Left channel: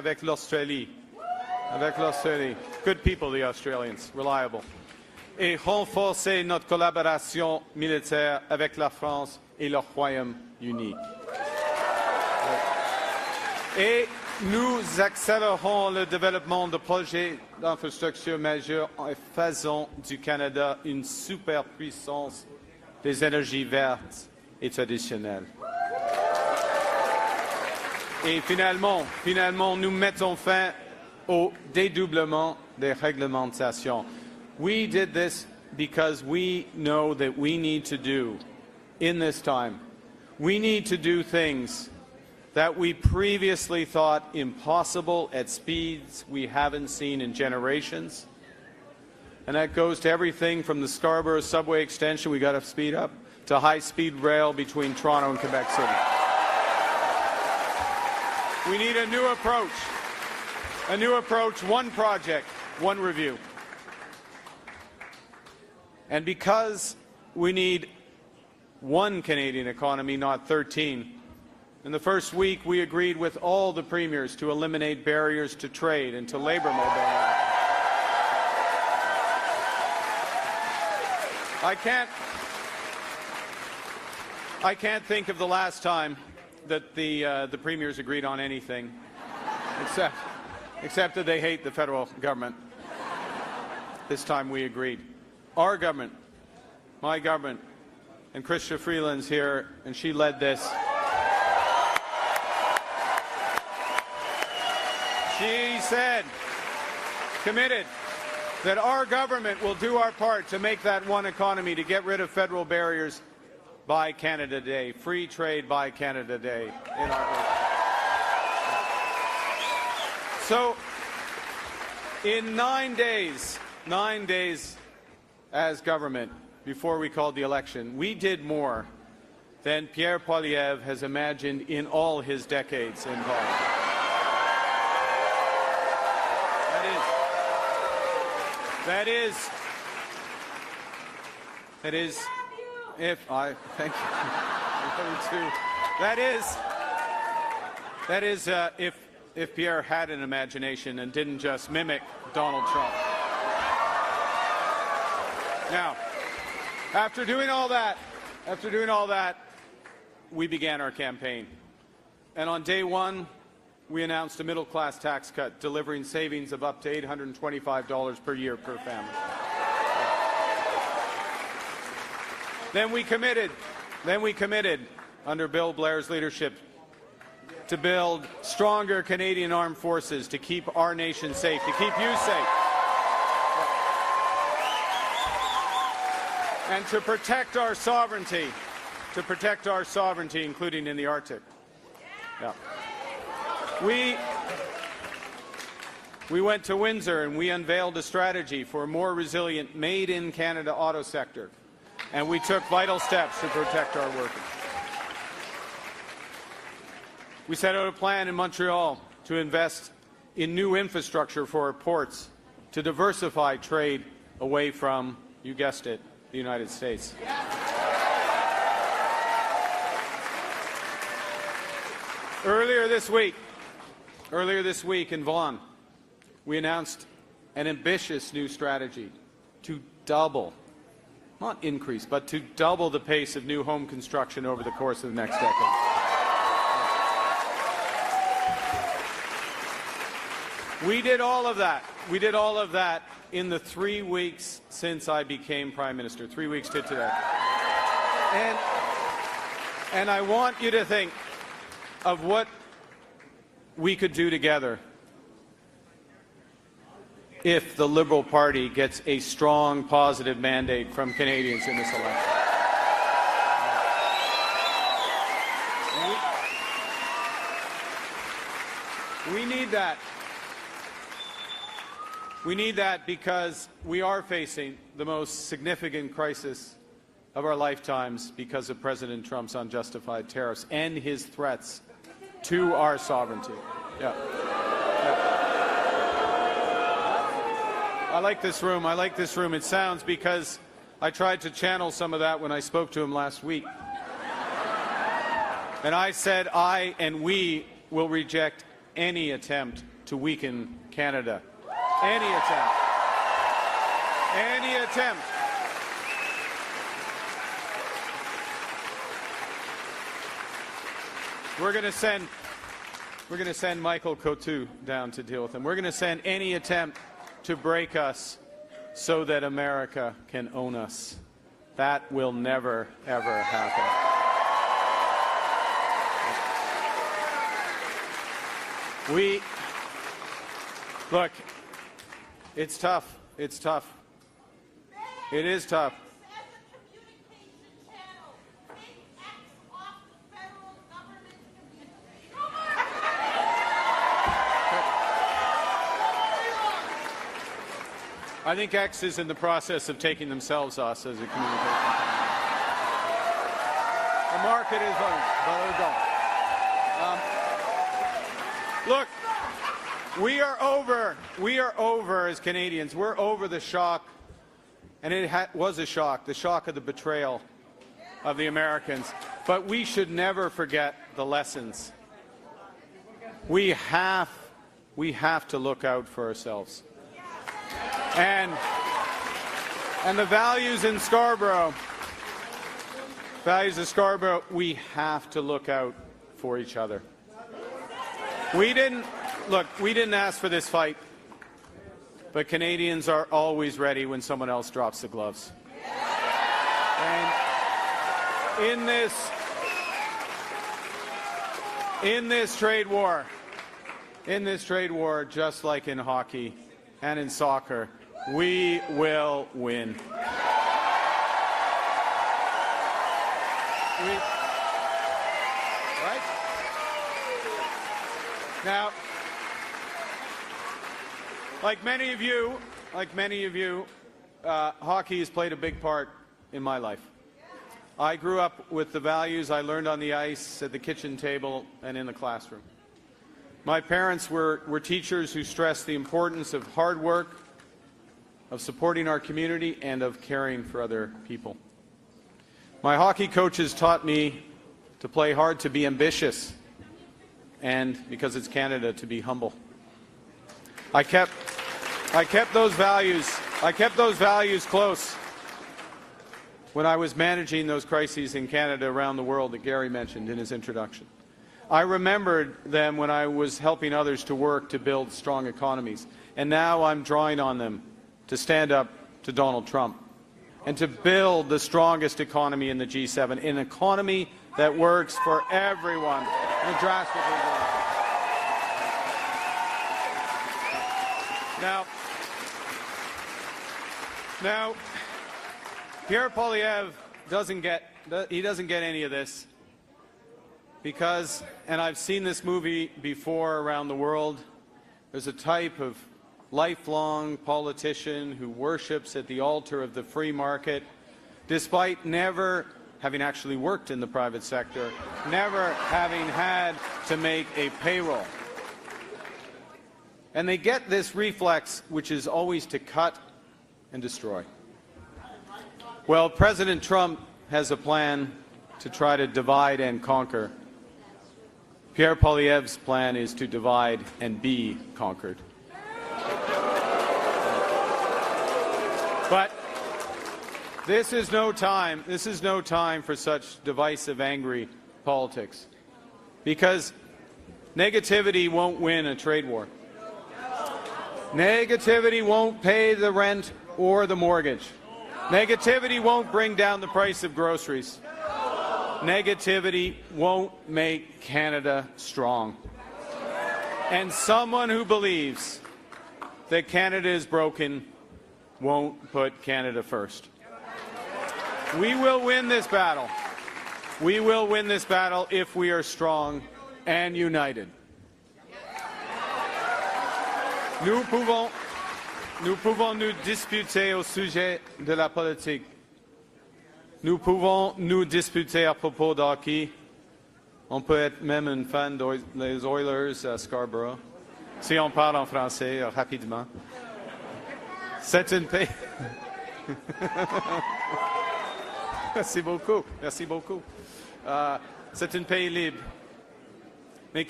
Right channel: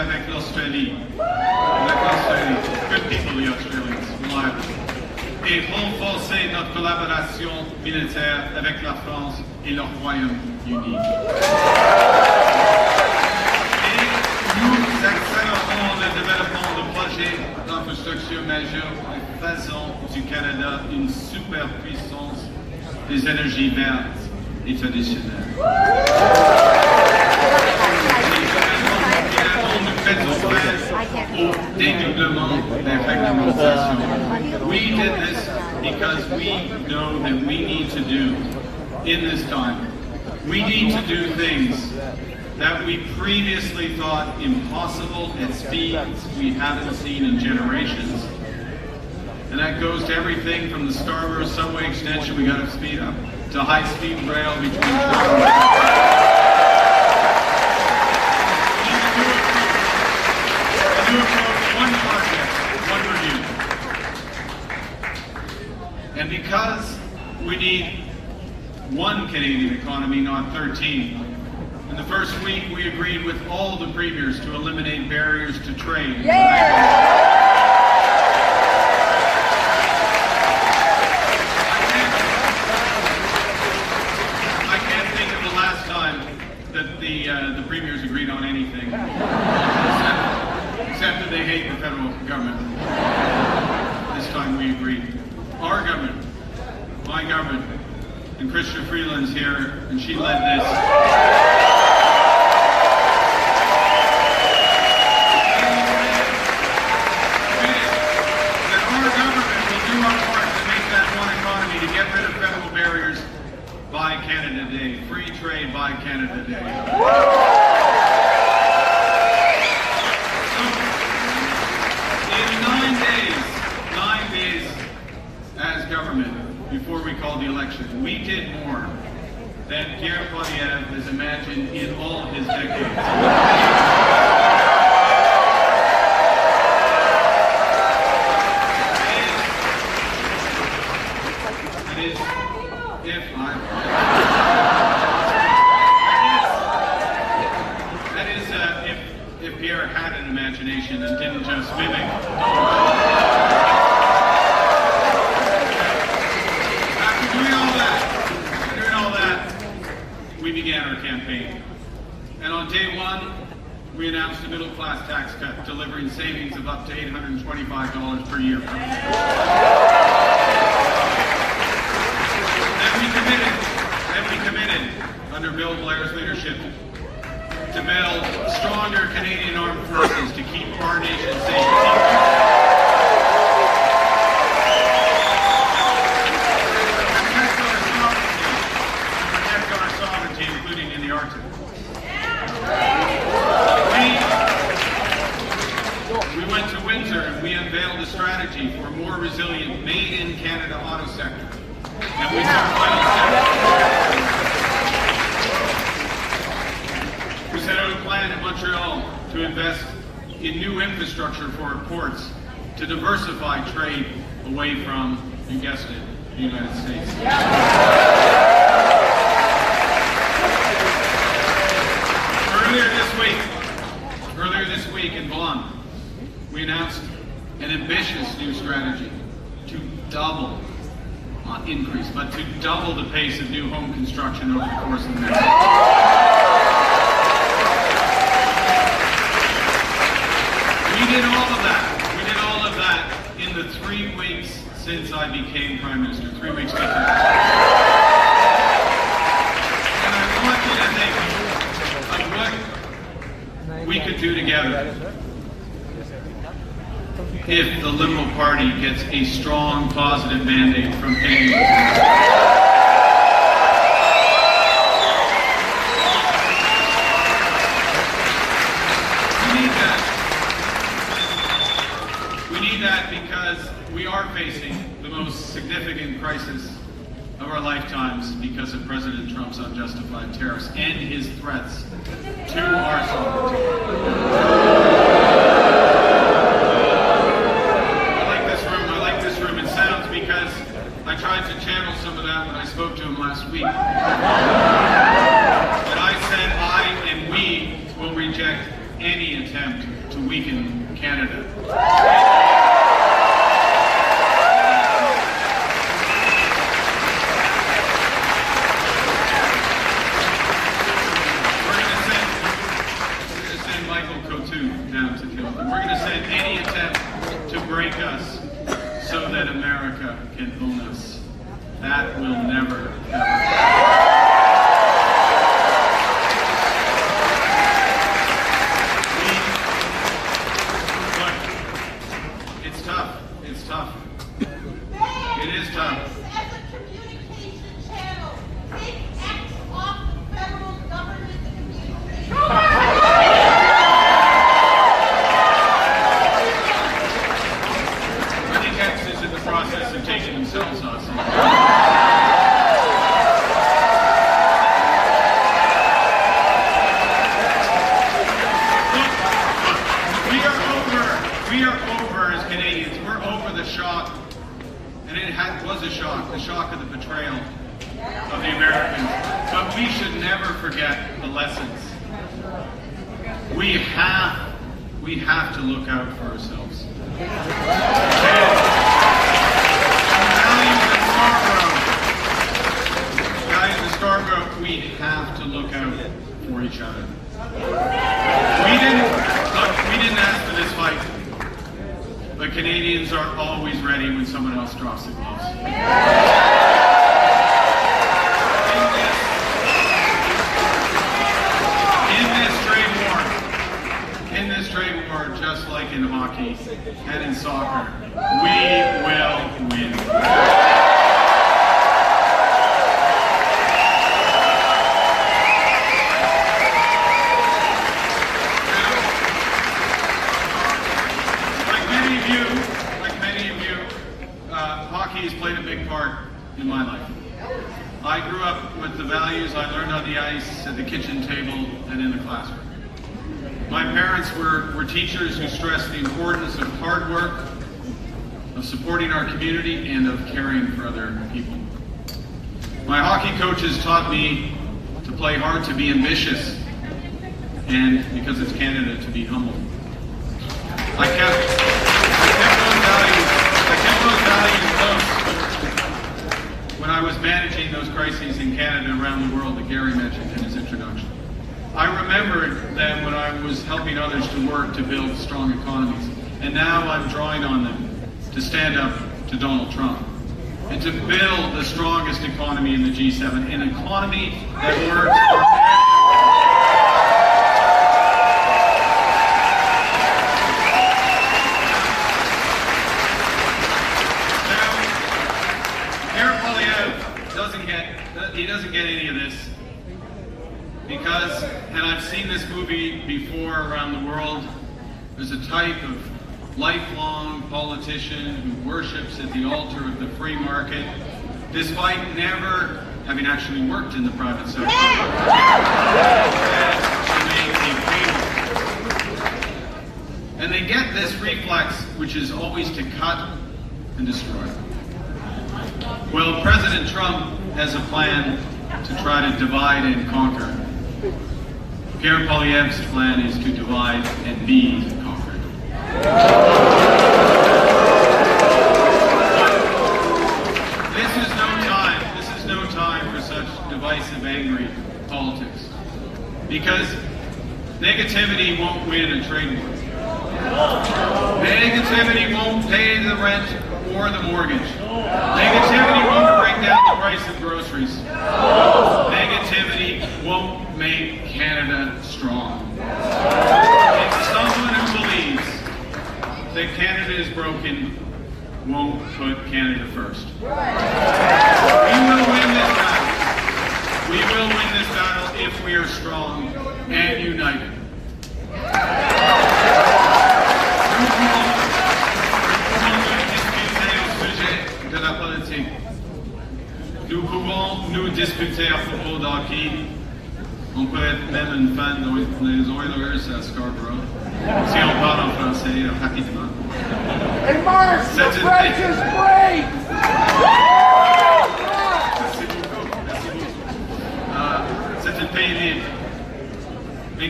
avec l'Australie. Good people, the Australians, reliable. Et renforcer notre collaboration militaire avec la France et le Royaume-Uni. Et nous accélérons le développement de projets d'infrastructures majeurs en faisant du Canada une superpuissance des énergies vertes et traditionnelles. Finalement, nous mettons fin au dédoublement des réglementations. We did this because we know that we need to do in this time. We need to do things that we previously thought impossible at speeds we haven't seen in generations. And that goes to everything from the Scarborough subway extension we got to speed up, to high-speed rail between Toronto and Vancouver. We need a new approach, one project, one review. And because we need one Canadian economy, not 13, in the first week we agreed with all the premiers to eliminate barriers to trade. I can't think of the last time that the premiers agreed on anything, except that they hate the federal government. This time we agreed. Our government, my government, and Christian Freeland's here, and she led this. We said, committed, that our government will do our part to make that one economy, to get rid of federal barriers by Canada Day, free trade by Canada Day. So, in 9 days, as government, before we called the election, we did more than Pierre Poilievre has imagined in all his decades. If Pierre had an imagination and didn't just mimic Donald Trump. After doing all that, we began our campaign. And on day one, we announced a middle-class tax cut, delivering savings of up to $825 per year. Then we committed, under Bill Blair's leadership, to build stronger Canadian armed forces to keep our nation safe. To protect our sovereignty, including in the Arctic. We went to winter and we unveiled a strategy for a more resilient made-in-Canada auto sector. And we took final steps. We set out a plan in Montreal to invest in new infrastructure for our ports to diversify trade away from, you guessed it, the United States. Earlier this week in Vaughan, we announced an ambitious new strategy to double, not increase, but to double the pace of new home construction over the course of next year. We did all of that in the 3 weeks since I became Prime Minister, 3 weeks ago. And I want you to think of what we could do together if the Liberal Party gets a strong, positive mandate from Canadians. Because we are facing the most significant crisis of our lifetimes because of President Trump's unjustified tariffs and his threats to our sovereignty. I like this room. It sounds because I tried to channel some of that when I spoke to him last week. And I said I and we will reject any attempt to weaken Canada. Michael Coutu down to deal with them. We're going to send any attempt to break us so that America can own us. That will never, ever happen. Look, it's tough. It's tough. It is tough. Of taking themselves off. Look, we are over as Canadians. We're over the shock, and it was a shock, the shock of the betrayal of the Americans. But we should never forget the lessons. We have to look out for ourselves. Values in Scarborough, we have to look out for each other. We didn't ask for this fight, but Canadians are always ready when someone else drops the gloves. In this trade war, just like in hockey and in soccer, we will win. Hockey has played a big part in my life. I grew up with the values I learned on the ice, at the kitchen table, and in the classroom. My parents were teachers who stressed the importance of hard work, of supporting our community, and of caring for other people. My hockey coaches taught me to play hard, to be ambitious, and because it's Canada, to be humble. I kept those values close when I was managing those crises in Canada around the world that Gary mentioned in his introduction. I remembered them when I was helping others to work to build strong economies, and now I'm drawing on them to stand up to Donald Trump and to build the strongest economy in the G7, an economy that works for everyone. He doesn't get any of this because, and I've seen this movie before around the world, there's a type of lifelong politician who worships at the altar of the free market, despite never having actually worked in the private sector, to make a payroll. And they get this reflex, which is always to cut and destroy. Well, President Trump has a plan to try to divide and conquer. Pierre Poilievre's plan is to divide and be conquered. This is no time for such divisive, angry politics. Because negativity won't win a trade war. Negativity won't pay the rent or the mortgage. Negativity won't bring down the price of groceries. Negativity won't make Canada strong. And someone who believes that Canada is broken won't put Canada first. We will win this battle. We will win this battle if we are strong and united. De la politique. Nous pouvons nous disputer à propos d'hockey. On peut être même une fan des Oilers à Scarborough. Si on parle en français rapidement. Hey Mark, the French is great! Merci beaucoup. Merci beaucoup. C'est un pays libre. Mais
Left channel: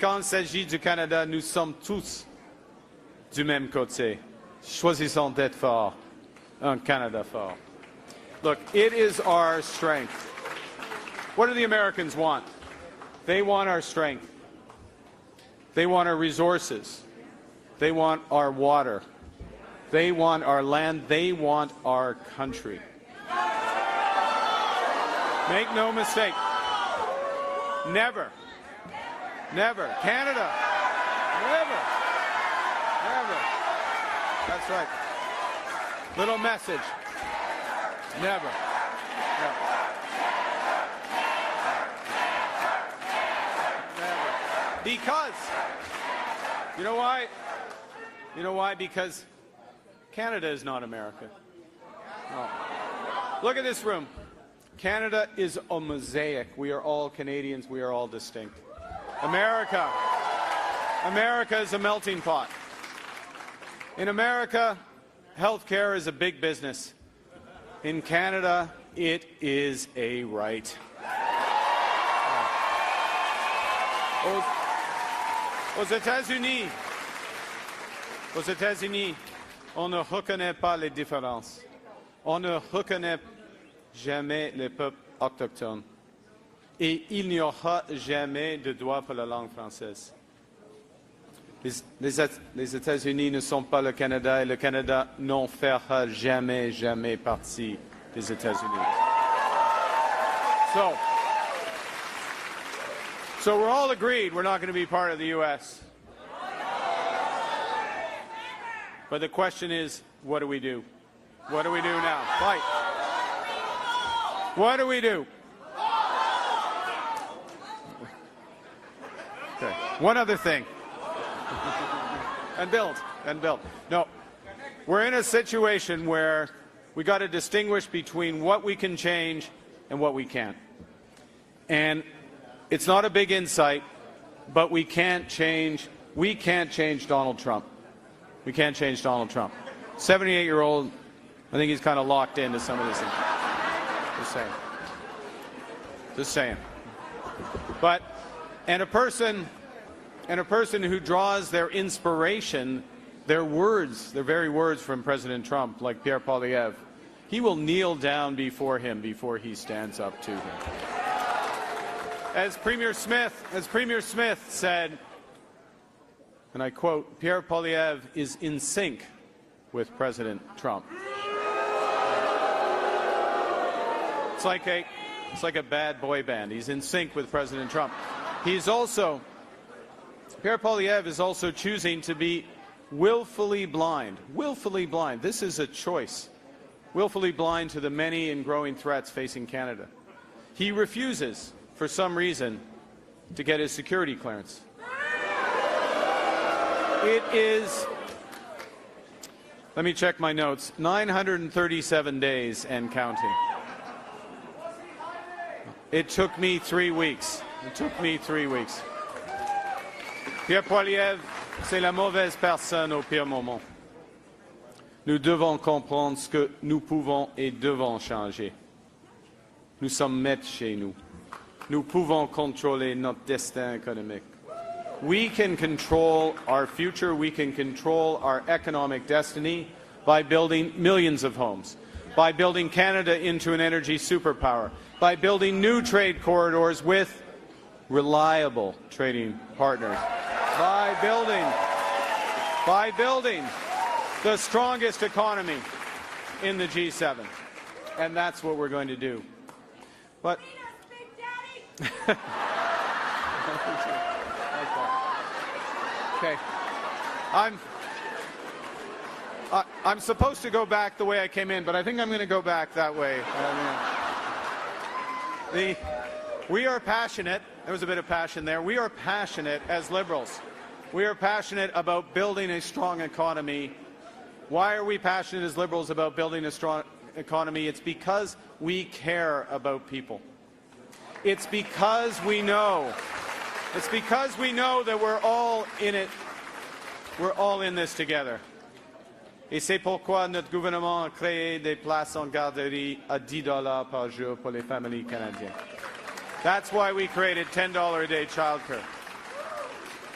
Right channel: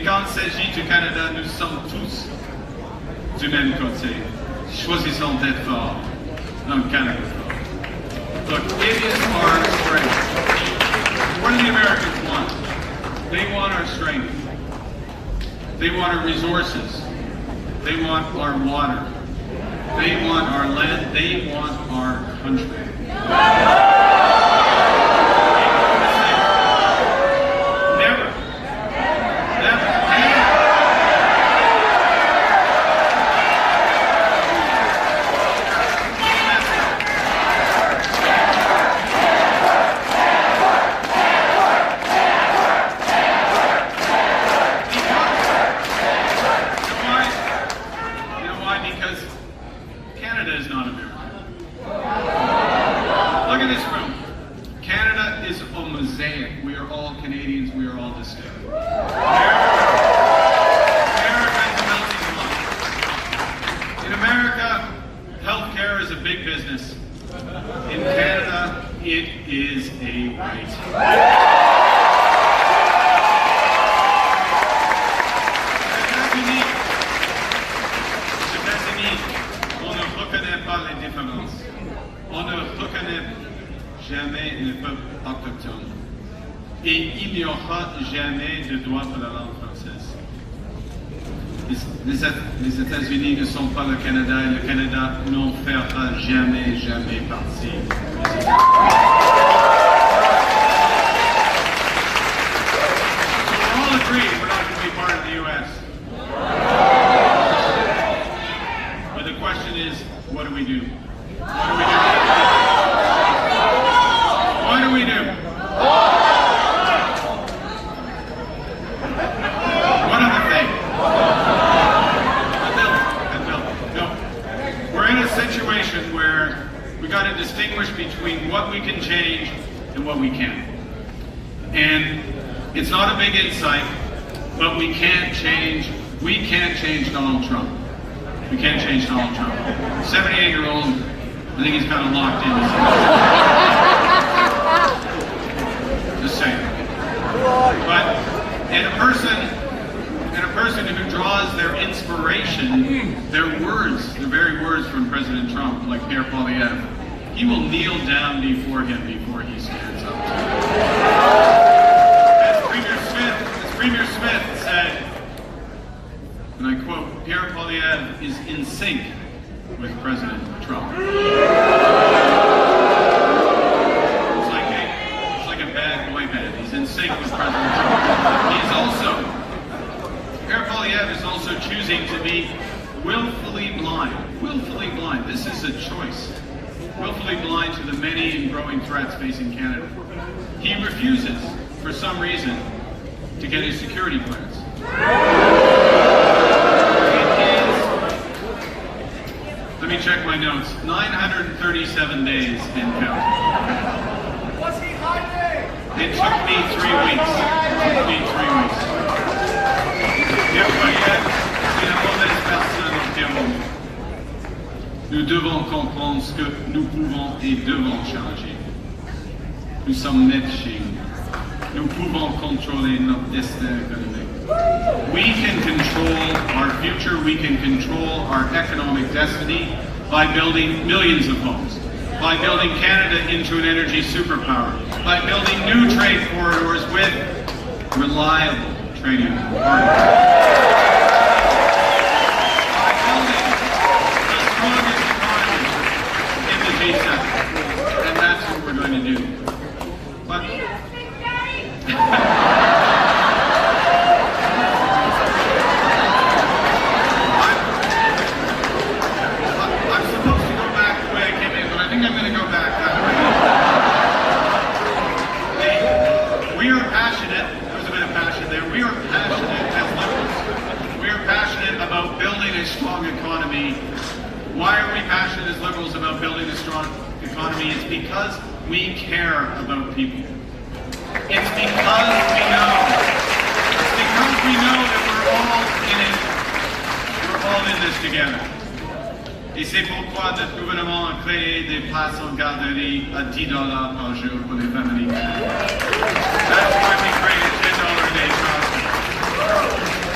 quand il s'agit du Canada, nous sommes tous du même côté. Choisissons d'être forts, un Canada fort. Look, it is our strength. What do the Americans want? They want our strength. They want our resources. They want our water. They want our land. They want our country. Make no mistake. Never. Never. Canada is not America. Look at this room. Canada is a mosaic. We are all Canadians. We are all the same. America is a melting pot. In America, healthcare is a big business. In Canada, it is a right. On ne reconnaît pas les différences. On ne reconnaît jamais les peuples autochtones. Et il n'y aura jamais de droit de la langue française. Les États-Unis ne sont pas le Canada et le Canada n'en fera jamais, jamais partie. So we're all agreed we're not going to be part of the U.S. The question is, what do we do? What do we do? One of the things. No. We're in a situation where we got to distinguish between what we can change and what we can't. And it's not a big insight, but we can't change Donald Trump. You can't change Donald Trump. 78-year-old, I think he's kind of locked in. Just saying. But, and a person who draws their inspiration, their words, the very words from President Trump, like Pierre Poilievre, he will kneel down before him before he stands up. As Premier Smith said, and I quote, Pierre Poilievre is in sync with President Trump. It's like a bad boy band. He's in sync with President Trump. Pierre Poilievre is also choosing to be willfully blind. Willfully blind. This is a choice. Willfully blind to the many and growing threats facing Canada. He refuses, for some reason, to get his security clearance. Let me check my notes. 937 days and counting. What's he hiding? It took me 3 weeks. Pierre Poilievre, c'est la mauvaise personne au Pierre. Nous devons comprendre ce que nous pouvons et devons changer. Nous sommes nets chez nous. Nous pouvons contrôler notre destin économique. We can control our future, we can control our economic destiny by building millions of homes, by building Canada into an energy superpower, by building new trade corridors with reliable trading partners, by building the strongest economy in the G7. And that's what we're going to do. But about building a strong economy. Why are we passionate as Liberals about building a strong economy? It's because we care about people. It's because we know. It's because we know that we're all in it. We're all in this together. Et c'est pourquoi notre gouvernement a créé des places en garderie à $10 par jour pour les familles. That's why we created $10 a day child.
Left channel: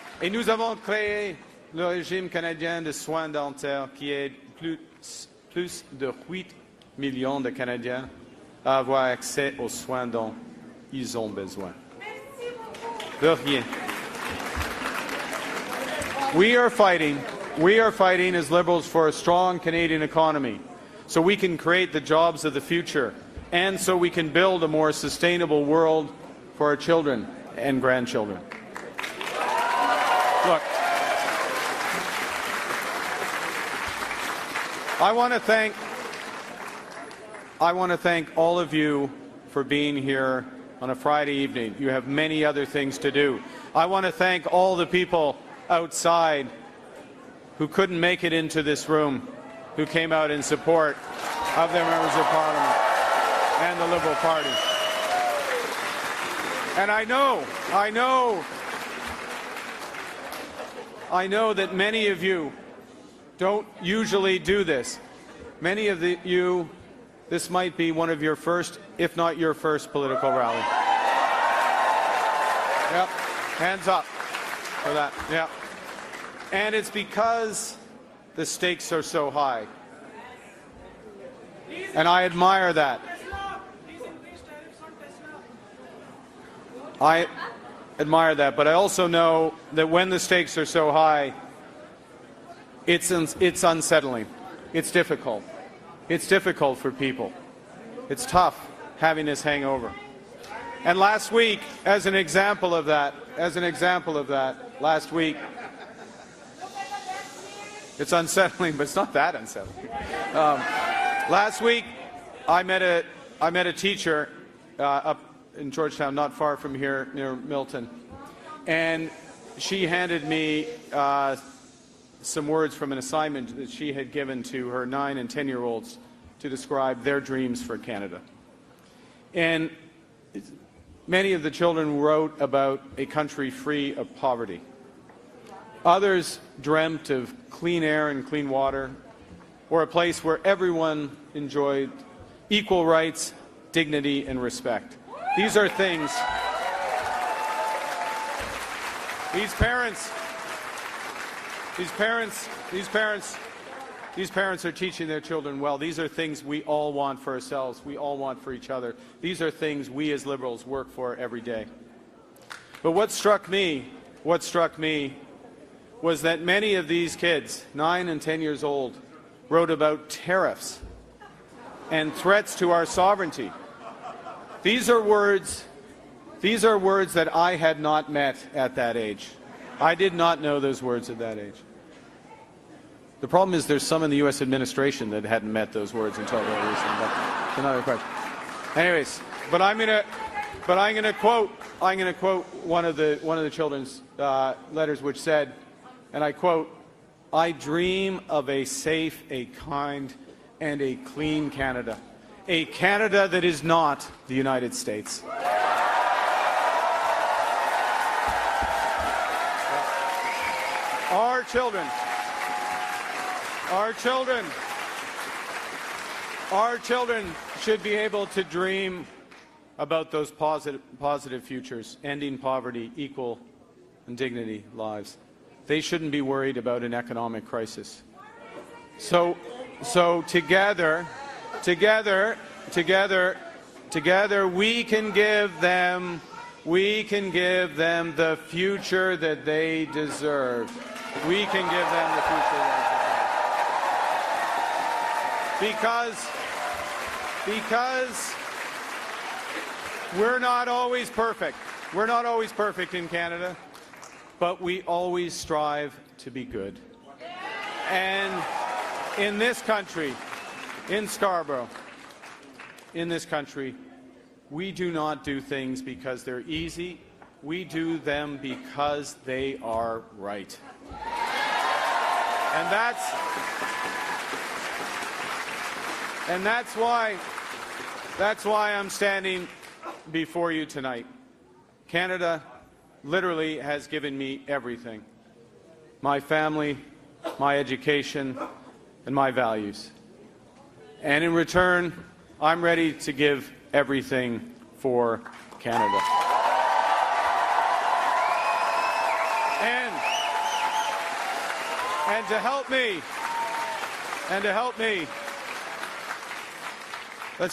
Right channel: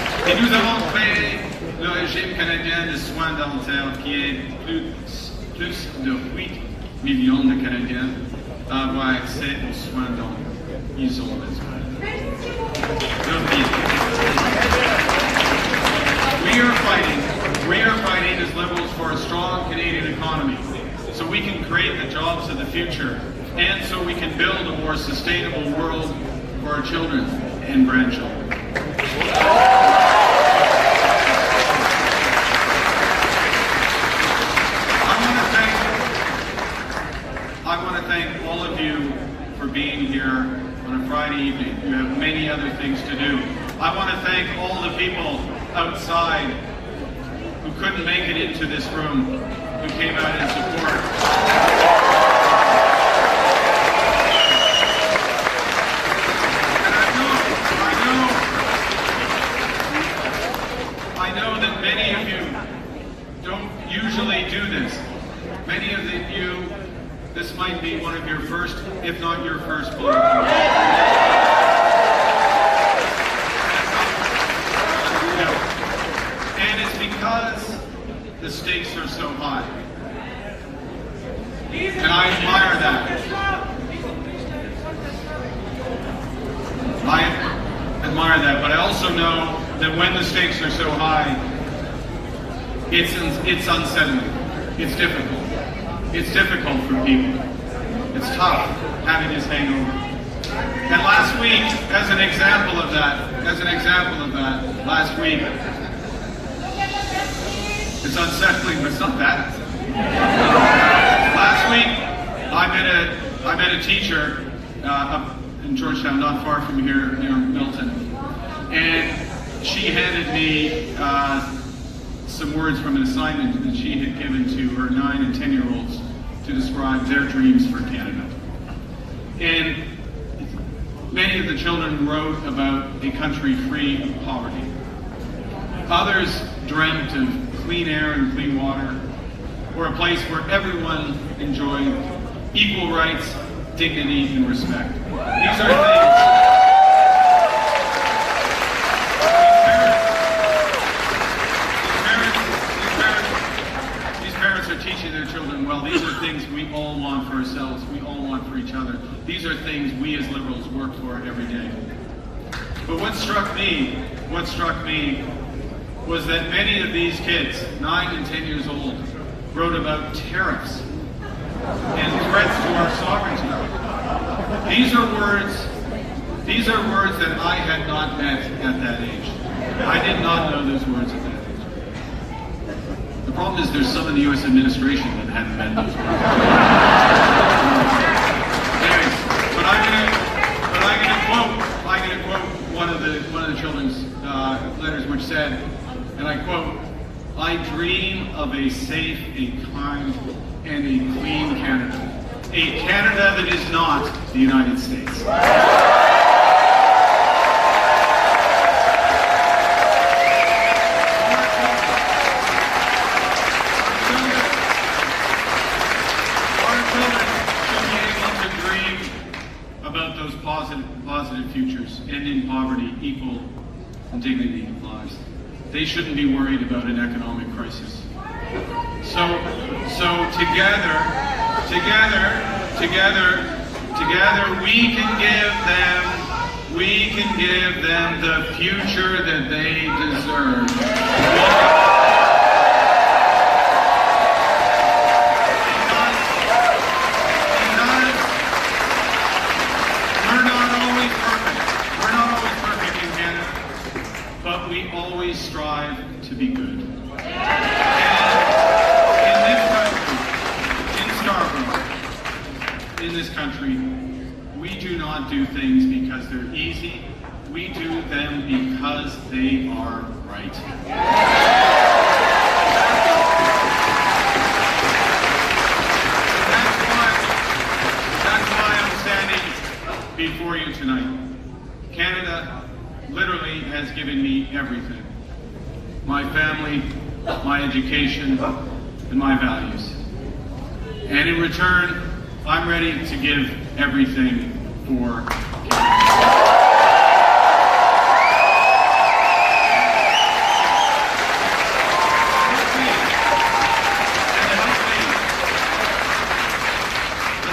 Et nous avons créé le régime canadien de soins dentaires qui aide plus de 8 millions de Canadiens à avoir accès aux soins dont ils ont besoin. We are fighting as Liberals for a strong Canadian economy so we can create the jobs of the future and so we can build a more sustainable world for our children and grandchildren. I want to thank all of you for being here on a Friday evening. You have many other things to do. I want to thank all the people outside who couldn't make it into this room, who came out in support. I know that many of you don't usually do this. Many of you, this might be one of your first, if not your first political event. Hands up. Yeah. And it's because the stakes are so high. And I admire that. I admire that, but I also know that when the stakes are so high, it's unsettling. It's difficult. It's difficult for people. It's tough having this hangover. And last week, as an example of that, last week, it's unsettling, but it's not that unsettling. Last week, I met a teacher up in Georgetown, not far from here, near Milton, and she handed me some words from an assignment that she had given to her 9 and 10-year-olds to describe their dreams for Canada. And many of the children wrote about a country free of poverty. Others dreamt of clean air and clean water, or a place where everyone enjoyed equal rights, dignity, and respect. These are things. These parents are teaching their children, well, these are things we all want for ourselves, we all want for each other. These are things we as Liberals work for every day. But what struck me was that many of these kids, 9 and 10 years old, wrote about tariffs and threats to our sovereignty. These are words that I had not met at that age. I did not know those words at that age. The problem is there's some of the U.S. administration that hadn't met those words. Anyways, but I'm gonna quote one of the children's letters, which said, and I quote, "I dream of a safe, a kind, and a clean Canada. A Canada that is not the United States." About those positive futures, ending poverty, equal dignity lives. They shouldn't be worried about an economic crisis. So together, we can give them the future that they deserve. But we always strive to be good. And in this country, in Scarborough, in this country, we do not do things because they're easy. We do them because they are right. That's why I'm standing before you tonight. Canada literally has given me everything. My family, my education, and my values. And in return, I'm ready to give everything for Canada.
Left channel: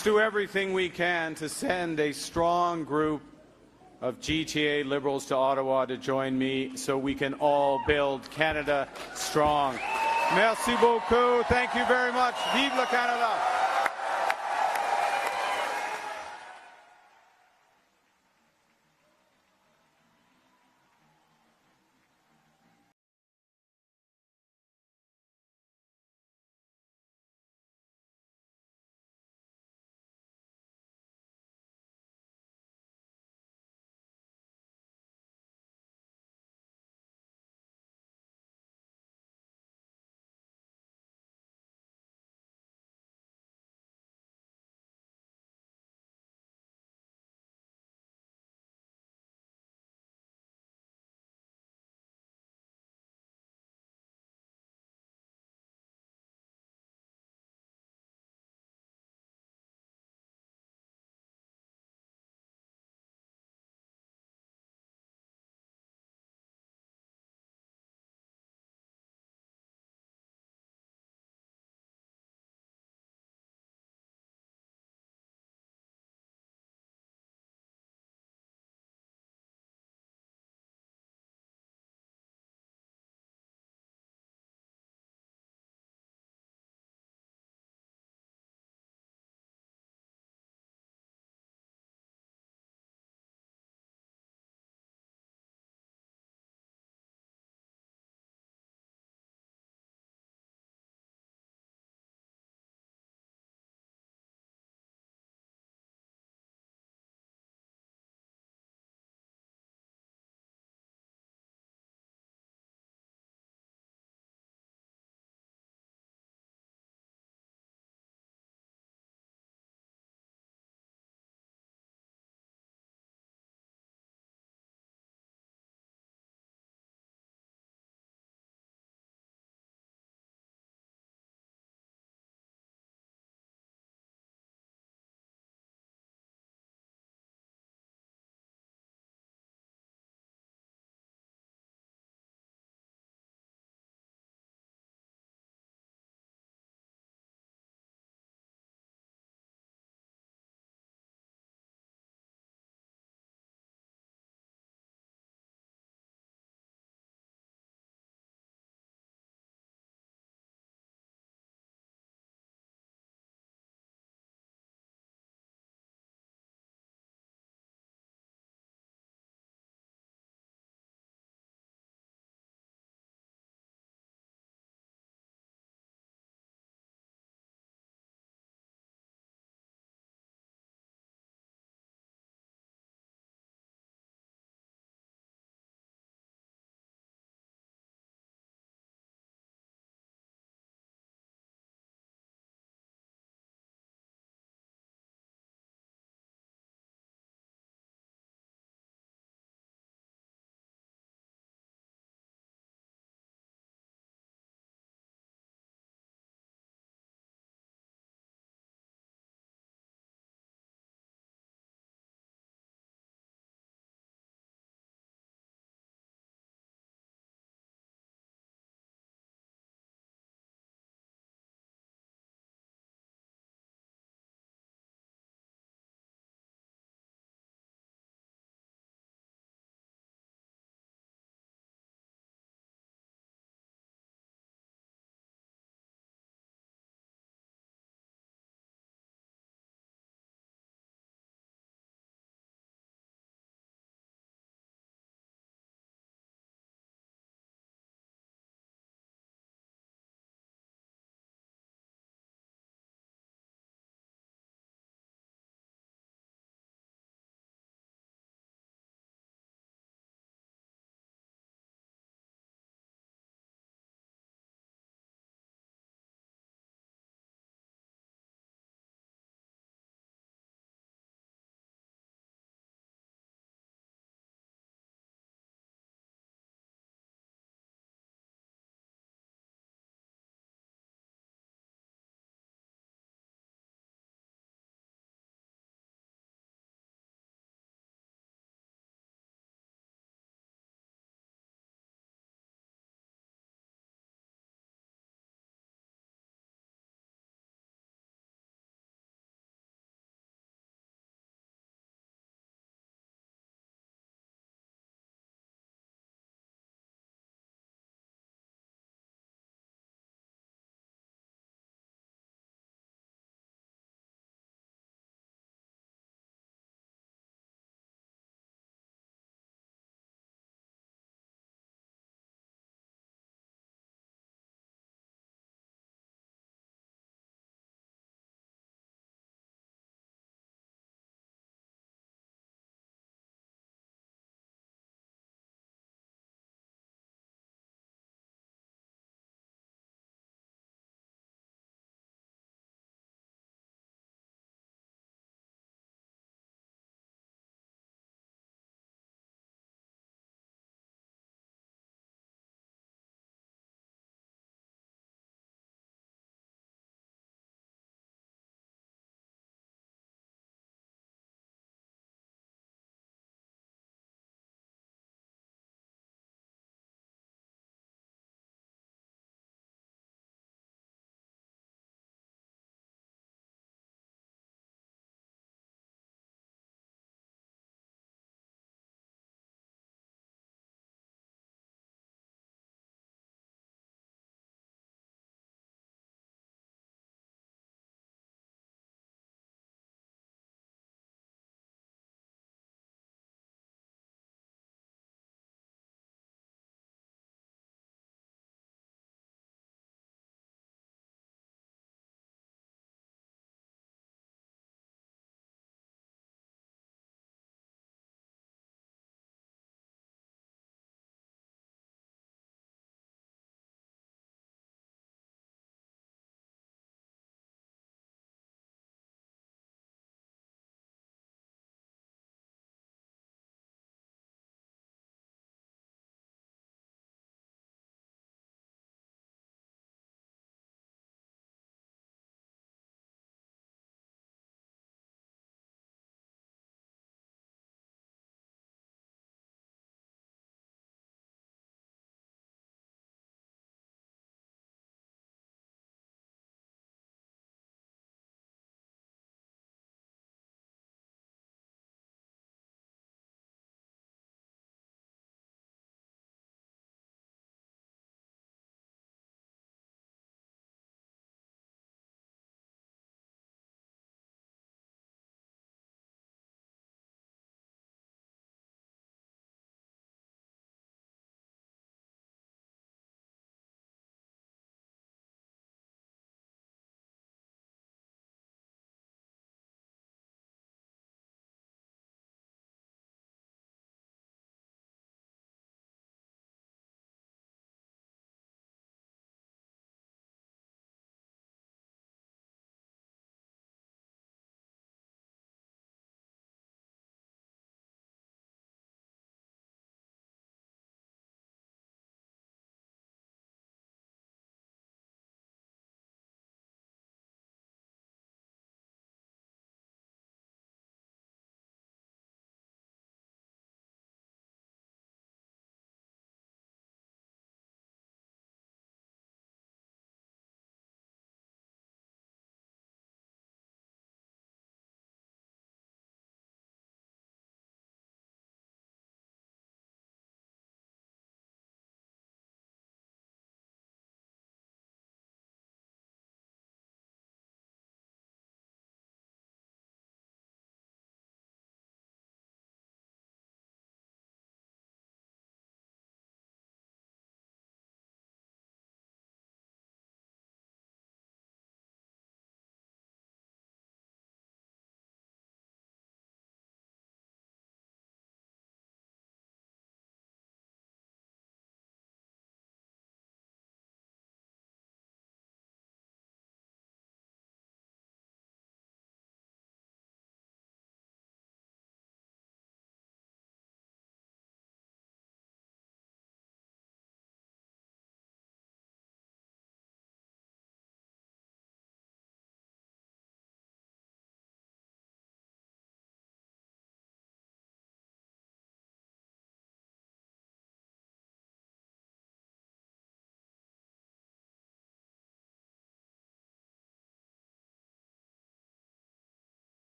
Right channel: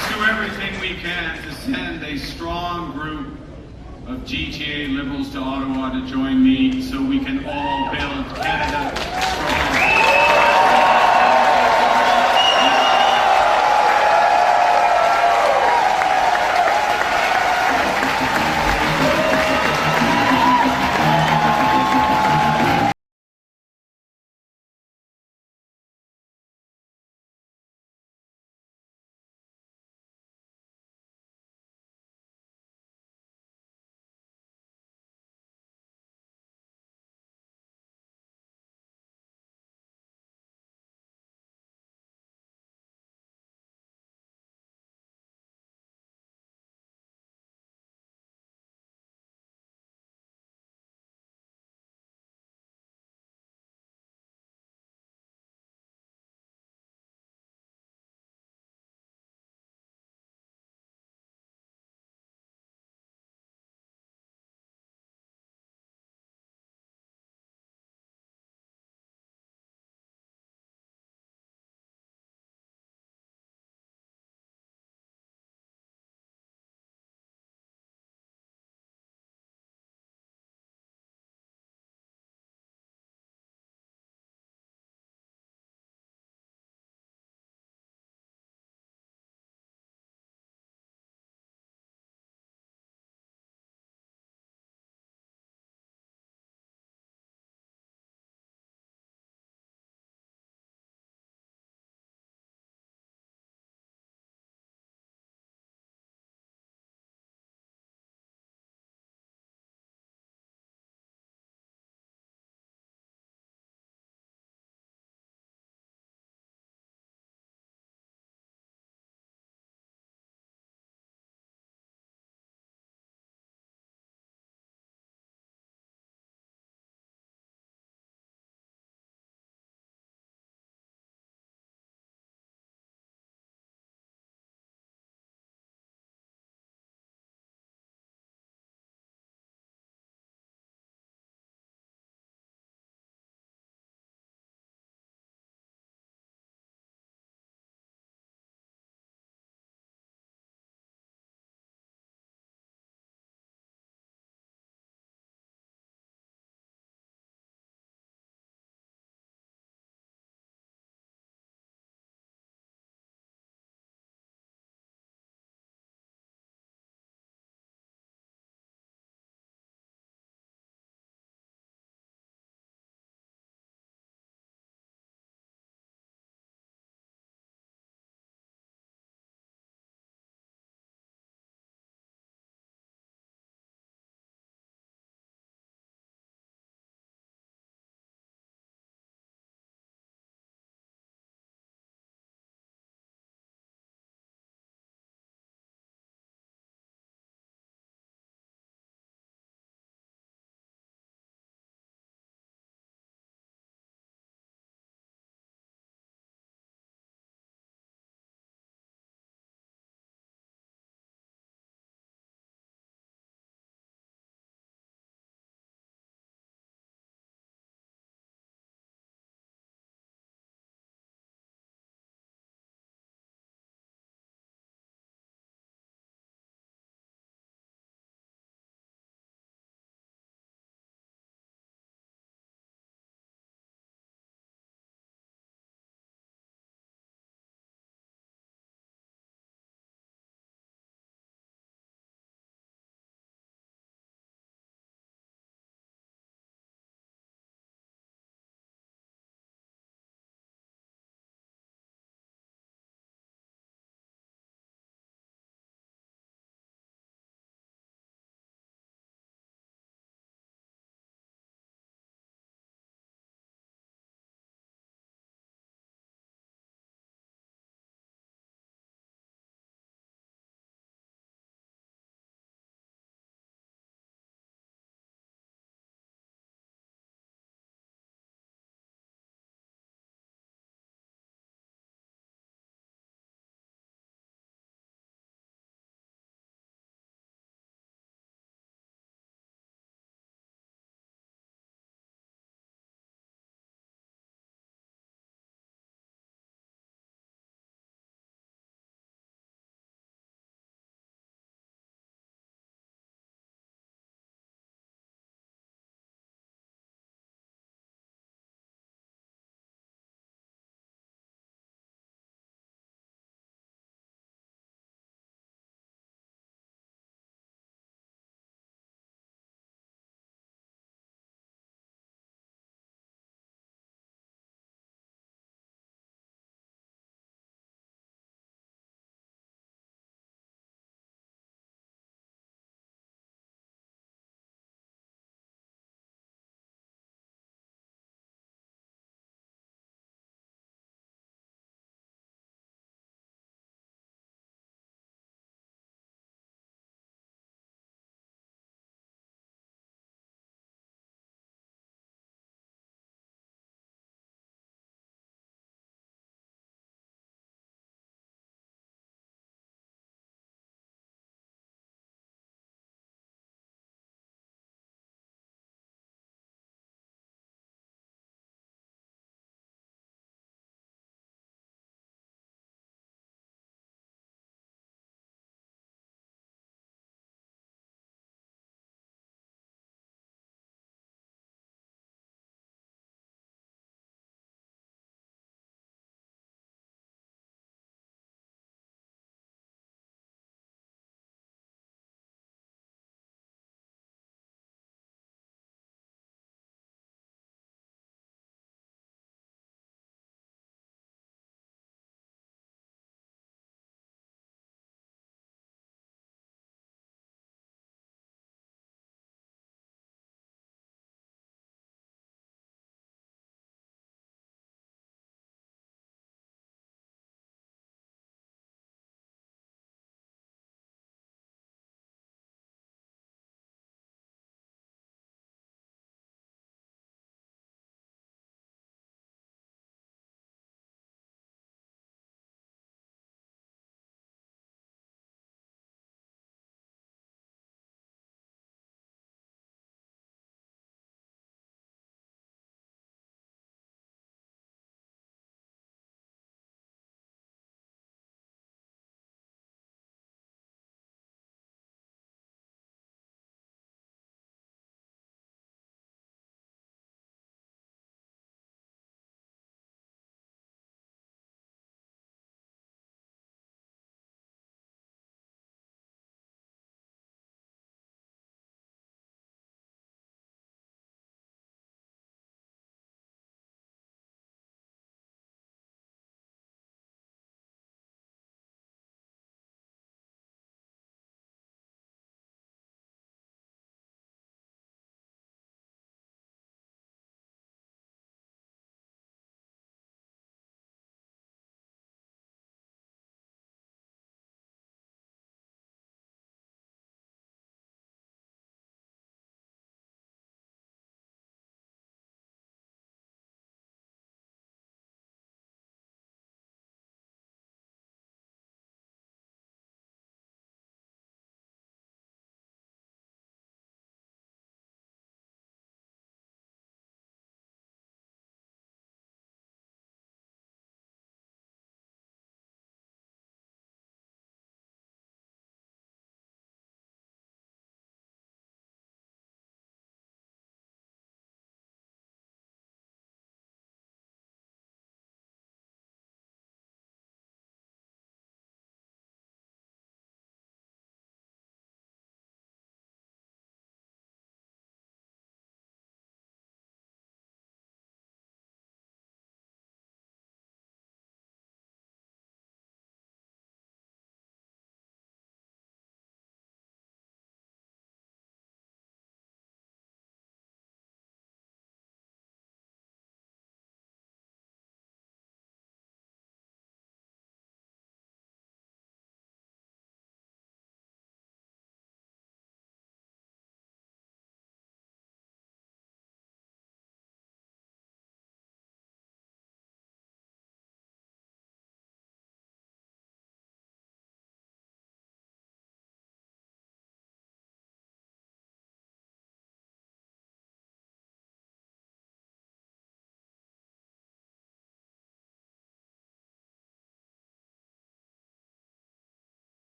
let's do everything we can to send a strong group of GTA Liberals to Ottawa to join me so we can all build Canada strong.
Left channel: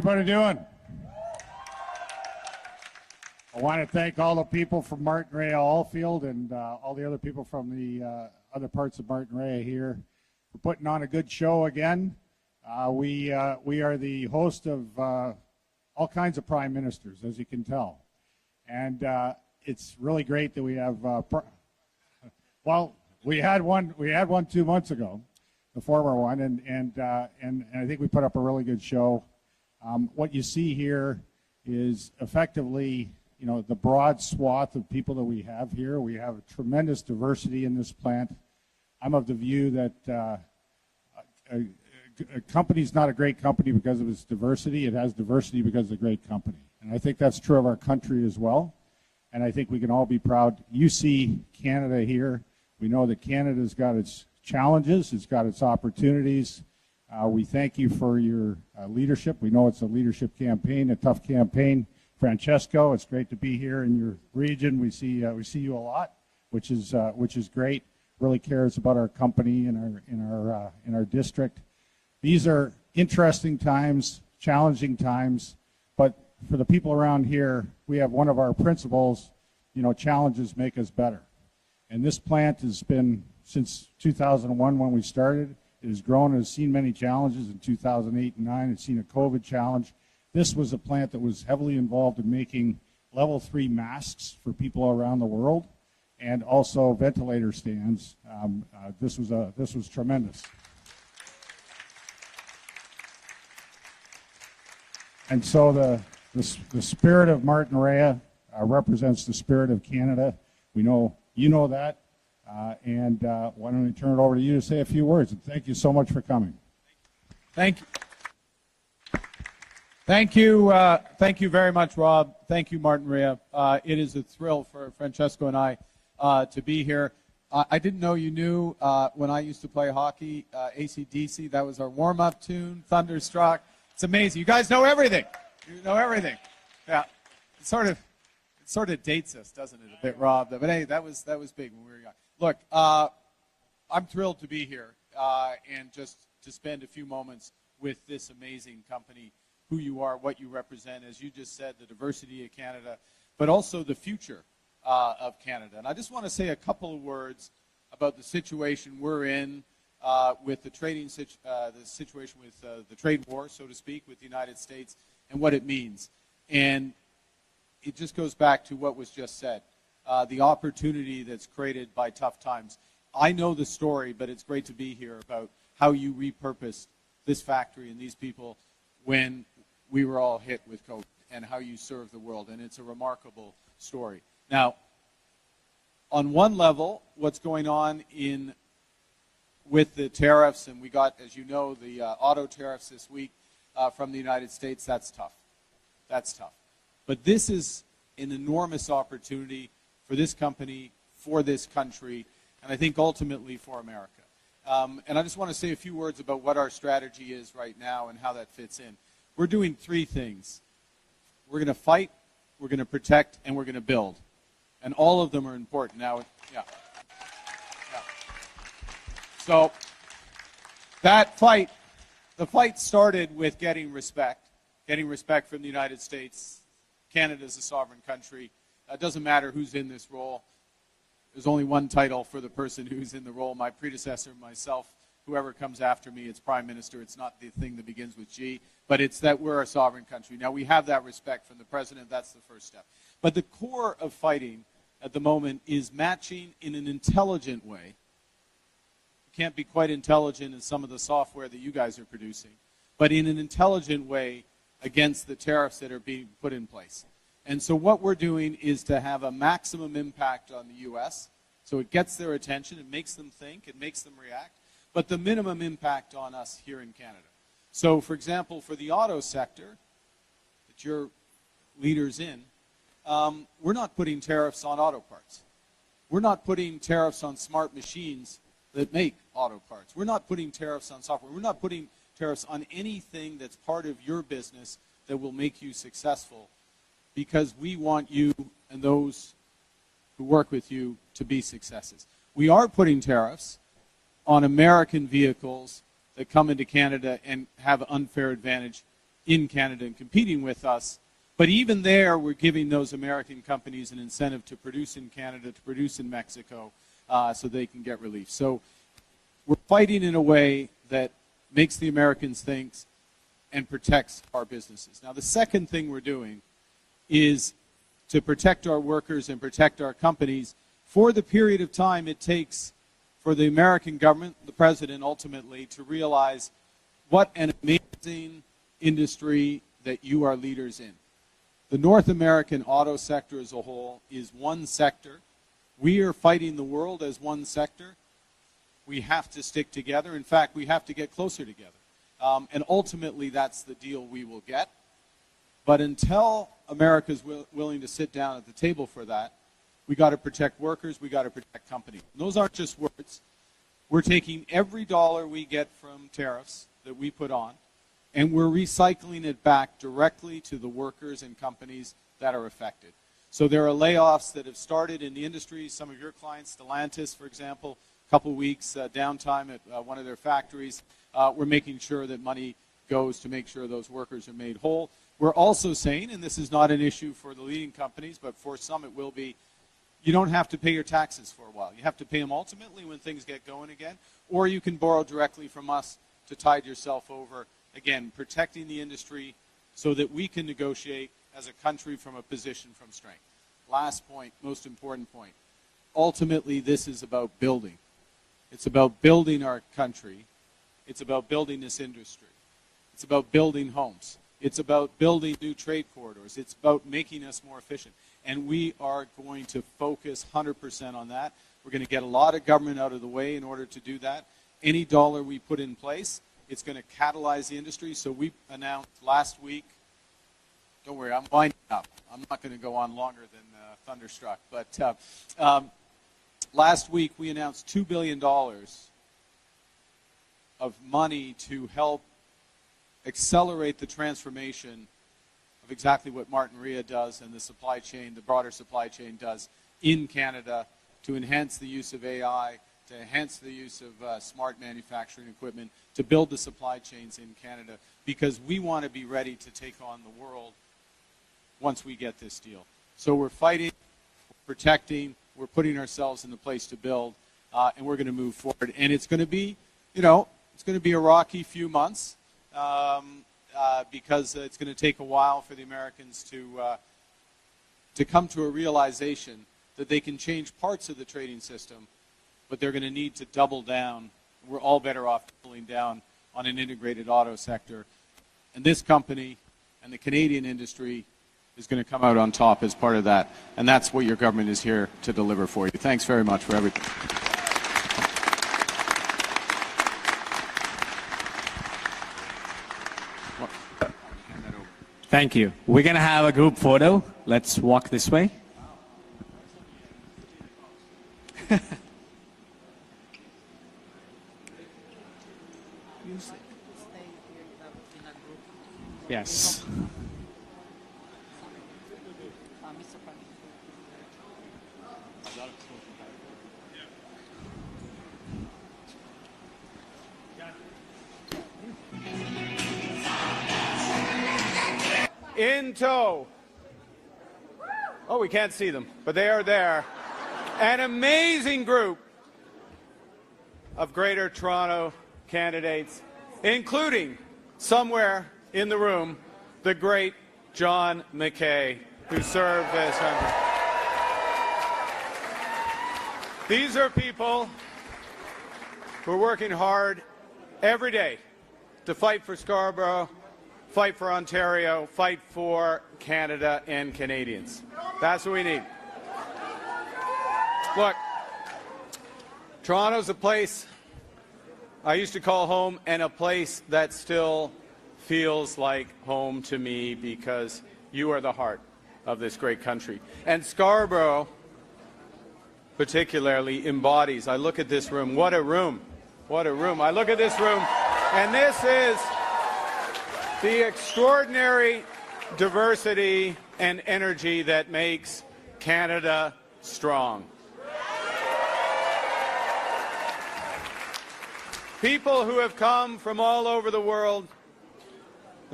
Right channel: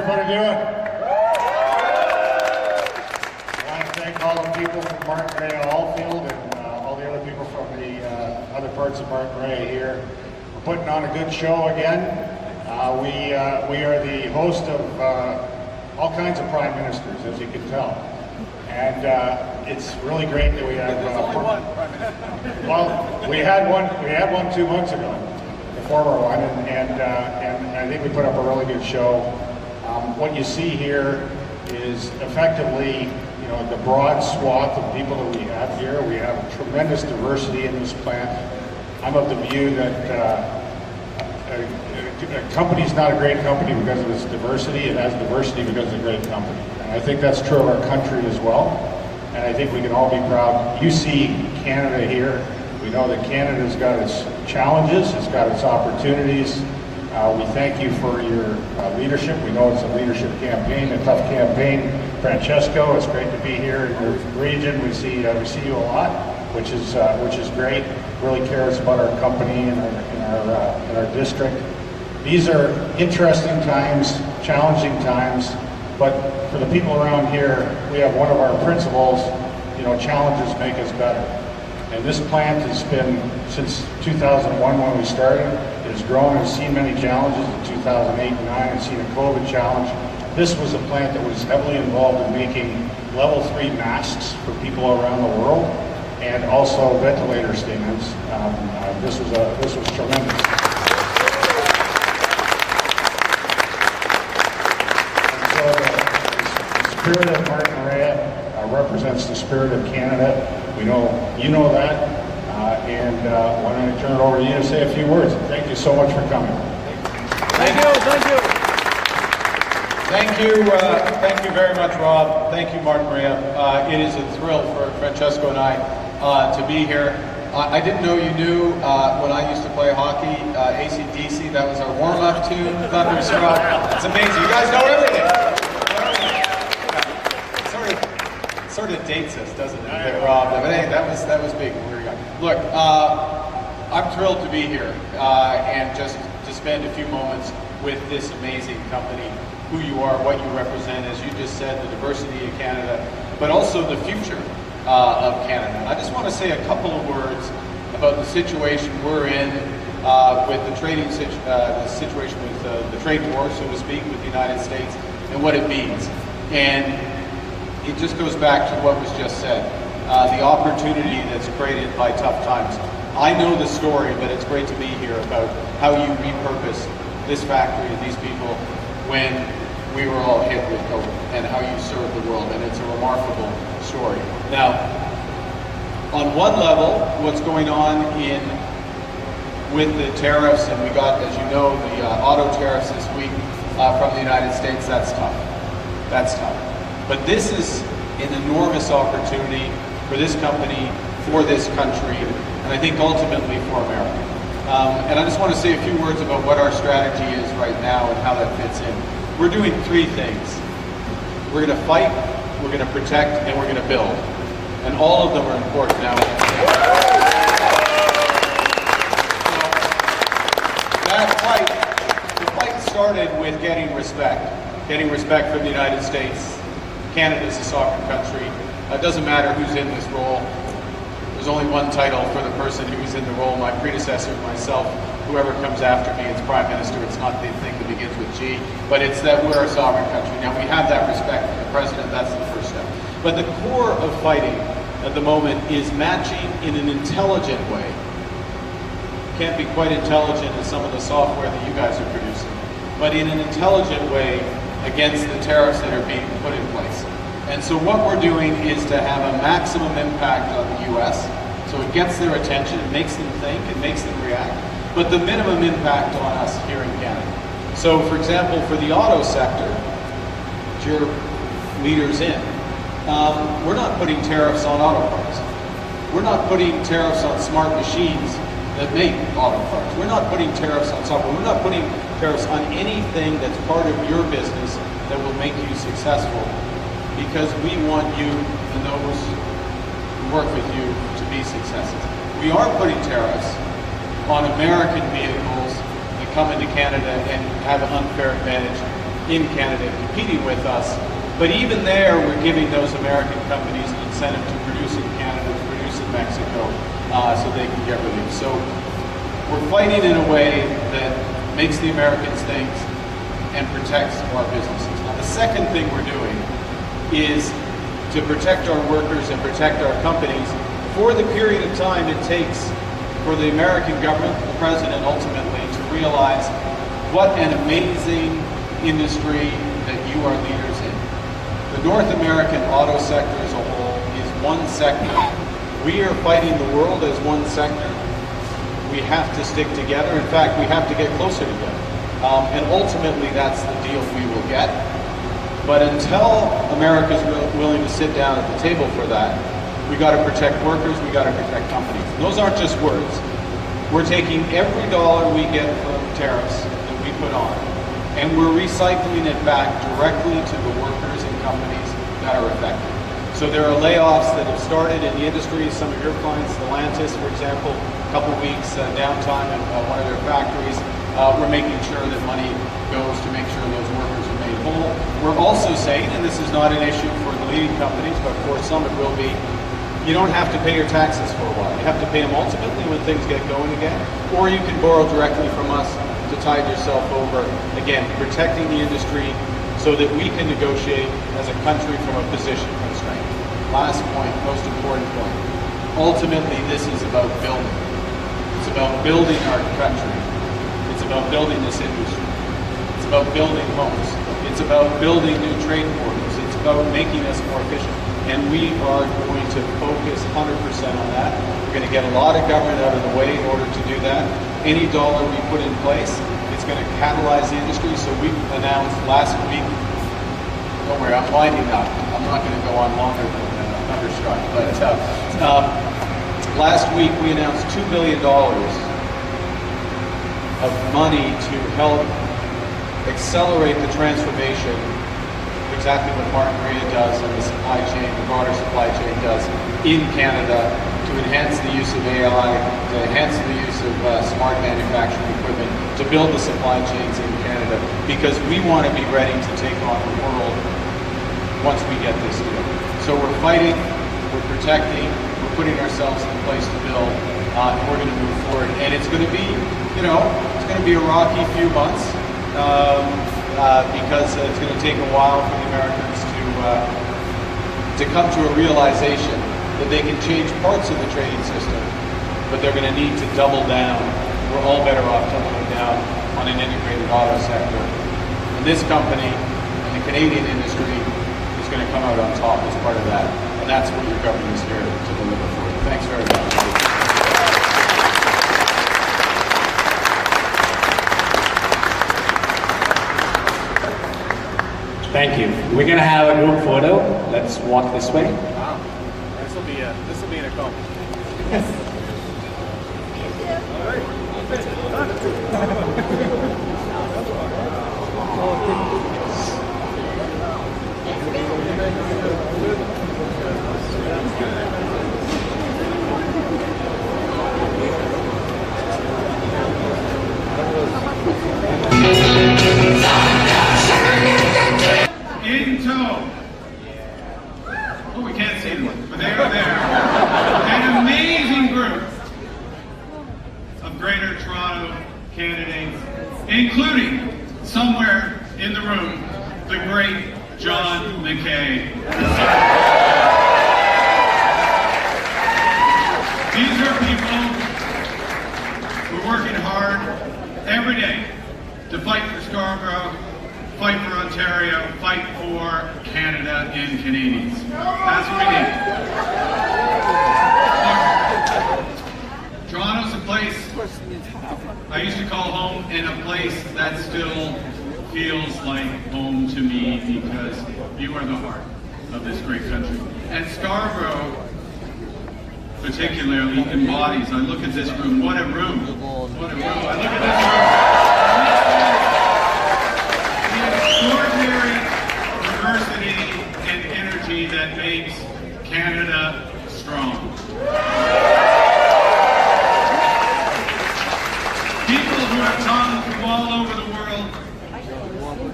everybody doing? I want to thank all the people from Martin Ray Allfield and all the other people from the other parts of Martin Ray here for putting on a good show again. We are the host of all kinds of prime ministers, as you can tell. And it's really great that we have. Well, we had one 2 months ago, the former one, and I think we put up a really good show. What you see here is effectively, you know, the broad swath of people that we have here. We have tremendous diversity in this plant. I'm of the view that a company's not a great company because of its diversity. It has diversity because it's a great company. And I think that's true of our country as well. And I think we can all be proud. You see Canada here. We know that Canada's got its challenges, it's got its opportunities. We thank you for your leadership. We know it's a leadership campaign, a tough campaign. Francesco, it's great to be here in your region. We see you a lot, which is great. Really cares about our company and our district. These are interesting times, challenging times, but for the people around here, we have one of our principles, you know, challenges make us better. And this plant has been, since 2001 when we started, it has grown and seen many challenges. In 2008 and 2009, it's seen a COVID challenge. This was a plant that was heavily involved in making level 3 masks for people around the world, and also ventilator stands. This was tremendous. And so the spirit of Martin Ray represents the spirit of Canada. We know you know that, and why don't I turn it over to you to say a few words. Thank you so much for coming. Thank you. Thank you very much, Rob. Thank you, Martin Ray. It is a thrill for Francesco and I to be here. I didn't know you knew when I used to play hockey, AC/DC. That was our warm-up tune, Thunderstruck. It's amazing. You guys know everything. Yeah. It sort of dates us, doesn't it, Rob? But hey, that was big. Look, I'm thrilled to be here and just to spend a few moments with this amazing company, who you are, what you represent, as you just said, the diversity of Canada, but also the future of Canada. I just want to say a couple of words about the situation we're in with the the situation with the trade war, so to speak, with the United States and what it means. And it just goes back to what was just said, the opportunity that's created by tough times. I know the story, but it's great to be here about how you repurposed this factory and these people when we were all hit with COVID, and how you served the world, and it's a remarkable story. Now, on one level, what's going on with the tariffs, and we got, as you know, the auto tariffs this week from the United States, that's tough. That's tough. But this is an enormous opportunity for this company, for this country, and I think ultimately for America. And I just want to say a few words about what our strategy is right now and how that fits in. We're doing 3 things. We're going to fight, we're going to protect, and we're going to build. And all of them are important now. So that fight, the fight started with getting respect from the United States. Canada's a sovereign country. It doesn't matter who's in this role. There's only one title for the person who was in the role, my predecessor, myself, whoever comes after me, it's Prime Minister. It's not the thing that begins with G, but it's that we're a sovereign country. Now, we have that respect for the President. That's the first step. But the core of fighting at the moment is matching in an intelligent way. Can't be quite intelligent as some of the software that you guys are producing, but in an intelligent way against the tariffs that are being put in place. And so what we're doing is to have a maximum impact on the U.S., so it gets their attention, it makes them think, it makes them react, but the minimum impact on us here in Canada. So, for example, for the auto sector, which you're leaders in, we're not putting tariffs on auto parts. We're not putting tariffs on smart machines that make auto parts. We're not putting tariffs on software. We're not putting tariffs on anything that's part of your business that will make you successful, because we want you and those who work with you to be successes. We are putting tariffs on American vehicles that come into Canada and have an unfair advantage in Canada competing with us. But even there, we're giving those American companies an incentive to produce in Canada, to produce in Mexico, so they can get relief. So we're fighting in a way that makes the Americans think and protects our businesses. Now, the second thing we're doing is to protect our workers and protect our companies for the period of time it takes for the American government, the president ultimately, to realize what an amazing industry that you are leaders in. The North American auto sector as a whole is one sector. We are fighting the world as one sector. We have to stick together. In fact, we have to get closer together. And ultimately, that's the deal we will get. But until America's willing to sit down at the table for that, we got to protect workers, we got to protect companies. Those aren't just words. We're taking every dollar we get from tariffs that we put on, and we're recycling it back directly to the workers and companies that are affected. So there are layoffs that have started in the industry. Some of your clients, Stellantis, for example, a couple weeks downtime at one of their factories. We're making sure that money goes to make sure those workers are made whole. We're also saying, and this is not an issue for the leading companies, but for some it will be, you don't have to pay your taxes for a while. You have to pay them ultimately when things get going again, or you can borrow directly from us to tide yourself over, again, protecting the industry so that we can negotiate as a country from a position of strength. Last point, most important point. Ultimately, this is about building. It's about building our country. It's about building this industry. It's about building homes. It's about building new trade corridors. It's about making us more efficient. And we are going to focus 100% on that. We're going to get a lot of government out of the way in order to do that. Any dollar we put in place is going to catalyze the industry. So we announced last week, don't worry, I'm winding up. I'm not going to go on longer than Thunderstruck. But last week we announced $2 billion of money to help accelerate the transformation, exactly what Martin Maria does and the supply chain, the broader supply chain does in Canada, to enhance the use of AI, to enhance the use of smart manufacturing equipment, to build the supply chains in Canada, because we want to be ready to take on the world once we get this deal. So we're fighting, we're protecting, we're putting ourselves in a place to build, and we're going to move forward. And it's going to be, it's going to be a rocky few months, because it's going to take a while for the Americans to come to a realization that they can change parts of the trading system, but they're going to need to double down. We're all better off doubling down on an integrated auto sector. And this company and the Canadian industry is going to come out on top as part of that. And that's what your government is here to deliver for you. Thanks very much. Thank you. We're gonna have a group photo. Let's walk this way. Wow. This will be an accomplishment. Yes. In tow. Oh, we can't see them, but they're there. An amazing group of Greater Toronto candidates, including, somewhere in the room, the great John McKay. These are people who are working hard every day to fight for Scarborough, fight for Ontario, fight for Canada and Canadians. That's what we need. Look, Toronto's a place I used to call home, and a place that still feels like home to me, because you are the heart of this great country. And Scarborough particularly embodies, I look at this room, what a room, what a room. I look at this room, and this is the extraordinary diversity and energy that makes Canada strong. People who have come from all over the world,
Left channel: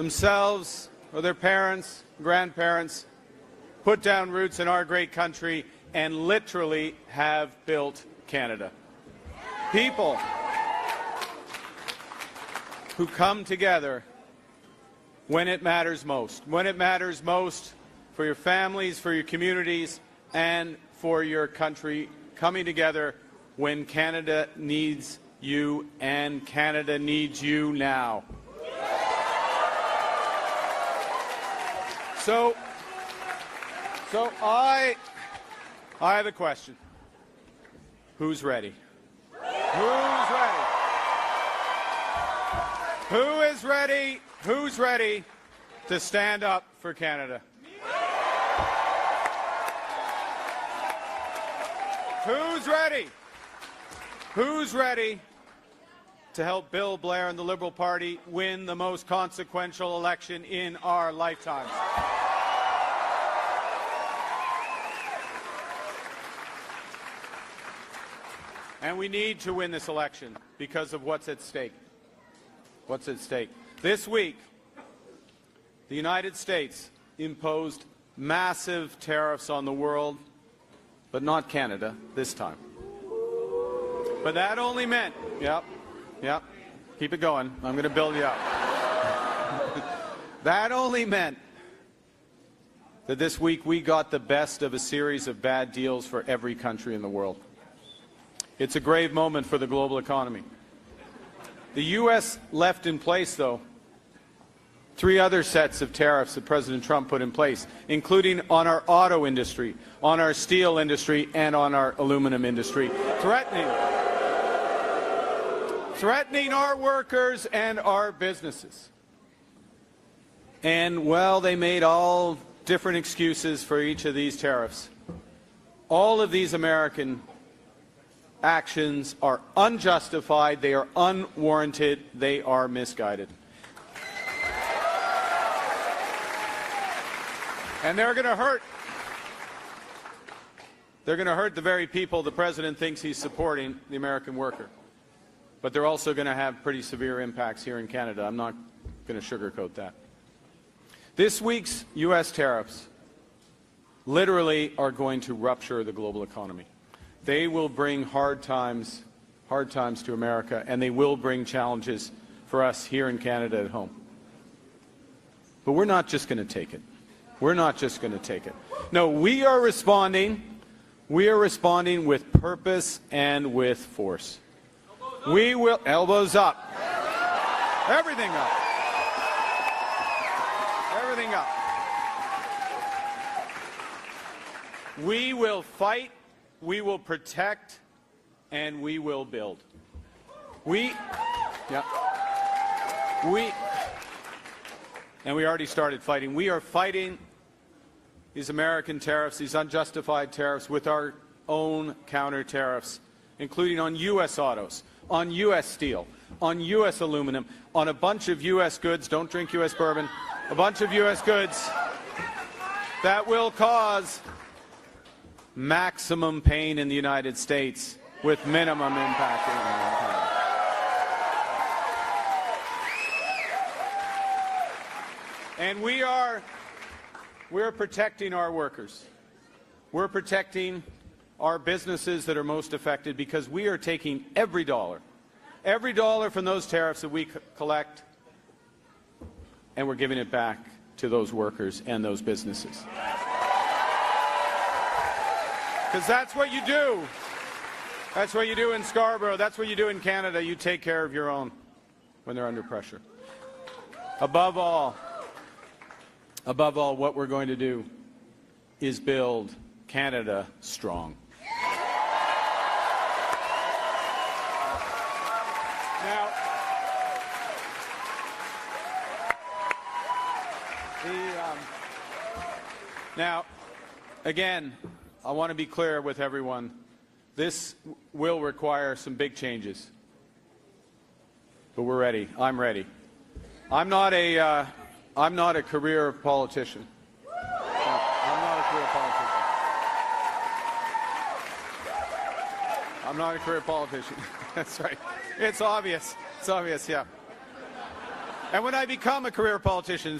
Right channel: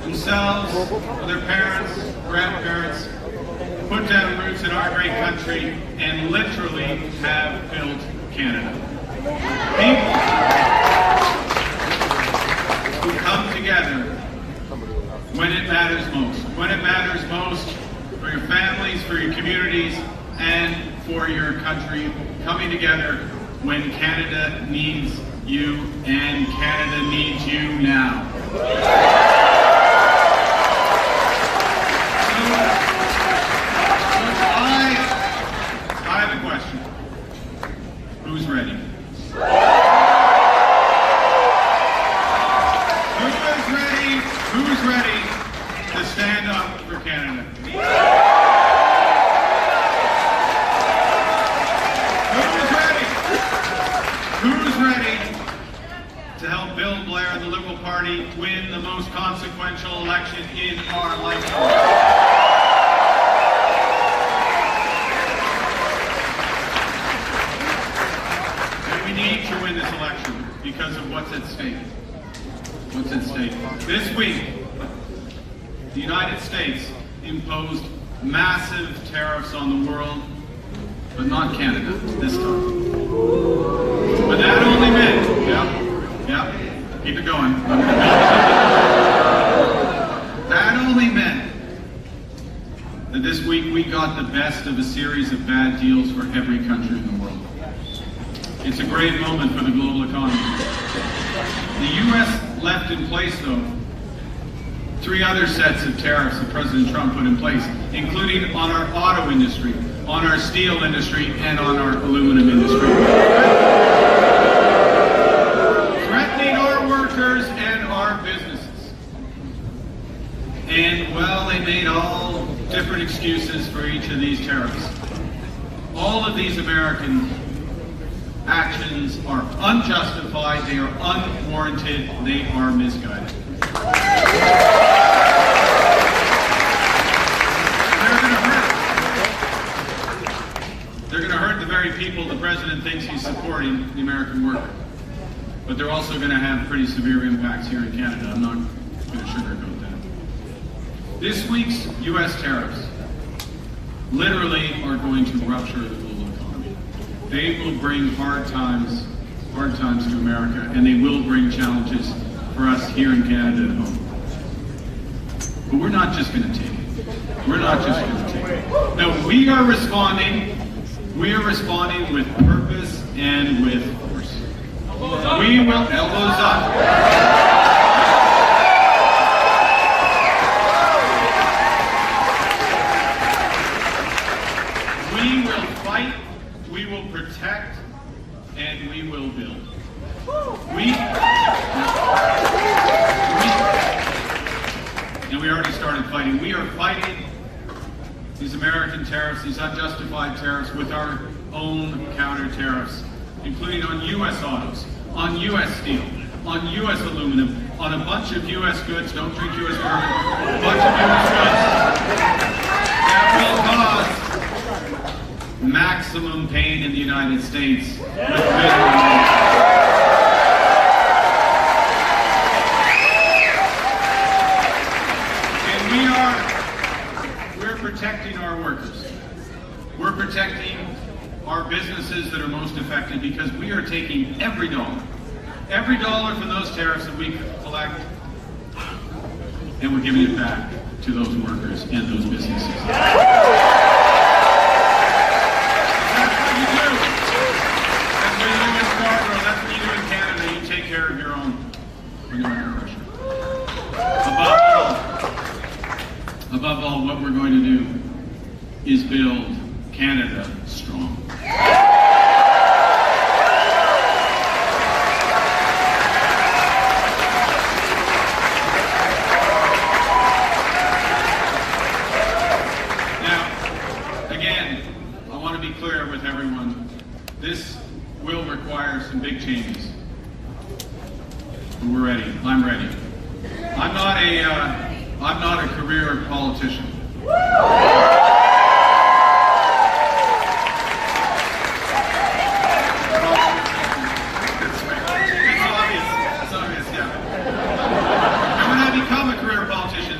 themselves, for their parents, grandparents, put down roots in our great country, and literally have built Canada. People who come together when it matters most. When it matters most for your families, for your communities, and for your country, coming together when Canada needs you, and Canada needs you now. So I have a question. Who's ready? Who's ready to stand up for Canada? Who's ready to help Bill Blair and the Liberal Party win the most consequential election in our lifetime? And we need to win this election because of what's at stake. What's at stake? This week, the United States imposed massive tariffs on the world, but not Canada this time. But that only meant, keep it going. That only meant that this week we got the best of a series of bad deals for every country in the world. It's a great moment for the global economy. The U.S. left in place, though, 3 other sets of tariffs that President Trump put in place, including on our auto industry, on our steel industry, and on our aluminum industry. Threatening our workers and our businesses. And, well, they made all different excuses for each of these tariffs. All of these American actions are unjustified, they are unwarranted, they are misguided. They're going to hurt the very people the president thinks he's supporting, the American worker. But they're also going to have pretty severe impacts here in Canada. I'm not going to sugarcoat that. This week's U.S. tariffs literally are going to rupture the global economy. They will bring hard times to America, and they will bring challenges for us here in Canada at home. But we're not just going to take it. We're not just going to take it. No, we are responding. We are responding with purpose and with force. We will, elbows up. We will fight, we will protect, and we will build. And we already started fighting. We are fighting these American tariffs, these unjustified tariffs, with our own counter tariffs, including on U.S. autos, on U.S. steel, on U.S. aluminum, on a bunch of U.S. goods, don't drink U.S. bourbon, a bunch of U.S. goods that will cause maximum pain in the United States with we're protecting our workers. We're protecting our businesses that are most affected, because we are taking every dollar from those tariffs that we collect, and we're giving it back to those workers and those businesses. That's what you do. That's what you do in Scarborough. That's what you do in Canada. You take care of your own. Bring on your question. Above all, what we're going to do is build Canada strong. Now, again, I want to be clear with everyone. This will require some big changes. But we're ready. I'm ready. I'm not a career politician. It's obvious, yeah. And when I become a career politician,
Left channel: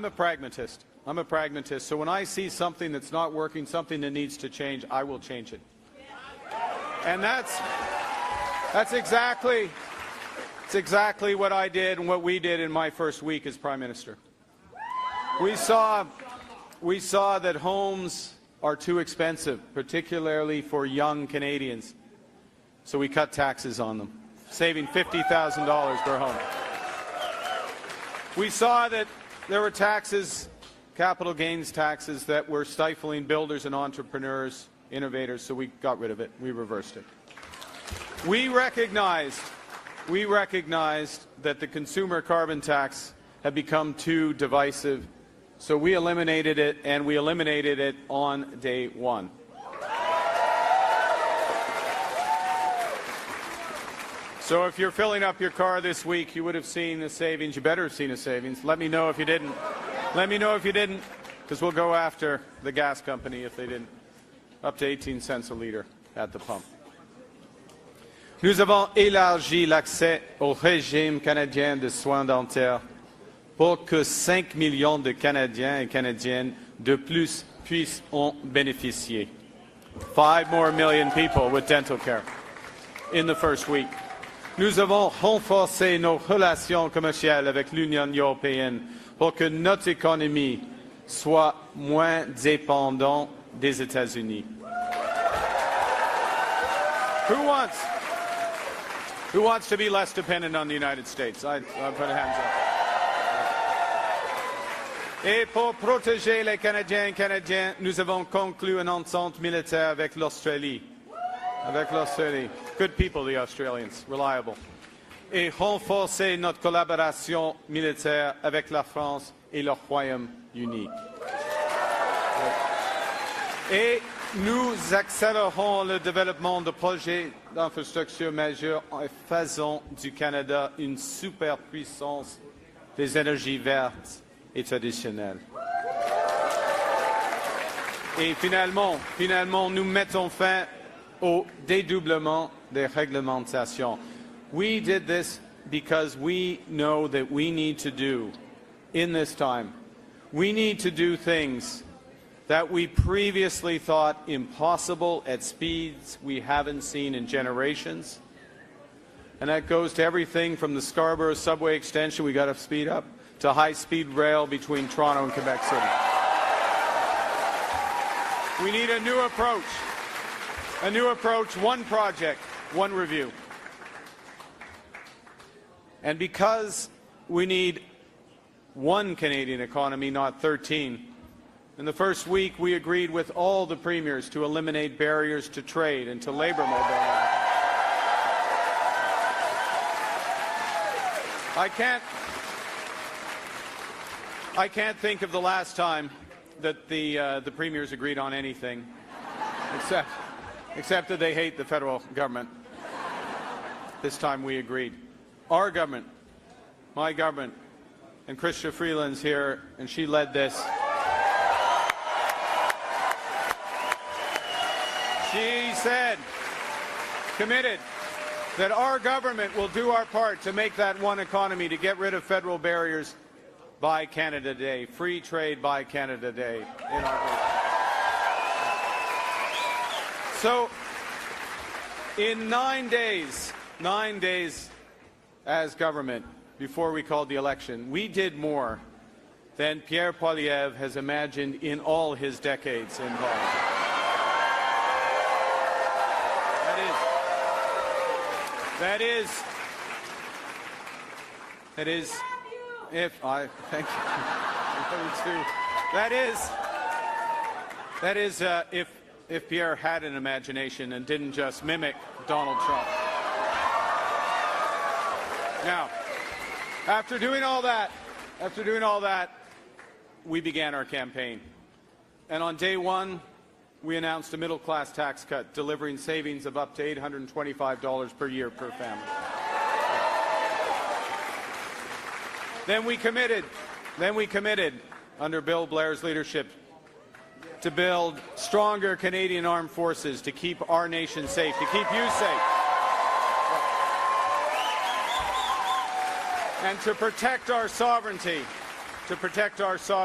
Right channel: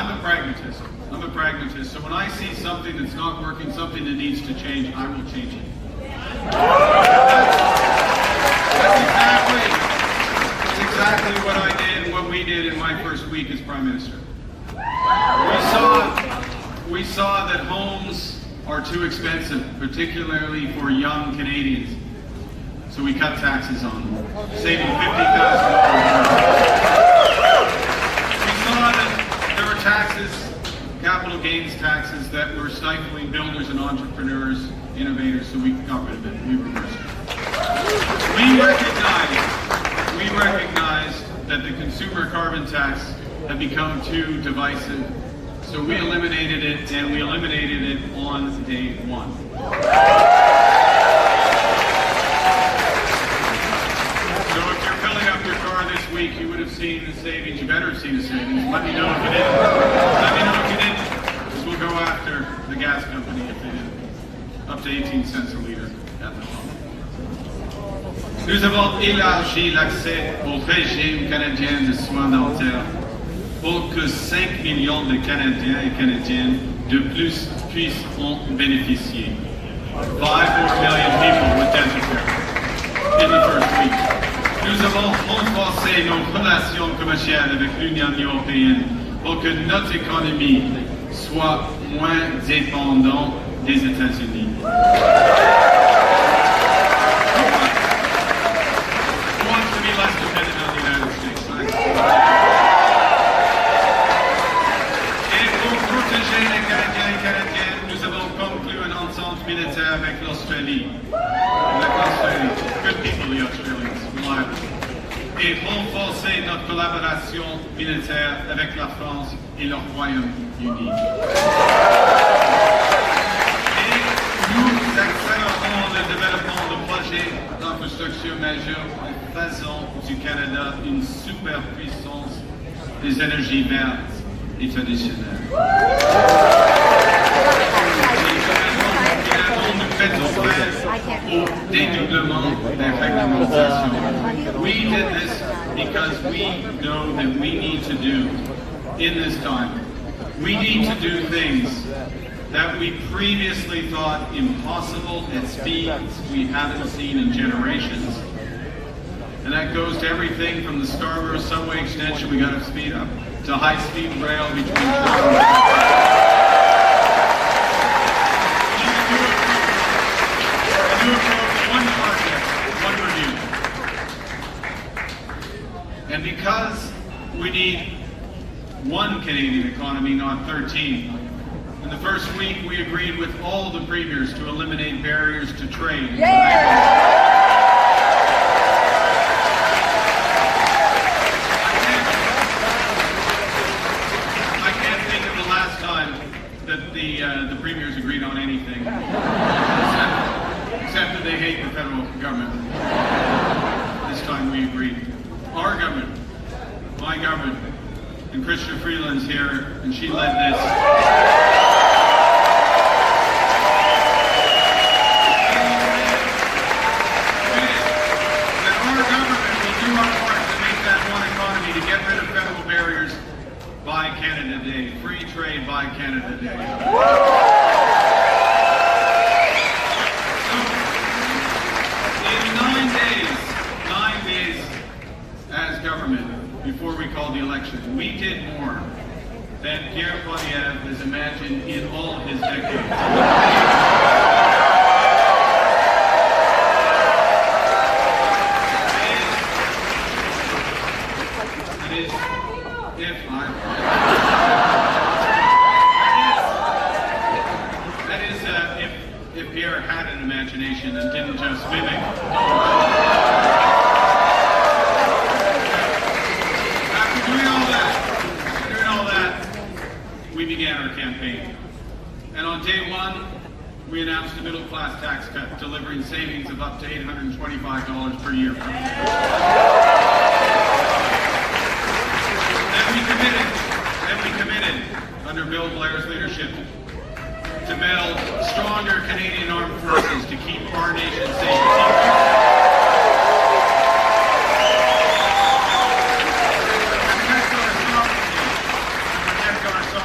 I'm a pragmatist. So when I see something that's not working, something that needs to change, I will change it. That's exactly what I did, what we did in my first week as Prime Minister. We saw that homes are too expensive, particularly for young Canadians. So we cut taxes on them, saving $50,000. We saw that there were taxes, capital gains taxes, that were stifling builders and entrepreneurs, innovators, so we got rid of it, we reversed it. We recognize that the consumer carbon tax had become too divisive, so we eliminated it, and we eliminated it on day one. So if you're filling up your car this week, you would have seen the savings. You better have seen the savings. Let me know if you did. Because we'll go after the gas company if you did. Up to 18 cents a liter at the pump. Nous avons élargi l'accès au régime canadien de soins dentaires pour que 5 millions de Canadiens et Canadiennes de plus puissent en bénéficier. 5 more million people with dental care in the first week. Nous avons renforcé nos relations commerciales avec l'Union européenne pour que notre économie soit moins dépendante des États-Unis. Who wants to be less dependent on the United States? Et pour protéger les Canadiens et Canadiennes, nous avons conclu une entente militaire avec l'Australie. Good people, the Australians, reliable. Et renforcer notre collaboration militaire avec la France et le Royaume-Uni. Et nous accélérons le développement de projets d'infrastructure majeurs en faisant du Canada une superpuissance des énergies vertes et traditionnelles. Nous mettons fin au dédoublement des réglementations. We did this because we know that we need to do in this time. We need to do things that we previously thought impossible at speeds we haven't seen in generations. And that goes to everything from the Scarborough subway extension we got to speed up, to high-speed rail between Toronto and one project, one review. And because we need one Canadian economy, not 13, in the first week we agreed with all the premiers to eliminate barriers to trade. And I can't think of the last time that the premiers agreed on anything, except that they hate the federal government. This time we agreed. Our government, my government, and Christian Freeland's here, and she led this. She said, committed, that our government will do our part to make that one economy, to get rid of federal barriers by Canada Day, free trade by Canada Day. So, in 9 days as government, before we called the election, we did more than Pierre Poilievre has imagined in all of his decades. If Pierre had an imagination and didn't just mimic After doing all that, we began our campaign. And on day one, we announced a middle-class tax cut, delivering savings of up to $825 per year. Then we committed, under Bill Blair's leadership, to build stronger Canadian armed forces to keep our nation safe. To protect our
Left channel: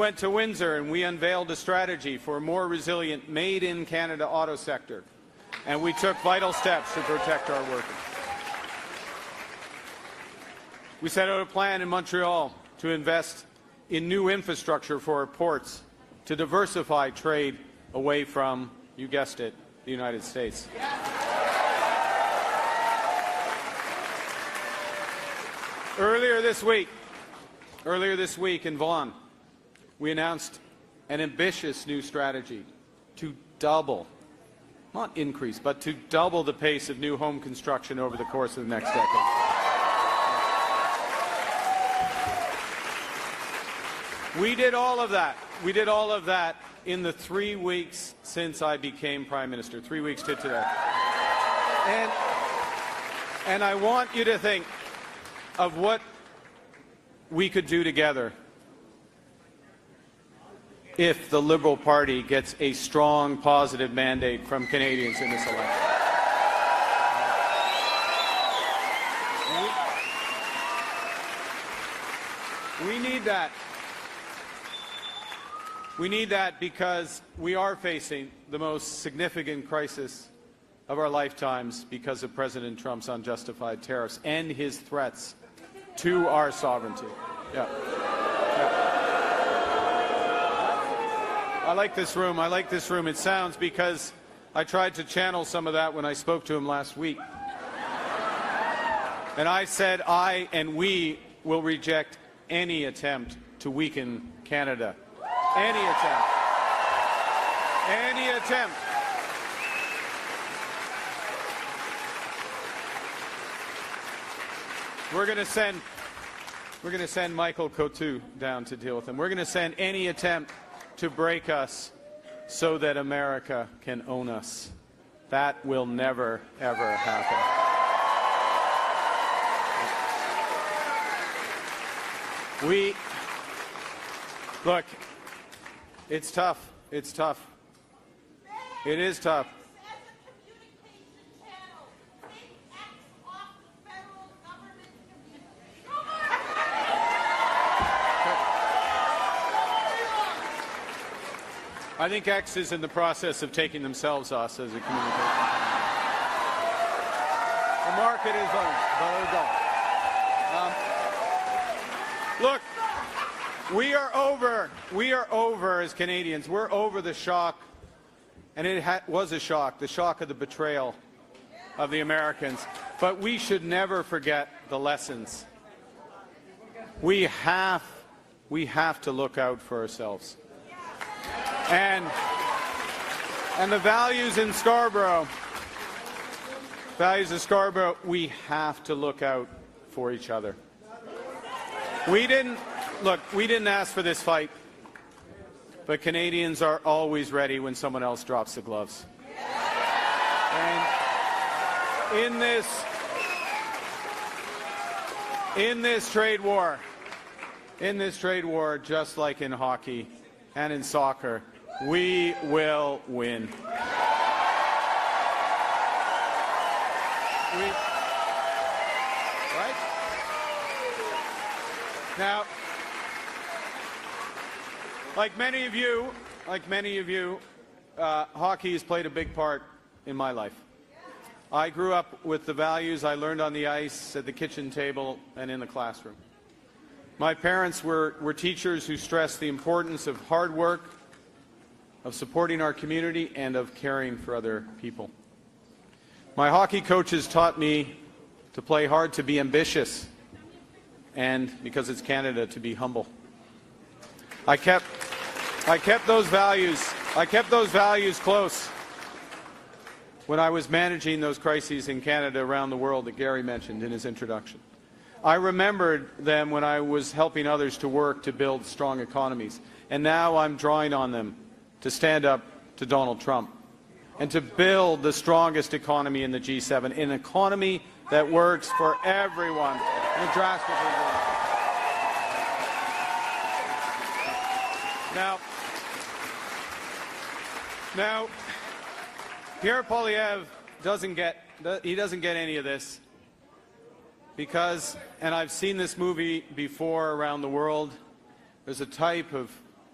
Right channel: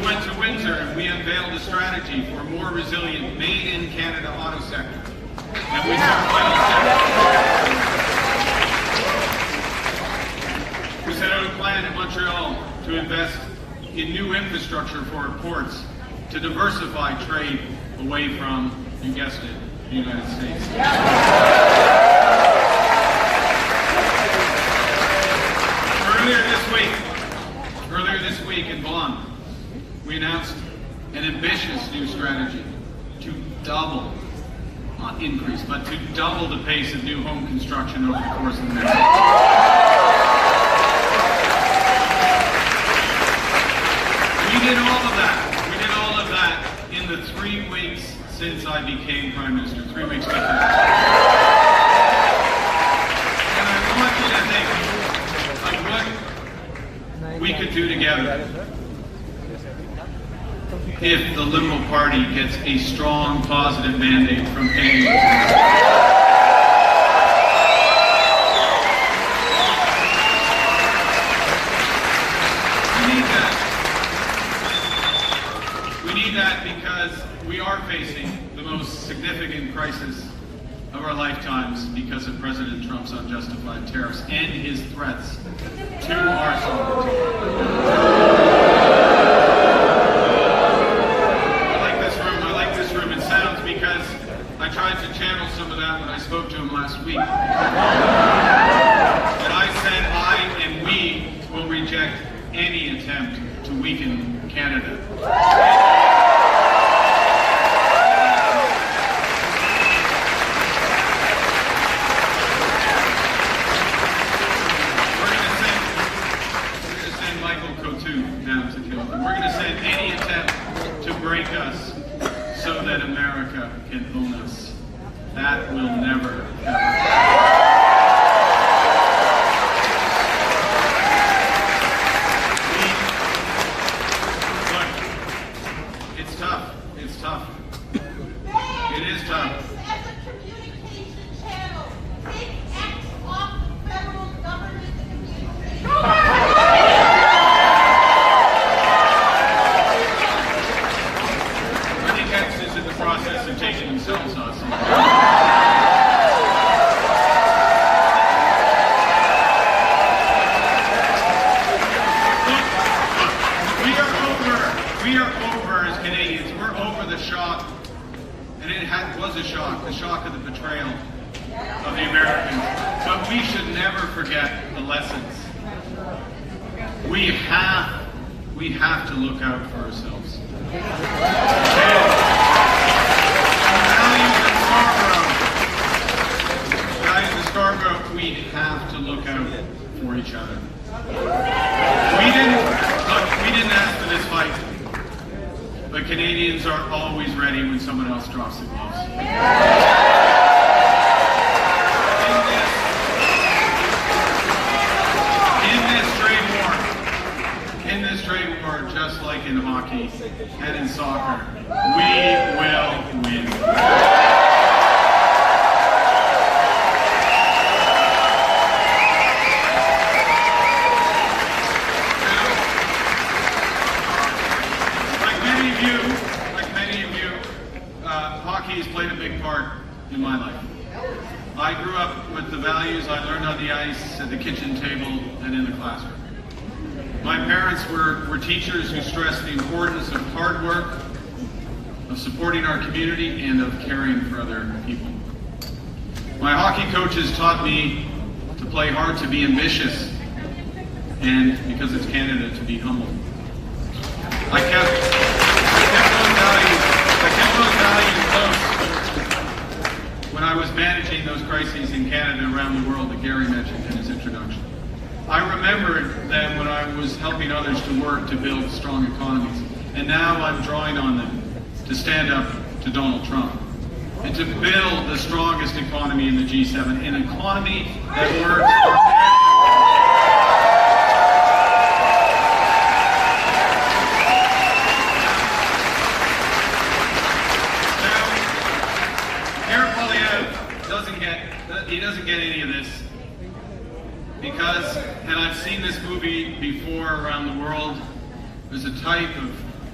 went to Windsor and we unveiled a strategy for a more resilient made-in-Canada auto sector. And we took final steps. We set out a plan in Montreal to invest in new infrastructure for our ports to diversify trade away from, you guessed it, the United States. Earlier this week in Vaughan, we announced an ambitious new strategy to double, not increase, but to double the pace of new home construction over the course of the next year. We did all of that. We did all of that in the 3 weeks since I became Prime Minister, 3 weeks ago. And I want you to think of what we could do together if the Liberal Party gets a strong, positive mandate from Canadians. We need that. We need that because we are facing the most significant crisis of our lifetimes because of President Trump's unjustified tariffs and his threats to our sovereignty. I like this room. It sounds because I tried to channel some of that when I spoke to him last week. And I said I and we will reject any attempt to weaken Canada. Down to deal with them. We're going to send any attempt to break us so that America can own us. That will never, ever. Look, it's tough. It's tough. It is tough. Taking themselves off. Look, we are over as Canadians. We're over the shock, and it was a shock, the shock of the betrayal of the Americans. But we should never forget the lessons. We have to look out for ourselves. Values in Scarborough, we have to look out for each other. We didn't ask for this fight, but Canadians are always ready when someone else drops the gloves. In this trade war, just like in hockey and in soccer, we will win. Hockey has played a big part in my life. I grew up with the values I learned on the ice, at the kitchen table, and in the classroom. My parents were teachers who stressed the importance of hard work, of supporting our community, and of caring for other people. My hockey coaches taught me to play hard, to be ambitious, and because it's Canada, to be humble. I kept those values close when I was managing those crises in Canada around the world that Gary mentioned in his introduction. I remembered them when I was helping others to work to build strong economies. And now I'm drawing on them to stand up to Donald Trump and to build the strongest economy in the G7, an economy that works for everyone. He doesn't get any of this because, and I've seen this movie before around the world, there's a type of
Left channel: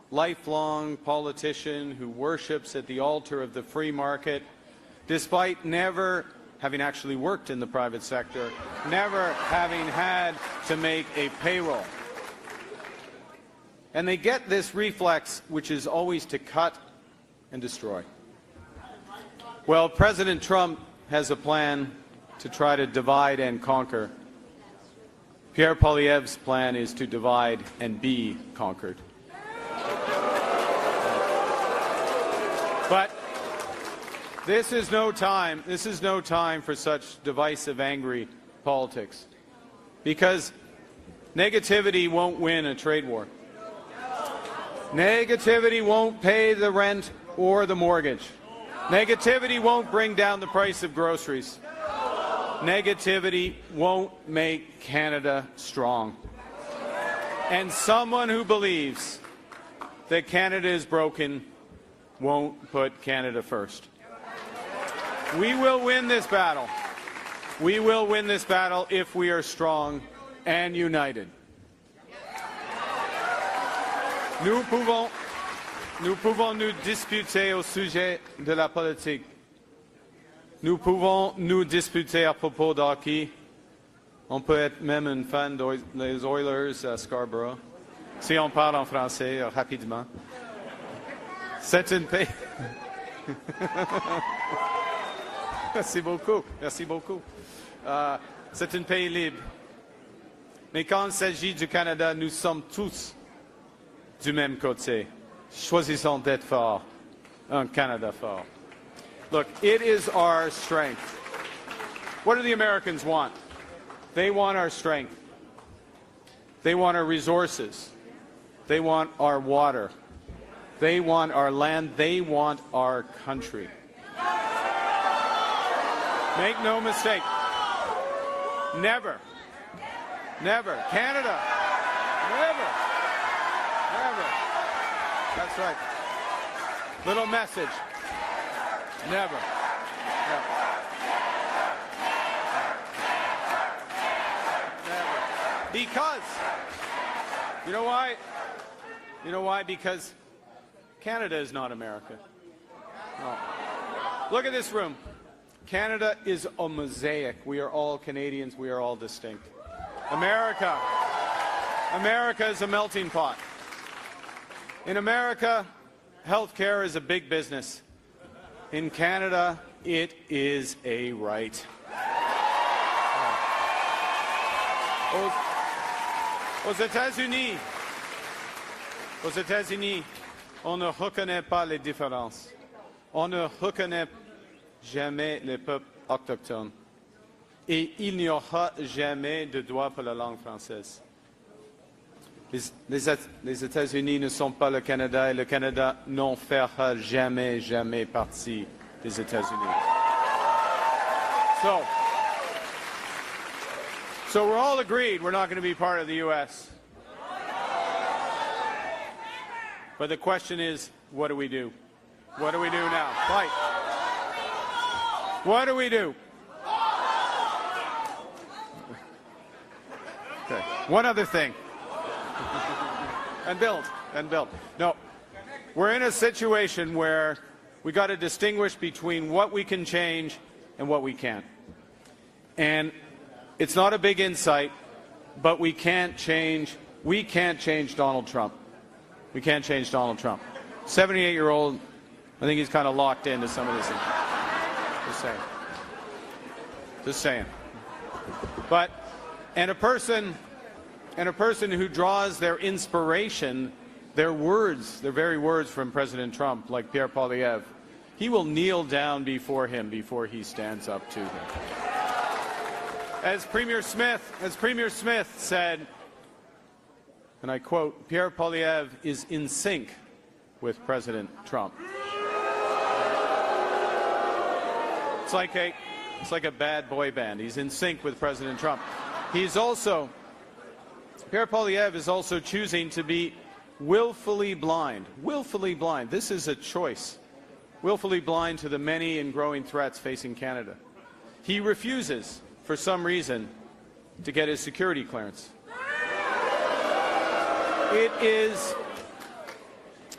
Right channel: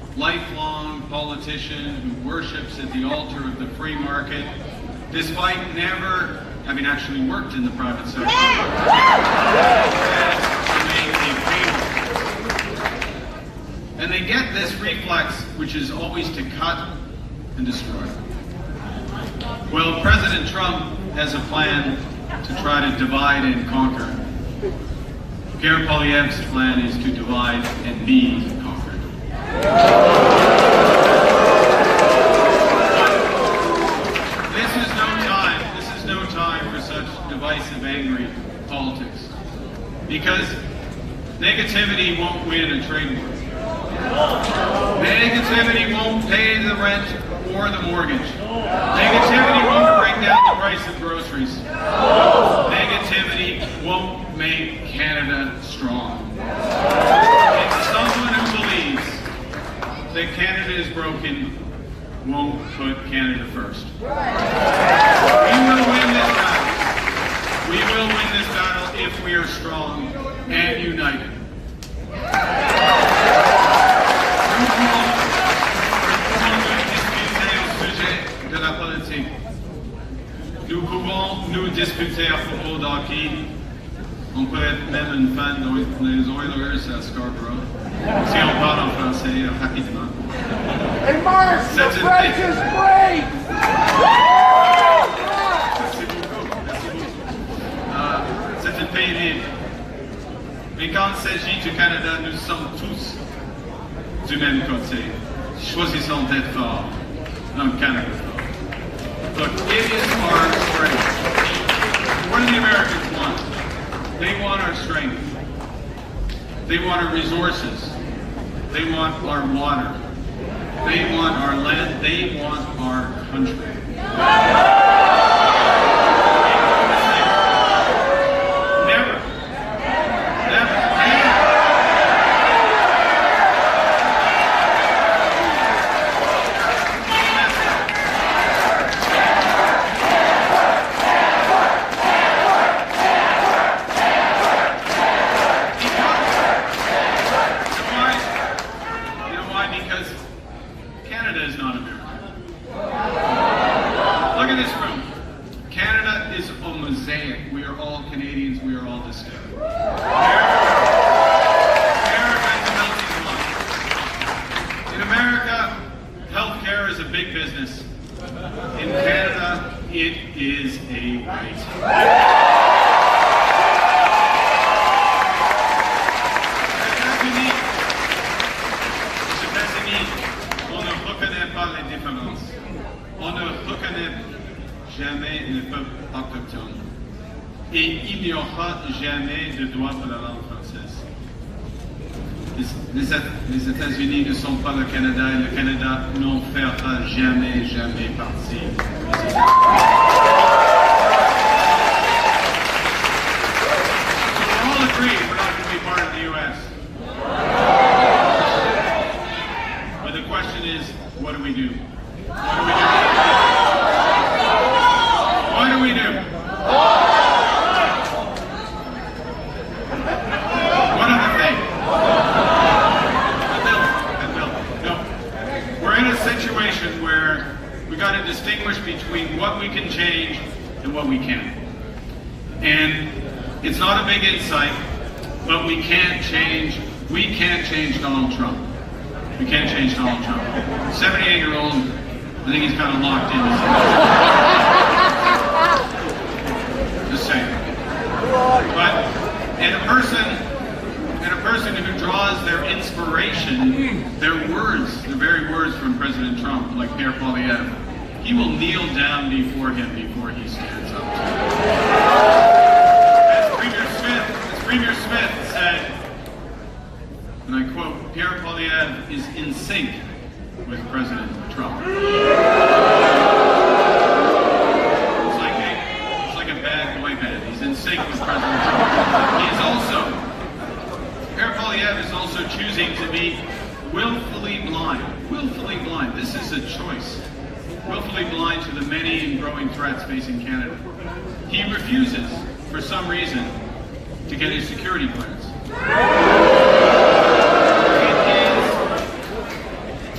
lifelong politician who worships at the altar of the free market, despite never having actually worked in the private sector, to make a cable. And they get this reflex, which is always to cut and destroy. Well, President Trump has a plan to try to divide and conquer. Pierre Poilievre's plan is to divide and be conquered. This is no time for such divisive, angry politics. Because negativity won't win a trade war. Negativity won't pay the rent or the mortgage. Negativity won't bring down the price of groceries. Negativity won't make Canada strong. And someone who believes that Canada is broken won't put Canada first. We will win this battle. We will win this battle if we are strong and united. De la politique. Nous pouvons nous discuter à propos de hockey. On peut être même une fan des Oilers à Scarborough. Si on parle en français rapidement. Hey Mark, the French is great! Merci beaucoup. Merci beaucoup. C'est un pays libre. Mais quand il s'agit du Canada, nous sommes tous du même côté. Choisissons d'être forts. Canada fort. But it is our strength. What do the Americans want? They want our strength. They want our resources. They want our water. They want our land. They want our country. Make no mistake. Never. We are all Canadians, we are all the same. America is a melting pot. In America, healthcare is a big business. In Canada, it is a right. Aux États-Unis, on ne reconnaît pas les différences. On ne reconnaît jamais les peuples autochtones. Et il n'y aura jamais de droit pour la langue française. Les États-Unis ne sont pas le Canada et le Canada n'en fera jamais partie des États-Unis. So we're all agreed we're not going to be part of the U.S. But the question is, what do we do? What do we do? One other thing. No. We're in a situation where we got to distinguish between what we can change and what we can't. And it's not a big insight, but we can't change Donald Trump. We can't change Donald Trump. 78-year-old, I think he's kind of locked in. Just saying. But, and a person who draws their inspiration, their words, the very words from President Trump, like Pierre Poilievre, he will kneel down before him before he stands up. As Premier Smith said, and I quote, Pierre Poilievre is in sync with President Trump. It's like a bad boy band. He's in sync with President Trump. Pierre Poilievre is also choosing to be willfully blind. Willfully blind. This is a choice. Willfully blind to the many and growing threats facing Canada. He refuses, for some reason, to get his security clearance.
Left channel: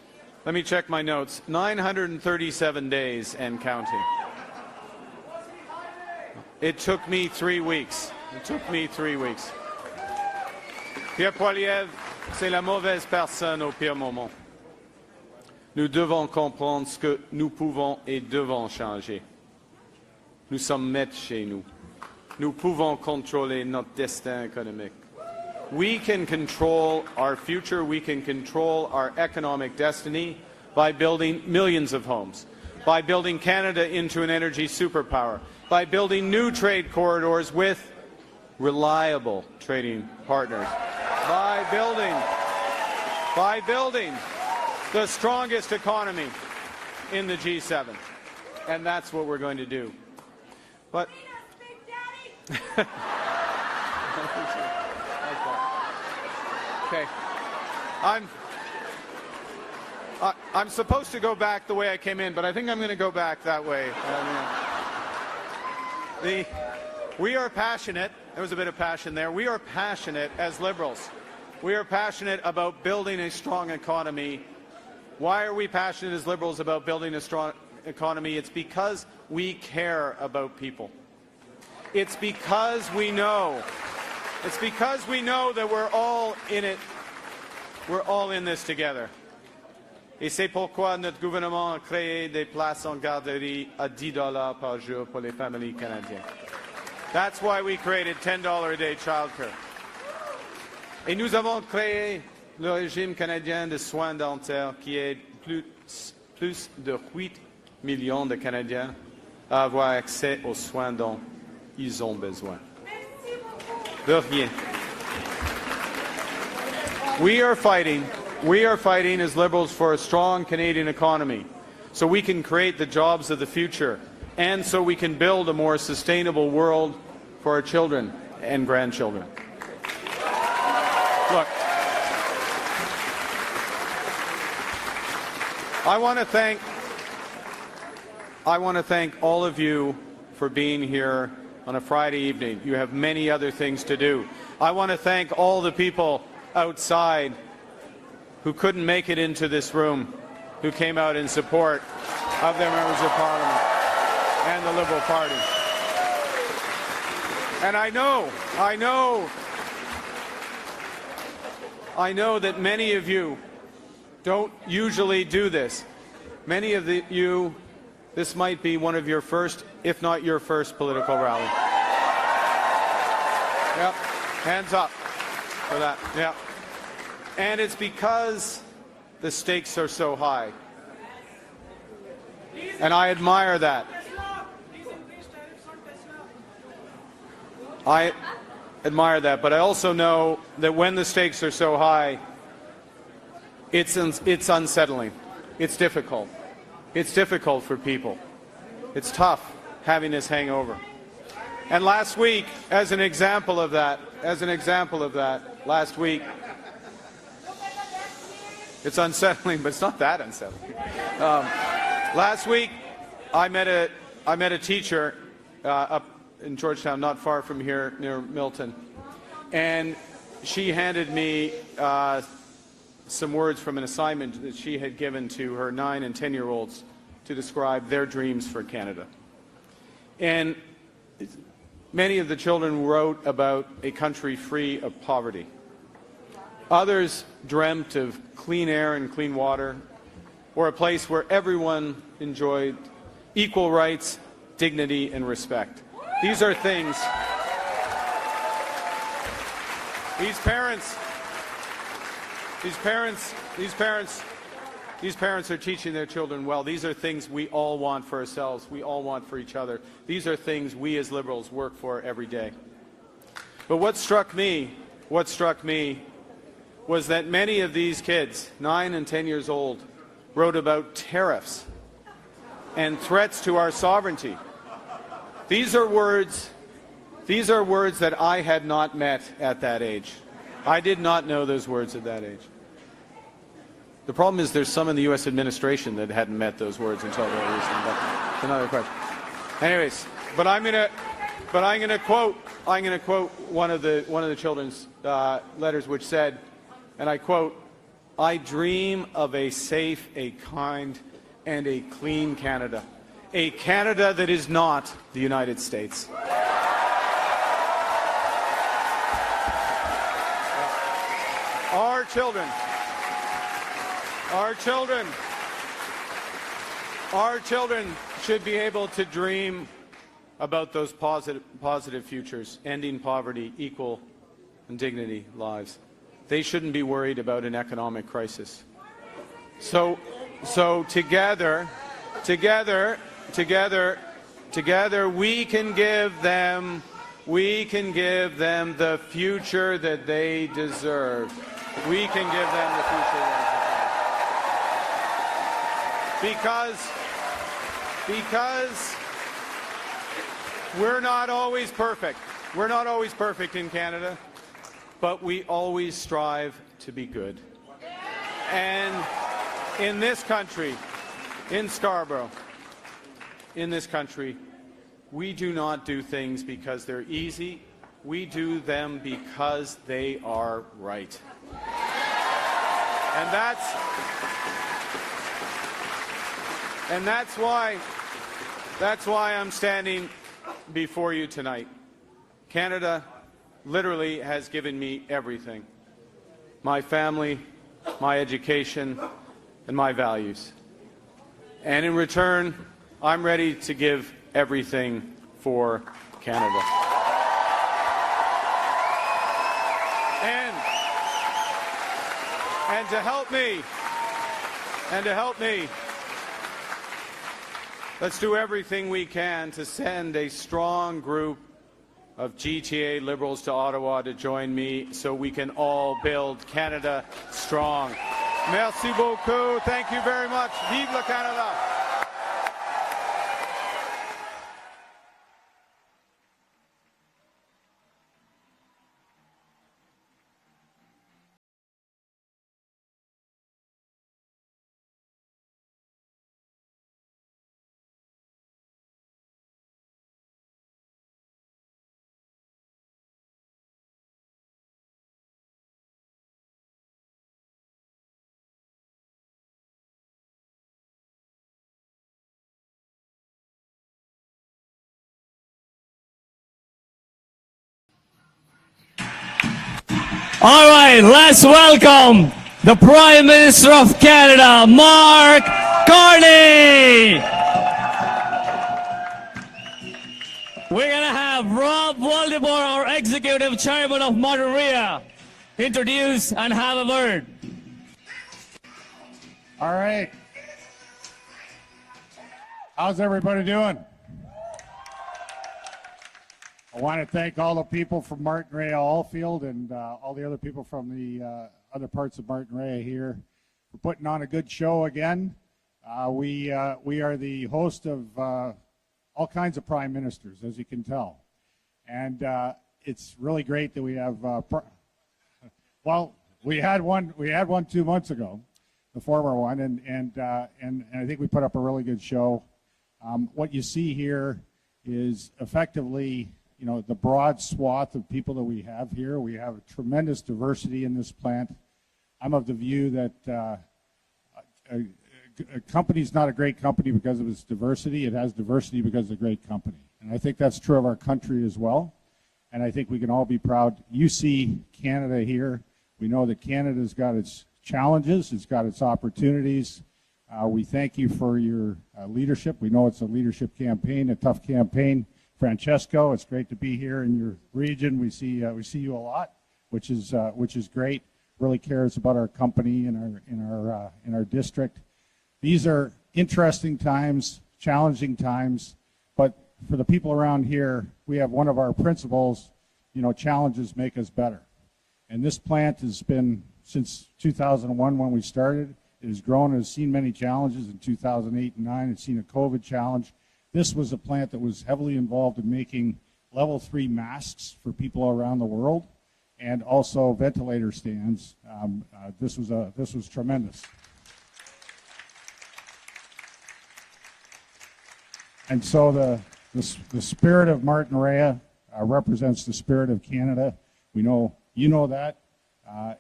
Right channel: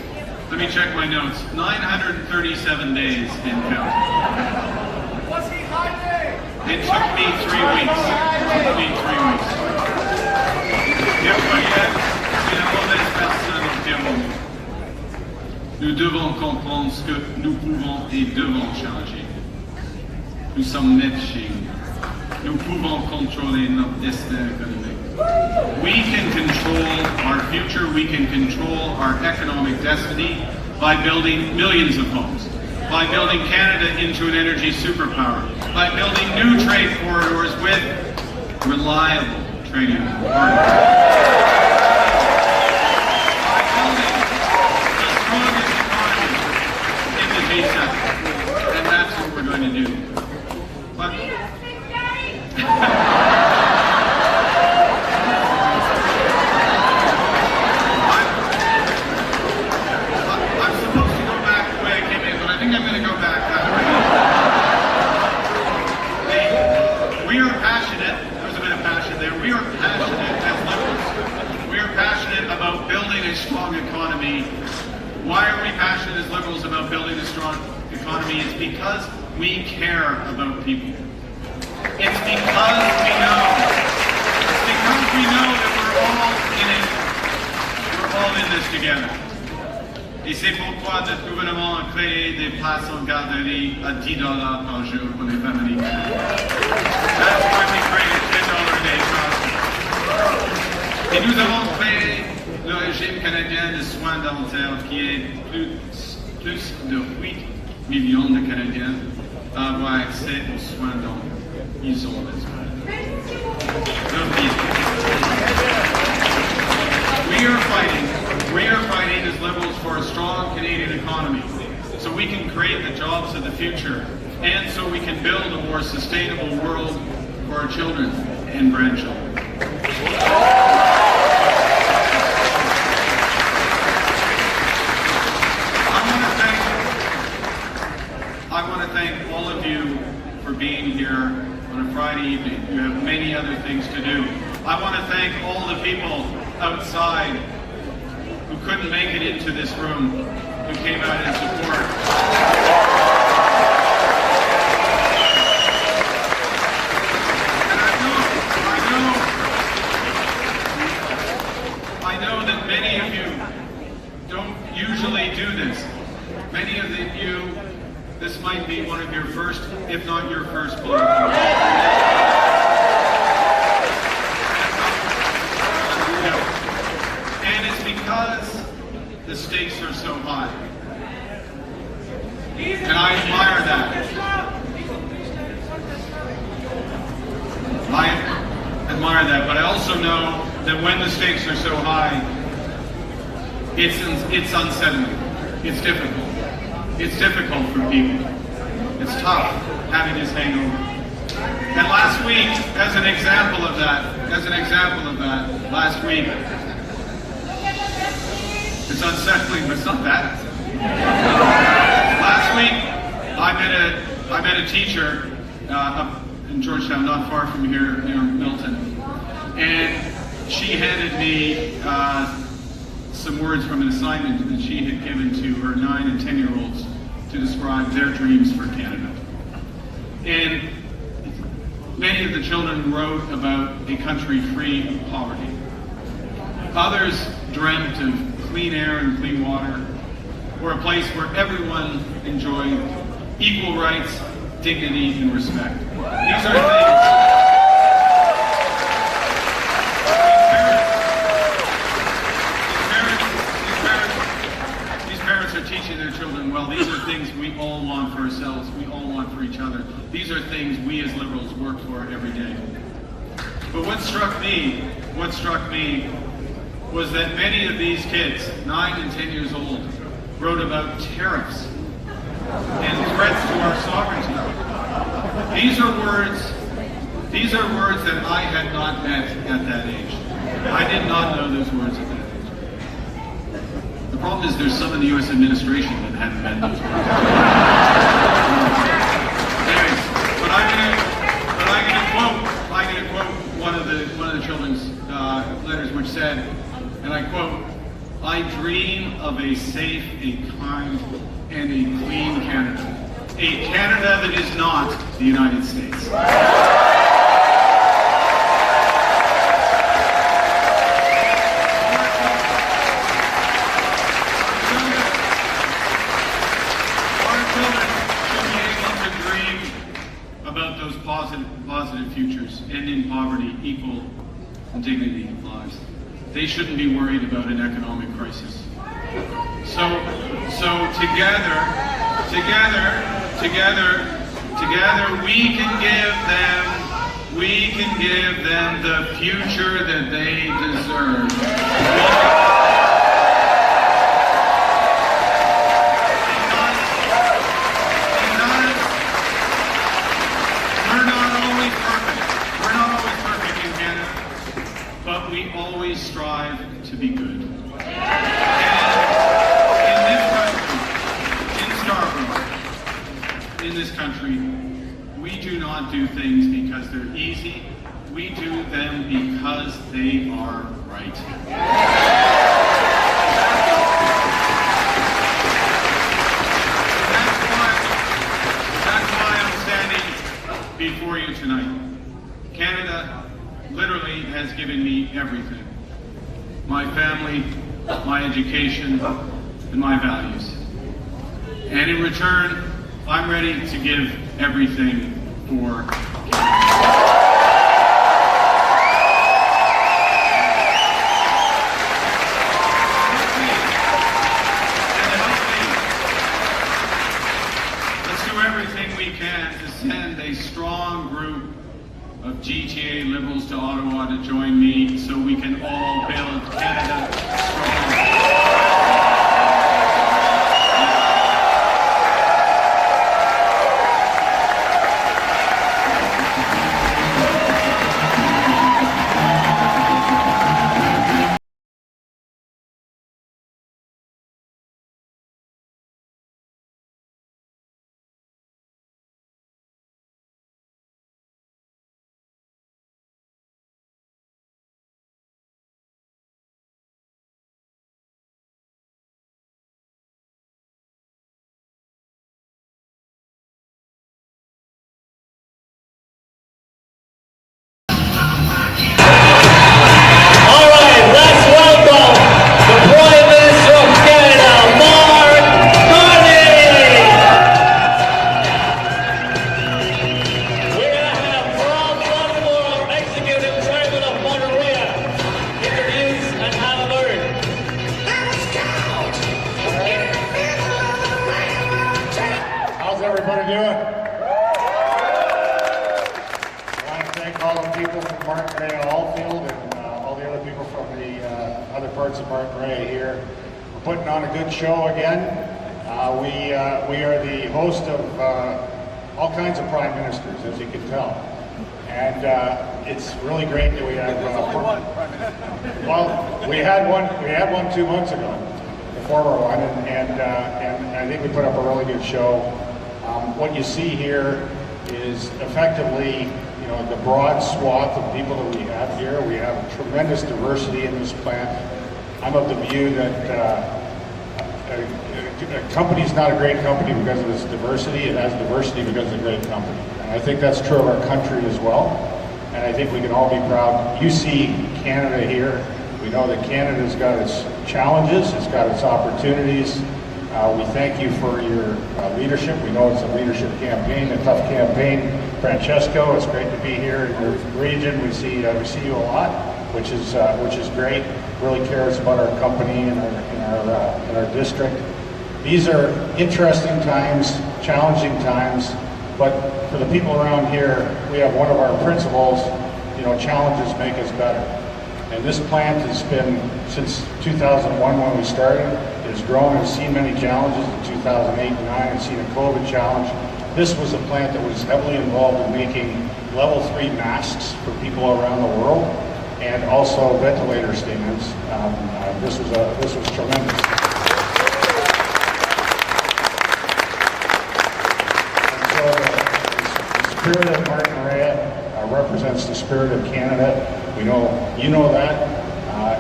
Let me check my notes. 937 days and counting. It took me 3 weeks. Bien voyez, c'est la mauvaise personne au bien moment. Nous devons comprendre ce que nous pouvons et devons changer. Nous sommes nés chez nous. Nous pouvons contrôler notre destin économique. We can control our future, we can control our economic destiny by building millions of homes, by building Canada into an energy superpower, by building new trade corridors with reliable trading partners, by building the strongest economy in the G7. And that's what we're going to do. But about building a strong economy. Why are we passionate as Liberals about building a strong economy? It's because we care about people. It's because we know. It's because we know that we're all in it. We're all in this together. Et c'est pourquoi notre gouvernement a créé des places en garderie à $10 par jour pour les familles. That's why we created $10 a day transfer. Et nous avons créé le régime canadien de soins dentaires qui est plus de 8 millions de Canadiens à avoir accès aux soins dont ils ont besoin. We are fighting as Liberals for a strong Canadian economy so we can create the jobs of the future and so we can build a more sustainable world for our children and grandchildren. I want to thank all of you for being here on a Friday evening. You have many other things to do. I want to thank all the people outside who couldn't make it into this room, who came out in support. And I know that many of you don't usually do this. Many of you, this might be one of your first, if not your first, political event. Hands up. Yeah. And it's because the stakes are so high. And I admire that. I admire that, but I also know that when the stakes are so high, it's unsettling. It's difficult. It's difficult for people. It's tough having this hangover. And last week, as an example of that, last week, it's unsettling, but it's not that unsettling. Last week, I met a teacher up in Georgetown, not far from here, near Milton, and she handed me some words from an assignment that she had given to her 9 and 10-year-olds to describe their dreams for Canada. And many of the children wrote about a country free of poverty. Others dreamt of clean air and clean water, or a place where everyone enjoyed equal rights, dignity, and respect. These are things. These parents are teaching their children, well, these are things we all want for ourselves, we all want for each other. These are things we as Liberals work for every day. But what struck me was that many of these kids, 9 and 10 years old, wrote about tariffs and threats to our sovereignty. These are words that I had not met at that age. I did not know those words at that age. The problem is there's some of the U.S. administration that hadn't met those words. Anyways, but I'm gonna quote one of the children's letters, which said, and I quote, I dream of a safe, a kind, and a clean Canada. A Canada that is not the United States. Should be able to dream about those positive futures, ending poverty, equal dignity lives. They shouldn't be worried about an economic crisis. So together, we can give them the future that they deserve. We're not always perfect in Canada, but we always strive to be good. And in this country, in Scarborough, in this country, we do not do things because they're easy. We do them because they are right. That's why I'm standing before you tonight. Canada literally has given me everything. My family, my education, and my values. And in return, I'm ready to give everything for Canada. Let's do everything we can to send a strong group of GTA Liberals to Ottawa to join me so we can all build Canada strong. Let's welcome the Prime Minister of Canada, Mark Carney. We're going to have Rob Waldemore, our Executive Chairman of Monterey, introduce and have a word. All right. How's everybody doing? I want to thank all the people from Monterey Allfield and people from the other parts of Martin here. We're putting on a good show again. We are the host of all kinds of prime ministers, as you can tell, and it's really great that we have. Well, we had one 2 months ago, the former one, and I think we put up a really good show. What you see here is effectively, the broad swath of people that we have here. We have a tremendous diversity in this plant. I'm of the view that a company's not a great company because of its diversity. It has diversity because it's a great company. And I think that's true of our country as well. And I think we can all be proud. You see Canada here. We know that Canada's got its challenges. It's got its opportunities. We thank you for your leadership. We know it's a leadership campaign, a tough campaign. Francesco, it's great to be here in your region. We see you a lot, which is great. Really cares about our company and our district. These are interesting times, challenging times, but for the people around here, we have one of our principles. Challenges make us better. And this plant has been, since 2001 when we started, it has grown and seen many challenges. In 2008 and 2009, it's seen a COVID challenge. This was a plant that was heavily involved in making level 3 masks for people around the world, and also ventilator stands. This was tremendous. And so the spirit of Martin represents the spirit of Canada. We know you know that,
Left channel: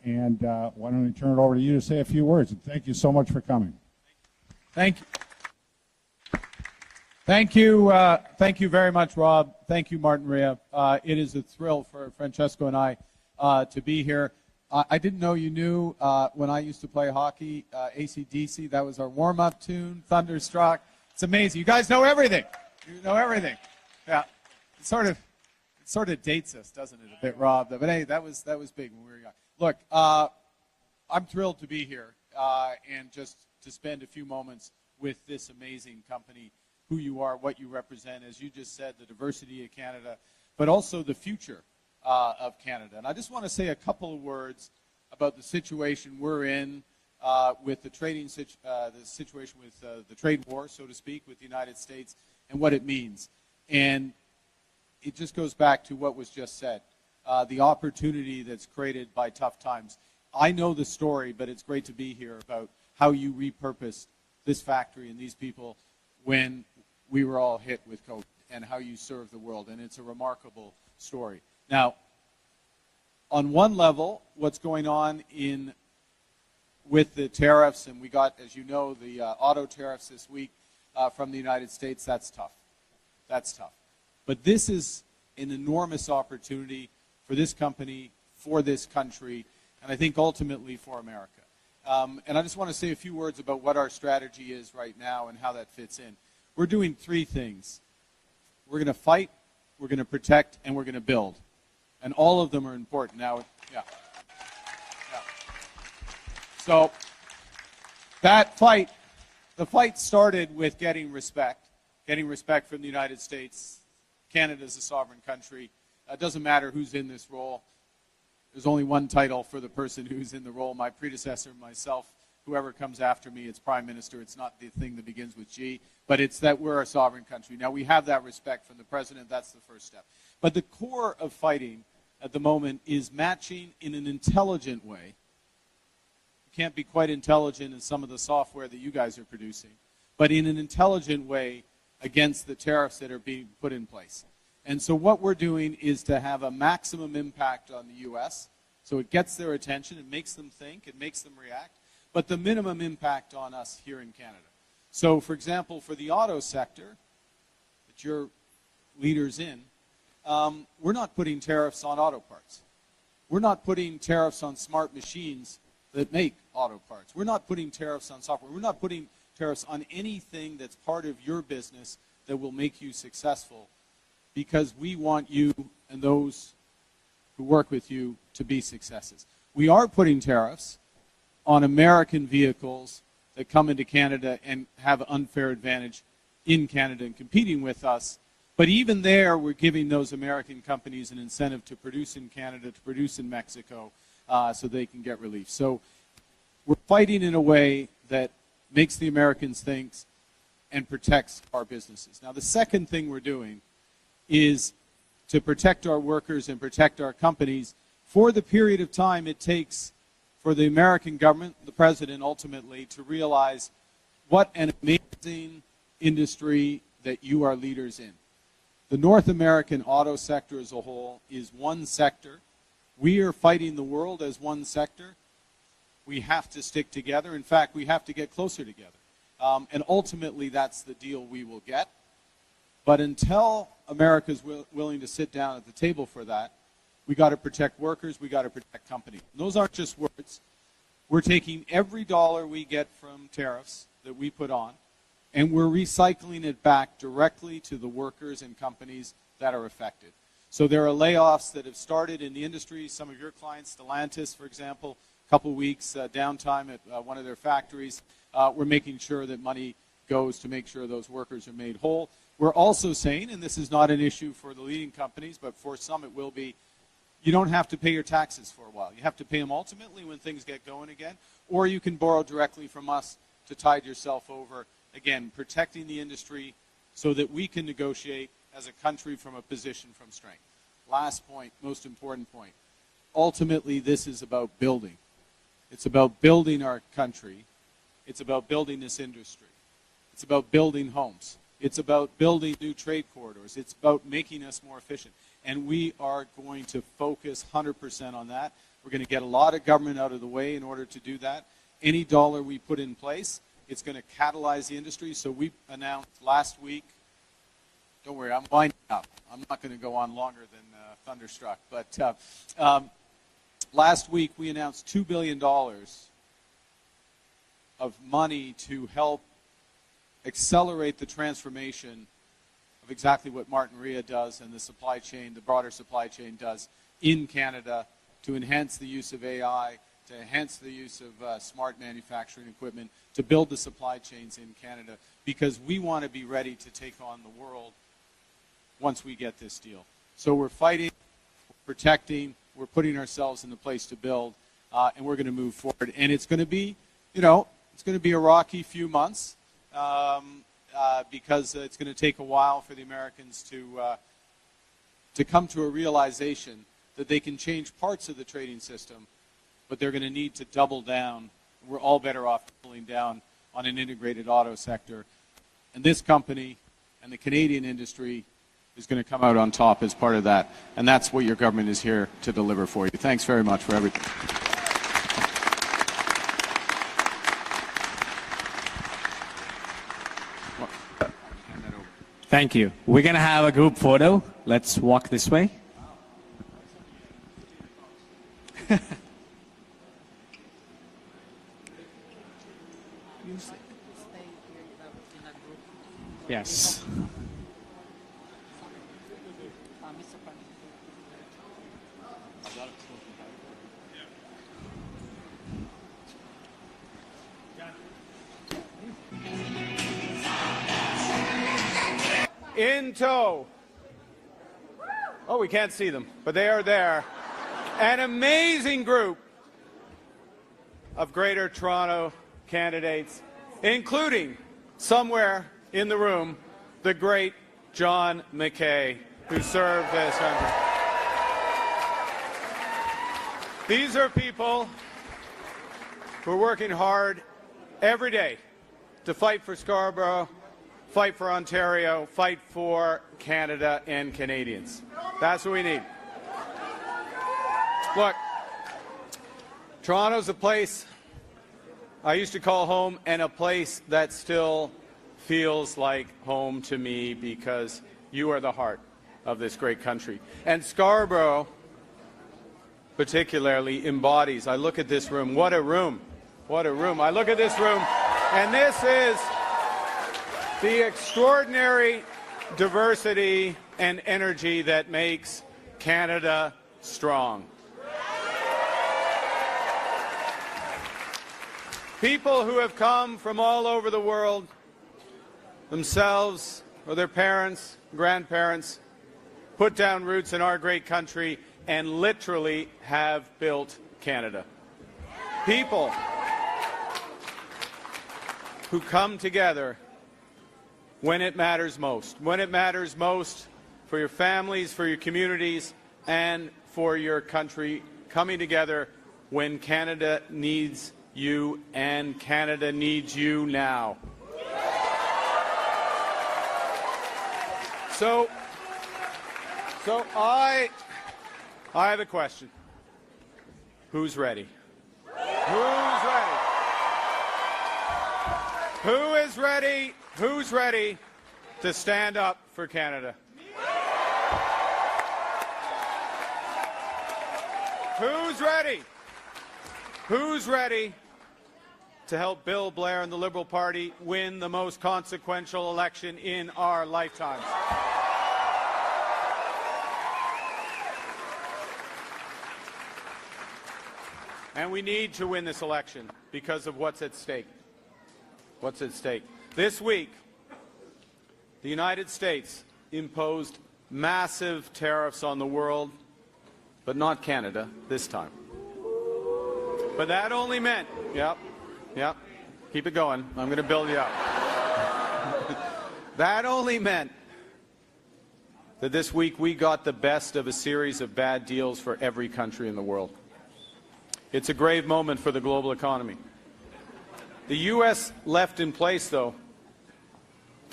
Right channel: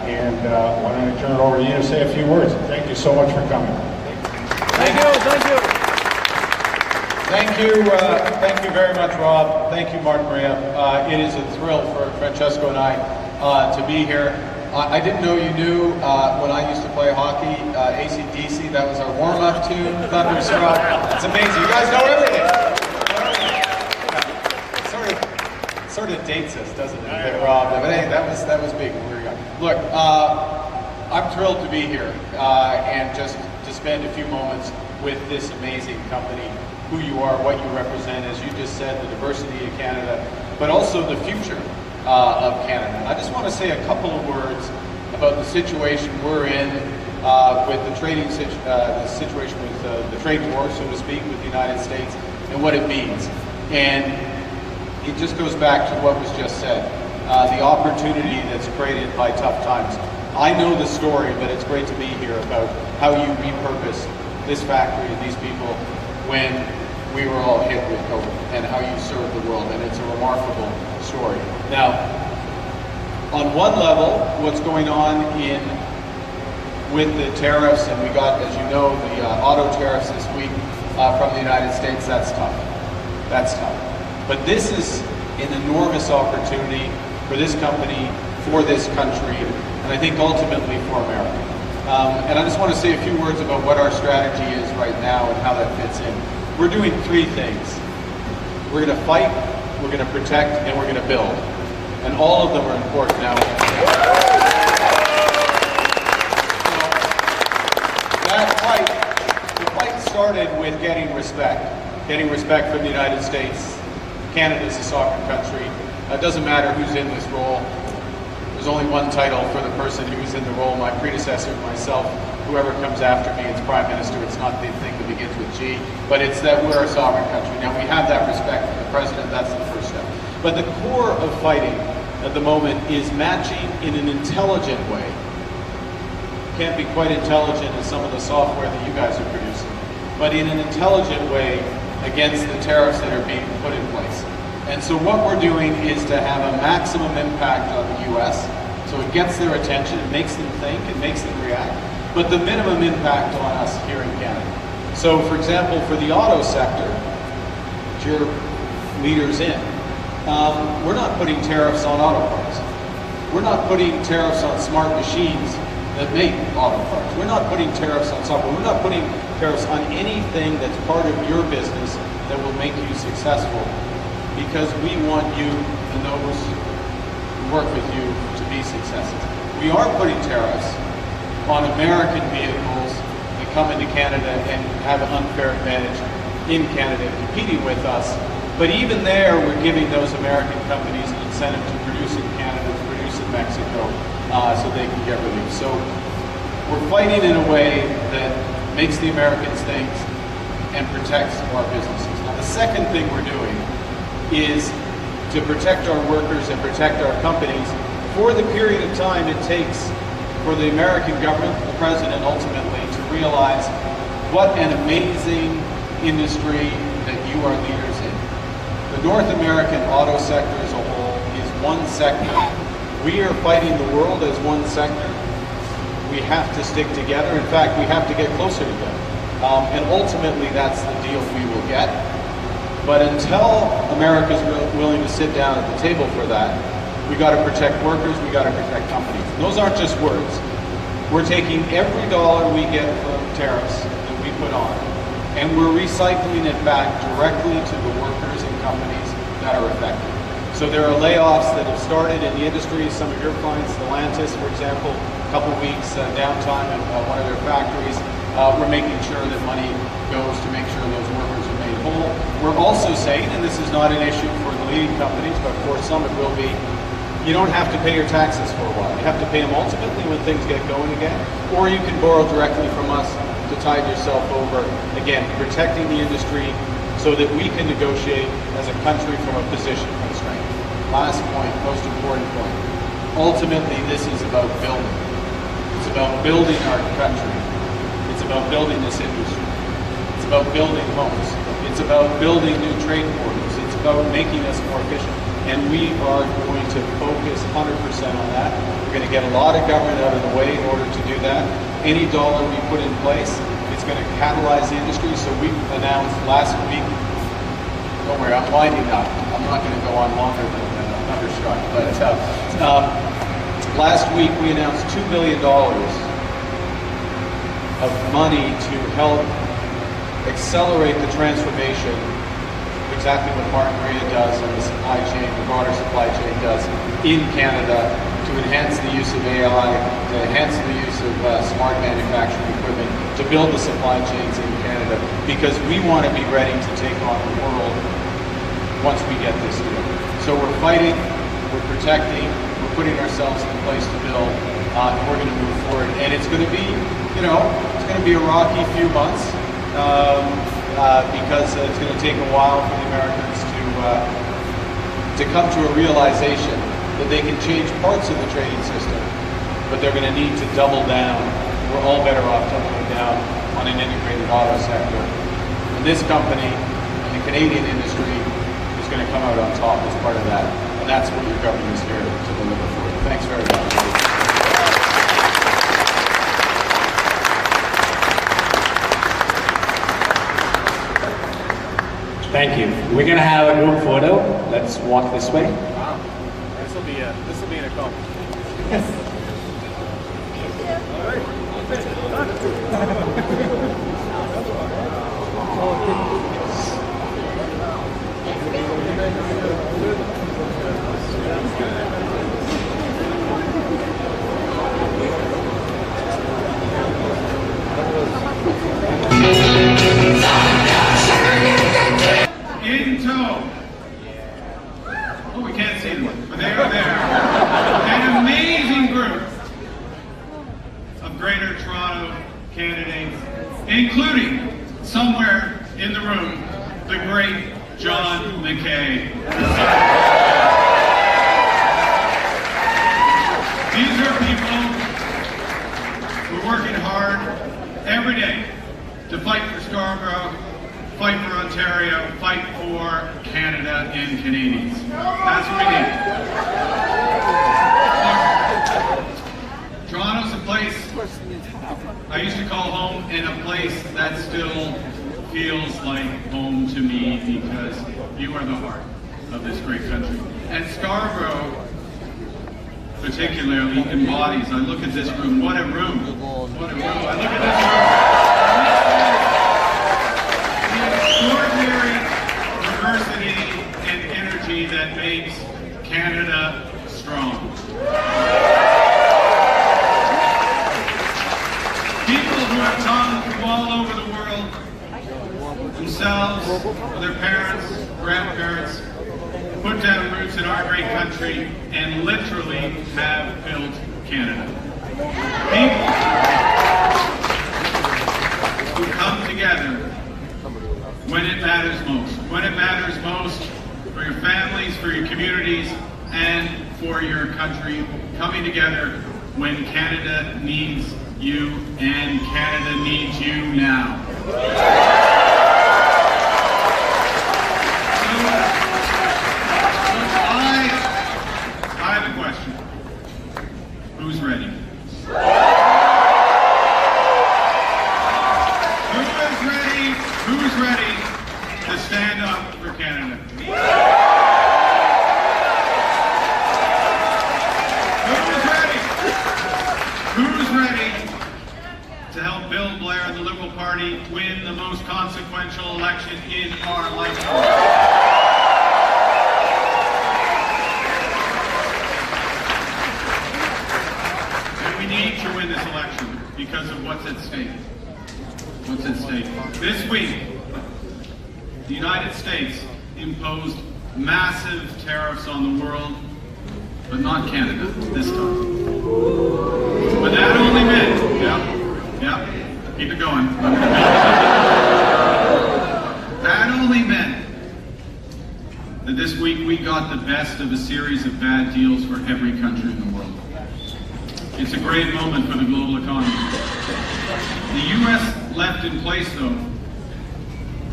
why don't I turn it over to you to say a few words. Thank you so much for coming. Thank you. Thank you very much, Rob. Thank you, Martin Maria. It is a thrill for Francesco and I to be here. I didn't know you knew when I used to play hockey, AC/DC. That was our warm-up tune, Thunderstruck. It's amazing. You guys know everything. You know everything. Yeah. It sort of dates us, doesn't it, that Rob? But hey, that was big when we were young. Look, I'm thrilled to be here and just to spend a few moments with this amazing company, who you are, what you represent, as you just said, the diversity of Canada, but also the future of Canada. I just want to say a couple of words about the situation we're in with the situation with the trade war, so to speak, with the United States and what it means. And it just goes back to what was just said, the opportunity that's created by tough times. I know the story, but it's great to be here about how you repurposed this factory and these people when we were all hit with COVID, and how you served the world, and it's a remarkable story. Now, on one level, what's going on with the tariffs, and we got, as you know, the auto tariffs this week from the United States, that's tough. That's tough. But this is an enormous opportunity for this company, for this country, and I think ultimately for America. And I just want to say a few words about what our strategy is right now and how that fits in. We're doing three things. We're going to fight, we're going to protect, and we're going to build. And all of them are important now. So that fight, the fight started with getting respect from the United States. Canada's a sovereign country. It doesn't matter who's in this role. There's only one title for the person who's in the role, my predecessor, myself, whoever comes after me, it's Prime Minister. It's not the thing that begins with G, but it's that we're a sovereign country. Now, we have that respect for the President. That's the first step. But the core of fighting at the moment is matching in an intelligent way. Can't be quite intelligent as some of the software that you guys are producing, but in an intelligent way against the tariffs that are being put in place. And so what we're doing is to have a maximum impact on the U.S., so it gets their attention, it makes them think, it makes them react, but the minimum impact on us here in Canada. So, for example, for the auto sector, which you're leaders in, we're not putting tariffs on auto parts. We're not putting tariffs on smart machines that make auto parts. We're not putting tariffs on software. We're not putting tariffs on anything that's part of your business that will make you successful, because we want you and those who work with you to be successful. We are putting tariffs on American vehicles that come into Canada and have an unfair advantage in Canada competing with us. But even there, we're giving those American companies an incentive to produce in Canada, to produce in Mexico, so they can get relief. So we're fighting in a way that makes the Americans think and protects our businesses. Now, the second thing we're doing is to protect our workers and protect our companies for the period of time it takes for the American government, the President ultimately, to realize what an amazing industry that you are leaders in. The North American auto sector as a whole is one sector. We are fighting the world as one sector. We have to stick together. In fact, we have to get closer together. And ultimately, that's the deal we will get. But until America's willing to sit down at the table for that, we got to protect workers, we got to protect companies. And those aren't just words. We're taking every dollar we get from tariffs that we put on, and we're recycling it back directly to the workers and companies that are affected. So there are layoffs that have started in the industry. Some of your clients, Stellantis, for example, a couple of weeks downtime at one of their factories. We're making sure that money goes to make sure those workers are made whole. We're also saying, and this is not an issue for the leading companies, but for some it will be, you don't have to pay your taxes for a while. You have to pay them ultimately when things get going again, or you can borrow directly from us to tide yourself over, again, protecting the industry so that we can negotiate as a country from a position of strength. Last point, most important point. Ultimately, this is about building. It's about building our country. It's about building this industry. It's about building homes. It's about building new trade corridors. about making us more efficient. And we are going to focus 100% on that. We're going to get a lot of government out of the way in order to do that. Any dollar we put in place, it's going to catalyze the industry. So we announced last week, don't worry, I'm winding up. I'm not going to go on longer than Thunderstruck. But last week we announced $2 billion of money to help accelerate the transformation, exactly what Martin Maria does and the supply chain, the broader supply chain does in Canada, to enhance the use of AI, to enhance the use of smart manufacturing equipment, to build the supply chains in Canada, because we want to be ready to take on the world once we get this deal. So we're fighting, we're protecting, we're putting ourselves in place to build, and we're going to move forward. And it's going to be, you know, it's going to be a rocky few months, because it's going to take a while for the Americans to come to a realization that they can change parts of the trading system, but they're going to need to double down. We're all better off doubling down on an integrated auto sector. And this company and the Canadian industry is going to come out on top as part of that. And that's what your government is here to deliver for you. Thanks very much, Rudy. Thank you. We're going to have a group photo. Let's walk this way. Wow. This will be an accomplishment. Yes. In tow. Oh, we can't see them, but they're there. An amazing group of Greater Toronto candidates, including, somewhere in the room, the great John McKay. These are people who are working hard every day to fight for Scarborough, fight for Ontario, fight for Canada and Canadians. That's what we need. Look, Toronto's a place I used to call home, and a place that still feels like home to me, because you are the heart of this great country. And Scarborough, particularly, embodies, I look at this room, what a room, what a room. I look at this room, and this is the extraordinary diversity and energy that makes Canada strong. People who have come from all over the world, themselves, their parents, grandparents, put down roots in our great country and literally have built Canada. People who come together when it matters most. When it matters most for your families, for your communities, and for your country. Coming together when Canada needs you, and Canada needs you now. So I have a question. Who's ready? Who's ready to stand up for Canada? Who's ready to help Bill Blair and the Liberal Party win the most consequential election in our lifetime? And we need to win this election because of what's at stake. What's at stake? This week, the United States imposed massive tariffs on the world, but not Canada this time. But that only meant, keep it going. That only meant that this week we got the best of a series of bad deals for every country in the world. It's a great moment for the global economy. The U.S. left in place, though,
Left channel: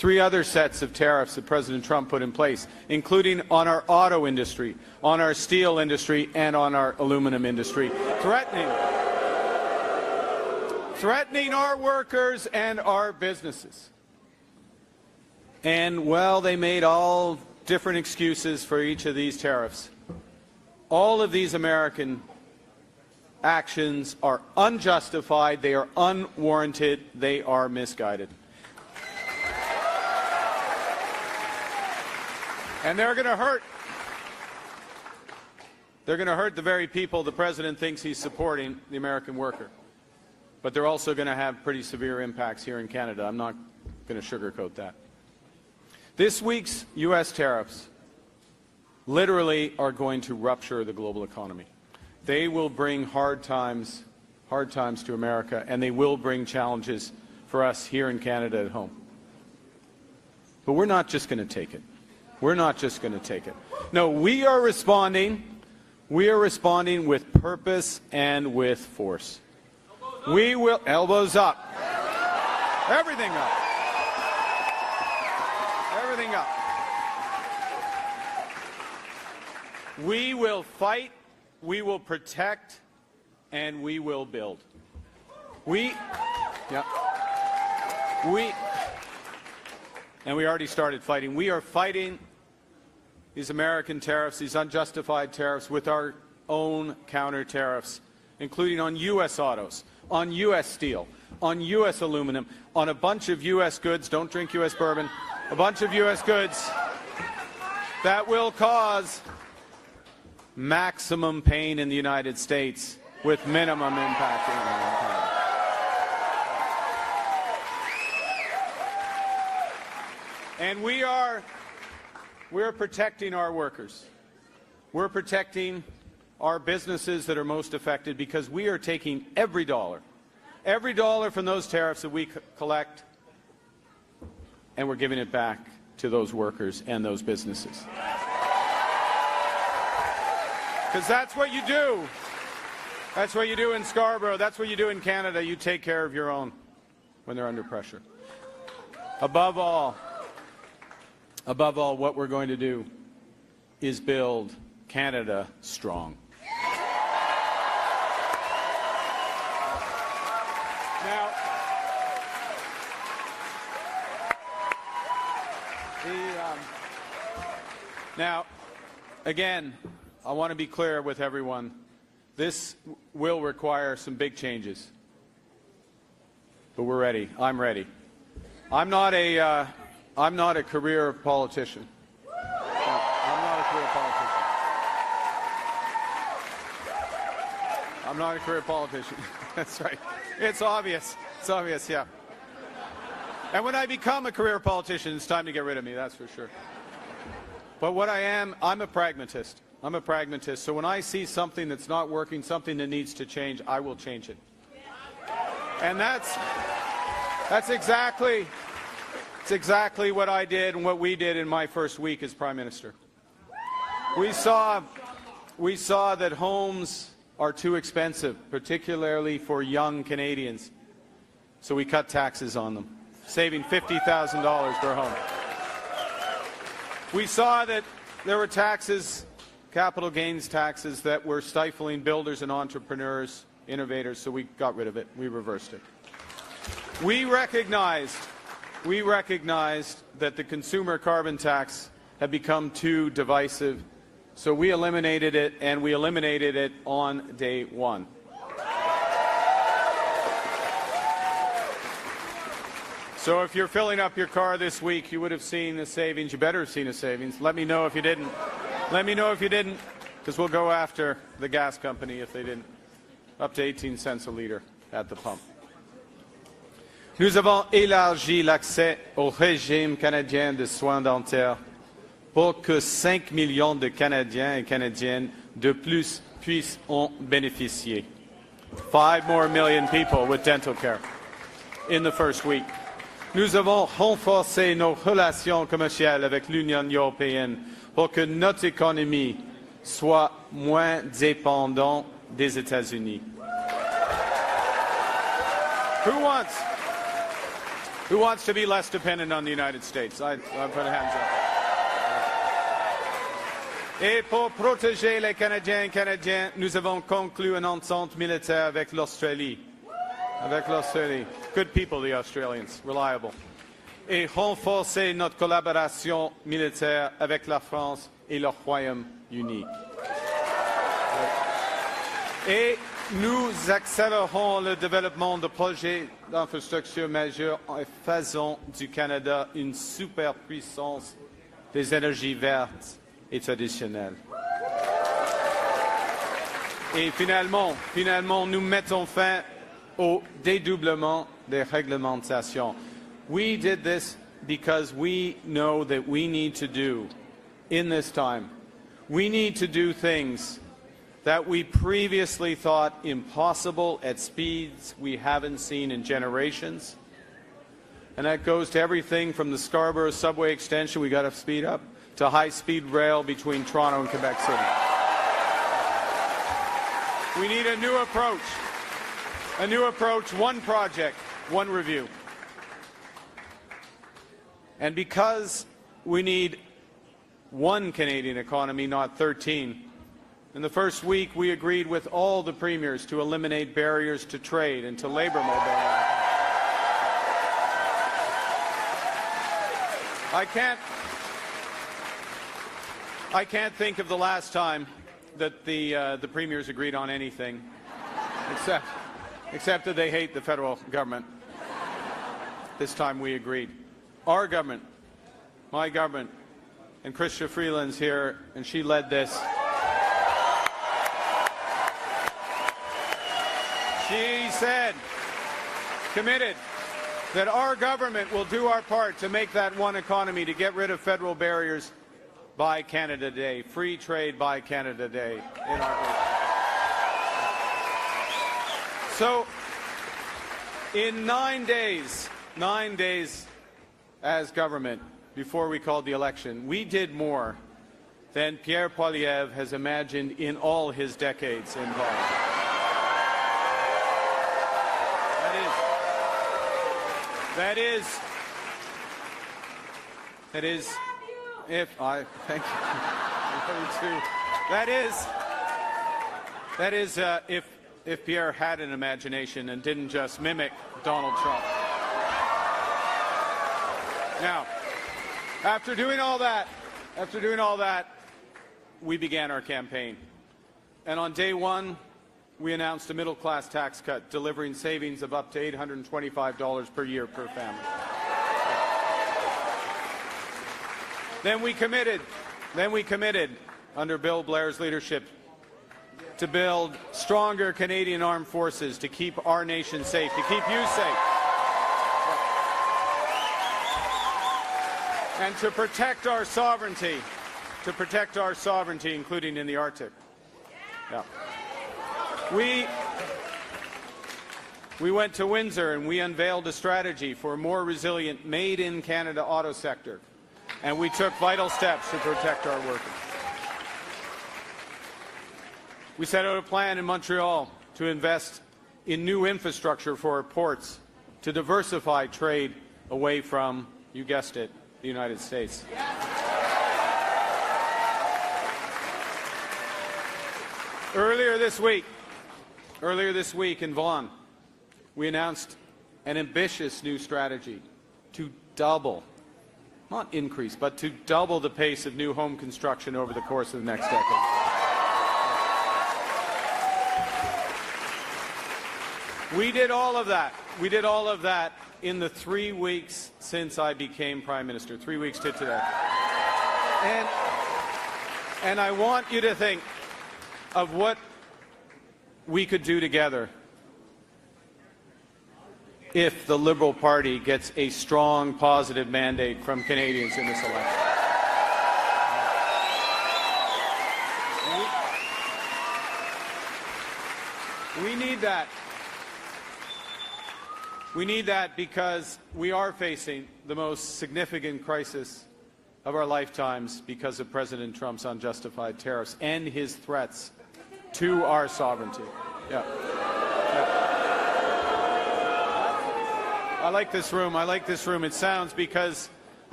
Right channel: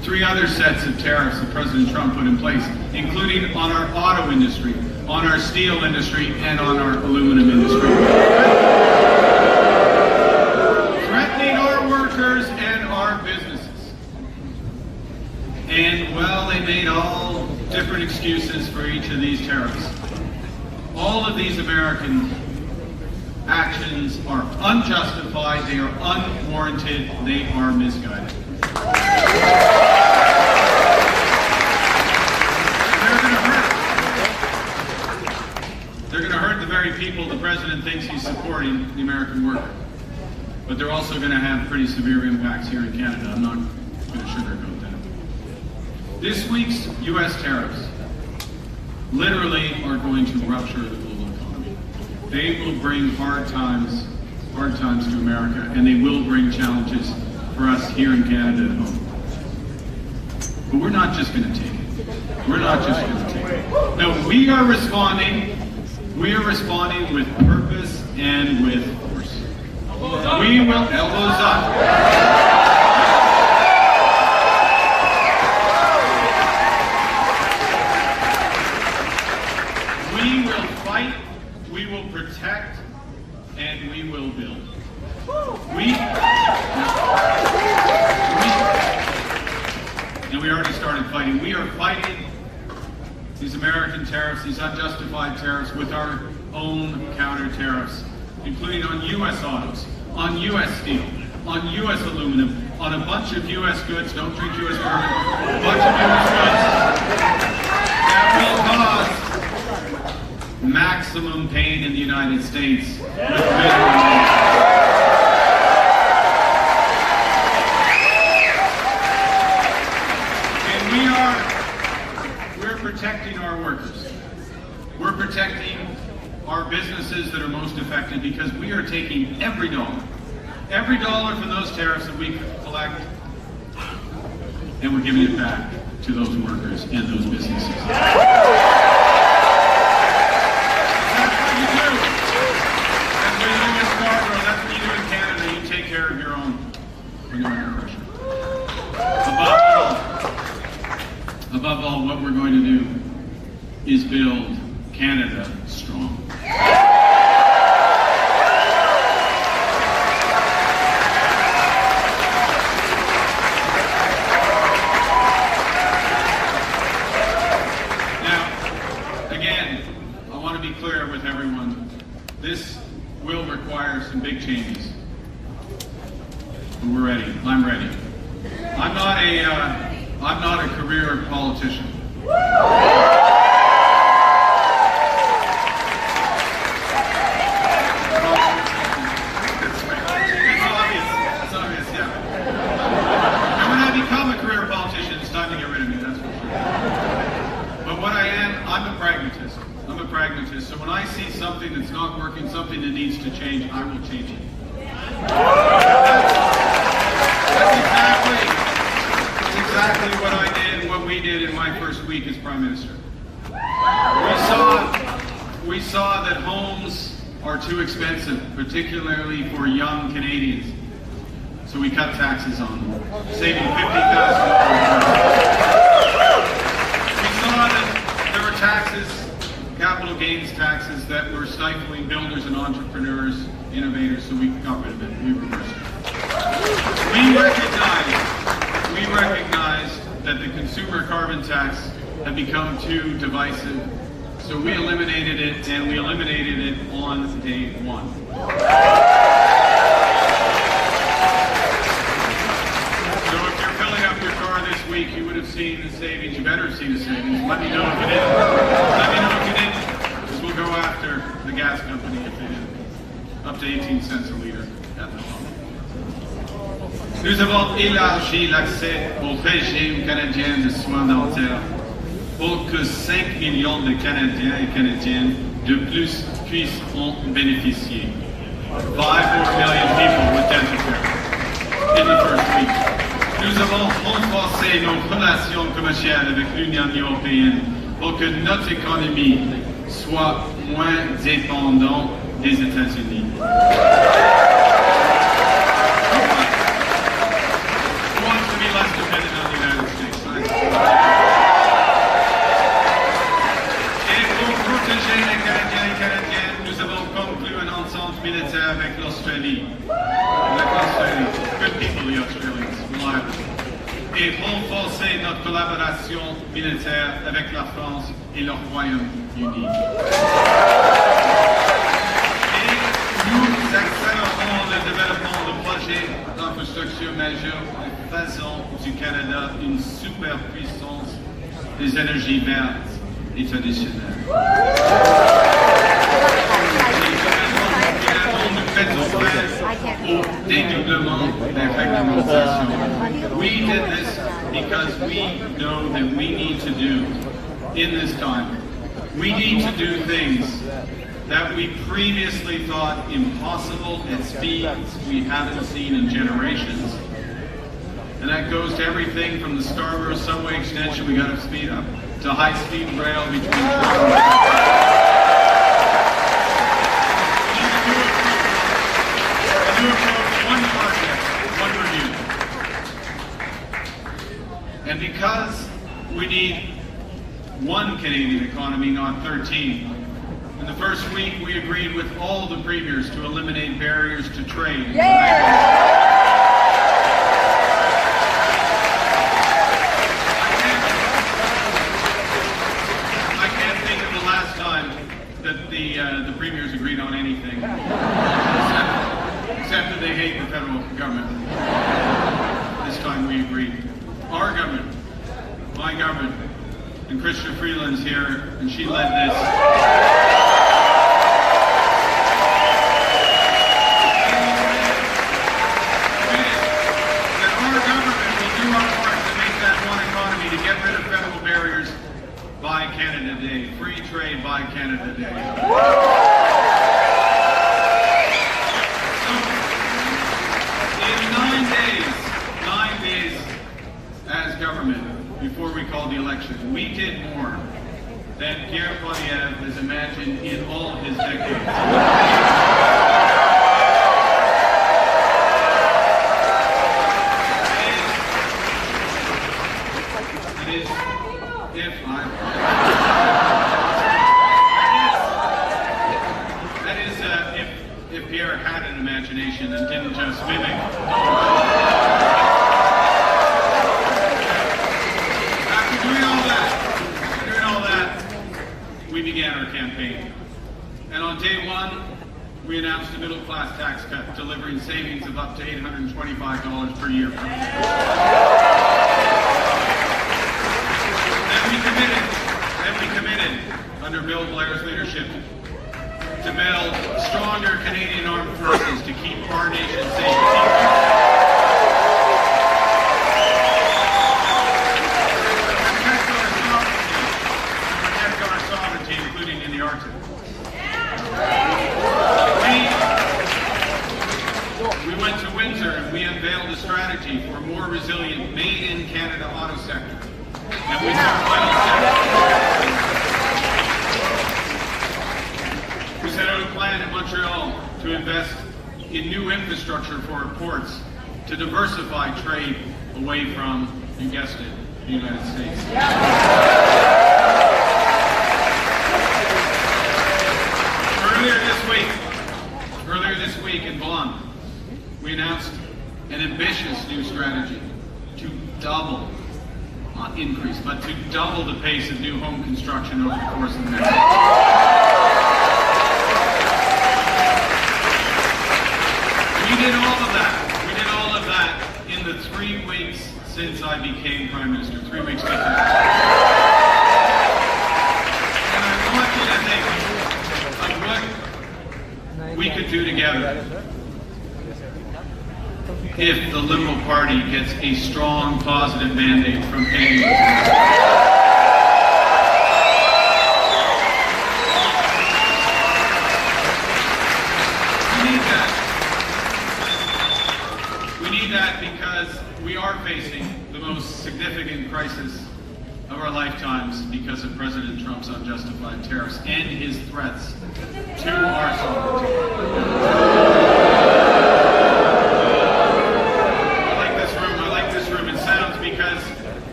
3 other sets of tariffs that President Trump put in place, including on our auto industry, on our steel industry, and on our aluminum industry. Threatening our workers and our businesses. And, well, they made all different excuses for each of these tariffs. All of these American actions are unjustified, they are unwarranted, they are misguided. And they're going to hurt. They're going to hurt the very people the president thinks he's supporting, the American worker. But they're also going to have pretty severe impacts here in Canada. I'm not going to sugarcoat that. This week's U.S. tariffs literally are going to rupture the global economy. They will bring hard times to America, and they will bring challenges for us here in Canada at home. But we're not just going to take it. We're not just going to take it. No, we are responding. We are responding with purpose and with force. We will, elbows up. We will fight, we will protect, and we will build. And we already started fighting. We are fighting these American tariffs, these unjustified tariffs, with our own counter tariffs, including on U.S. autos, on U.S. steel, on U.S. aluminum, on a bunch of U.S. goods, don't drink U.S. bourbon, a bunch of U.S. goods that will cause maximum pain in the United States with minimum. We're protecting our workers. We're protecting our businesses that are most affected, because we are taking every dollar from those tariffs that we collect, and we're giving it back to those workers and those businesses. That's what you do. That's what you do in Scarborough. That's what you do in Canada. You take care of your own oppression. Above all, what we're going to do is build Canada strong. Now, again, I want to be clear with everyone. This will require some big changes. But we're ready. I'm ready. I'm not a career politician. It's obvious, yeah. And when I become a career politician, it's time to get rid of me, that's for sure. But what I am, I'm a pragmatist. So when I see something that's not working, something that needs to change, I will change it. That's exactly what I did, what we did in my first week as Prime Minister. We saw that homes are too expensive, particularly for young Canadians. So we cut taxes on them, saving $50,000. We saw that there were taxes, capital gains taxes, that were stifling builders and entrepreneurs, innovators, so we got rid of it, we reversed it. We recognize that the consumer carbon tax had become too divisive, so we eliminated it, and we eliminated it on day one. So if you're filling up your car this week, you would have seen the savings. You better have seen the savings. Let me know if you did. Let me know if you didn't, because we'll go after the gas company if you didn't. Up to 18 cents a liter at the pump. Nous avons élargi l'accès au régime canadien de soins dentaires pour que 5 millions de Canadiens et Canadiennes de plus puissent en bénéficier. 5 more million people with dental care in the first week. Nous avons renforcé nos relations commerciales avec l'Union européenne pour que notre économie soit moins dépendante des États-Unis. Who wants to be less dependent on the United States? Et pour protéger les Canadiens et Canadiennes, nous avons conclu un ensemble militaire avec l'Australie. Good people, the Australians, reliable. Et renforcer notre collaboration militaire avec la France et le Royaume-Uni. Et nous accélérons le développement de projets d'infrastructure majeurs en faisant du Canada une superpuissance des énergies vertes et traditionnelles. Également, nous mettons fin au dédoublement des réglementations. We did this because we know that we need to do in this time. We need to do things that we previously thought impossible at speeds we haven't seen in generations. And that goes to everything from the Scarborough subway extension we got to speed up, to high-speed rail between Toronto and Vancouver. We need a new approach, one project, one review. And because we need one Canadian economy, not 13, in the first week we agreed with all the premiers to eliminate barriers to trade. And I can't think of the last time that the premiers agreed on anything, except that they hate the federal government. This time we agreed. Our government, my government, and Christian Freeland's here, and she led this. We said, committed, that our government will do our part to make that one economy, to get rid of federal barriers by Canada Day, free trade by Canada Day. So, in 9 days as government, before we called the election, we did more than Pierre Poilievre has imagined in all of his decades. If Pierre had an imagination and didn't just mimic Donald Trump. After doing all that, we began our campaign. And on day one, we announced a middle-class tax cut, delivering savings of up to $825 per year. Then we committed, under Bill Blair's leadership, to build stronger Canadian armed forces to keep our nation safe. To protect our sovereignty, including in the Arctic. We went to Windsor and we unveiled a strategy for a more resilient, made-in-Canada auto sector. And we took final steps. We set out a plan in Montreal to invest in new infrastructure for our ports to diversify trade away from, you guessed it, the United States. Earlier this week in Vaughan, we announced an ambitious new strategy to double, not increase, but to double the pace of new home construction over the course of the next year. We did all of that in the 3 weeks since I became Prime Minister, 3 weeks later. And I want you to think of what we could do together if the Liberal Party gets a strong, positive mandate from Canadians. Because we are facing the most significant crisis of our lifetimes because of President Trump's unjustified tariffs and his threats to our sovereignty. I like this room.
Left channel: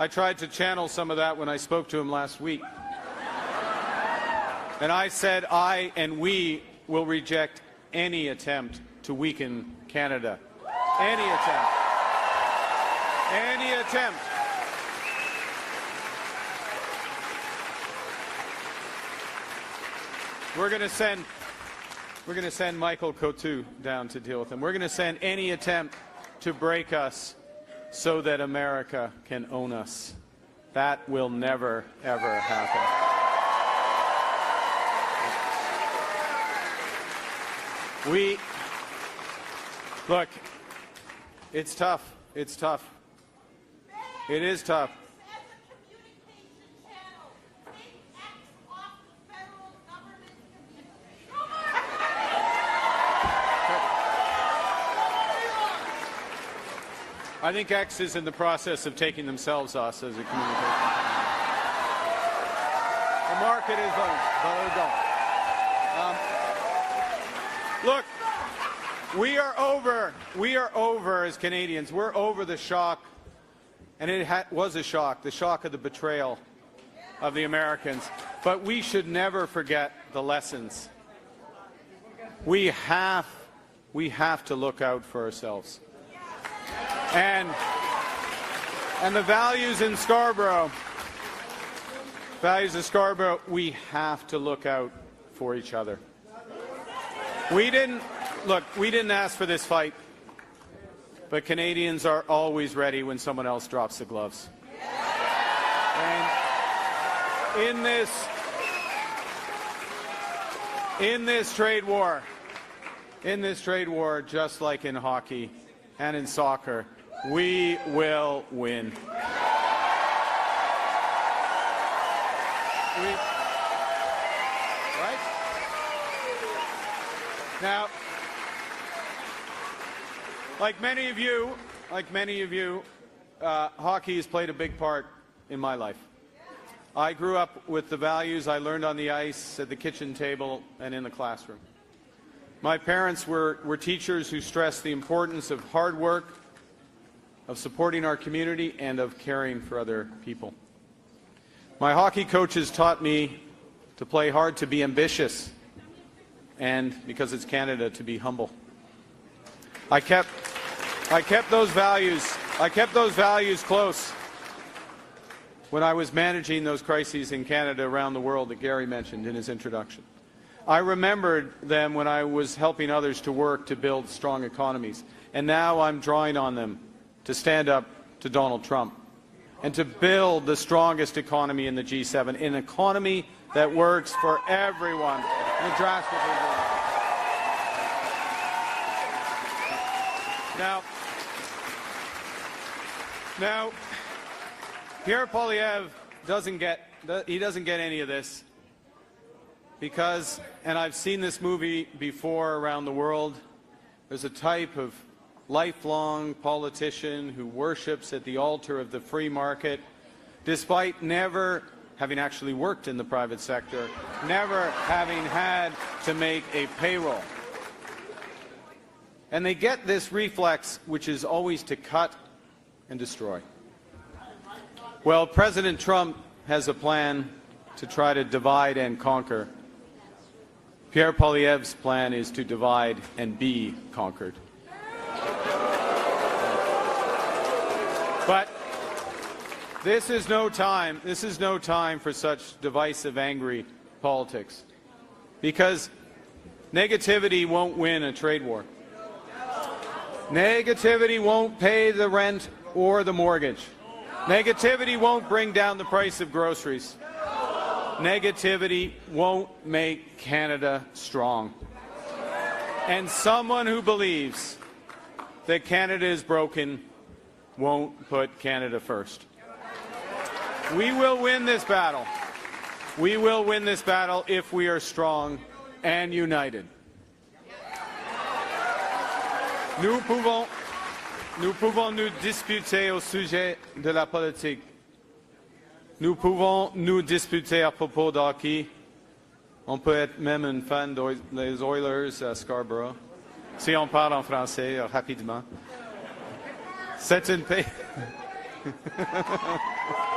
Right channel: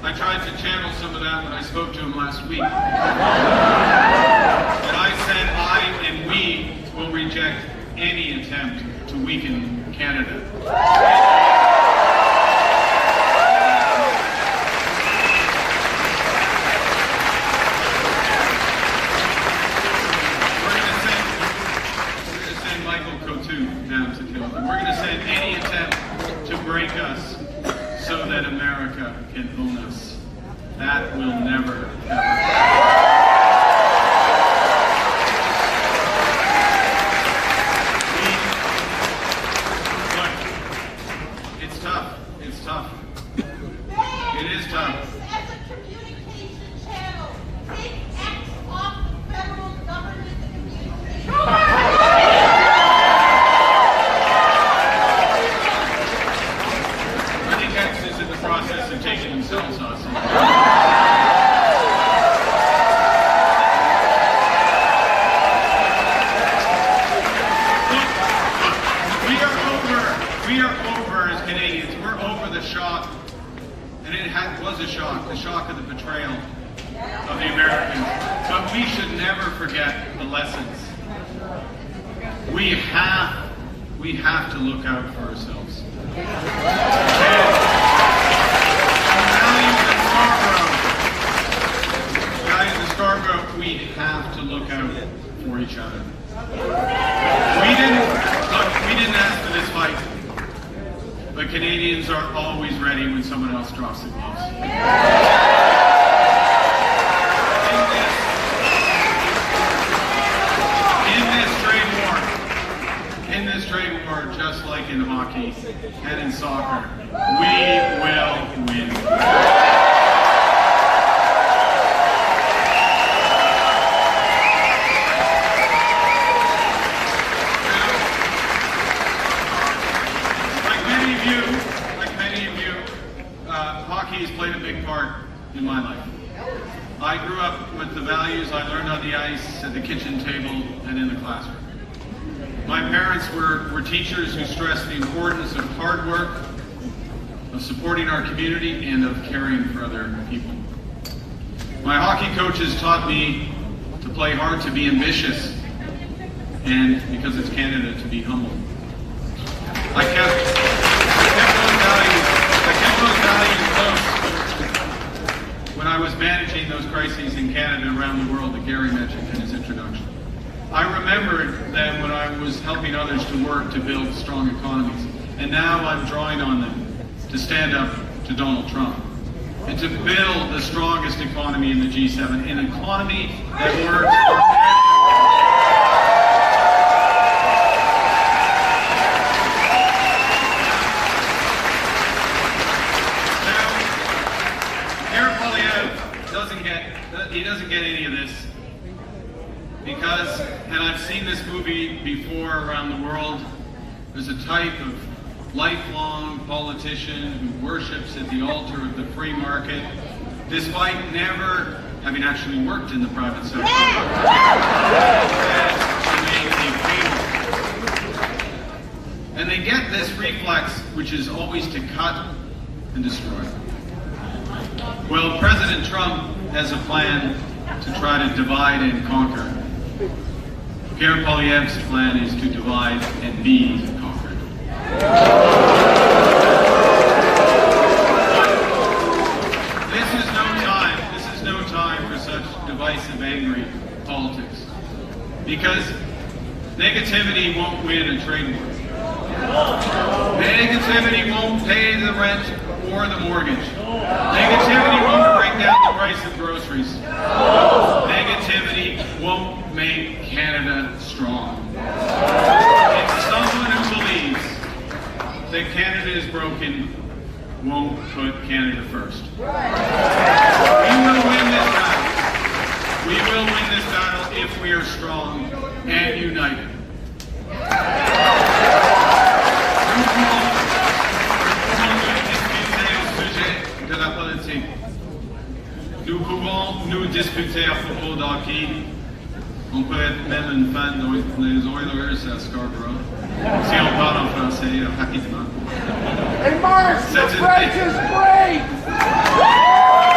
I tried to channel some of that when I spoke to him last week. And I said I and we will reject any attempt to weaken Canada. We're going to send Michael Coutu down to deal with them. We're going to send any attempt to break us so that America can own us. That will never, ever happen. It's tough. It's tough. It is tough. As a communication channel, take X off federal government communication. I think X is in the process of taking themselves off. We are over as Canadians. We're over the shock, and it was a shock, the shock of the betrayal of the Americans. But we should never forget the lessons. We have to look out for ourselves. And the values in Scarborough, we have to look out for each other. We didn't ask for this fight. But Canadians are always ready when someone else drops the gloves. In this trade war, just like in hockey and in soccer, we will win. Hockey has played a big part in my life. I grew up with the values I learned on the ice, at the kitchen table, and in the classroom. My parents were teachers who stressed the importance of hard work, of supporting our community, and of caring for other people. My hockey coaches taught me to play hard, to be ambitious, and because it's Canada, to be humble. I kept those values close when I was managing those crises in Canada around the world that Gary mentioned in his introduction. I remembered them when I was helping others to work to build strong economies, and now I'm drawing on them to stand up to Donald Trump and to build the strongest economy in the G7, an economy that works for everyone. He doesn't get any of this because, and I've seen this movie before around the world, there's a type of lifelong politician who worships at the altar of the free market, despite never having actually worked in the private sector. To make a cable. And they get this reflex, which is always to cut and destroy. Well, President Trump has a plan to try to divide and conquer. Pierre Poilievre's plan is to divide and be conquered. This is no time for such divisive, angry politics. Because negativity won't win a trade war. Negativity won't pay the rent or the mortgage. Negativity won't bring down the price of groceries. Negativity won't make Canada strong. And someone who believes that Canada is broken won't put Canada first. We will win this battle. We will win this battle if we are strong and united. De la politique. Nous pouvons nous discuter à propos d'hockey. On peut être même une fan des Oilers à Scarborough. Si on parle en français rapidement. Hey, Mark, the French is great!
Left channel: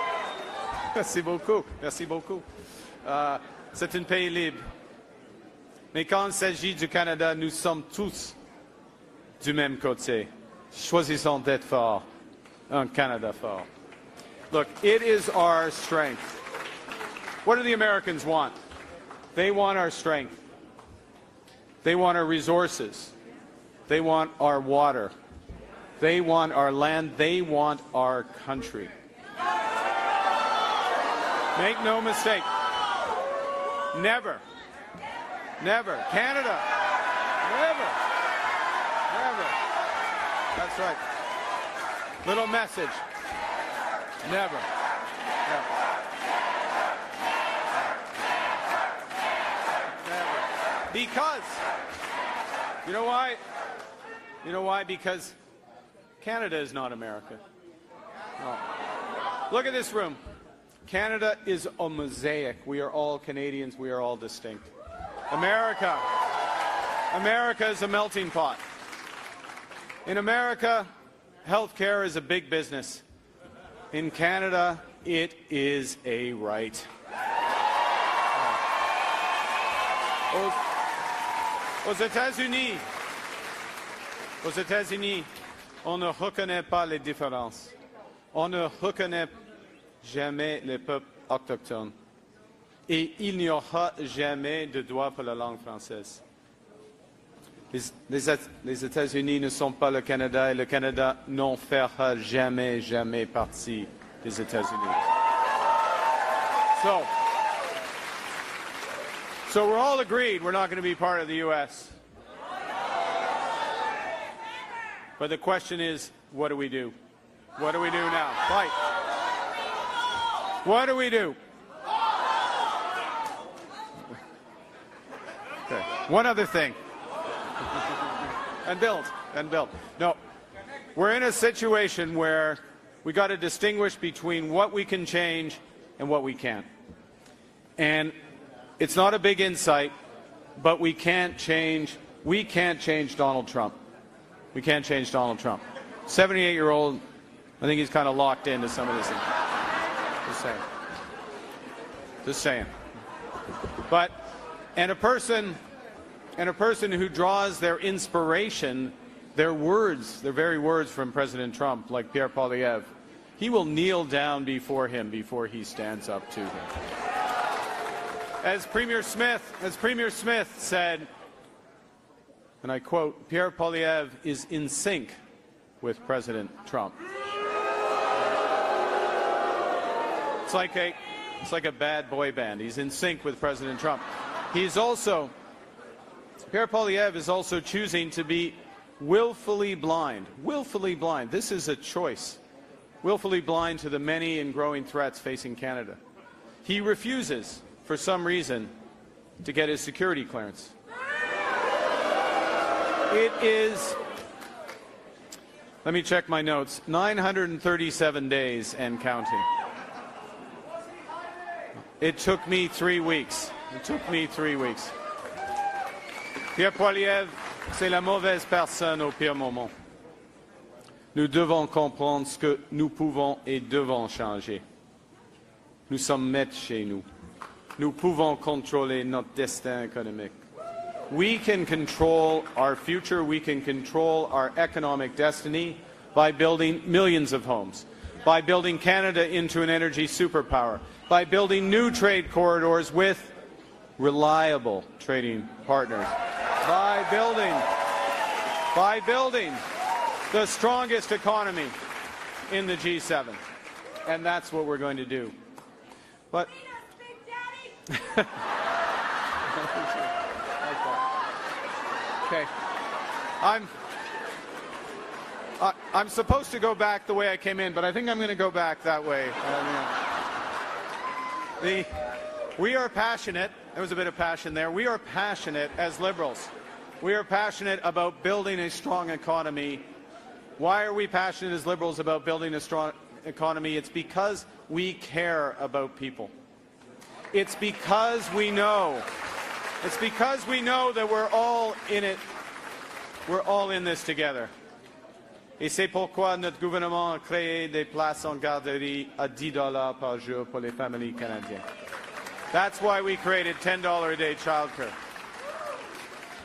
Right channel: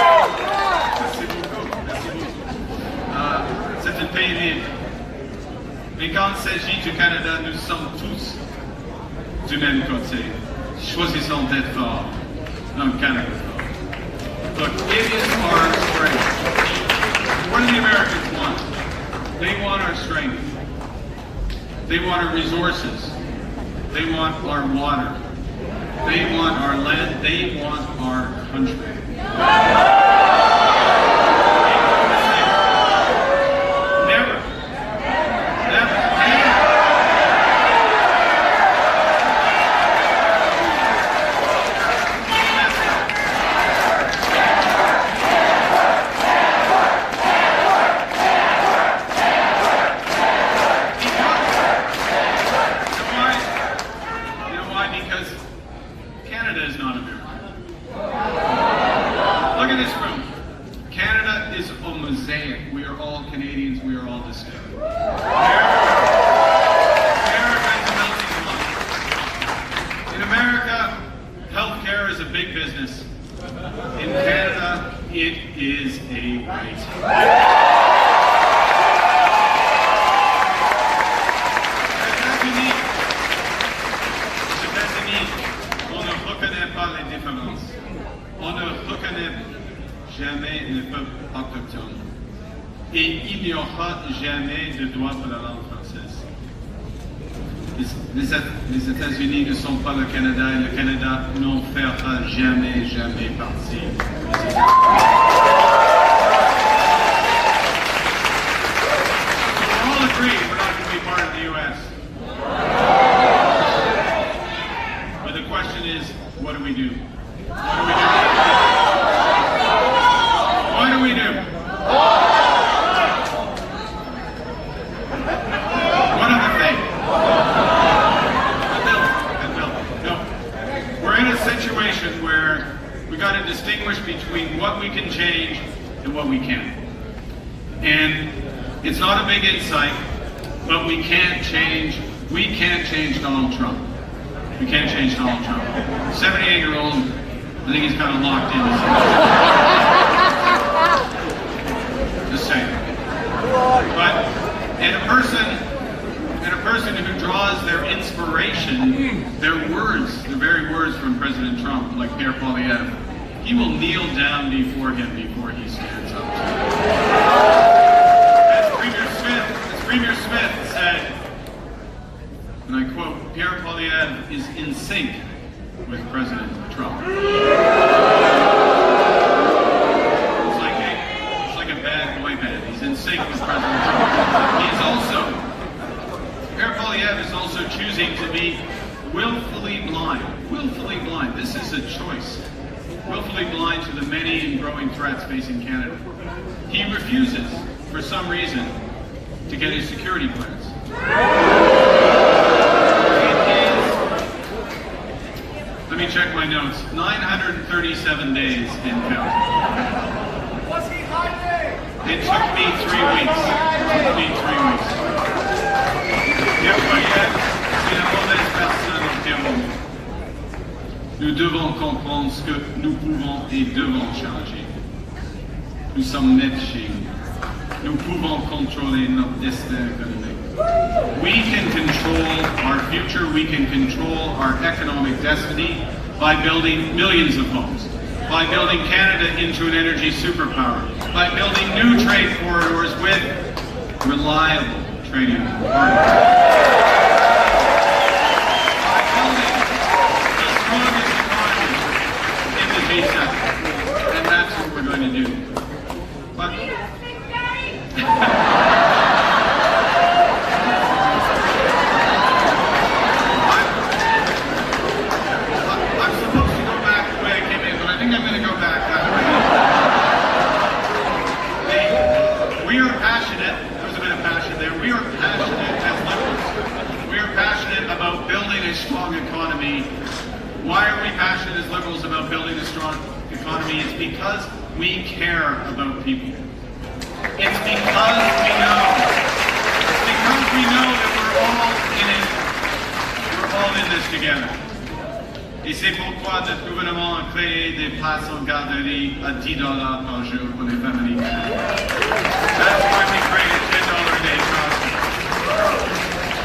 Mais quand il s'agit du Canada, nous sommes tous du même côté. Choisissons d'être forts. Canada fort. Look, it is our strength. What do the Americans want? They want our strength. They want our resources. They want our water. They want our land. They want our country. Make no mistake. Never. Never. We are all Canadians, we are all the same. America is a melting pot. In America, healthcare is a big business. In Canada, it is a right. Aux États-Unis, on ne reconnaît pas les différences. On ne reconnaît jamais les peuples autochtones. Et il n'y aura jamais de droit de la langue française. Les États-Unis ne sont pas le Canada et le Canada n'en fera jamais, jamais partie des États-Unis. So we're all agreed we're not going to be part of the U.S. But the question is, what do we do? What do we do? One other thing. No. We're in a situation where we got to distinguish between what we can change and what we can't. And it's not a big insight, but we can't change Donald Trump. We can't change Donald Trump. 78-year-old, I think he's kind of locked in. Just saying. But and a person who draws their inspiration, their words, the very words from President Trump, like Pierre Poilievre, he will kneel down before him before he stands up. As Premier Smith said, and I quote, Pierre Poilievre is in sync with President Trump. It's like a bad boy band. He's in sync with President Trump. Pierre Poilievre is also choosing to be willfully blind. Willfully blind. This is a choice. Willfully blind to the many and growing threats facing Canada. He refuses, for some reason, to get his security clearance. Let me check my notes. 937 days and counting. It took me 3 weeks. Pierre Poilievre, c'est la mauvaise personne au pire moment. Nous devons comprendre ce que nous pouvons et devons changer. Nous sommes nés chez nous. Nous pouvons contrôler notre destin familial. We can control our future, we can control our economic destiny by building millions of homes, by building Canada into an energy superpower, by building new trade corridors with reliable trading partners, by building the strongest economy in the G7. And that's what we're going to do. But I'm supposed to go back the way I came in, but I think I'm going to go back that way. We are passionate, there's a bit of passion there, we are passionate as liberals. We are passionate about building a strong economy. Why are we passionate as liberals about building a strong economy? It's because we care about people. It's because we know. It's because we know that we're all in it. We're all in this together. Et c'est pourquoi notre gouvernement a créé des places en garderie à $10 par jour pour les familles. That's why we created $10 a day.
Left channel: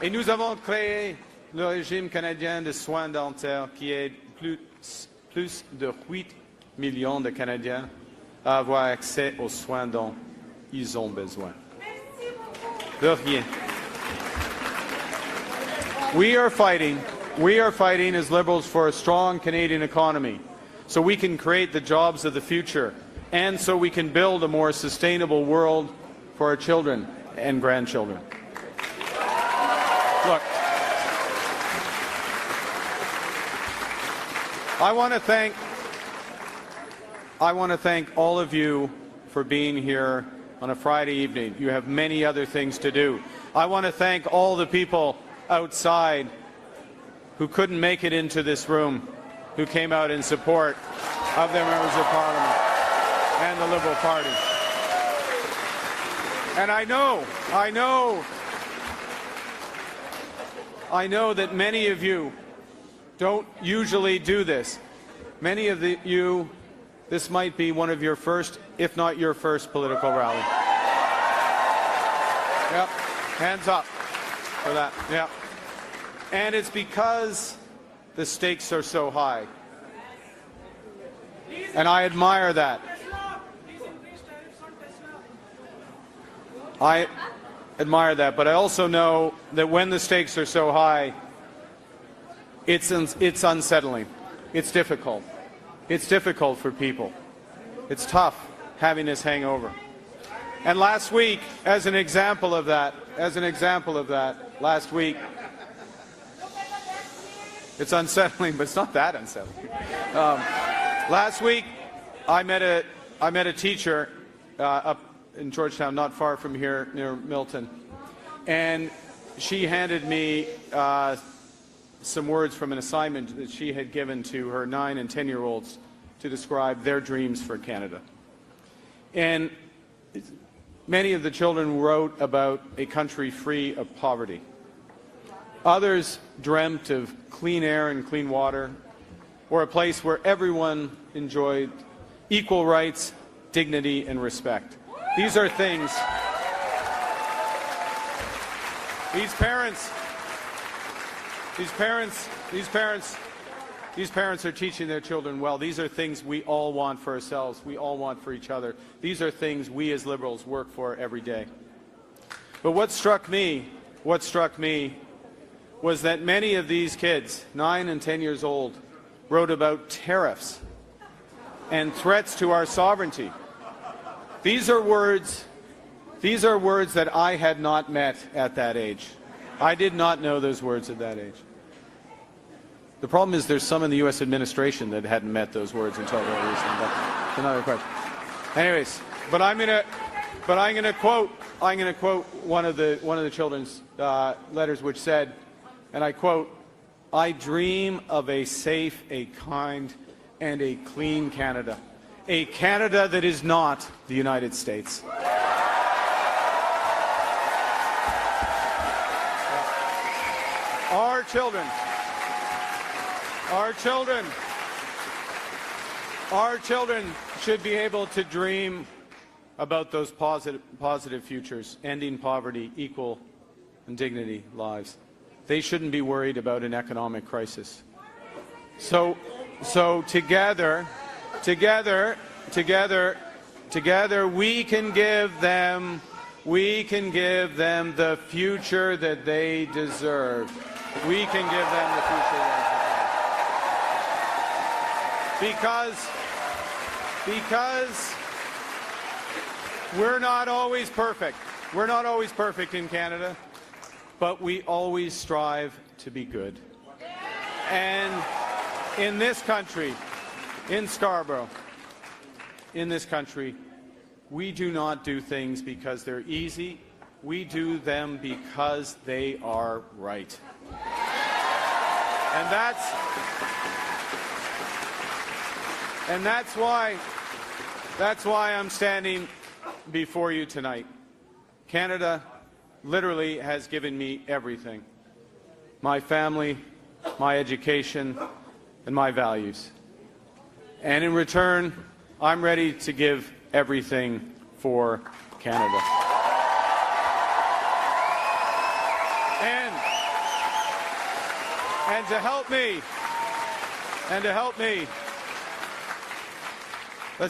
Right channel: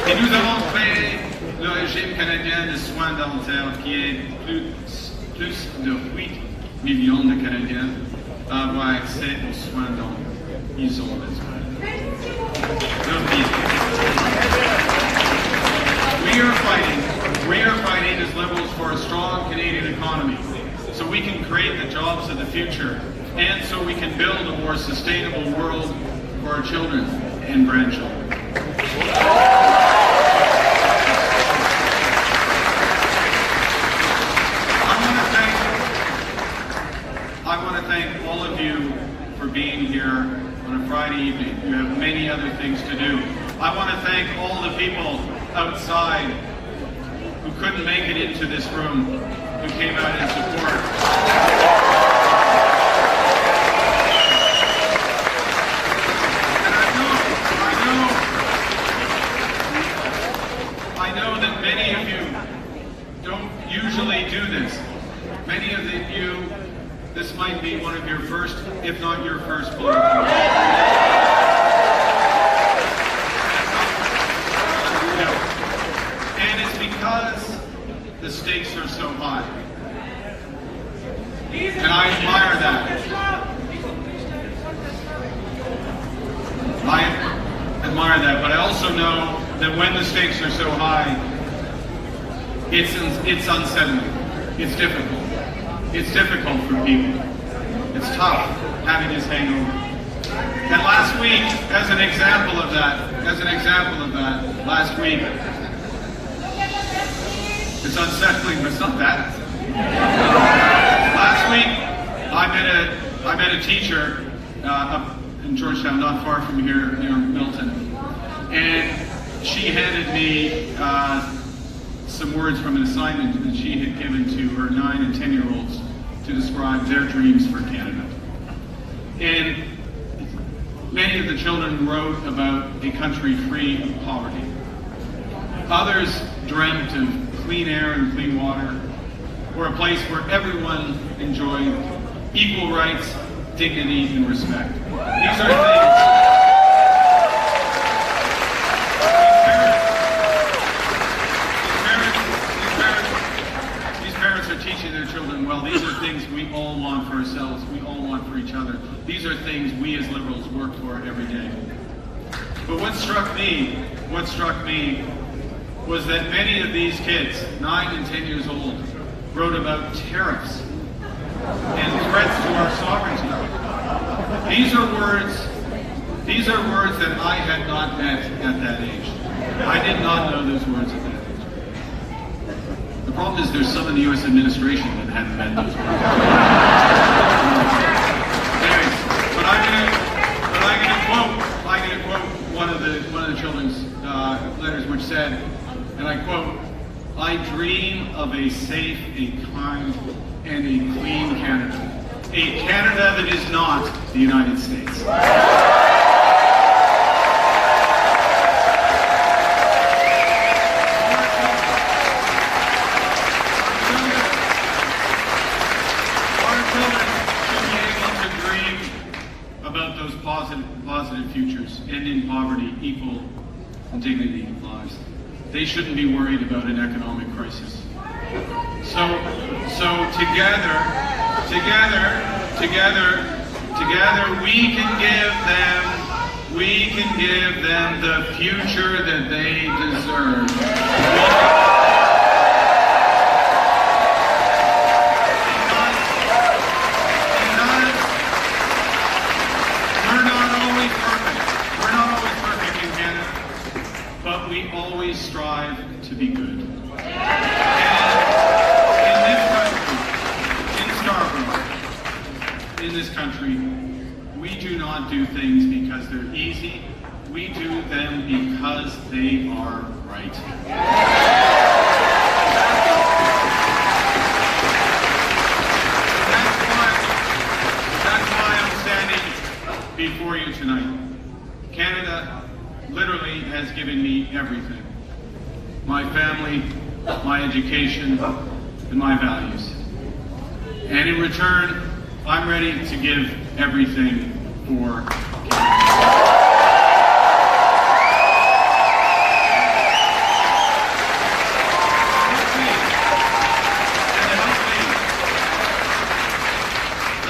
Et nous avons créé le régime canadien de soins dentaires qui est plus de 8 millions de Canadiens à avoir accès aux soins dont ils ont besoin. We are fighting as Liberals for a strong Canadian economy so we can create the jobs of the future and so we can build a more sustainable world for our children and grandchildren. I want to thank all of you for being here on a Friday evening. You have many other things to do. I want to thank all the people outside who couldn't make it into this room, who came out in support. I know that many of you don't usually do this. Many of you, this might be one of your first, if not your first, political rally. Hands up. Yeah. And it's because the stakes are so high. And I admire that. I admire that, but I also know that when the stakes are so high, it's unsettling. It's difficult. It's difficult for people. It's tough having this hangover. And last week, as an example of that, last week, it's unsettling, but it's not that unsettling. Last week, I met a teacher up in Georgetown, not far from here, near Milton, and she handed me some words from an assignment that she had given to her 9 and 10-year-olds to describe their dreams for Canada. And many of the children wrote about a country free of poverty. Others dreamt of clean air and clean water, or a place where everyone enjoyed equal rights, dignity, and respect. These are things. These parents are teaching their children well. These are things we all want for ourselves. We all want for each other. These are things we as Liberals work for every day. But what struck me was that many of these kids, 9 and 10 years old, wrote about tariffs and threats to our sovereignty. These are words that I had not met at that age. I did not know those words at that age. The problem is there's some of the U.S. administration that hadn't met those words. Anyways, but I'm going to quote one of the children's letters, which said, and I quote, "I dream of a safe, a kind, and a clean Canada. A Canada that is not the United States." About those positive futures, ending poverty, equal dignity lives. They shouldn't be worried about an economic crisis. So together, we can give them the future that they deserve. We're not always perfect in Canada, but we always strive to be good. And in this country, in Scarborough, in this country, we do not do things because they're easy. We do them because they are right. That's why I'm standing before you tonight. Canada literally has given me everything. My family, my education, and my values. And in return, I'm ready to give everything for Canada.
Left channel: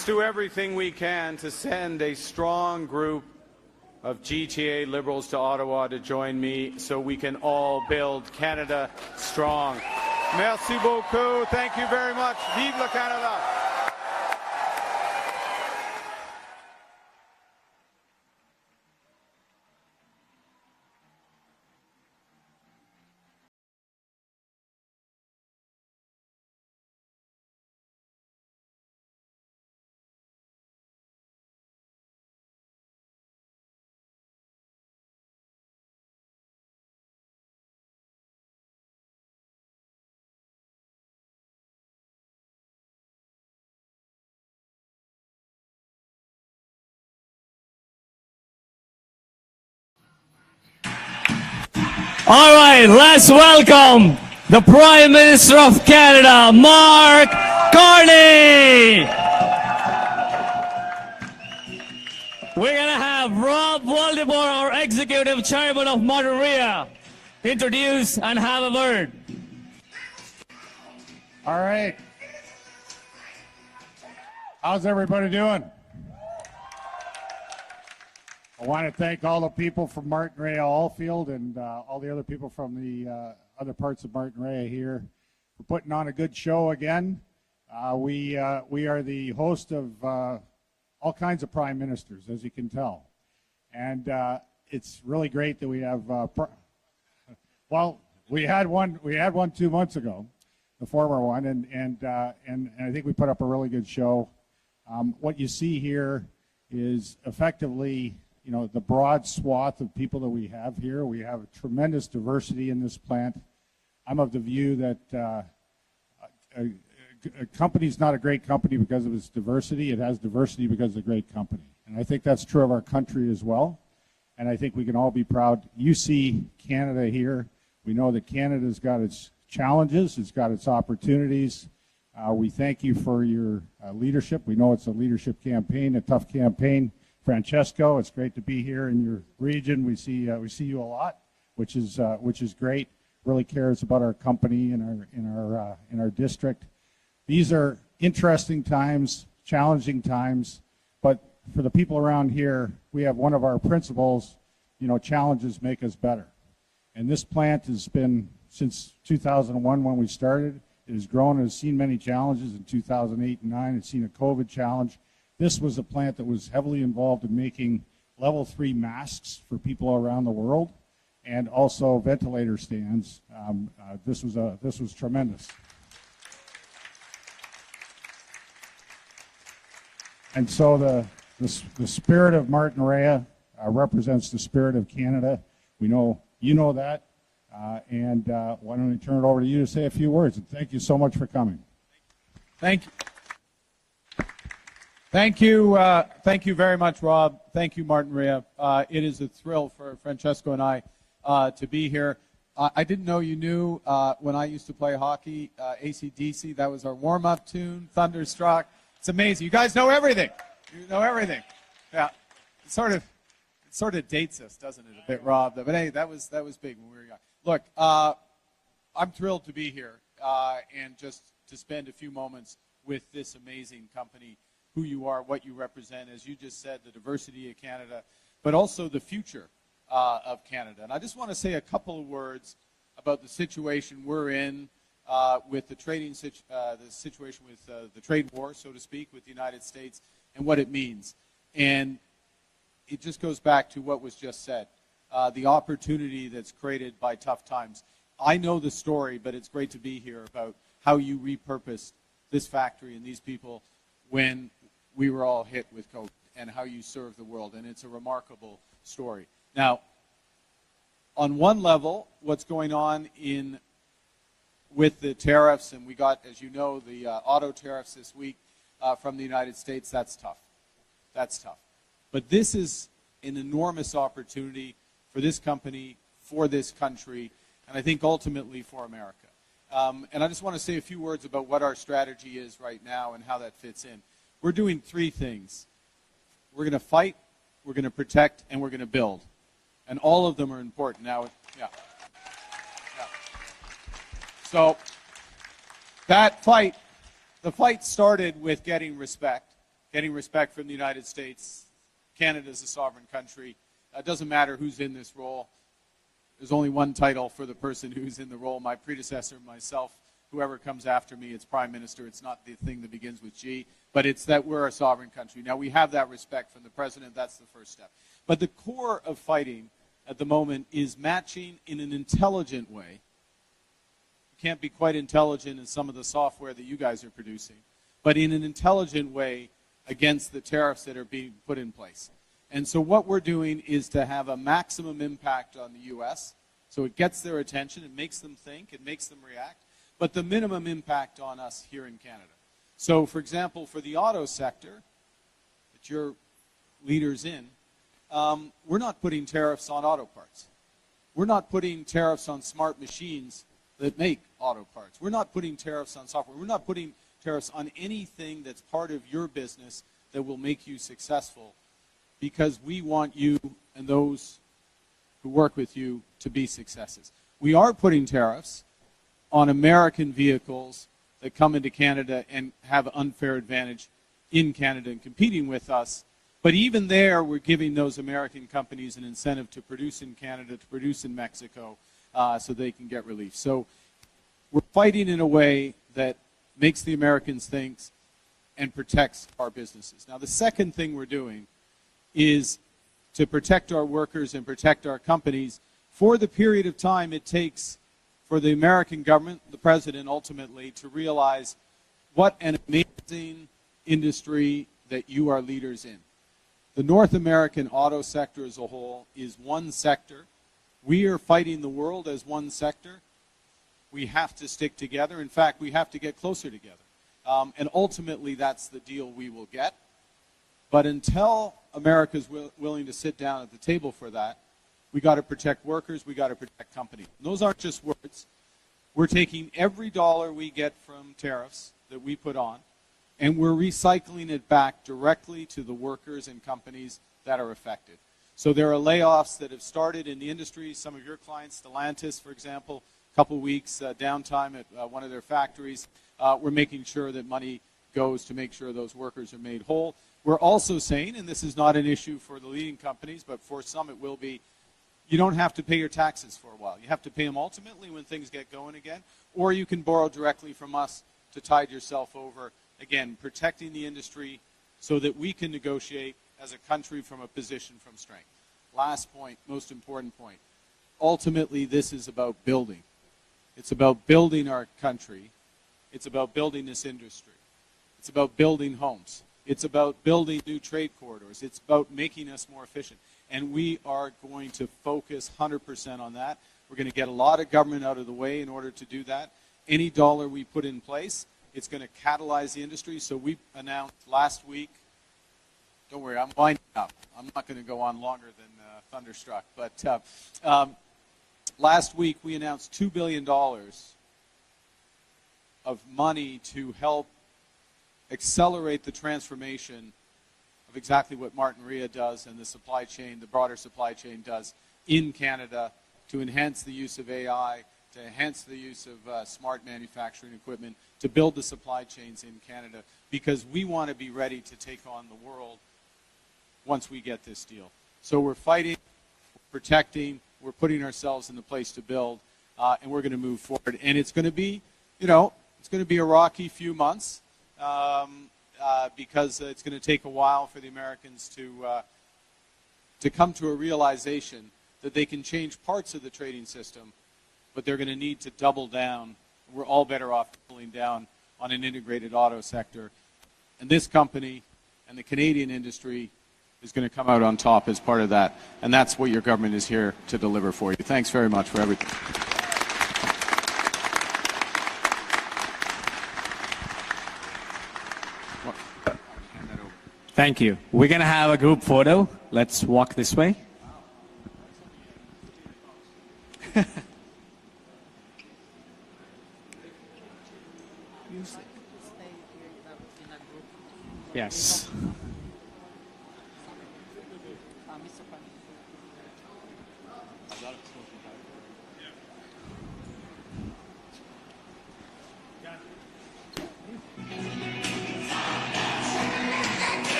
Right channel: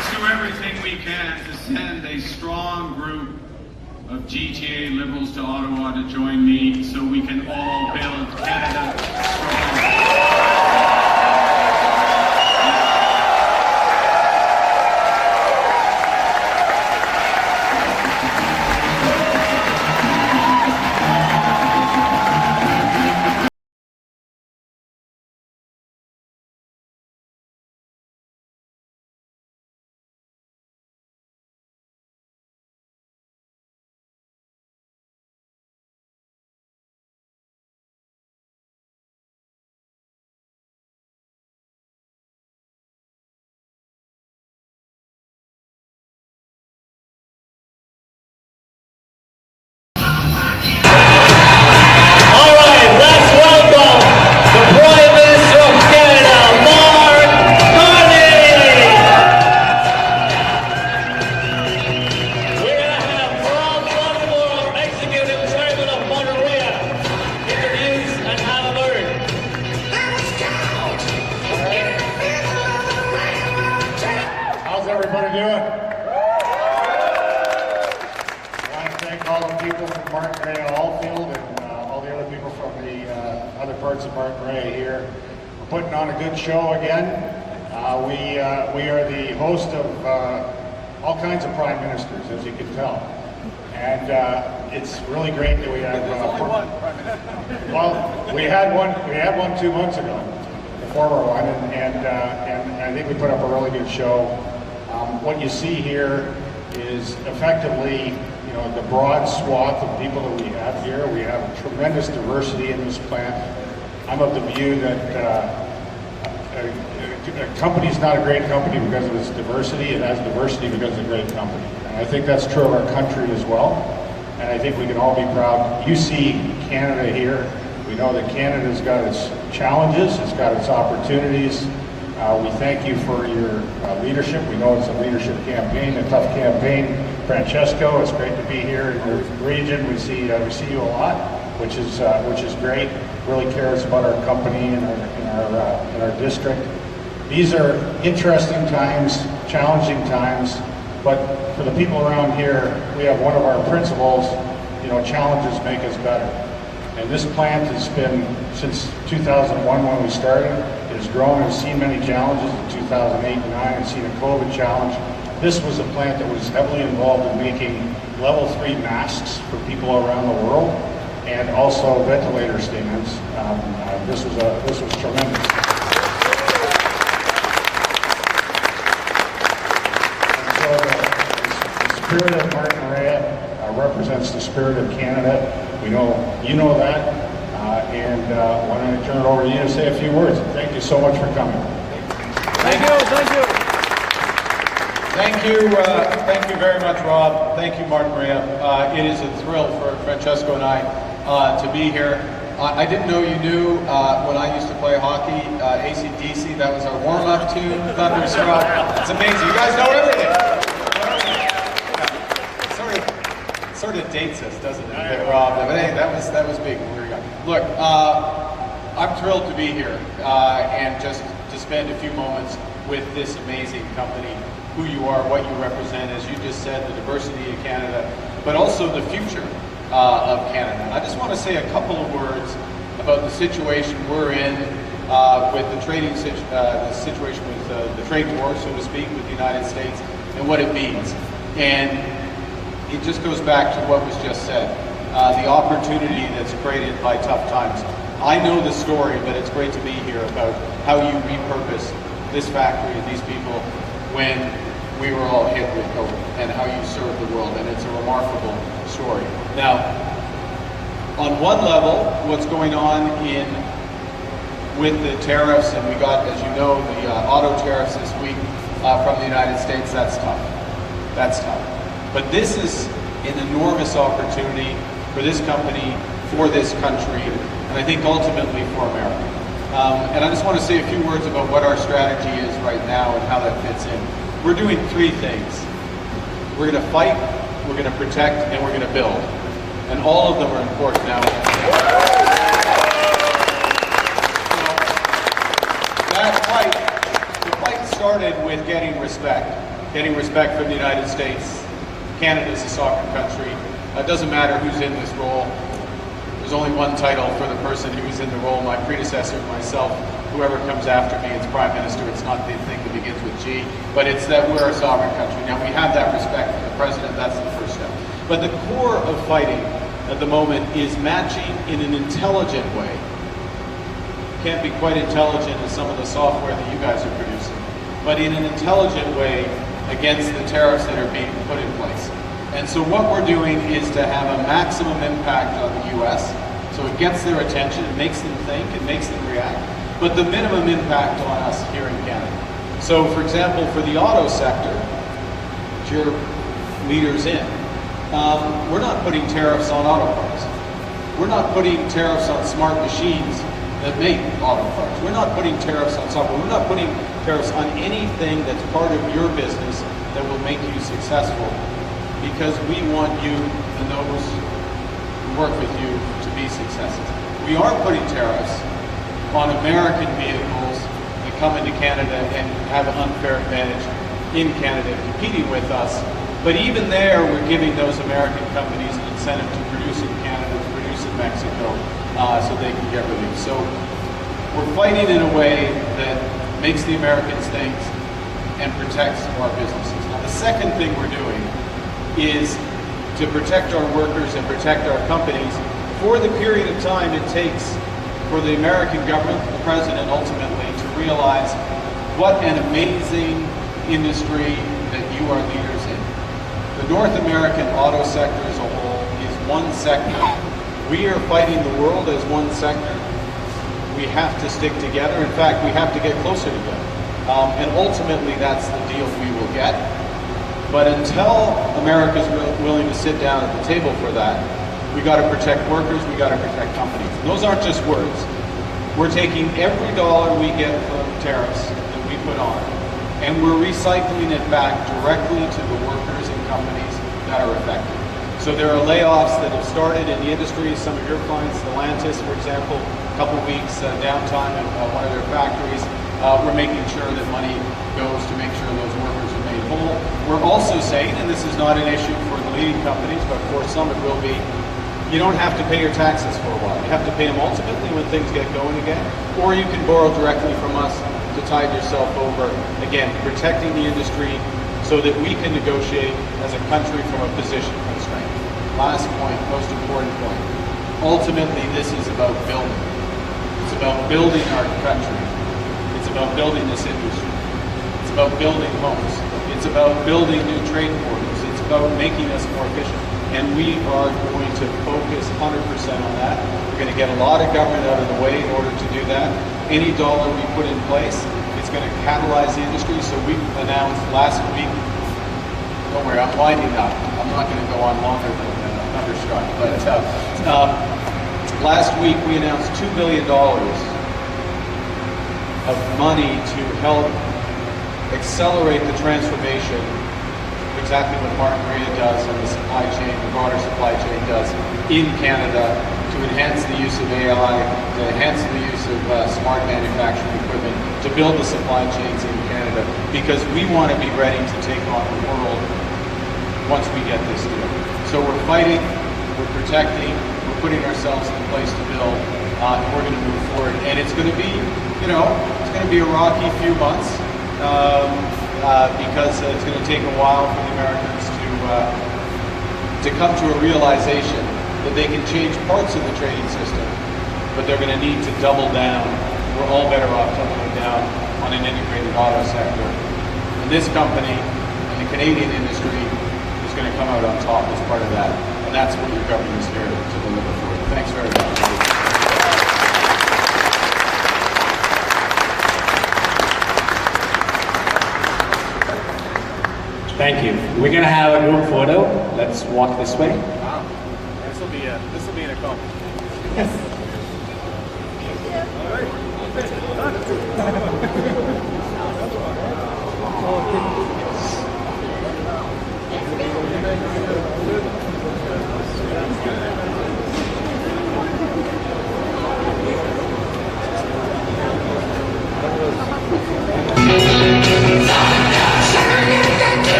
do everything we can to send a strong group of GTA Liberals to Ottawa to join me so we can all build Canada strong. All right, let's welcome the Prime Minister of Canada, Mark Carney. We're going to have Rob Waldemar, our Executive Chairman of Monterey, introduce and have a word. All right. How's everybody doing? I want to thank all the people from Martin Ray Allfield and all the other people from the other parts of Martin Ray here. We're putting on a good show again. We are the host of all kinds of prime ministers, as you can tell. And it's really great that we have. Well, we had one 2 months ago, the former one, and I think we put up a really good show. What you see here is effectively, you know, the broad swath of people that we have here. We have a tremendous diversity in this plant. I'm of the view that a company's not a great company because of its diversity. It has diversity because it's a great company. And I think that's true of our country as well. And I think we can all be proud. You see Canada here. We know that Canada's got its challenges, it's got its opportunities. We thank you for your leadership. We know it's a leadership campaign, a tough campaign. Francesco, it's great to be here in your region. We see you a lot, which is great. Really cares about our company and our district. These are interesting times, challenging times, but for the people around here, we have one of our principles. You know, challenges make us better. And this plant has been, since 2001 when we started, it has grown and seen many challenges. In 2008 and 2009, it's seen a COVID challenge. This was a plant that was heavily involved in making level 3 masks for people around the world, and also ventilator stands. This was tremendous. And so the spirit of Martin Ray represents the spirit of Canada. We know you know that, and why don't I turn it over to you to say a few words. Thank you so much for coming. Thank you. Thank you very much, Rob. Thank you, Martin Ray. It is a thrill for Francesco and I to be here. I didn't know you knew when I used to play hockey, AC/DC. That was our warm-up tune, Thunderstruck. It's amazing. You guys know everything. You know everything. Yeah. It sort of dates us, doesn't it, Rob? But hey, that was big. Here we go. Look, I'm thrilled to be here and just to spend a few moments with this amazing company. Who you are, what you represent, as you just said, the diversity of Canada, but also the future of Canada. I just want to say a couple of words about the situation we're in with the the situation with the trade war, so to speak, with the United States and what it means. And it just goes back to what was just said, the opportunity that's created by tough times. I know the story, but it's great to be here about how you repurpose this factory and these people when we were all hit with COVID, and how you serve the world, and it's a remarkable story. Now, on one level, what's going on with the tariffs, and we got, as you know, the auto tariffs this week from the United States, that's tough. That's tough. But this is an enormous opportunity for this company, for this country, and I think ultimately for America. And I just want to say a few words about what our strategy is right now and how that fits in. We're doing 3 things. We're going to fight, we're going to protect, and we're going to build. And all of them are important now. So that fight, the fight started with getting respect. getting respect from the United States. Canada is a sovereign country. It doesn't matter who's in this role. There's only one title for the person who is in the role, my predecessor, myself, whoever comes after me, it's Prime Minister. It's not the thing that begins with G, but it's that we're a sovereign country. Now, we have that respect for the President. That's the first step. But the core of fighting at the moment is matching in an intelligent way. Can't be quite intelligent as some of the software that you guys are producing, but in an intelligent way against the tariffs that are being put in place. And so what we're doing is to have a maximum impact on the US, so it gets their attention, it makes them think, it makes them react, but the minimum impact on us here in Canada. So for example, for the auto sector, which you're leaders in, we're not putting tariffs on auto parts. We're not putting tariffs on smart machines that make auto parts. We're not putting tariffs on software. We're not putting tariffs on anything that's part of your business that will make you successful, because we want you and those who work with you to be successful. We are putting tariffs on American vehicles that come into Canada and have an unfair advantage in Canada competing with us. But even there, we're giving those American companies an incentive to produce in Canada, to produce in Mexico, so they can get relief. So we're fighting in a way that makes the Americans think and protects our businesses. Now, the second thing we're doing is to protect our workers and protect our companies for the period of time it takes for the American government, the President ultimately, to realize what an amazing industry that you are leaders in. The North American auto sector as a whole is one sector. We are fighting the world as one sector. We have to stick together. In fact, we have to get closer together. And ultimately, that's the deal we will get. But until America's willing to sit down at the table for that, we got to protect workers, we got to protect companies. Those aren't just words. We're taking every dollar we get from tariffs that we put on, and we're recycling it back directly to the workers and companies that are affected. So there are layoffs that have started in the industry. Some of your clients, Stellantis, for example, a couple weeks downtime at one of their factories. We're making sure that money goes to make sure those workers are made whole. We're also saying, and this is not an issue for the leading companies, but for some it will be, you don't have to pay your taxes for a while. You have to pay them ultimately when things get going again, or you can borrow directly from us to tide yourself over, again, protecting the industry so that we can negotiate as a country from a position of strength. Last point, most important point. Ultimately, this is about building. It's about building our country. It's about building this industry. It's about building homes. It's about building new trade corridors. It's about making us more efficient. And we are going to focus 100% on that. We're going to get a lot of government out of the way in order to do that. Any dollar we put in place is going to catalyze the industry. So we announced last week, don't worry, I'm winding up. I'm not going to go on longer than Thunderstruck. But last week we announced $2 billion of money to help accelerate the transformation, exactly what Martin Maria does and the supply chain, the broader supply chain does in Canada, to enhance the use of AI, to enhance the use of smart manufacturing equipment, to build the supply chains in Canada, because we want to be ready to take on the world once we get this deal. So we're fighting, we're protecting, we're putting ourselves in a place to build, and we're going to move forward. And it's going to be, it's going to be a rocky few months, because it's going to take a while for the Americans to come to a realization that they can change parts of the trading system, but they're going to need to double down. We're all better off doubling down on an integrated auto sector. And this company and the Canadian industry is going to come out on top as part of that. And that's what your government is here to deliver for you. Thanks very much for listening. Thank you. We're gonna have a group photo. Let's walk this way. Wow. This will be an accomplishment. Yes.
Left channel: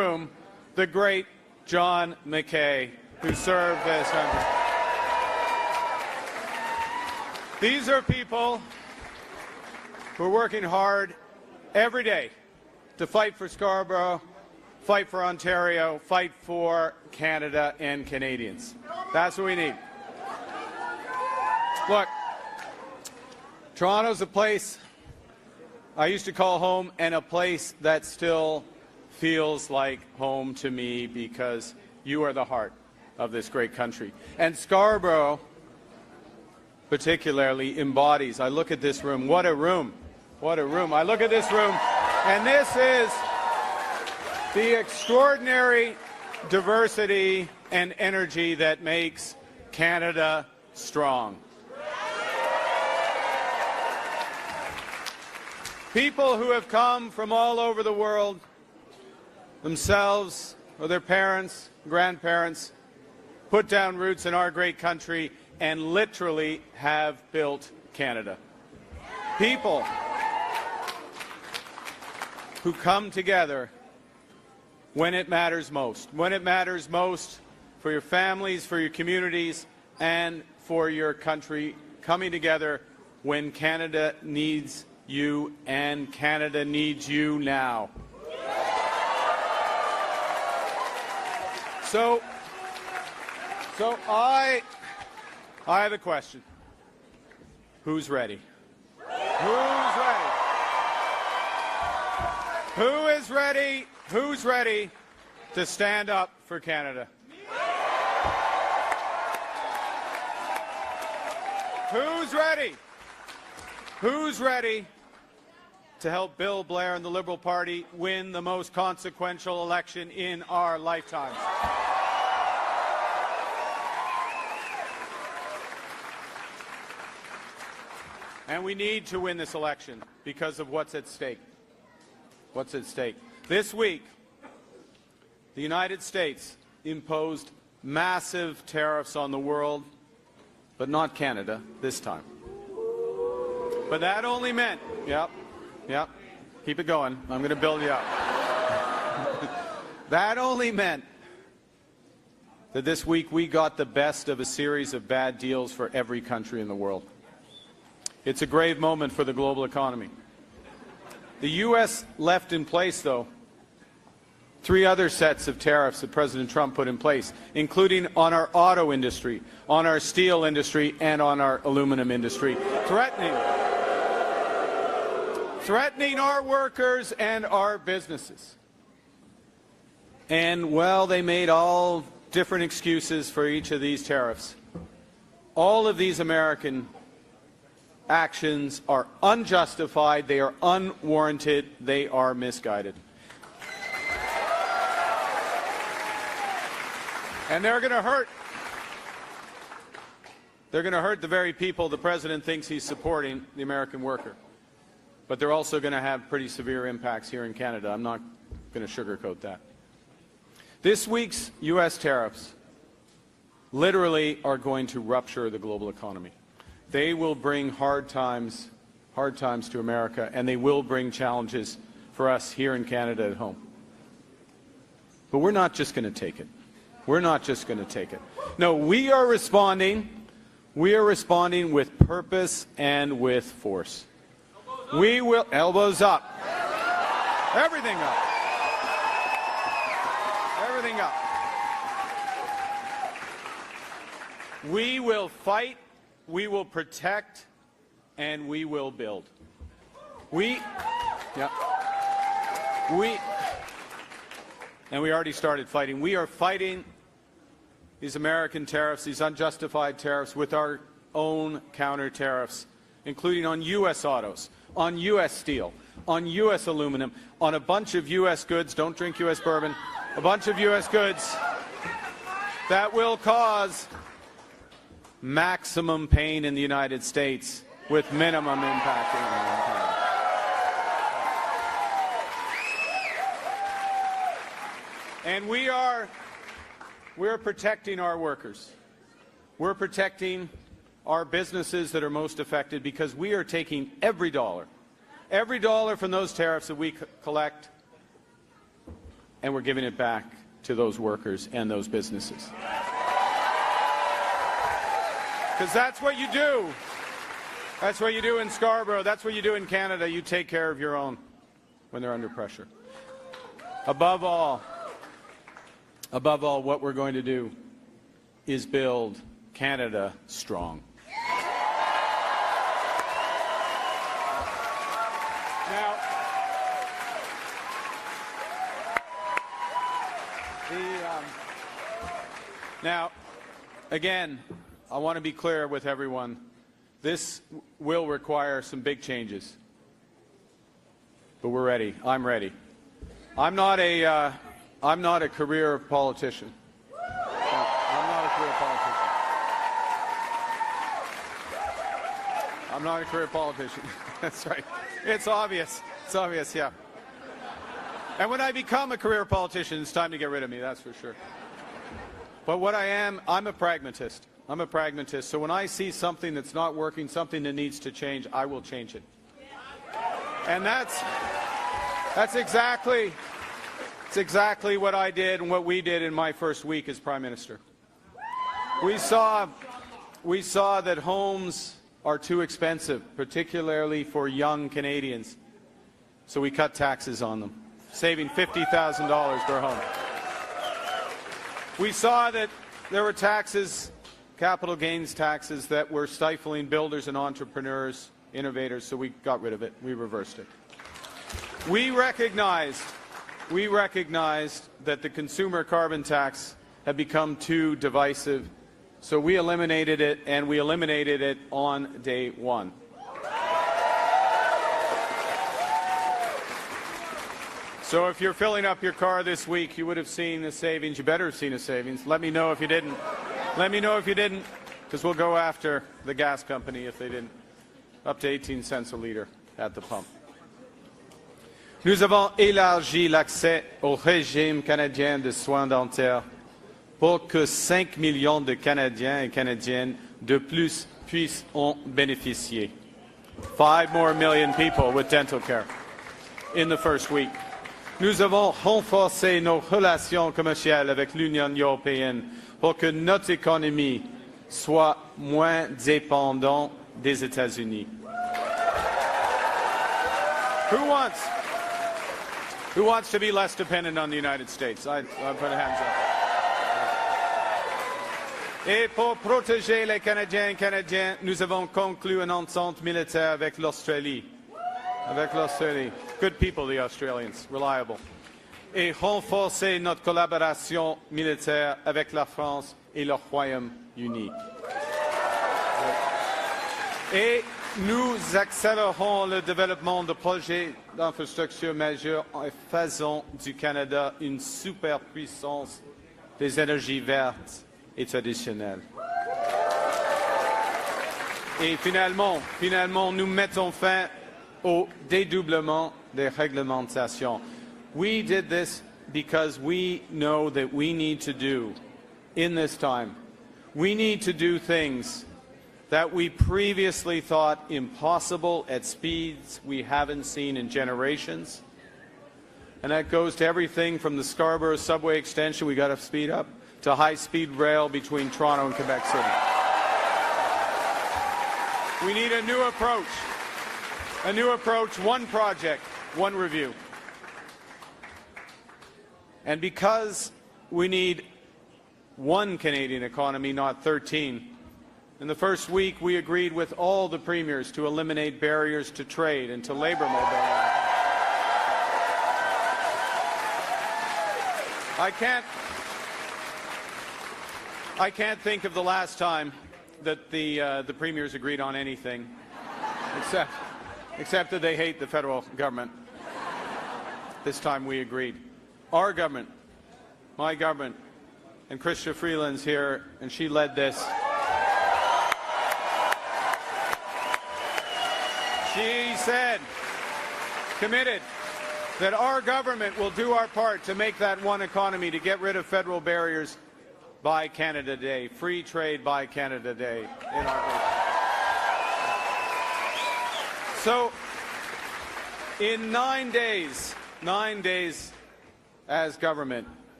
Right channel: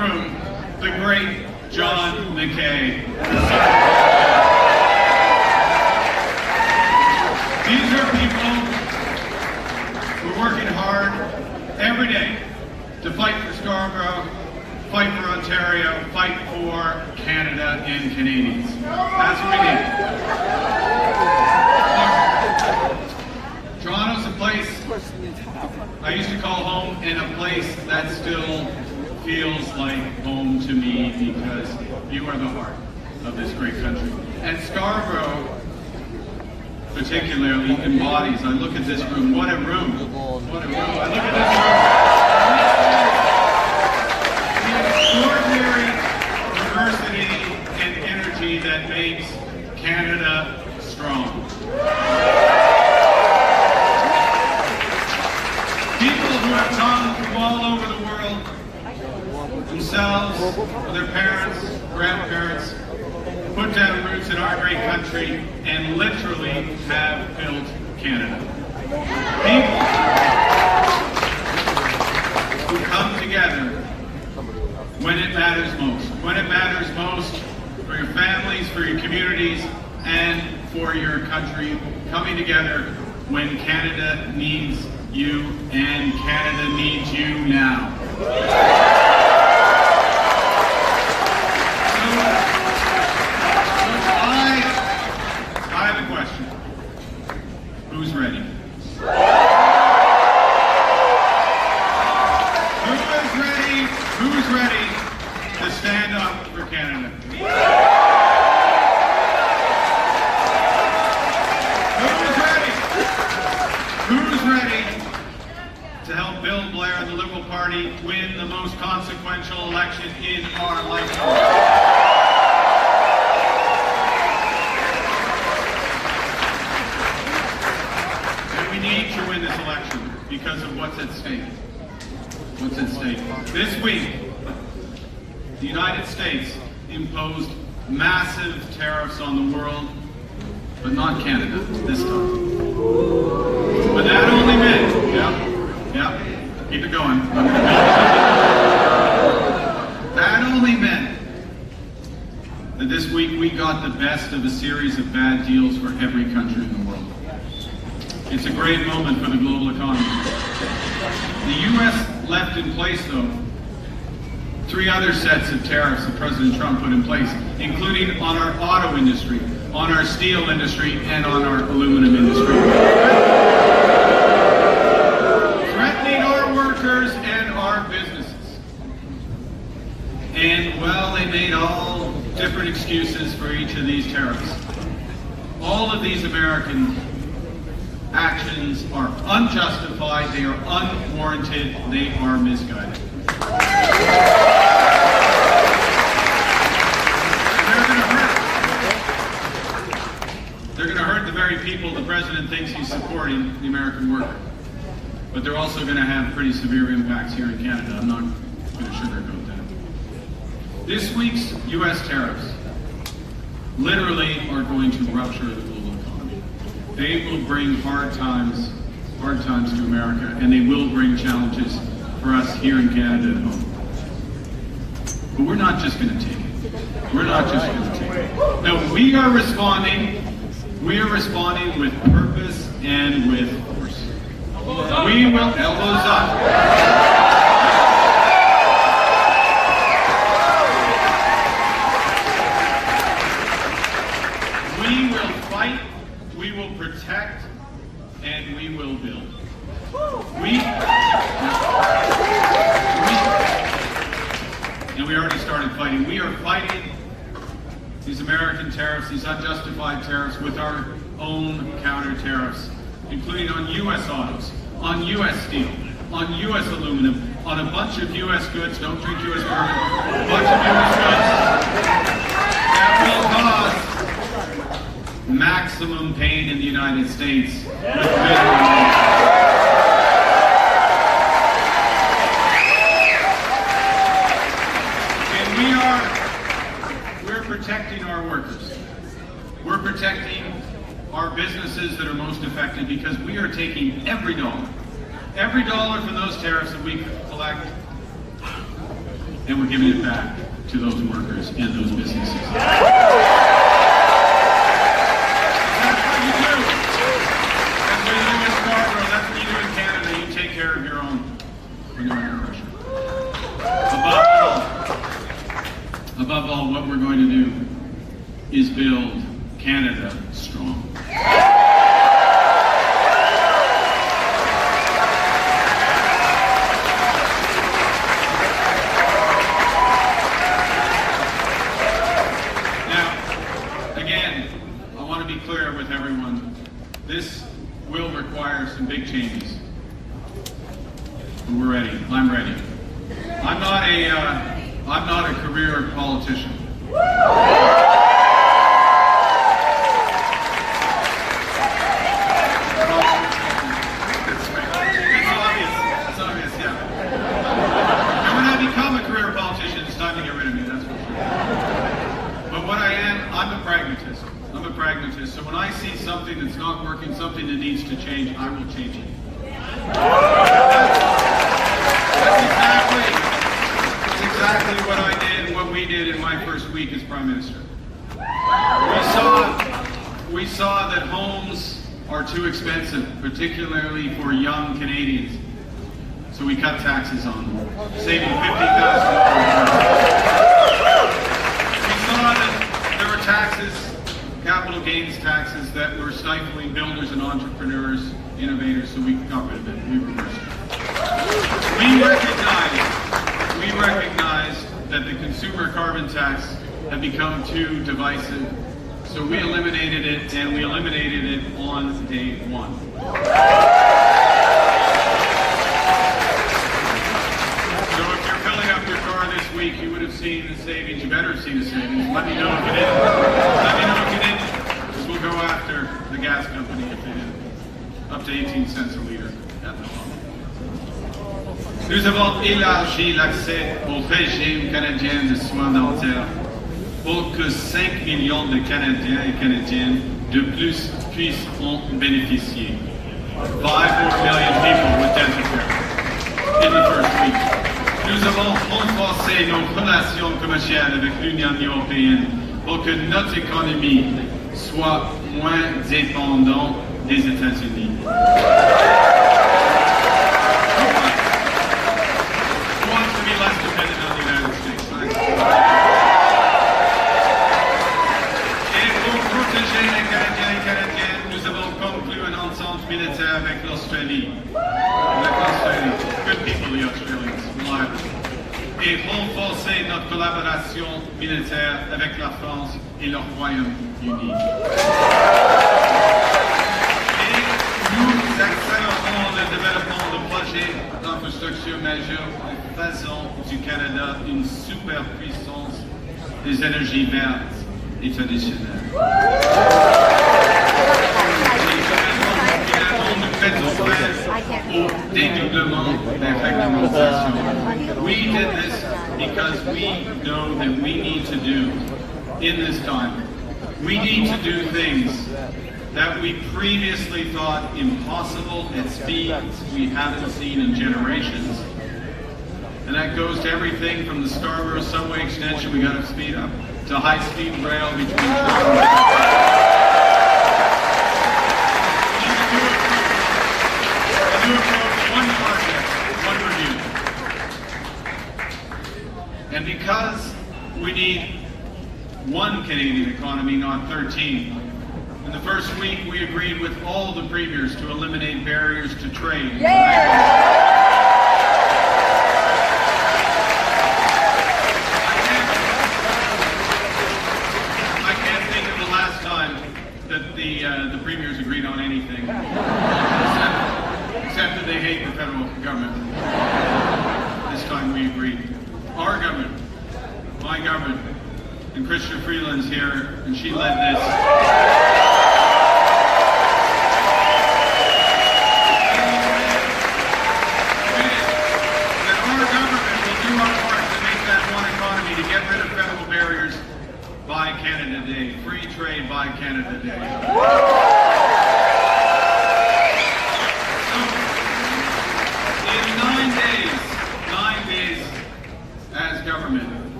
the great John McKay. These are people who are working hard every day to fight for Scarborough, fight for Ontario, fight for Canada and Canadians. That's what we need. Look, Toronto's a place I used to call home, and a place that still feels like home to me because you are the heart of this great country. And Scarborough particularly embodies, I look at this room, what a room, what a room. I look at this room, and this is the extraordinary diversity and energy that makes Canada strong. People who have come from all over the world, themselves, their parents, grandparents, put down roots in our great country and literally have built Canada. People who come together when it matters most for your families, for your communities, and for your country, coming together when Canada needs you, and Canada needs you now. So I have a question. Who's ready? Who's ready to stand up for Canada? Who's ready to help Bill Blair and the Liberal Party win the most consequential election in our lifetime? And we need to win this election because of what's at stake. What's at stake? This week, the United States imposed massive tariffs on the world, but not Canada this time. But that only meant, keep it going. That only meant that this week we got the best of a series of bad deals for every country in the world. It's a great moment for the global economy. The U.S. left in place, though, 3 other sets of tariffs that President Trump put in place, including on our auto industry, on our steel industry, and on our aluminum industry. Threatening our workers and our businesses. And, well, they made all different excuses for each of these tariffs. All of these American actions are unjustified, they are unwarranted, they are misguided. They're going to hurt the very people the president thinks he's supporting, the American worker. But they're also going to have pretty severe impacts here in Canada. I'm not going to sugarcoat that. This week's U.S. tariffs literally are going to rupture the global economy. They will bring hard times to America, and they will bring challenges for us here in Canada at home. But we're not just going to take it. We're not just going to take it. No, we are responding. We are responding with purpose and with force. We will, elbows up. We will fight, we will protect, and we will build. And we already started fighting. We are fighting these American tariffs, these unjustified tariffs, with our own counter tariffs, including on U.S. autos, on U.S. steel, on U.S. aluminum, on a bunch of U.S. goods, don't drink U.S. bourbon, a bunch of U.S. goods that will cause maximum pain in the United States with minimum. Protecting our workers. We're protecting our businesses that are most affected because we are taking every dollar from those tariffs that we collect, and we're giving it back to those workers and those businesses. Because that's what you do. That's what you do in Scarborough. That's what you do in Canada. You take care of your own, bring your own oppression. Above all, what we're going to do is build Canada strong. Clear with everyone, this will require some big changes, but we're ready. I'm ready. I'm not a career politician. It's obvious, yeah. And when I become a career politician, it's time to get rid of me, that's for sure. But what I am, I'm a pragmatist. I'm a pragmatist, so when I see something that's not working, something that needs to change, I will change it. That's exactly what I did, what we did in my first week as Prime Minister. We saw that homes are too expensive, particularly for young Canadians. So we cut taxes on them, saving $50,000. We saw that there were taxes, capital gains taxes, that were stifling builders and entrepreneurs, innovators, so we got rid of it, we reversed it. We recognize that the consumer carbon tax had become too divisive, so we eliminated it, and we eliminated it on day one. So if you're filling up your car this week, you would have seen the savings. You better have seen the savings. Let me know if you did. Let me know if you didn't, because we'll go after the gas company if you didn't. Up to 18 cents a liter at the pump. Nous avons élargi l'accès au régime canadien de soins dentaires pour que 5 millions de Canadiens et Canadiennes de plus puissent en bénéficier. 5 more million people with dental care in the first week. Nous avons renforcé nos relations commerciales avec l'Union européenne pour que notre économie soit moins dépendante des États-Unis. Who wants to be less dependent on the United States? Et pour protéger les Canadiens et Canadiennes, nous avons conclu un ensemble militaire avec l'Australie. Good people, the Australians, reliable. Et renforcer notre collaboration militaire avec la France et le Royaume-Uni. Et nous accélérons le développement de projets d'infrastructures majeurs en faisant du Canada une superpuissance des énergies vertes et traditionnelles. Au dédoublement des réglementations. We did this because we know that we need to do in this time. We need to do things that we previously thought impossible at speeds we haven't seen in generations. And that goes to everything from the Scarborough subway extension we got to speed up to high-speed rail between Toronto and one project, one review. And because we need one Canadian economy, not 13, in the first week we agreed with all the premiers to eliminate barriers to trade. And I can't think of the last time that the premiers agreed on anything. Except that they hate the federal government. This time we agreed. Our government, my government, and Christian Freeland's here, and she led this. She said, committed, that our government will do our part to make that one economy, to get rid of federal barriers by Canada Day. Free trade by Canada Day. So, in 9 days as government,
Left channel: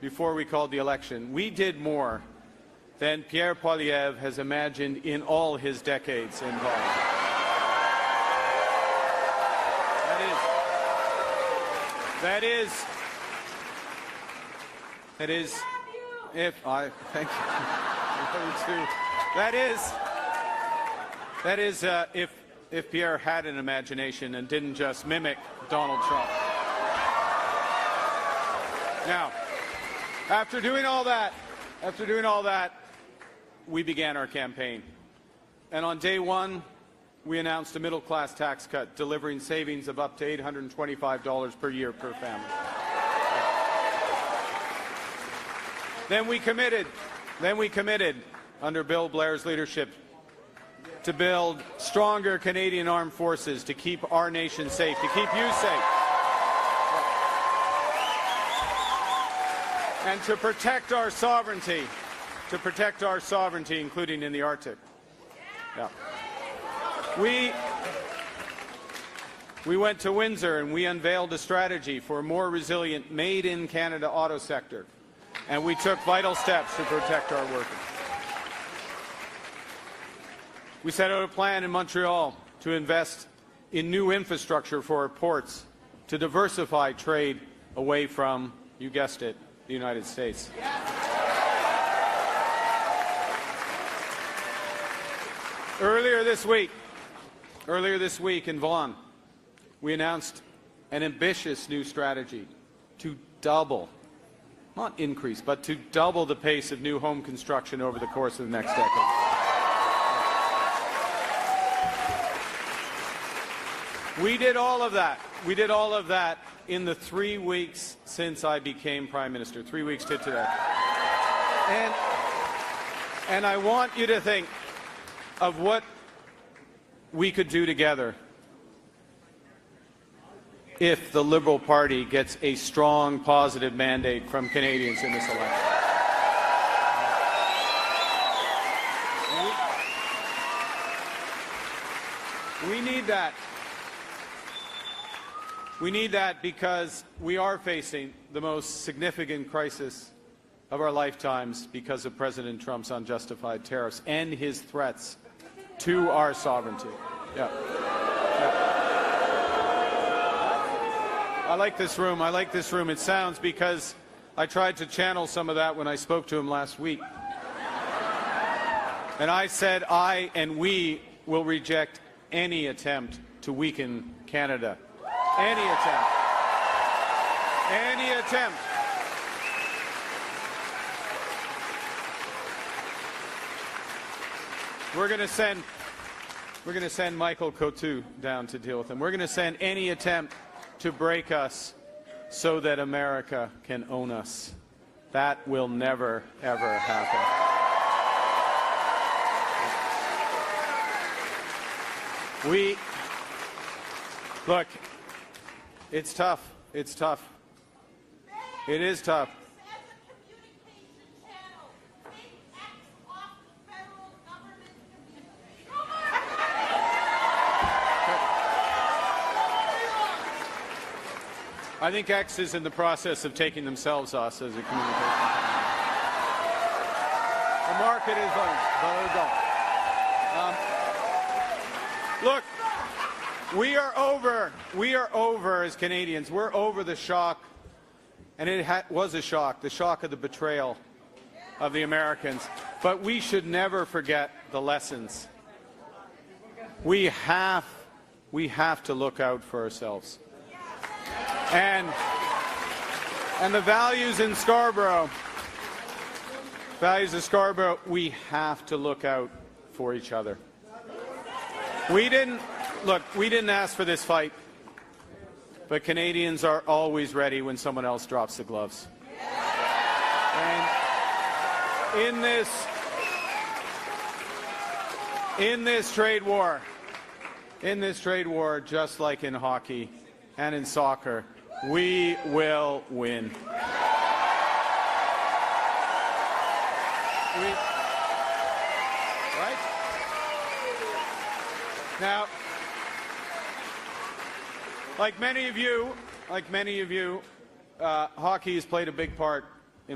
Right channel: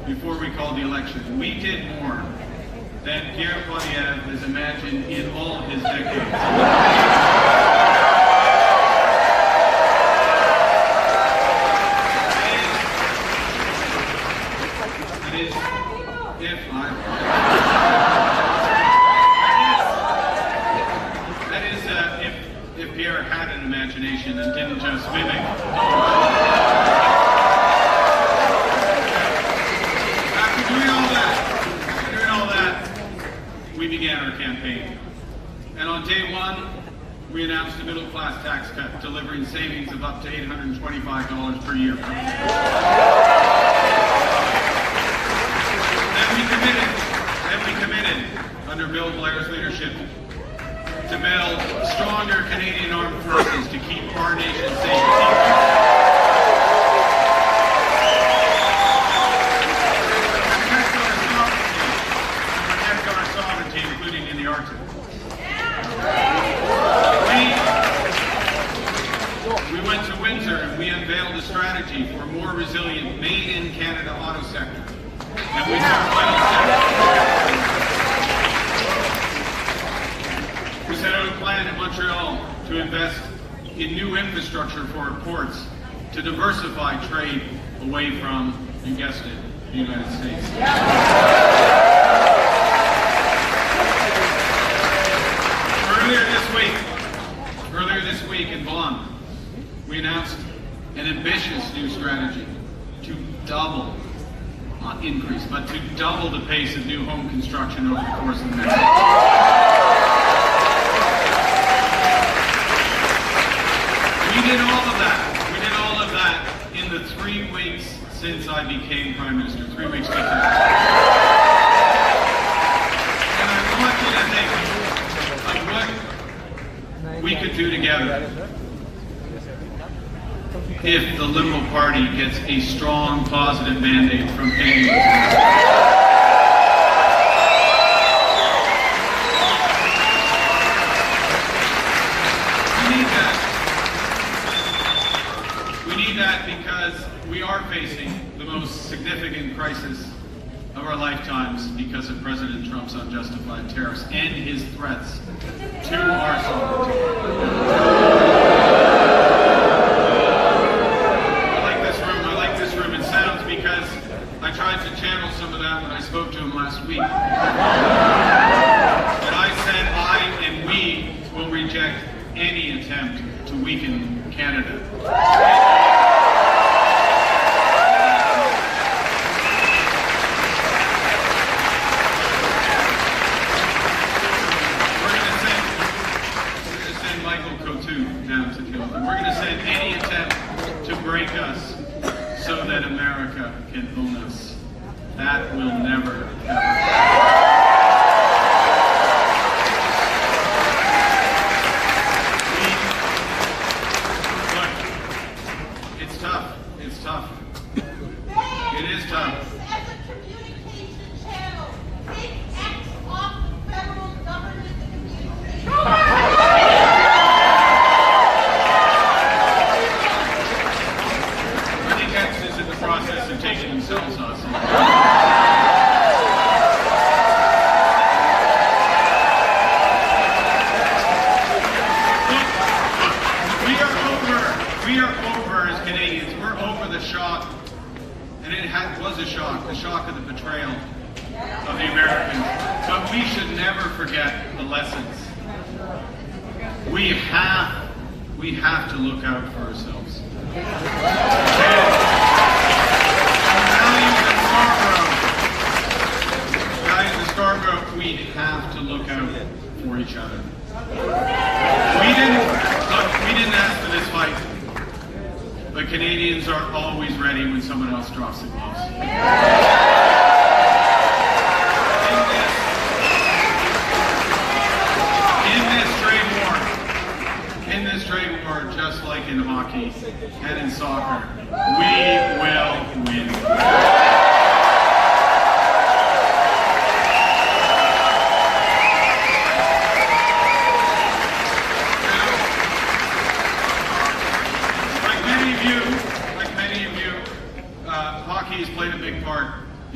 before we called the election. We did more than Pierre Poilievre has imagined in all his decades. If Pierre had an imagination and didn't just mimic Donald Trump. After doing all that, we began our campaign. And on day one, we announced a middle-class tax cut, delivering savings of up to $825 per year. Then we committed, under Bill Blair's leadership, to build stronger Canadian armed forces to keep our nation safe. To protect our sovereignty, including in the Arctic. We went to winter and we unveiled a strategy for a more resilient made-in-Canada auto sector. And we took final steps. We set out a plan in Montreal to invest in new infrastructure for our ports to diversify trade away from, you guessed it, the United States. Earlier this week in Vaughan, we announced an ambitious new strategy to double, not increase, but to double the pace of new home construction over the course of the next year. We did all of that in the 3 weeks since I became Prime Minister, 3 weeks later. And I want you to think of what we could do together if the Liberal Party gets a strong, positive mandate from Canadians. Because we are facing the most significant crisis of our lifetimes because of President Trump's unjustified tariffs and his threats to our sovereignty. I like this room. It sounds because I tried to channel some of that when I spoke to him last week. And I said I and we will reject any attempt to weaken Canada. Michael Coutu down to deal with them. We're going to send any attempt to break us so that America can own us. That will never, ever. Look, it's tough. It's tough. It is tough. Of taking themselves off. We are over as Canadians. We're over the shock, and it was a shock, the shock of the betrayal of the Americans. But we should never forget the lessons. We have to look out for ourselves. Values in Scarborough, we have to look out for each other. We didn't ask for this fight, but Canadians are always ready when someone else drops the gloves. In this trade war, just like in hockey and in soccer, we will win. Like many of you, hockey has played a big part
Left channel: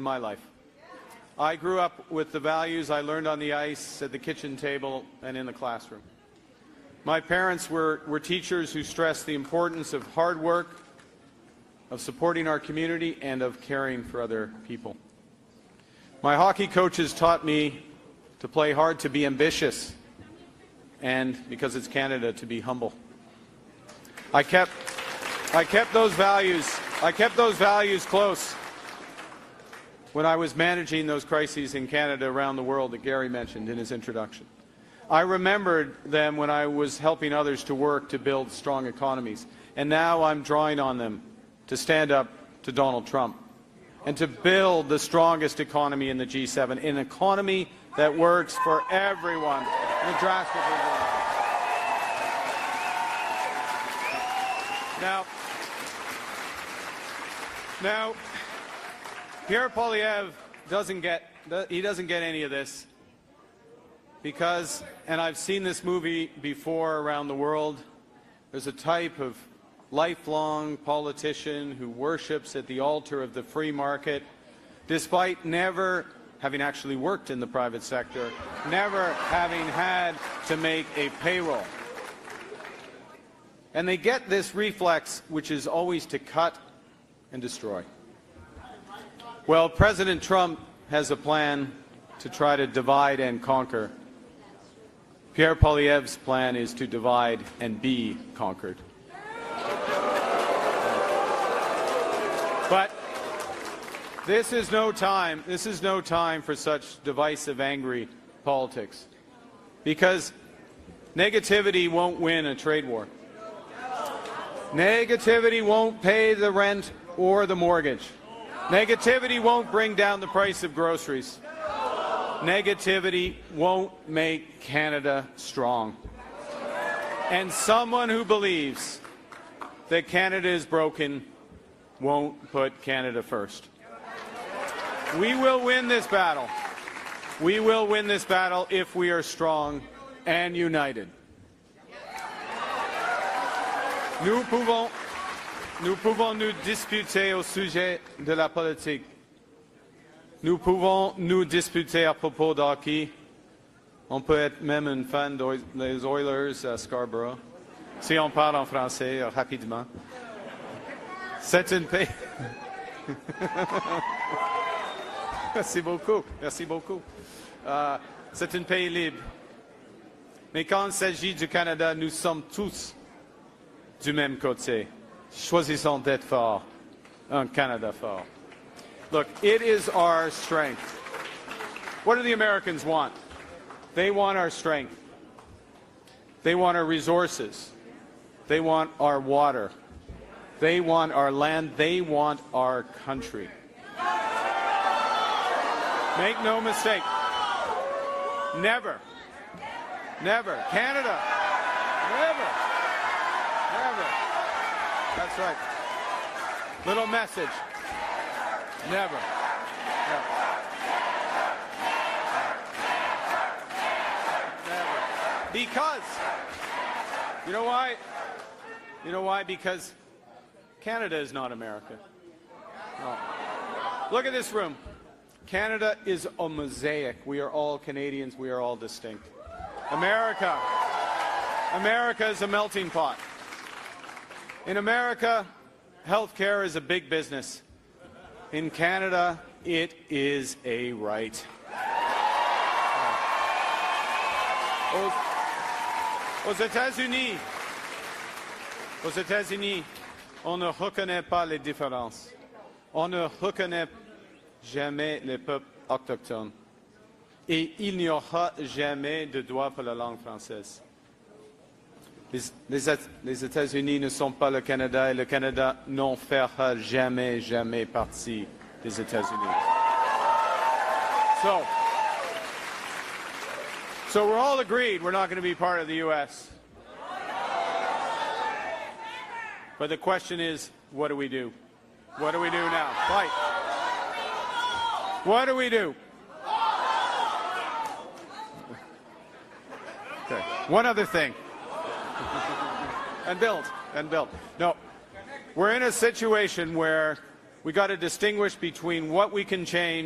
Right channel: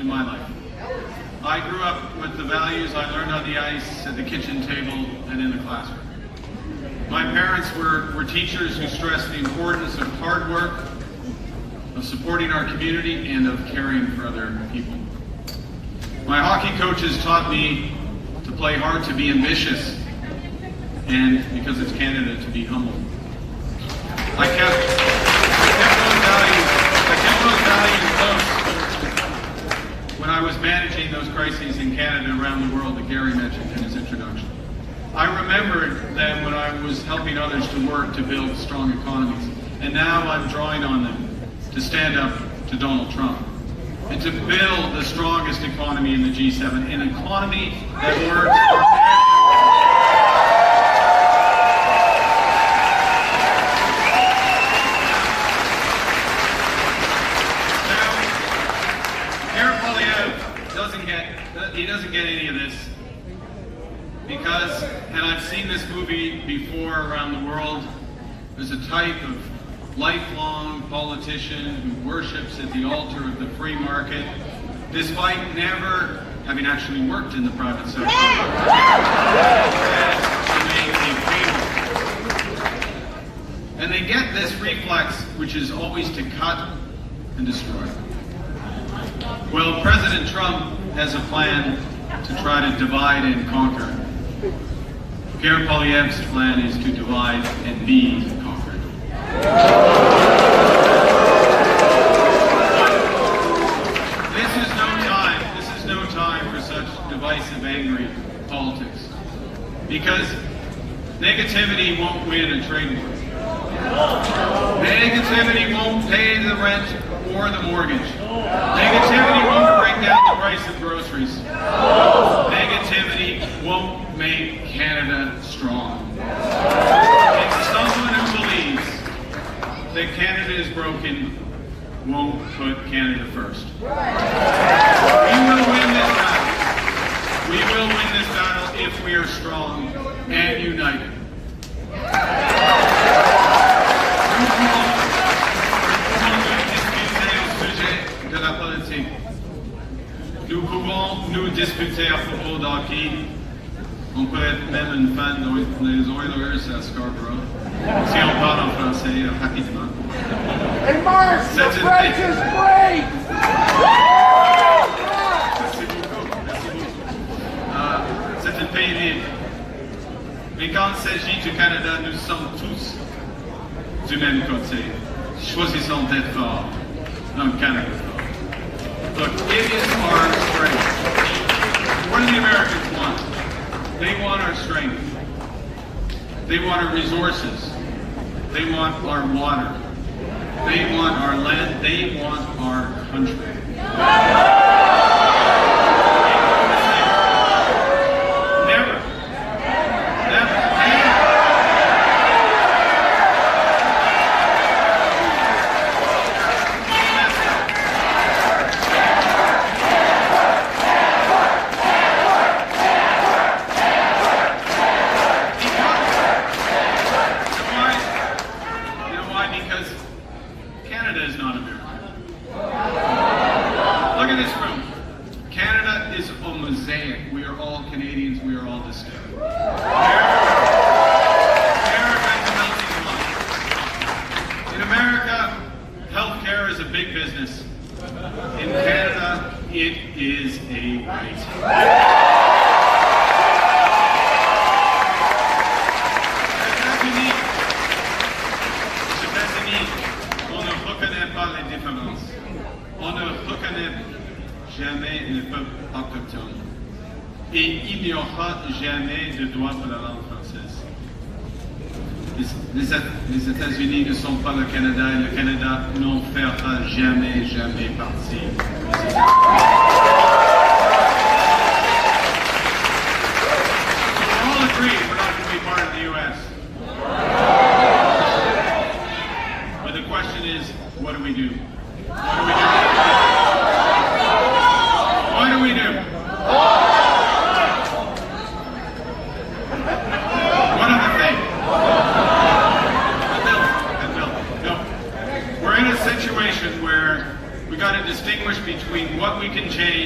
I grew up with the values I learned on the ice, at the kitchen table, and in the classroom. My parents were teachers who stressed the importance of hard work, of supporting our community, and of caring for other people. My hockey coaches taught me to play hard, to be ambitious, and because it's Canada, to be humble. I kept those values close when I was managing those crises in Canada, around the world, that Gary mentioned in his introduction. I remembered them when I was helping others to work to build strong economies, and now I'm drawing on them to stand up to Donald Trump and to build the strongest economy in the G7, an economy that works for everyone. He doesn't get any of this because, and I've seen this movie before around the world, there's a type of lifelong politician who worships at the altar of the free market, despite never having actually worked in the private sector. To make a cable. And they get this reflex, which is always to cut and destroy. Well, President Trump has a plan to try to divide and conquer. Pierre Poilievre's plan is to divide and be conquered. This is no time for such divisive, angry politics. Because negativity won't win a trade war. Negativity won't pay the rent or the mortgage. Negativity won't bring down the price of groceries. Negativity won't make Canada strong. And someone who believes that Canada is broken won't put Canada first. We will win this battle. We will win this battle if we are strong and united. De la politique. Nous pouvons nous discuter à propos de hockey. On peut être même une fan des Oilers à Scarborough. Si on parle en français rapidement. Hey, Mark, the French is great! Merci beaucoup. Merci beaucoup. C'est un pays libre. Mais quand il s'agit du Canada, nous sommes tous du même côté. Choisissons d'être forts. Canada fort. But it is our strength. What do the Americans want? They want our strength. They want our resources. They want our water. They want our land. They want our country. Make no mistake. Never. We are all Canadians, we are all the same. America is a melting pot. In America, healthcare is a big business. In Canada, it is a right. Aux États-Unis, on ne reconnaît pas les différences. On ne reconnaît jamais les peuples autochtones. Et il n'y aura jamais de droit pour la langue française. Les États-Unis ne sont pas le Canada et le Canada n'en fera jamais partie des États-Unis. So we're all agreed we're not going to be part of the U.S. But the question is, what do we do? What do we do? One of the things. No. We're in a situation where we got to distinguish between what we can change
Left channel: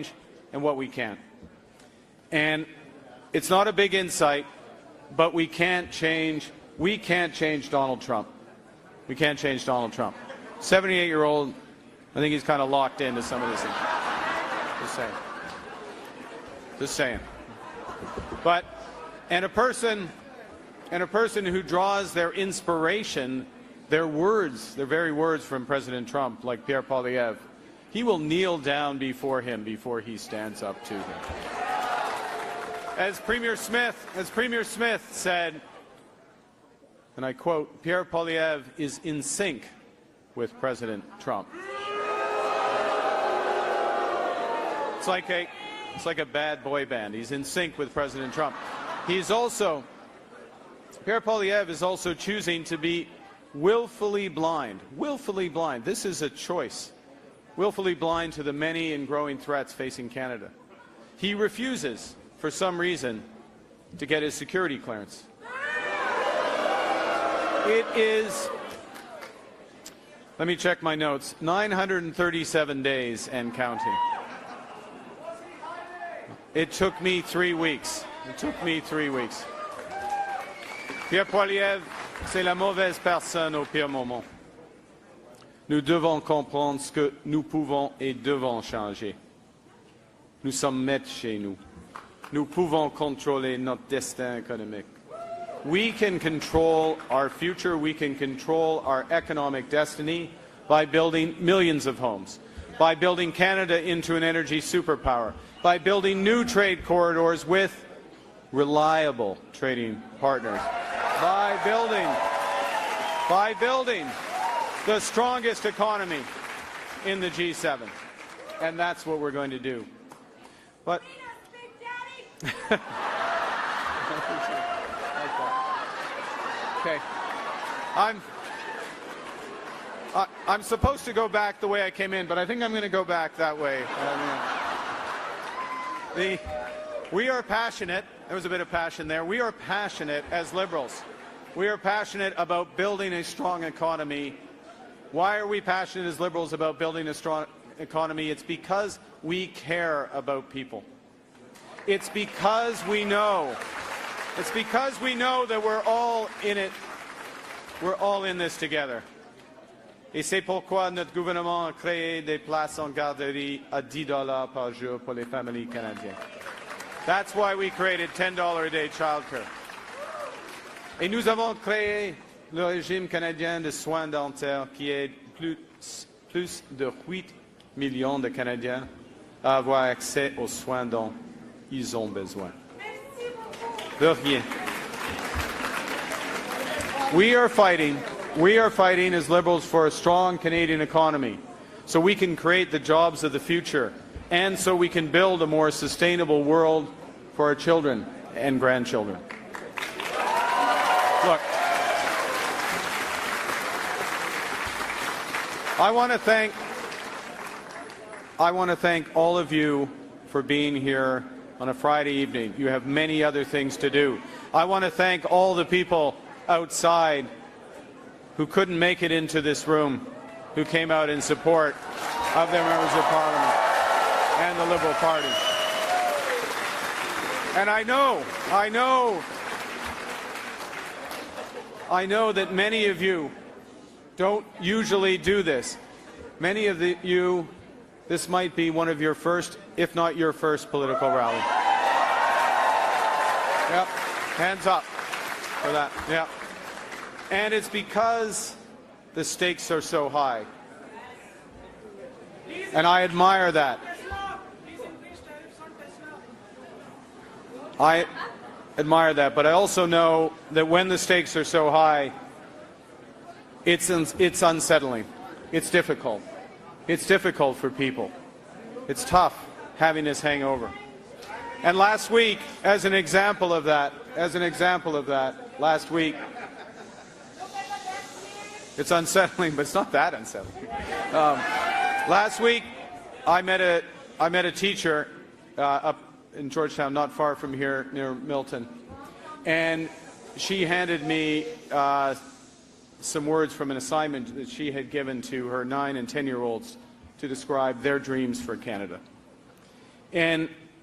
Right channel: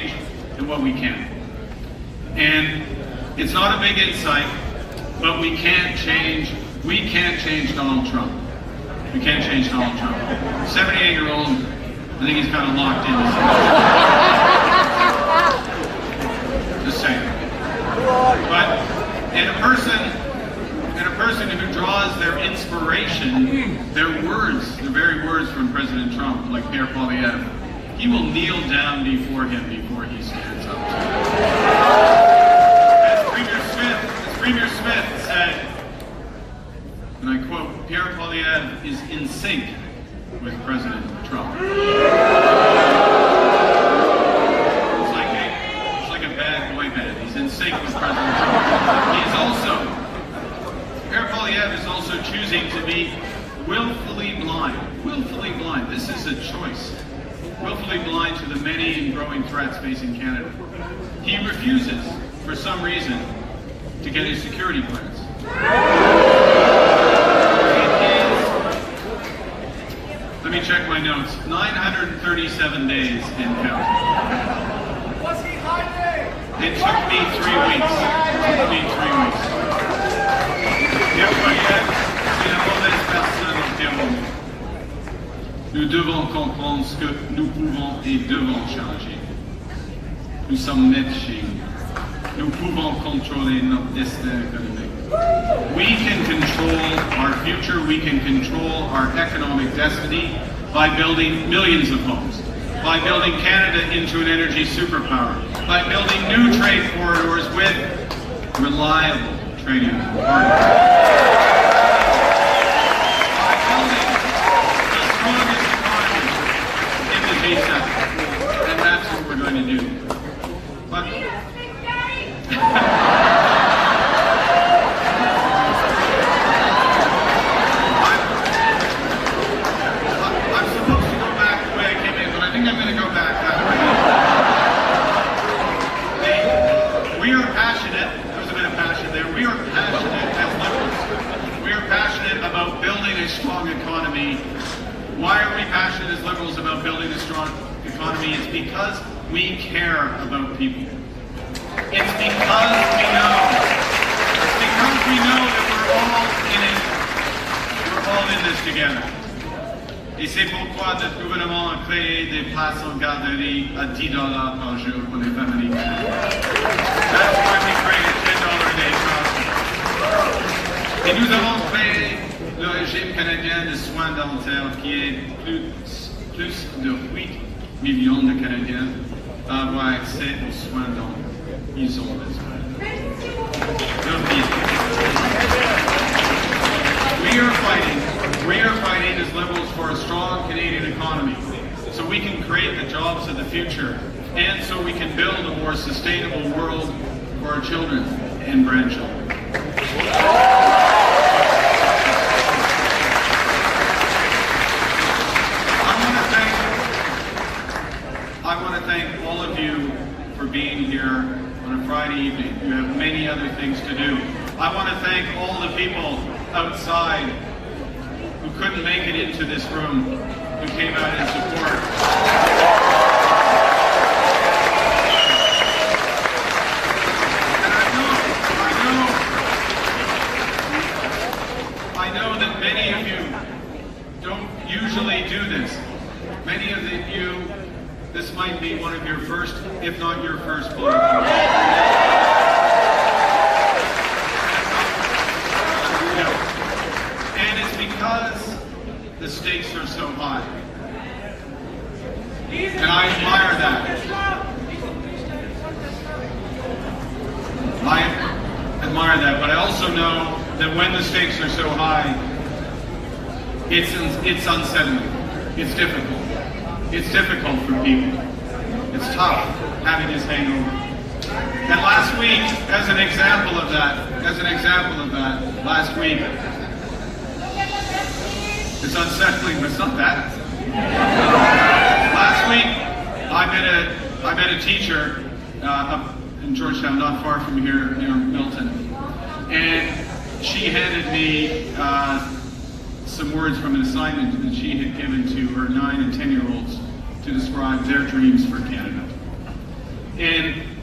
we can. And it's not a big insight, but we can't change Donald Trump. We can't change Donald Trump. 78-year-old, I think he's kind of locked in. Just saying. But, and a person who draws their inspiration, their words, the very words from President Trump, like Pierre Poilievre, he will kneel down before him before he stands up. As Premier Smith said, and I quote, Pierre Poilievre is in sync with President Trump. It's like a bad boy band. He's in sync with President Trump. Pierre Poilievre is also choosing to be willfully blind. Willfully blind. This is a choice. Willfully blind to the many and growing threats facing Canada. He refuses, for some reason, to get his security clearance. Let me check my notes. 937 days and counting. It took me 3 weeks. Pierre Poilievre, c'est la mauvaise personne au pire moment. Nous devons comprendre ce que nous pouvons et devons changer. Nous sommes N18G. Nous pouvons contrôler notre destin économique. We can control our future, we can control our economic destiny by building millions of homes, by building Canada into an energy superpower, by building new trade corridors with reliable trading partners, by building the strongest economy in the G7. And that's what we're going to do. But I'm supposed to go back the way I came in, but I think I'm going to go back that way. We are passionate, there's a bit of passion there, we are passionate as liberals. We are passionate about building a strong economy. Why are we passionate as liberals about building a strong economy? It's because we care about people. It's because we know that we're all in it. We're all in this together. Et c'est pourquoi notre gouvernement a créé des places en garderie à $10 par jour pour les familles canadiennes. That's why we created $10 a day charge. Et nous avons créé le régime canadien de soins dentaires qui aide plus de 8 millions de Canadiens à avoir accès aux soins dont ils ont besoin. We are fighting as liberals for a strong Canadian economy so we can create the jobs of the future and so we can build a more sustainable world for our children and grandchildren. I want to thank all of you for being here on a Friday evening. You have many other things to do. I want to thank all the people outside who couldn't make it into this room, who came out in support. And I know that many of you don't usually do this. Many of you, this might be one of your first, if not your first, political event. Hands up. Yeah. And it's because the stakes are so high. And I admire that. I admire that, but I also know that when the stakes are so high, it's unsettling. It's difficult. It's difficult for people. It's tough having this hangover. And last week, as an example of that, last week, it's unsettling, but it's not that unsettling. Last week, I met a teacher up in Georgetown, not far from here, near Milton, and she handed me some words from an assignment that she had given to her 9 and 10-year-olds to describe their dreams for Canada. And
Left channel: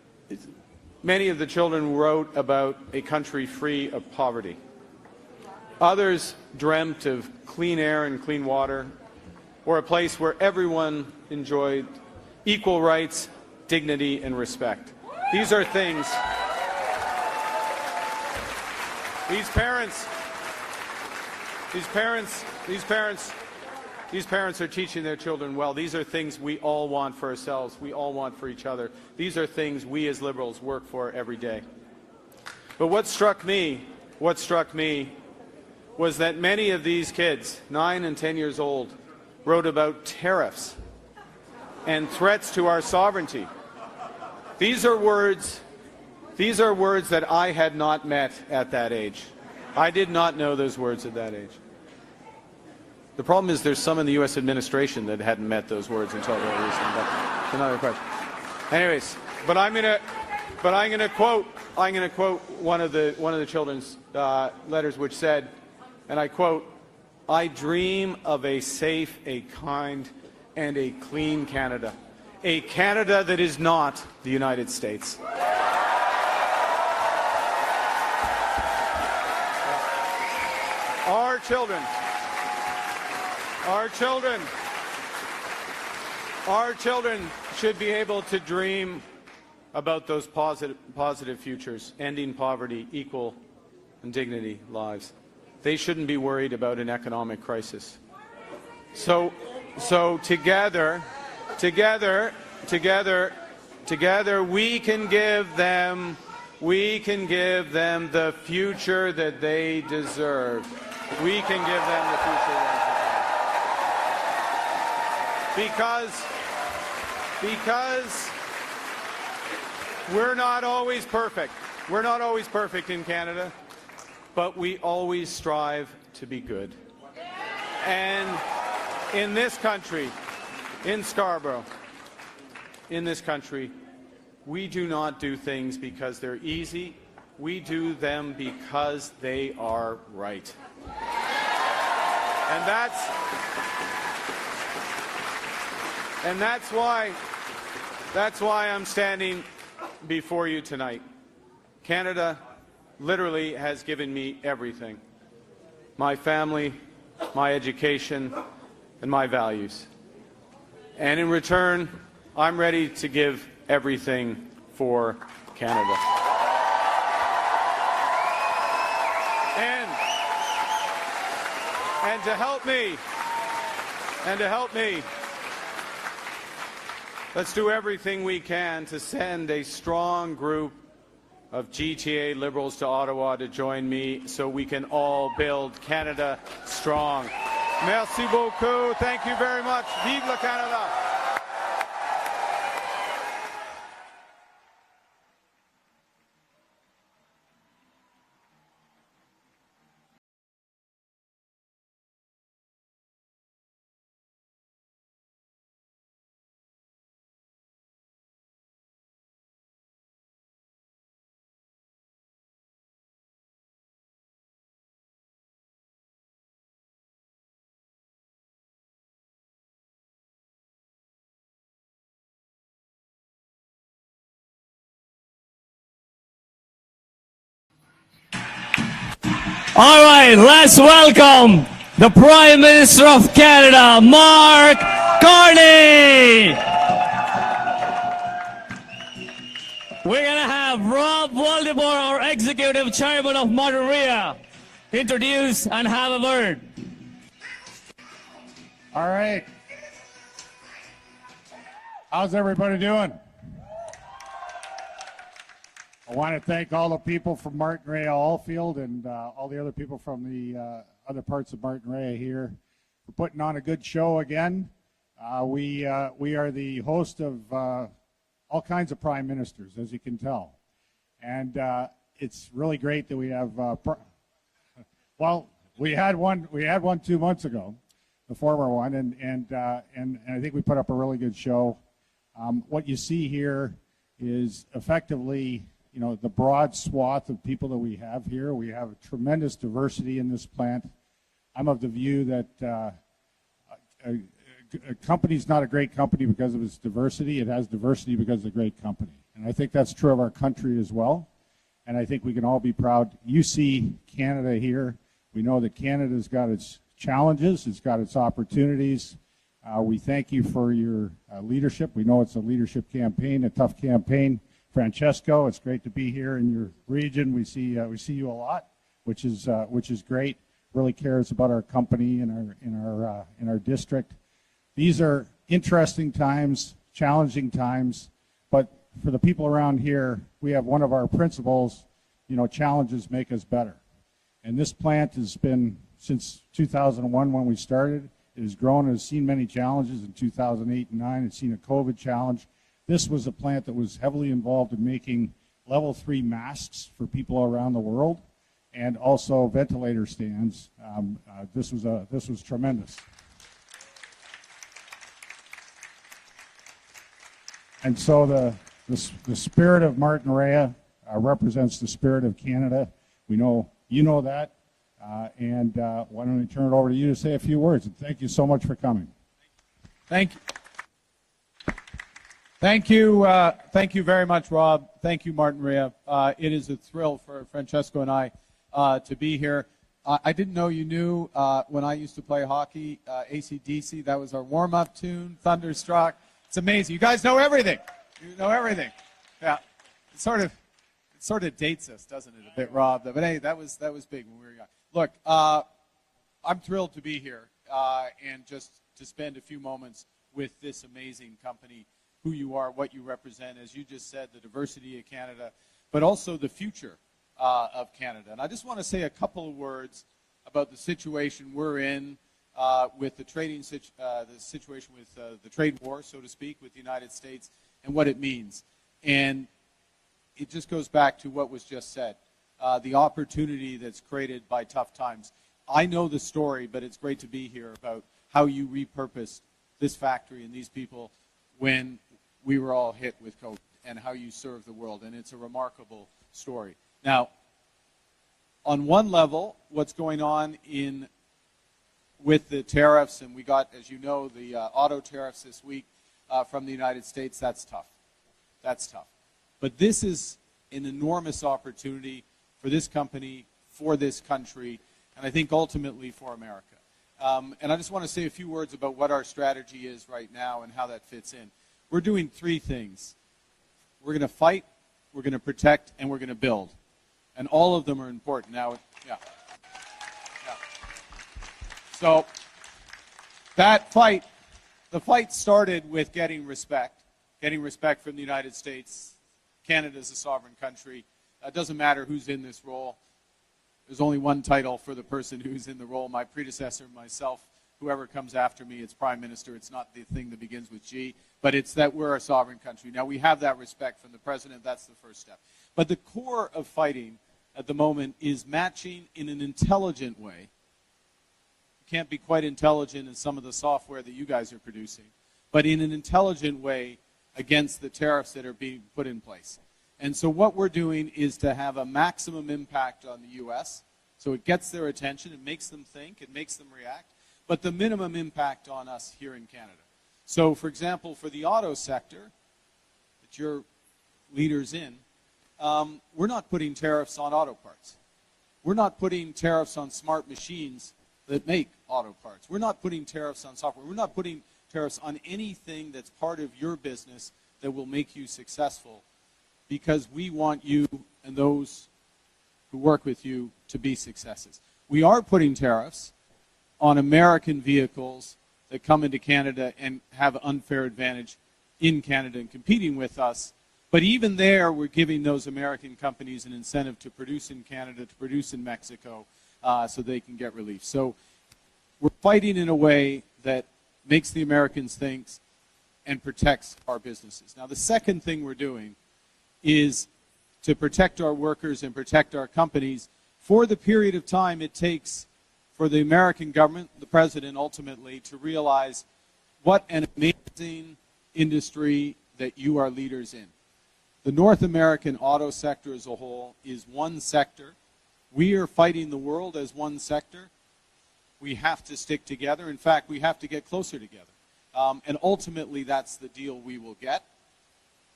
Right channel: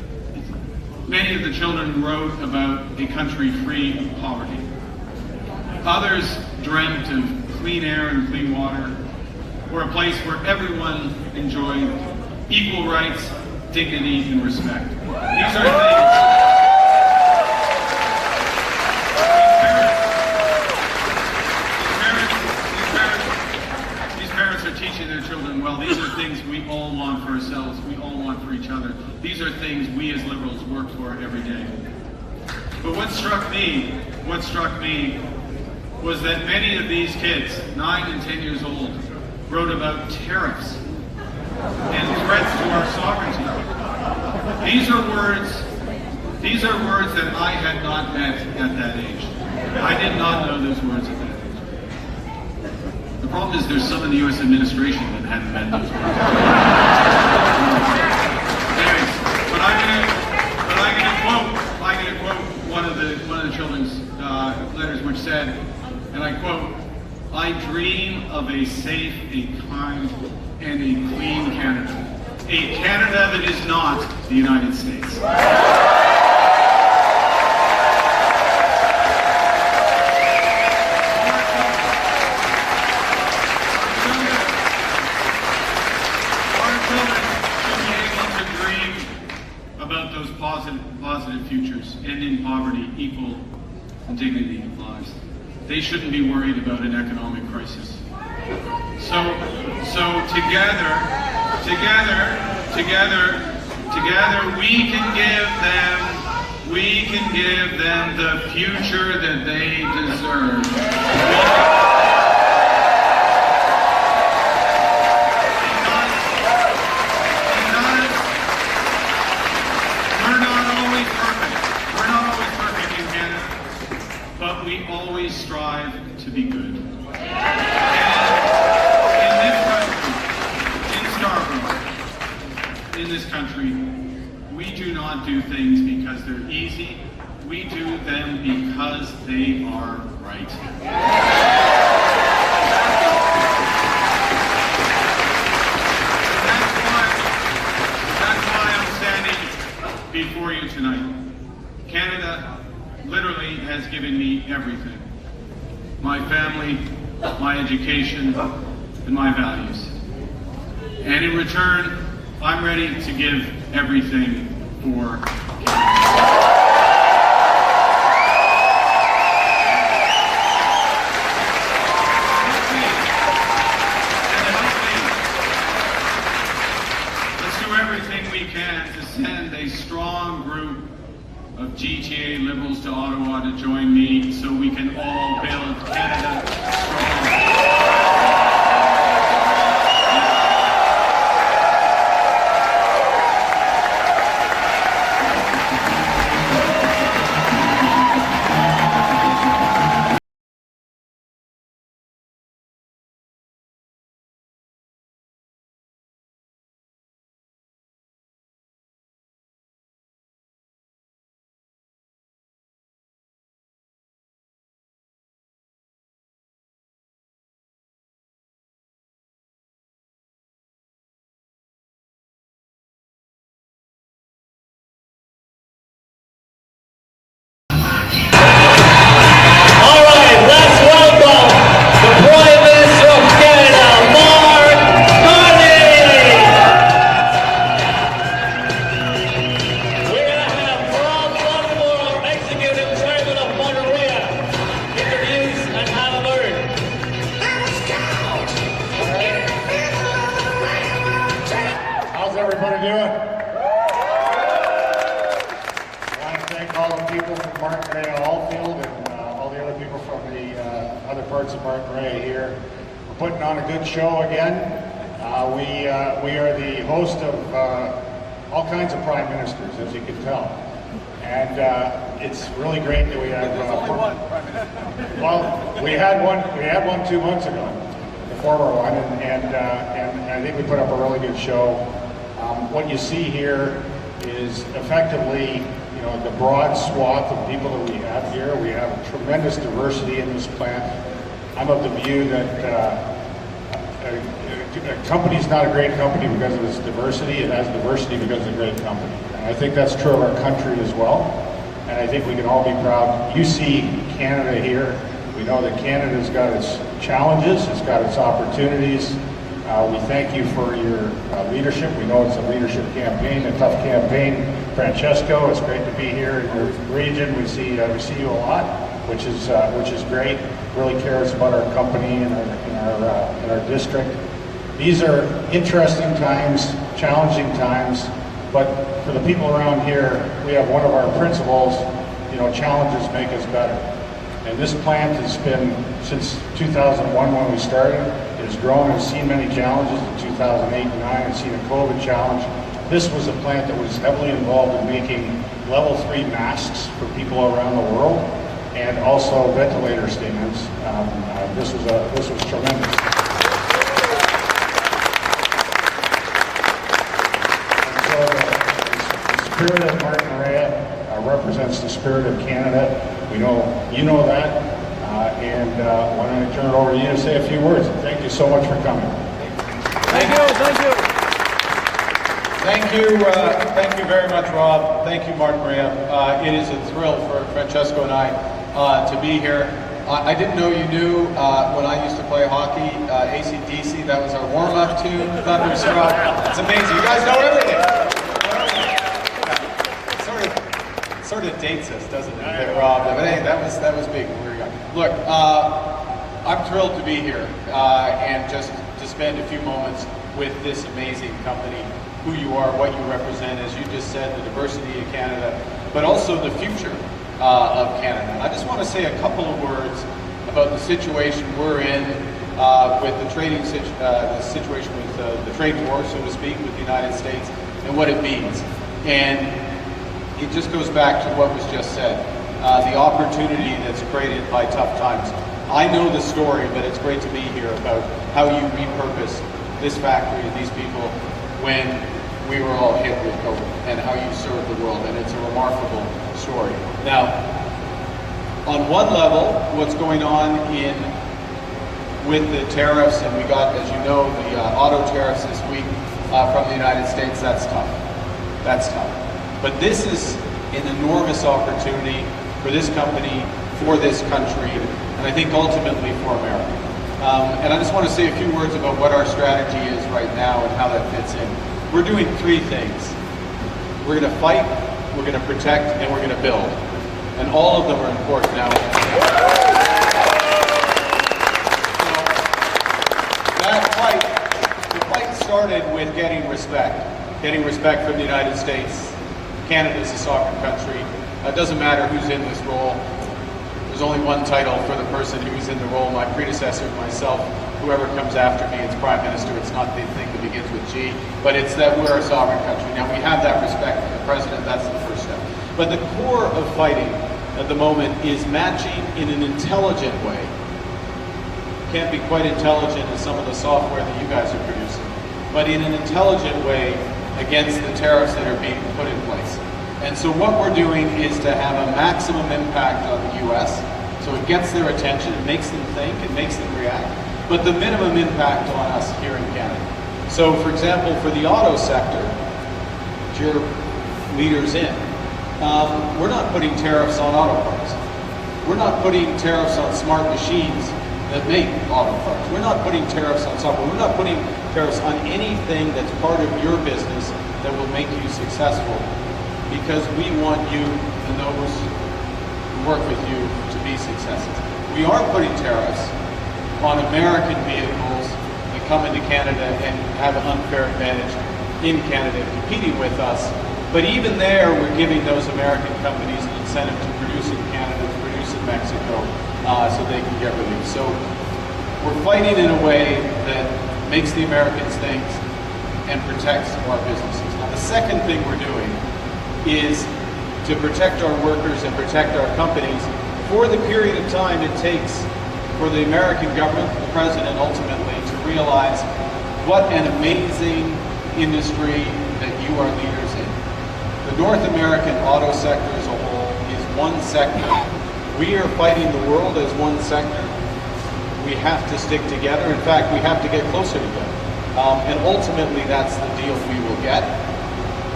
Many of the children wrote about a country free of poverty. Others dreamt of clean air and clean water, or a place where everyone enjoyed equal rights, dignity, and respect. These are things parents are teaching their children, well, these are things we all want for ourselves, we all want for each other. These are things we as liberals work for every day. But what struck me was that many of these kids, 9 and 10 years old, wrote about tariffs and threats to our sovereignty. These are words that I had not met at that age. I did not know those words at that age. The problem is there's some of the U.S. administration that hadn't met those words. Anyways, but I'm gonna quote one of the children's letters, which said, and I quote, "I dream of a safe, a kind, and a clean Canada. A Canada that is not the United States." About those positive futures, ending poverty, equal and dignity lives. They shouldn't be worried about an economic crisis. So together, we can give them the future that they deserve. We're not always perfect in Canada, but we always strive to be good. And in this country, in Scarborough, in this country, we do not do things because they're easy. We do them because they are right. That's why I'm standing before you tonight. Canada literally has given me everything. My family, my education, and my values. And in return, I'm ready to give everything for Canada. Let's do everything we can to send a strong group of GTA Liberals to Ottawa to join me so we can all build Canada strong. Let's welcome the Prime Minister of Canada, Carney. We're going to have Rob Waldemore, our Executive Chairman of Monterey, introduce and have a word. All right. How's everybody doing? I want to thank all the people from Martin Ray Allfield and all the other people from the other parts of Martin Ray here. We're putting on a good show again. We are the host of all kinds of prime ministers, as you can tell. And it's really great that we have. Well, we had one 2 months ago, the former one, and I think we put up a really good show. What you see here is effectively, you know, the broad swath of people that we have here. We have tremendous diversity in this plant. I'm of the view that a company's not a great company because of its diversity. It has diversity because it's a great company. And I think that's true of our country as well. And I think we can all be proud. You see Canada here. We know that Canada's got its challenges, it's got its opportunities. We thank you for your leadership. We know it's a leadership campaign, a tough campaign. Francesco, it's great to be here in your region. We see you a lot, which is great. Really cares about our company and our district. These are interesting times, challenging times, but for the people around here, we have one of our principles, challenges make us better. And this plant has been, since 2001 when we started, it has grown and seen many challenges. In 2008 and 2009, it's seen a COVID challenge. This was a plant that was heavily involved in making level 3 masks for people around the world, and also ventilator stands. This was tremendous. And so the spirit of Martin Rea represents the spirit of Canada. We know you know that, and why don't I turn it over to you to say a few words. Thank you so much for coming. Thank you very much, Rob. Thank you, Martin Rea. It is a thrill for Francesco and I to be here. I didn't know you knew when I used to play hockey, AC/DC, that was our warm-up tune, Thunderstruck. It's amazing. You guys know everything. Yeah. It sort of dates us, doesn't it, Rob? But hey, that was big. Look, I'm thrilled to be here and just to spend a few moments with this amazing company, who you are, what you represent, as you just said, the diversity of Canada, but also the future of Canada. I just want to say a couple of words about the situation we're in with the trading the situation with the trade war, so to speak, with the United States and what it means. And it just goes back to what was just said, the opportunity that's created by tough times. I know the story, but it's great to be here about how you repurpose this factory and these people when we were all hit with COVID, and how you serve the world, and it's a remarkable story. Now, on one level, what's going on with the tariffs, and we got, as you know, the auto tariffs this week from the United States, that's tough. That's tough. But this is an enormous opportunity for this company, for this country, and I think ultimately for America. And I just want to say a few words about what our strategy is right now and how that fits in. We're doing 3 things. We're going to fight, we're going to protect, and we're going to build. And all of them are important now. So that fight, the fight started with getting respect from the United States. Canada is a sovereign country. It doesn't matter who's in this role. There's only one title for the person who's in the role, my predecessor, myself, whoever comes after me, it's Prime Minister. It's not the thing that begins with G, but it's that we're a sovereign country. Now, we have that respect for the President. That's the first step. But the core of fighting at the moment is matching in an intelligent way. Can't be quite intelligent as some of the software that you guys are producing, but in an intelligent way against the tariffs that are being put in place. And so what we're doing is to have a maximum impact on the U.S., so it gets their attention, it makes them think, it makes them react, but the minimum impact on us here in Canada. So, for example, for the auto sector, which you're leaders in, we're not putting tariffs on auto parts. We're not putting tariffs on smart machines that make auto parts. We're not putting tariffs on software. We're not putting tariffs on anything that's part of your business that will make you successful, because we want you and those who work with you to be successes. We are putting tariffs on American vehicles that come into Canada and have an unfair advantage in Canada competing with us. But even there, we're giving those American companies an incentive to produce in Canada, to produce in Mexico, so they can get relief. So we're fighting in a way that makes the Americans think and protects our businesses. Now, the second thing we're doing is to protect our workers and protect our companies for the period of time it takes for the American government, the President ultimately, to realize what an amazing industry that you are leaders in. The North American auto sector as a whole is one sector. We are fighting the world as one sector. We have to stick together. In fact, we have to get closer together. And ultimately, that's the deal we will get.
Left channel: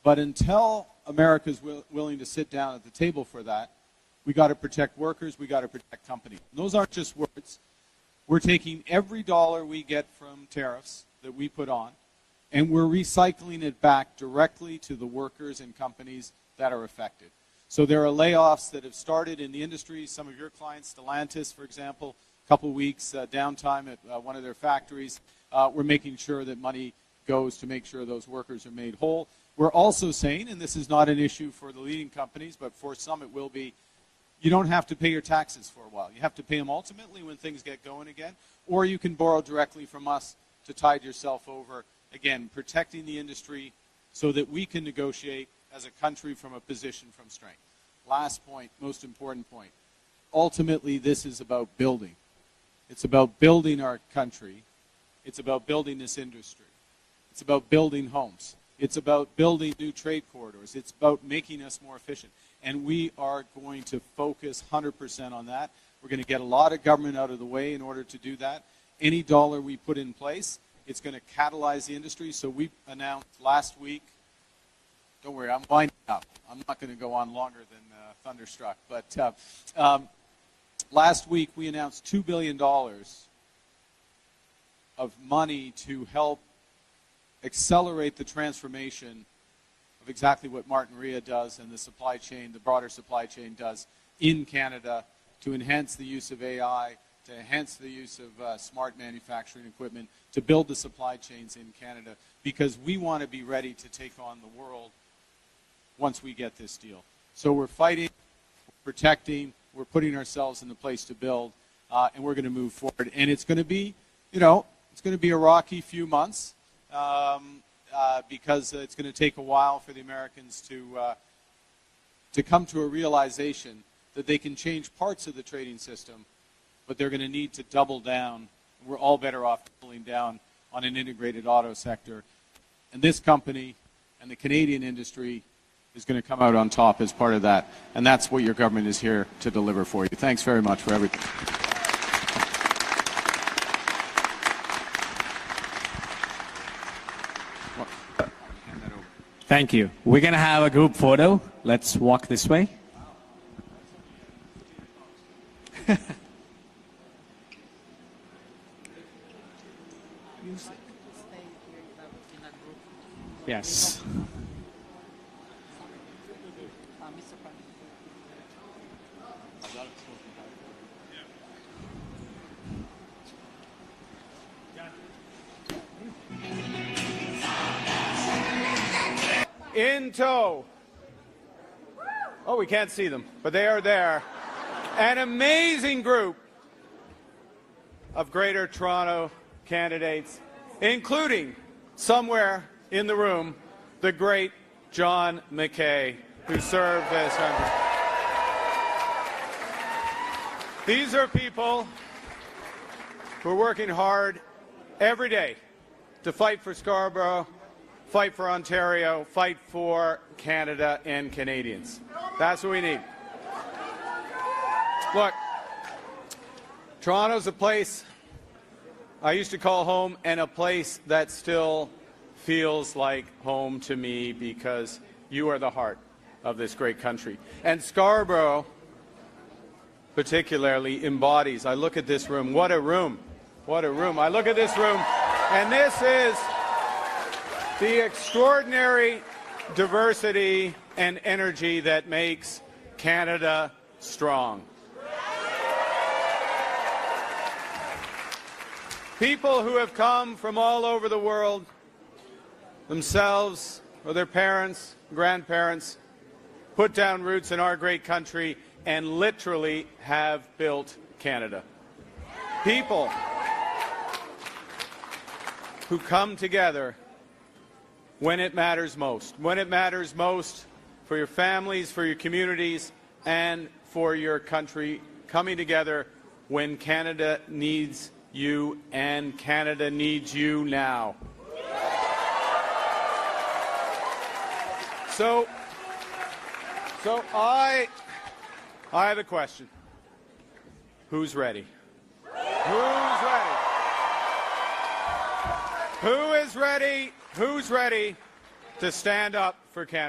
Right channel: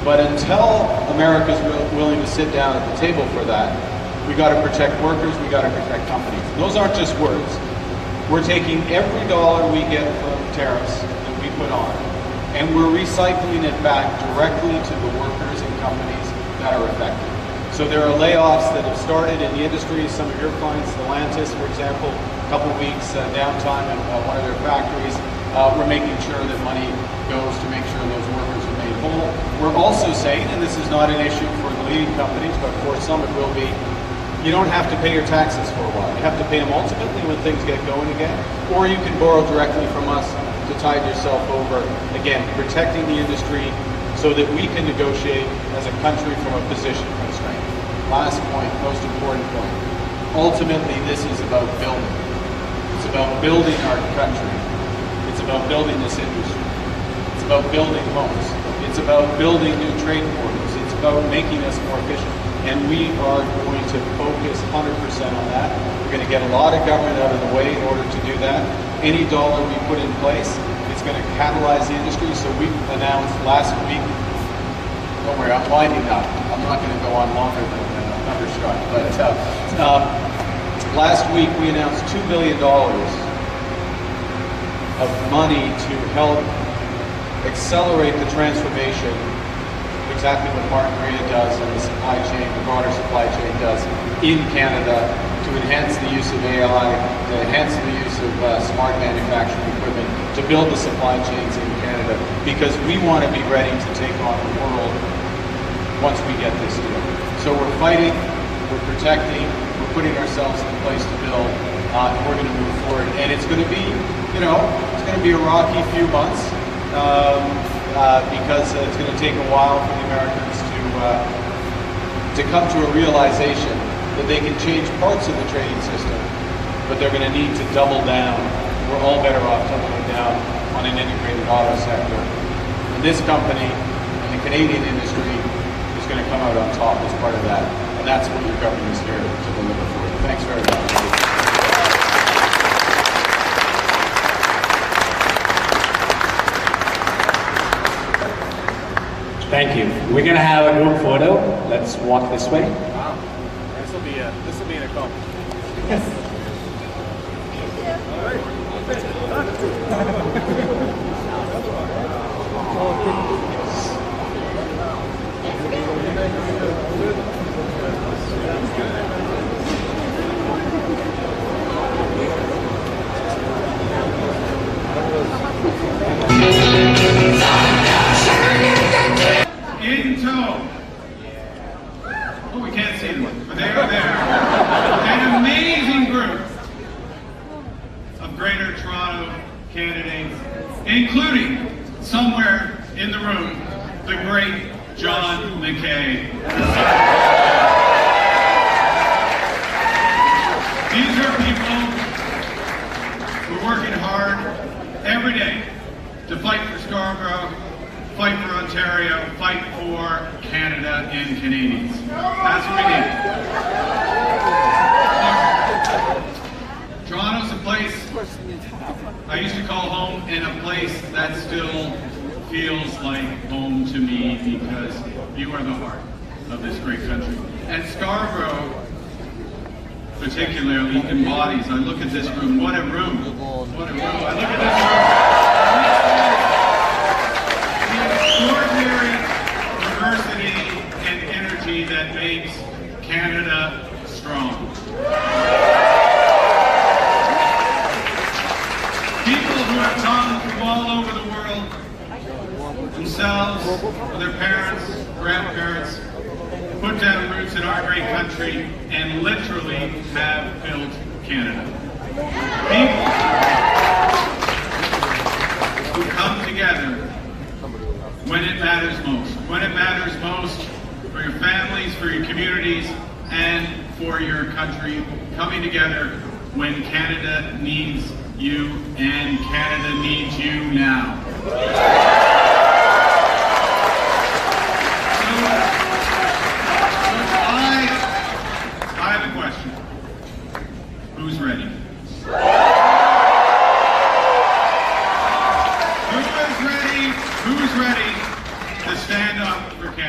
But until America's willing to sit down at the table for that, we got to protect workers, we got to protect companies. Those aren't just words. We're taking every dollar we get from tariffs that we put on, and we're recycling it back directly to the workers and companies that are affected. So there are layoffs that have started in the industry. Some of your clients, Stellantis, for example, a couple of weeks downtime in one of their factories. We're making sure that money goes to make sure those workers are made whole. We're also saying, and this is not an issue for the leading companies, but for some it will be, you don't have to pay your taxes for a while. You have to pay them ultimately when things get going again, or you can borrow directly from us to tide yourself over. Again, protecting the industry so that we can negotiate as a country from a position of strength. Last point, most important point. Ultimately, this is about building. It's about building our country. It's about building this industry. It's about building homes. It's about building new trade corridors. It's about making us more efficient. And we are going to focus 100% on that. We're going to get a lot of government out of the way in order to do that. Any dollar we put in place, it's going to catalyze the industry. So we announced last week, don't worry, I'm winding up. I'm not going to go on longer than Thunderstruck. But last week we announced $2 billion of money to help accelerate the transformation, exactly what Martin Maria does and the supply chain, the broader supply chain does in Canada, to enhance the use of AI, to enhance the use of smart manufacturing equipment, to build the supply chains in Canada, because we want to be ready to take on the world once we get this deal. So we're fighting, we're protecting, we're putting ourselves in place to build, and we're going to move forward. And it's going to be, it's going to be a rocky few months, because it's going to take a while for the Americans to come to a realization that they can change parts of the trading system, but they're going to need to double down. We're all better off doubling down on an integrated auto sector. And this company and the Canadian industry is going to come out on top as part of that. And that's what your government is here to deliver for you. Thanks very much. Thank you. We're going to have a group photo. Let's walk this way. Wow. This will be an accomplishment. Yes. In tow. Oh, we can't see them, but they're there. An amazing group of Greater Toronto candidates, including somewhere in the room, the great John McKay. These are people who are working hard every day to fight for Scarborough, fight for Ontario, fight for Canada and Canadians. That's what we need. Look, Toronto's a place I used to call home, and a place that still feels like home to me, because you are the heart of this great country. And Scarborough particularly embodies, I look at this room, what a room, what a room. I look at this room, and this is the extraordinary diversity and energy that makes Canada strong. People who have come from all over the world, themselves, their parents, grandparents, put down roots in our great country and literally have built Canada. People who come together when it matters most. When it matters most for your families, for your communities, and for your country. Coming together when Canada needs you, and Canada needs you now. I have a question. Who's ready? Who is ready? Who's ready to stand up for Canada?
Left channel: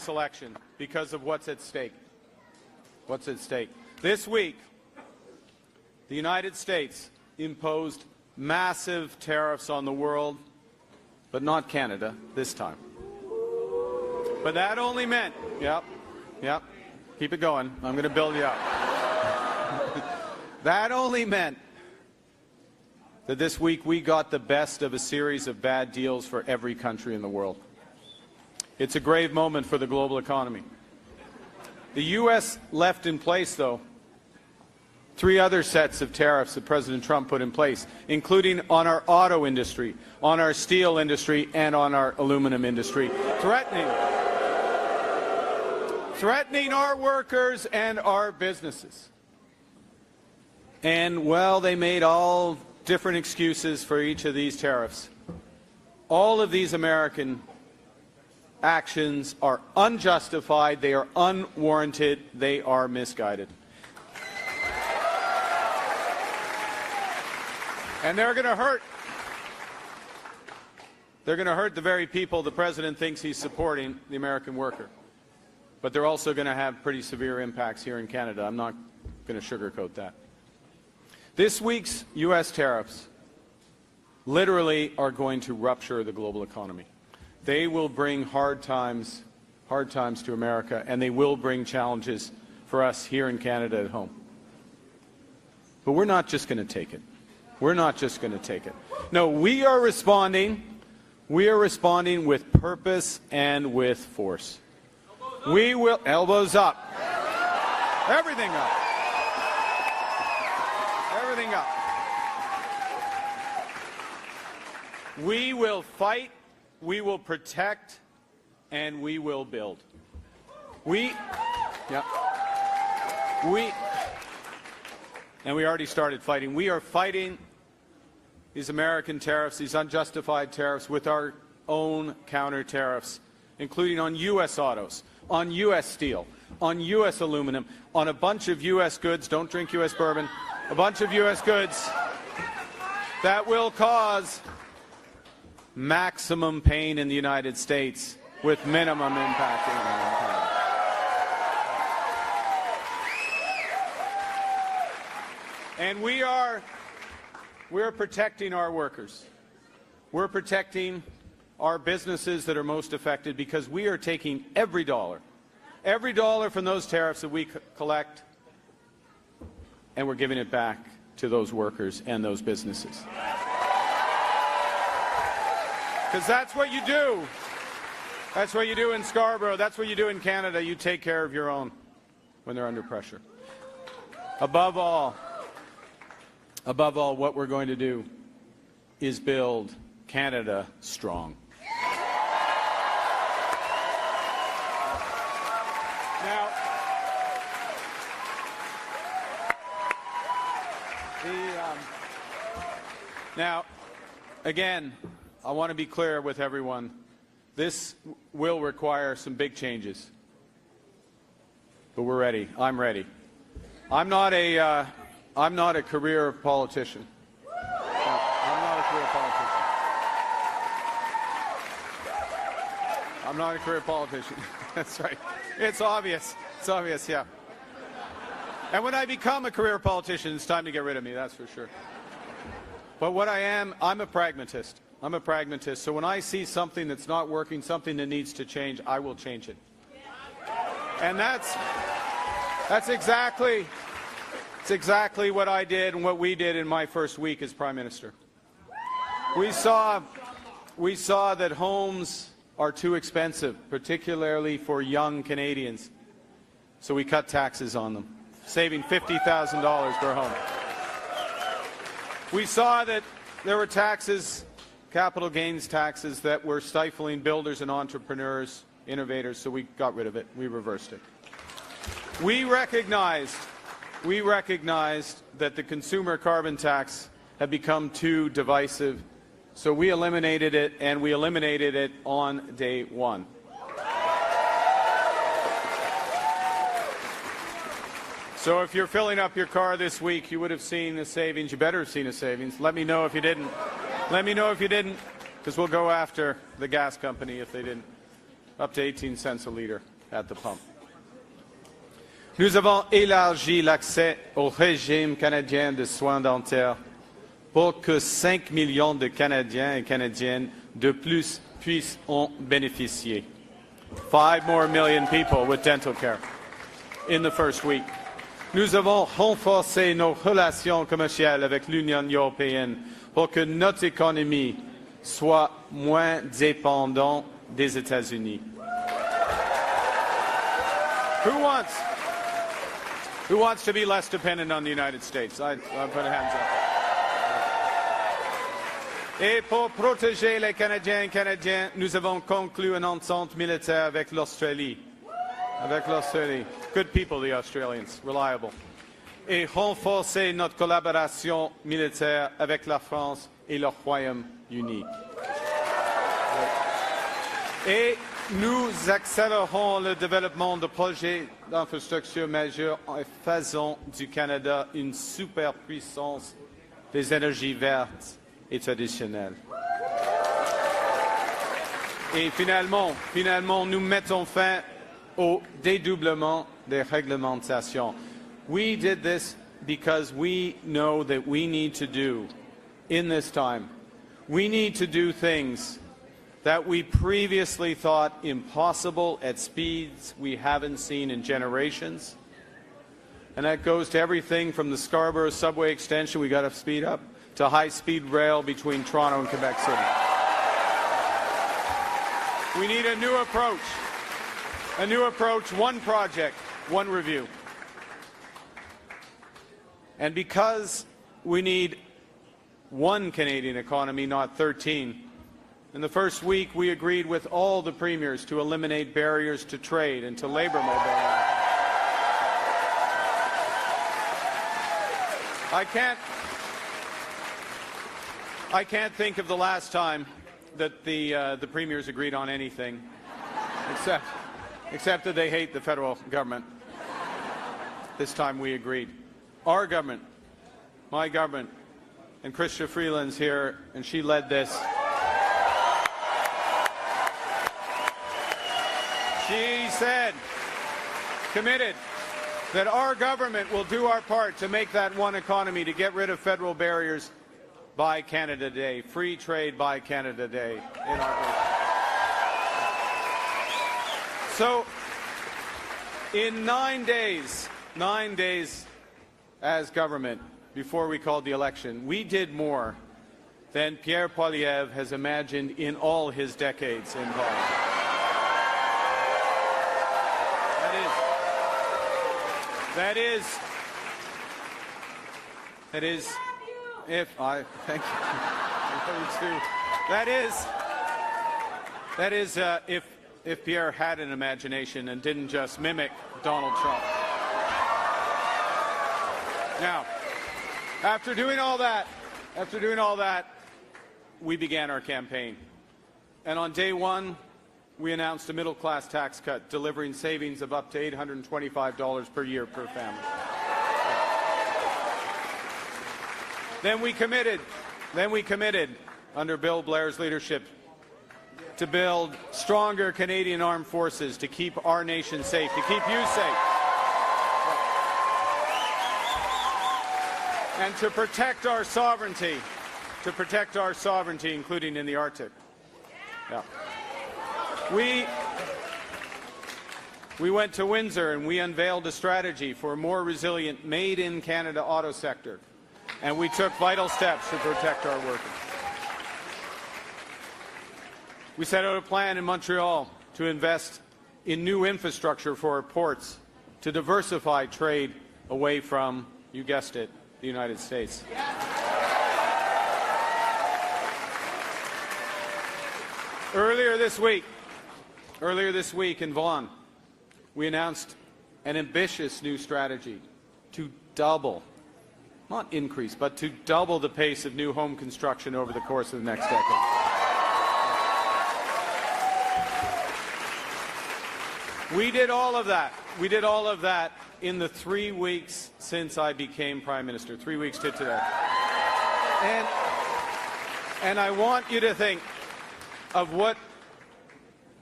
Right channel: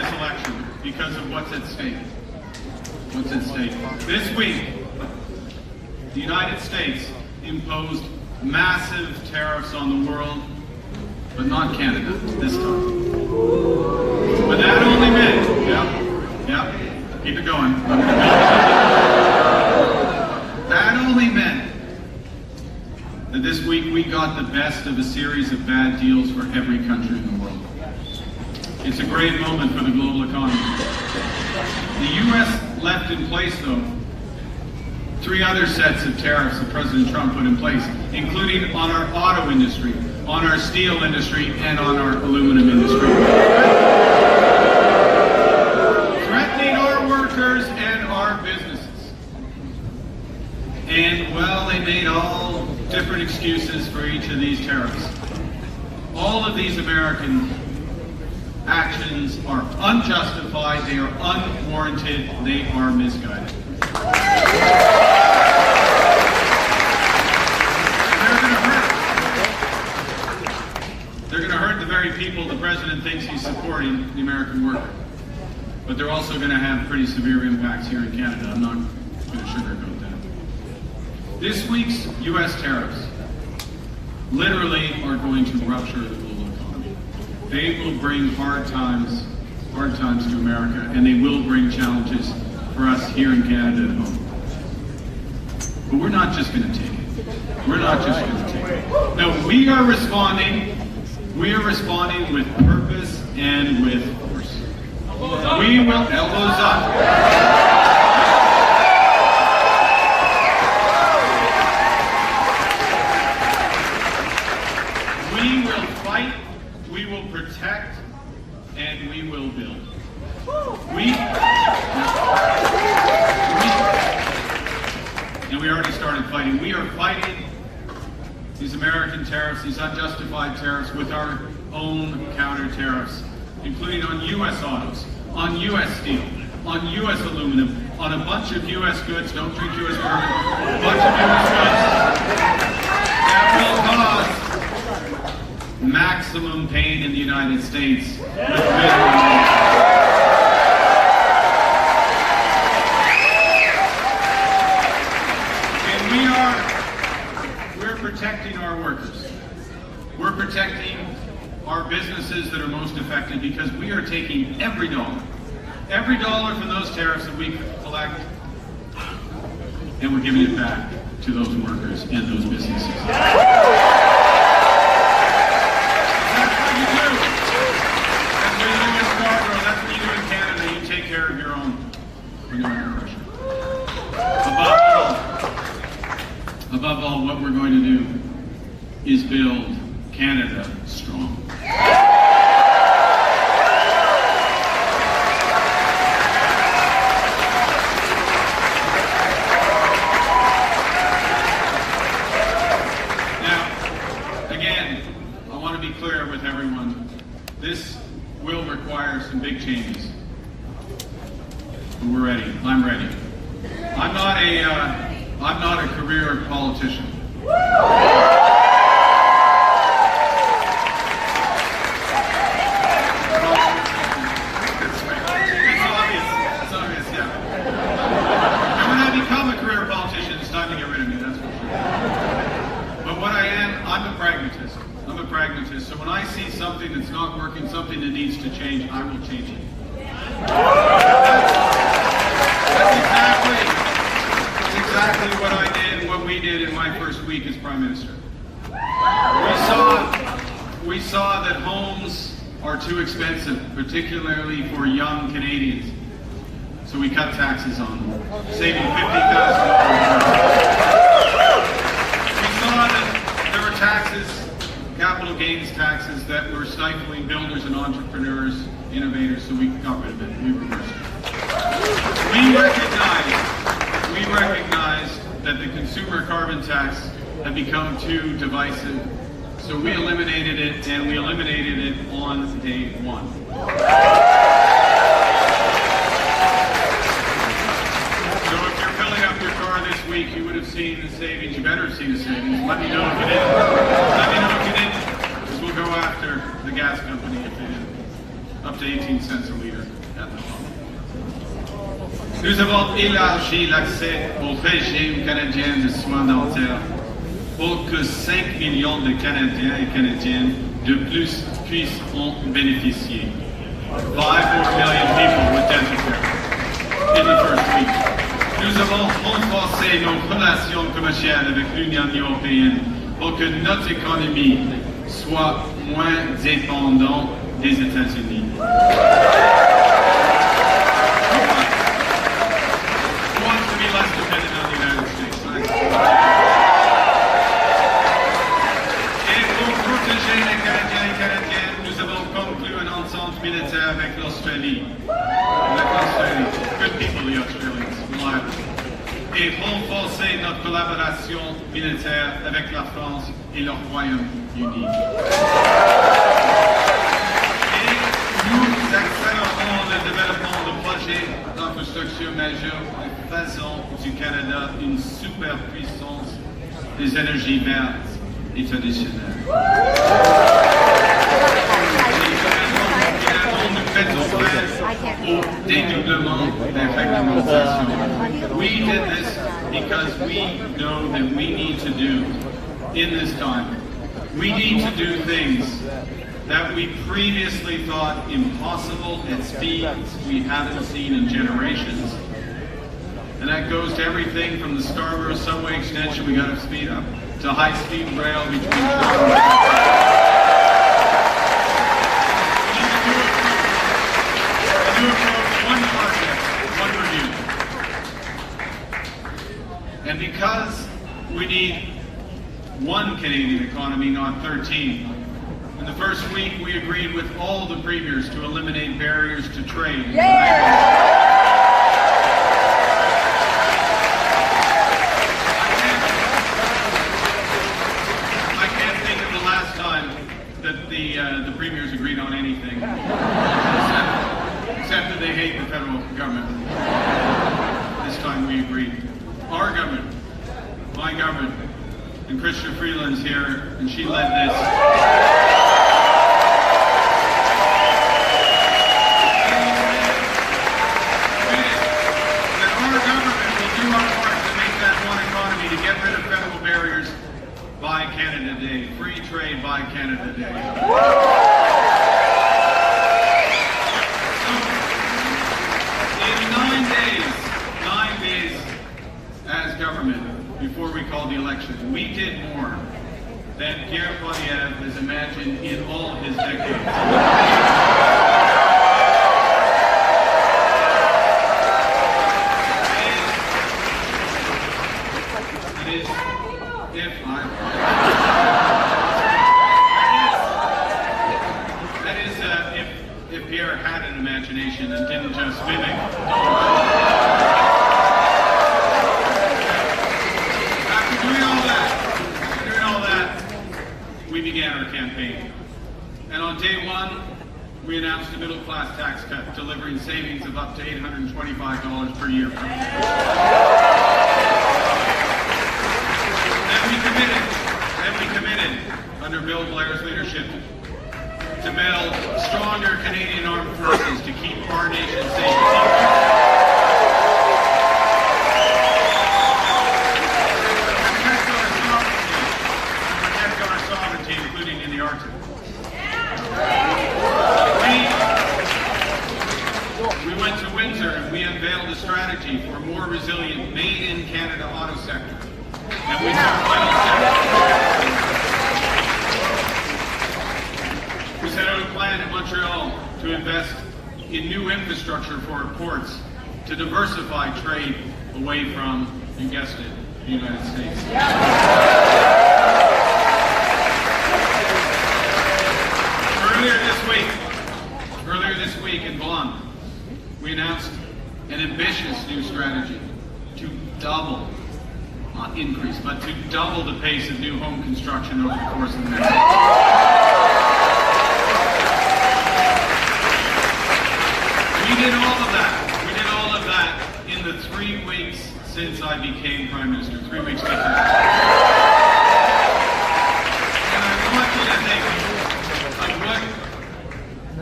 this election because of what's at stake. What's at stake? This week, the United States imposed massive tariffs on the world, but not Canada this time. But that only meant, keep it going. That only meant that this week we got the best of a series of bad deals for every country in the world. It's a great moment for the global economy. The U.S. left in place, though, 3 other sets of tariffs that President Trump put in place, including on our auto industry, on our steel industry, and on our aluminum industry. Threatening our workers and our businesses. And, well, they made all different excuses for each of these tariffs. All of these American actions are unjustified, they are unwarranted, they are misguided. And they're going to hurt the very people the president thinks he's supporting, the American worker. But they're also going to have pretty severe impacts here in Canada. I'm not going to sugarcoat that. This week's U.S. tariffs literally are going to rupture the global economy. They will bring hard times to America, and they will bring challenges for us here in Canada at home. But we're not just going to take it. We're not just going to take it. No, we are responding. We are responding with purpose and with force. We will, elbows up. We will fight, we will protect, and we will build. And we already started fighting. We are fighting these American tariffs, these unjustified tariffs, with our own counter tariffs, including on U.S. autos, on U.S. steel, on U.S. aluminum, on a bunch of U.S. goods, don't drink U.S. bourbon, a bunch of U.S. goods that will cause maximum pain in the United States with minimum. We're protecting our workers. We're protecting our businesses that are most affected because we are taking every dollar from those tariffs that we collect, and we're giving it back to those workers and those businesses. That's what you do. That's what you do in Scarborough. That's what you do in Canada. You take care of your own oppression. Above all, what we're going to do is build Canada strong. Now, again, I want to be clear with everyone. This will require some big changes. But we're ready. I'm ready. I'm not a career politician. It's obvious, yeah. When I become a career politician, it's time to get rid of me, that's for sure. But what I am, I'm a pragmatist. I'm a pragmatist. So when I see something that's not working, something that needs to change, I will change it. That's exactly what I did and what we did in my first week as Prime Minister. We saw that homes are too expensive, particularly for young Canadians. So we cut taxes on them, saving $50,000. We saw that there were taxes, capital gains taxes, that were stifling builders and entrepreneurs, innovators, so we got rid of it. We reversed it. We recognize that the consumer carbon tax had become too divisive, so we eliminated it, and we eliminated it on day one. So if you're filling up your car this week, you would have seen the savings. You better have seen the savings. Let me know if you did. Let me know if you didn't, because we'll go after the gas company if you didn't. up to 18 cents a liter at the pump. Nous avons élargi l'accès au régime canadien de soins dentaires pour que 5 millions de Canadiens et Canadiennes de plus puissent en bénéficier. 5 more million people with dental care in the first week. Nous avons renforcé nos relations commerciales avec l'Union européenne pour que notre économie soit moins dépendante des États-Unis. Who wants to be less dependent on the United States? Et pour protéger les Canadiens et Canadiennes, nous avons conclu un entente militaire avec l'Australie. Good people, the Australians, reliable. Et renforcer notre collaboration militaire avec la France et le Royaume-Uni. Et nous accélérons le développement de projets d'infrastructure majeurs en faisant du Canada une superpuissance des énergies vertes et traditionnelles. Nous mettons fin au dédoublement des réglementations. We did this because we know that we need to do in this time. We need to do things that we previously thought impossible at speeds we haven't seen in generations. And that goes to everything from the Scarborough subway extension we got to speed up to high-speed rail between Toronto and Vancouver. One project, one review. And because we need one Canadian economy, not 13, in the first week we agreed with all the premiers to eliminate barriers to trade. I can't think of the last time that the premiers agreed on anything. Except that they hate the federal government. This time we agreed. Our government, my government, and Christian Freeland's here, and she led this. She said, committed, that our government will do our part to make that one economy, to get rid of federal barriers by Canada Day. Free trade by Canada Day. So, in 9 days as government, before we called the election, we did more than Pierre Poilievre has imagined in all of his decades. If Pierre had an imagination and didn't just mimic After doing all that, we began our campaign. And on day one, we announced a middle-class tax cut, delivering savings of up to $825 per year. Then we committed, under Bill Blair's leadership, to build stronger Canadian armed forces to keep our nation safe. To protect our sovereignty, including in the Arctic. We went to winter and we unveiled a strategy for a more resilient made-in-Canada auto sector. And we took final steps. We set out a plan in Montreal to invest in new infrastructure for our ports to diversify trade away from, you guessed it, the United States. Earlier this week in Vaughan, we announced an ambitious new strategy to double, not increase, but to double the pace of new home construction over the course of next year. We did all of that in the 3 weeks since I became Prime Minister. 3 weeks later. And I want you to think of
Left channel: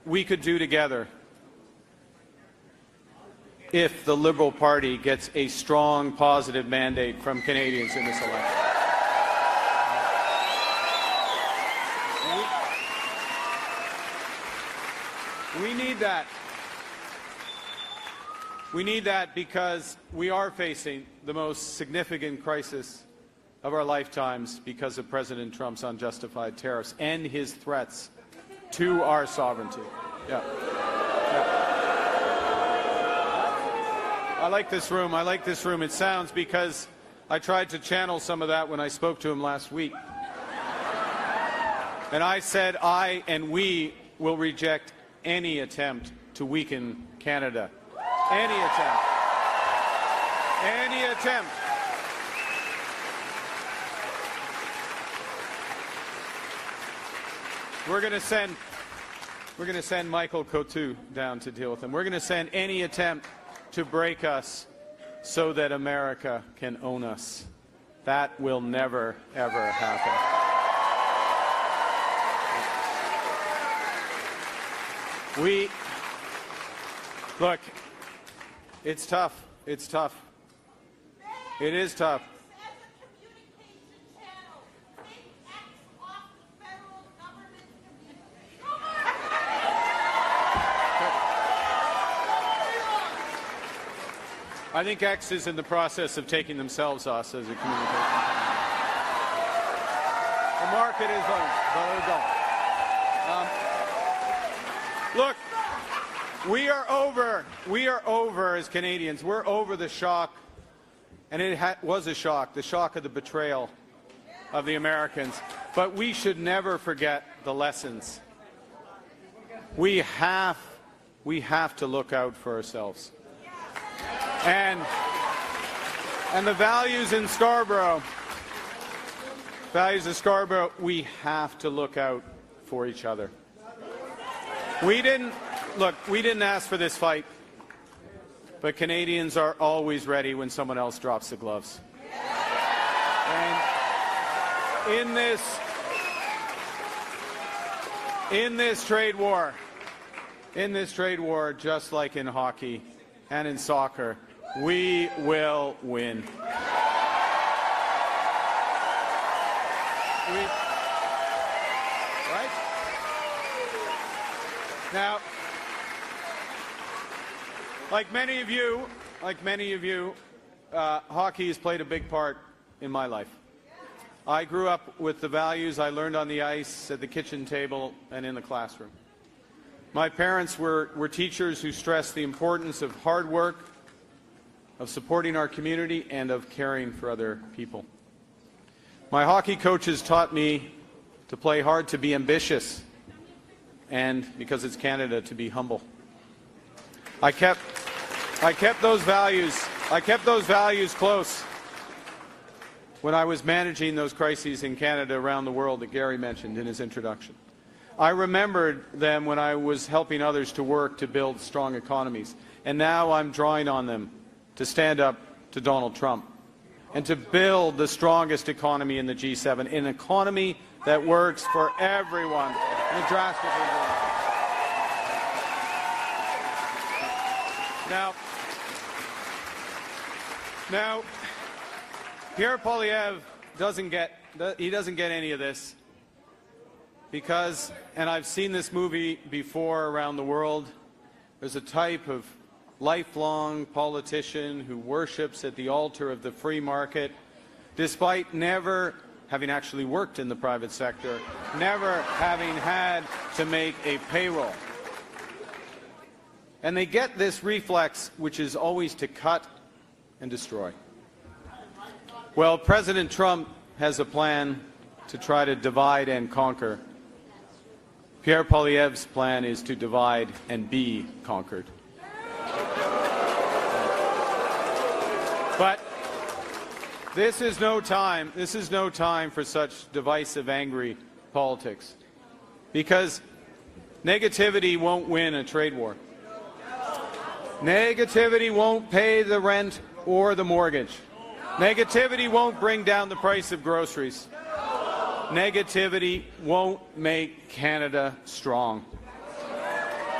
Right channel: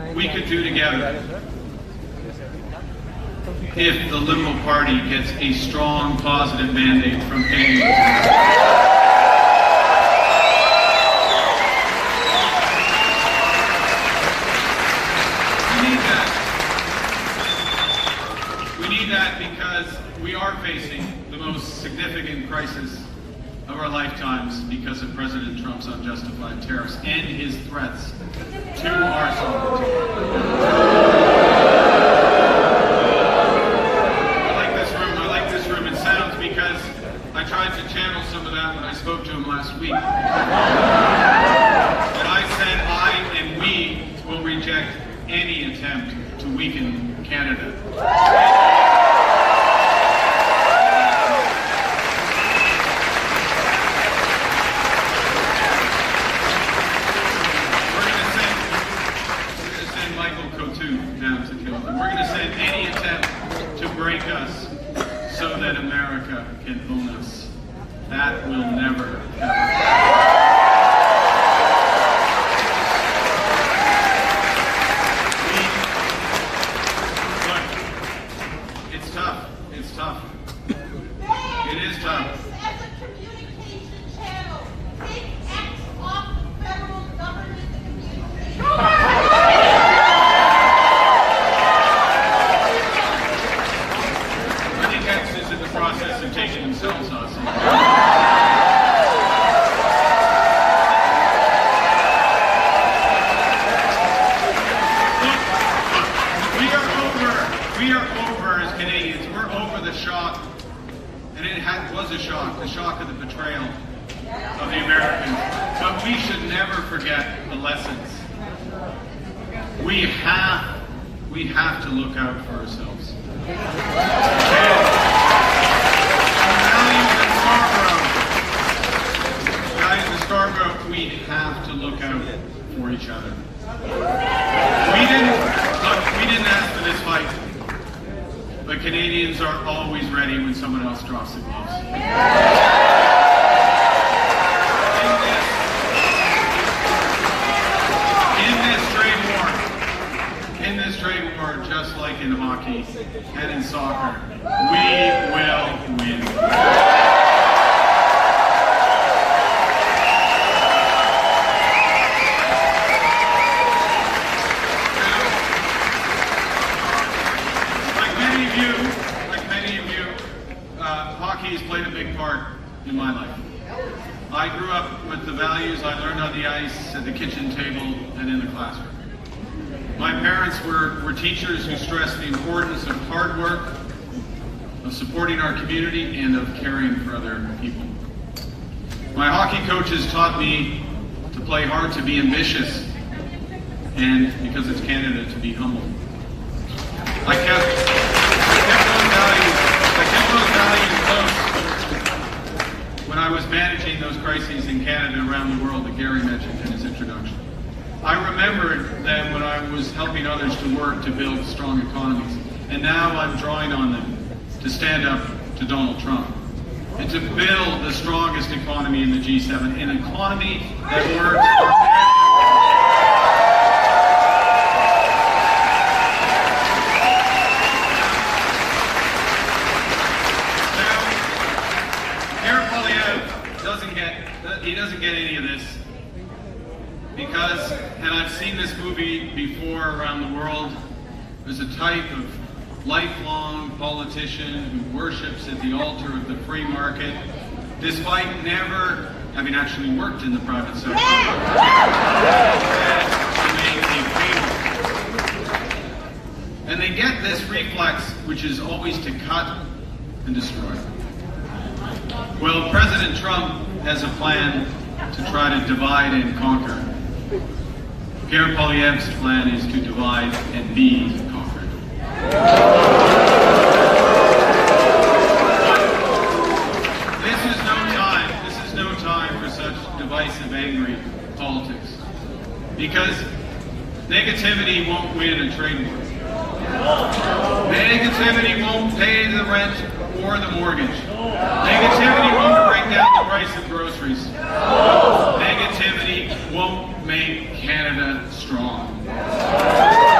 we could do together if the Liberal Party gets a strong, positive mandate from Canadians. We need that because we are facing the most significant crisis of our lifetimes because of President Trump's unjustified tariffs and his threats to our sovereignty. I like this room. It sounds because I tried to channel some of that when I spoke to him last week. And I said I and we will reject any attempt to weaken Canada. Michael Coutu down to deal with them. We're going to send any attempt to break us so that America can own us. That will never, ever happen. It's tough. It's tough. It is tough. As a communication channel, take X off the federal government communication. Is in the process of taking themselves off. Look, we are over as Canadians. We're over the shock, and it was a shock, the shock of the betrayal of the Americans. But we should never forget the lessons. We have to look out for ourselves. Values in Scarborough, we have to look out for each other. We didn't ask for this fight, but Canadians are always ready when someone else drops the gloves. In this trade war, just like in hockey and in soccer, we will win. Like many of you, hockey has played a big part in my life. I grew up with the values I learned on the ice, at the kitchen table, and in the classroom. My parents were teachers who stressed the importance of hard work, of supporting our community, and of caring for other people. My hockey coaches taught me to play hard, to be ambitious, and because it's Canada, to be humble. I kept those values close when I was managing those crises in Canada around the world that Gary mentioned in his introduction. I remembered them when I was helping others to work to build strong economies. And now I'm drawing on them to stand up to Donald Trump and to build the strongest economy in the G7, an economy that works for everyone. Now, Pierre Poilievre doesn't get any of this. Because, and I've seen this movie before around the world, there's a type of lifelong politician who worships at the altar of the free market, despite never having actually worked in the private sector, to make a cable. And they get this reflex, which is always to cut and destroy. Well, President Trump has a plan to try to divide and conquer. Pierre Poilievre's plan is to divide and be conquered. This is no time for such divisive, angry politics. Because negativity won't win a trade war. Negativity won't pay the rent or the mortgage. Negativity won't bring down the price of groceries. Negativity won't make Canada strong.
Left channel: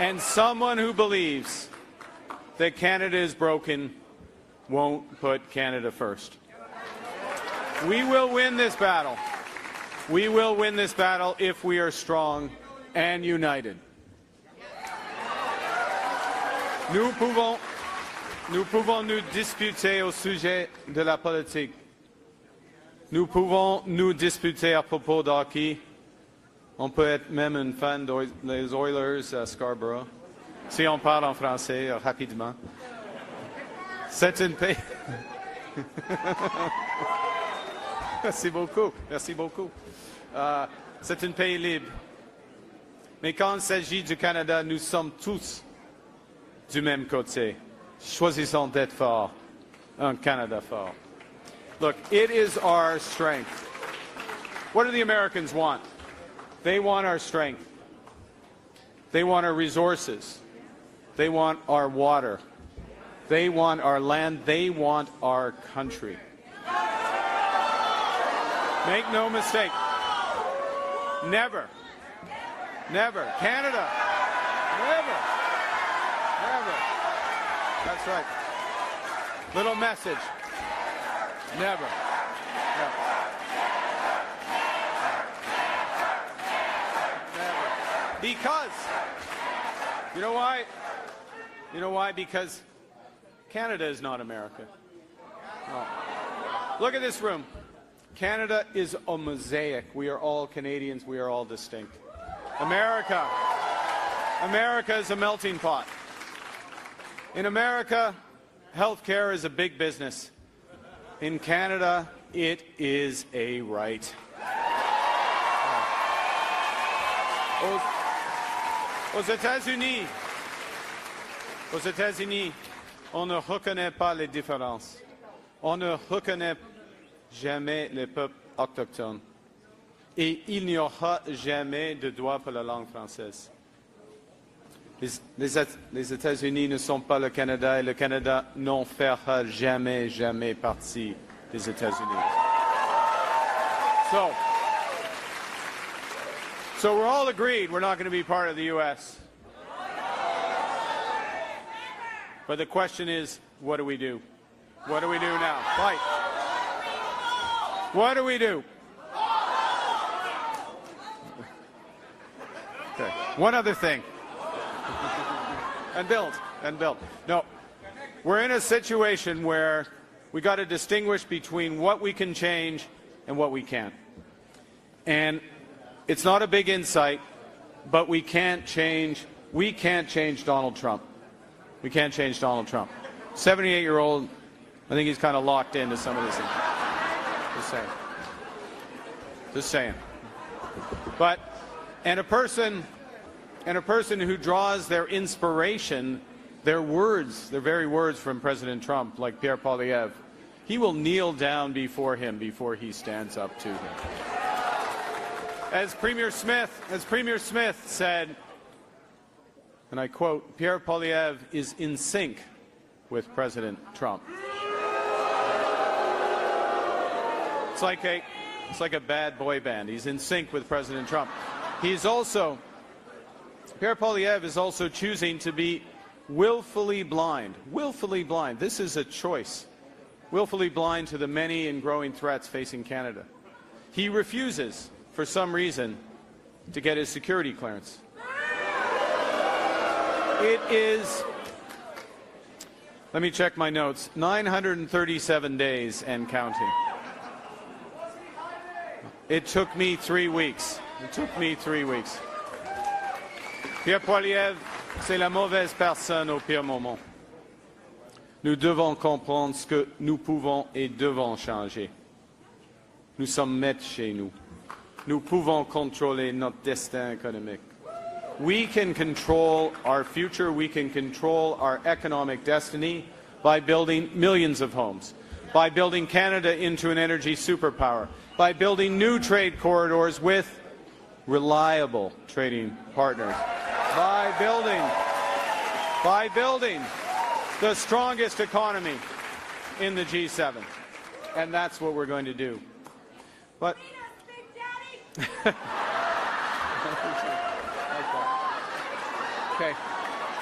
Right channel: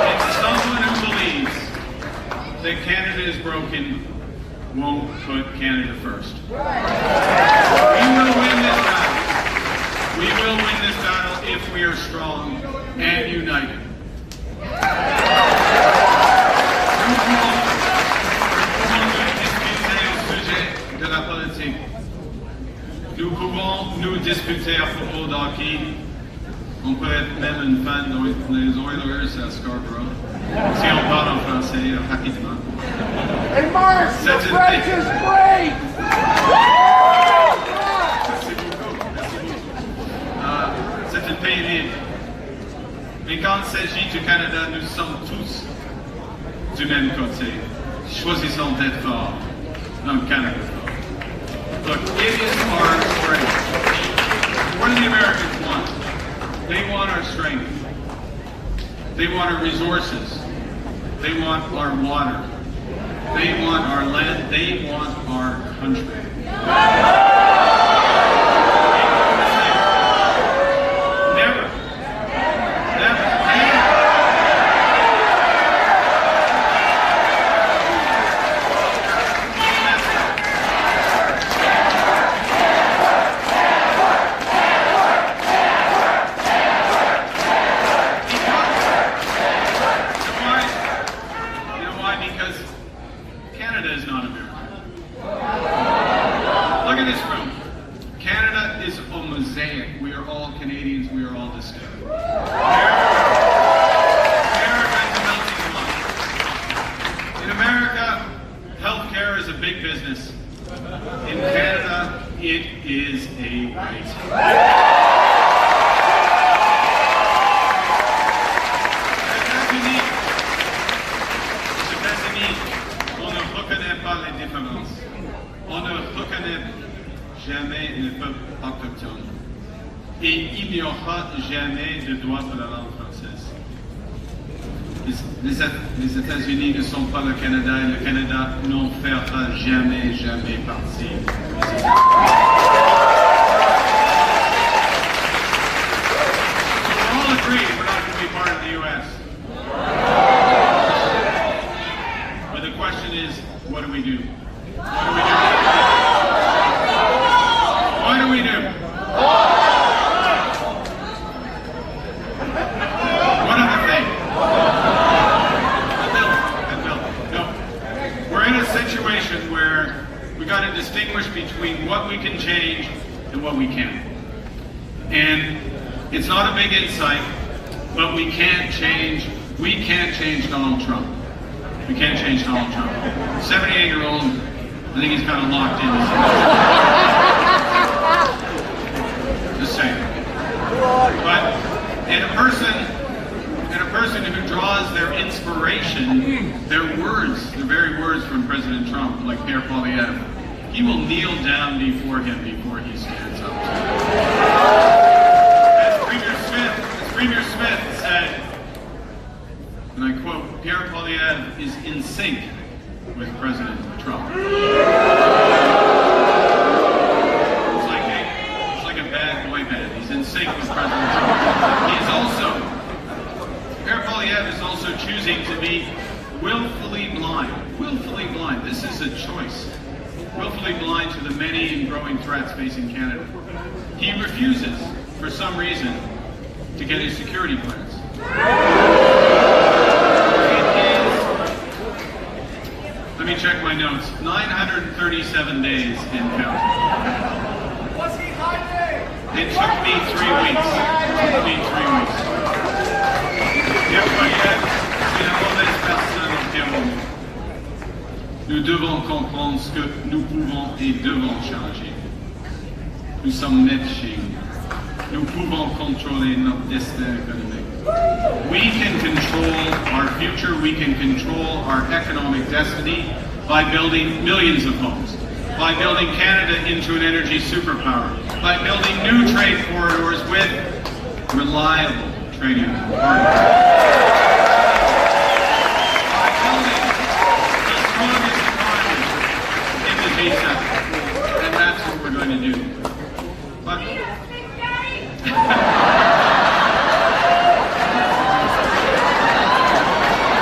Someone who believes that Canada is broken won't put Canada first. We will win this battle. We will win this battle if we are strong and united. De la politique. Nous pouvons nous disputer à propos de hockey. On peut être même une fan des Oilers à Scarborough. Si on parle en français rapidement. Hey, Mark, the bridge is free! Merci beaucoup. Merci beaucoup. C'est un pays libre. Mais quand il s'agit du Canada, nous sommes tous du même côté. Choisissons d'être forts. Canada fort. But it is our strength. What do the Americans want? They want our strength. They want our resources. They want our water. They want our land. They want our country. Make no mistake. Never. Never. We are all Canadians, we are all the same. America is a melting pot. In America, healthcare is a big business. In Canada, it is a right. Aux États-Unis, on ne reconnaît pas les différences. On ne reconnaît jamais les peuples autochtones. Et il n'y aura jamais de droit de la langue française. Les États-Unis ne sont pas le Canada et le Canada n'en fera jamais, jamais partie des États-Unis. So we're all agreed we're not going to be part of the U.S. But the question is, what do we do? What do we do? One of the things. No. We're in a situation where we got to distinguish between what we can change and what we can't. And it's not a big insight, but we can't change Donald Trump. We can't change Donald Trump. 78-year-old, I think he's kind of locked in. Just saying. But, and a person who draws their inspiration, their words, the very words from President Trump, like Pierre Poilievre, he will kneel down before him before he stands up. As Premier Smith said, and I quote, Pierre Poilievre is in sync with President Trump. It's like a bad boy band. He's in sync with President Trump. Pierre Poilievre is also choosing to be willfully blind. Willfully blind. This is a choice. Willfully blind to the many and growing threats facing Canada. He refuses, for some reason, to get his security clearance. Let me check my notes. 937 days and counting. What's he hiding? It took me 3 weeks. Pierre Poilievre, c'est la mauvaise personne au pire moment. Nous devons comprendre ce que nous pouvons et devons changer. Nous sommes nets chez nous. Nous pouvons contrôler notre destin économique. We can control our future, we can control our economic destiny by building millions of homes, by building Canada into an energy superpower, by building new trade corridors with reliable trading partners, by building the strongest economy in the G7. And that's what we're going to do. But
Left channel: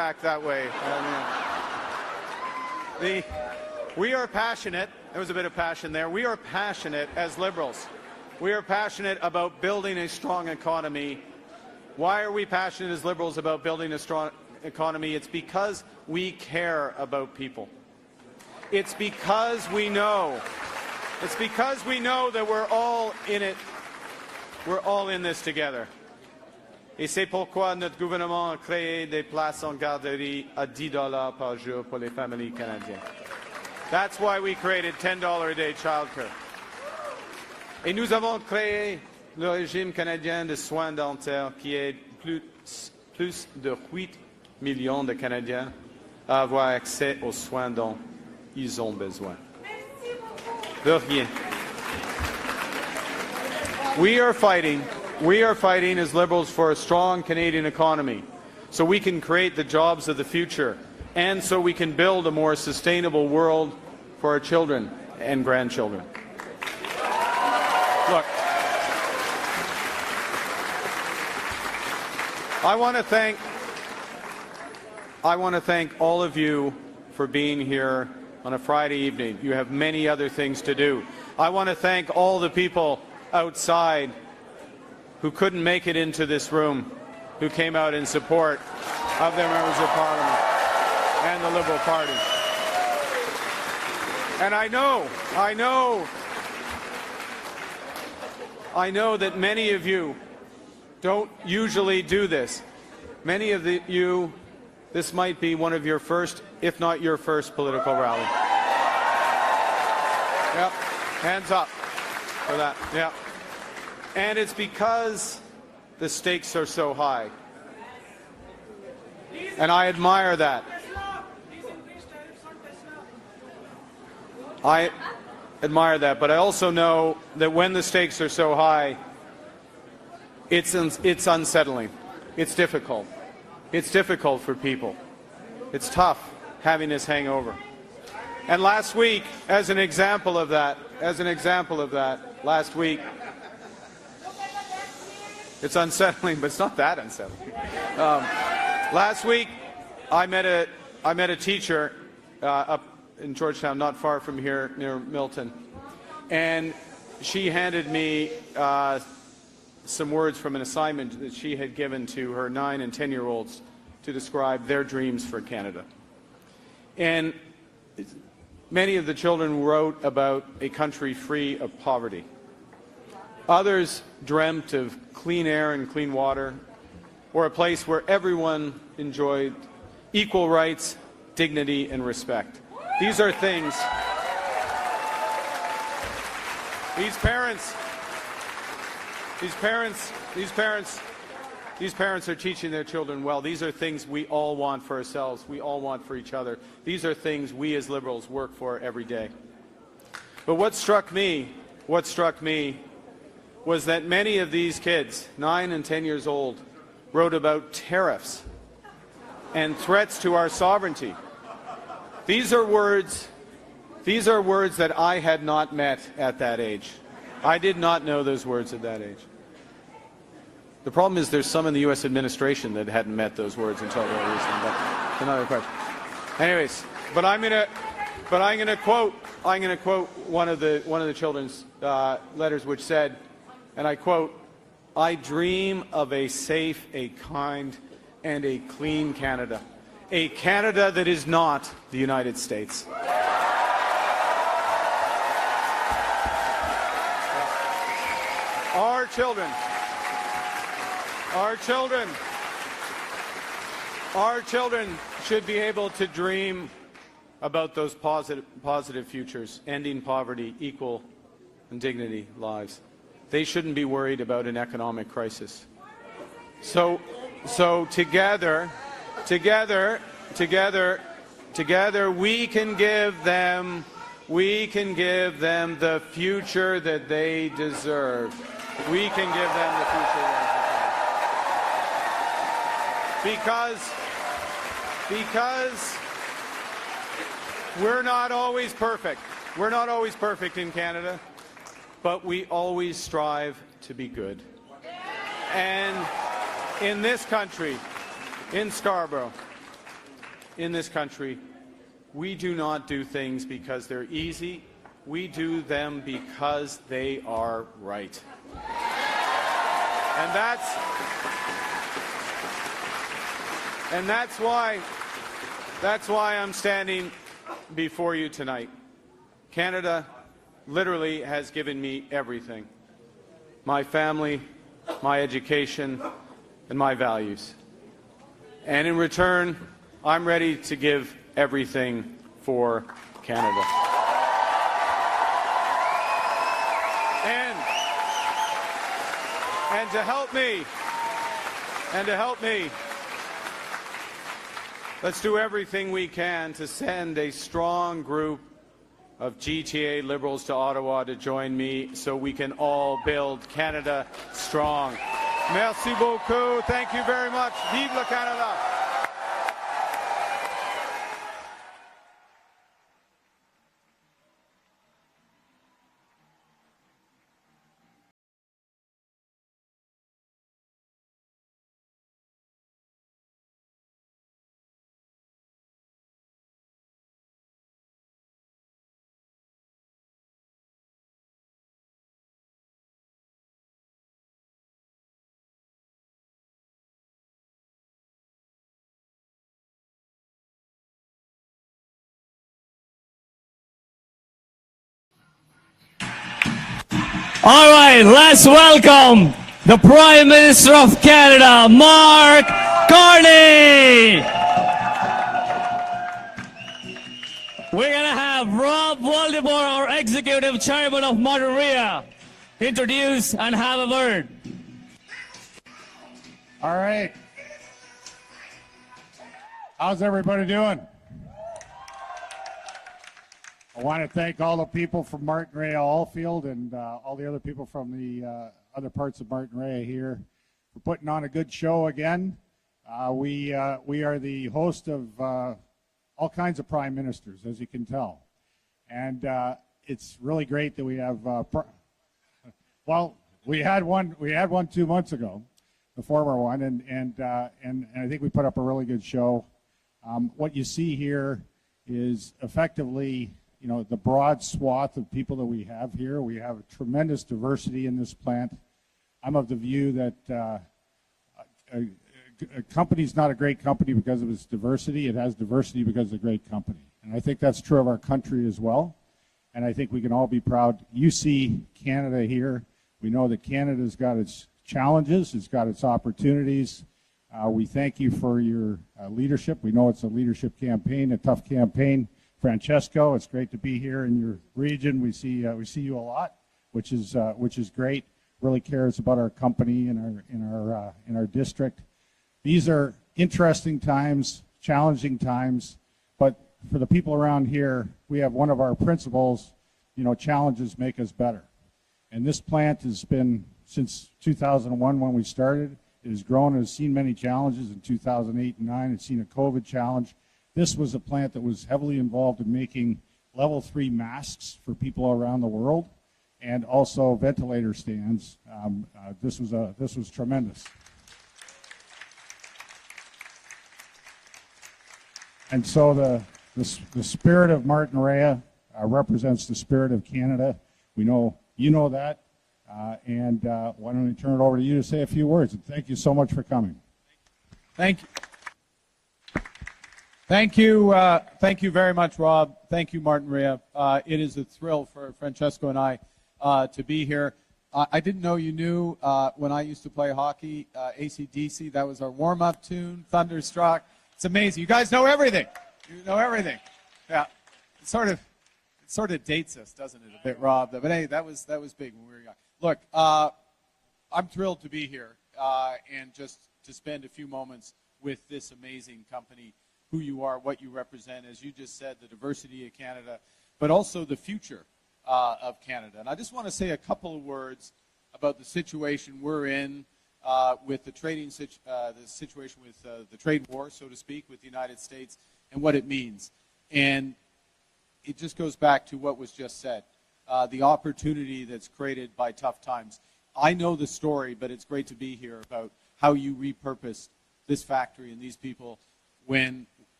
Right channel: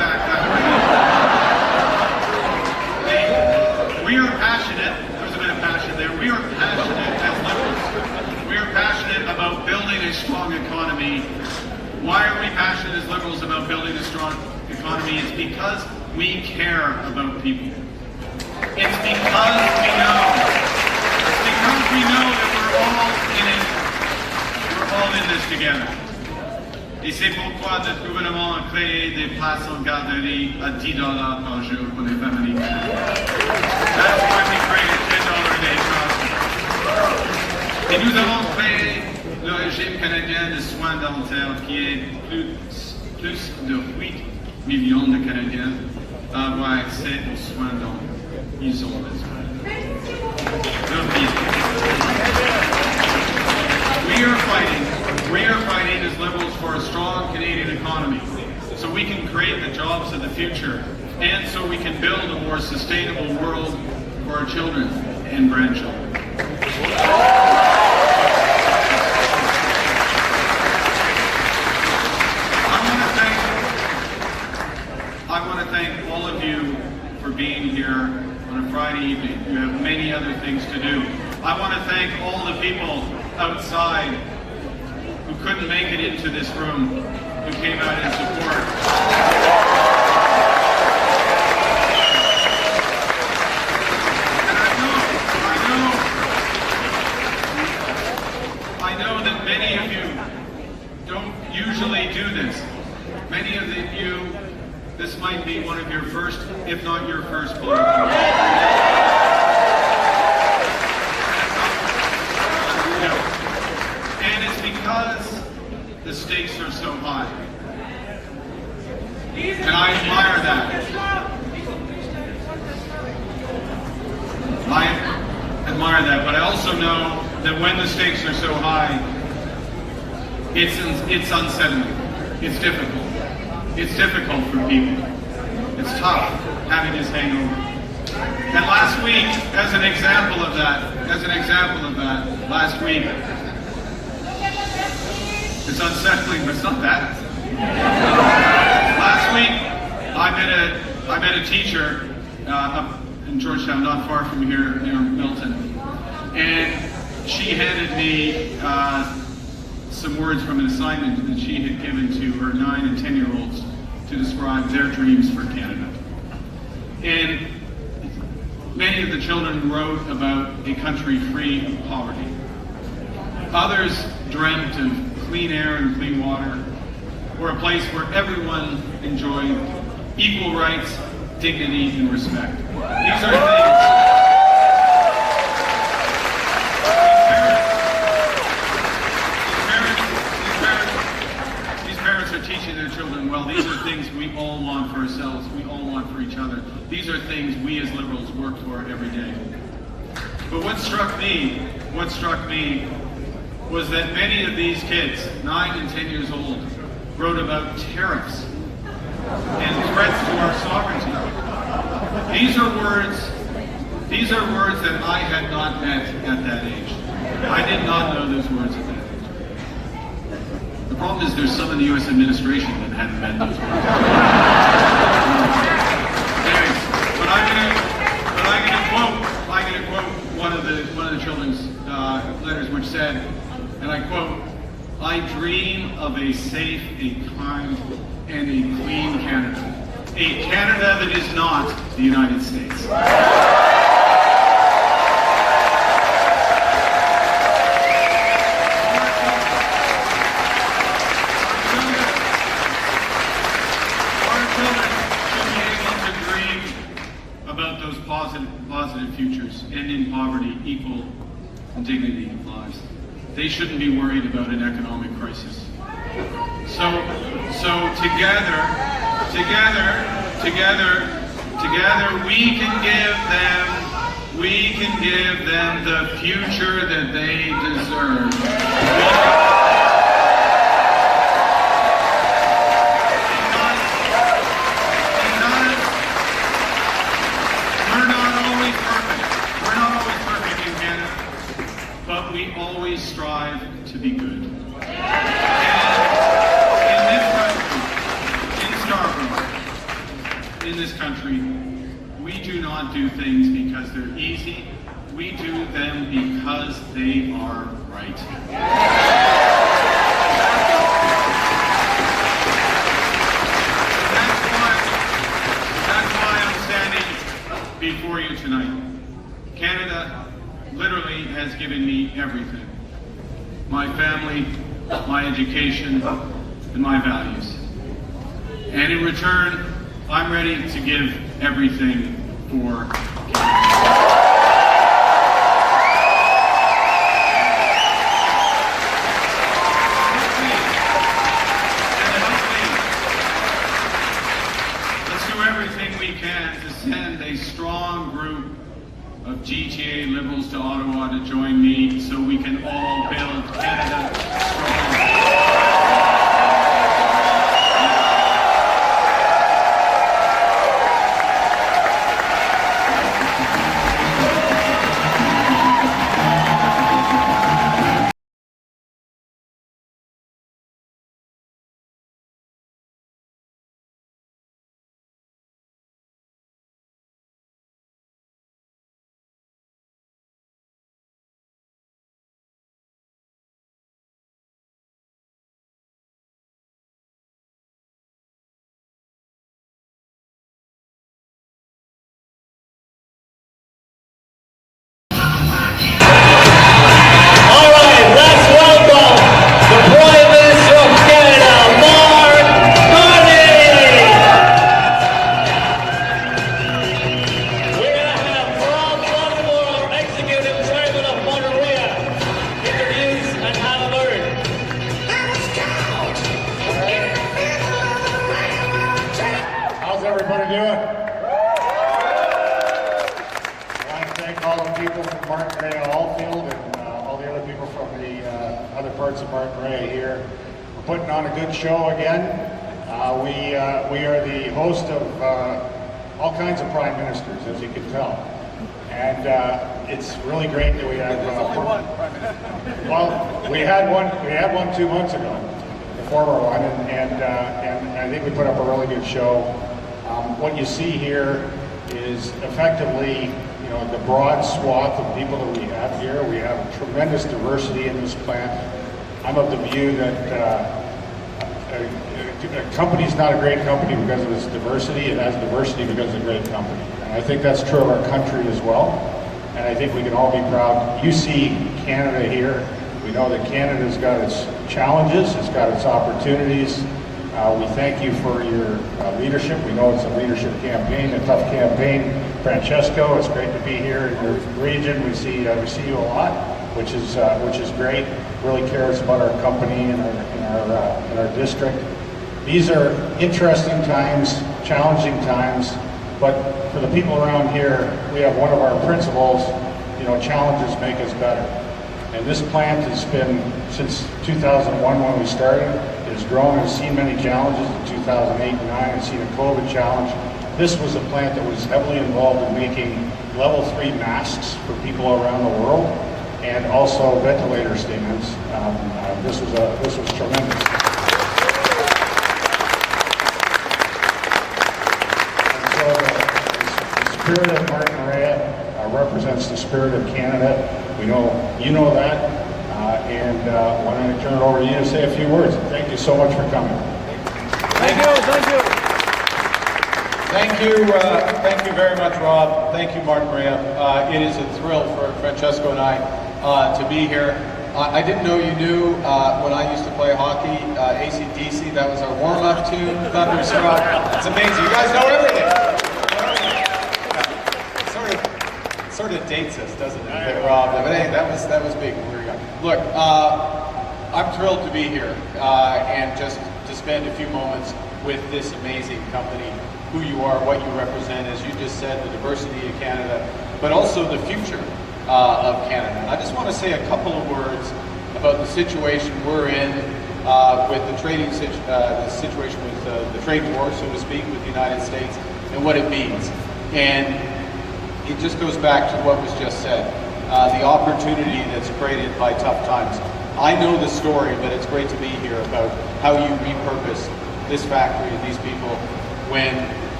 passionate, there's a bit of passion there, we are passionate as Liberals. We are passionate about building a strong economy. Why are we passionate as Liberals about building a strong economy? It's because we care about people. It's because we know. It's because we know that we're all in it. We're all in this together. Et c'est pourquoi notre gouvernement a créé des places en garderie à $10 par jour pour les familles. That's why we created $10 a day charge. Et nous avons créé le régime canadien de soins dentaires qui aide plus de 8 millions de Canadiens à avoir accès aux soins dont ils ont besoin. We are fighting as Liberals for a strong Canadian economy so we can create the jobs of the future and so we can build a more sustainable world for our children and grandchildren. I want to thank all of you for being here on a Friday evening. You have many other things to do. I want to thank all the people outside who couldn't make it into this room, who came out in support. And I know that many of you don't usually do this. Many of you, this might be one of your first, if not your first political event. Hands up. And it's because the stakes are so high. And I admire that. I admire that, but I also know that when the stakes are so high, it's unsettling. It's difficult. It's difficult for people. It's tough having this hangover. And last week, as an example of that, last week, it's unsettling, but it's not that unsettling. Last week, I met a teacher up in Georgetown, not far from here, near Milton, and she handed me some words from an assignment that she had given to her 9 and 10-year-olds to describe their dreams for Canada. And many of the children wrote about a country free of poverty. Others dreamt of clean air and clean water, or a place where everyone enjoyed equal rights, dignity, and respect. These are things. These parents are teaching their children well. These are things we all want for ourselves. We all want for each other. These are things we as Liberals work for every day. But what struck me was that many of these kids, 9 and 10 years old, wrote about tariffs and threats to our sovereignty. These are words that I had not met at that age. I did not know those words at that age. The problem is there's some of the U.S. administration that hadn't met those words. Anyways, but I'm gonna quote one of the children's letters, which said, and I quote, "I dream of a safe, a kind, and a clean Canada. A Canada that is not the United States." Our children should be able to dream about those positive futures, ending poverty, equal dignity lives. They shouldn't be worried about an economic crisis. So together, we can give them the future that they deserve. Because we're not always perfect. We're not always perfect in Canada, but we always strive to be good. And in this country, in Scarborough, in this country, we do not do things because they're easy We do them because they are right. That's why I'm standing before you tonight. Canada literally has given me everything. My family, my education, and my values. And in return, I'm ready to give everything for Canada. Let's do everything we can to send a strong group of GTA Liberals to Ottawa to join me so we can all build Canada strong. All right, let's welcome the Prime Minister of Canada, Mark Carney. We're going to have Rob Waldemore, our Executive Chairman of Monterey, introduce and have a word. All right. How's everybody doing? I want to thank all the people from Martin Rea Allfield and all the other people from the other parts of Martin Rea here. We're putting on a good show again. We are the host of all kinds of prime ministers, as you can tell. And it's really great that we have. Well, we had one 2 months ago, the former one, and I think we put up a really good show. What you see here is effectively, you know, the broad swath of people that we have here. We have tremendous diversity in this plant. I'm of the view that a company's not a great company because of its diversity. It has diversity because it's a great company. And I think that's true of our country as well. And I think we can all be proud. You see Canada here. We know that Canada's got its challenges. It's got its opportunities. We thank you for your leadership. We know it's a leadership campaign, a tough campaign. Francesco, it's great to be here in your region. We see you a lot, which is great. Really cares about our company and our district. These are interesting times, challenging times, but for the people around here, we have one of our principles. You know, challenges make us better. And this plant has been, since 2001 when we started, it has grown and seen many challenges. In 2008 and 2009, it's seen a COVID challenge. This was a plant that was heavily involved in making level 3 masks for people around the world, and also ventilator stands. This was tremendous. And so the spirit of Martin Rea represents the spirit of Canada. We know you know that, and why don't I turn it over to you to say a few words. Thank you so much for coming. Thank you very much, Rob. Thank you, Martin Rea. It is a thrill for Francesco and I to be here. I didn't know you knew when I used to play hockey, AC/DC. That was our warm-up tune, Thunderstruck. It's amazing. You guys know everything. You know everything. Yeah. Sort of dates us, doesn't it, that Rob? But hey, that was big when we were young. Look, I'm thrilled to be here and just to spend a few moments with this amazing company, who you are, what you represent, as you just said, the diversity of Canada, but also the future of Canada. I just want to say a couple of words about the situation we're in with the situation with the trade war, so to speak, with the United States and what it means. And it just goes back to what was just said, the opportunity that's created by tough times. I know the story, but it's great to be here about how you repurpose this factory and these people when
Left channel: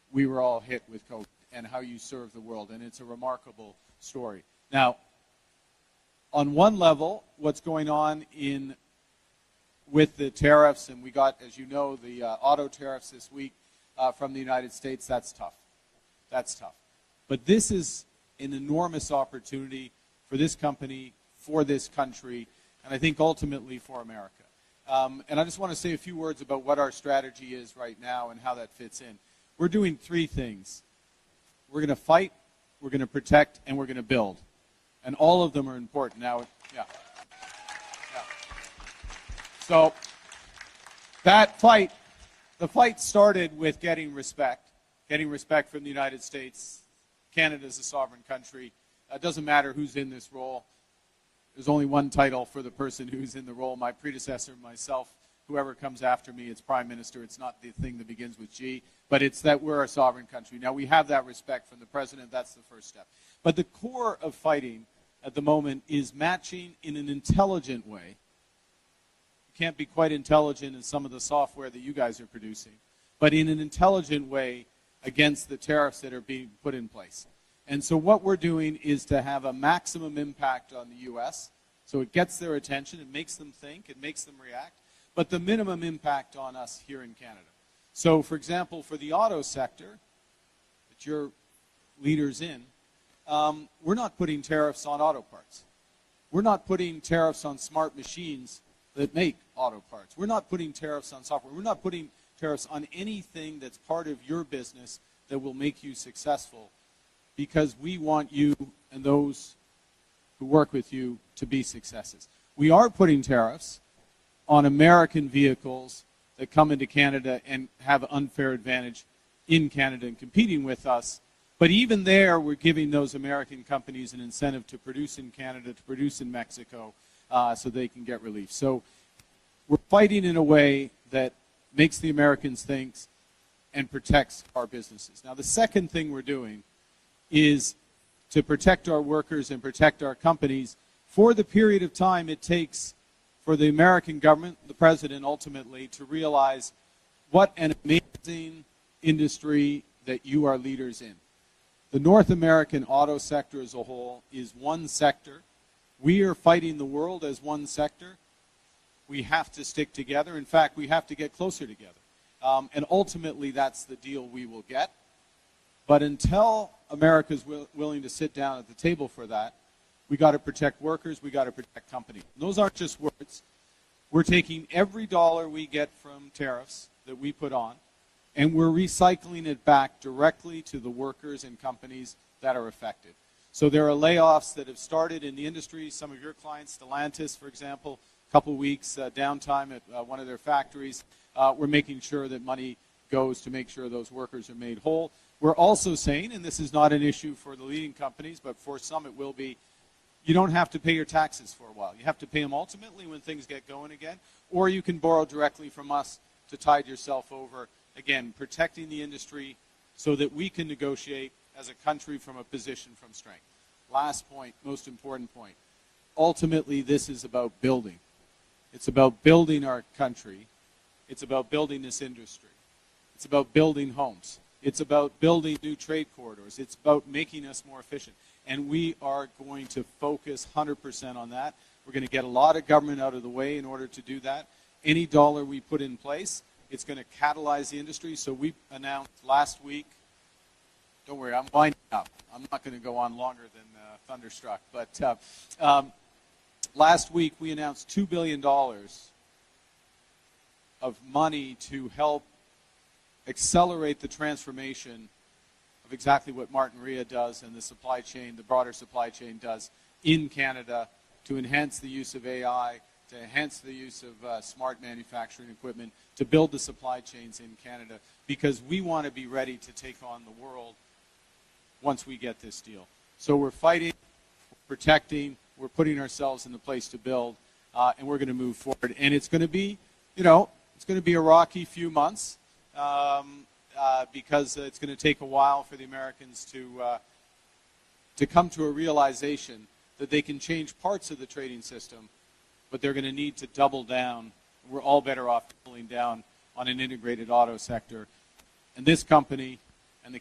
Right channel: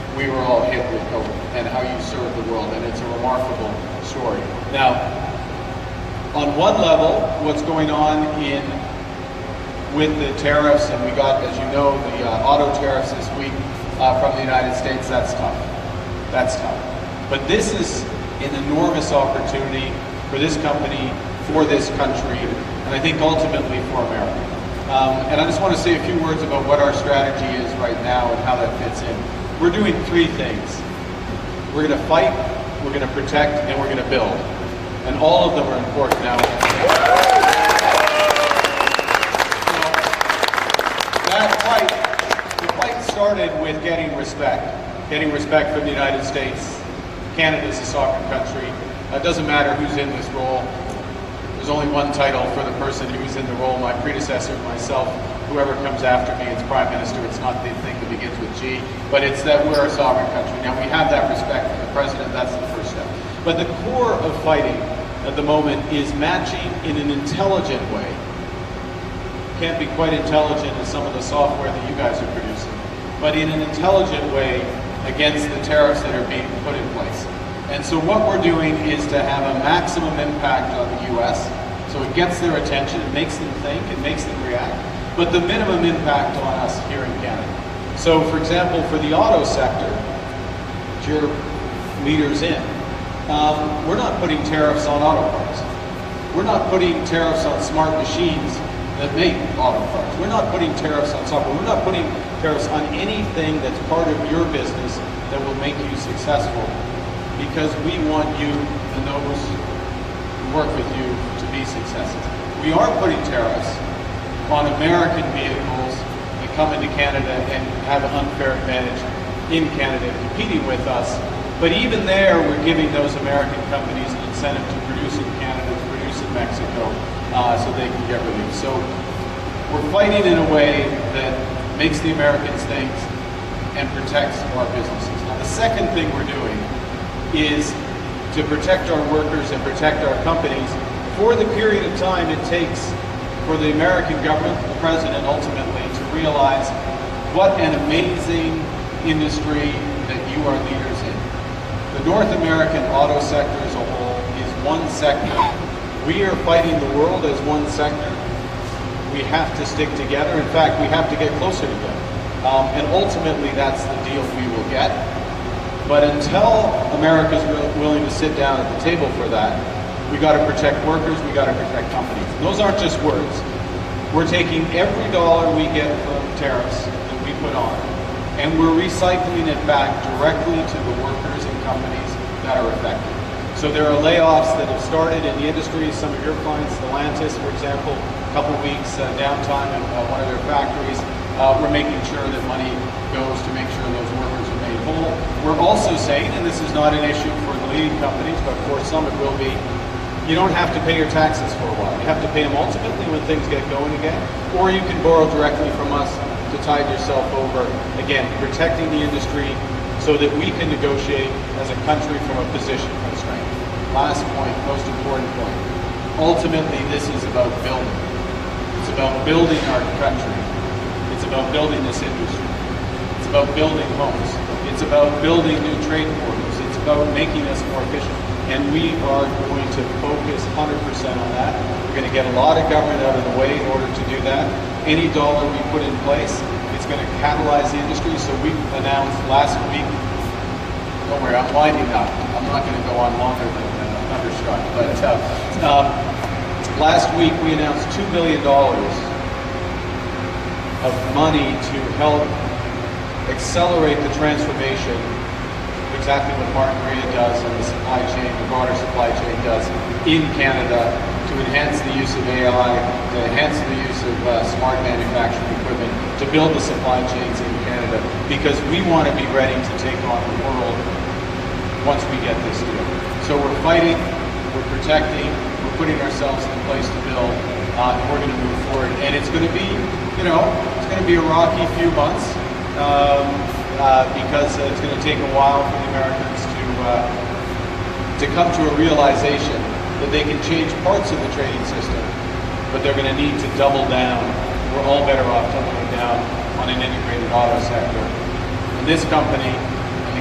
we were all hit with COVID and how you serve the world, and it's a remarkable story. Now, on one level, what's going on with the tariffs, and we got, as you know, the auto tariffs this week from the United States, that's tough. That's tough. But this is an enormous opportunity for this company, for this country, and I think ultimately for America. And I just want to say a few words about what our strategy is right now and how that fits in. We're doing three things. We're going to fight, we're going to protect, and we're going to build. And all of them are important now. So that fight, the fight started with getting respect from the United States. Canada's a sovereign country. It doesn't matter who's in this role. There's only one title for the person who's in the role, my predecessor, myself, whoever comes after me, it's Prime Minister. It's not the thing that begins with G, but it's that we're a sovereign country. Now we have that respect from the President, that's the first step. But the core of fighting at the moment is matching in an intelligent way. Can't be quite intelligent as some of the software that you guys are producing, but in an intelligent way against the tariffs that are being put in place. And so what we're doing is to have a maximum impact on the U.S., so it gets their attention, it makes them think, it makes them react, but the minimum impact on us here in Canada. So for example, for the auto sector, which your leaders in, we're not putting tariffs on auto parts. We're not putting tariffs on smart machines that make auto parts. We're not putting tariffs on software. We're not putting tariffs on anything that's part of your business that will make you successful, because we want you and those who work with you to be successful. We are putting tariffs on American vehicles that come into Canada and have an unfair advantage in Canada competing with us. But even there, we're giving those American companies an incentive to produce in Canada, to produce in Mexico, so they can get relief. So we're fighting in a way that makes the Americans think and protects our businesses. Now, the second thing we're doing is to protect our workers and protect our companies for the period of time it takes for the American government, the President ultimately, to realize what an amazing industry that you are leaders in. The North American auto sector as a whole is one sector. We are fighting the world as one sector. We have to stick together. In fact, we have to get closer together. And ultimately, that's the deal we will get. But until America's willing to sit down at the table for that, we got to protect workers, we got to protect companies. And those aren't just words. We're taking every dollar we get from tariffs that we put on, and we're recycling it back directly to the workers and companies that are affected. So there are layoffs that have started in the industry. Some of your clients, Stellantis, for example, a couple of weeks downtime at one of their factories. We're making sure that money goes to make sure those workers are made whole. We're also saying, and this is not an issue for the leading companies, but for some it will be, you don't have to pay your taxes for a while. You have to pay them ultimately when things get going again, or you can borrow directly from us to tide yourself over, again, protecting the industry so that we can negotiate as a country from a position of strength. Last point, most important point. Ultimately, this is about building. It's about building our country. It's about building this industry. It's about building homes. It's about building new trade corridors. It's about making us more efficient. And we are going to focus 100% on that. We're going to get a lot of government out of the way in order to do that. Any dollar we put in place, it's going to catalyze the industry. So we announced last week, don't worry, I'm winding up. I'm not going to go on longer than Thunderstruck. But last week we announced $2 billion of money to help accelerate the transformation, exactly what Martin Maria does and the supply chain, the broader supply chain does in Canada, to enhance the use of AI, to enhance the use of smart manufacturing equipment, to build the supply chains in Canada, because we want to be ready to take on the world once we get this deal. So we're fighting, we're protecting, we're putting ourselves in a place to build, and we're going to move forward. And it's going to be, it's going to be a rocky few months, because it's going to take a while for the Americans to come to a realization that they can change parts of the trading system, but they're going to need to double down. We're all better off doubling down on an integrated auto sector. And this company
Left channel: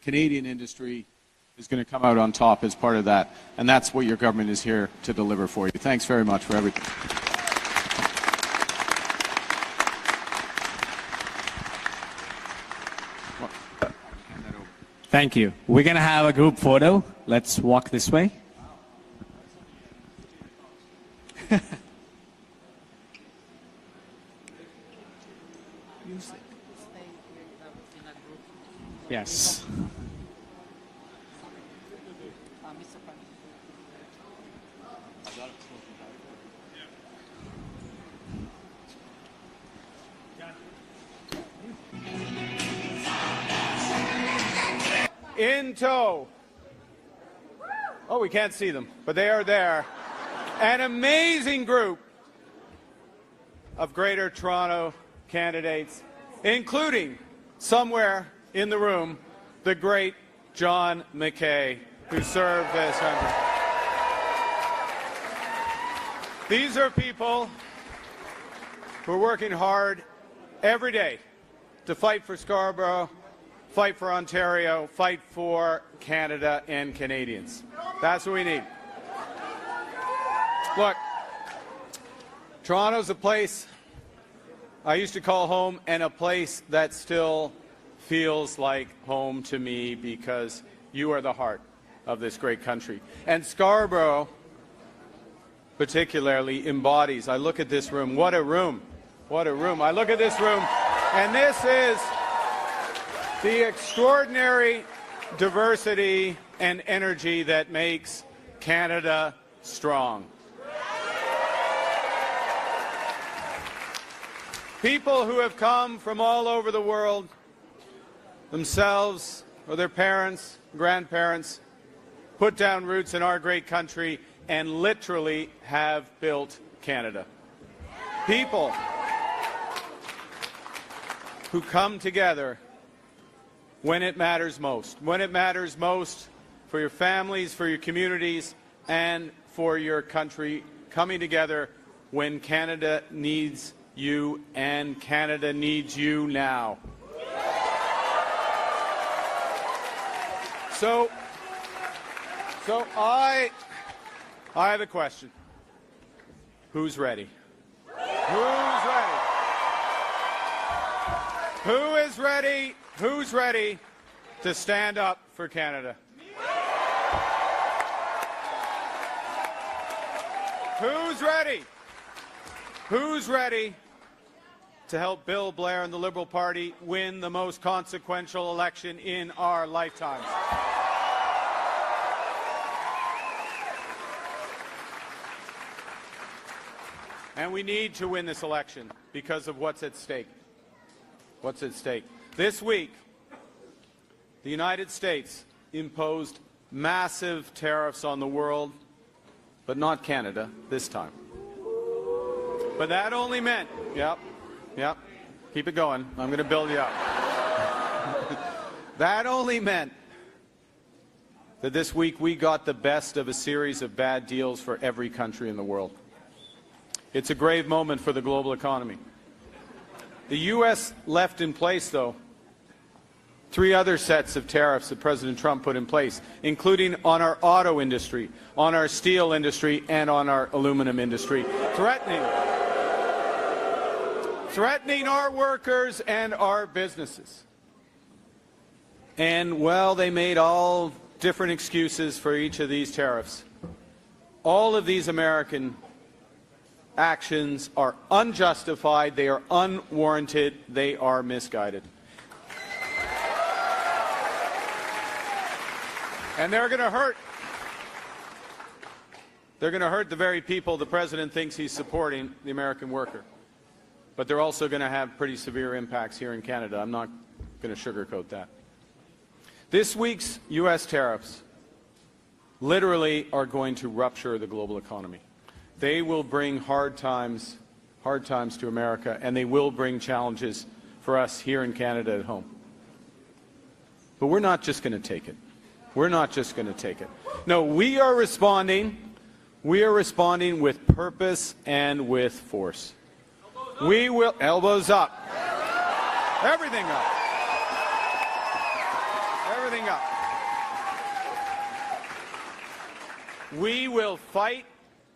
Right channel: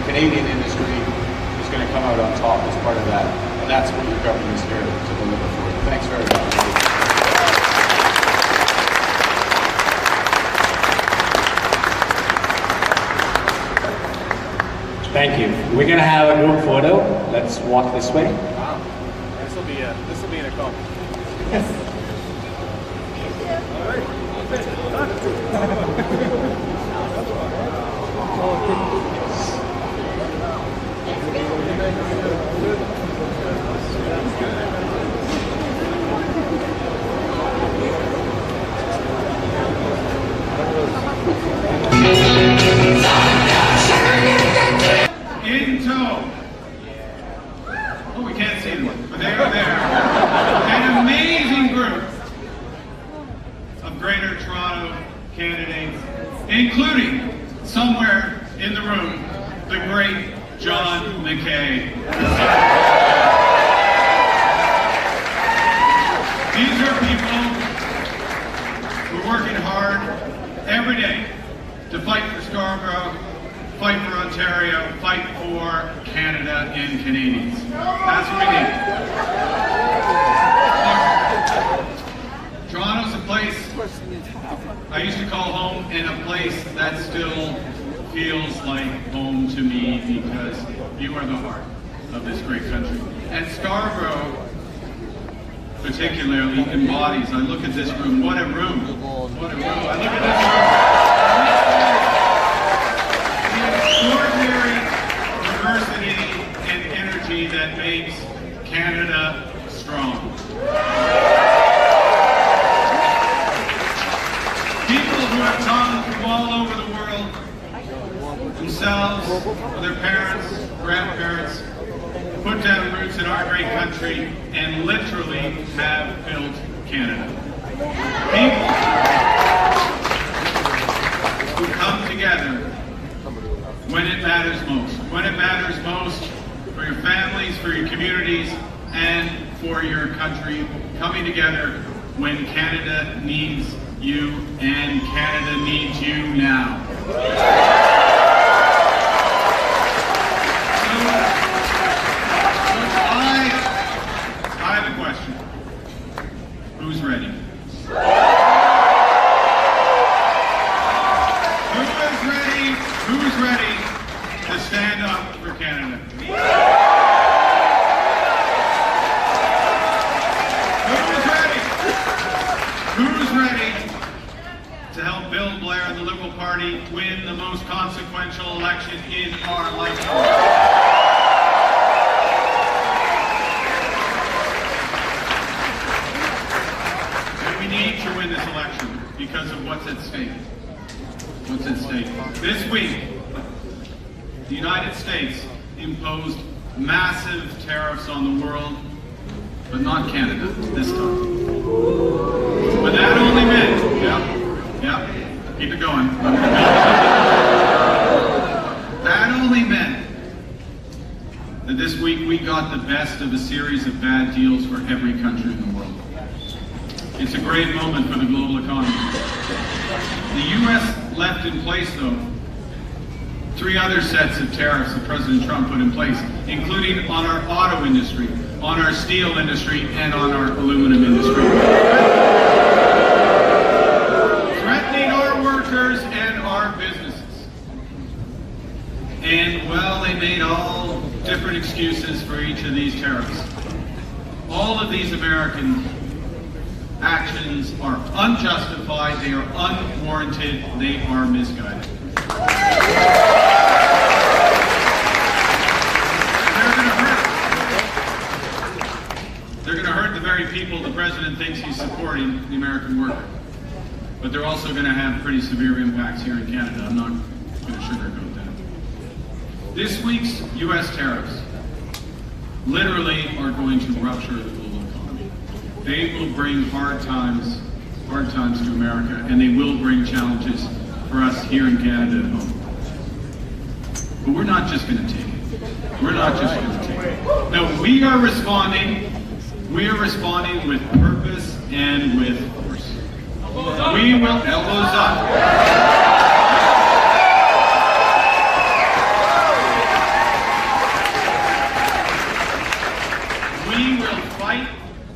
Canadian industry is going to come out on top as part of that. And that's what your government is here to deliver for you. Thanks very much, Rudy. Thank you. We're going to have a group photo. Let's walk this way. This will be an accomplishment. Yes. In tow. Oh, we can't see them, but they're there. An amazing group of Greater Toronto candidates, including somewhere in the room, the great John McKay. These are people who are working hard every day to fight for Scarborough, fight for Ontario, fight for Canada and Canadians. That's what we need. Look, Toronto's a place I used to call home, and a place that still feels like home to me because you are the heart of this great country. And Scarborough, particularly, embodies, I look at this room, what a room, what a room. I look at this room, and this is the extraordinary diversity and energy that makes Canada strong. People who have come from all over the world, themselves, their parents, grandparents, put down roots in our great country and literally have built Canada. People who come together when it matters most. When it matters most for your families, for your communities, and for your country. Coming together when Canada needs you, and Canada needs you now. So I have a question. Who's ready? Who's ready to stand up for Canada? Who's ready to help Bill Blair and the Liberal Party win the most consequential election in our lifetime? And we need to win this election because of what's at stake. What's at stake? This week, the United States imposed massive tariffs on the world, but not Canada this time. But that only meant, keep it going. That only meant that this week we got the best of a series of bad deals for every country in the world. It's a great moment for the global economy. The U.S. left in place, though, 3 other sets of tariffs that President Trump put in place, including on our auto industry, on our steel industry, and on our aluminum industry. Threatening our workers and our businesses. And, well, they made all different excuses for each of these tariffs. All of these American actions are unjustified, they are unwarranted, they are misguided. They're going to hurt the very people the president thinks he's supporting, the American worker. But they're also going to have pretty severe impacts here in Canada. I'm not going to sugarcoat that. This week's U.S. tariffs literally are going to rupture the global economy. They will bring hard times to America, and they will bring challenges for us here in Canada at home. But we're not just going to take it. We're not just going to take it. No, we are responding. We are responding with purpose and with force. We will, elbows up.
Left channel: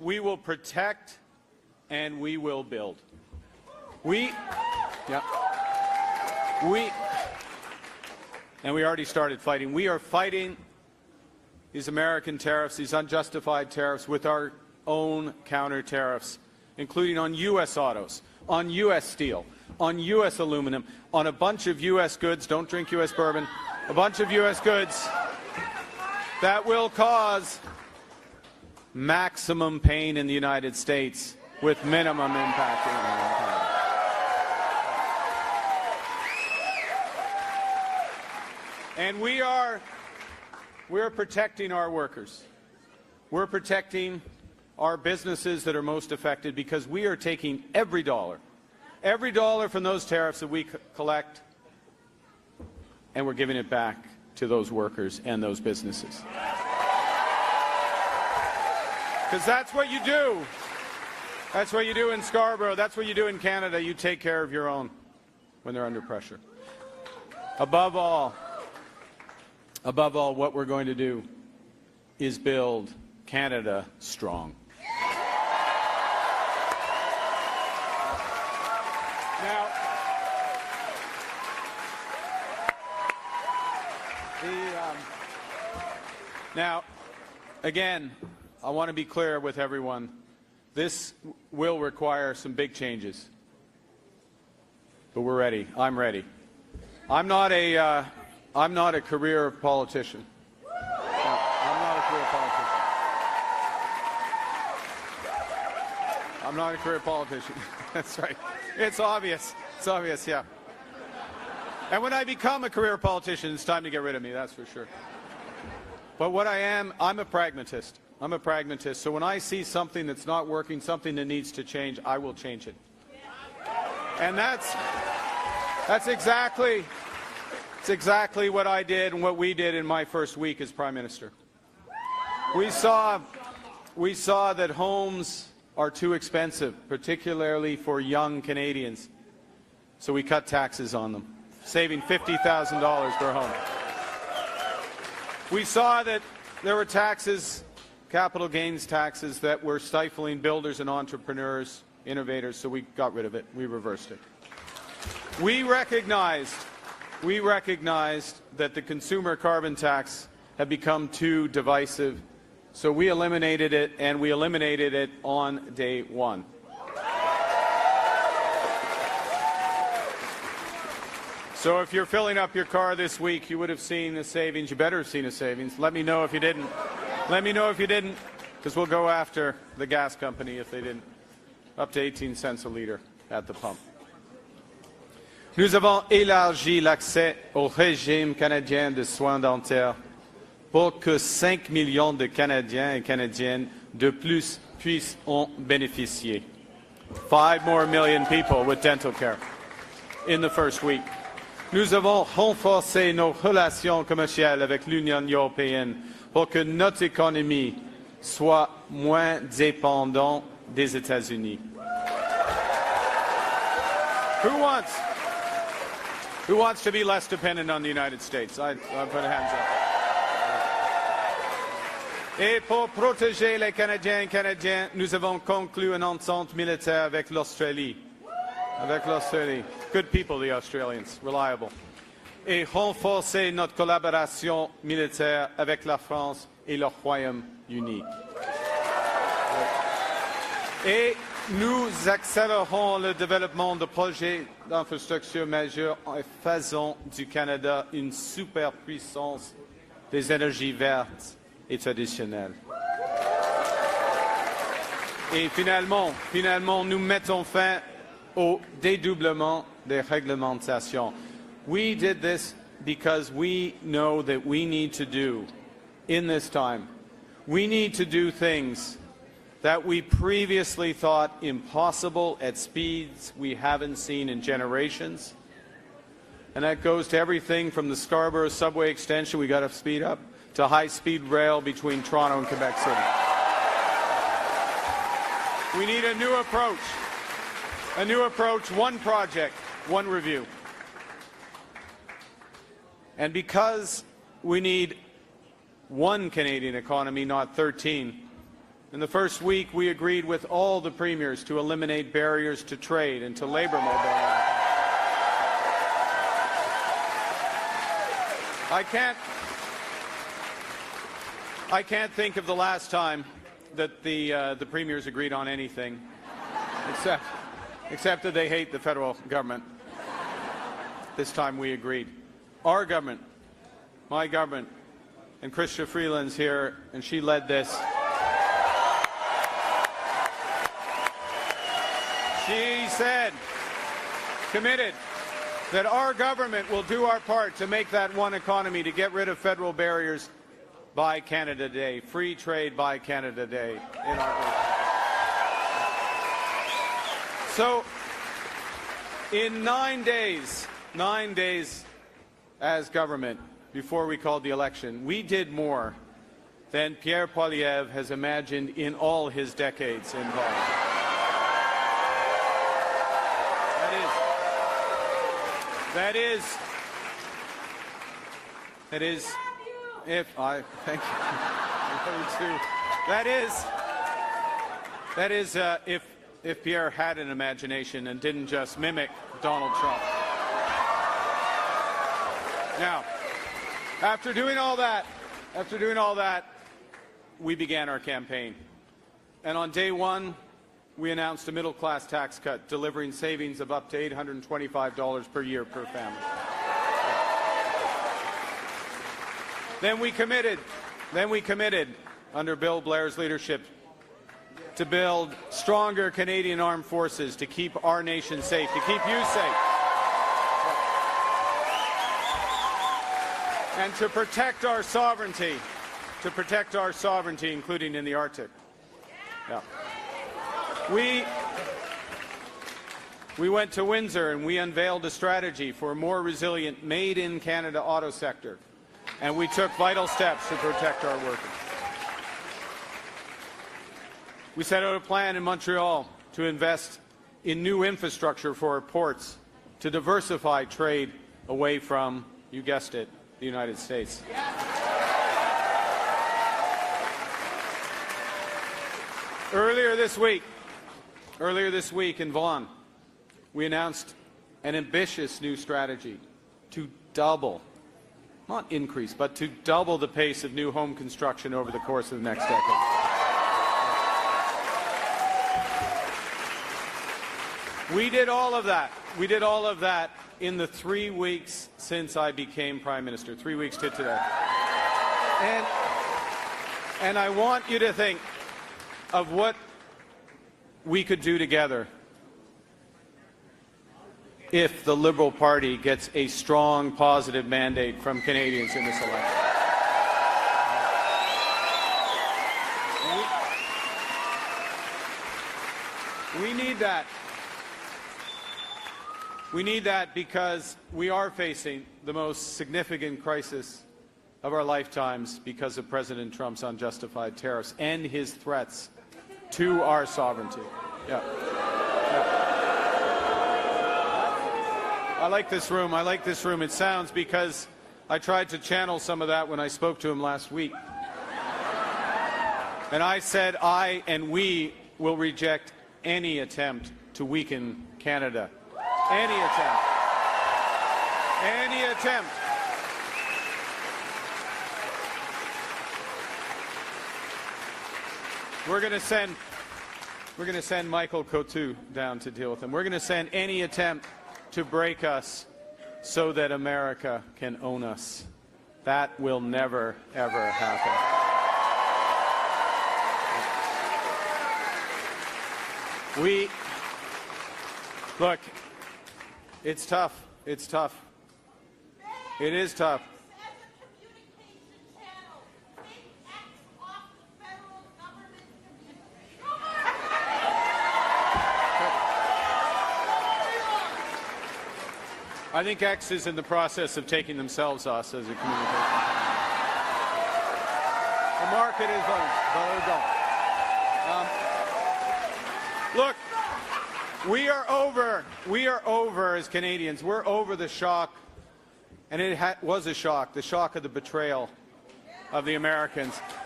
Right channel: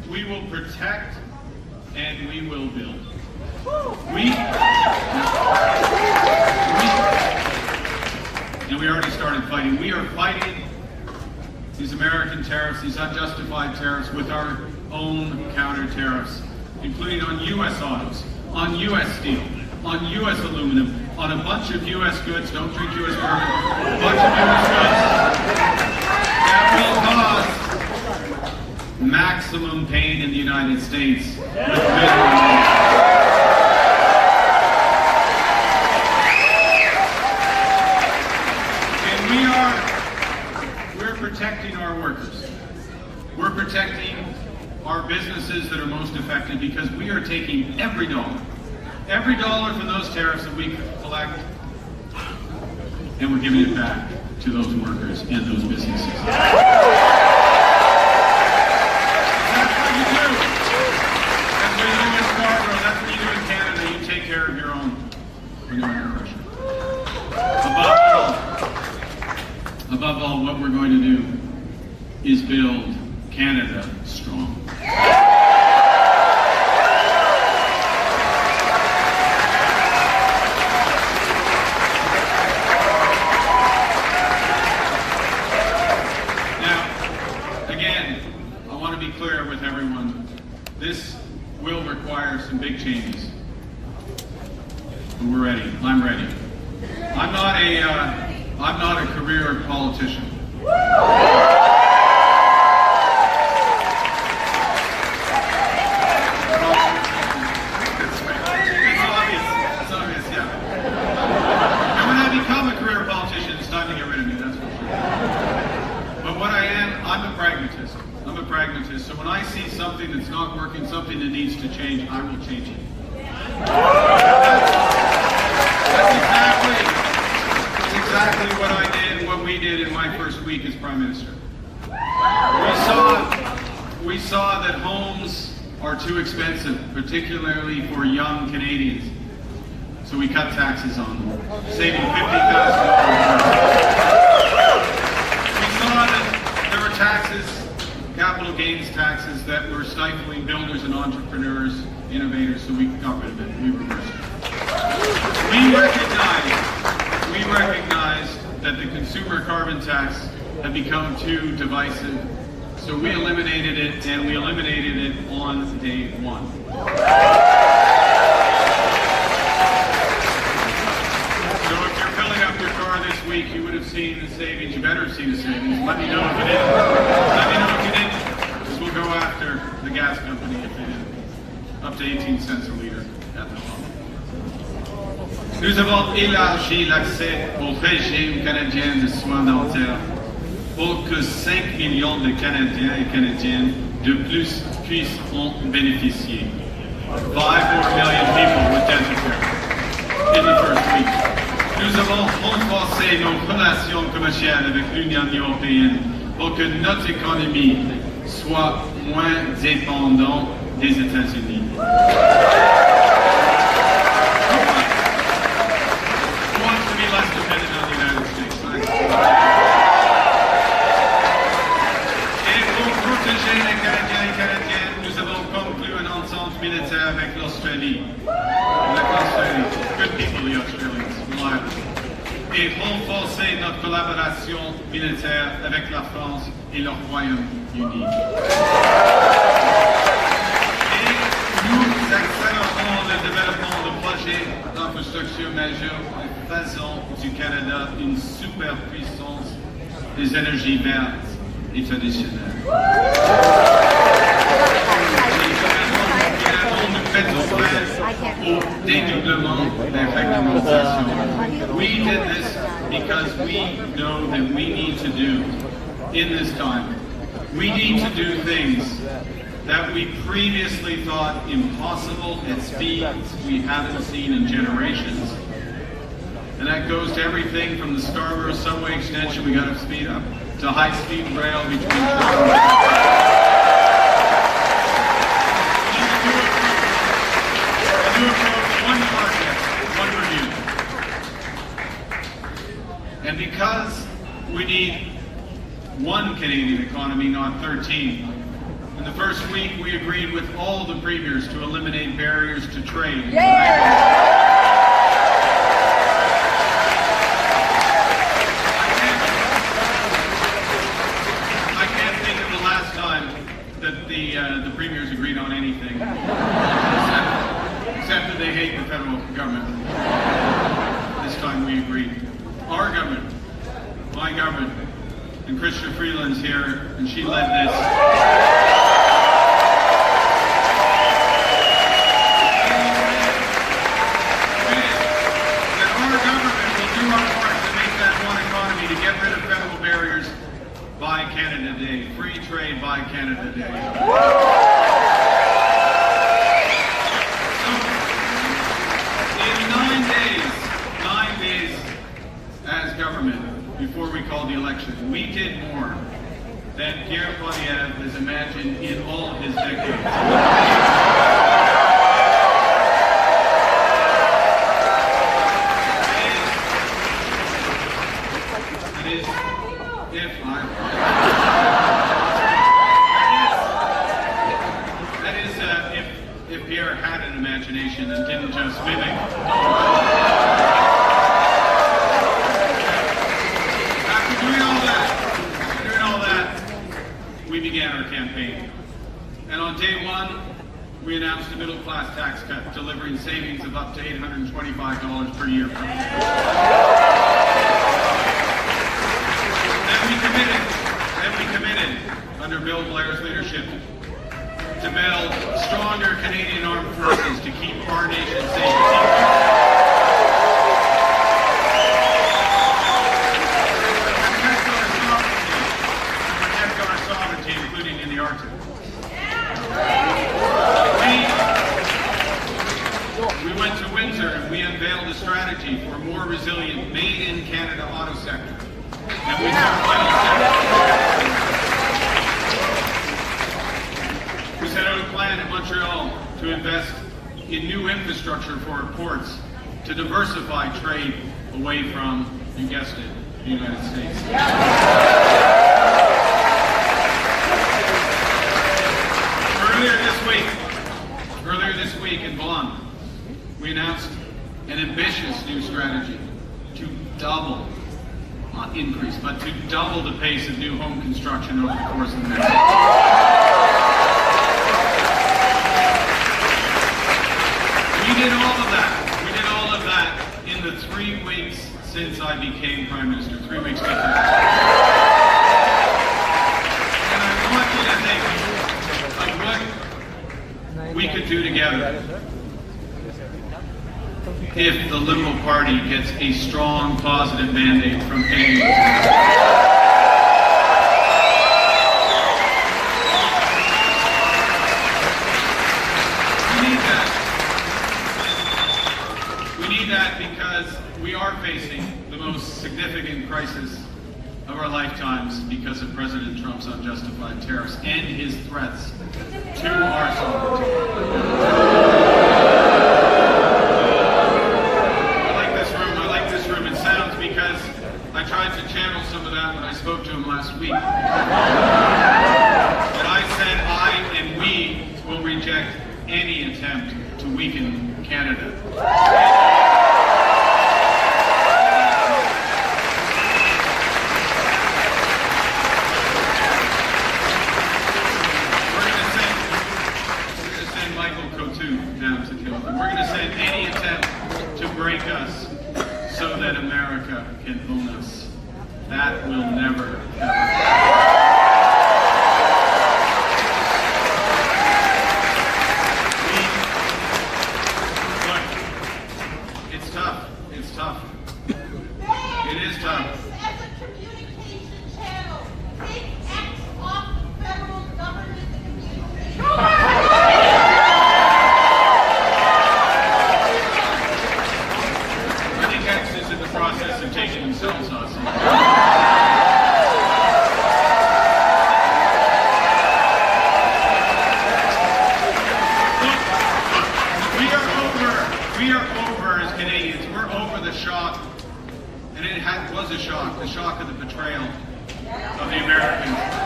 we will protect, and we will build. And we already started fighting. We are fighting these American tariffs, these unjustified tariffs, with our own counter tariffs, including on U.S. autos, on U.S. steel, on U.S. aluminum, on a bunch of U.S. goods. Don't drink U.S. bourbon. A bunch of U.S. goods that will cause maximum pain in the United States. We're protecting our workers. We're protecting our businesses that are most affected, because we are taking every dollar from those tariffs that we collect, and we're giving it back to those workers and those businesses. That's what you do. That's what you do in Scarborough. That's what you do in Canada. You take care of your own oppression. Above all, what we're going to do is build Canada strong. Now, again, I want to be clear with everyone. This will require some big changes. But we're ready. I'm ready. I'm not a career politician. It's obvious, yeah. And when I become a career politician, it's time to get rid of me, that's for sure. But what I am, I'm a pragmatist. So when I see something that's not working, something that needs to change, I will change it. That's exactly what I did, what we did in my first week as Prime Minister. We saw that homes are too expensive, particularly for young Canadians. So we cut taxes on them, saving $50,000. We saw that there were taxes, capital gains taxes, that were stifling builders and entrepreneurs, innovators, so we got rid of it, we reversed it. We recognize that the consumer carbon tax had become too divisive, so we eliminated it, and we eliminated it on day one. So if you're filling up your car this week, you would have seen the savings. You better have seen the savings. Let me know if you did. Because we'll go after the gas company if you didn't. Up to 18 cents a liter at the pump. Nous avons élargi l'accès au régime canadien de soins dentaires pour que 5 millions de Canadiens et Canadiennes de plus puissent en bénéficier. 5 more million people with dental care in the first week. Nous avons renforcé nos relations commerciales avec l'Union européenne pour que notre économie soit moins dépendante des États-Unis. Who wants to be less dependent on the United States? Et pour protéger les Canadiens et Canadiennes, nous avons conclu un ensemble militaire avec l'Australie. Good people, the Australians, reliable. Et renforcer notre collaboration militaire avec la France et le Royaume-Uni. Et nous accélérons le développement de projets d'infrastructure majeurs en faisant du Canada une superpuissance des énergies vertes et traditionnelles. Finalement, nous mettons fin au dédoublement des réglementations. We did this because we know that we need to do in this time. We need to do things that we previously thought impossible at speeds we haven't seen in generations. And that goes to everything from the Scarborough subway extension we got to speed up, to high-speed rail between Toronto and we need a new approach, one project, one review. And because we need one Canadian economy, not 13, the first week, we agreed with all the premiers to eliminate barriers to trade. I can't think of the last time that the premiers agreed on anything, except that they hate the federal government. This time we agreed. Our government, my government, and Christian Freeland's here, and she led this. She said, committed, that our government will do our part to make that one economy, to get rid of federal barriers by Canada Day, free trade by Canada Day. So, in 9 days as government, before we called the election, we did more than Pierre Poilievre has imagined in all of his decades. If Pierre had an imagination and didn't just mimic After doing all that, we began our campaign. And on day one, we announced a middle-class tax cut, delivering savings of up to $825 per year. Then we committed, under Bill Blair's leadership, to build stronger Canadian armed forces to keep our nation safe. To protect our sovereignty, including in the Arctic. We went to Windsor and we unveiled a strategy for a more resilient, made-in-Canada auto sector. And we took final steps. We set out a plan in Montreal to invest in new infrastructure for our ports to diversify trade away from, you guessed it, the United States. Earlier this week in Vaughan, we announced an ambitious new strategy to double, not increase, but to double the pace of new home construction over the course of next year. We did all of that in the 3 weeks since I became Prime Minister, 3 weeks ago. And I want you to think of what we could do together if the Liberal Party gets a strong, positive mandate from Canadians. We need that because we are facing the most significant crisis of our lifetimes because of President Trump's unjustified tariffs and his threats to our sovereignty. I like this room. It sounds, because I tried to channel some of that when I spoke to him last week. And I said I and we will reject any attempt to weaken Canada. Michael Coutu down to deal with them. We're going to send any attempt to break us so that America can own us. That will never, ever. Look, it's tough. It's tough. It is tough. As a communication channel, take X off federal government communication. Is in the process of taking themselves off. We are over as Canadians. We're over the shock, and it was a shock, the shock of the betrayal of the Americans.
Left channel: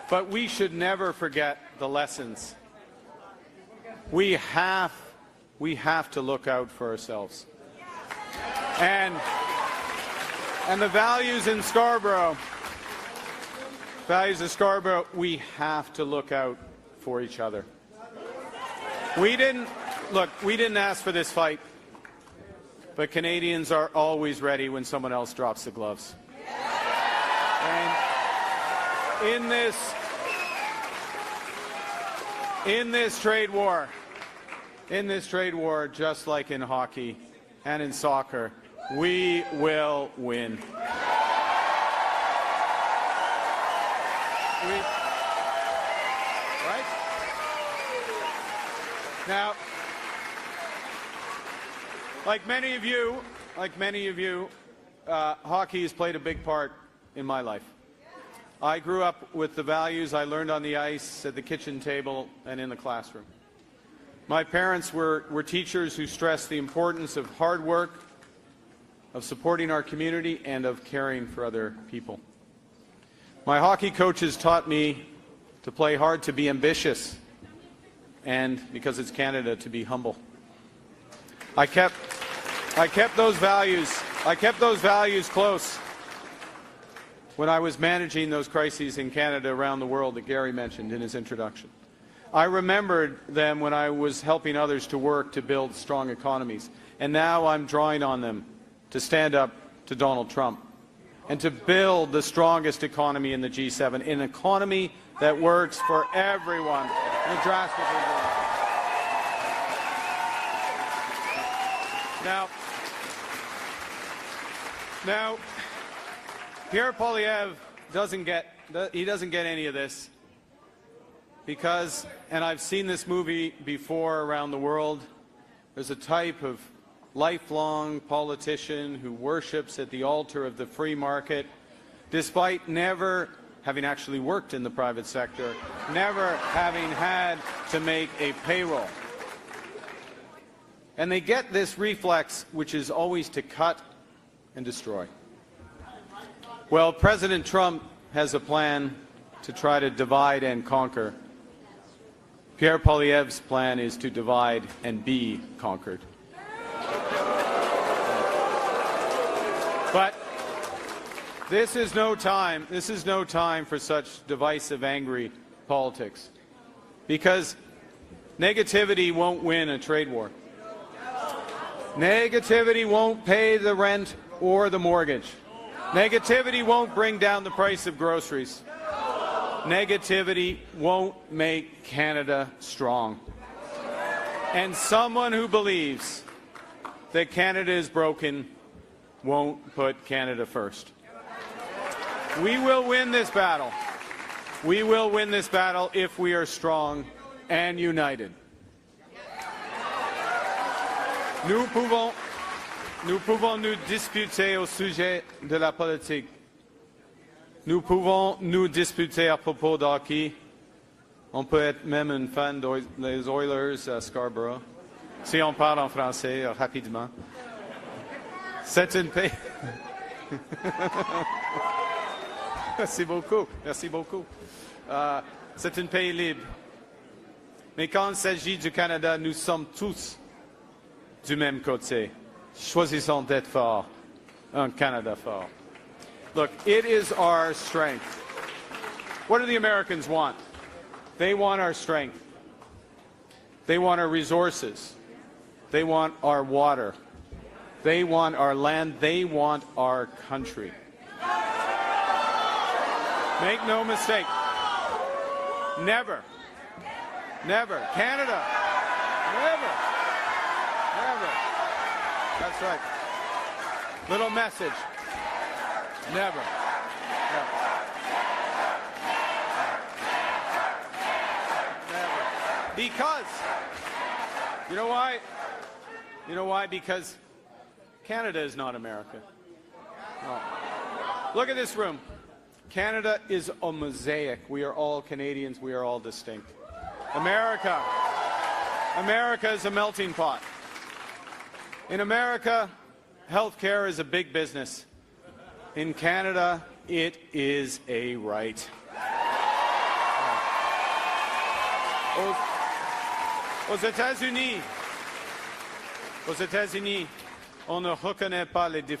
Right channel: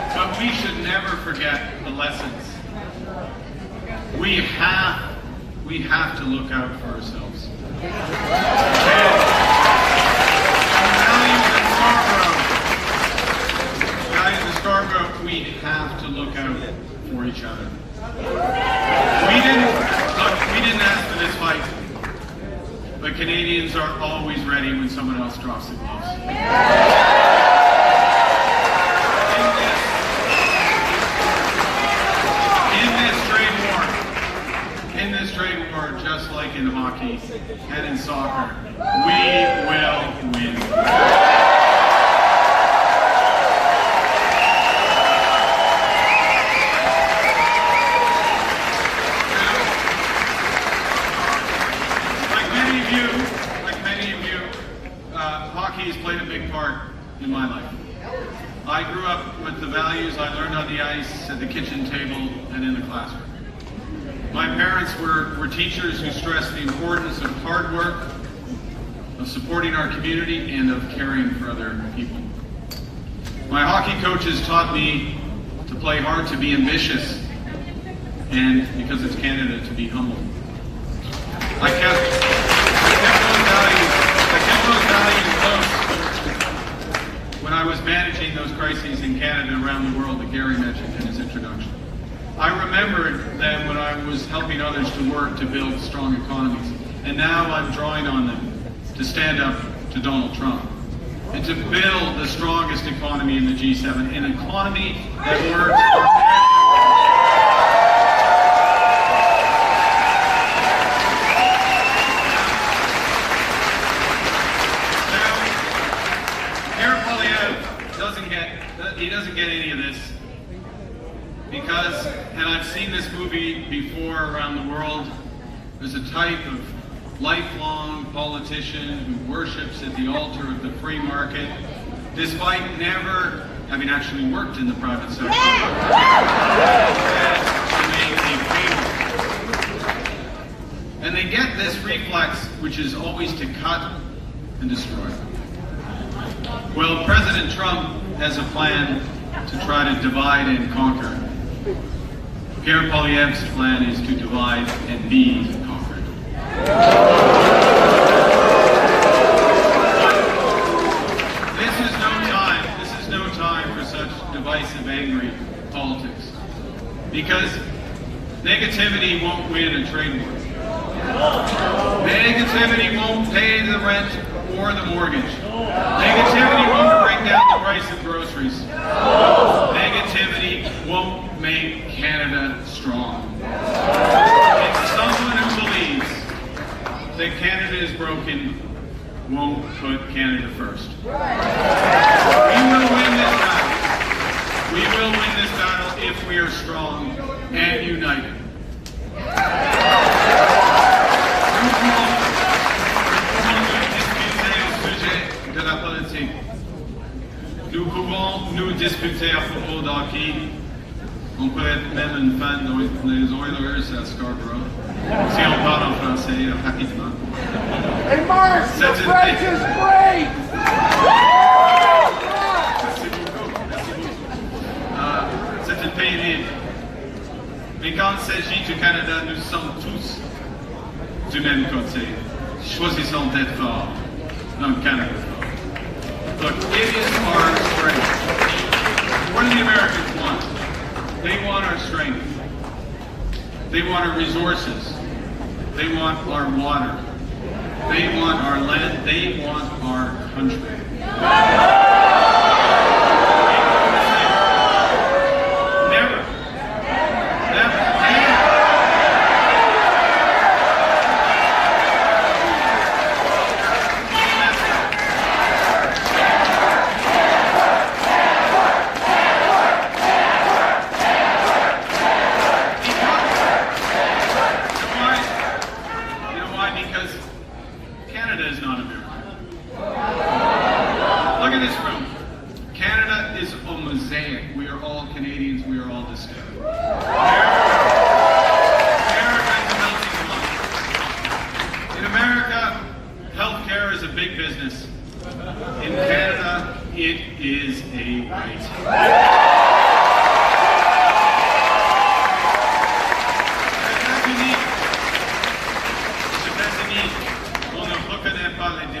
But we should never forget the lessons. We have to look out for ourselves. And the values in Scarborough, we have to look out for each other. We didn't ask for this fight, but Canadians are always ready when someone else drops the gloves. In this trade war, just like in hockey and in soccer, we will win. Now, like many of you, hockey has played a big part in my life. I grew up with the values I learned on the ice, at the kitchen table, and in the classroom. My parents were teachers who stressed the importance of hard work, of supporting our community, and of caring for other people. My hockey coaches taught me to play hard, to be ambitious, and because it's Canada, to be humble. I kept those values close when I was managing those crises in Canada, around the world, that Gary mentioned in his introduction. I remembered them when I was helping others to work to build strong economies. And now I'm drawing on them to stand up to Donald Trump and to build the strongest economy in the G7, an economy that works for everyone. Now, Pierre Poilievre doesn't get any of this. Because, and I've seen this movie before around the world, there's a type of lifelong politician who worships at the altar of the free market, despite never having actually worked in the private sector. To make a cable. And they get this reflex, which is always to cut and destroy. Well, President Trump has a plan to try to divide and conquer. Pierre Poilievre's plan is to divide and be conquered. This is no time for such divisive, angry politics. Because negativity won't win a trade war. Negativity won't pay the rent or the mortgage. Negativity won't bring down the price of groceries. Negativity won't make Canada strong. And someone who believes that Canada is broken won't put Canada first. We will win this battle. We will win this battle if we are strong and united. Nous pouvons nous discuter au sujet de la politique. Nous pouvons nous discuter à propos de hockey. On peut être même une fan des Oilers à Scarborough. Si on parle en français rapidement. Hey, Mark, the French is great! Merci beaucoup. Merci beaucoup. C'est un pays libre. Mais quand il s'agit du Canada, nous sommes tous du même côté. Choisissons d'être forts. Canada fort. But it is our strength. What do the Americans want? They want our strength. They want our resources. They want our water. They want our land. They want our country. Never. Canadians, we are all the same. America is a melting pot. In America, healthcare is a big business. In Canada, it is a right.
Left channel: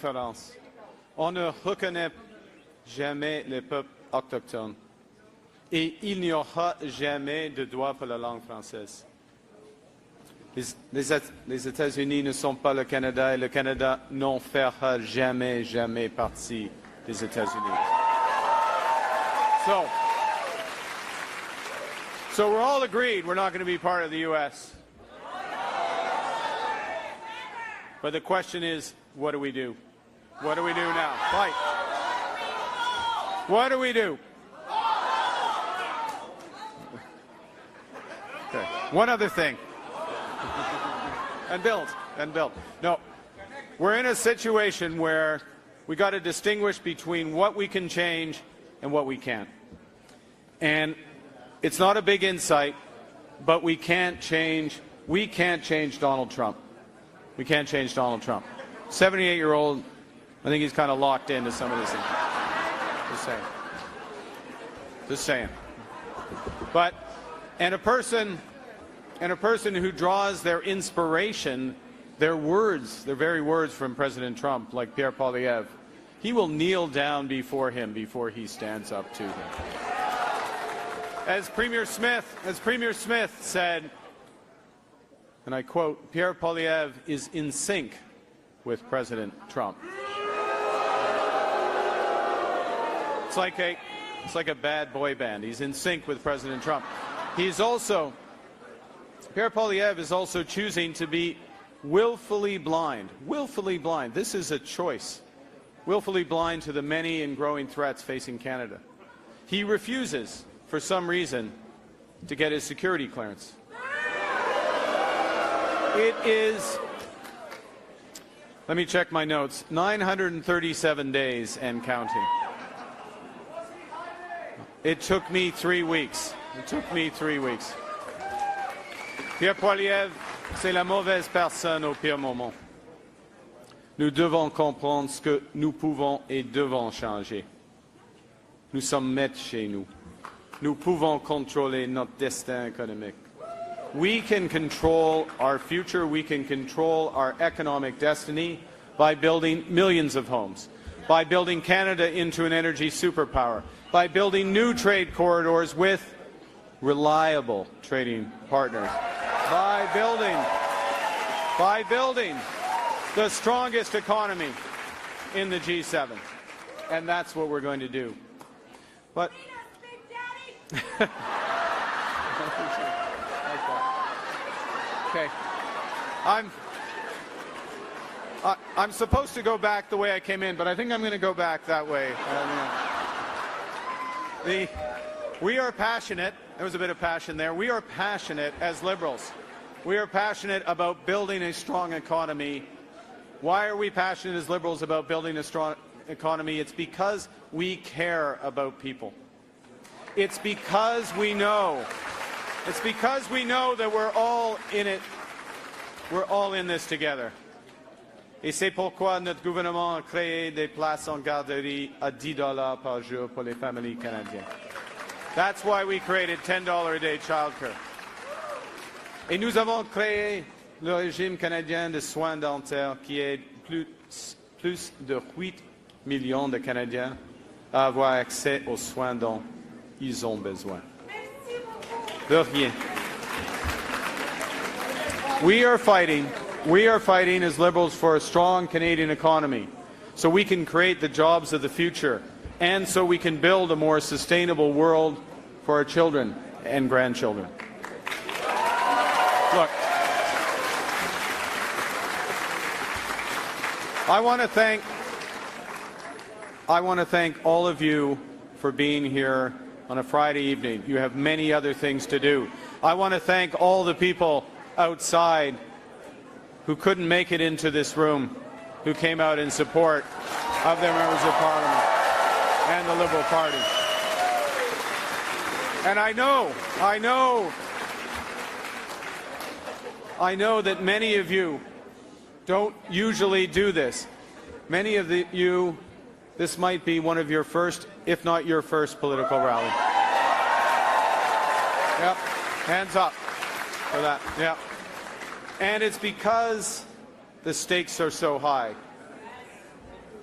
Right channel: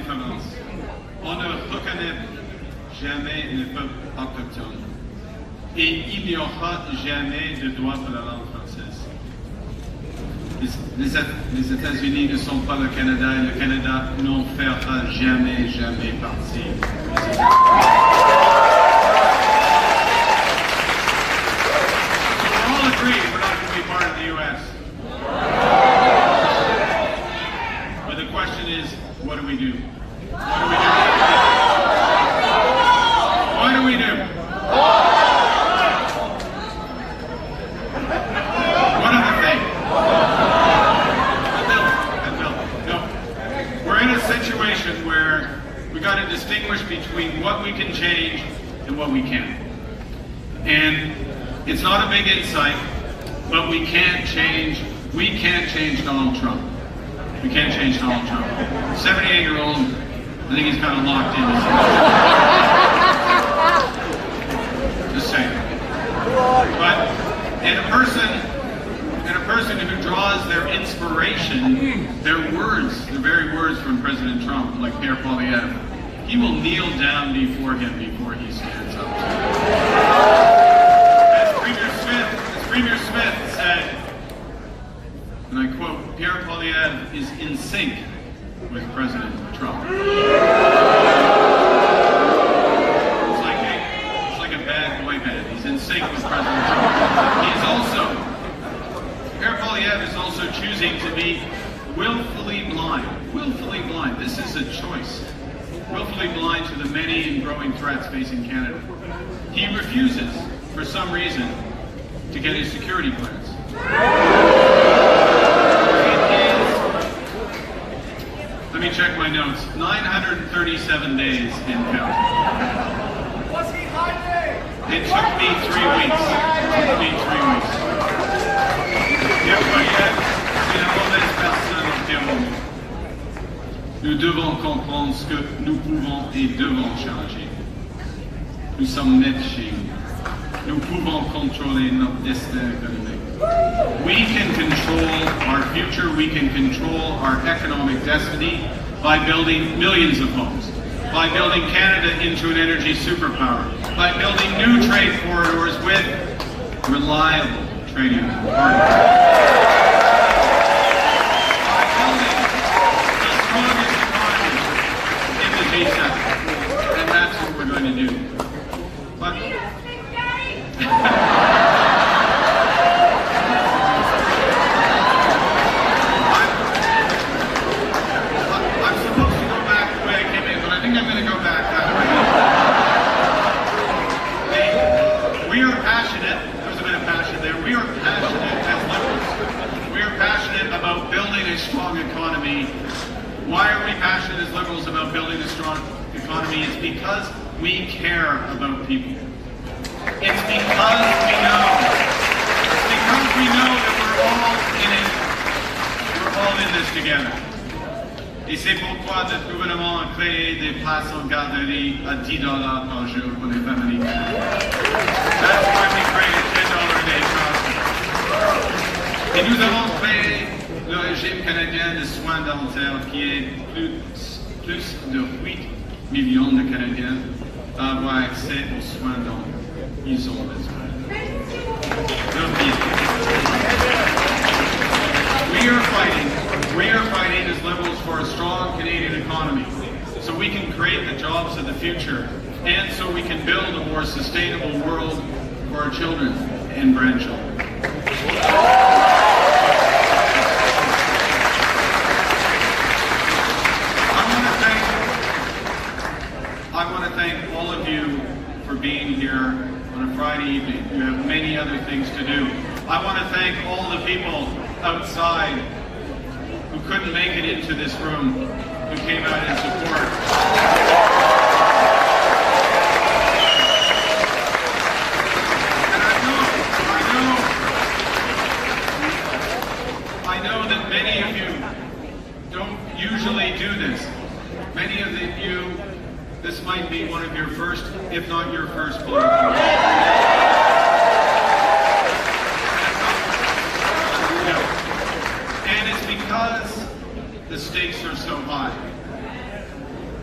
différence. On ne reconnaît jamais les peuples autochtones et il n'y aura jamais de droit pour la langue française. Les États-Unis ne sont pas le Canada et le Canada n'en fera jamais partie des États-Unis. So we're all agreed we're not going to be part of the U.S. But the question is, what do we do? What do we do? One of the things. No. We're in a situation where we got to distinguish between what we can change and what we can't. And it's not a big insight, but we can't change Donald Trump. We can't change Donald Trump. 78-year-old, I think he's kind of locked in. Just saying. But, and a person who draws their inspiration, their words, the very words from President Trump, like Pierre Poilievre, he will kneel down before him before he stands up. As Premier Smith said, and I quote, Pierre Poilievre is in sync with President Trump. It's like a bad boy band. He's in sync with President Trump. Pierre Poilievre is also choosing to be willfully blind. Willfully blind. This is a choice. Willfully blind to the many and growing threats facing Canada. He refuses, for some reason, to get his security clearance. Let me check my notes. 937 days and counting. It took me 3 weeks. Pierre Poilievre, c'est la mauvaise personne au pire moment. Nous devons comprendre ce que nous pouvons et devons changer. Nous sommes nés chez nous. Nous pouvons contrôler notre destin économique. We can control our future, we can control our economic destiny by building millions of homes, by building Canada into an energy superpower, by building new trade corridors with reliable trading partners, by building the strongest economy in the G7. And that's what we're going to do. But about building a strong economy. Why are we passionate as Liberals about building a strong economy? It's because we care about people. It's because we know. It's because we know that we're all in it. We're all in this together. Et c'est pourquoi notre gouvernement a créé des places en garderie à $10 par jour pour les familles. That's why we created $10 a day child. Et nous avons créé le régime canadien de soins dentaires qui est plus de 8 millions de Canadiens à avoir accès aux soins dont ils ont besoin. We are fighting as Liberals for a strong Canadian economy so we can create the jobs of the future and so we can build a more sustainable world for our children and grandchildren. I want to thank all of you for being here on a Friday evening. You have many other things to do. I want to thank all the people outside who couldn't make it into this room, who came out in support. And I know that many of you don't usually do this. Many of you, this might be one of your first, if not your first political rally. Hands up. Yeah. And it's because the stakes are so high.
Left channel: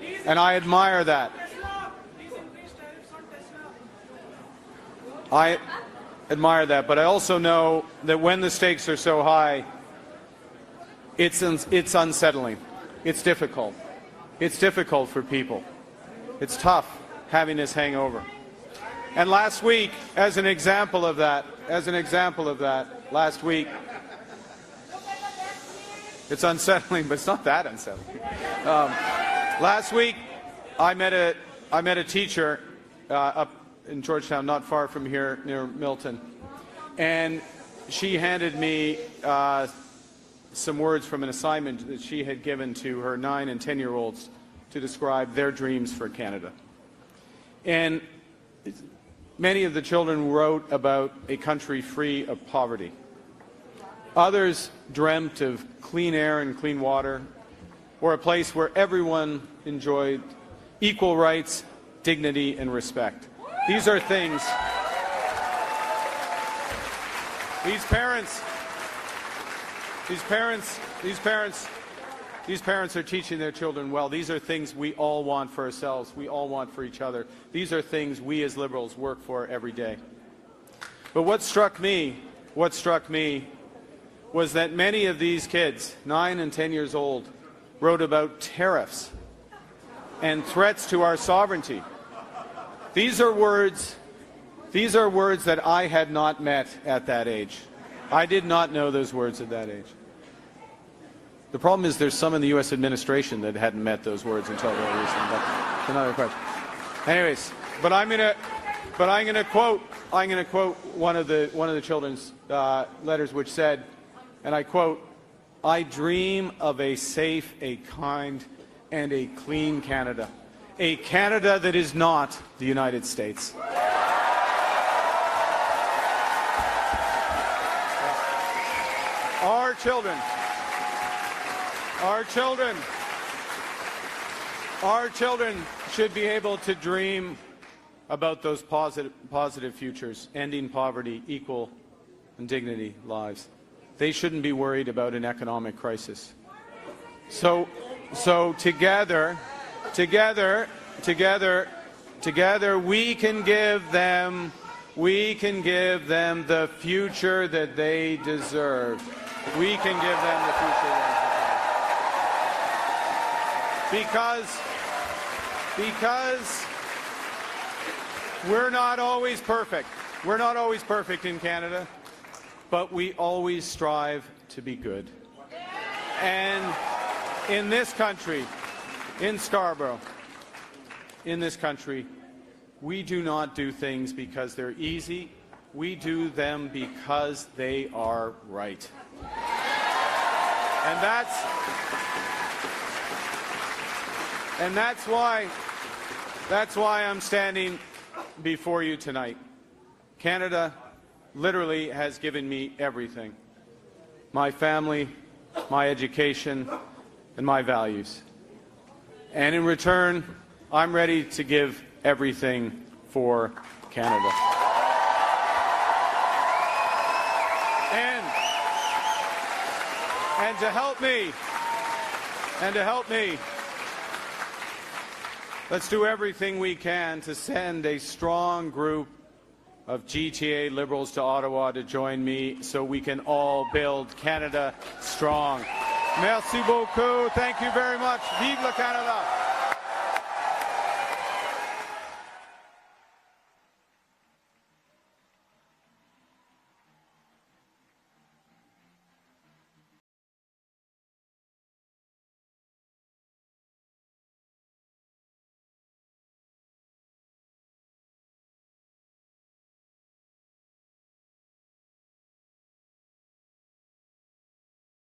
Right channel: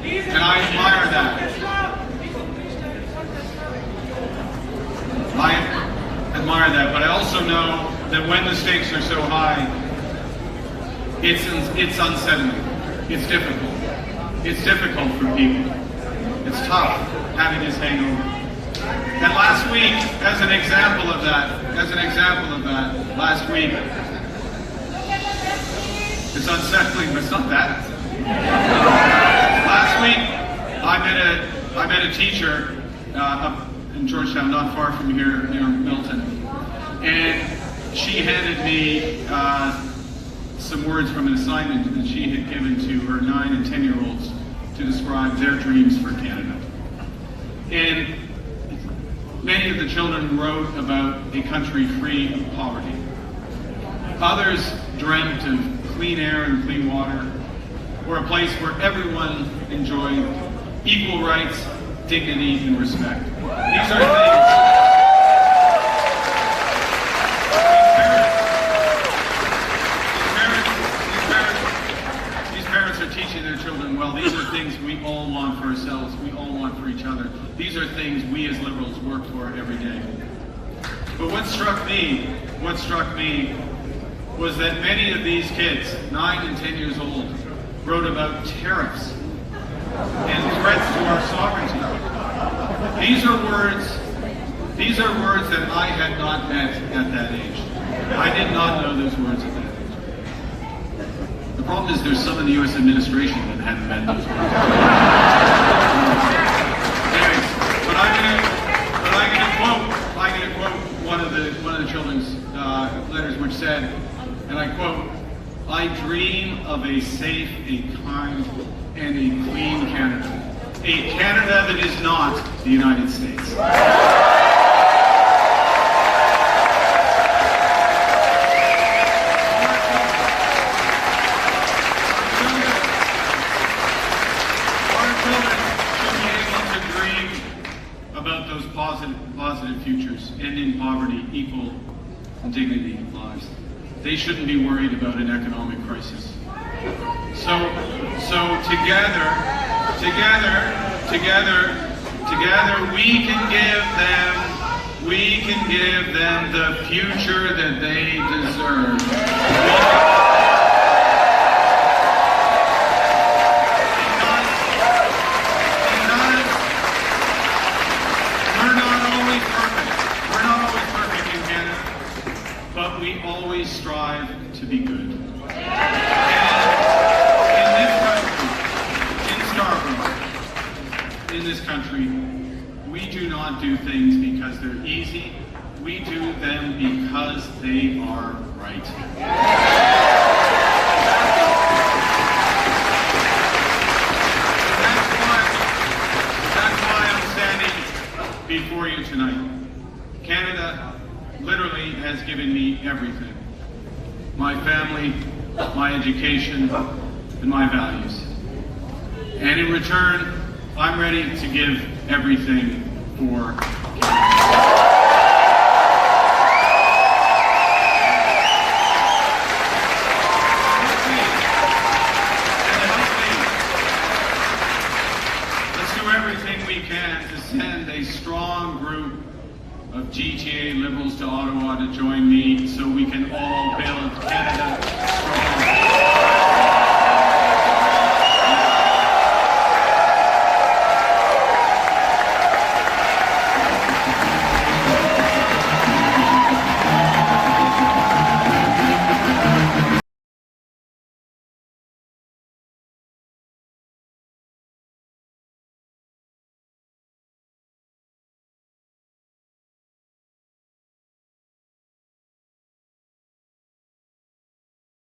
And I admire that. I admire that, but I also know that when the stakes are so high, it's unsettling. It's difficult. It's difficult for people. It's tough having this hangover. And last week, as an example of that, last week, it's unsettling, but it's not that unsettling. Last week, I met a teacher up in Georgetown, not far from here, near Milton, and she handed me some words from an assignment that she had given to her 9 and 10-year-olds to describe their dreams for Canada. And many of the children wrote about a country free of poverty. Others dreamt of clean air and clean water, or a place where everyone enjoyed equal rights, dignity, and respect. These are things. These parents are teaching their children well. These are things we all want for ourselves. We all want for each other. These are things we as Liberals work for every day. But what struck me was that many of these kids, 9 and 10 years old, wrote about tariffs and threats to our sovereignty. These are words that I had not met at that age. I did not know those words at that age. The problem is there's some of the U.S. administration that hadn't met those words. Anyways, but I'm going to quote one of the children's letters, which said, and I quote, "I dream of a safe, a kind, and a clean Canada. A Canada that is not the United States." Our children should be able to dream about those positive futures, ending poverty, equal and dignity lives. They shouldn't be worried about an economic crisis. So together, we can give them the future that they deserve. Because we're not always perfect in Canada, but we always strive to be good. In this country, in Scarborough, in this country, we do not do things because they're easy. We do them because they are right. That's why I'm standing before you tonight. Canada literally has given me everything. My family, my education, and my values. And in return, I'm ready to give everything for Canada. Let's do everything we can to send a strong group of GTA Liberals to Ottawa to join me so we can all build Canada strong.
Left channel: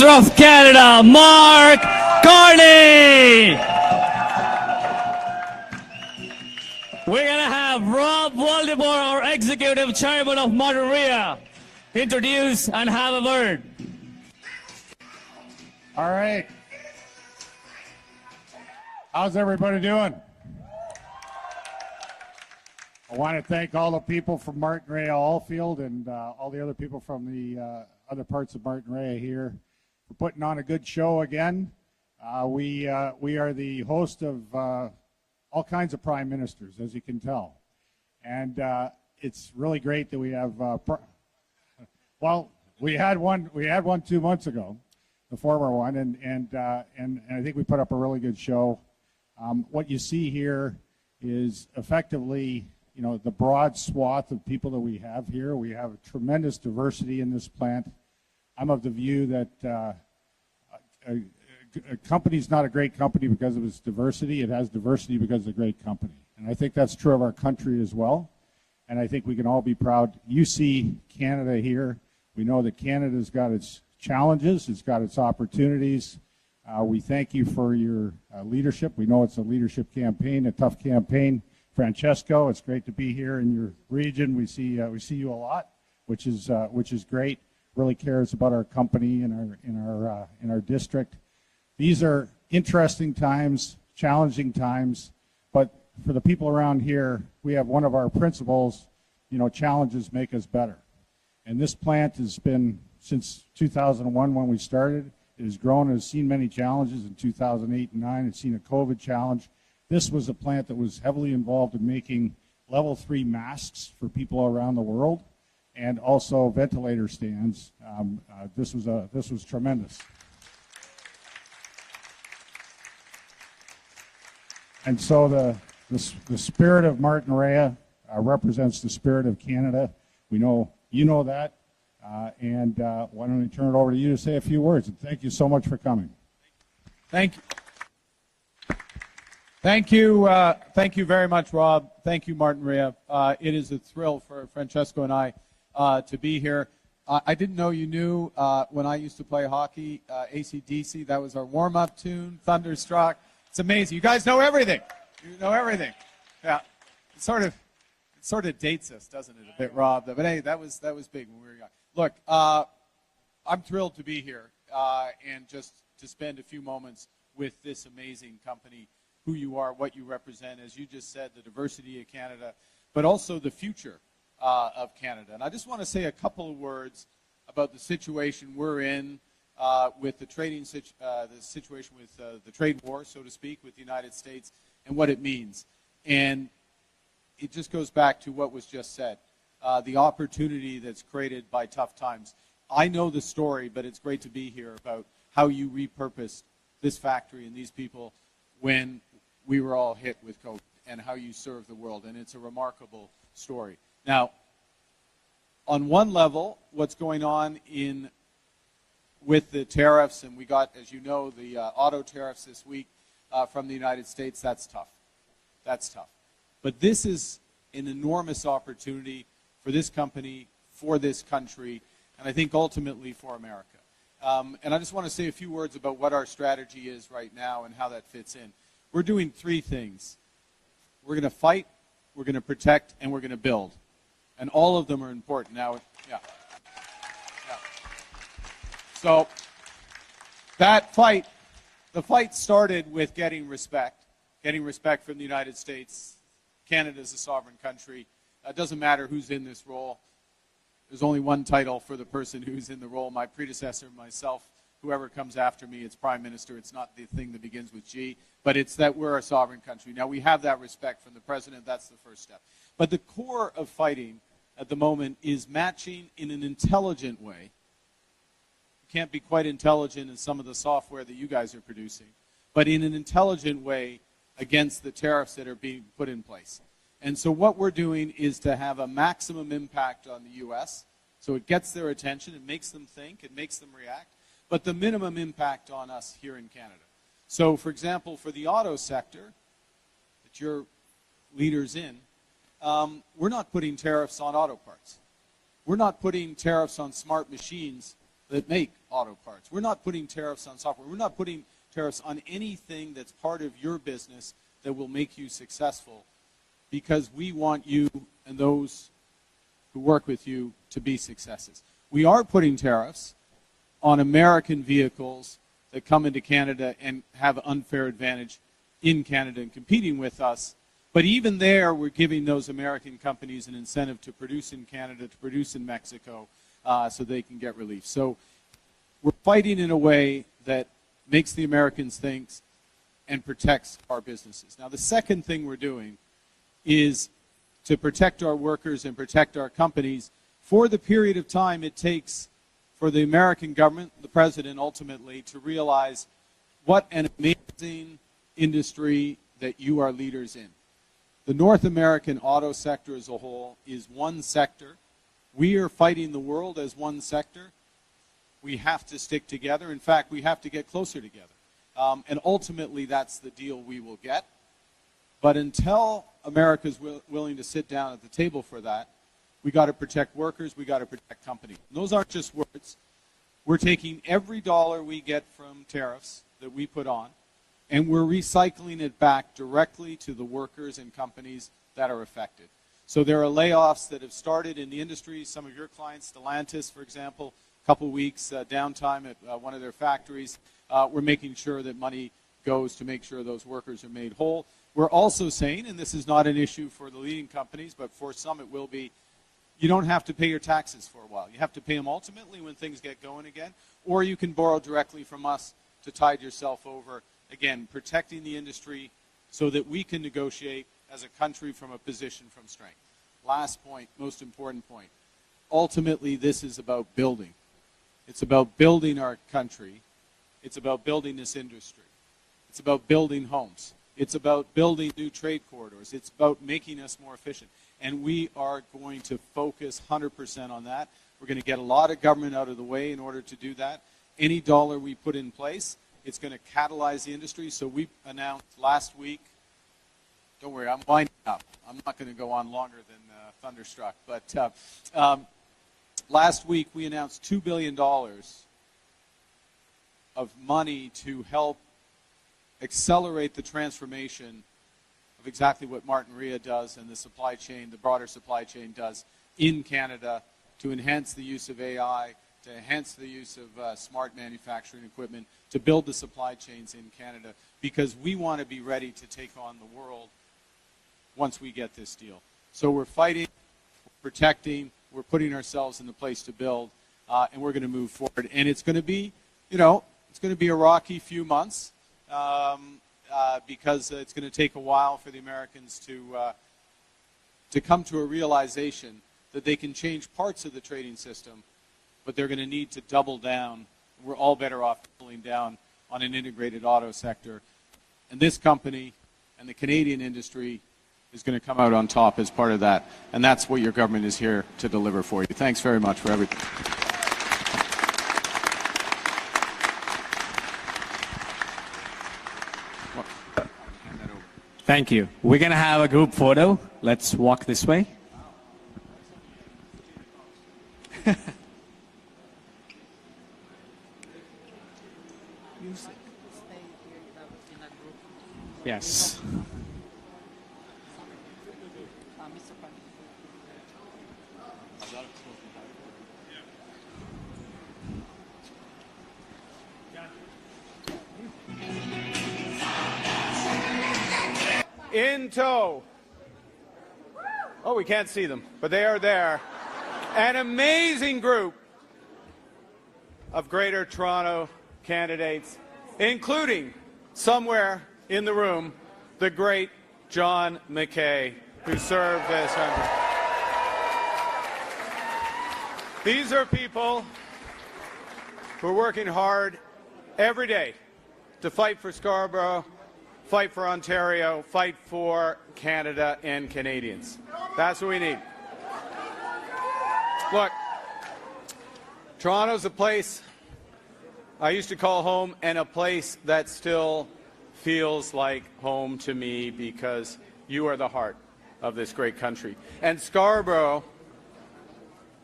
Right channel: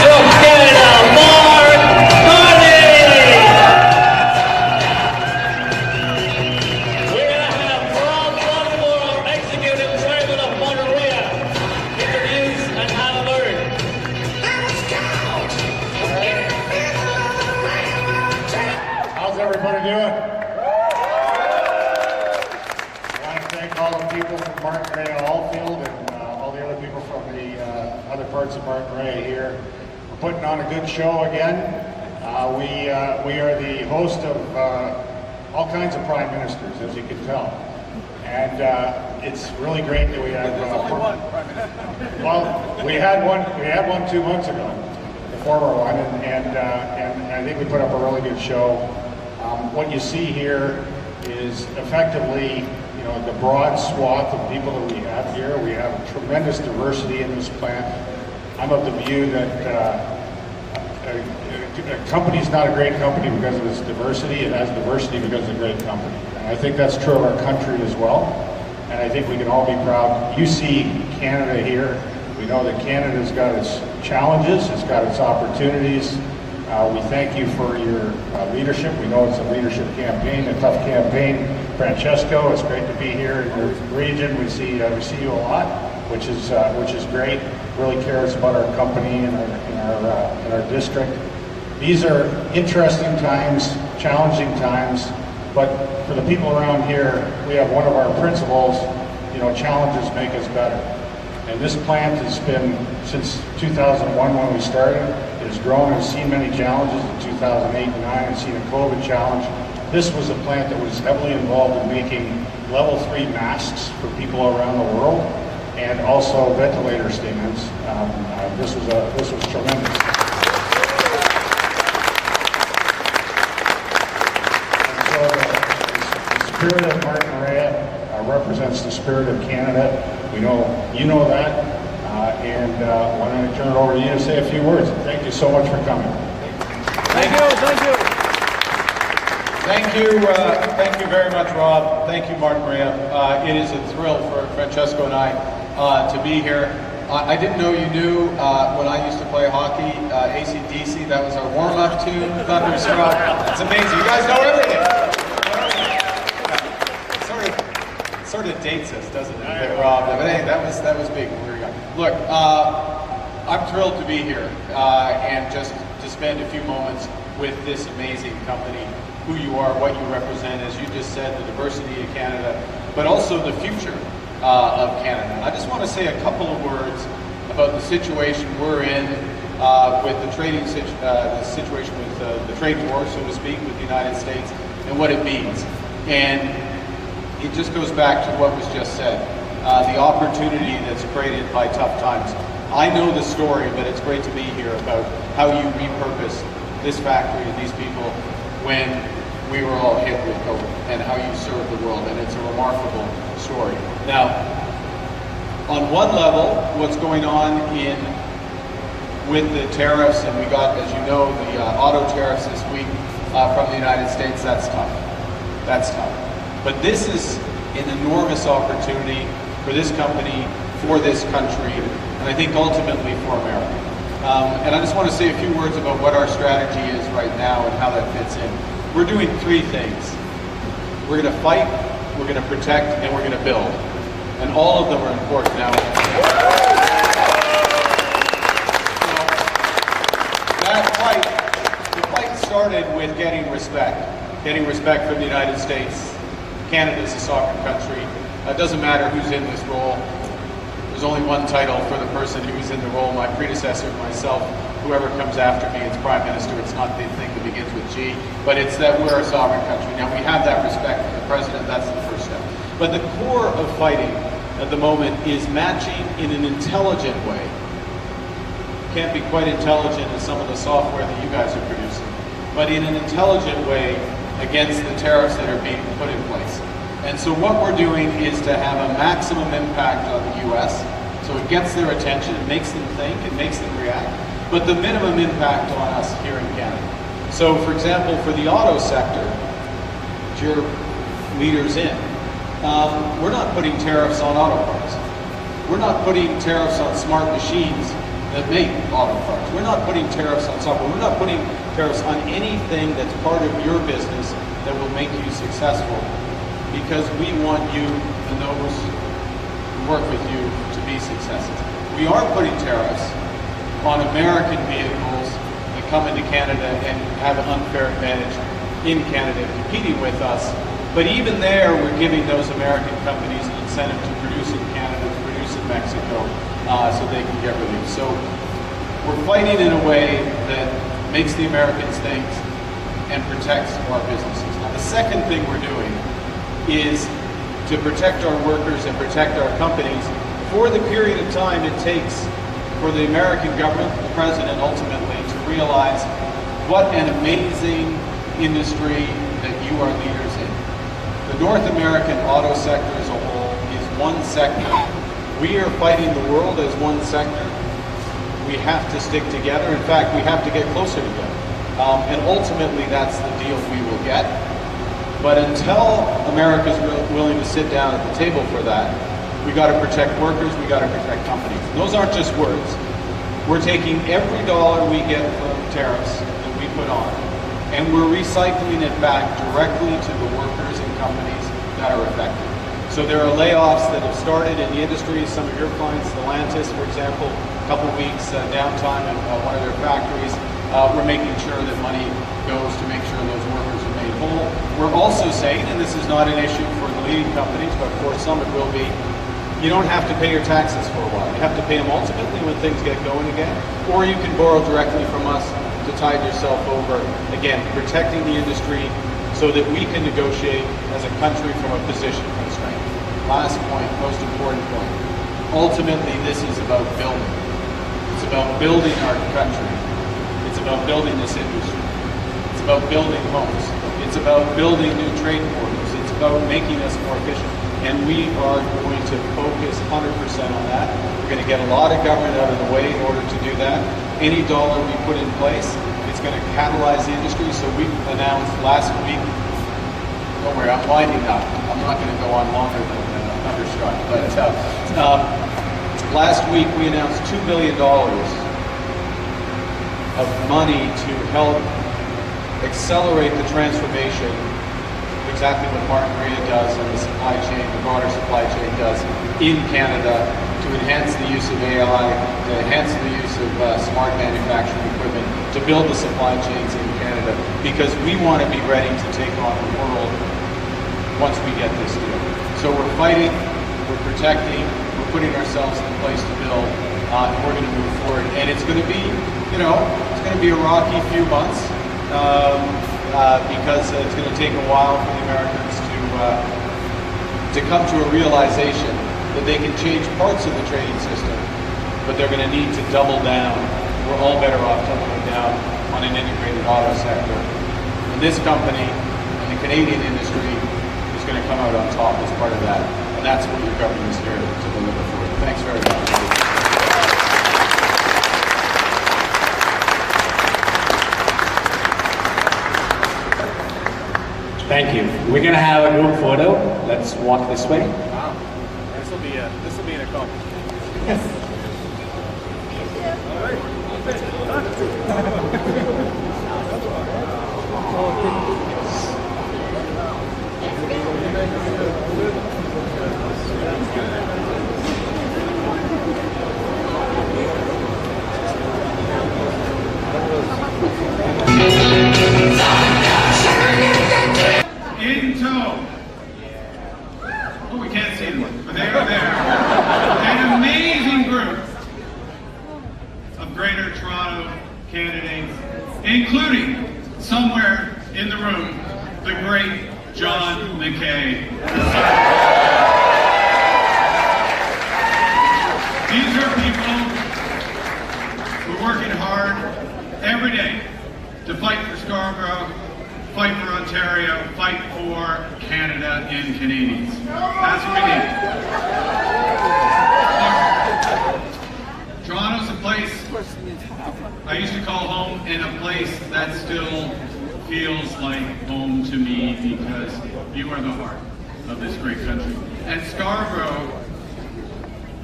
Minister of Canada, Mark Carney. We're going to have Rob Waldemore, our Executive Chairman of Monterey, introduce and have a word. All right. How's everybody doing? I want to thank all the people from Monterey Allfield and all the other people from the other parts of Monterey here. We're putting on a good show again. We are the host of all kinds of prime ministers, as you can tell. And it's really great that we have. Well, we had one 2 months ago, the former one, and I think we put up a really good show. What you see here is effectively, you know, the broad swath of people that we have here. We have tremendous diversity in this plant. I'm of the view that a company's not a great company because of its diversity. It has diversity because it's a great company. And I think that's true of our country as well. And I think we can all be proud. You see Canada here. We know that Canada's got its challenges, it's got its opportunities. We thank you for your leadership. We know it's a leadership campaign, a tough campaign. Francesco, it's great to be here in your region. We see you a lot, which is great. Really cares about our company and our district. These are interesting times, challenging times, but for the people around here, we have one of our principles. You know, challenges make us better. And this plant has been, since 2001 when we started, it has grown and seen many challenges. In 2008 and 2009, it's seen a COVID challenge. This was a plant that was heavily involved in making level 3 masks for people around the world, and also ventilator statements. This was tremendous. And so the spirit of Martin represents the spirit of Canada. We know you know that, and why don't I turn it over to you to say a few words. Thank you so much for coming. Thank you very much, Rob. Thank you, Martin Maria. It is a thrill for Francesco and I to be here. I didn't know you knew when I used to play hockey, AC/DC. That was our warm-up tune, Thunderstruck. It's amazing. You guys know everything. Yeah. It sort of dates us, doesn't it, that Rob? But hey, that was big. Look, I'm thrilled to be here and just to spend a few moments with this amazing company. Who you are, what you represent, as you just said, the diversity of Canada, but also the future of Canada. I just want to say a couple of words about the situation we're in with the trading the situation with the trade war, so to speak, with the United States and what it means. And it just goes back to what was just said, the opportunity that's created by tough times. I know the story, but it's great to be here about how you repurpose this factory and these people when we were all hit with COVID, and how you serve the world, and it's a remarkable story. Now, on one level, what's going on with the tariffs, and we got, as you know, the auto tariffs this week from the United States, that's tough. That's tough. But this is an enormous opportunity for this company, for this country, and I think ultimately for America. And I just want to say a few words about what our strategy is right now and how that fits in. We're doing 3 things. We're going to fight, we're going to protect, and we're going to build. And all of them are important now. So that fight, the fight started with getting respect from the United States. Canada's a sovereign country. It doesn't matter who's in this role. There's only one title for the person who's in the role, my predecessor, myself, whoever comes after me, it's Prime Minister. It's not the thing that begins with G, but it's that we're a sovereign country. Now, we have that respect for the President. That's the first step. But the core of fighting at the moment is matching in an intelligent way. Can't be quite intelligent as some of the software that you guys are producing, but in an intelligent way against the tariffs that are being put in place. And so what we're doing is to have a maximum impact on the U.S., so it gets their attention, it makes them think, it makes them react, but the minimum impact on us here in Canada. So, for example, for the auto sector, which you're leaders in, we're not putting tariffs on auto parts. We're not putting tariffs on smart machines that make auto parts. We're not putting tariffs on software. We're not putting tariffs on anything that's part of your business that will make you successful, because we want you and those who work with you to be successes. We are putting tariffs on American vehicles that come into Canada and have an unfair advantage in Canada competing with us. But even there, we're giving those American companies an incentive to produce in Canada, to produce in Mexico, so they can get relief. So we're fighting in a way that makes the Americans think and protects our businesses. Now, the second thing we're doing is to protect our workers and protect our companies for the period of time it takes for the American government, the president ultimately, to realize what an amazing industry that you are leaders in. The North American auto sector as a whole is one sector. We are fighting the world as one sector. We have to stick together. In fact, we have to get closer together. And ultimately, that's the deal we will get. But until America's willing to sit down at the table for that, we got to protect workers, we got to protect companies. And those aren't just words. We're taking every dollar we get from tariffs that we put on, and we're recycling it back directly to the workers and companies that are affected. So there are layoffs that have started in the industry. Some of your clients, Stellantis, for example, a couple of weeks downtime at one of their factories. We're making sure that money goes to make sure those workers are made whole. We're also saying, and this is not an issue for the leading companies, but for some it will be, you don't have to pay your taxes for a while. You have to pay them ultimately when things get going again, or you can borrow directly from us to tide yourself over. Again, protecting the industry so that we can negotiate as a country from a position of strength. Last point, most important point. Ultimately, this is about building. It's about building our country. It's about building this industry. It's about building homes. It's about building new trade corridors. It's about making us more efficient. And we are going to focus 100% on that. We're going to get a lot of government out of the way in order to do that. Any dollar we put in place, it's going to catalyze the industry. So we announced last week, don't worry, I'm winding up. I'm not going to go on longer than Thunderstruck. But last week we announced $2 billion of money to help accelerate the transformation, exactly what Martin Maria does and the supply chain, the broader supply chain does in Canada, to enhance the use of AI, to enhance the use of smart manufacturing equipment, to build the supply chains in Canada, because we want to be ready to take on the world once we get this deal. So we're fighting, we're protecting, we're putting ourselves in a place to build, and we're going to move forward. And it's going to be, it's going to be a rocky few months. Because it's going to take a while for the Americans to come to a realization that they can change parts of the trading system, but they're going to need to double down. We're all better off doubling down on an integrated auto sector. And this company and the Canadian industry is going to come out on top as part of that. And that's what your government is here to deliver for you. Thanks very much. Thank you. We're gonna have a group photo. Let's walk this way. Wow. This will be an accomplishment. Yes. In tow. Oh, we can't see them, but they're there. An amazing group of Greater Toronto candidates, including, somewhere in the room, the great John McKay. These are people who are working hard every day to fight for Scarborough, fight for Ontario, fight for Canada and Canadians. That's what we need. Toronto's a place I used to call home, and a place that still feels like home to me, because you are the heart of this great country. And Scarborough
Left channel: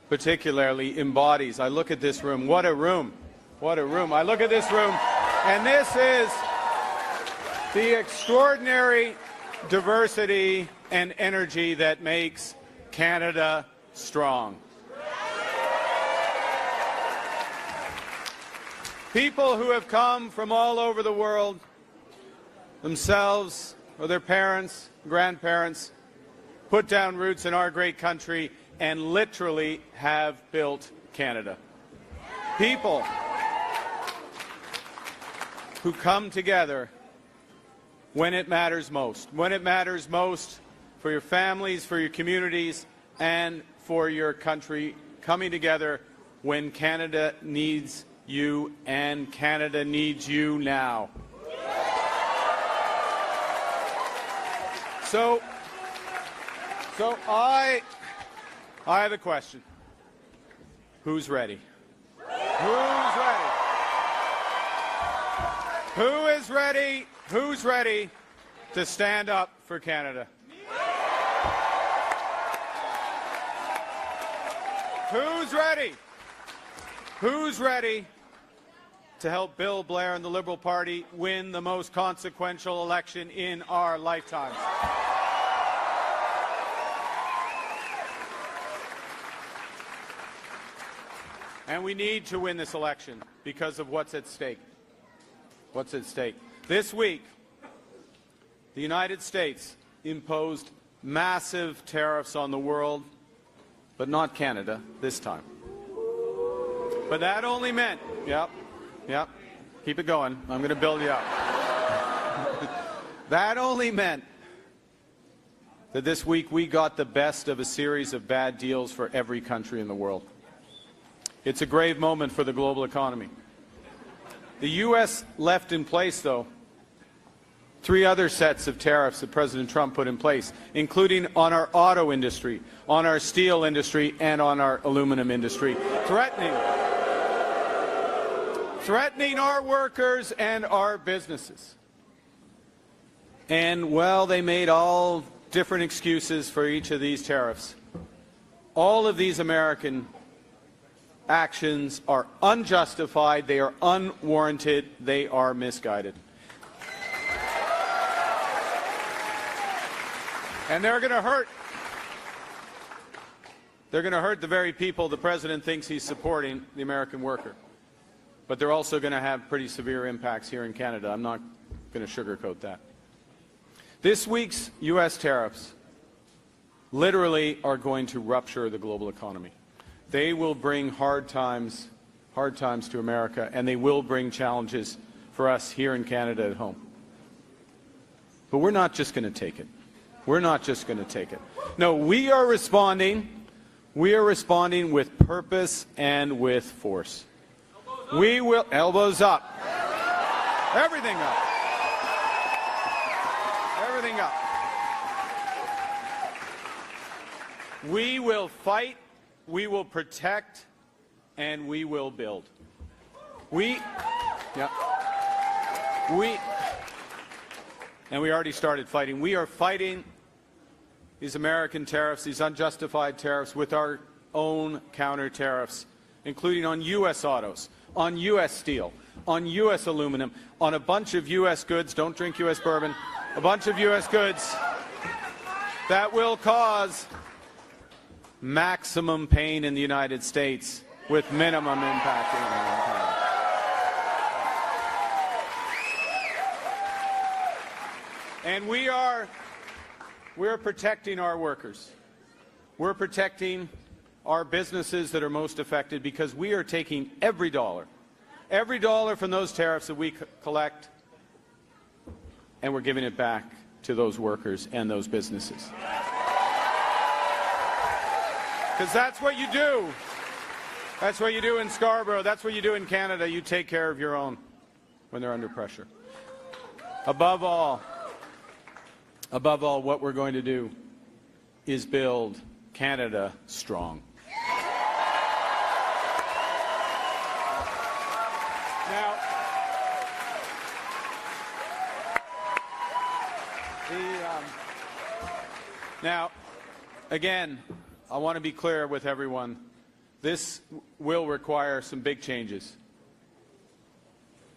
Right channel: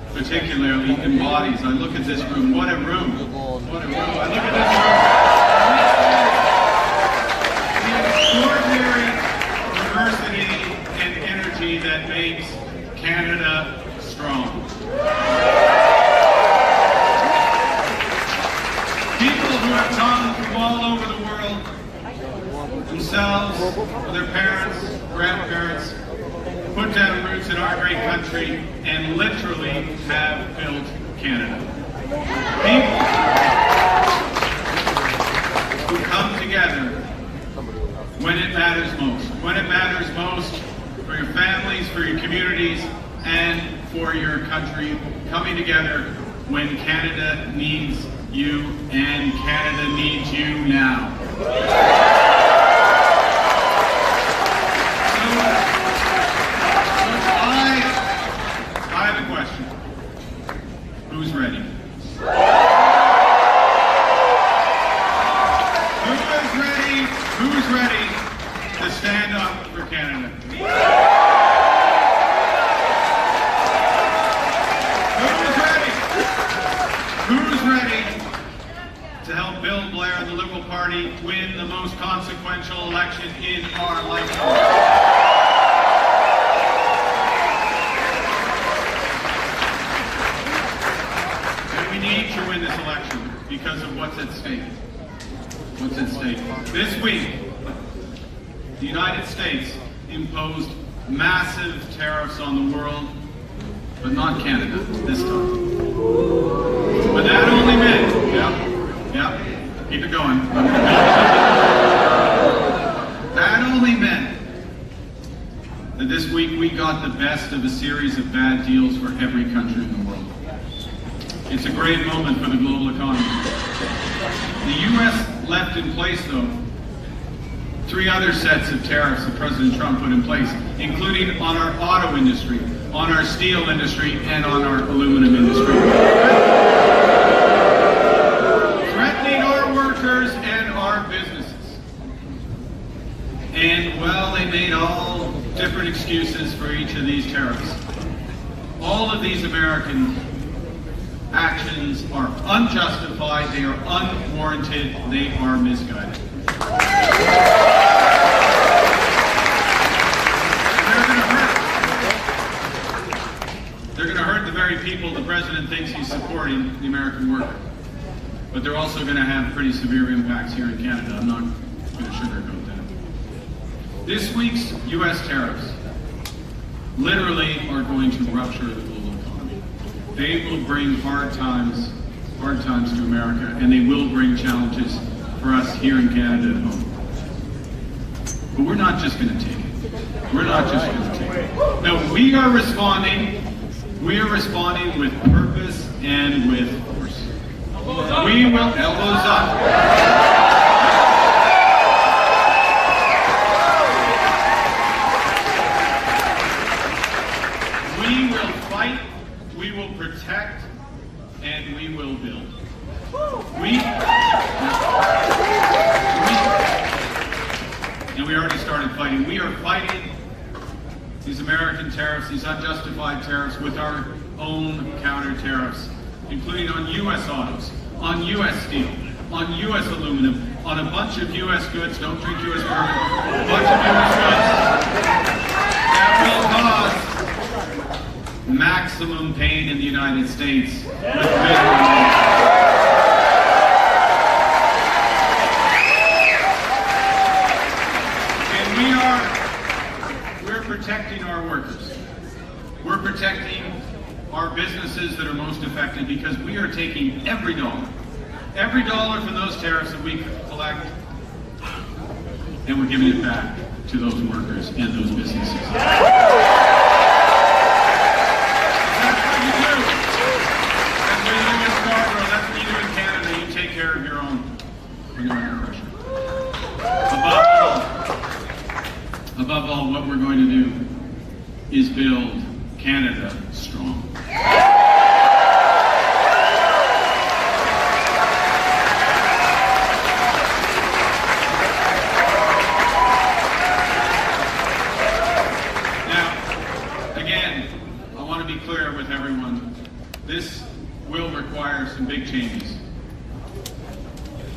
particularly embodies. I look at this room, what a room, what a room. I look at this room, and this is the extraordinary diversity and energy that makes Canada strong. People who have come from all over the world, themselves, their parents, grandparents, put down roots in our great country and literally have built Canada. People who come together when it matters most. When it matters most for your families, for your communities, and for your country, coming together when Canada needs you, and Canada needs you now. I have a question. Who's ready? Who is ready? Who's ready to stand up for Canada? Who's ready? Who's ready to help Bill Blair and the Liberal Party win the most consequential election in our lifetime? We need to win this election because of what's at stake. What's at stake? This week, the United States imposed massive tariffs on the world, but not Canada this time. But that only meant, keep it going. That only meant that this week we got the best of a series of bad deals for every country in the world. It's a great moment for the global economy. The U.S. left in place, though, 3 other sets of tariffs that President Trump put in place, including on our auto industry, on our steel industry, and on our aluminum industry. Threatening our workers and our businesses. And, well, they made all different excuses for each of these tariffs. All of these American actions are unjustified, they are unwarranted, they are misguided. And they're going to hurt the very people the president thinks he's supporting, the American worker. But they're also going to have pretty severe impacts here in Canada. I'm not going to sugarcoat that. This week's U.S. tariffs literally are going to rupture the global economy. They will bring hard times to America, and they will bring challenges for us here in Canada at home. But we're not just going to take it. We're not just going to take it. No, we are responding. We are responding with purpose and with force. We will, elbows up. We will fight. We will protect, and we will build. And we already started fighting. We are fighting these American tariffs, these unjustified tariffs, with our own counter tariffs, including on U.S. autos, on U.S. steel, on U.S. aluminum, on a bunch of U.S. goods. Don't drink U.S. bourbon. A bunch of U.S. goods that will cause maximum pain in the United States with and we're protecting our workers. We're protecting our businesses that are most affected because we are taking every dollar from those tariffs that we collect, and we're giving it back to those workers and those businesses. That's what you do. That's what you do in Scarborough. That's what you do in Canada. You take care of your own oppression. Above all, what we're going to do is build Canada strong. Now, again, I want to be clear with everyone.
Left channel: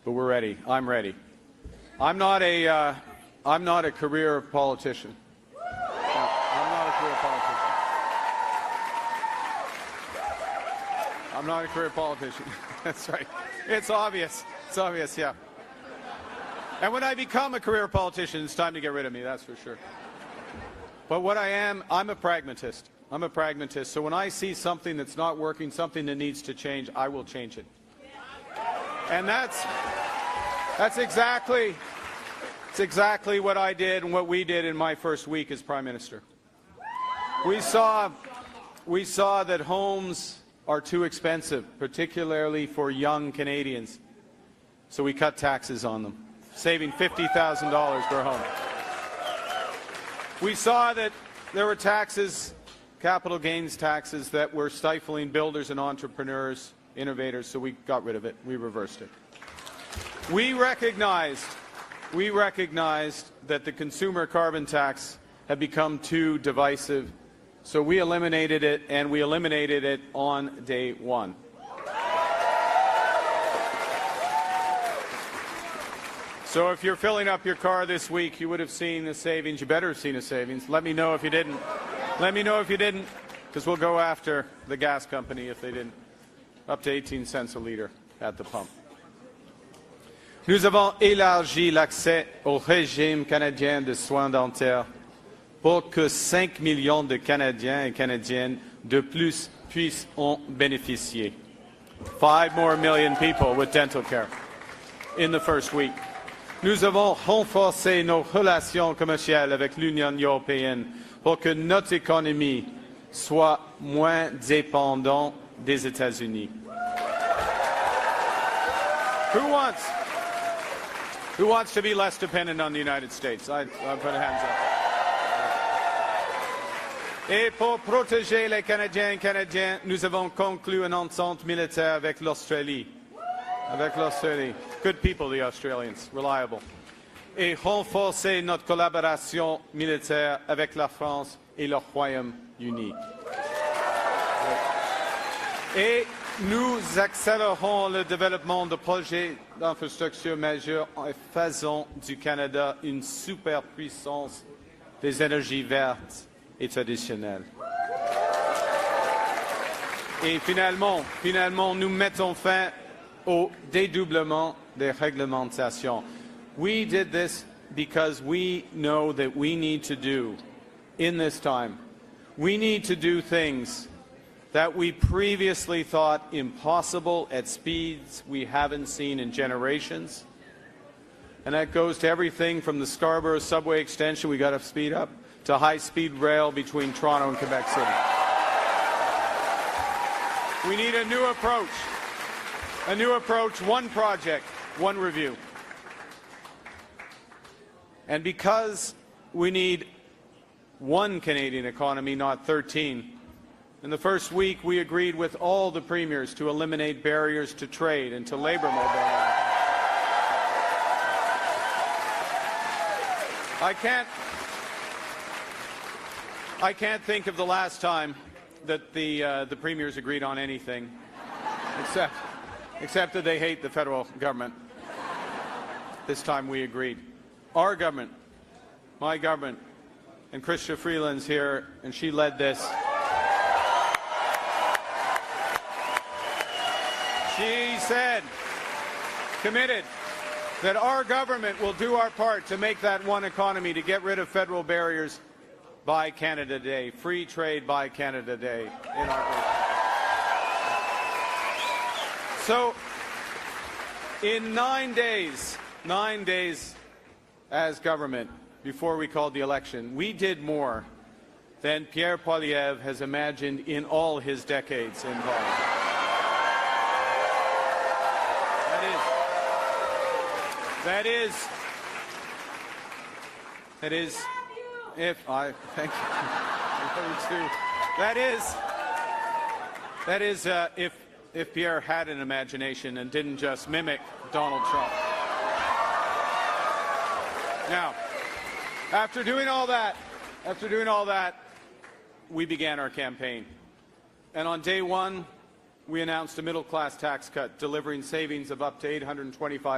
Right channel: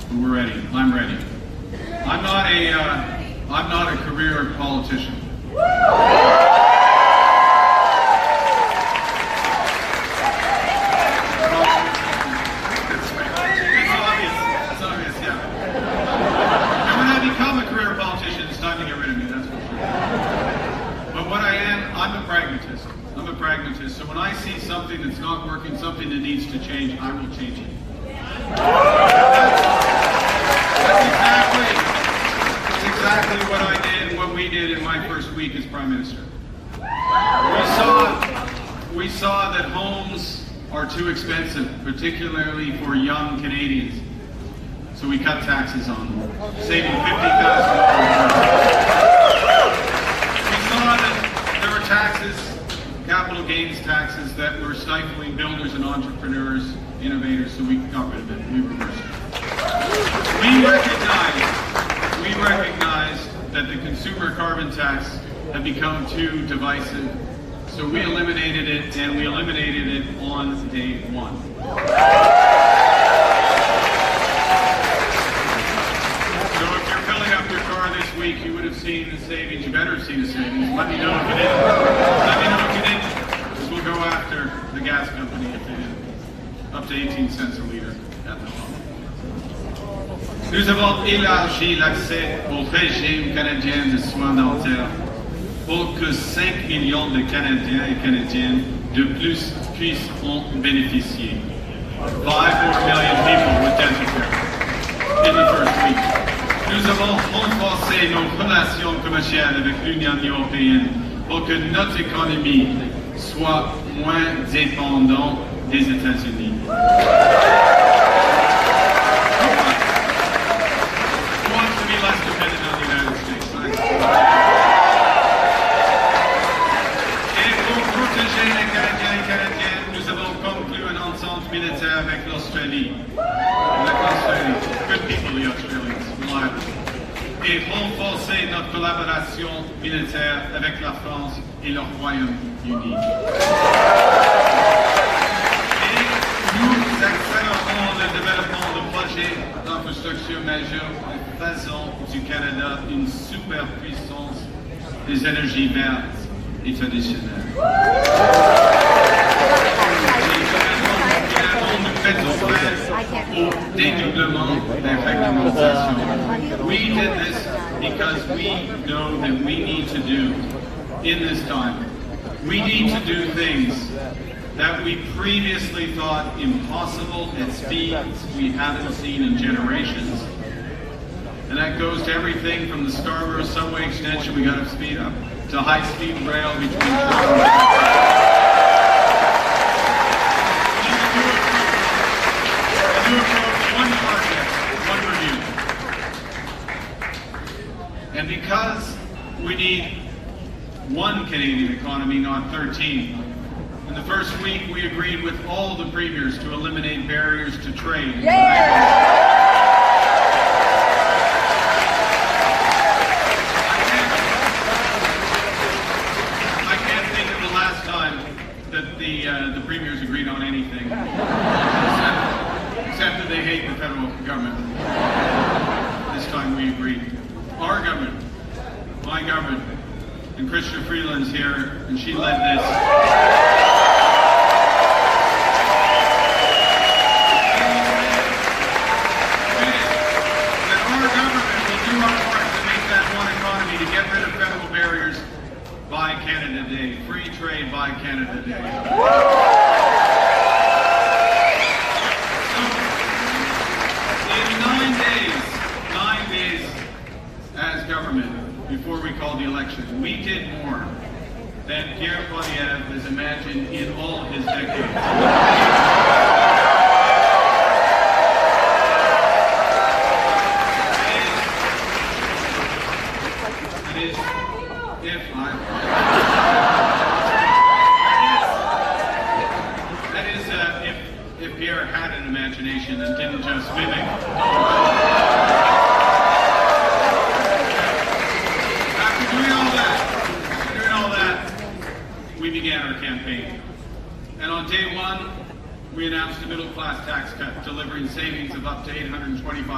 So we're ready. I'm ready. I'm not a career politician. It's obvious, yeah. And when I become a career politician, it's time to get rid of me, that's for sure. But what I am, I'm a pragmatist. I'm a pragmatist. So when I see something that's not working, something that needs to change, I will change it. That's exactly what I did and what we did in my first week as Prime Minister. We saw that homes are too expensive, particularly for young Canadians. So we cut taxes on them, saving $50,000. We saw that there were taxes, capital gains taxes, that were stifling builders and entrepreneurs, innovators, so we got rid of it. We reversed it. We recognize that the consumer carbon tax had become too divisive, so we eliminated it, and we eliminated it on day one. So if you're filling up your car this week, you would have seen the savings. You better have seen the savings. Let me know if you did. Let me know if you didn't, because we'll go after the gas company if you didn't. Up to 18 cents a year at the pump. Nous avons élargi l'accès au régime canadien de soins dentaires pour que 5 millions de Canadiens et Canadiennes de plus puissent en bénéficier. 5 more million people with dental care in the first week. Nous avons renforcé nos relations commerciales avec l'Union européenne pour que notre économie soit moins dépendante des États-Unis. Who wants to be less dependent on the United States? Et pour protéger les Canadiens et Canadiennes, nous avons conclu un ensemble militaire avec l'Australie. Good people, the Australians, reliable. Et renforcer notre collaboration militaire avec la France et le Royaume-Uni. Et nous accélérons le développement de projets d'infrastructure majeurs en faisant du Canada une superpuissance des énergies vertes et traditionnelles. Et finalement, nous mettons fin au dédoublement des réglementations. We did this because we know that we need to do in this time. We need to do things that we previously thought impossible at speeds we haven't seen in generations. And that goes to everything from the Scarborough subway extension we got to speed up, to high-speed rail between Toronto and Vancouver. We need a new approach, one project, one review. And because we need one Canadian economy, not 13, in the first week, we agreed with all the premiers to eliminate barriers to trade. And I can't think of the last time that the premiers agreed on anything, except that they hate the federal government. This time we agreed. Our government, my government, and Christian Freeland's here, and she led this. To get rid of federal barriers by Canada Day, free trade by Canada Day. So, in 9 days as government, before we called the election, we did more than Pierre Poilievre has imagined in all of his decades. If Pierre had an imagination and didn't just mimic. After doing all that, we began our campaign. And on day one, we announced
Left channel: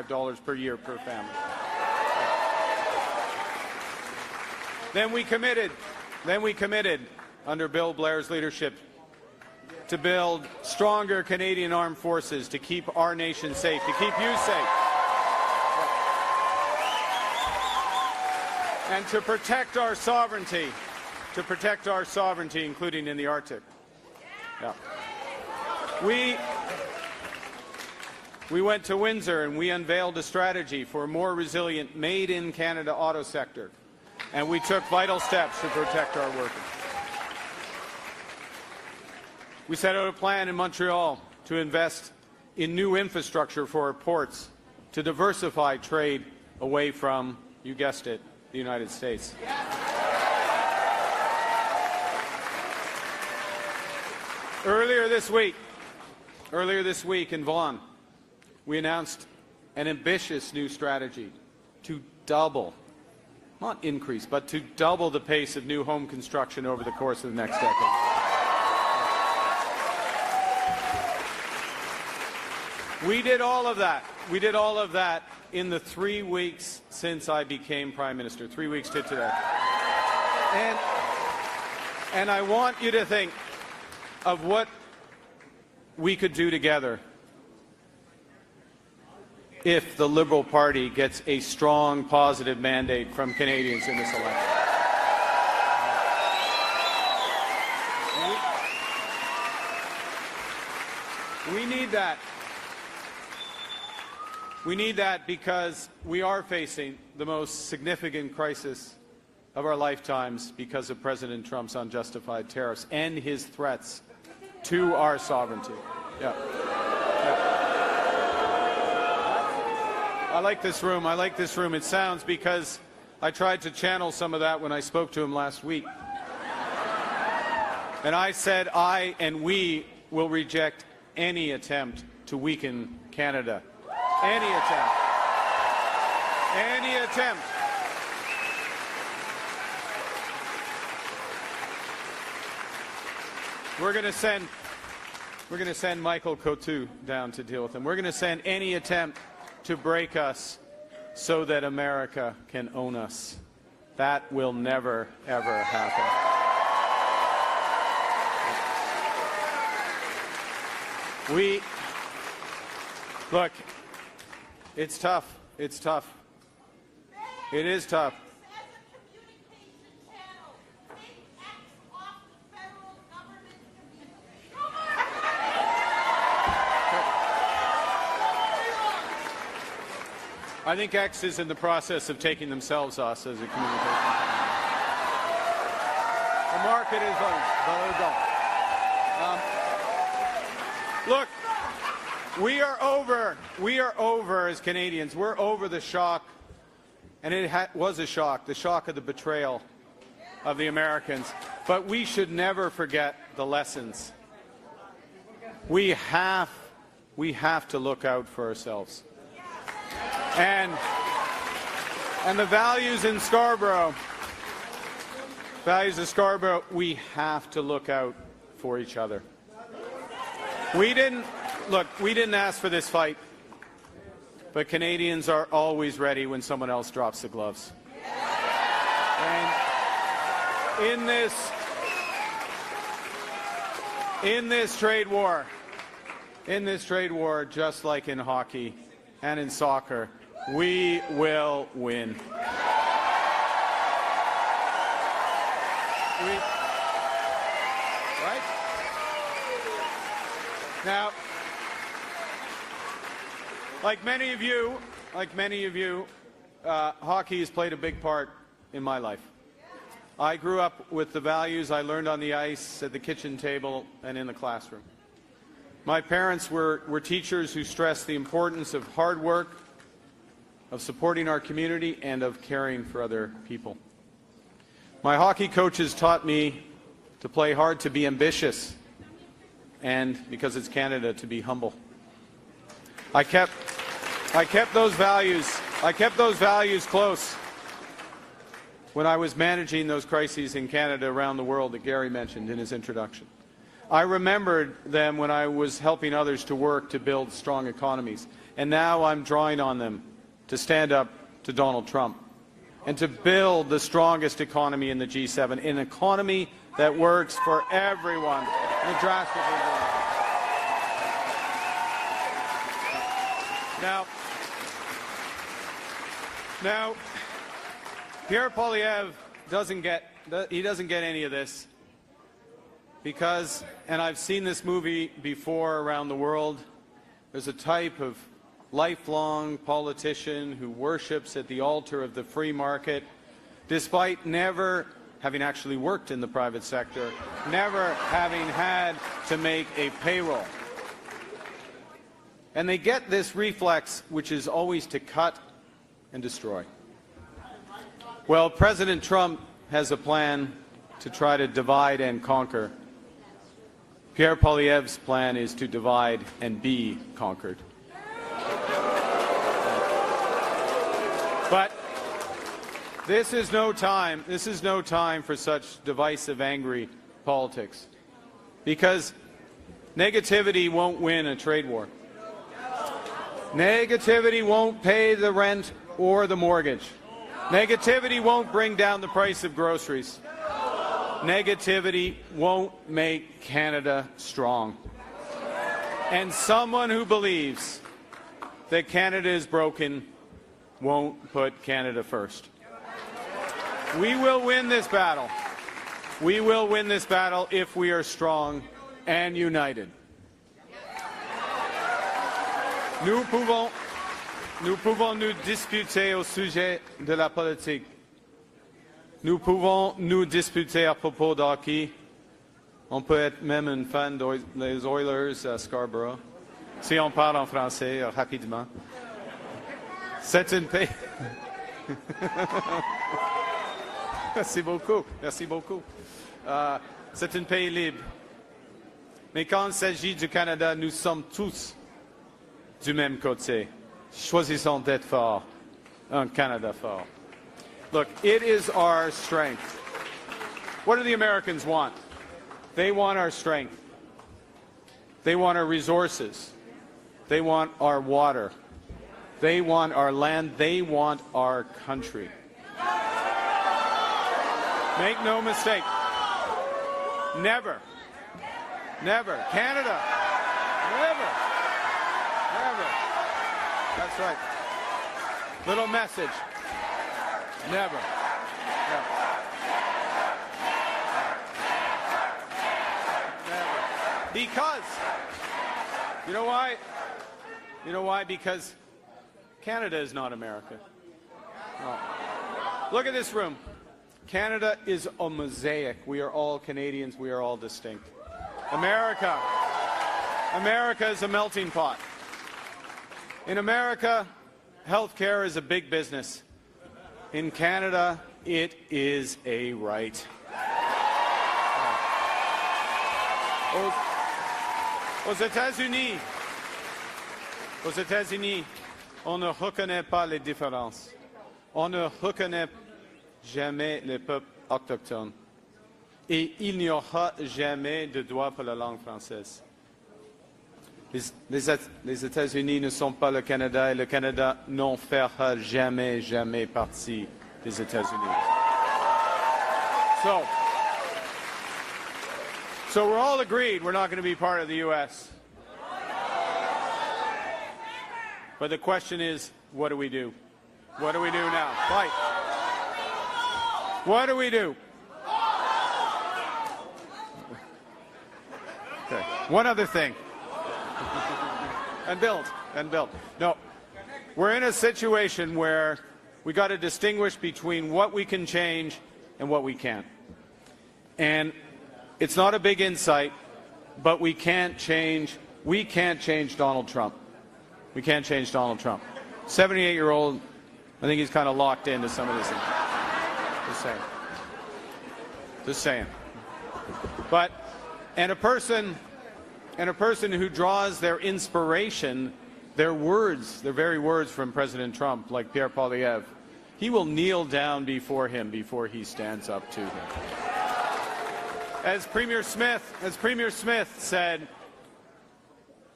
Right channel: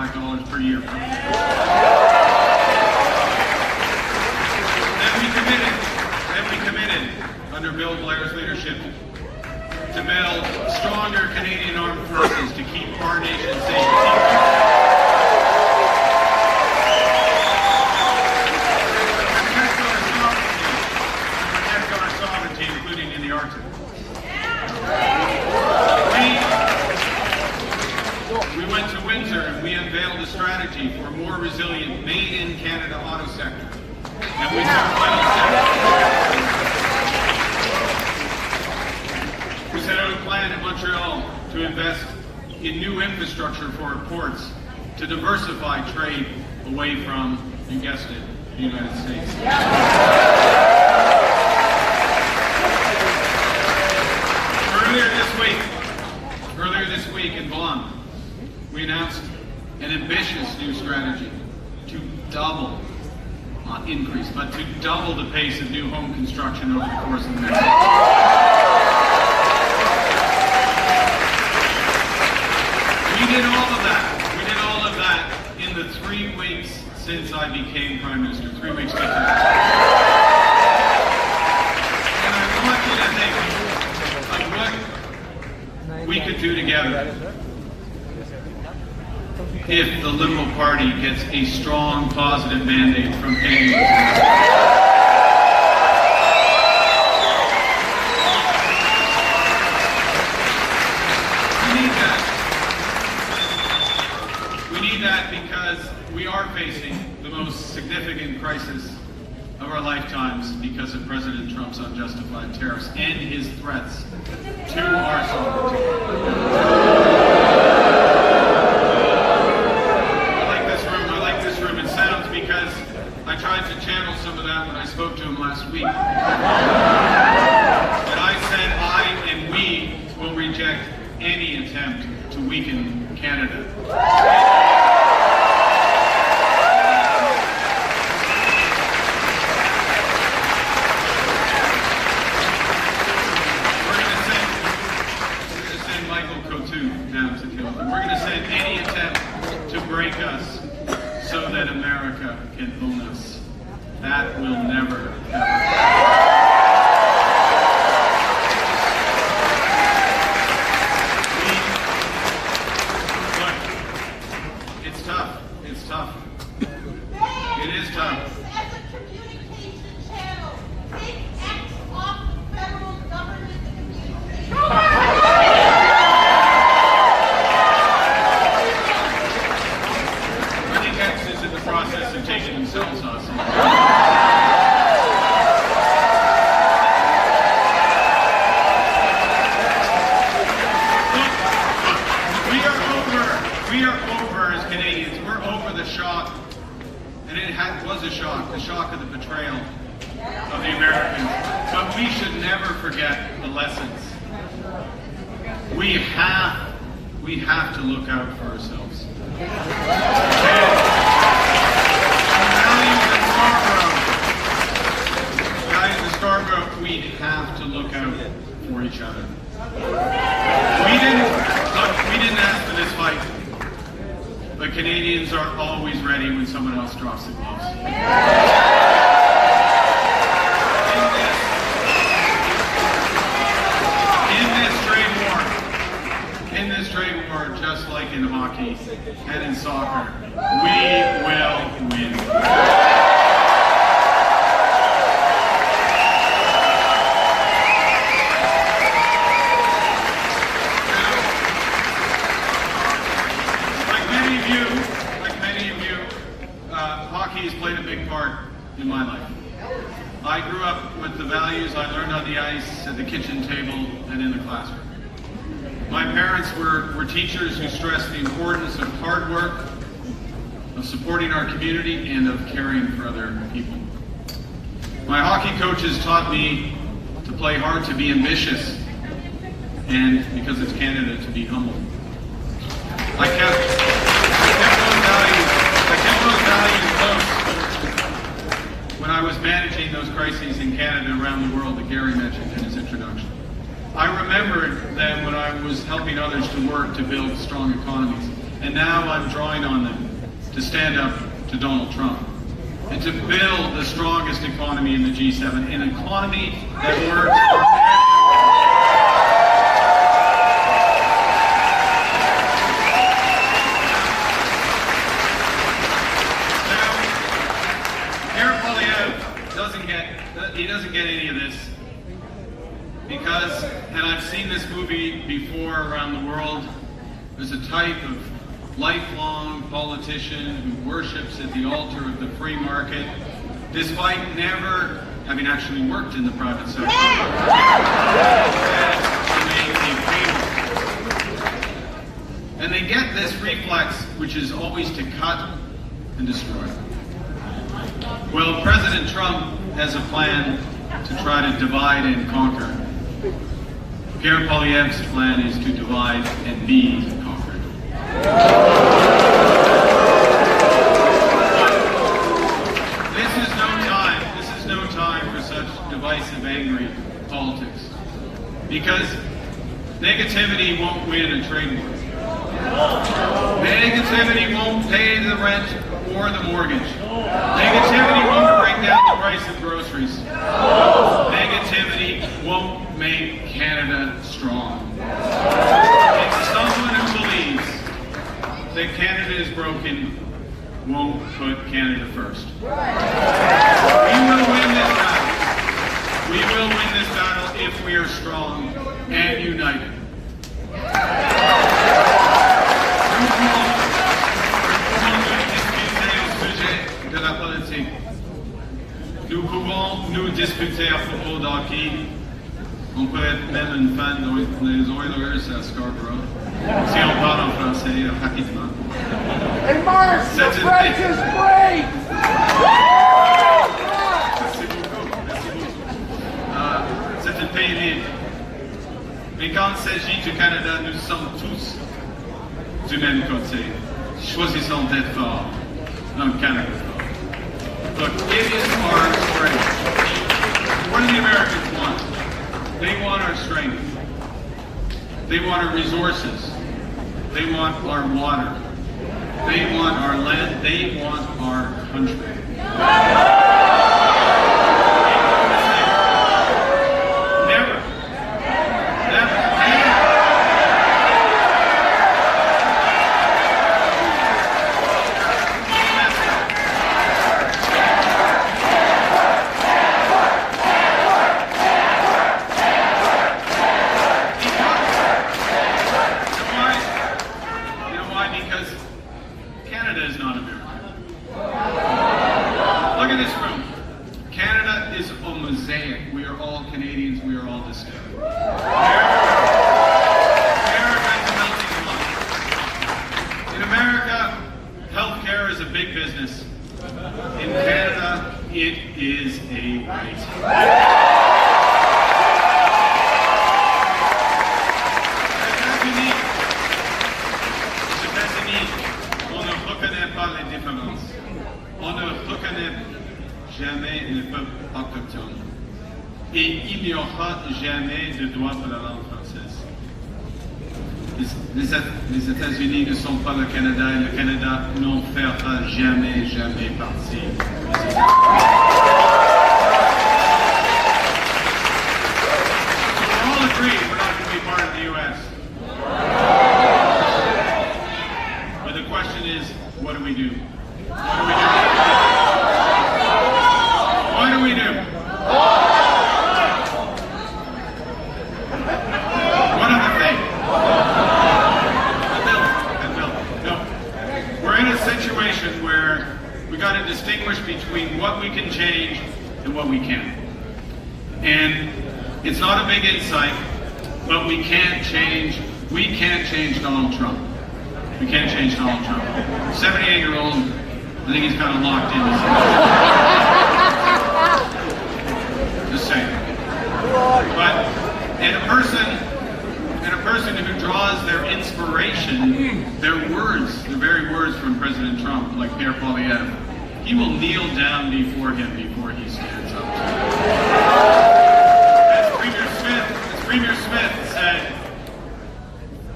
$25 per year. Then we committed, under Bill Blair's leadership, to build stronger Canadian armed forces to keep our nation safe. To protect our sovereignty, including in the Arctic. We went to winter and we unveiled a strategy for a more resilient made-in-Canada auto sector. And we took final steps. We set out a plan in Montreal to invest in new infrastructure for our ports to diversify trade away from, you guessed it, the United States. Earlier this week in Vaughan, we announced an ambitious new strategy to double, not increase, but to double the pace of new home construction over the course of the next year. We did all of that in the 3 weeks since I became Prime Minister, 3 weeks later. And I want you to think of what we could do together if the Liberal Party gets a strong, positive mandate from Canadians. We need that because we are facing the most significant crisis of our lifetimes because of President Trump's unjustified tariffs and his threats to our sovereignty. I like this room. It sounds because I tried to channel some of that when I spoke to him last week. And I said I and we will reject any attempt to weaken Canada. Michael Coutu down to deal with them. We're going to send any attempt to break us so that America can own us. That will never, ever happen. It's tough. It's tough. It is tough. As a communication channel, take X off the federal government communication. Is in the process of taking themselves off. We are over as Canadians. We're over the shock, and it was a shock, the shock of the betrayal of the Americans. But we should never forget the lessons. We have to look out for ourselves. Values in Scarborough, we have to look out for each other. We didn't ask for this fight, but Canadians are always ready when someone else drops the gloves. In this trade war, just like in hockey and in soccer, we will win. Like many of you, hockey has played a big part in my life. I grew up with the values I learned on the ice, at the kitchen table, and in the classroom. My parents were teachers who stressed the importance of hard work, of supporting our community, and of caring for other people. My hockey coaches taught me to play hard, to be ambitious, and because it's Canada, to be humble. I kept those values close when I was managing those crises in Canada around the world that Gary mentioned in his introduction. I remembered that when I was helping others to work to build strong economies. And now I'm drawing on them to stand up to Donald Trump and to build the strongest economy in the G7, an economy that works for everyone. He doesn't get any of this because, and I've seen this movie before around the world, there's a type of lifelong politician who worships at the altar of the free market, despite never having actually worked in the private sector, to make a payroll. And they get this reflex, which is always to cut and destroy. Well, President Trump has a plan to try to divide and conquer. Pierre Poilievre's plan is to divide and be conquered. This is no time for such divisive, angry politics. Because negativity won't win a trade war. Negativity won't pay the rent or the mortgage. Negativity won't bring down the price of groceries. Negativity won't make Canada strong. And someone who believes that Canada is broken won't put Canada first. We will win this battle. We will win this battle if we are strong and united. De la politique. Nous pouvons nous discuter à propos de hockey. On peut être même une fan des Oilers à Scarborough. Si on parle en français rapidement. Hey, Mark, the bridge is free! Merci beaucoup. Merci beaucoup. C'est un pays libre. Mais quand il s'agit du Canada, nous sommes tous du même côté. Choisissons d'être forts. Canada fort. But it is our strength. What do the Americans want? They want our strength. They want our resources. They want our water. They want our land. They want our country. Make no mistake. Never. Never. We are all Canadians, we are all the same. America is a melting pot. In America, healthcare is a big business. In Canada, it is a right. Aux États-Unis, on ne reconnaît pas les différences. On ne reconnaît jamais les peuples autochtones. Et il n'y aura jamais de droit pour la langue française. Les États-Unis ne sont pas le Canada et le Canada n'en fera jamais, jamais partie des États-Unis. So we're all agreed we're not going to be part of the U.S. But the question is, what do we do? What do we do? One of the things. No. We're in a situation where we got to distinguish between what we can change and what we can't. And it's not a big insight, but we can't change Donald Trump. We can't change Donald Trump. 78-year-old, I think he's kind of locked in. Just saying. But, and a person who draws their inspiration, their words, the very words from President Trump, like Pierre Poilievre, he will kneel down before him before he stands up. As Premier Smith said,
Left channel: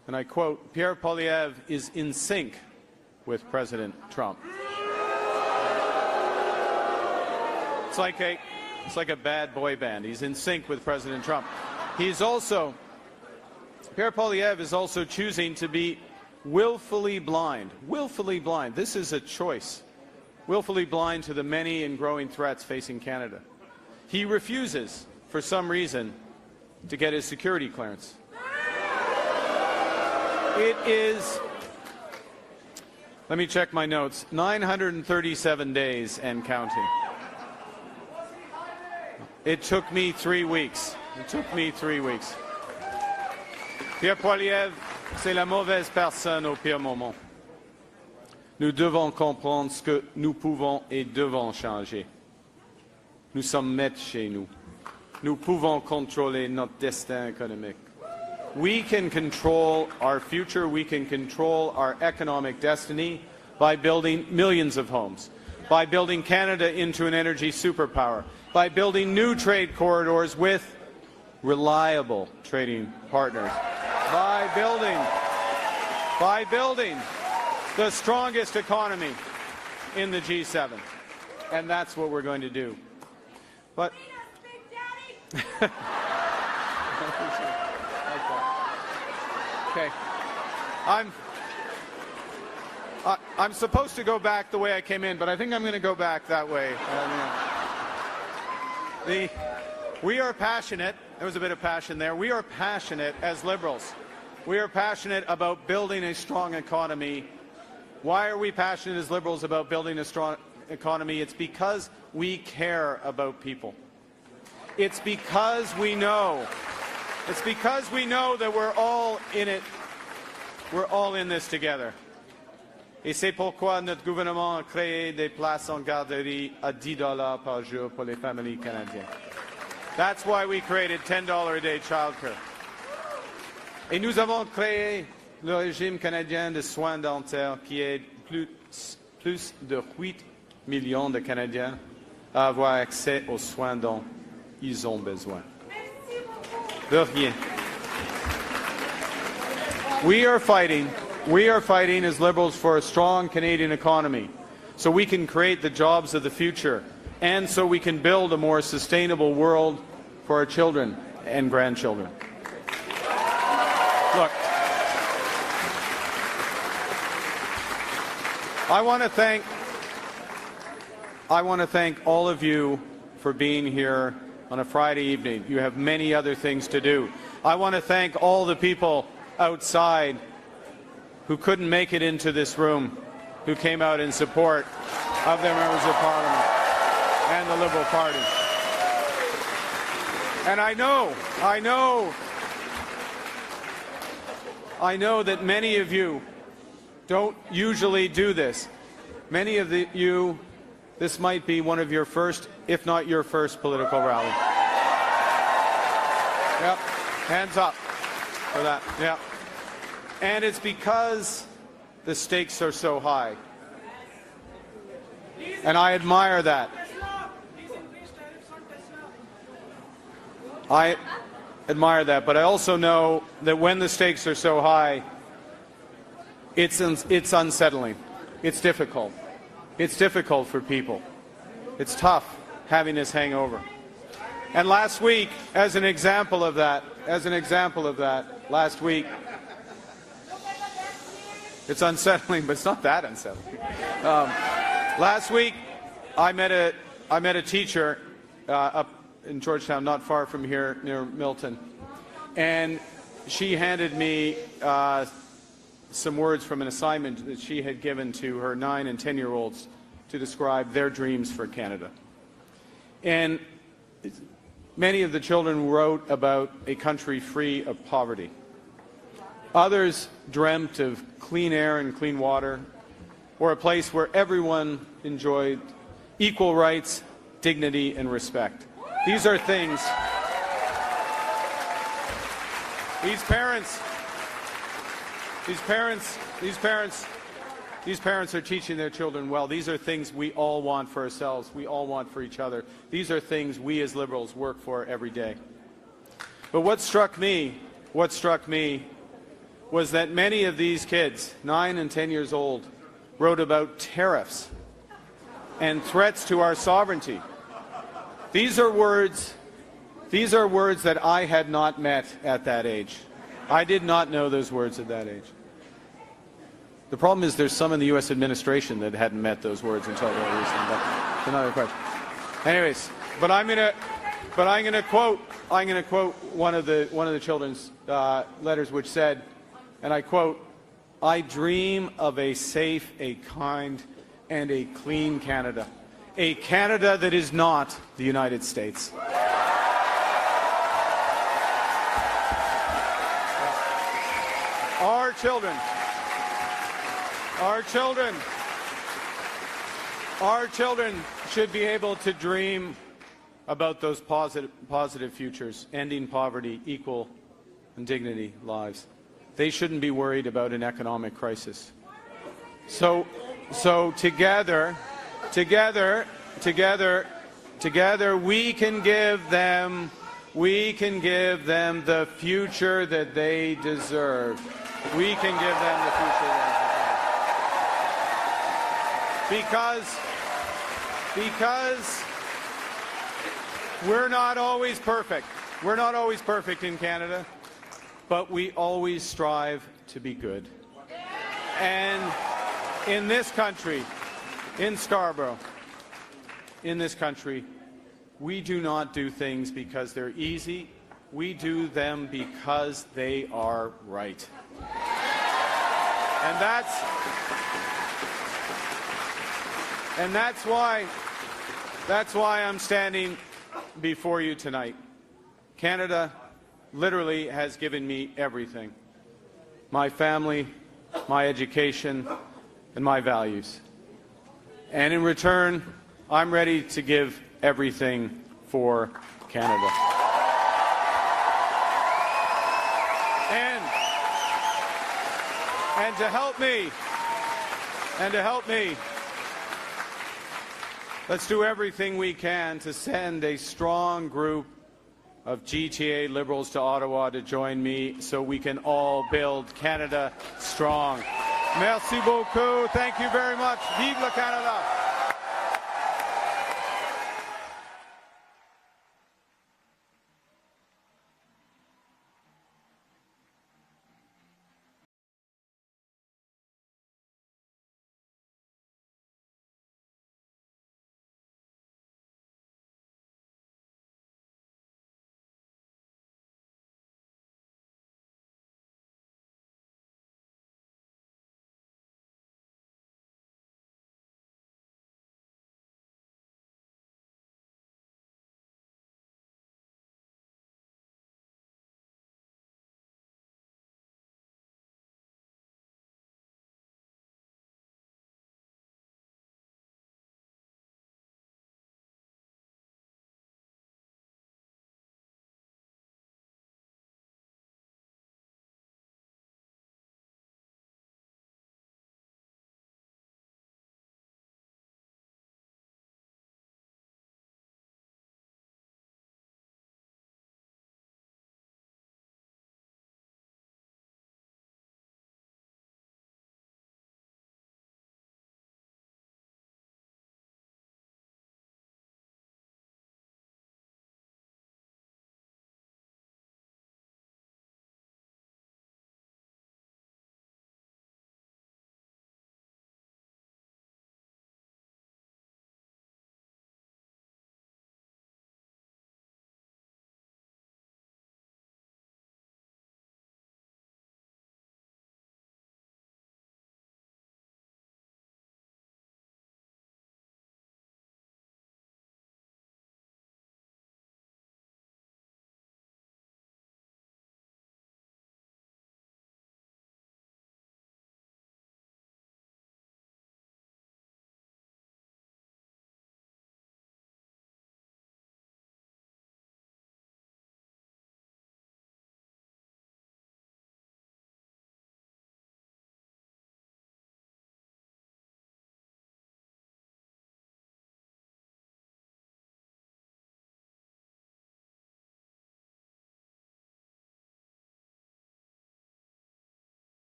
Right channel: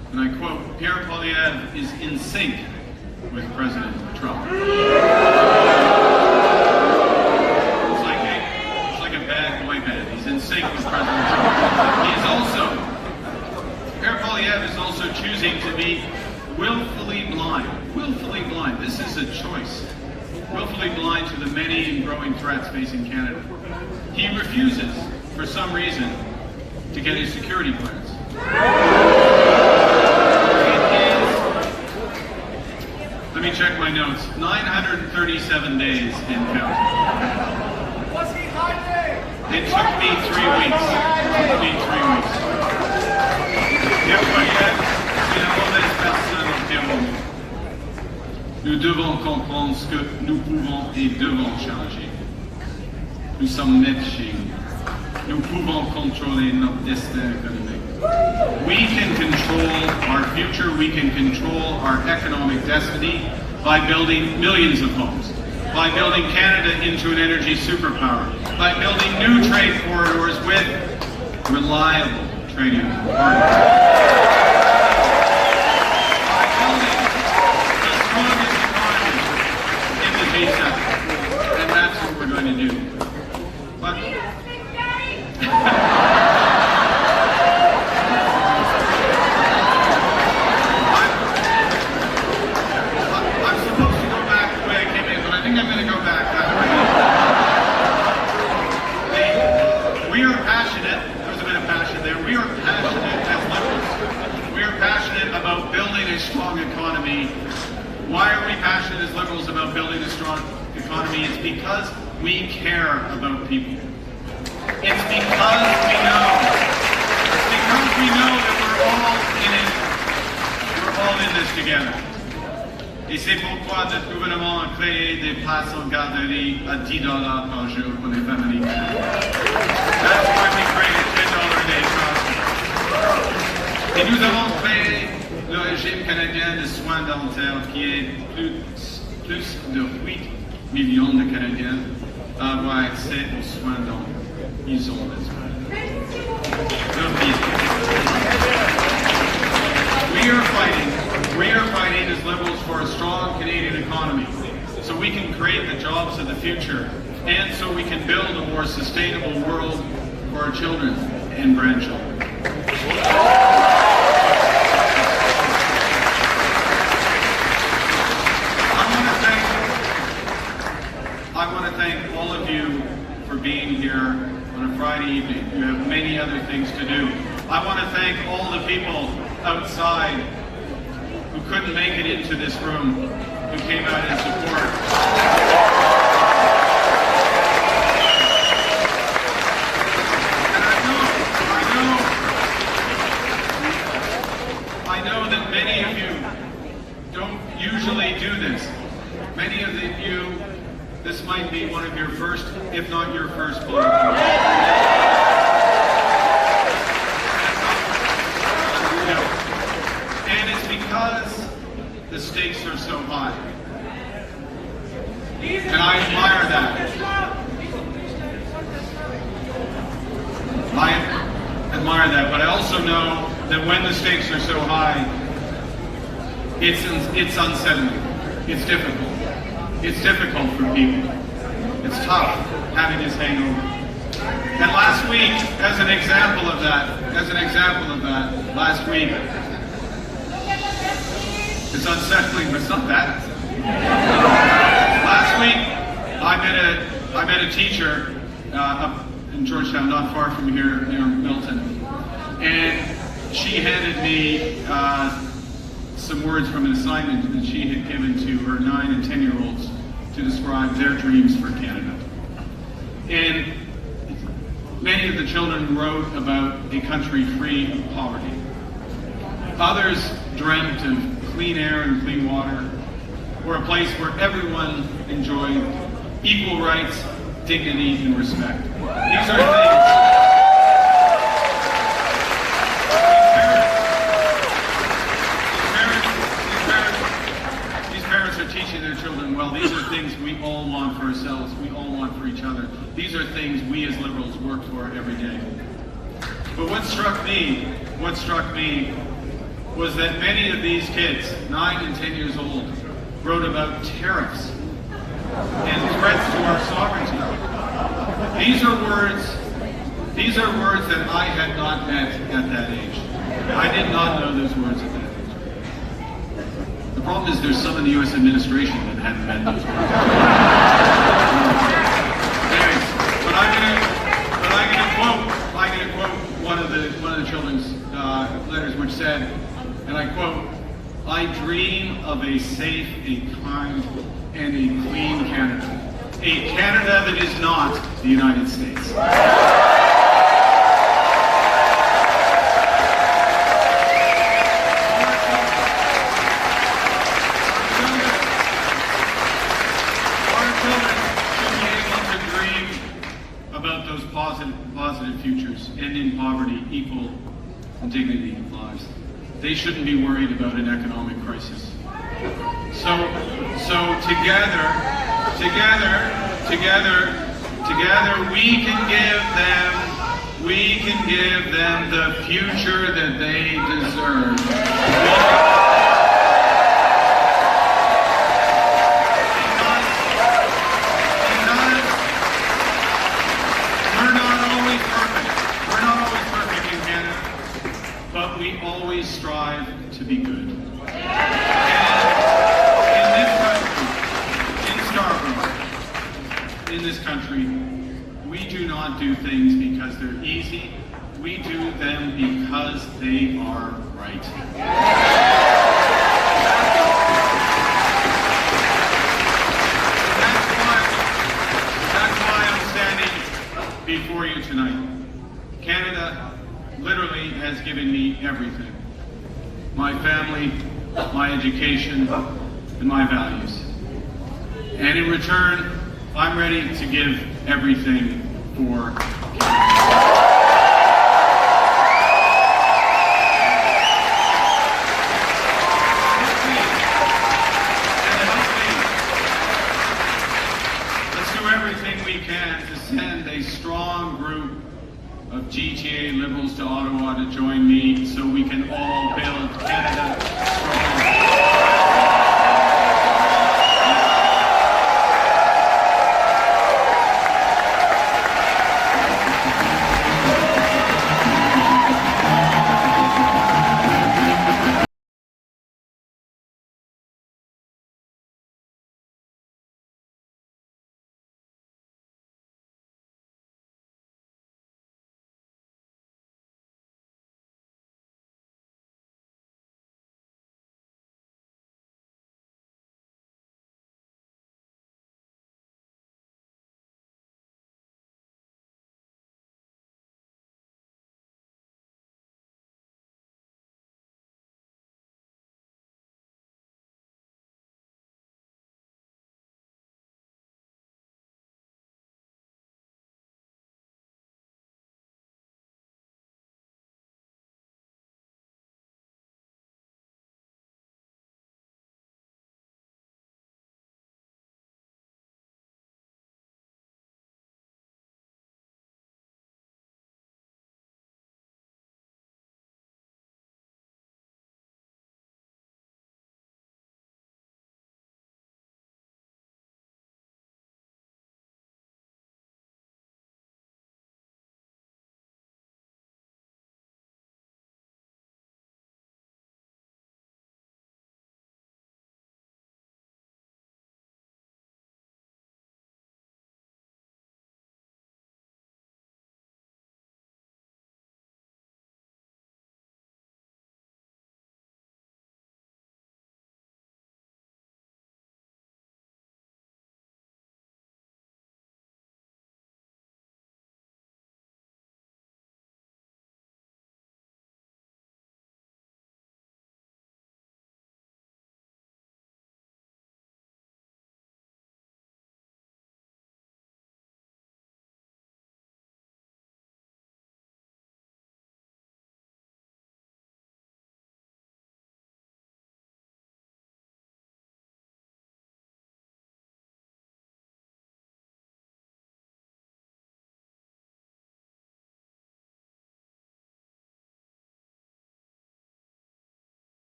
and I quote, Pierre Poilievre is in sync with President Trump. It's like a bad boy band. He's in sync with President Trump. Pierre Poilievre is also choosing to be willfully blind. Willfully blind. This is a choice. Willfully blind to the many and growing threats facing Canada. He refuses, for some reason, to get his security clearance. It is, let me check my notes, 937 days and counting. What's he hiding? It took me 3 weeks. Pierre Poilievre, c'est la mauvaise personne au pire moment. Nous devons comprendre ce que nous pouvons et devons changer. Nous sommes nets chez nous. Nous pouvons contrôler notre destin économique. We can control our future, we can control our economic destiny by building millions of homes, by building Canada into an energy superpower, by building new trade corridors with reliable trading partners. Strongest economy in the G7, and that's what we're going to do. But I'm supposed to go back the way I came in, but I think I'm going to go back that way. We are passionate. There's a bit of passion there. We are passionate as liberals. We are passionate about building a strong economy. Why are we passionate as liberals about building a strong economy? It's because we care about people. It's because we know that we're all in it. We're all in this together. Et c'est pourquoi notre gouvernement a créé des places en garderie à $10 par jour pour les familles. That's why we created $10 a day voucher. Et nous avons créé le régime canadien de soins dentaires qui aide plus de 8 millions de Canadiens à avoir accès aux soins dont ils ont besoin. We are fighting as liberals for a strong Canadian economy so we can create the jobs of the future and so we can build a more sustainable world for our children and grandchildren. I want to thank all of you for being here on a Friday evening. You have many other things to do. I want to thank all the people outside who couldn't make it into this room, who came out in support. And I know that many of you don't usually do this. Many of you, this might be one of your first, if not your first, political event. Hands up. Yeah. And it's because the stakes are so high. And I admire that. I admire that, but I also know that when the stakes are so high, it's unsettling. It's difficult. It's difficult for people. It's tough having this hangover. And last week, as an example of that, last week, it's unsettling, but it's not that unsettling. Last week, I met a teacher up in Georgetown, not far from here, near Milton, and she handed me some words from an assignment that she had given to her 9 and 10-year-olds to describe their dreams for Canada. And many of the children wrote about a country free of poverty. Others dreamt of clean air and clean water, or a place where everyone enjoyed equal rights, dignity, and respect. These are things. These parents are teaching their children well. These are things we all want for ourselves. We all want for each other. These are things we as liberals work for every day. But what struck me was that many of these kids, 9 and 10 years old, wrote about tariffs and threats to our sovereignty. These are words that I had not met at that age. I did not know those words at that age. The problem is there's some of the U.S. administration that hadn't met those words. Anyways, but I'm gonna quote one of the children's letters, which said, and I quote, "I dream of a safe, a kind, and a clean Canada. A Canada that is not the United States." About those positive futures, ending poverty, equal dignity lives. They shouldn't be worried about an economic crisis. So together, we can give them the future that they deserve. We're not always perfect in Canada, but we always strive to be good. And in this country, in Scarborough, in this country, we do not do things because they're easy. We do them because they are right. That's why I'm standing before you tonight. Canada literally has given me everything. My family, my education, and my values. And in return, I'm ready to give everything for Canada. Let's do everything we can to send a strong group of GTA Liberals to Ottawa to join me so we can all build Canada strong.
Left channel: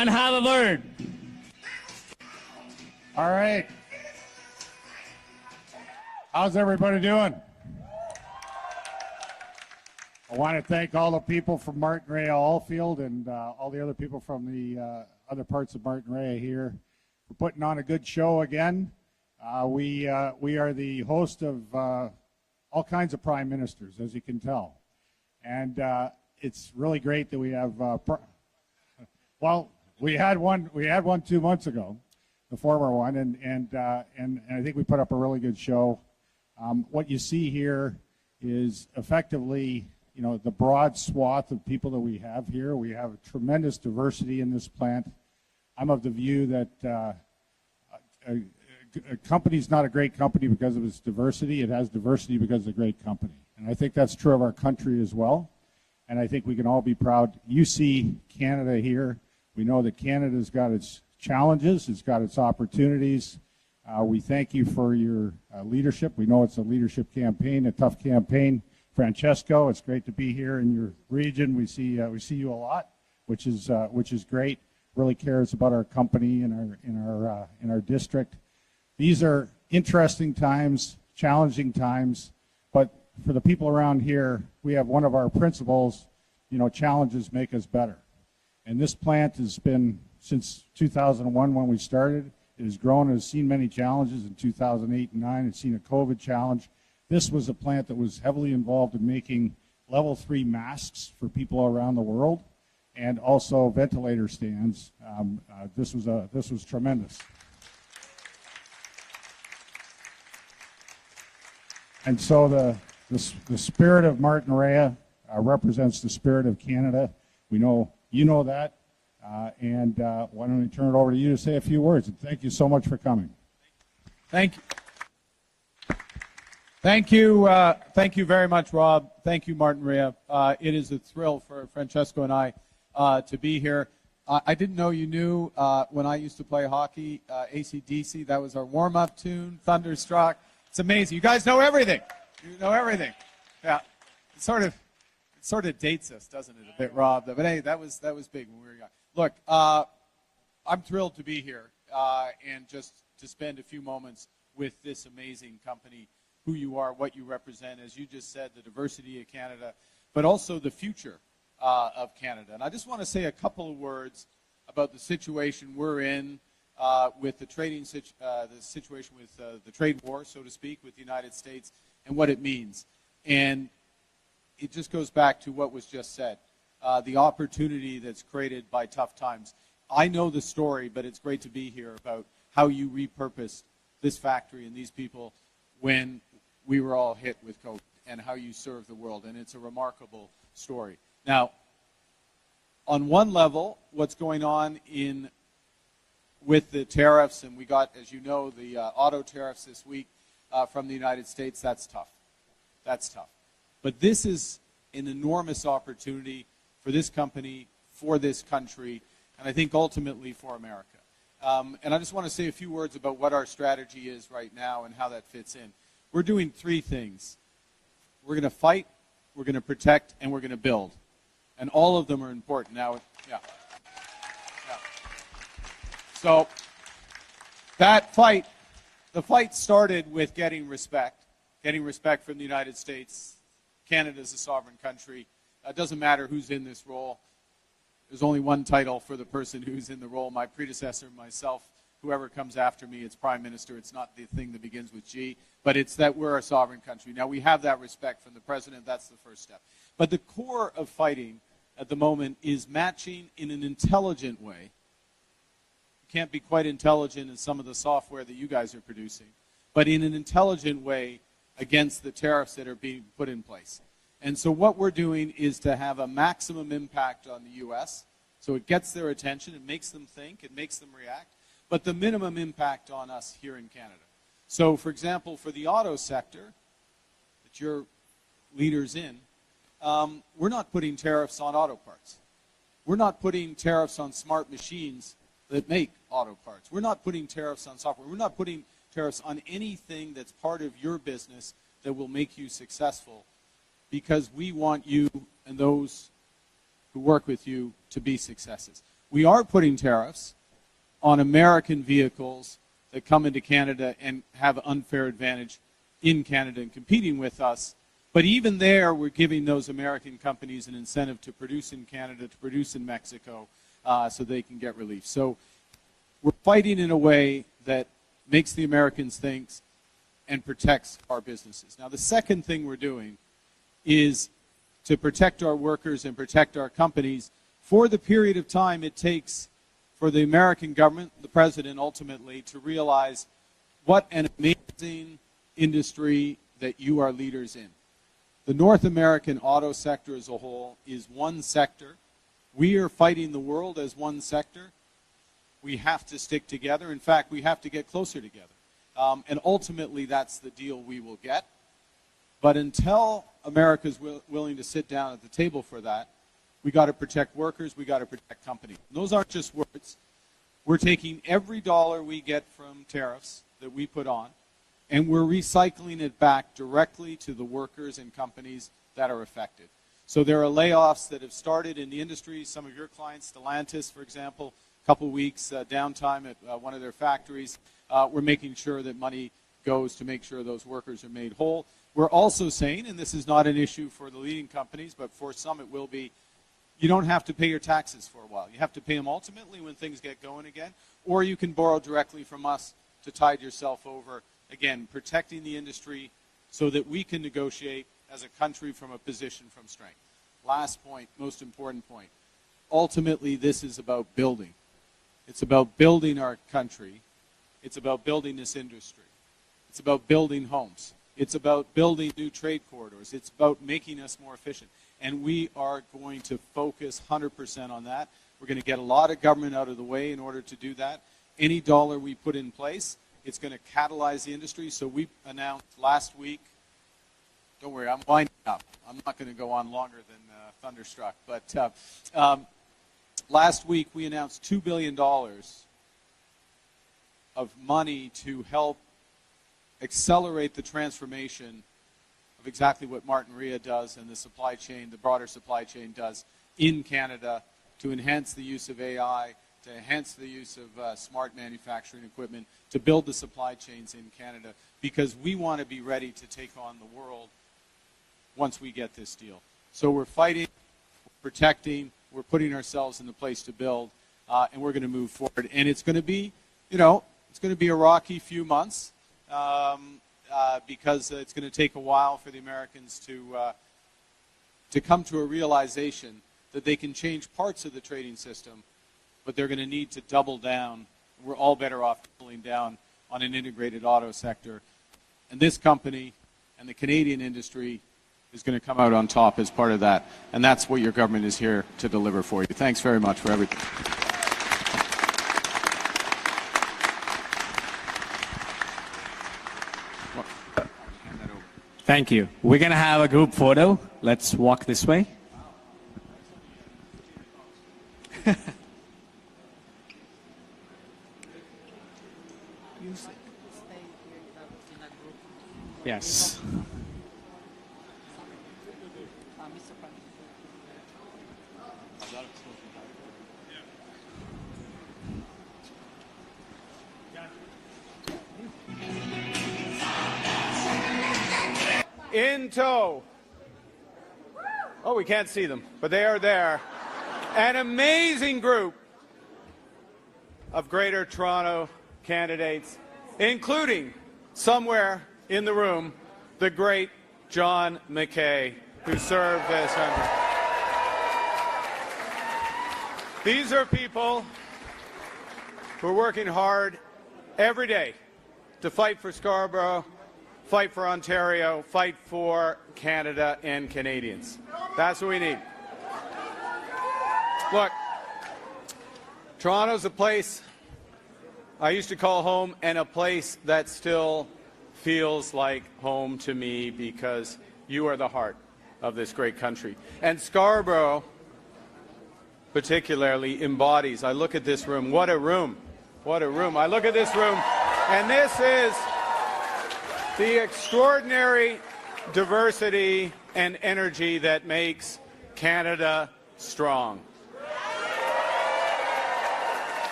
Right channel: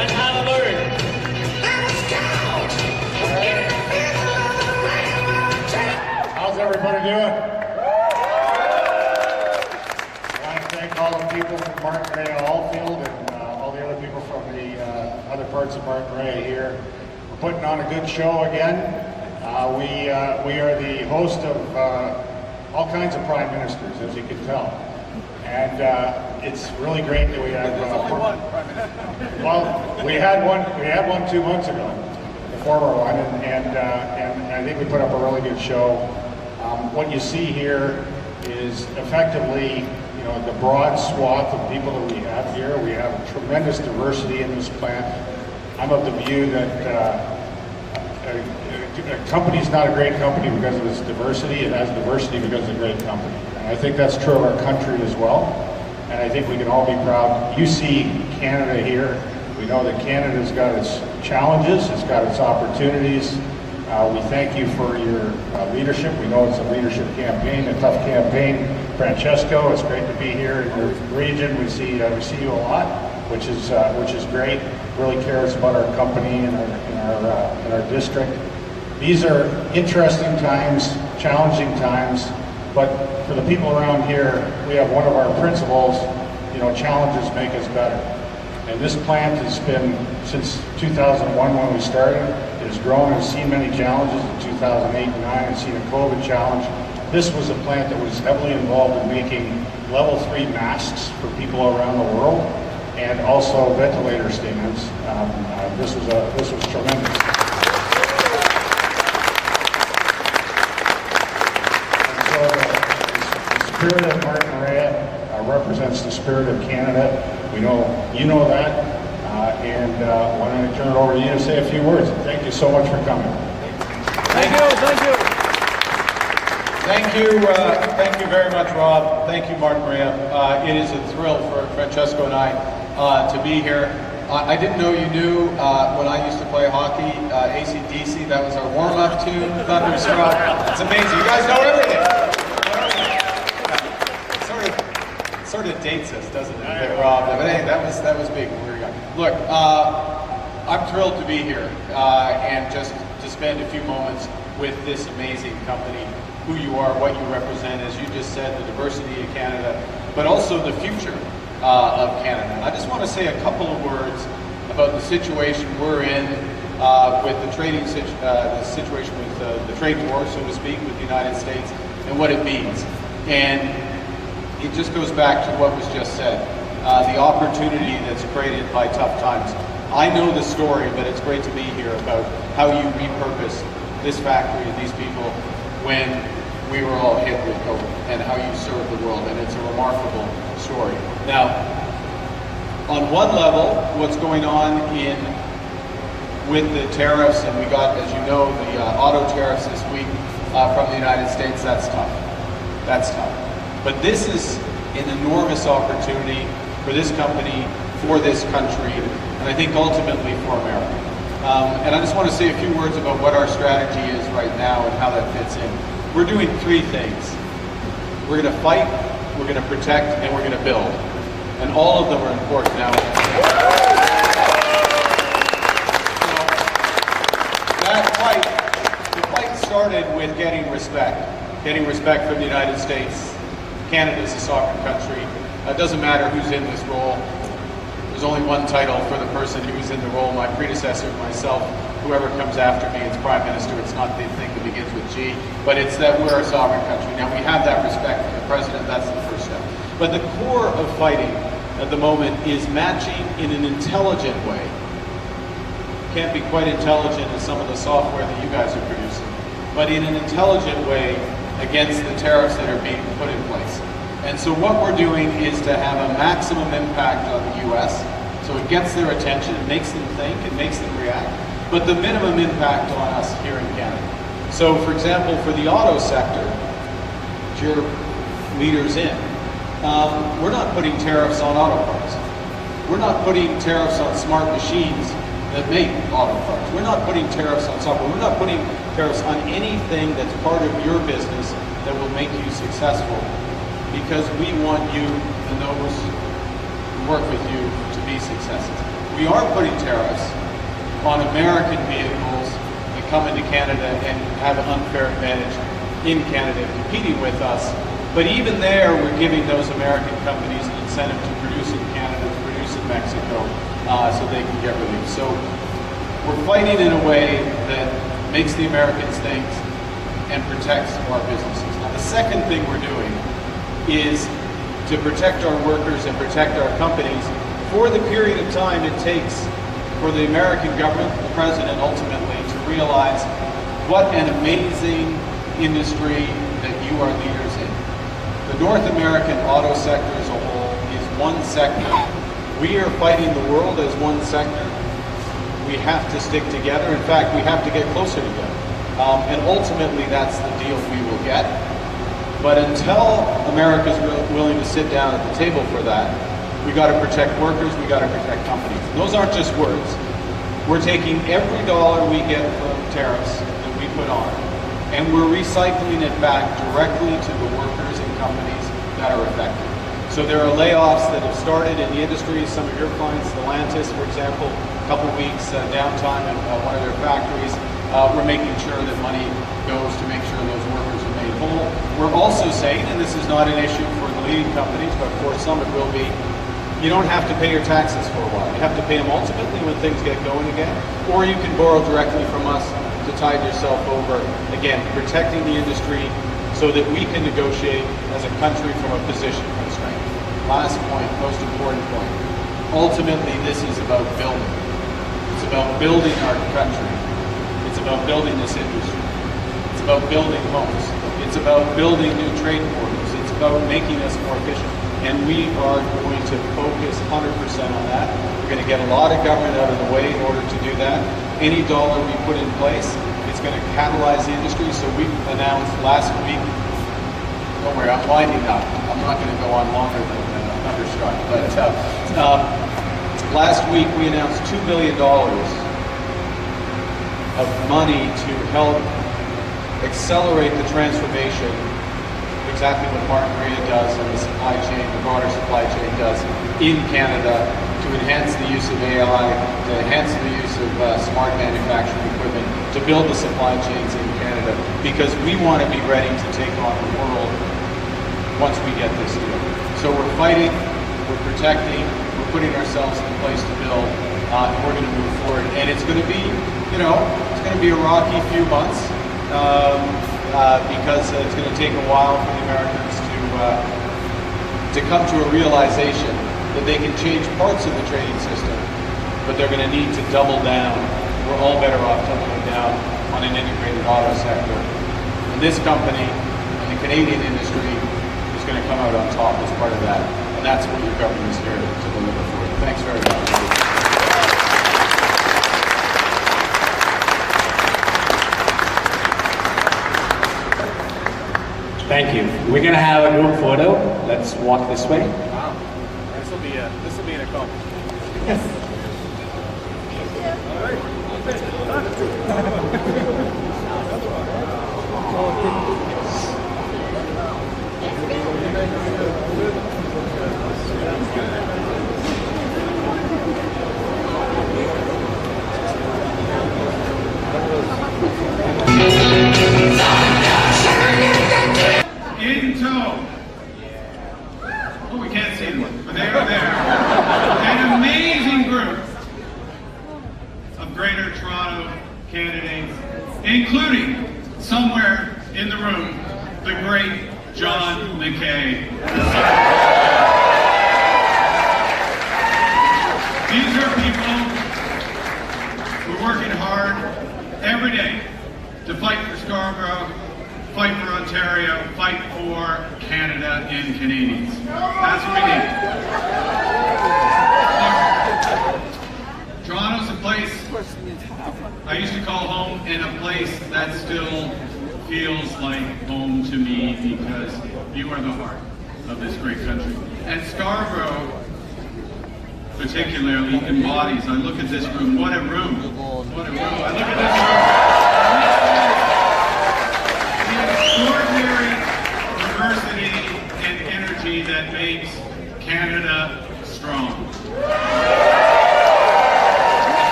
and have a word. All right. How's everybody doing? I want to thank all the people from Martin Rea Allfield and all the other people from the other parts of Martin Rea here. We're putting on a good show again. We are the host of all kinds of prime ministers, as you can tell. And it's really great that we have. Well, we had one 2 months ago, the former one, and I think we put up a really good show. What you see here is effectively, you know, the broad swath of people that we have here. We have tremendous diversity in this plant. I'm of the view that a company's not a great company because of its diversity. It has diversity because it's a great company. And I think that's true of our country as well. And I think we can all be proud. You see Canada here. We know that Canada's got its challenges, it's got its opportunities. We thank you for your leadership. We know it's a leadership campaign, a tough campaign. Francesco, it's great to be here in your region. We see you a lot, which is great. Really cares about our company and our district. These are interesting times, challenging times, but for the people around here, we have one of our principles, you know, challenges make us better. And this plant has been, since 2001 when we started, it has grown and seen many challenges. In 2008 and 2009, it's seen a COVID challenge. This was a plant that was heavily involved in making level 3 masks for people around the world, and also ventilator stands. This was tremendous. And so the spirit of Martin Rea represents the spirit of Canada. We know you know that, and why don't I turn it over to you to say a few words. Thank you so much for coming. Thank you very much, Rob. Thank you, Martin Rea. It is a thrill for Francesco and I to be here. I didn't know you knew when I used to play hockey, AC/DC. That was our warm-up tune, Thunderstruck. It's amazing. You guys know everything. Yeah. It sort of dates us, doesn't it, Rob? But hey, that was big. Look, I'm thrilled to be here and just to spend a few moments with this amazing company, who you are, what you represent, as you just said, the diversity of Canada, but also the future of Canada. I just want to say a couple of words about the situation we're in with the trading the situation with the trade war, so to speak, with the United States and what it means. And it just goes back to what was just said, the opportunity that's created by tough times. I know the story, but it's great to be here about how you repurpose this factory and these people when we were all hit with COVID, and how you serve the world, and it's a remarkable story. Now, on one level, what's going on with the tariffs, and we got, as you know, the auto tariffs this week from the United States, that's tough. That's tough. But this is an enormous opportunity for this company, for this country, and I think ultimately for America. And I just want to say a few words about what our strategy is right now and how that fits in. We're doing 3 things. We're going to fight, we're going to protect, and we're going to build. And all of them are important now. So that fight, the fight started with getting respect from the United States. Canada is a sovereign country. It doesn't matter who's in this role. There's only one title for the person who's in the role, my predecessor, myself, whoever comes after me, it's Prime Minister. It's not the thing that begins with G, but it's that we're a sovereign country. Now, we have that respect for the President. That's the first step. But the core of fighting at the moment is matching in an intelligent way. Can't be quite intelligent as some of the software that you guys are producing, but in an intelligent way against the tariffs that are being put in place. And so what we're doing is to have a maximum impact on the U.S., so it gets their attention, it makes them think, it makes them react, but the minimum impact on us here in Canada. So, for example, for the auto sector, which you're leaders in, we're not putting tariffs on auto parts. We're not putting tariffs on smart machines that make auto parts. We're not putting tariffs on software. We're not putting tariffs on anything that's part of your business that will make you successful, because we want you and those who work with you to be successes. We are putting tariffs on American vehicles that come into Canada and have an unfair advantage in Canada competing with us. But even there, we're giving those American companies an incentive to produce in Canada, to produce in Mexico, so they can get relief. So we're fighting in a way that makes the Americans think and protects our businesses. Now, the second thing we're doing is to protect our workers and protect our companies for the period of time it takes for the American government, the president ultimately, to realize what an amazing industry that you are leaders in. The North American auto sector as a whole is one sector. We are fighting the world as one sector. We have to stick together. In fact, we have to get closer together. And ultimately, that's the deal we will get. But until America's willing to sit down at the table for that, we got to protect workers, we got to protect companies. And those aren't just words. We're taking every dollar we get from tariffs that we put on, and we're recycling it back directly to the workers and companies that are affected. So there are layoffs that have started in the industry. Some of your clients, Stellantis, for example, a couple of weeks downtime at one of their factories. We're making sure that money goes to make sure those workers are made whole. We're also saying, and this is not an issue for the leading companies, but for some it will be, you don't have to pay your taxes for a while. You have to pay them ultimately when things get going again, or you can borrow directly from us to tide yourself over. Again, protecting the industry so that we can negotiate as a country from a position of strength. Last point, most important point. Ultimately, this is about building. It's about building our country. It's about building this industry. It's about building homes. It's about building new trade corridors. It's about making us more efficient. And we are going to focus 100% on that. We're going to get a lot of government out of the way in order to do that. Any dollar we put in place, it's going to catalyze the industry. So we announced last week, don't worry, I'm winding up. I'm not going to go on longer than Thunderstruck. But last week we announced $2 billion of money to help accelerate the transformation, exactly what Martin Maria does in the supply chain, the broader supply chain does in Canada, to enhance the use of AI, to enhance the use of smart manufacturing equipment, to build the supply chains in Canada, because we want to be ready to take on the world once we get this deal. So we're fighting, we're protecting, we're putting ourselves in a place to build, and we're going to move forward. And it's going to be, it's going to be a rocky few months, because it's going to take a while for the Americans to come to a realization that they can change parts of the trading system, but they're going to need to double down. We're all better off doubling down on an integrated auto sector. And this company and the Canadian industry is going to come out on top as part of that. And that's what your government is here to deliver for you. Thanks very much. Thank you. We're gonna have a group photo. Let's walk this way. Wow. This will be an accomplishment. Yes. In tow. Oh, we can't see them, but they're there. An amazing group of Greater Toronto candidates, including, somewhere in the room, the great John McKay. These are people who are working hard every day to fight for Scarborough, fight for Ontario, fight for Canada and Canadians. That's what we need. Look, Toronto's a place I used to call home, and a place that still feels like home to me, because you are the heart of this great country. And Scarborough, particularly, embodies, I look at this room, what a room, what a room. I look at this room, and this is the extraordinary diversity and energy that makes Canada strong.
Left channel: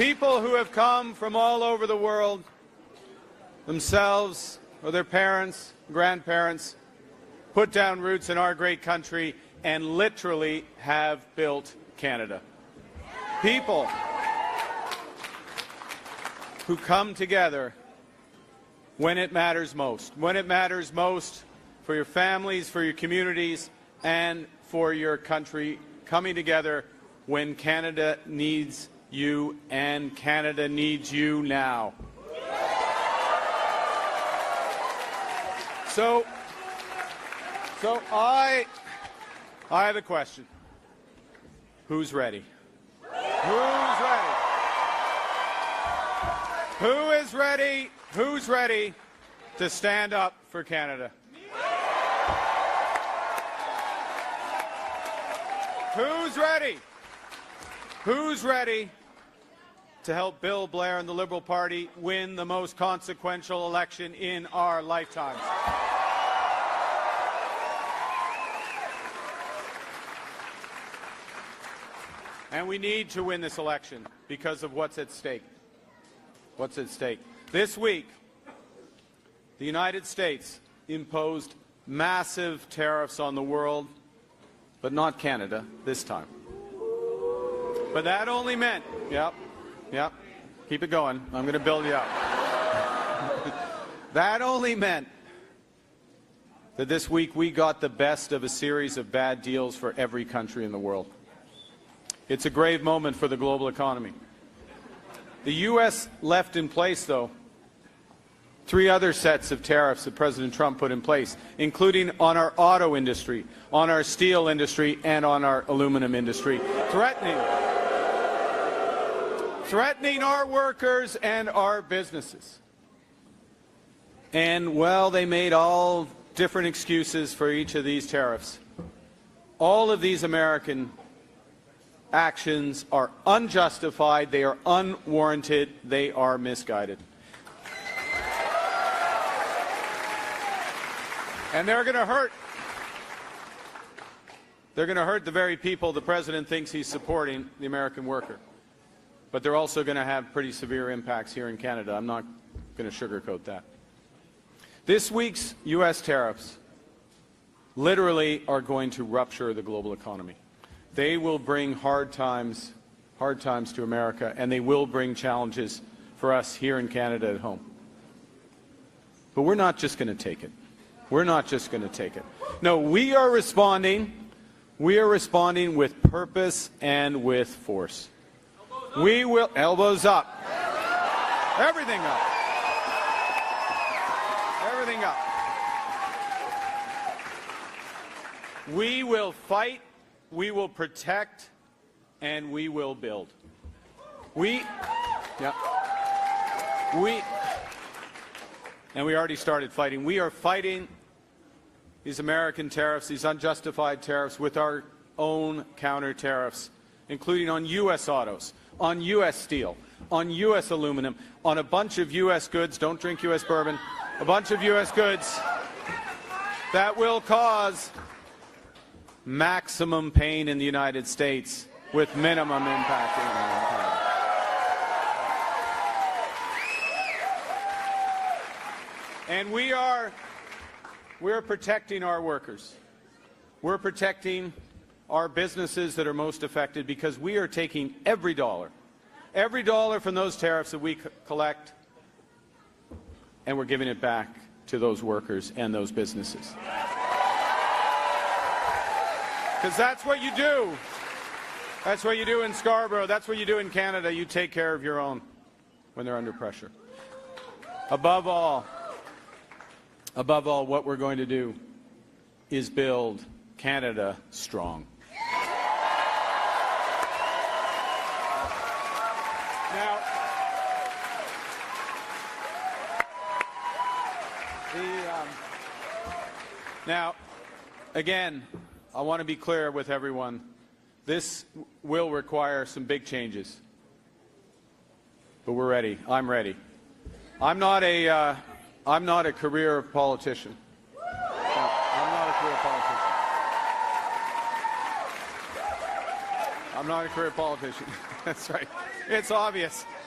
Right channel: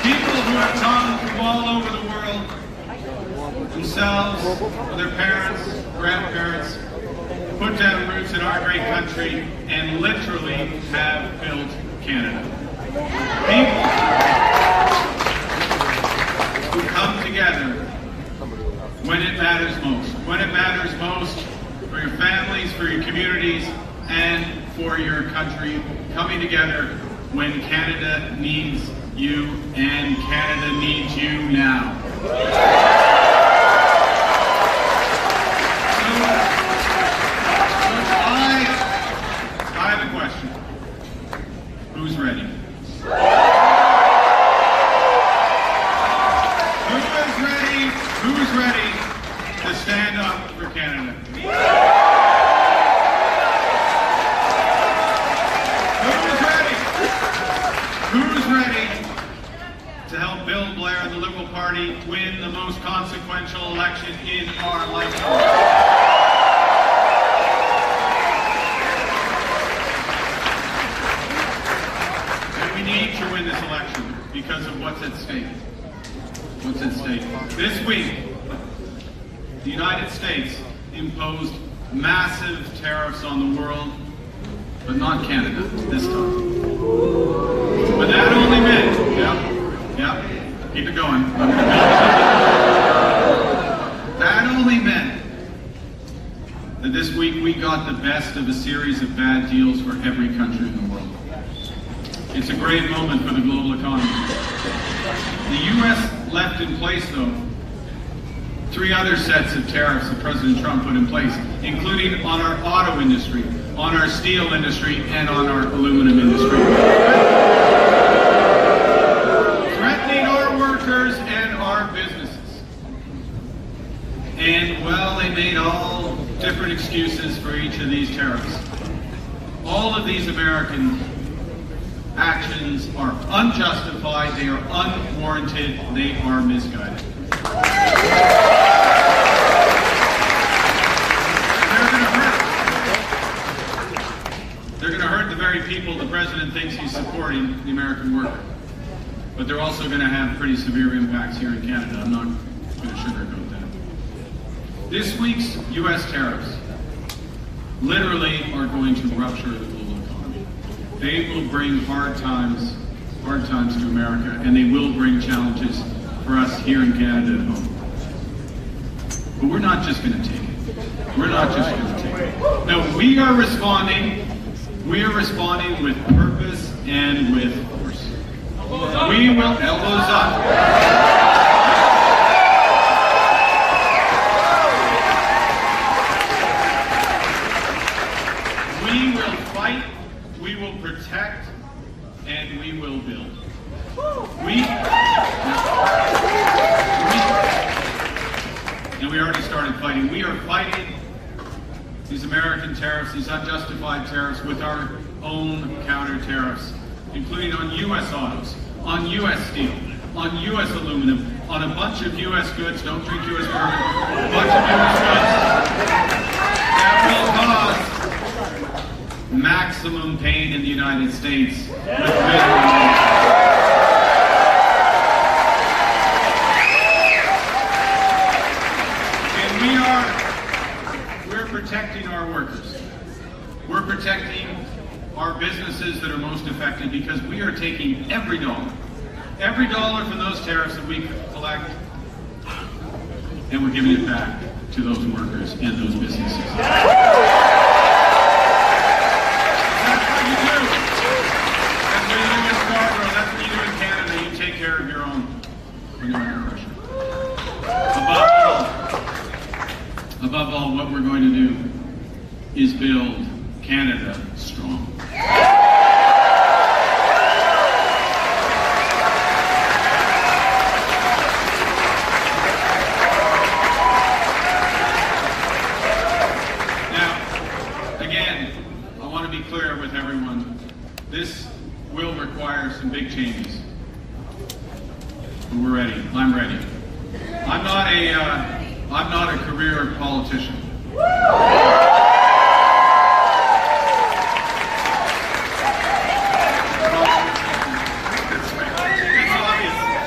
People who have come from all over the world, themselves, their parents, grandparents, put down roots in our great country and literally have built Canada. People who come together when it matters most. When it matters most for your families, for your communities, and for your country, coming together when Canada needs you, and Canada needs you now. So I have a question. Who's ready? Who's ready to stand up for Canada? Who's ready to help Bill Blair and the Liberal Party win the most consequential election in our lifetime? And we need to win this election because of what's at stake. What's at stake? This week, the United States imposed massive tariffs on the world, but not Canada this time. But that only meant, keep it going. That only meant that this week we got the best of a series of bad deals for every country in the world. It's a great moment for the global economy. The U.S. left in place, though, 3 other sets of tariffs that President Trump put in place, including on our auto industry, on our steel industry, and on our aluminum industry. Threatening our workers and our businesses. And, well, they made all different excuses for each of these tariffs. All of these American actions are unjustified, they are unwarranted, they are misguided. And they're going to hurt the very people the president thinks he's supporting, the American worker. But they're also going to have pretty severe impacts here in Canada. I'm not going to sugarcoat that. This week's U.S. tariffs literally are going to rupture the global economy. They will bring hard times to America, and they will bring challenges for us here in Canada at home. But we're not just going to take it. We're not just going to take it. No, we are responding. We are responding with purpose and with force. We will, elbows up. We will fight, we will protect, and we will build. And we already started fighting. We are fighting these American tariffs, these unjustified tariffs, with our own counter tariffs, including on U.S. autos, on U.S. steel, on U.S. aluminum, on a bunch of U.S. goods, don't drink U.S. bourbon, a bunch of U.S. goods that will cause maximum pain in the United States with minimum. We're protecting our workers. We're protecting our businesses that are most affected because we are taking every dollar from those tariffs that we collect, and we're giving it back to those workers and those businesses. That's what you do. That's what you do in Scarborough. That's what you do in Canada. You take care of your own oppression. Above all, what we're going to do is build Canada strong. Now, again, I want to be clear with everyone. This will require some big changes. But we're ready. I'm ready. I'm not a career politician. It's obvious.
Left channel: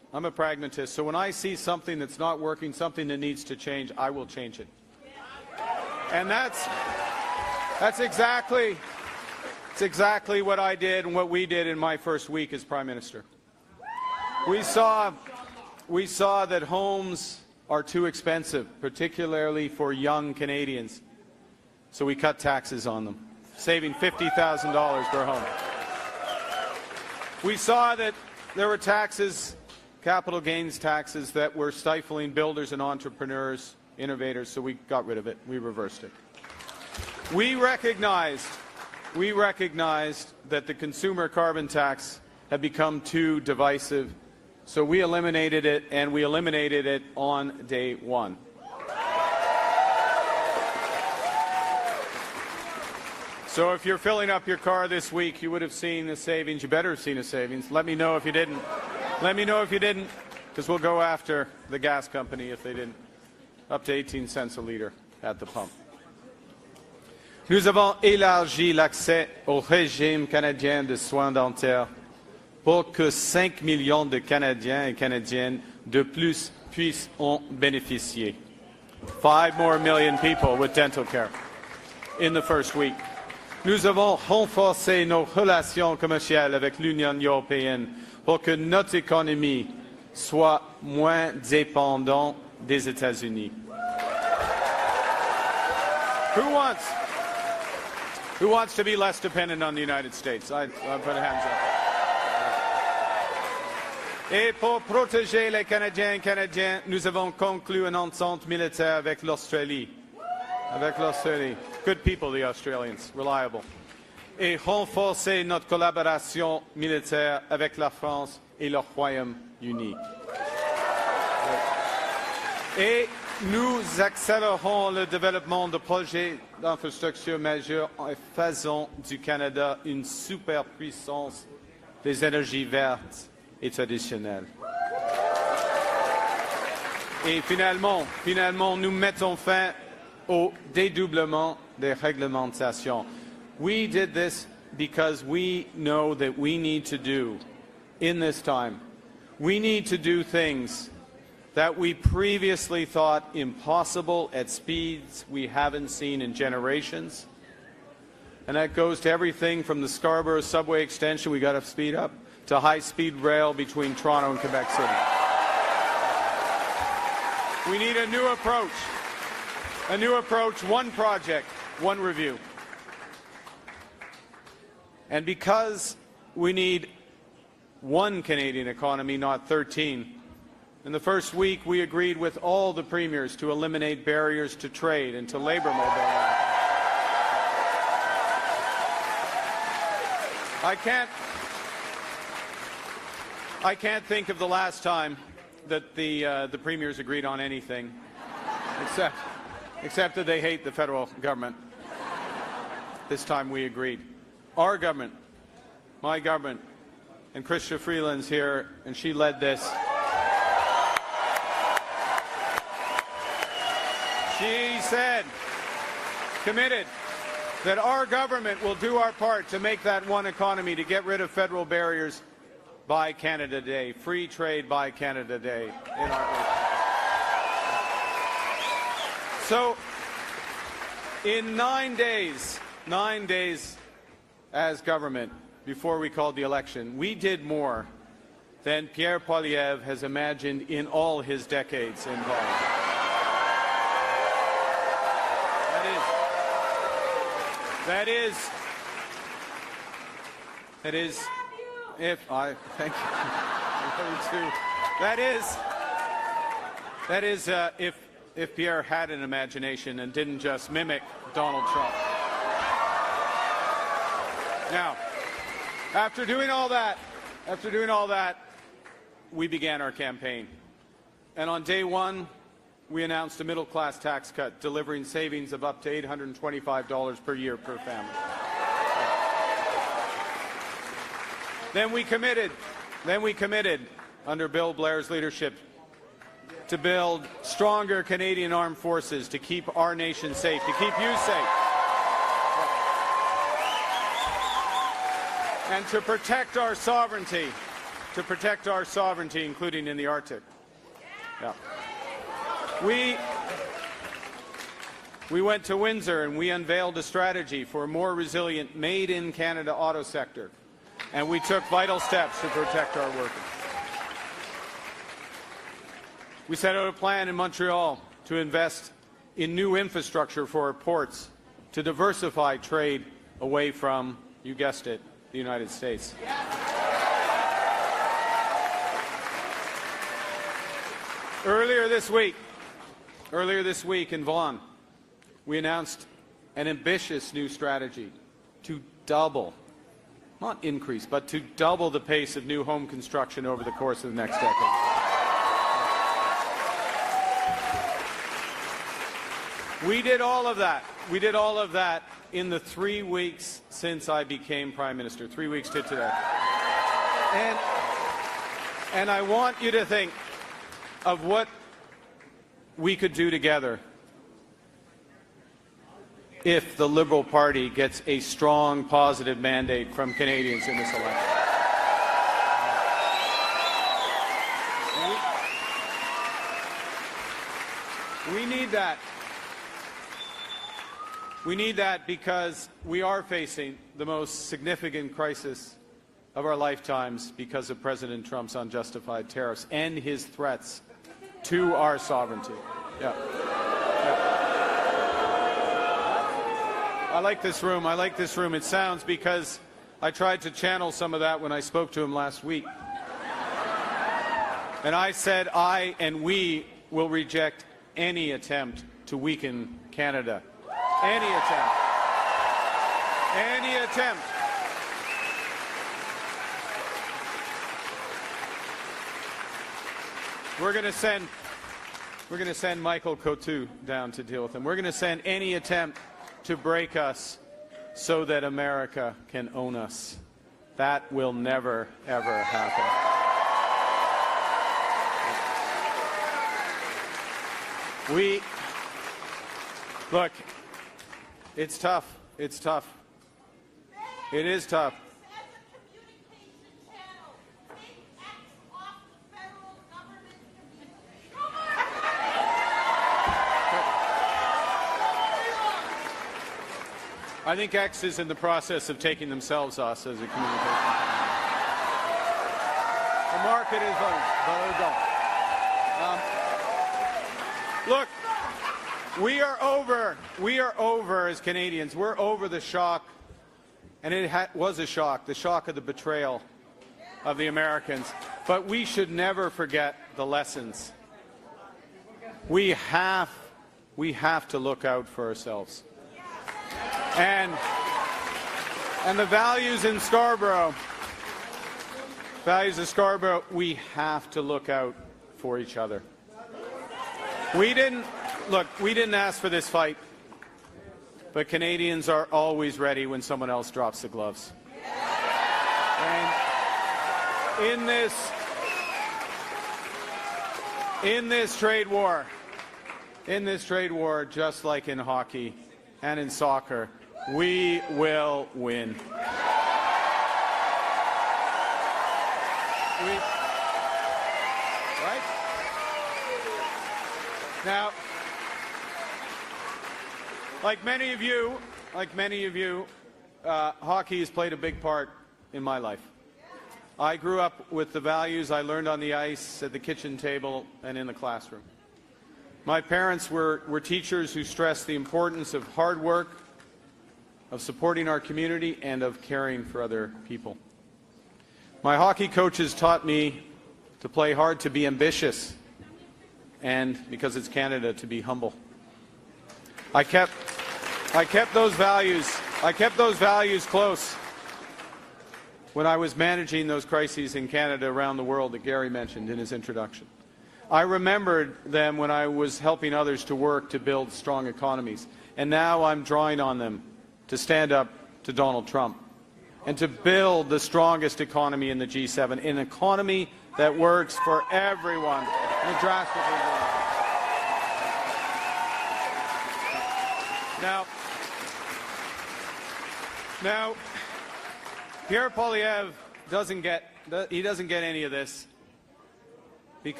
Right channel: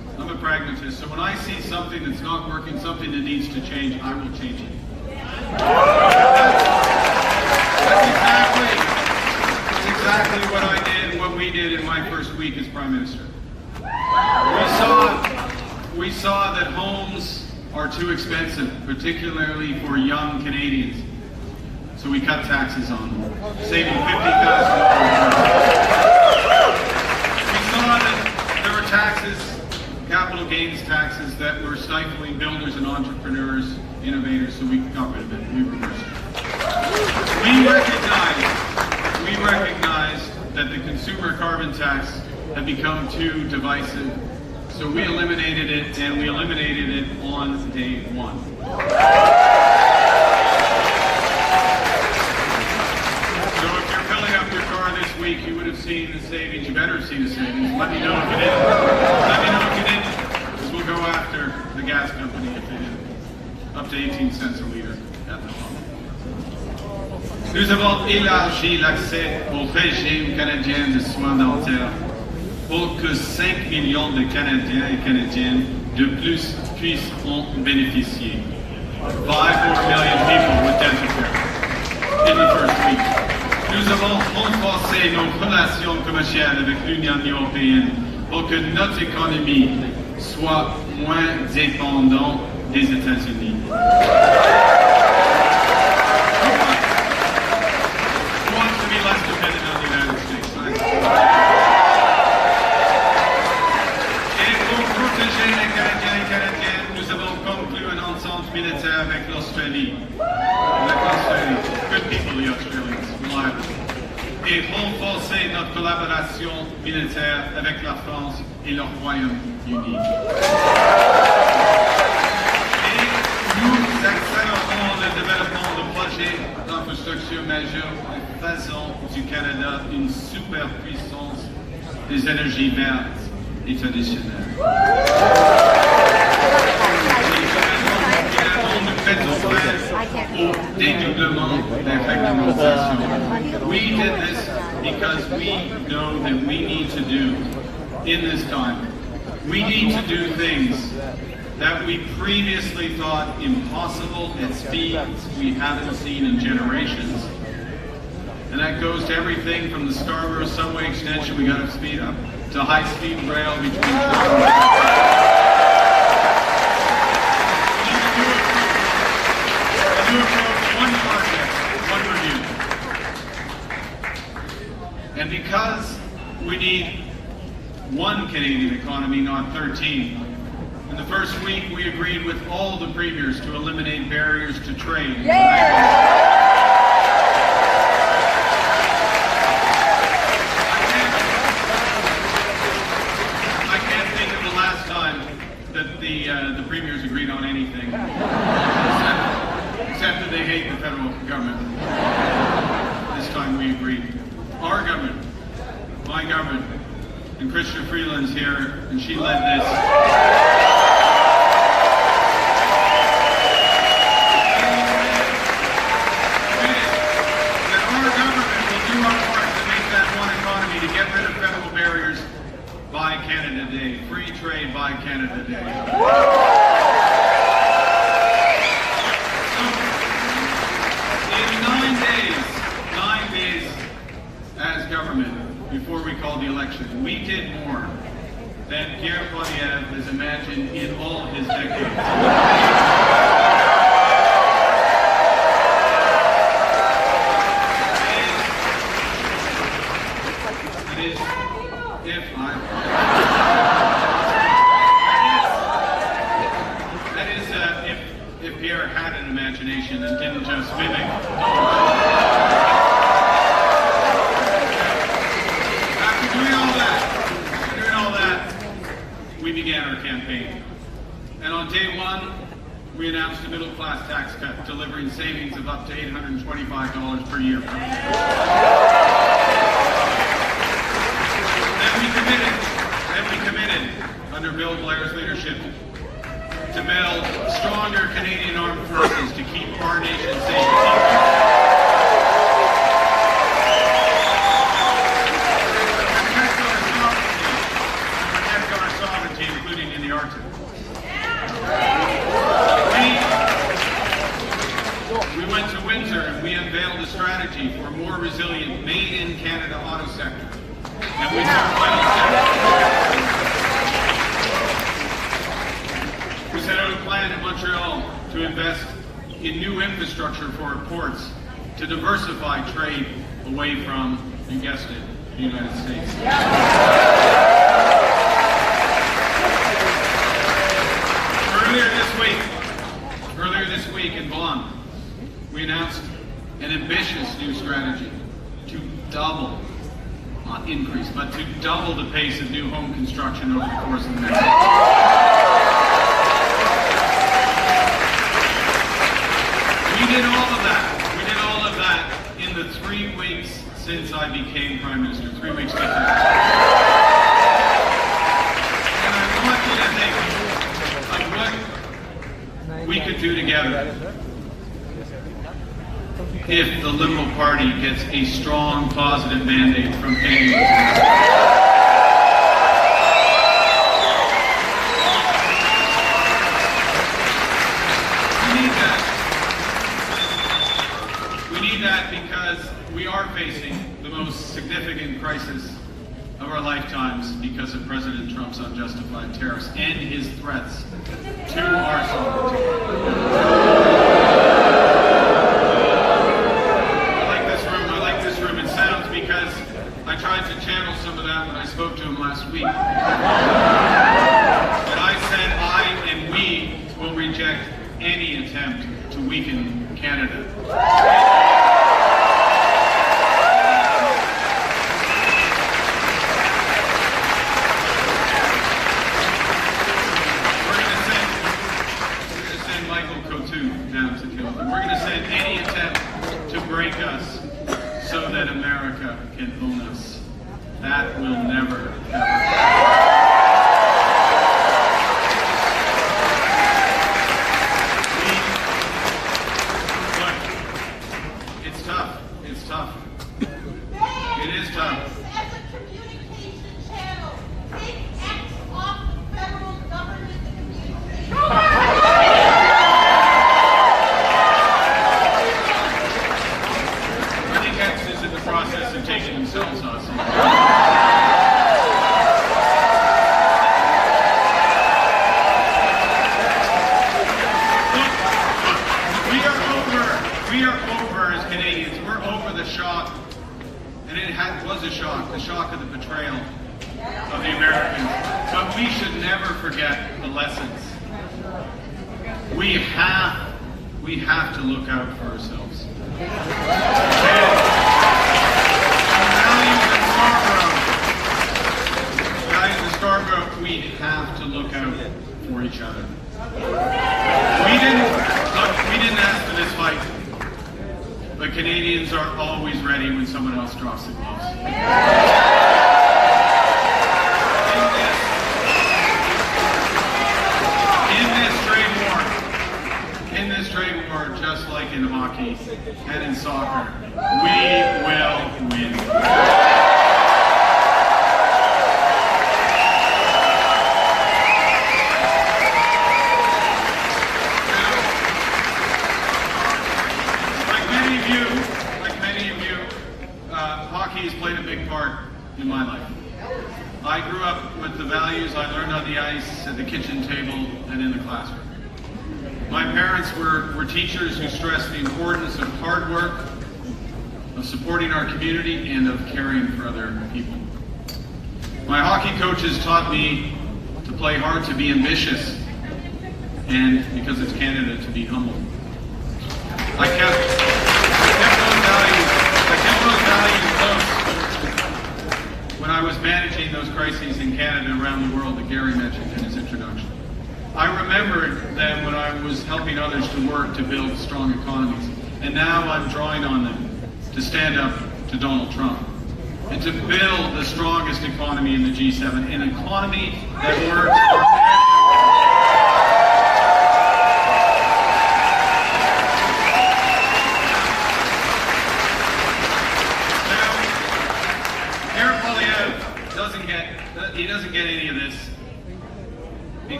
I'm a pragmatist. So when I see something that's not working, something that needs to change, I will change it. That's exactly what I did, what we did in my first week as Prime Minister. We saw that homes are too expensive, particularly for young Canadians. So we cut taxes on them, saving $50,000. We saw that there were taxes, capital gains taxes, that were stifling builders and entrepreneurs, innovators, so we got rid of it, we reversed it. We recognize that the consumer carbon tax had become too divisive, so we eliminated it, and we eliminated it on day one. So if you're filling up your car this week, you would have seen the savings. You better have seen the savings. Let me know if you did. Let me know if you didn't, because we'll go after the gas company if you didn't. Up to 18 cents a liter at the pump. Nous avons élargi l'accès au régime canadien de soins dentaires pour que 5 millions de Canadiens et Canadiennes de plus puissent en bénéficier. 5 more million people with dental care in the first week. Nous avons renforcé nos relations commerciales avec l'Union européenne pour que notre économie soit moins dépendante des États-Unis. Who wants to be less dependent on the United States? Et pour protéger les Canadiens et Canadiennes, nous avons conclu un ensemble militaire avec l'Australie. Good people, the Australians, reliable. Et renforcer notre collaboration militaire avec la France et le Royaume-Uni. Et nous accélérons le développement de projets d'infrastructure majeurs en faisant du Canada une superpuissance des énergies vertes et traditionnelles. Nous mettons fin au dédoublement des réglementations. We did this because we know that we need to do in this time. We need to do things that we previously thought impossible at speeds we haven't seen in generations. And that goes to everything from the Scarborough subway extension we got to speed up, to high-speed rail between Toronto and Vancouver. We need a new approach, one project, one review. And because we need one Canadian economy, not 13, in the first week we agreed with all the premiers to eliminate barriers to trade. I can't think of the last time that the premiers agreed on anything, except that they hate the federal government. This time we agreed. Our government, my government, and Christian Freeland's here, and she led this. He said, committed, that our government will do our part to make that one economy, to get rid of federal barriers by Canada Day, free trade by Canada Day. So, in 9 days as government, before we called the election, we did more than Pierre Poilievre has imagined in all of his decades. If Pierre had an imagination and didn't just mimic we began our campaign. And on day one, we announced a middle-class tax cut, delivering savings of up to $825 per year. Then we committed, under Bill Blair's leadership, to build stronger Canadian armed forces to keep our nation safe. Including in the Arctic. We went to winter and we unveiled a strategy for a more resilient made-in-Canada auto sector. And we took final steps. We set out a plan in Montreal to invest in new infrastructure for our ports to diversify trade away from, you guessed it, the United States. Earlier this week in Vaughan, we announced an ambitious new strategy to double, not increase, but to double the pace of new home construction over the course of the next year. We did all of that. We did all of that in the 3 weeks since I became Prime Minister. 3 weeks later. And I want you to think of what we could do together if the Liberal Party gets a strong, positive mandate from Canadians. We need that because we are facing the most significant crisis of our lifetimes because of President Trump's unjustified tariffs and his threats to our sovereignty. I like this room. It sounds because I tried to channel some of that when I spoke to him last week. And I said I and we will reject any attempt to weaken Canada. Michael Coutu down to deal with them. We're going to send any attempt to break us so that America can own us. That will never, ever happen. Look, it's tough. It's tough. It is tough. As a communication channel, take X off the federal government communication. Is in the process of taking themselves off. We are over as Canadians. We're over the shock, and it was a shock, the shock of the betrayal of the Americans. But we should never forget the lessons. We have to look out for ourselves. Values in Scarborough, we have to look out for each other. We didn't ask for this fight, but Canadians are always ready when someone else drops the gloves. In this trade war, just like in hockey and in soccer, we will win. Like many of you, hockey has played a big part in my life. I grew up with the values I learned on the ice, at the kitchen table, and in the classroom. My parents were teachers who stressed the importance of hard work, of supporting our community, and of caring for other people. My hockey coaches taught me to play hard, to be ambitious, and because it's Canada, to be humble. I kept those values close when I was managing those crises in Canada around the world that Gary mentioned in his introduction. I remembered them when I was helping others to work to build strong economies. And now I'm drawing on them to stand up to Donald Trump and to build the strongest economy in the G7, an economy that works for everyone. He doesn't get any of this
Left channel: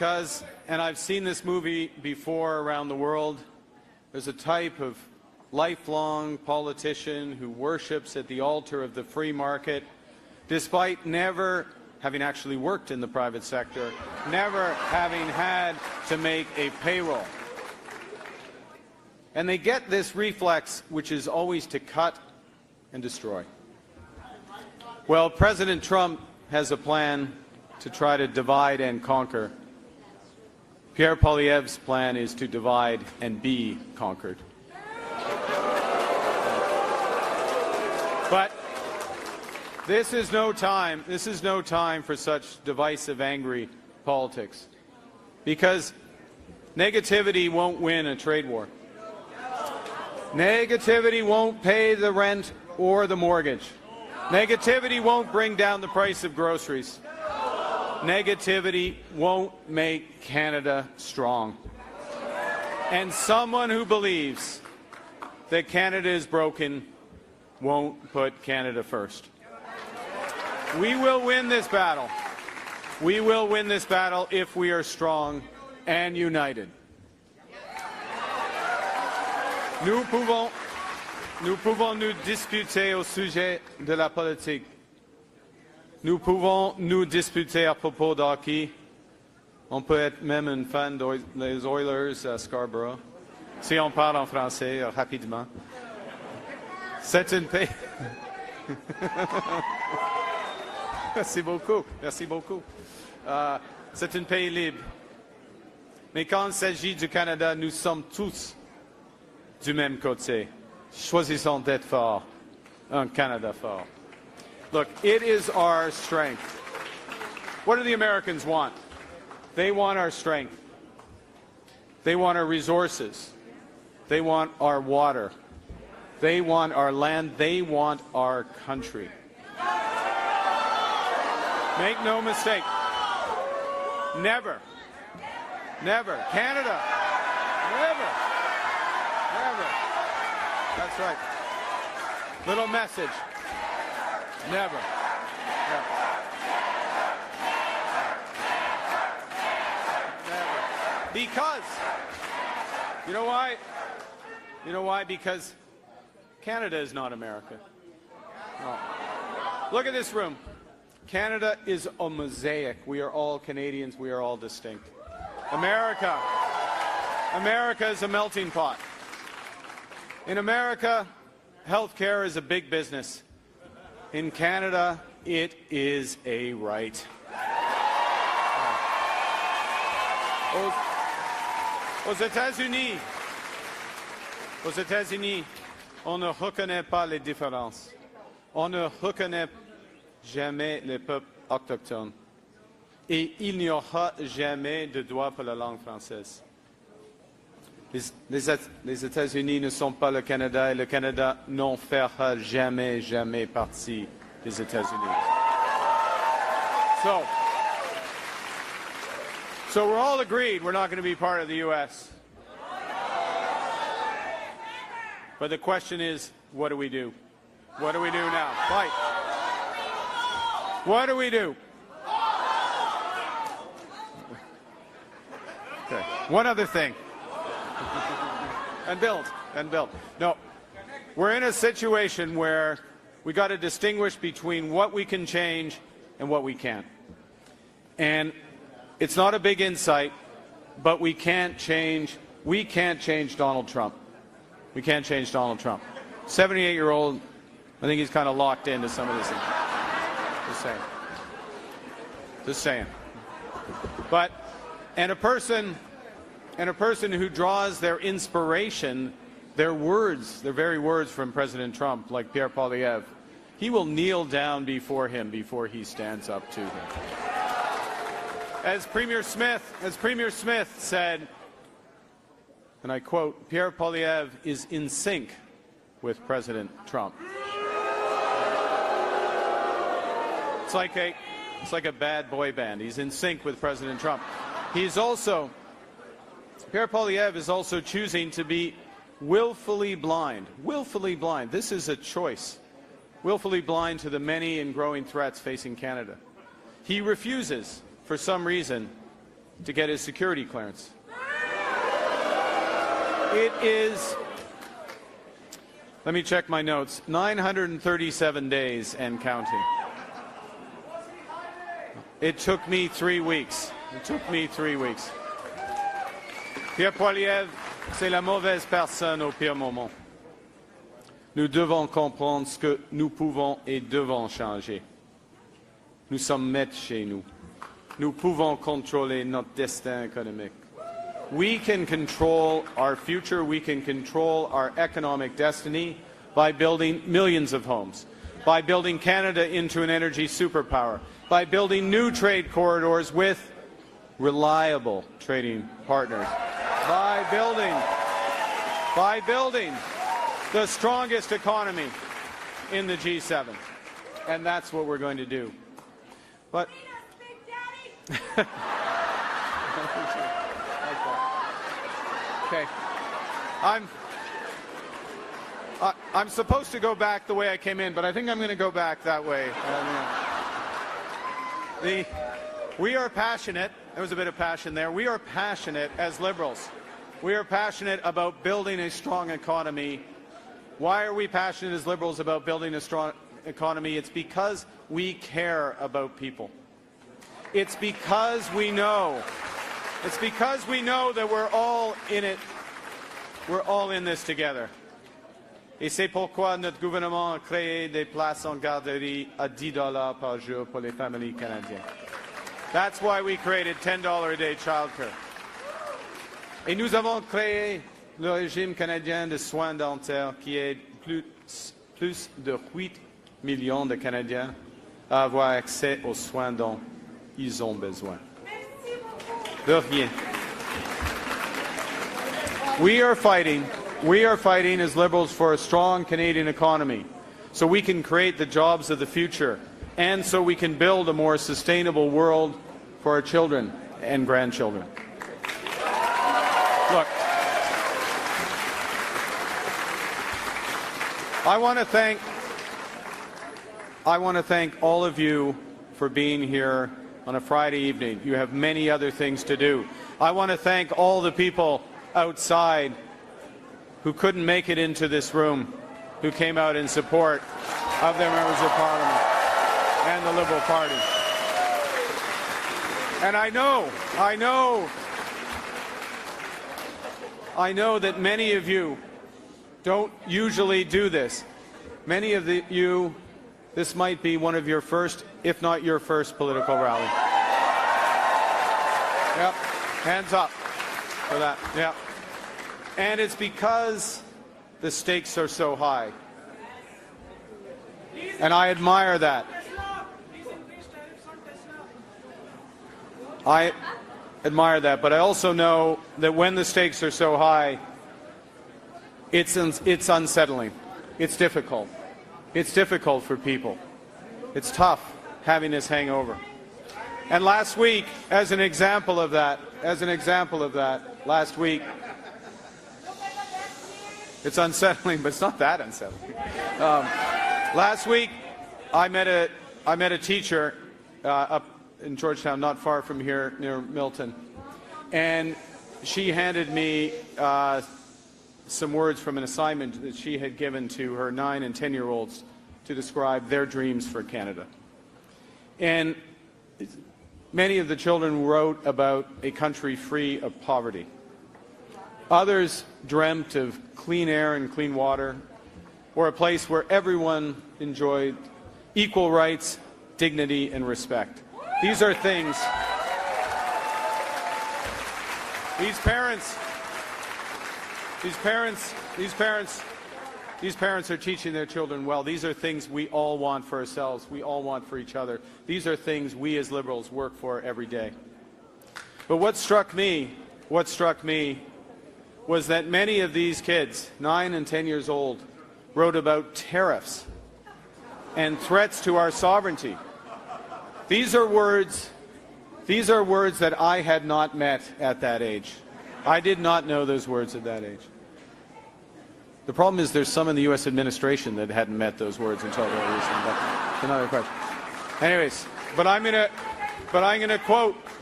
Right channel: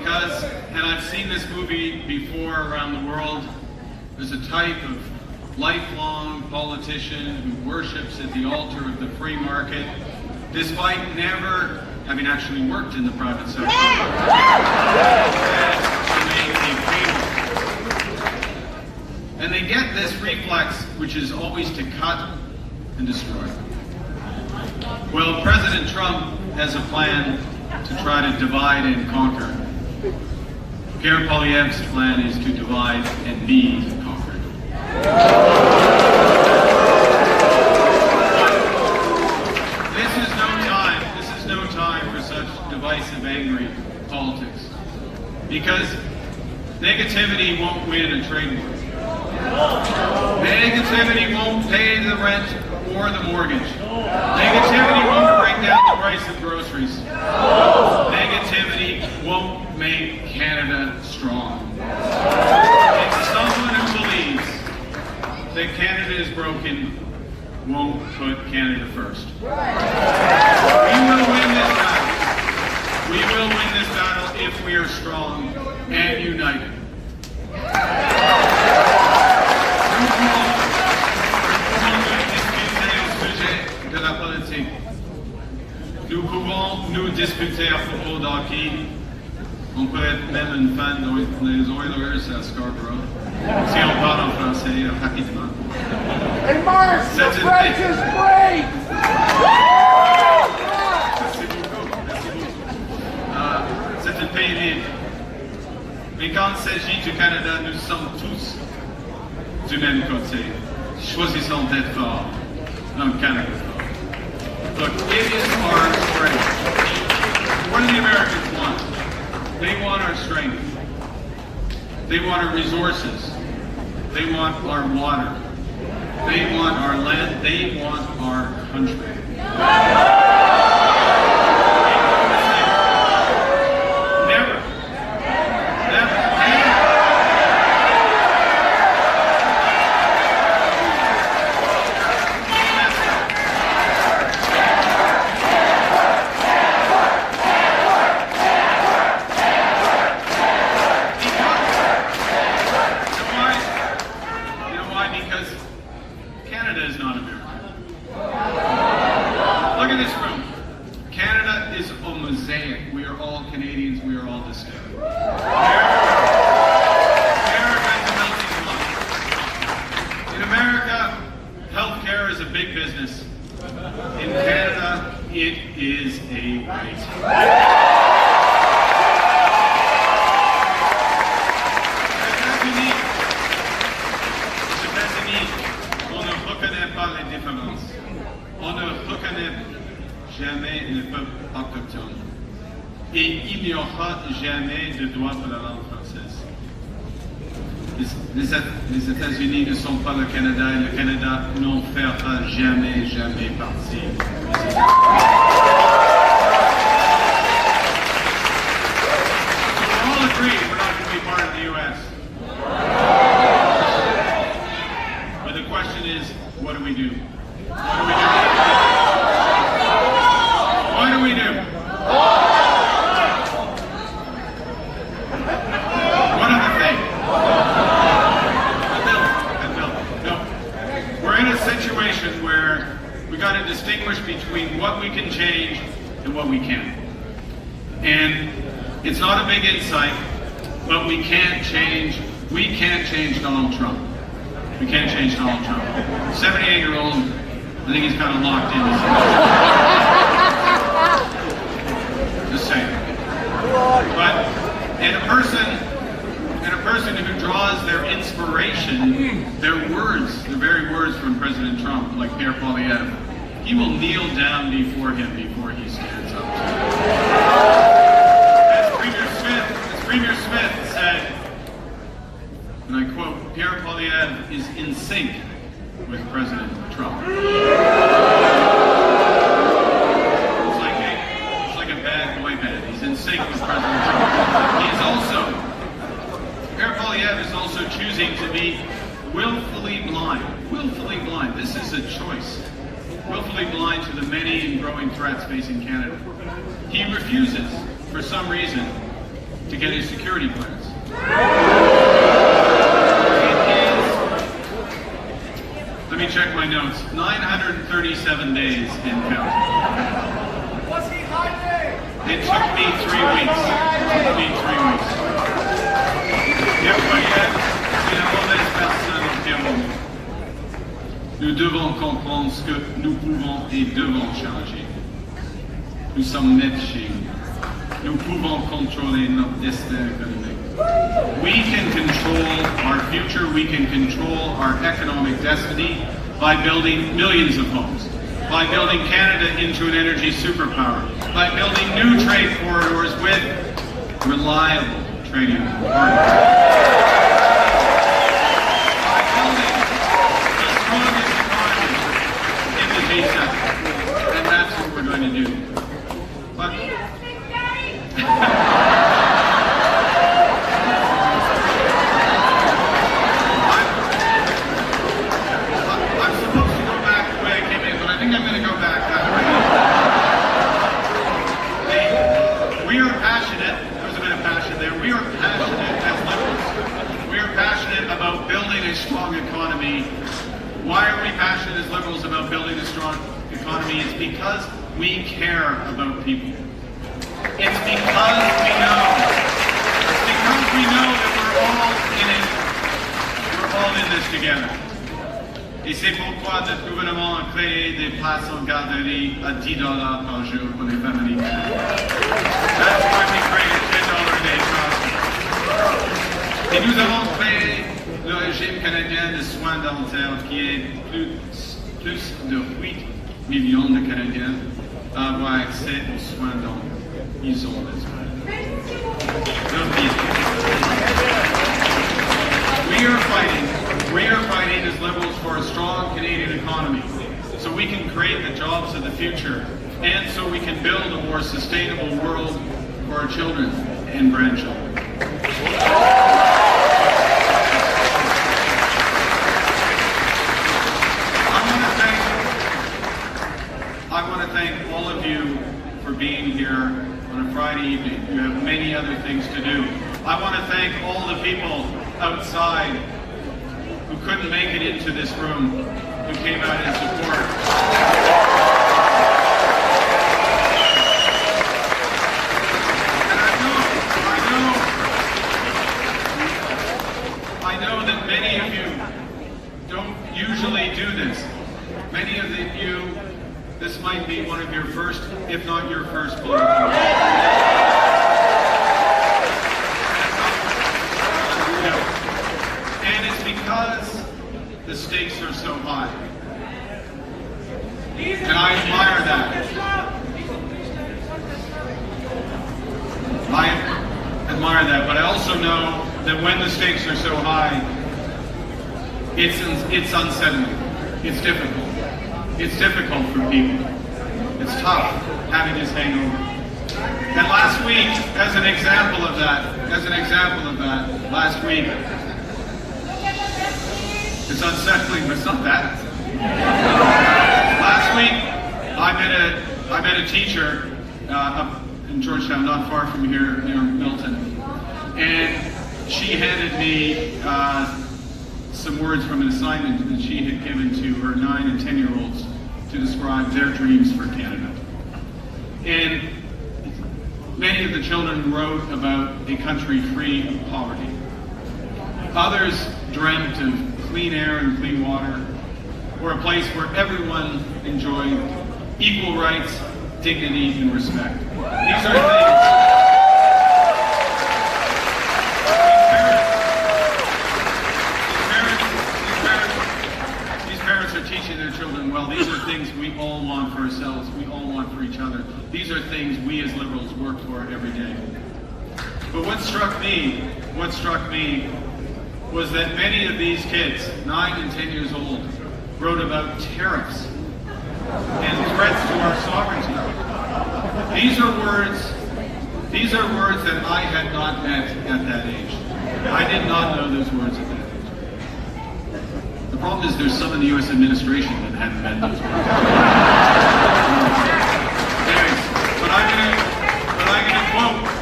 because, and I've seen this movie before around the world, there's a type of lifelong politician who worships at the altar of the free market, despite never having actually worked in the private sector, to make a payroll. And they get this reflex, which is always to cut and destroy. Well, President Trump has a plan to try to divide and conquer. Pierre Poilievre's plan is to divide and be conquered. This is no time for such divisive, angry politics. Because negativity won't win a trade war. Negativity won't pay the rent or the mortgage. Negativity won't bring down the price of groceries. Negativity won't make Canada strong. And someone who believes that Canada is broken won't put Canada first. We will win this battle. We will win this battle if we are strong and united. De la politique. Nous pouvons nous discuter à propos de hockey. On peut être même une fan des Oilers à Scarborough. Si on parle en français rapidement. Hey, Mark, the bridge is free! Merci beaucoup. Merci beaucoup. C'est un pays libre. Mais quand il s'agit du Canada, nous sommes tous du même côté. Choisissons d'être forts. Canada fort. But it is our strength. What do the Americans want? They want our strength. They want our resources. They want our water. They want our land. They want our country. Make no mistake. Never. Never. We are all Canadians, we are all the same. America is a melting pot. In America, healthcare is a big business. In Canada, it is a right. Aux États-Unis, on ne reconnaît pas les différences. On ne reconnaît jamais les peuples autochtones. Et il n'y aura jamais de droit pour la langue française. Les États-Unis ne sont pas le Canada et le Canada n'en fera jamais, jamais partie des États-Unis. So we're all agreed we're not going to be part of the U.S. But the question is, what do we do? What do we do? One of the things. No. We're in a situation where we got to distinguish between what we can change and what we can't. And it's not a big insight, but we can't change Donald Trump. We can't change Donald Trump. 78-year-old, I think he's kind of locked in. Just saying. But, and a person who draws their inspiration, their words, the very words from President Trump, like Pierre Poilievre, he will kneel down before him before he stands up. As Premier Smith said, and I quote, Pierre Poilievre is in sync with President Trump. It's like a bad boy band. He's in sync with President Trump. Pierre Poilievre is also choosing to be willfully blind. Willfully blind. This is a choice. Willfully blind to the many and growing threats facing Canada. He refuses, for some reason, to get a security clearance. Let me check my notes. 937 days and counting. Was he hiding? It took me 3 weeks. Bien voyez, c'est la mauvaise personne au bien moment. Nous devons comprendre ce que nous pouvons et devons changer. Nous sommes nets chez nous. Nous pouvons contrôler notre destin économique. We can control our future, we can control our economic destiny by building millions of homes, by building Canada into an energy superpower, by building new trade corridors with reliable trading partners, by building the strongest economy in the G7. And that's what we're going to do. But about building a strong economy. Why are we passionate as Liberals about building a strong economy? It's because we care about people. It's because we know. It's because we know that we're all in it. We're all in this together. Et c'est pourquoi notre gouvernement a créé des places en garderie à $10 par jour pour les familles. That's why we created $10 a day voucher. Et nous avons créé le régime canadien de soins dentaires qui aide plus de 8 millions de Canadiens à avoir accès aux soins dont ils ont besoin. We are fighting as Liberals for a strong Canadian economy so we can create the jobs of the future and so we can build a more sustainable world for our children and grandchildren. I want to thank all of you for being here on a Friday evening. You have many other things to do. I want to thank all the people outside who couldn't make it into this room, who came out in support. And I know that many of you don't usually do this. Many of you, this might be one of your first, if not your first, political event. Hands up. Yeah. And it's because the stakes are so high. And I admire that. I admire that, but I also know that when the stakes are so high, it's unsettling. It's difficult. It's difficult for people. It's tough having this hangover. And last week, as an example of that, last week, it's unsettling, but it's not that unsettling. Last week, I met a teacher up in Georgetown, not far from here, near Milton, and she handed me some words from an assignment that she had given to her 9 and 10-year-olds to describe their dreams for Canada. And many of the children wrote about a country free of poverty. Others dreamt of clean air and clean water, or a place where everyone enjoyed equal rights, dignity, and respect. These are things. These parents are teaching their children well. These are things we all want for ourselves. We all want for each other. These are things we as Liberals work for every day. But what struck me was that many of these kids, 9 and 10 years old, wrote about tariffs and threats to our sovereignty. These are words that I had not met at that age. I did not know those words at that age. The problem is there's some of the U.S. administration that hadn't met those words. Anyways, but I'm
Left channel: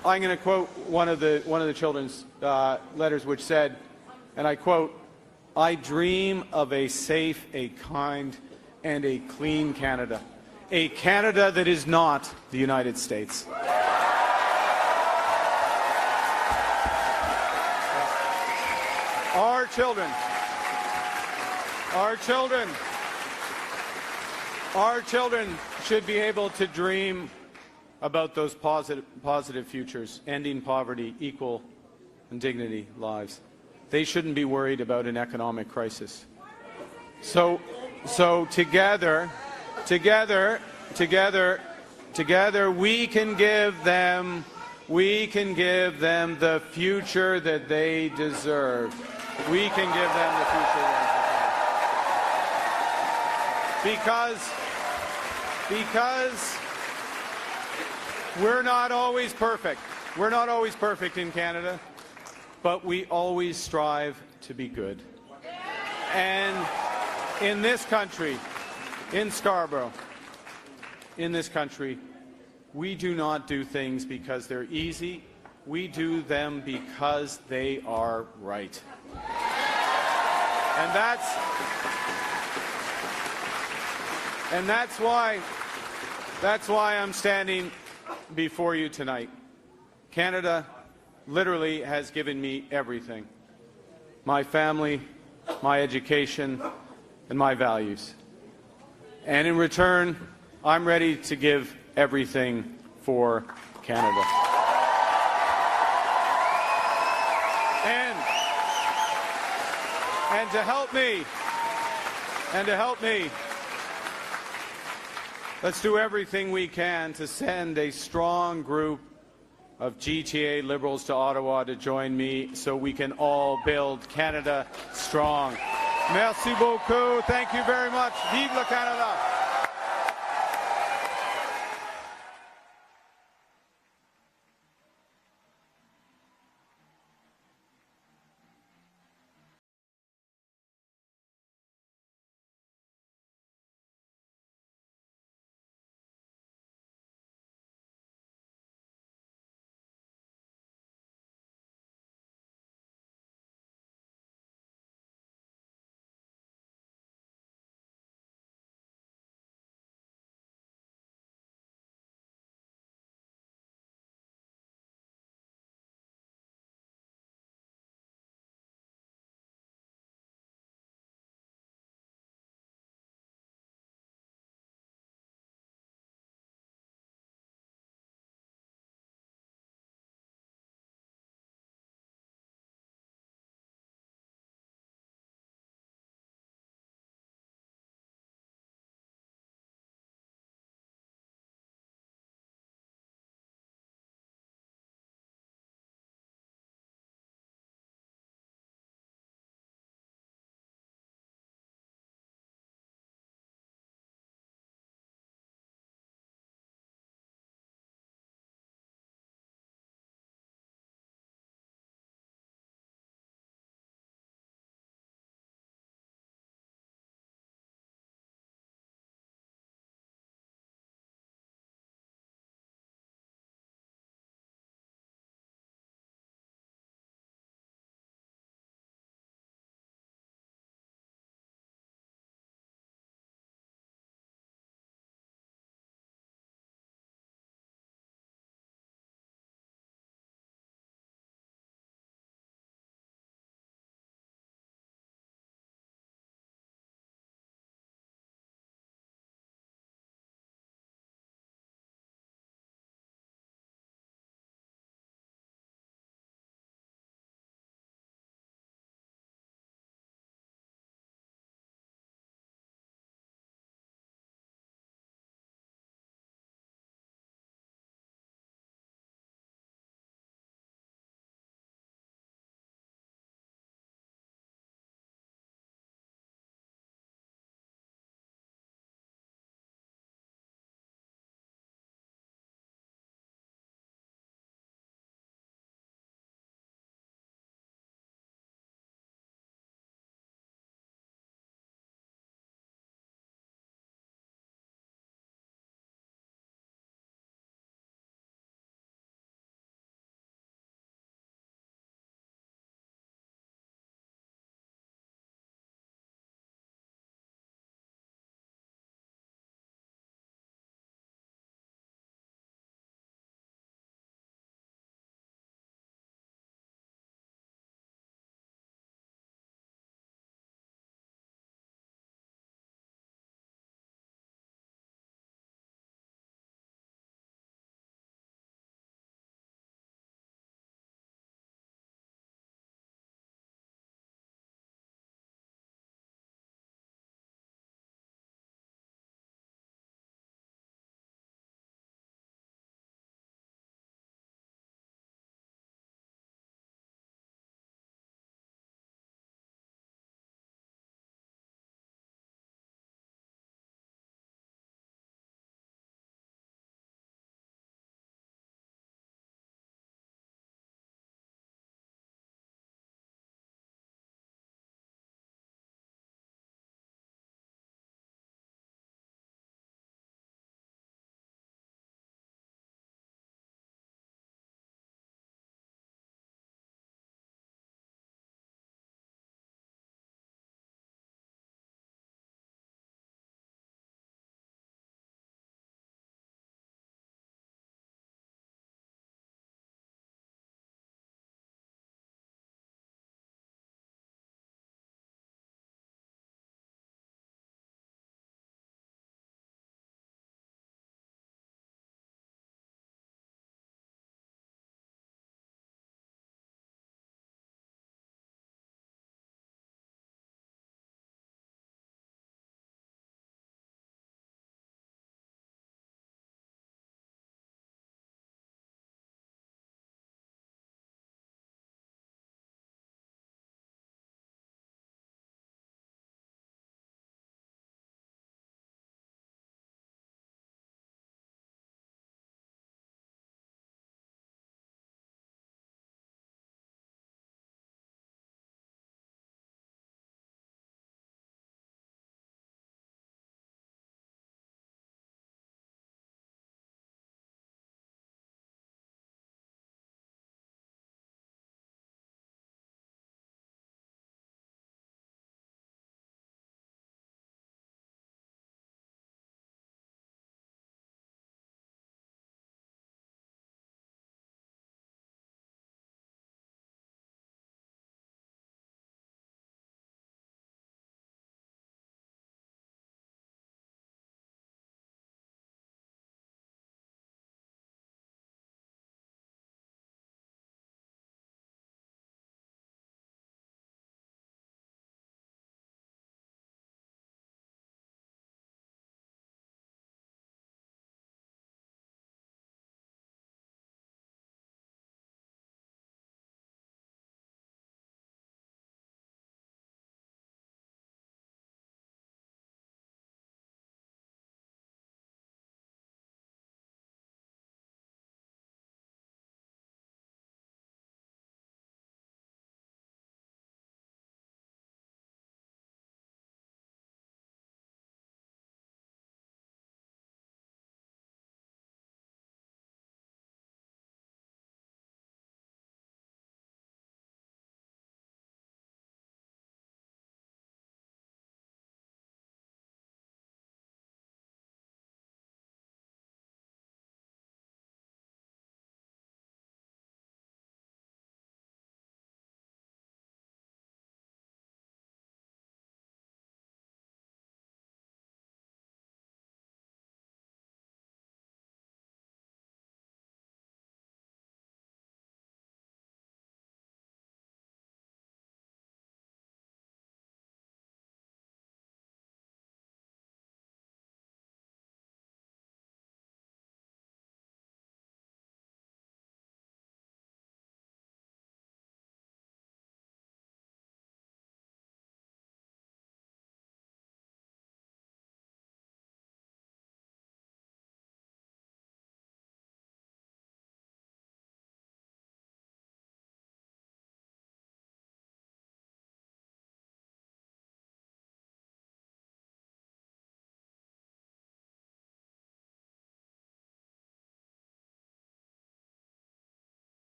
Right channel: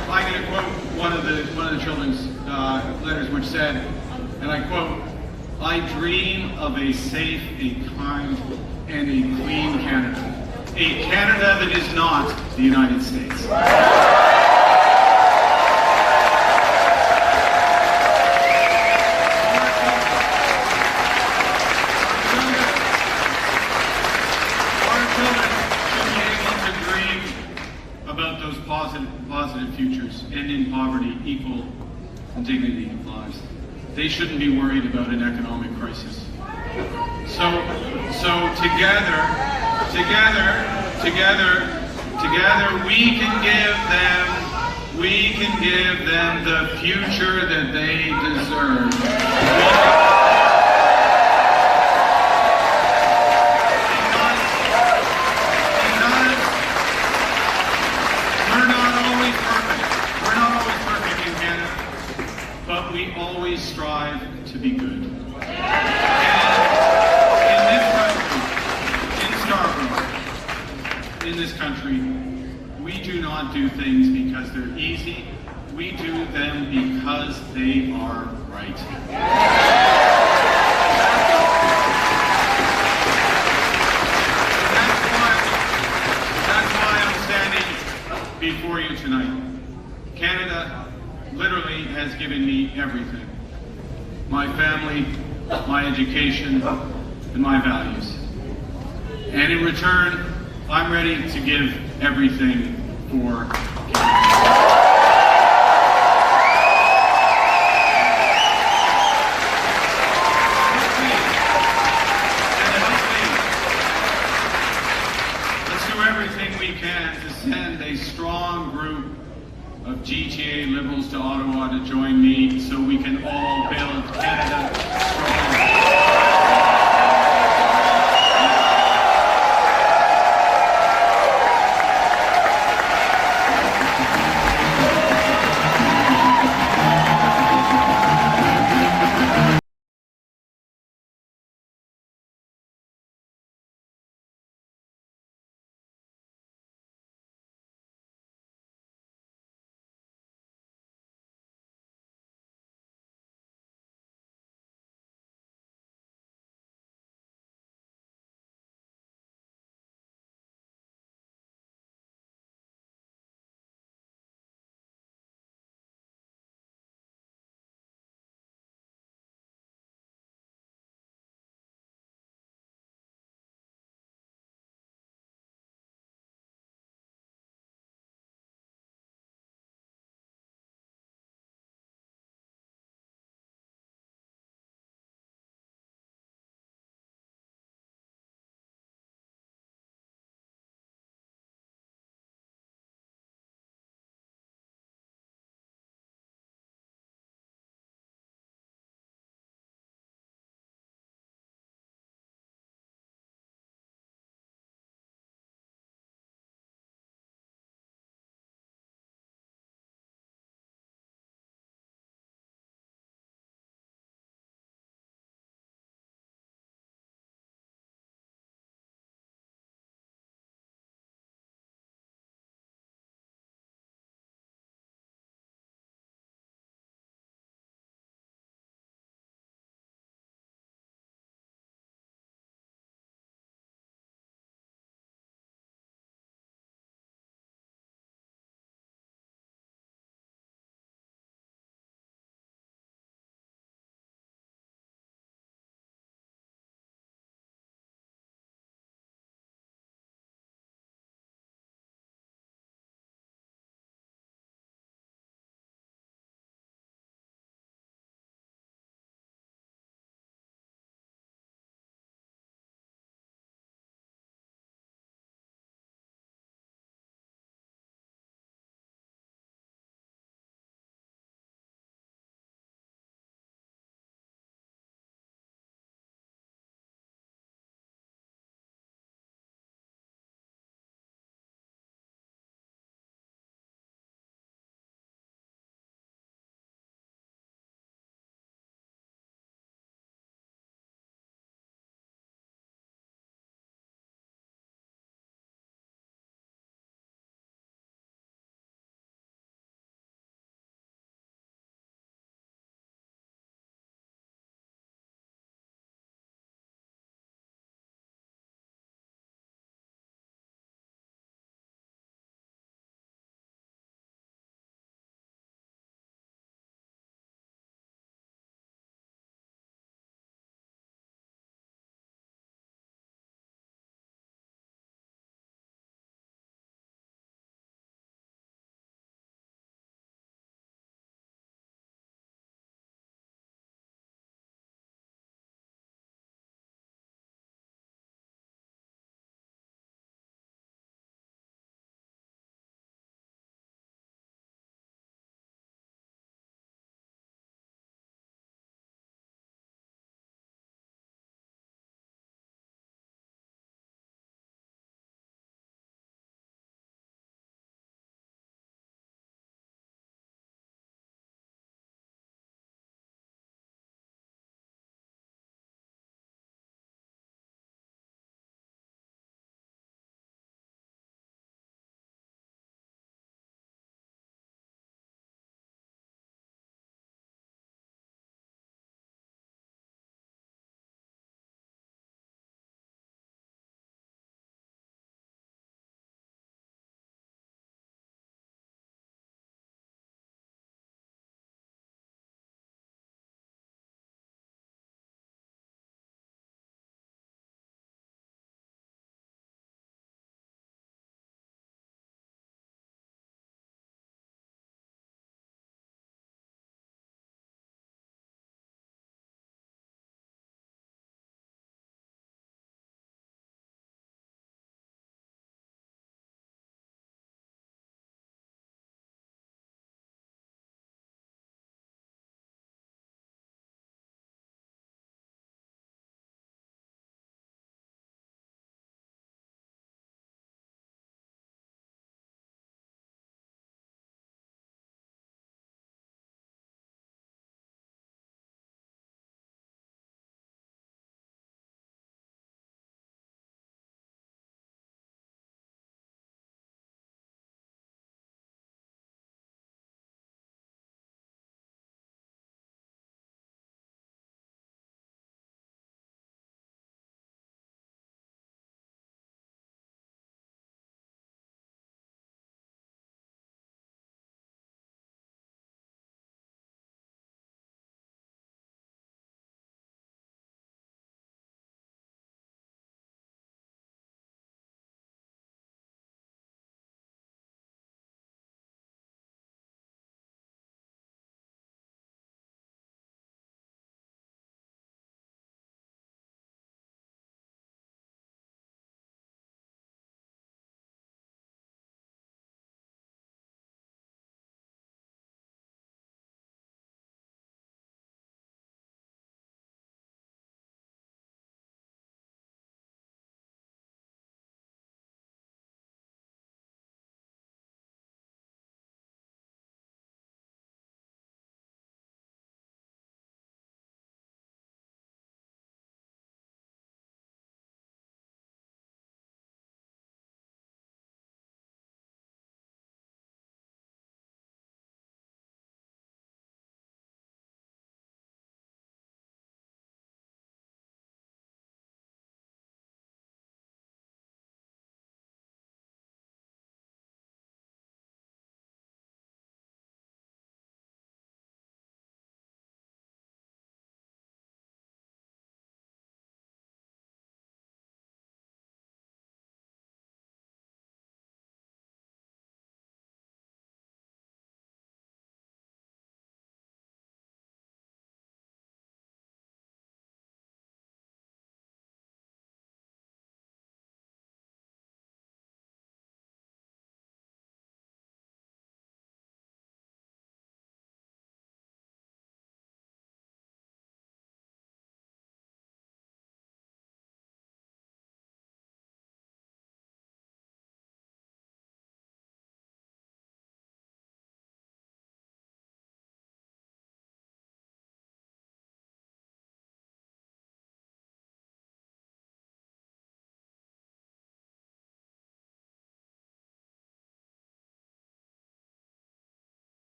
I'm going to quote one of the children's letters, which said, and I quote, "I dream of a safe, a kind, and a clean Canada. A Canada that is not the United States." Should be able to dream about those positive futures, ending poverty, equal and dignity lives. They shouldn't be worried about an economic crisis. So together, we can give them the future that they deserve. We're not always perfect in Canada, but we always strive to be good. And in this country, in Scarborough, in this country, we do not do things because they're easy. We do them because they are right. That's why I'm standing before you tonight. Canada literally has given me everything. My family, my education, and my values. And in return, I'm ready to give everything for Canada. Let's do everything we can to send a strong group of GTA Liberals to Ottawa to join me so we can all build Canada strong.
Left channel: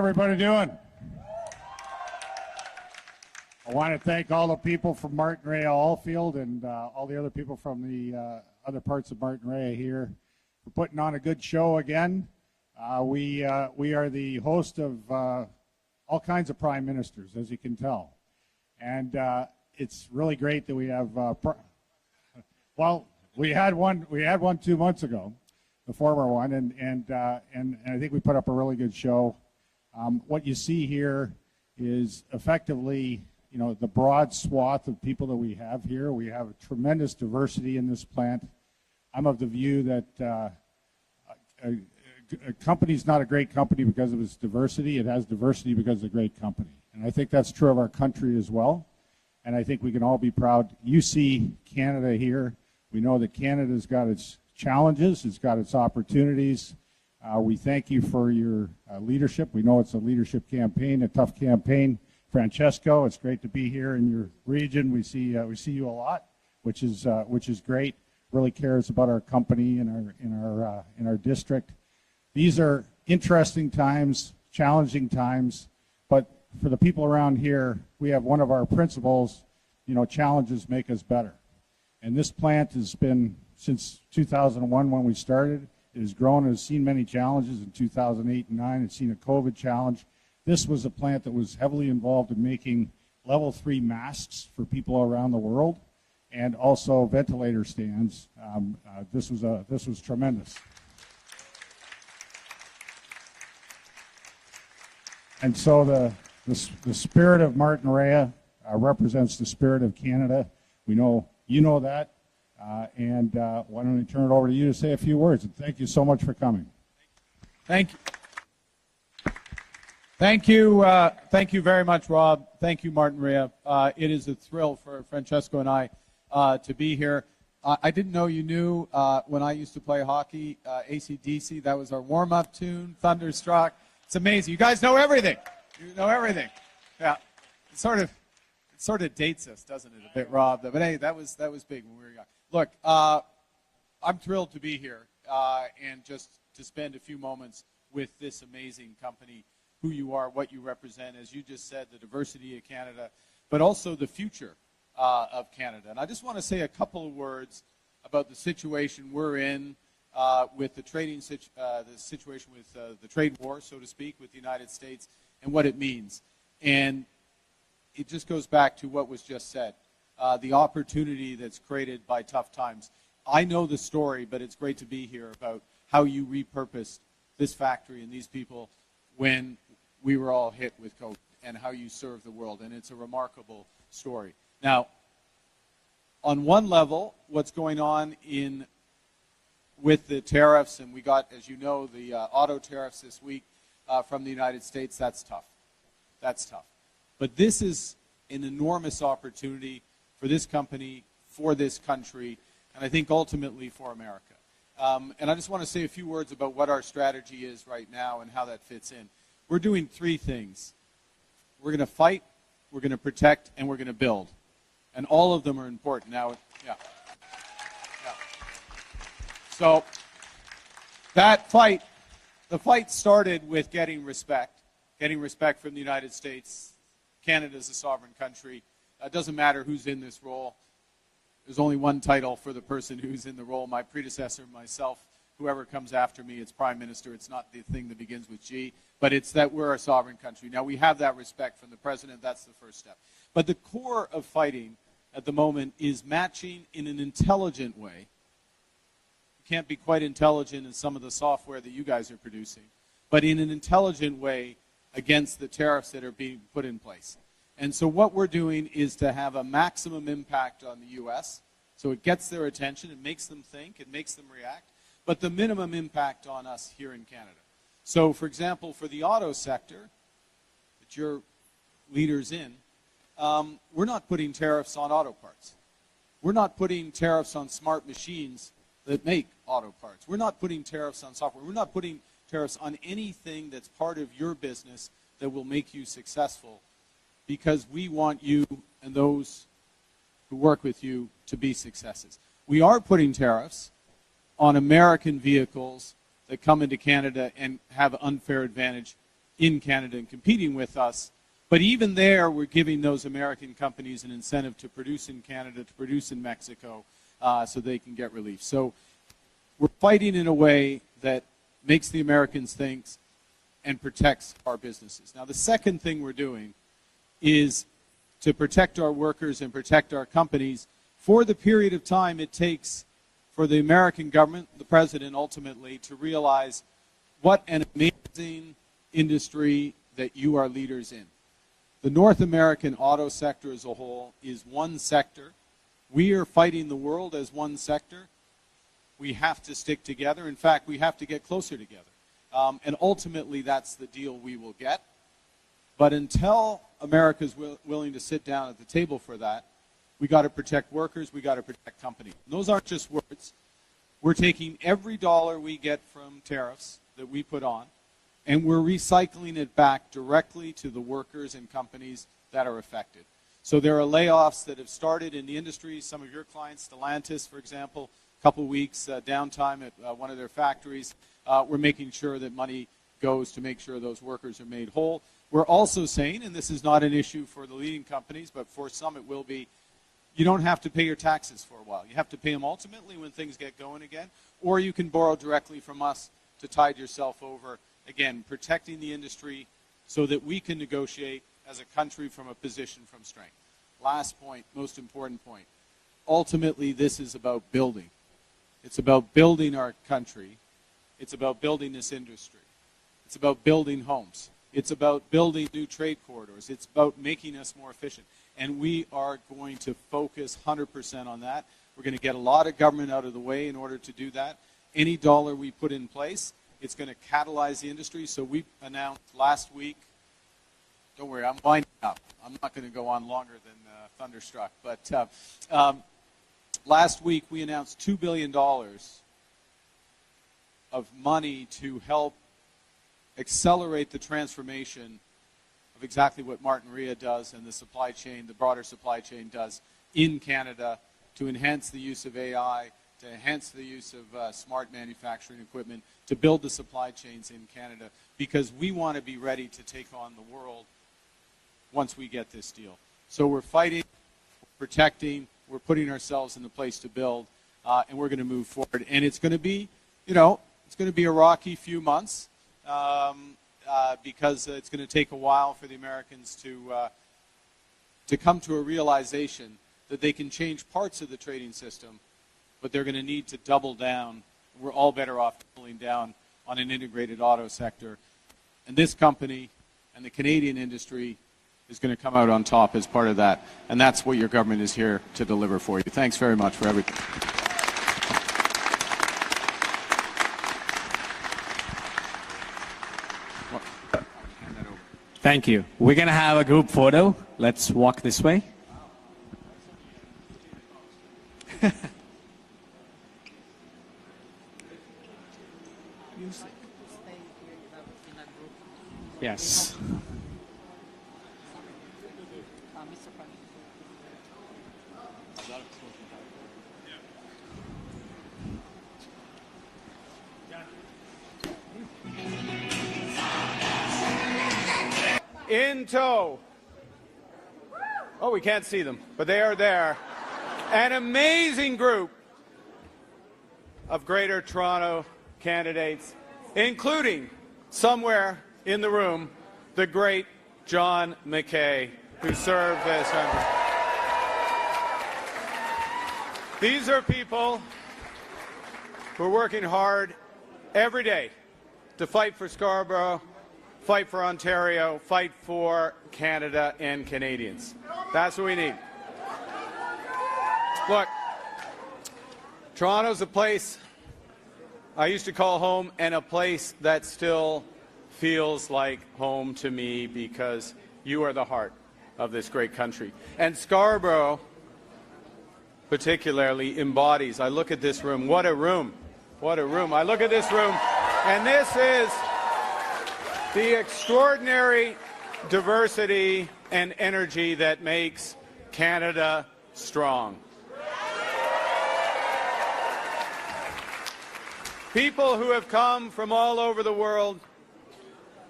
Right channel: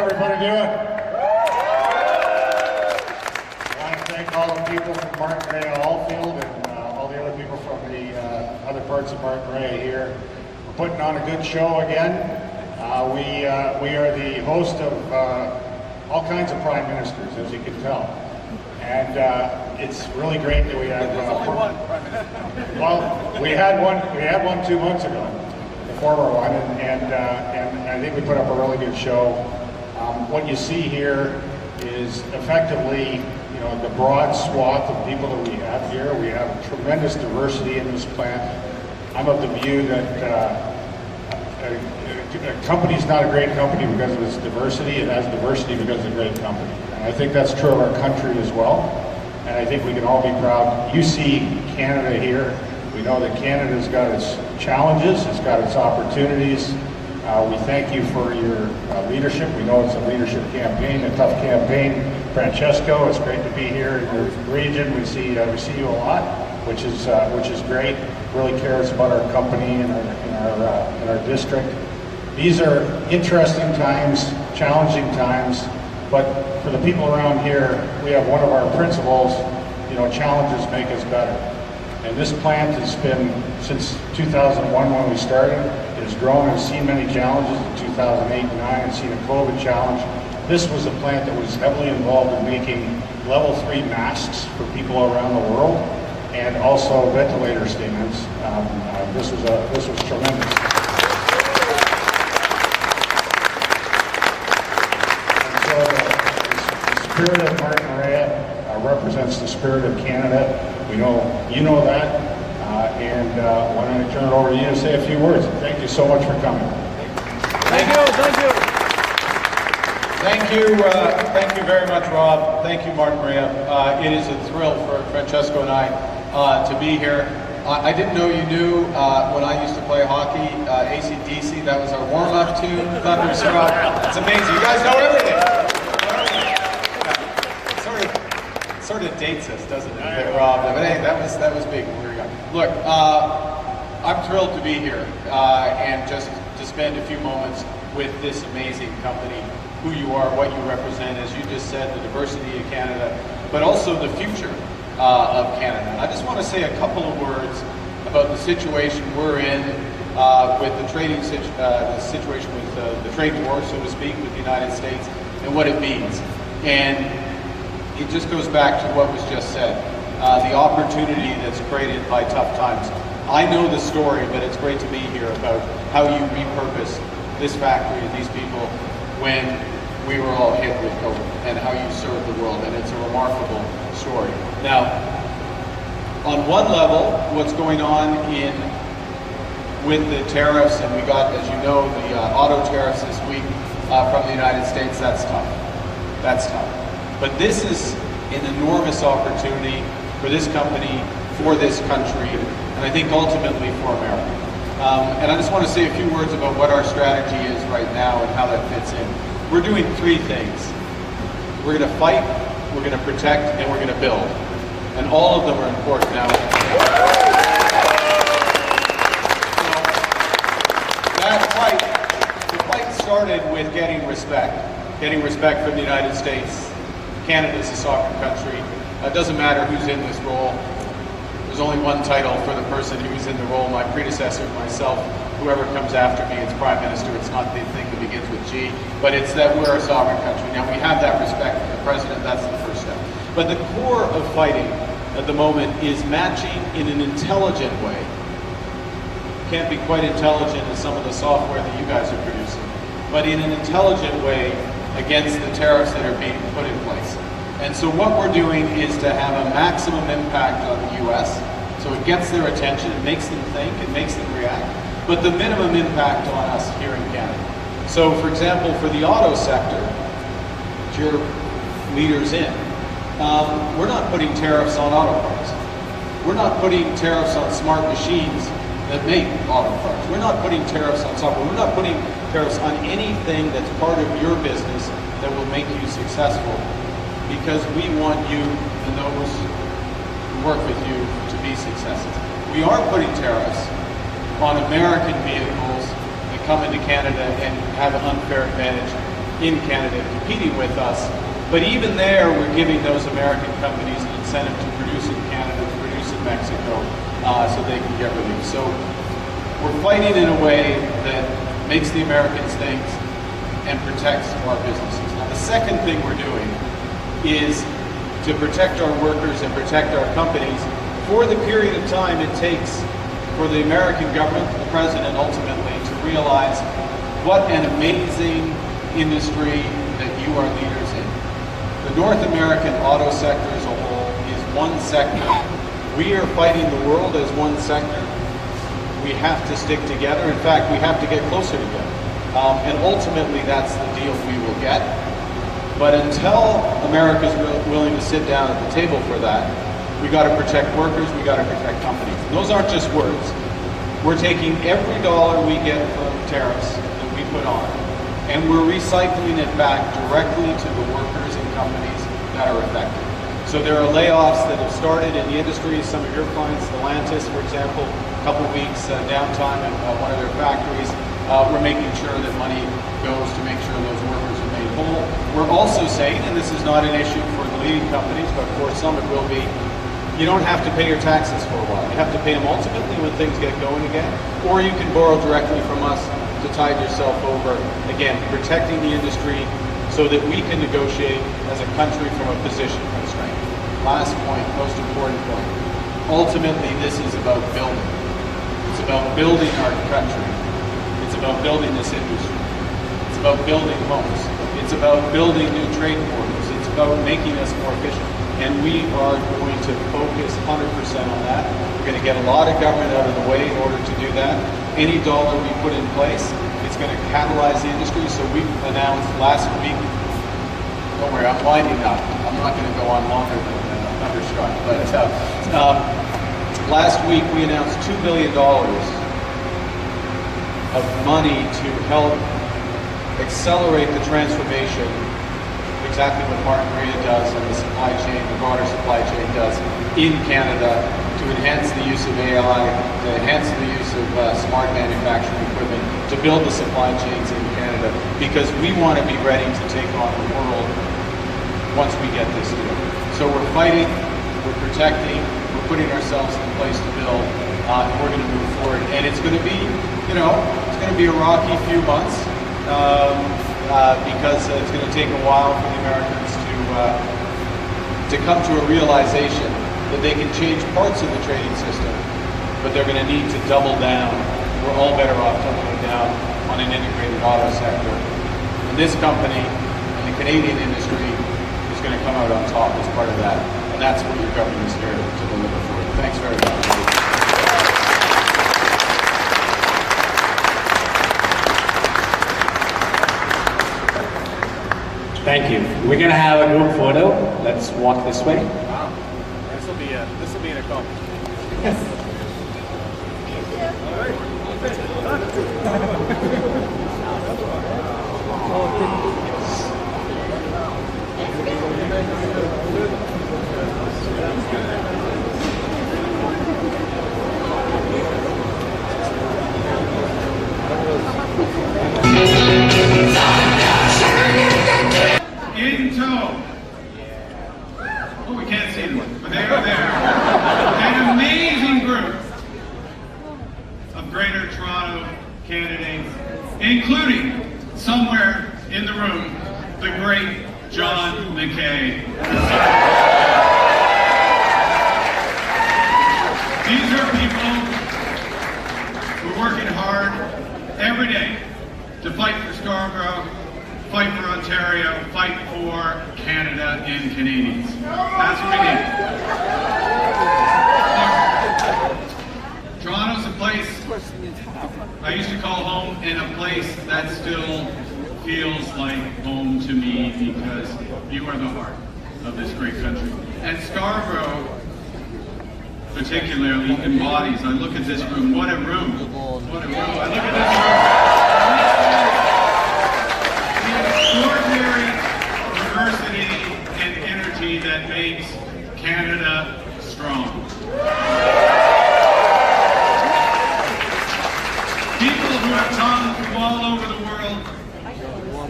everybody doing? I want to thank all the people from Martin Rea Allfield and all the other people from the other parts of Martin Rea here. We're putting on a good show again. We are the host of all kinds of prime ministers, as you can tell. And it's really great that we have. Well, we had one 2 months ago, the former one, and I think we put up a really good show. What you see here is effectively, you know, the broad swath of people that we have here. We have tremendous diversity in this plant. I'm of the view that a company's not a great company because of its diversity. It has diversity because it's a great company. And I think that's true of our country as well. And I think we can all be proud. You see Canada here. We know that Canada's got its challenges, it's got its opportunities. We thank you for your leadership. We know it's a leadership campaign, a tough campaign. Francesco, it's great to be here in your region. We see you a lot, which is great. Really cares about our company and our district. These are interesting times, challenging times, but for the people around here, we have one of our principles, you know, challenges make us better. And this plant has been, since 2001 when we started, it has grown and seen many challenges. In 2008 and 2009, it's seen a COVID challenge. This was a plant that was heavily involved in making level 3 masks for people around the world, and also ventilator statements. This was tremendous. And so the spirit of Martin Rea represents the spirit of Canada. We know you know that, and why don't I turn it over to you to say a few words. Thank you so much for coming. Thank you very much, Rob. Thank you, Martin Rea. It is a thrill for Francesco and I to be here. I didn't know you knew when I used to play hockey, AC/DC. That was our warm-up tune, Thunderstruck. It's amazing. You guys know everything. You know everything. Yeah. It sort of dates us, doesn't it, Rob? But hey, that was big. Look, I'm thrilled to be here and just to spend a few moments with this amazing company, who you are, what you represent, as you just said, the diversity of Canada, but also the future of Canada. I just want to say a couple of words about the situation we're in with the situation with the trade war, so to speak, with the United States and what it means. And it just goes back to what was just said, the opportunity that's created by tough times. I know the story, but it's great to be here about how you repurposed this factory and these people when we were all hit with COVID, and how you served the world, and it's a remarkable story. Now, on one level, what's going on with the tariffs, and we got, as you know, the auto tariffs this week from the United States, that's tough. That's tough. But this is an enormous opportunity for this company, for this country, and I think ultimately for America. And I just want to say a few words about what our strategy is right now and how that fits in. We're doing 3 things. We're going to fight, we're going to protect, and we're going to build. And all of them are important now. So that fight, the fight started with getting respect from the United States. Canada's a sovereign country. It doesn't matter who's in this role. There's only one title for the person who's in the role, my predecessor, myself, whoever comes after me, it's Prime Minister. It's not the thing that begins with G, but it's that we're a sovereign country. Now we have that respect for the President, that's the first step. But the core of fighting at the moment is matching in an intelligent way. Can't be quite intelligent as some of the software that you guys are producing, but in an intelligent way against the tariffs that are being put in place. And so what we're doing is to have a maximum impact on the U.S., so it gets their attention, it makes them think, it makes them react, but the minimum impact on us here in Canada. So for example, for the auto sector, which you're leaders in, we're not putting tariffs on auto parts. We're not putting tariffs on smart machines that make auto parts. We're not putting tariffs on software. We're not putting tariffs on anything that's part of your business that will make you successful, because we want you and those who work with you to be successful. We are putting tariffs on American vehicles that come into Canada and have an unfair advantage in Canada competing with us. But even there, we're giving those American companies an incentive to produce in Canada, to produce in Mexico, so they can get relief. So we're fighting in a way that makes the Americans think and protects our businesses. Now, the second thing we're doing is to protect our workers and protect our companies for the period of time it takes for the American government, the president ultimately, to realize what an amazing industry that you are leaders in. The North American auto sector as a whole is one sector. We are fighting the world as one sector. We have to stick together. In fact, we have to get closer together. And ultimately, that's the deal we will get. But until America's willing to sit down at the table for that, we got to protect workers, we got to protect companies. And those aren't just words. We're taking every dollar we get from tariffs that we put on, and we're recycling it back directly to the workers and companies that are affected. So there are layoffs that have started in the industry. Some of your clients, Stellantis, for example, a couple of weeks downtime at one of their factories. We're making sure that money goes to make sure those workers are made whole. We're also saying, and this is not an issue for the leading companies, but for some it will be, you don't have to pay your taxes for a while. You have to pay them ultimately when things get going again, or you can borrow directly from us to tide yourself over, again, protecting the industry so that we can negotiate as a country from a position of strength. Last point, most important point. Ultimately, this is about building. It's about building our country. It's about building this industry. It's about building homes. It's about building new trade corridors. It's about making us more efficient. And we are going to focus 100% on that. We're going to get a lot of government out of the way in order to do that. Any dollar we put in place, it's going to catalyze the industry. So we announced last week, don't worry, I'm winding up. I'm not going to go on longer than Thunderstruck. But last week we announced $2 billion of money to help accelerate the transformation, exactly what Martin Maria does and the supply chain, the broader supply chain does in Canada, to enhance the use of AI, to enhance the use of smart manufacturing equipment, to build the supply chains in Canada, because we want to be ready to take on the world once we get this deal. So we're fighting, we're protecting, we're putting ourselves in place to build, and we're going to move forward. And it's going to be, it's going to be a rocky few months, because it's going to take a while for the Americans to come to a realization that they can change parts of the trading system, but they're going to need to double down. We're all better off doubling down on an integrated auto sector. And this company and the Canadian industry is going to come out on top as part of that. And that's what your government is here to deliver for you. Thanks very much. Thank you. We're going to have a group photo. Let's walk this way. Wow. This will be an accomplishment. Yes. In tow. Oh, we can't see them, but they're there. An amazing group of Greater Toronto candidates, including, somewhere in the room, the great John McKay. These are people who are working hard every day to fight for Scarborough, fight for Ontario, fight for Canada and Canadians. That's what we need. Look, Toronto's a place I used to call home, and a place that still feels like home to me, because you are the heart of this great country. And Scarborough, particularly, embodies, I look at this room, what a room, what a room. I look at this room, and this is the extraordinary diversity and energy that makes Canada strong. People who have come from all over the world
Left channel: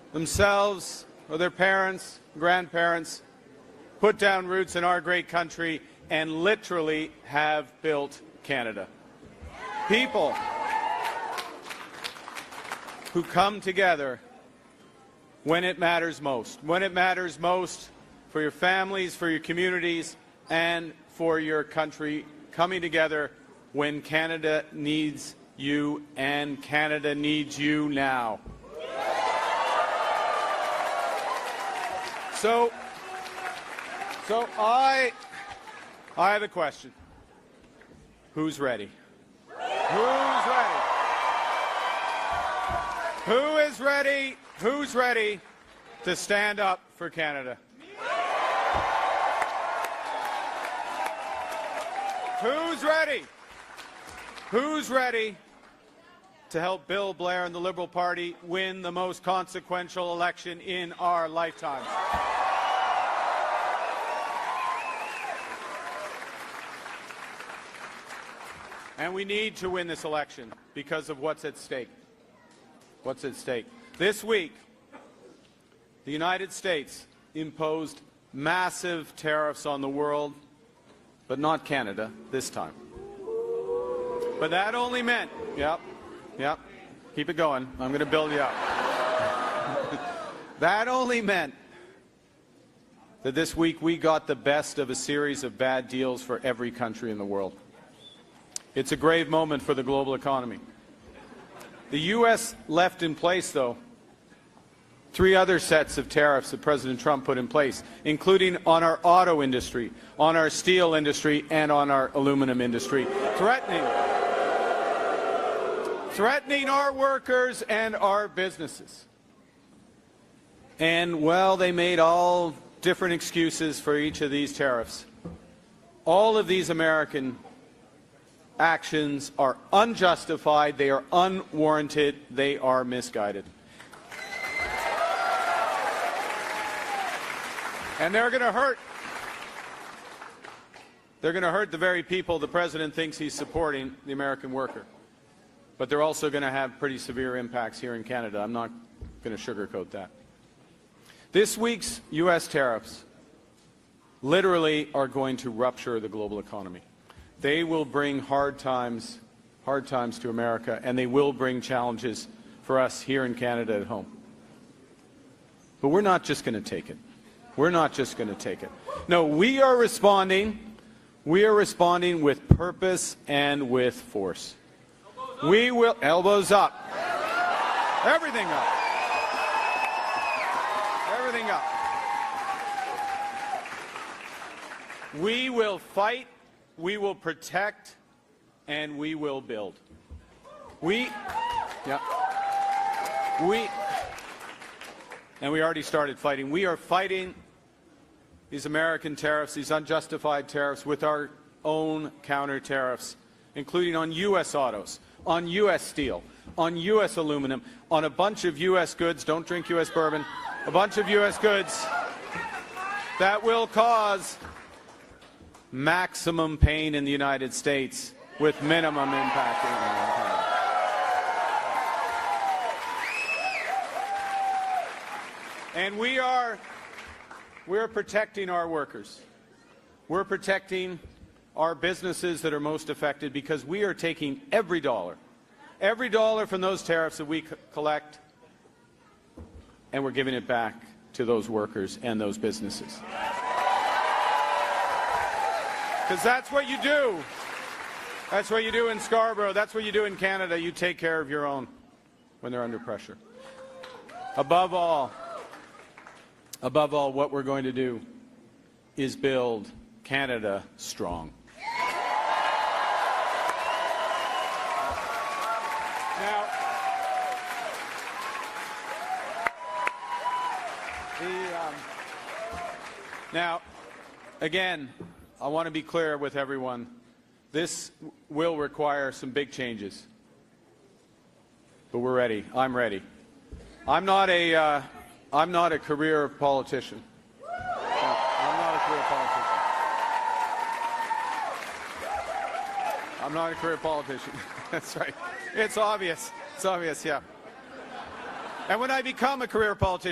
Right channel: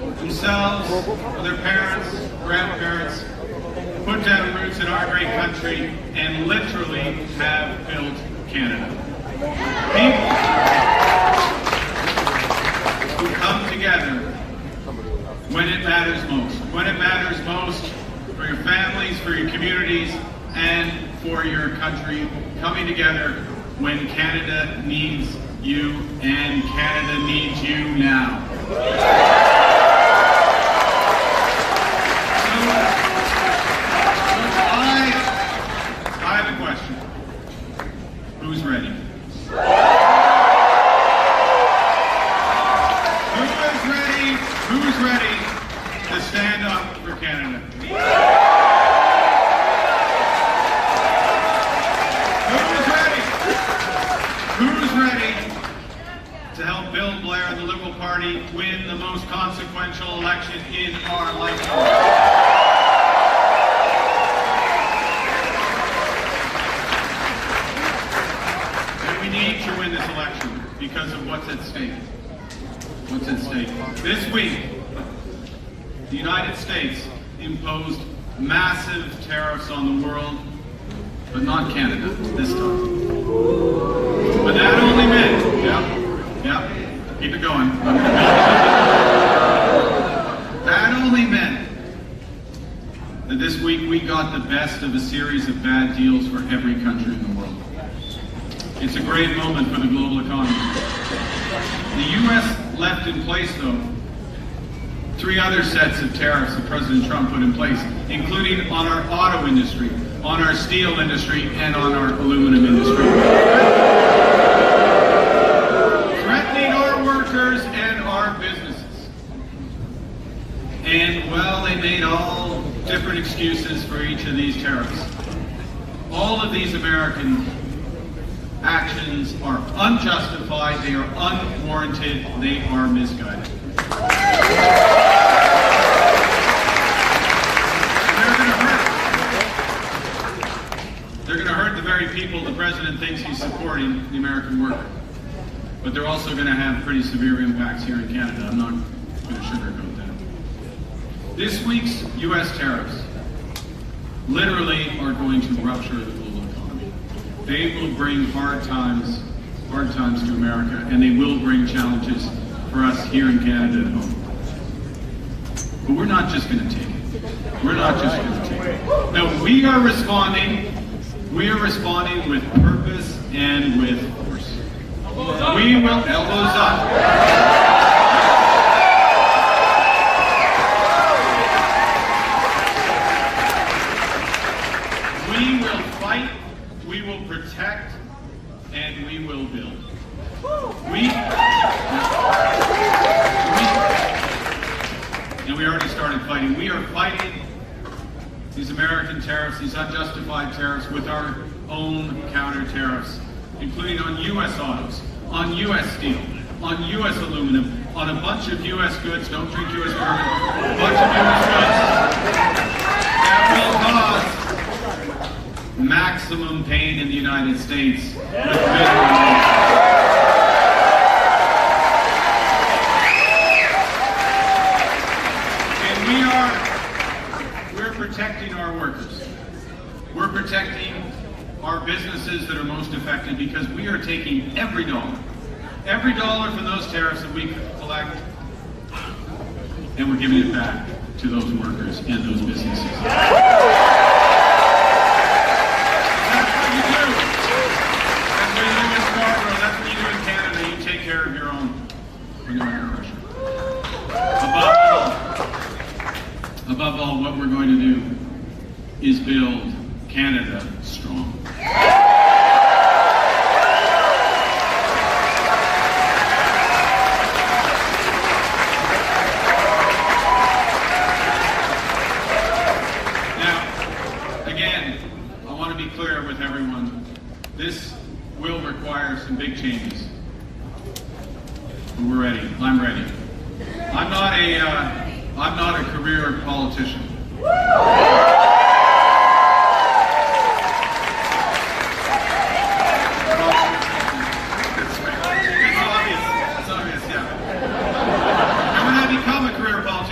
themselves, for their parents, grandparents, put down roots in our great country, and literally have built Canada. People who come together when it matters most. When it matters most for your families, for your communities, and for your country, coming together when Canada needs you, and Canada needs you now. So I have a question. Who's ready? Who's ready to stand up for Canada? Who's ready to help Bill Blair and the Liberal Party win the most consequential election in our lifetime? And we need to win this election because of what's at stake. What's at stake? This week, the United States imposed massive tariffs on the world, but not Canada this time. But that only meant, keep it going. That only meant that this week we got the best of a series of bad deals for every country in the world. It's a great moment for the global economy. The U.S. left in place, though, 3 other sets of tariffs that President Trump put in place, including on our auto industry, on our steel industry, and on our aluminum industry. Threatening our workers and our businesses. And, well, they made all different excuses for each of these tariffs. All of these American actions are unjustified, they are unwarranted, they are misguided. They're going to hurt the very people the president thinks he's supporting, the American worker. But they're also going to have pretty severe impacts here in Canada. I'm not going to sugarcoat that. This week's U.S. tariffs literally are going to rupture the global economy. They will bring hard times to America, and they will bring challenges for us here in Canada at home. But we're not just going to take it. We're not just going to take it. No, we are responding. We are responding with purpose and with force. We will elbows up. We will fight, we will protect, and we will build. And we already started fighting. We are fighting these American tariffs, these unjustified tariffs, with our own counter tariffs, including on U.S. autos, on U.S. steel, on U.S. aluminum, on a bunch of U.S. goods, don't drink U.S. bourbon, a bunch of U.S. goods that will cause maximum pain in the United States with we're protecting our workers. We're protecting our businesses that are most affected because we are taking every dollar from those tariffs that we collect, and we're giving it back to those workers and those businesses. That's what you do. That's what you do in Scarborough. That's what you do in Canada. You take care of your own. Bring on your question. Above all, what we're going to do is build Canada strong. Now, again, I want to be clear with everyone. This will require some big changes. But we're ready. I'm ready. I'm not a career politician. It's obvious, yeah. I'm going to become a career politician.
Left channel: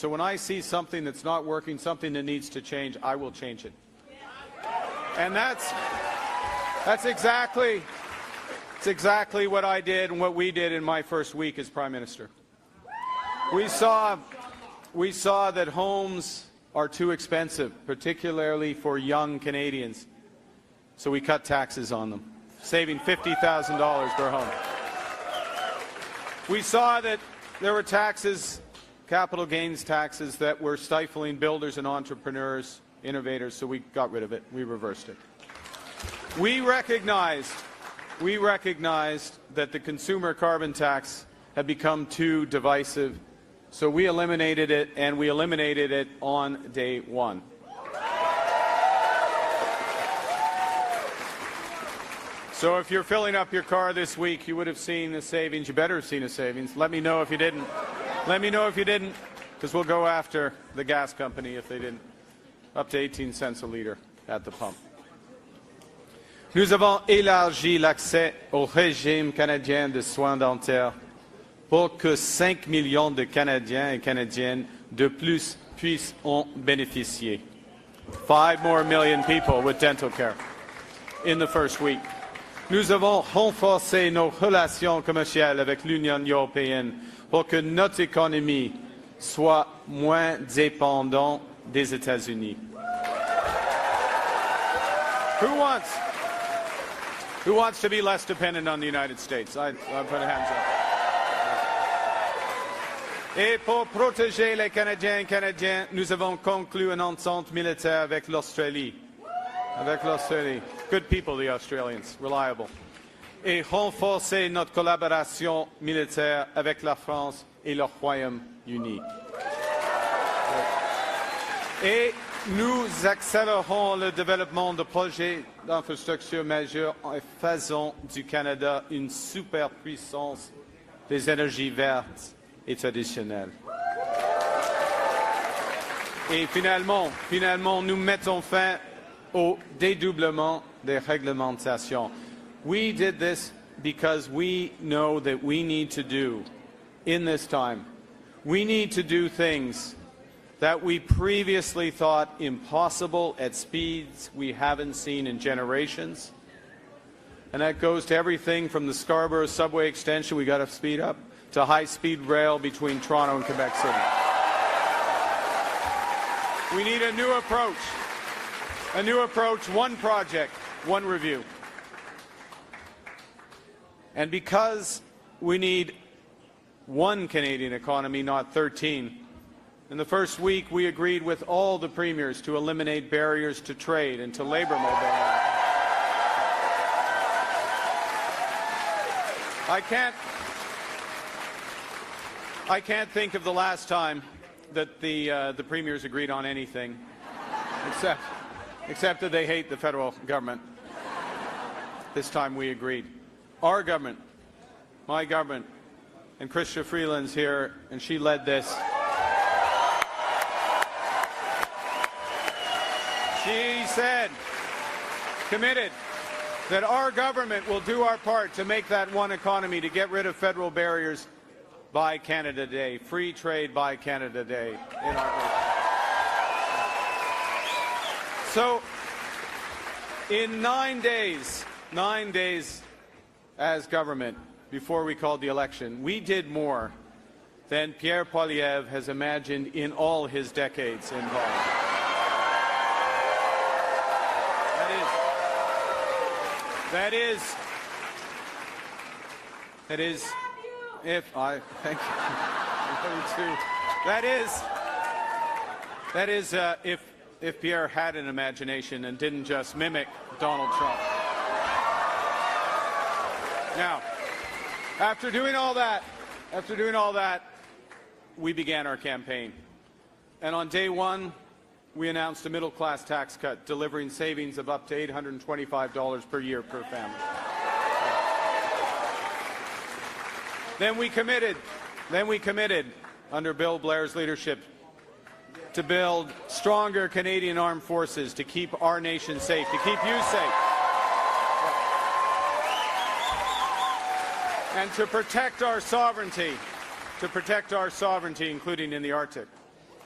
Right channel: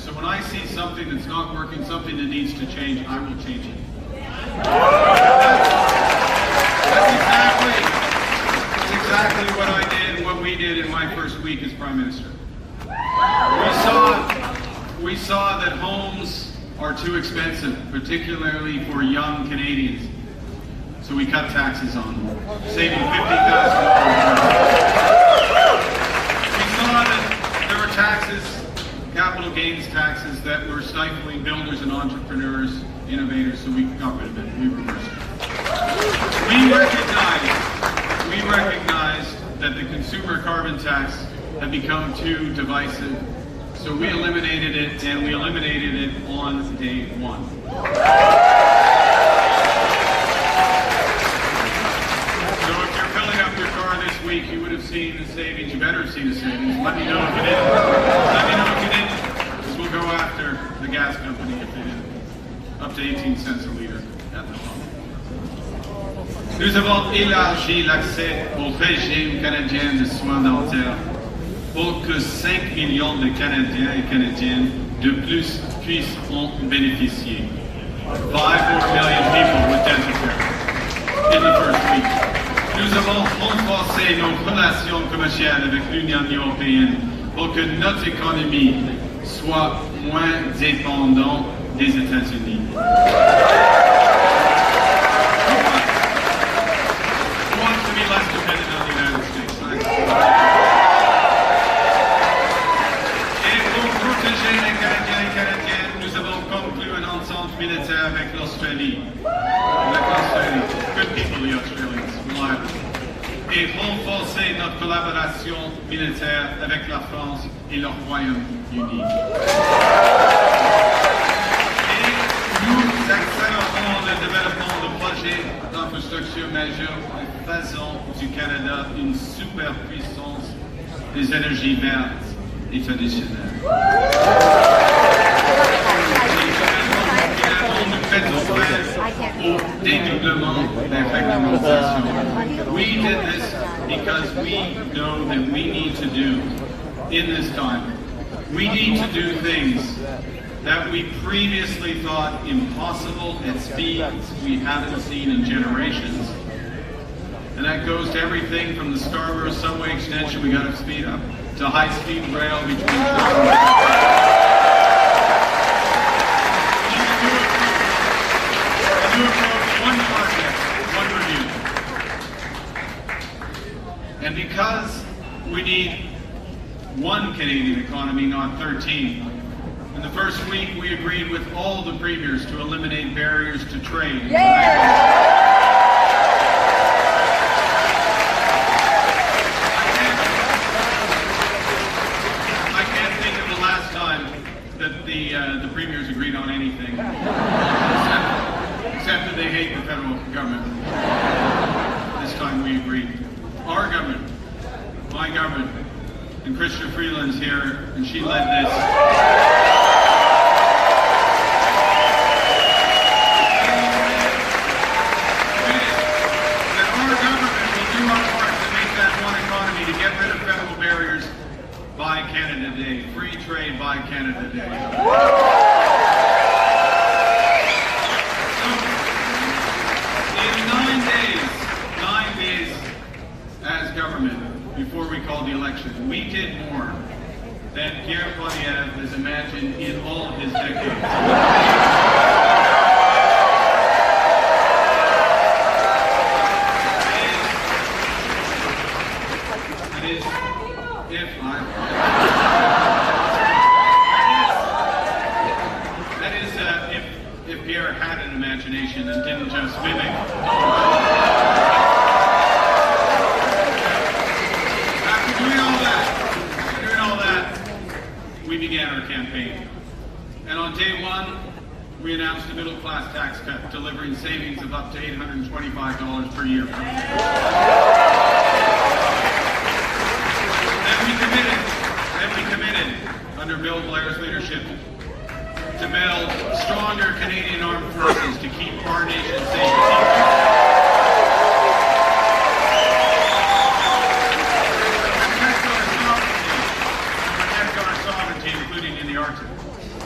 So when I see something that's not working, something that needs to change, I will change it. That's exactly what I did, what we did in my first week as Prime Minister. We saw that homes are too expensive, particularly for young Canadians. So we cut taxes on them, saving $50,000. We saw that there were taxes, capital gains taxes, that were stifling builders and entrepreneurs, innovators, so we got rid of it, we reversed it. We recognize that the consumer carbon tax had become too divisive, so we eliminated it, and we eliminated it on day one. So if you're filling up your car this week, you would have seen the savings. You better have seen the savings. Let me know if you did. Let me know if you didn't, because we'll go after the gas company if you didn't. Up to 18 cents a liter at the pump. Nous avons élargi l'accès au régime canadien de soins dentaires pour que 5 millions de Canadiens et Canadiennes de plus puissent en bénéficier. 5 more million people with dental care in the first week. Nous avons renforcé nos relations commerciales avec l'Union européenne pour que notre économie soit moins dépendante des États-Unis. Who wants to be less dependent on the United States? Et pour protéger les Canadiens et Canadiennes, nous avons conclu une entente militaire avec l'Australie. Good people, the Australians, reliable. Et renforcer notre collaboration militaire avec la France et le Royaume-Uni. Et nous accélérons le développement de projets d'infrastructure majeurs en faisant du Canada une superpuissance des énergies vertes et traditionnelles. Finalement, nous mettons fin au dédoublement des réglementations. We did this because we know that we need to do in this time. We need to do things that we previously thought impossible at speeds we haven't seen in generations. And that goes to everything from the Scarborough subway extension, we got to speed up, to high-speed rail between Toronto and a new approach, one project, one review. And because we need one Canadian economy, not 13, in the first week, we agreed with all the premiers to eliminate barriers to trade. And I can't think of the last time that the premiers agreed on anything, except that they hate the federal government. This time we agreed. Our government, my government, and Christian Freeland's here, and she led this. Federal barriers by Canada Day, free trade by Canada Day. So, in 9 days as government, before we called the election, we did more than Pierre Poilievre has imagined in all of his decades. If Pierre had an imagination and didn't just mimic After doing all that, we began our campaign. And on day one, we announced a middle-class tax cut, delivering savings of up to $825 per year. Then we committed, under Bill Blair's leadership, to build stronger Canadian armed forces to keep our nation safe. To protect our sovereignty, including in the Arctic.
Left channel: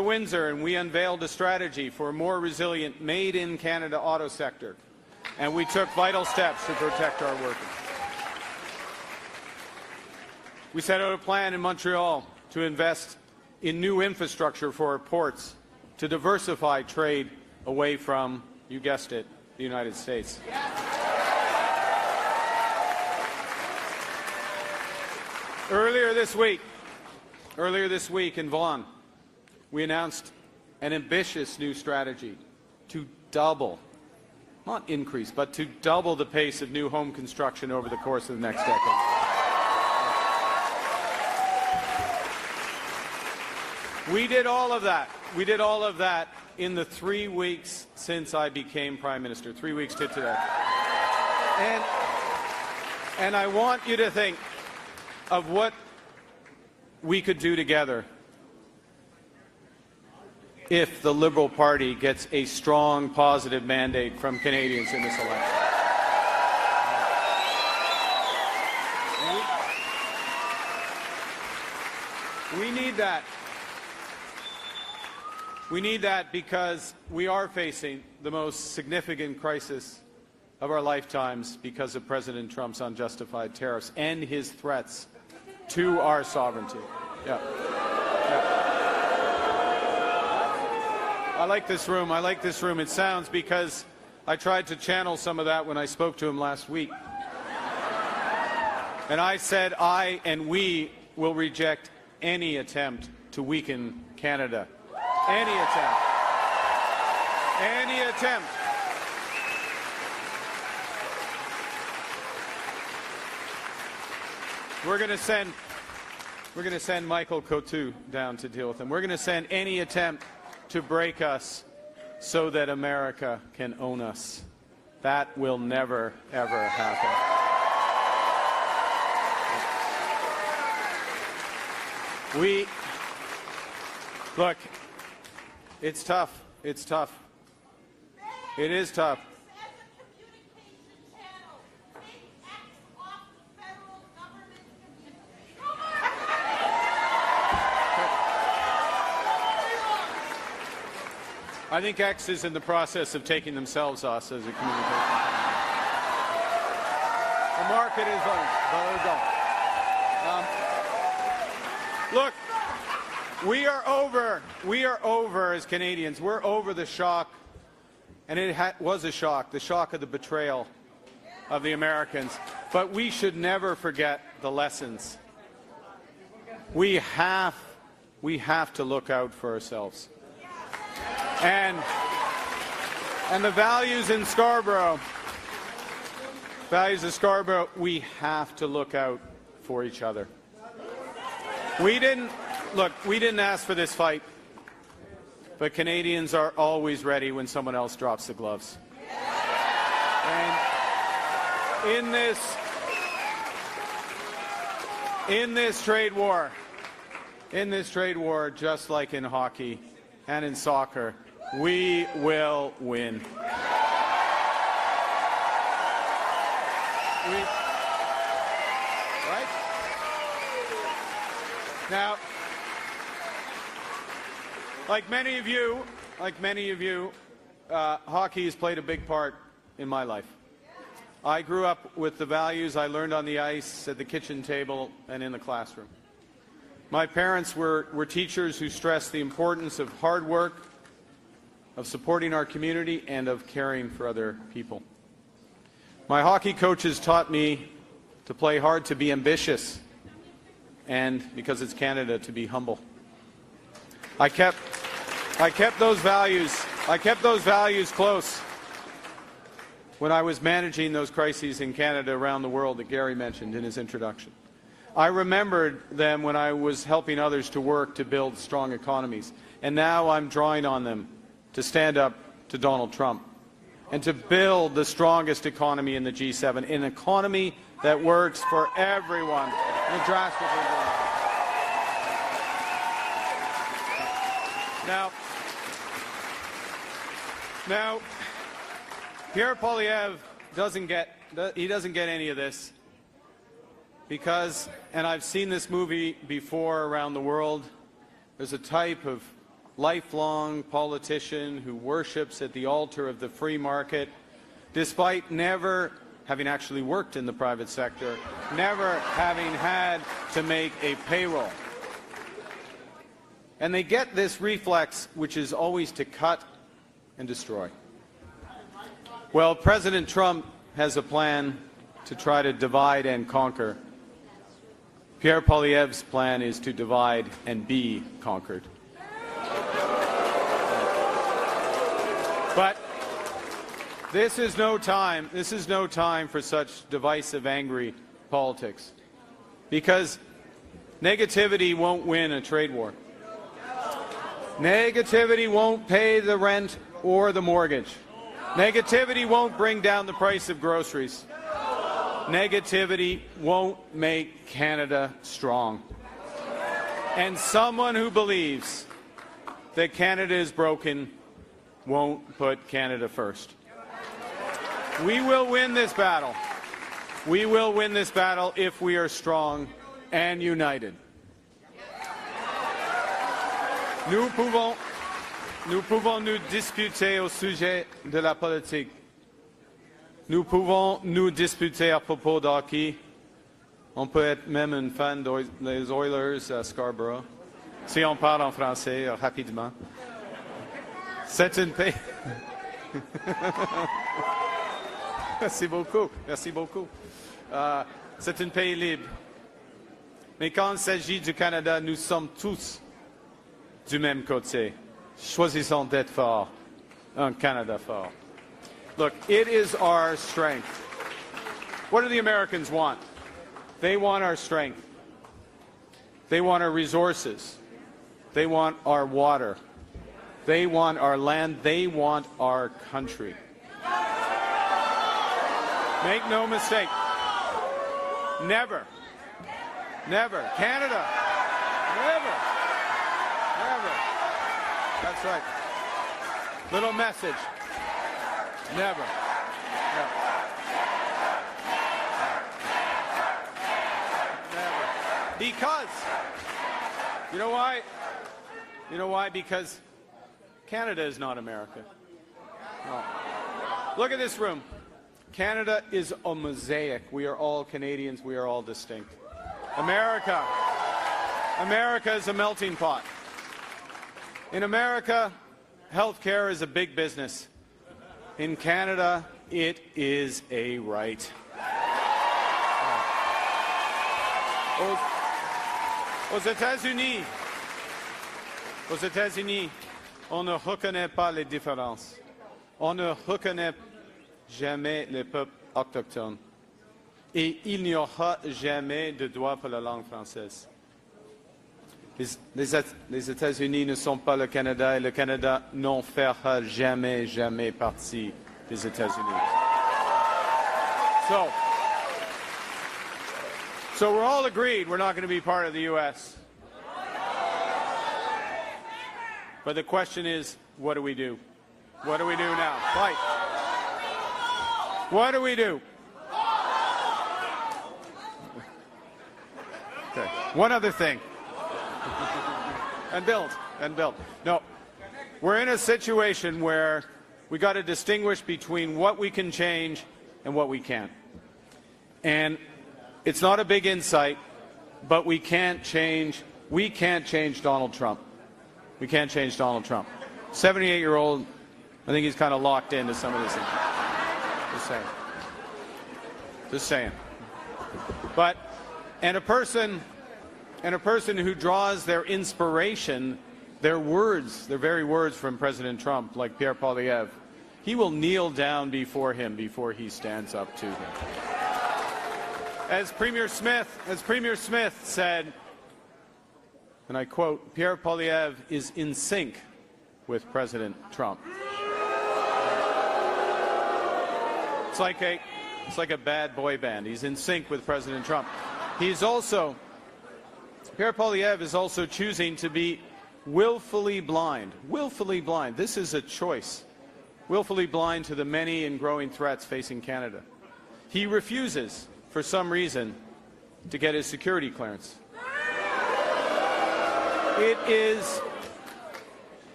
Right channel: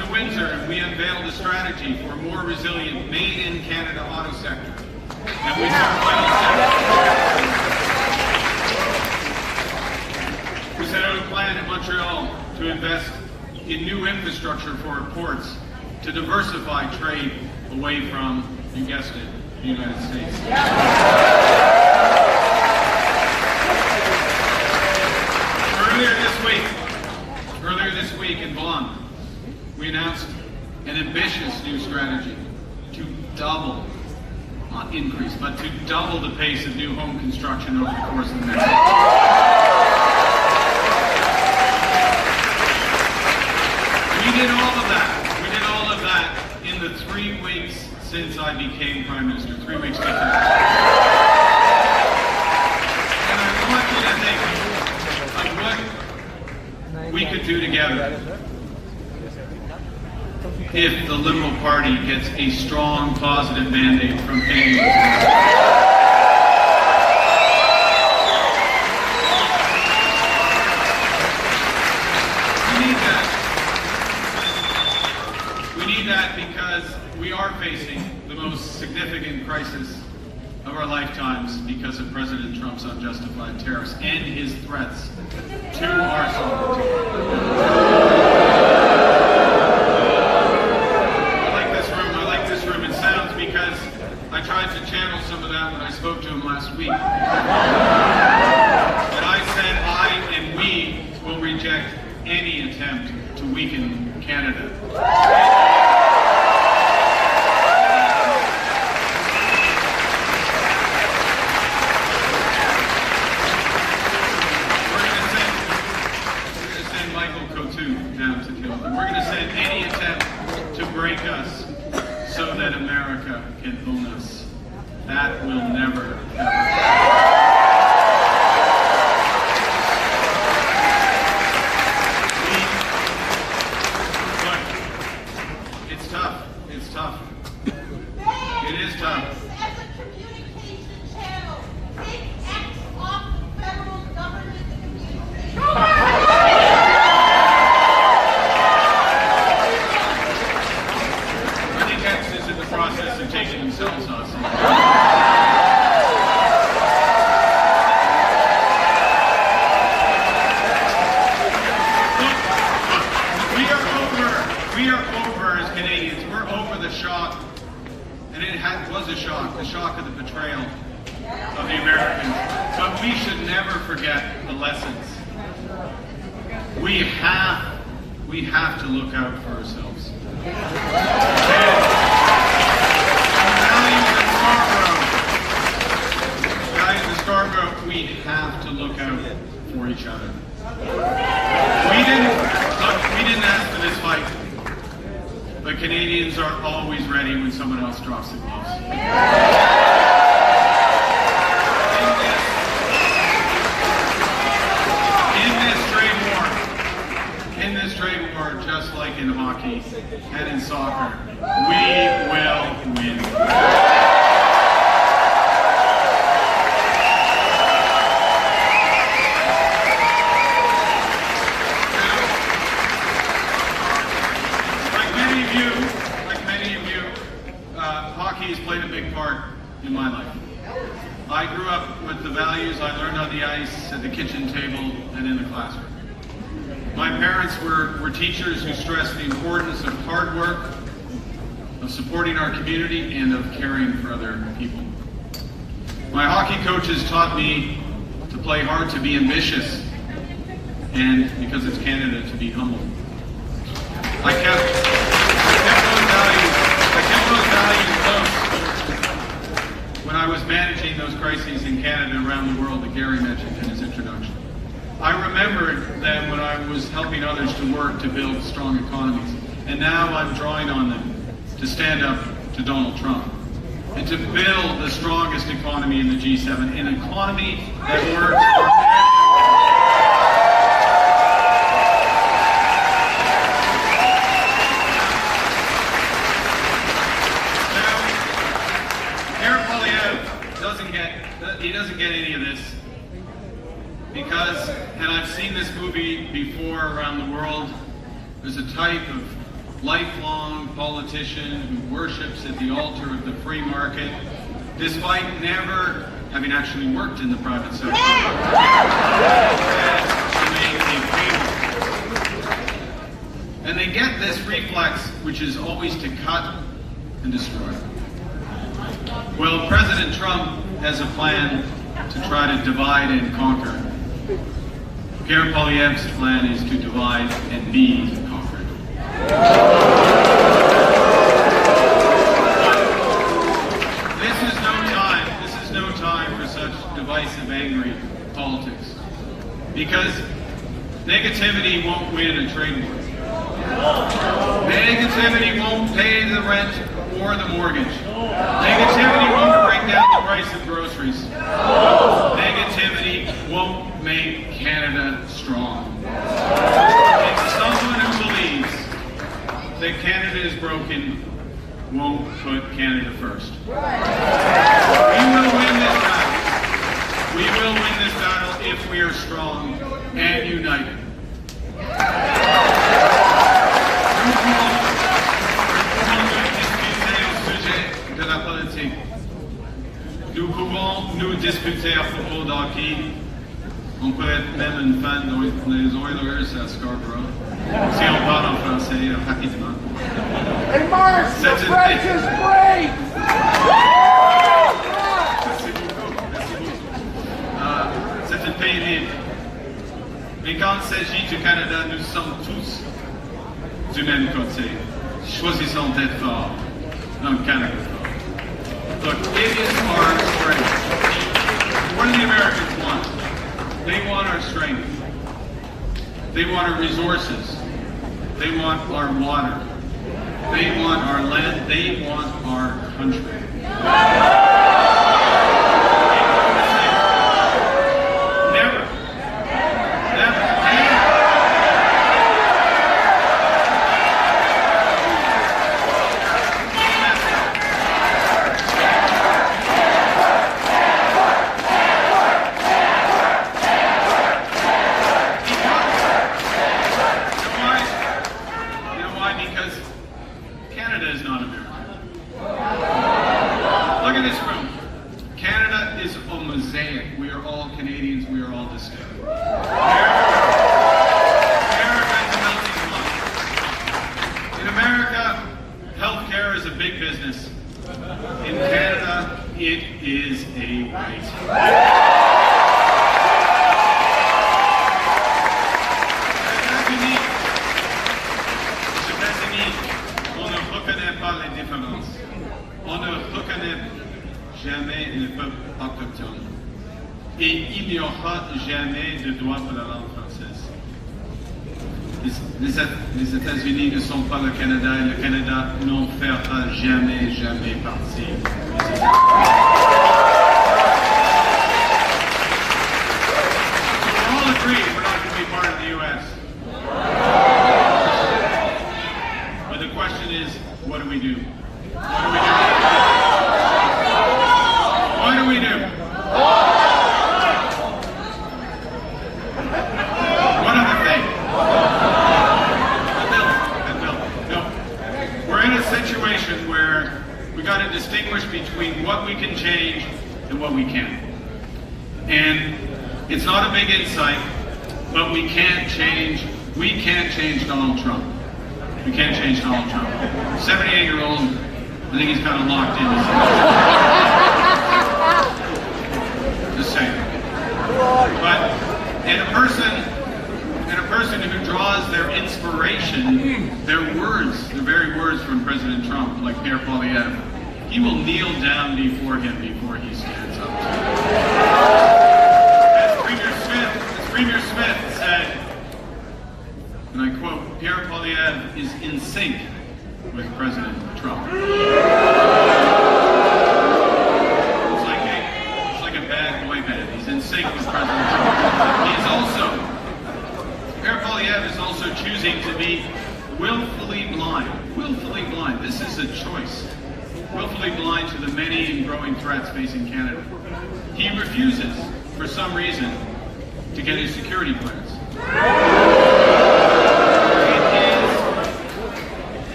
the winter, we unveiled a strategy for a more resilient, made-in-Canada auto sector. And we took final steps. We set out a plan in Montreal to invest in new infrastructure for our ports to diversify trade away from, you guessed it, the United States. Earlier this week in Vaughan, we announced an ambitious new strategy to double, not increase, but to double the pace of new home construction over the course of the next year. We did all of that. We did all of that in the 3 weeks since I became Prime Minister. 3 weeks ago. And I want you to think of what we could do together if the Liberal Party gets a strong, positive mandate from Canadians. We need that because we are facing the most significant crisis of our lifetimes because of President Trump's unjustified tariffs and his threats to our sovereignty. I like this room. It sounds because I tried to channel some of that when I spoke to him last week. And I said I and we will reject any attempt to weaken Canada. Michael Coutu down to deal with them. We're going to send any attempt to break us so that America can own us. That will never, ever happen. It's tough. It's tough. It is tough. As a communication channel, take X off federal government communication. Is in the process of taking themselves off. We are over as Canadians. We're over the shock, and it was a shock, the shock of the betrayal of the Americans. But we should never forget the lessons. We have to look out for ourselves. And the values in Scarborough, we have to look out for each other. We didn't ask for this fight, but Canadians are always ready when someone else drops the gloves. In this trade war, just like in hockey and in soccer, we will win. Like many of you, hockey has played a big part in my life. I grew up with the values I learned on the ice, at the kitchen table, and in the classroom. My parents were teachers who stressed the importance of hard work, of supporting our community, and of caring for other people. My hockey coaches taught me to play hard, to be ambitious, and because it's Canada, to be humble. I kept those values close when I was managing those crises in Canada around the world that Gary mentioned in his introduction. I remembered them when I was helping others to work to build strong economies. And now I'm drawing on them to stand up to Donald Trump and to build the strongest economy in the G7, an economy that works for everyone. Now, Pierre Poilievre doesn't get any of this. Because, and I've seen this movie before around the world, there's a type of lifelong politician who worships at the altar of the free market, despite never having actually worked in the private sector, to make a cable. And they get this reflex, which is always to cut and destroy. Well, President Trump has a plan to try to divide and conquer. Pierre Poilievre's plan is to divide and be conquered. This is no time for such divisive, angry politics. Because negativity won't win a trade war. Negativity won't pay the rent or the mortgage. Negativity won't bring down the price of groceries. Negativity won't make Canada strong. And someone who believes that Canada is broken won't put Canada first. We will win this battle. We will win this battle if we are strong and united. Nous pouvons nous discuter à propos de hockey. On peut être même une fan des Oilers à Scarborough. Si on parle en français rapidement. Hey, Mars, the French is great! Merci beaucoup. Merci beaucoup. C'est un pays libre. Mais quand il s'agit du Canada, nous sommes tous du même côté. Choisissons d'être forts. Canada fort. Look, it is our strength. What do the Americans want? They want our strength. They want our resources. They want our water. They want our land. They want our country. Never. Canadians, we are all the same. America is a melting pot. In America, healthcare is a big business. In Canada, it is a right. Aux États-Unis, on ne reconnaît pas les différences. On ne reconnaît jamais les peuples autochtones. Et il n'y aura jamais de droit pour la langue française. Les États-Unis ne sont pas le Canada et le Canada n'en fera jamais partie des États-Unis. So we're all agreed we're not going to be part of the U.S. But the question is, what do we do? What do we do? Situation where we got to distinguish between what we can change and what we can't. And it's not a big insight, but we can't change Donald Trump. We can't change Donald Trump. 78-year-old, I think he's kind of locked in. Just saying. But, and a person who draws their inspiration, their words, the very words from President Trump, like Pierre Poilievre, he will kneel down before him before he stands up. As Premier Smith said, and I quote, Pierre Poilievre is in sync with President Trump. It's like a bad boy band. He's in sync with President Trump. Pierre Poilievre is also choosing to be willfully blind. Willfully blind. This is a choice. Willfully blind to the many and growing threats facing Canada. He refuses, for some reason, to get his security clearance.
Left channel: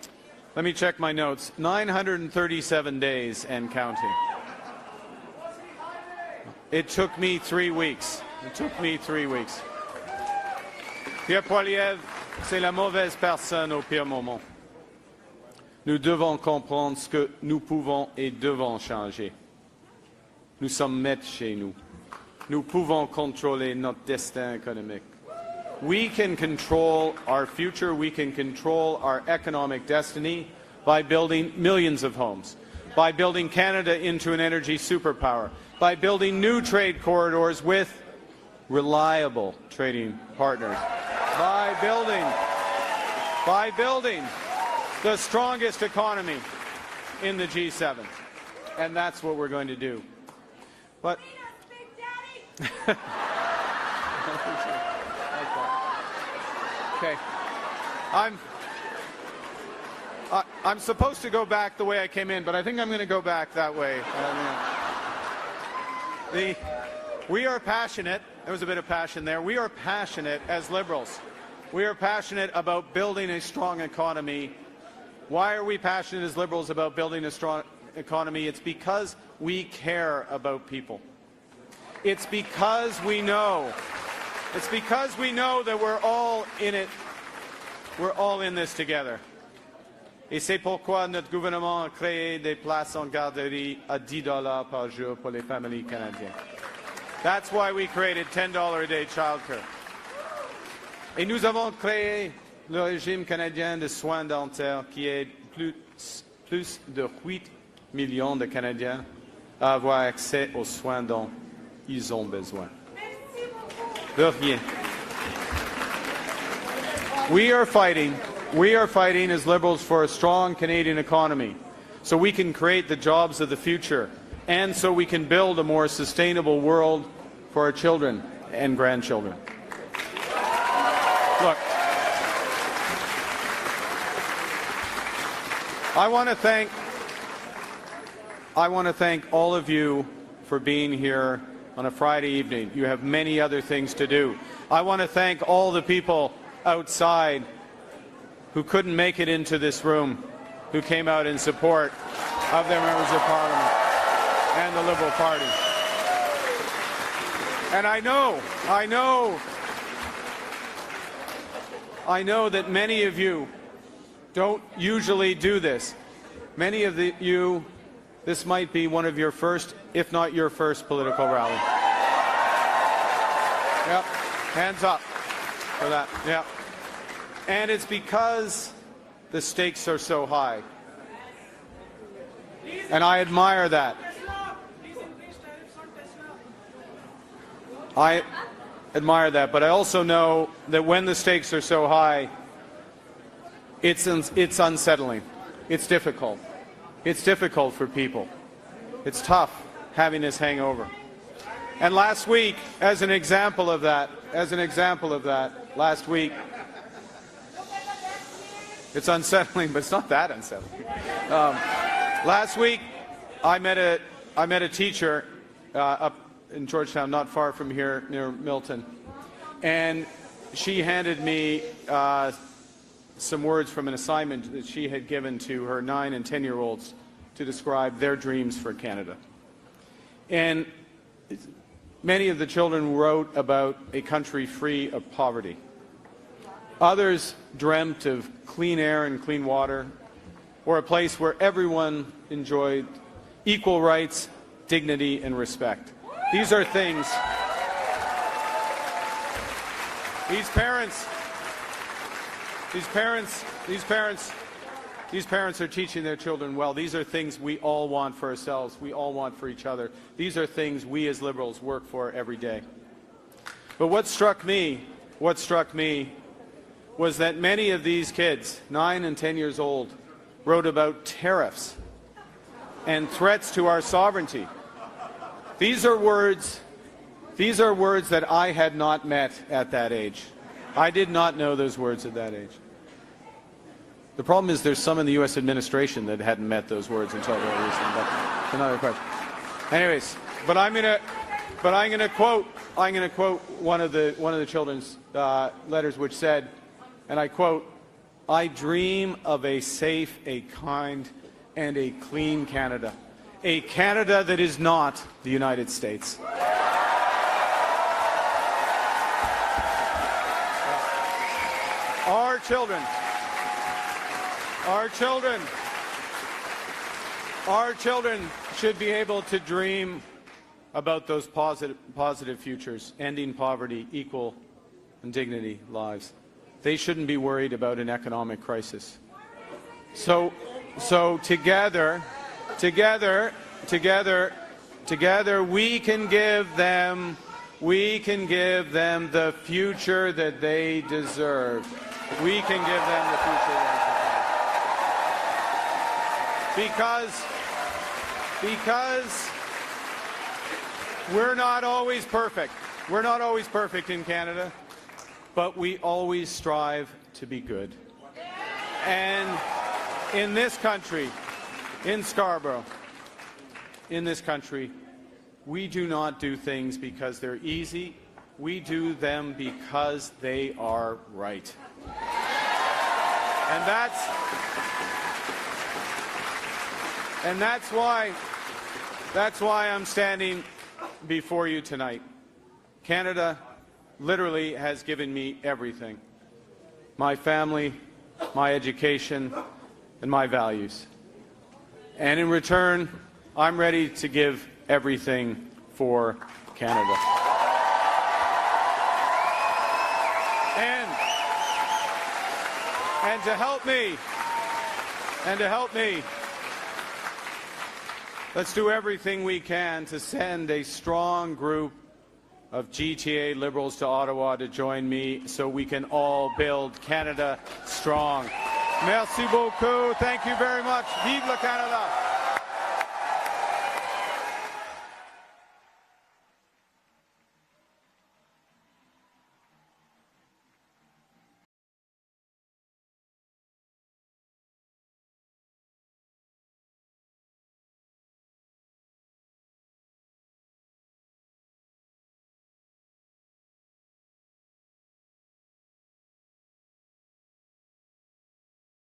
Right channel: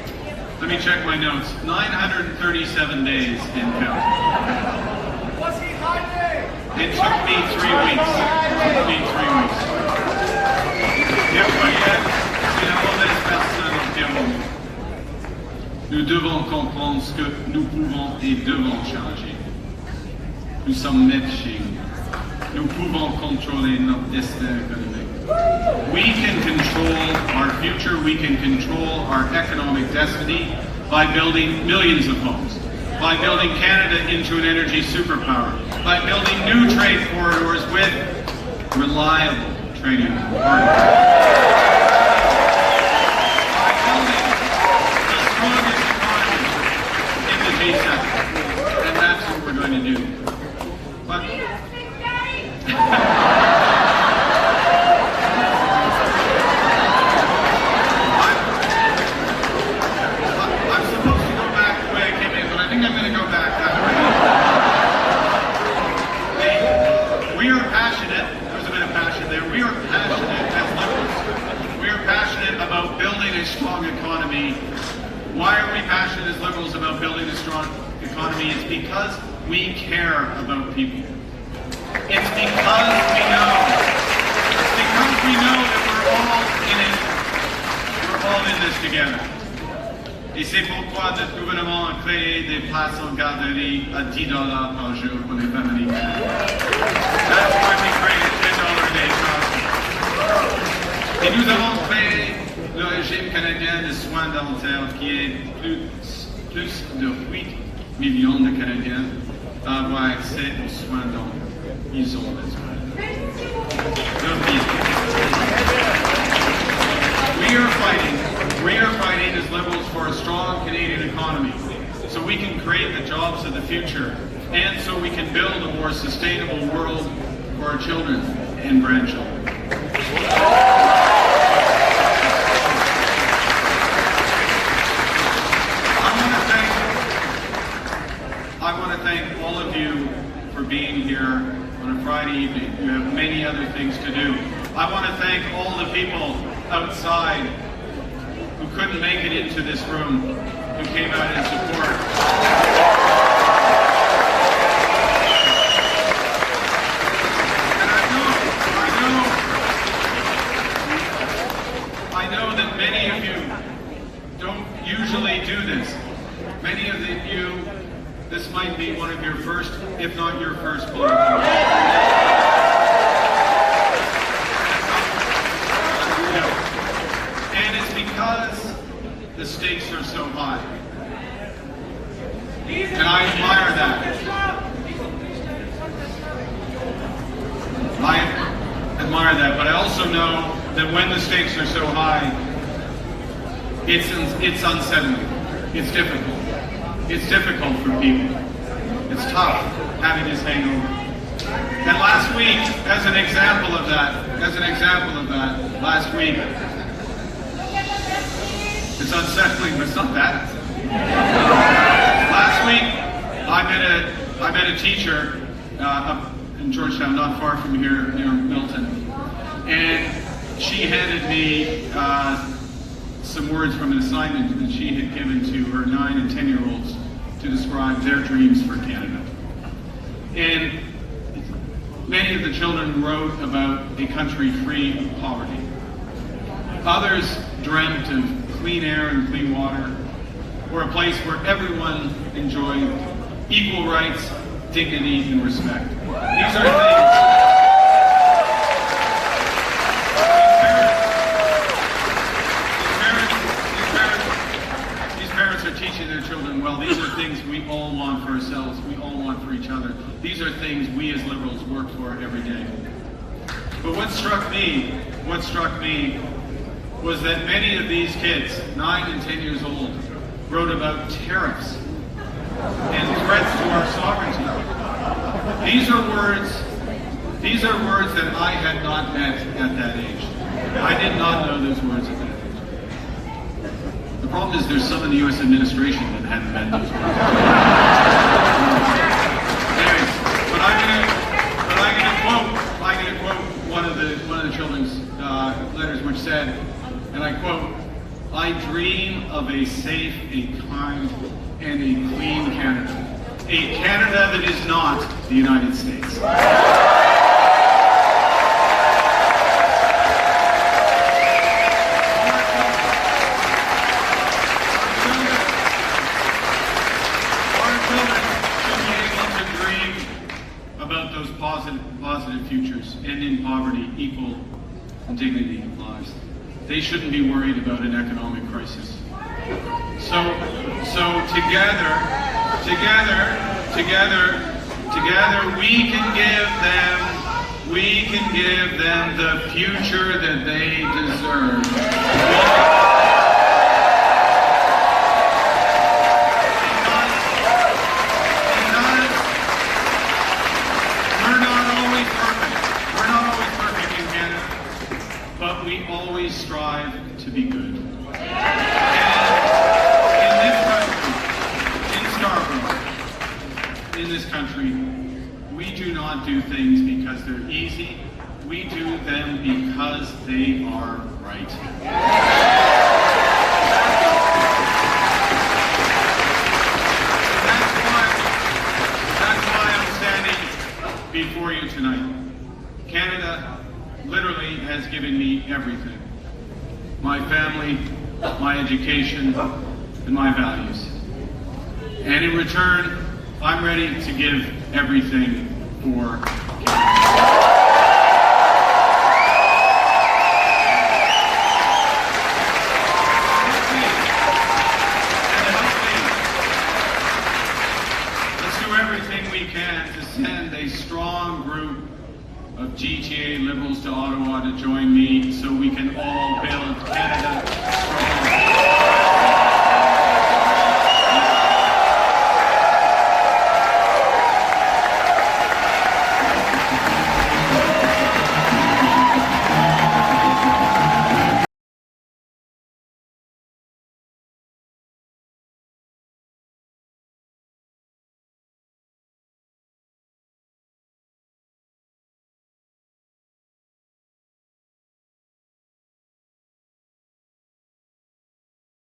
let me check my notes, 937 days and counting. It took me 3 weeks. Bien voyez, c'est la mauvaise personne au bien moment. Nous devons comprendre ce que nous pouvons et devons changer. Nous sommes nés chez nous. Nous pouvons contrôler notre destin économique. We can control our future, we can control our economic destiny by building millions of homes, by building Canada into an energy superpower, by building new trade corridors with reliable trading partners, by building the strongest economy in the G7. And that's what we're going to do. But I'm supposed to go back the way I came in, but I think I'm going to go back that way. We are passionate, there's a bit of passion there, we are passionate as liberals. We are passionate about building a strong economy. Why are we passionate as liberals about building a strong economy? It's because we care about people. It's because we know. It's because we know that we're all in it. We're all in this together. Et c'est pourquoi notre gouvernement a créé des places en garderie à $10 par jour pour les familles. That's why we created $10 a day child. Et nous avons créé le régime canadien de soins dentaires qui est plus de 8 millions de Canadiens à avoir accès aux soins dont ils ont besoin. We are fighting as liberals for a strong Canadian economy so we can create the jobs of the future and so we can build a more sustainable world for our children and grandchildren. I want to thank all of you for being here on a Friday evening. You have many other things to do. I want to thank all the people outside who couldn't make it into this room, who came out in support. And I know that many of you don't usually do this. Many of you, this might be one of your first, if not your first political rally. Hands up. And it's because the stakes are so high. And I admire that. I admire that, but I also know that when the stakes are so high, it's unsettling. It's difficult. It's difficult for people. It's tough having this hangover. And last week, as an example of that, last week, it's unsettling, but it's not that unsettling. Last week, I met a teacher up in Georgetown, not far from here, near Milton, and she handed me some words from an assignment that she had given to her 9 and 10-year-olds to describe their dreams for Canada. And many of the children wrote about a country free of poverty. Others dreamt of clean air and clean water, or a place where everyone enjoyed equal rights, dignity, and respect. These are things. These parents are teaching their children well. These are things we all want for ourselves. We all want for each other. These are things we as liberals work for every day. But what struck me was that many of these kids, 9 and 10 years old, wrote about tariffs and threats to our sovereignty. These are words that I had not met at that age. I did not know those words at that age. The problem is there's some of the U.S. administration that hadn't met those words. Anyways, but I'm gonna quote one of the children's letters, which said, and I quote, I dream of a safe, a kind, and a clean Canada. A Canada that is not the United States. Our children should be able to dream about those positive futures, ending poverty, equal and dignity lives. They shouldn't be worried about an economic crisis. So together, we can give them the future that they deserve. Because we're not always perfect in Canada, but we always strive to be good. And in this country, in Scarborough, in this country, we do not do things because they're easy. We do them because they are right. And that's why I'm standing before you tonight. Canada literally has given me everything. My family, my education, and my values. And in return, I'm ready to give everything for Canada. Let's do everything we can to send a strong group of GTA Liberals to Ottawa to join me so we can all build Canada strong.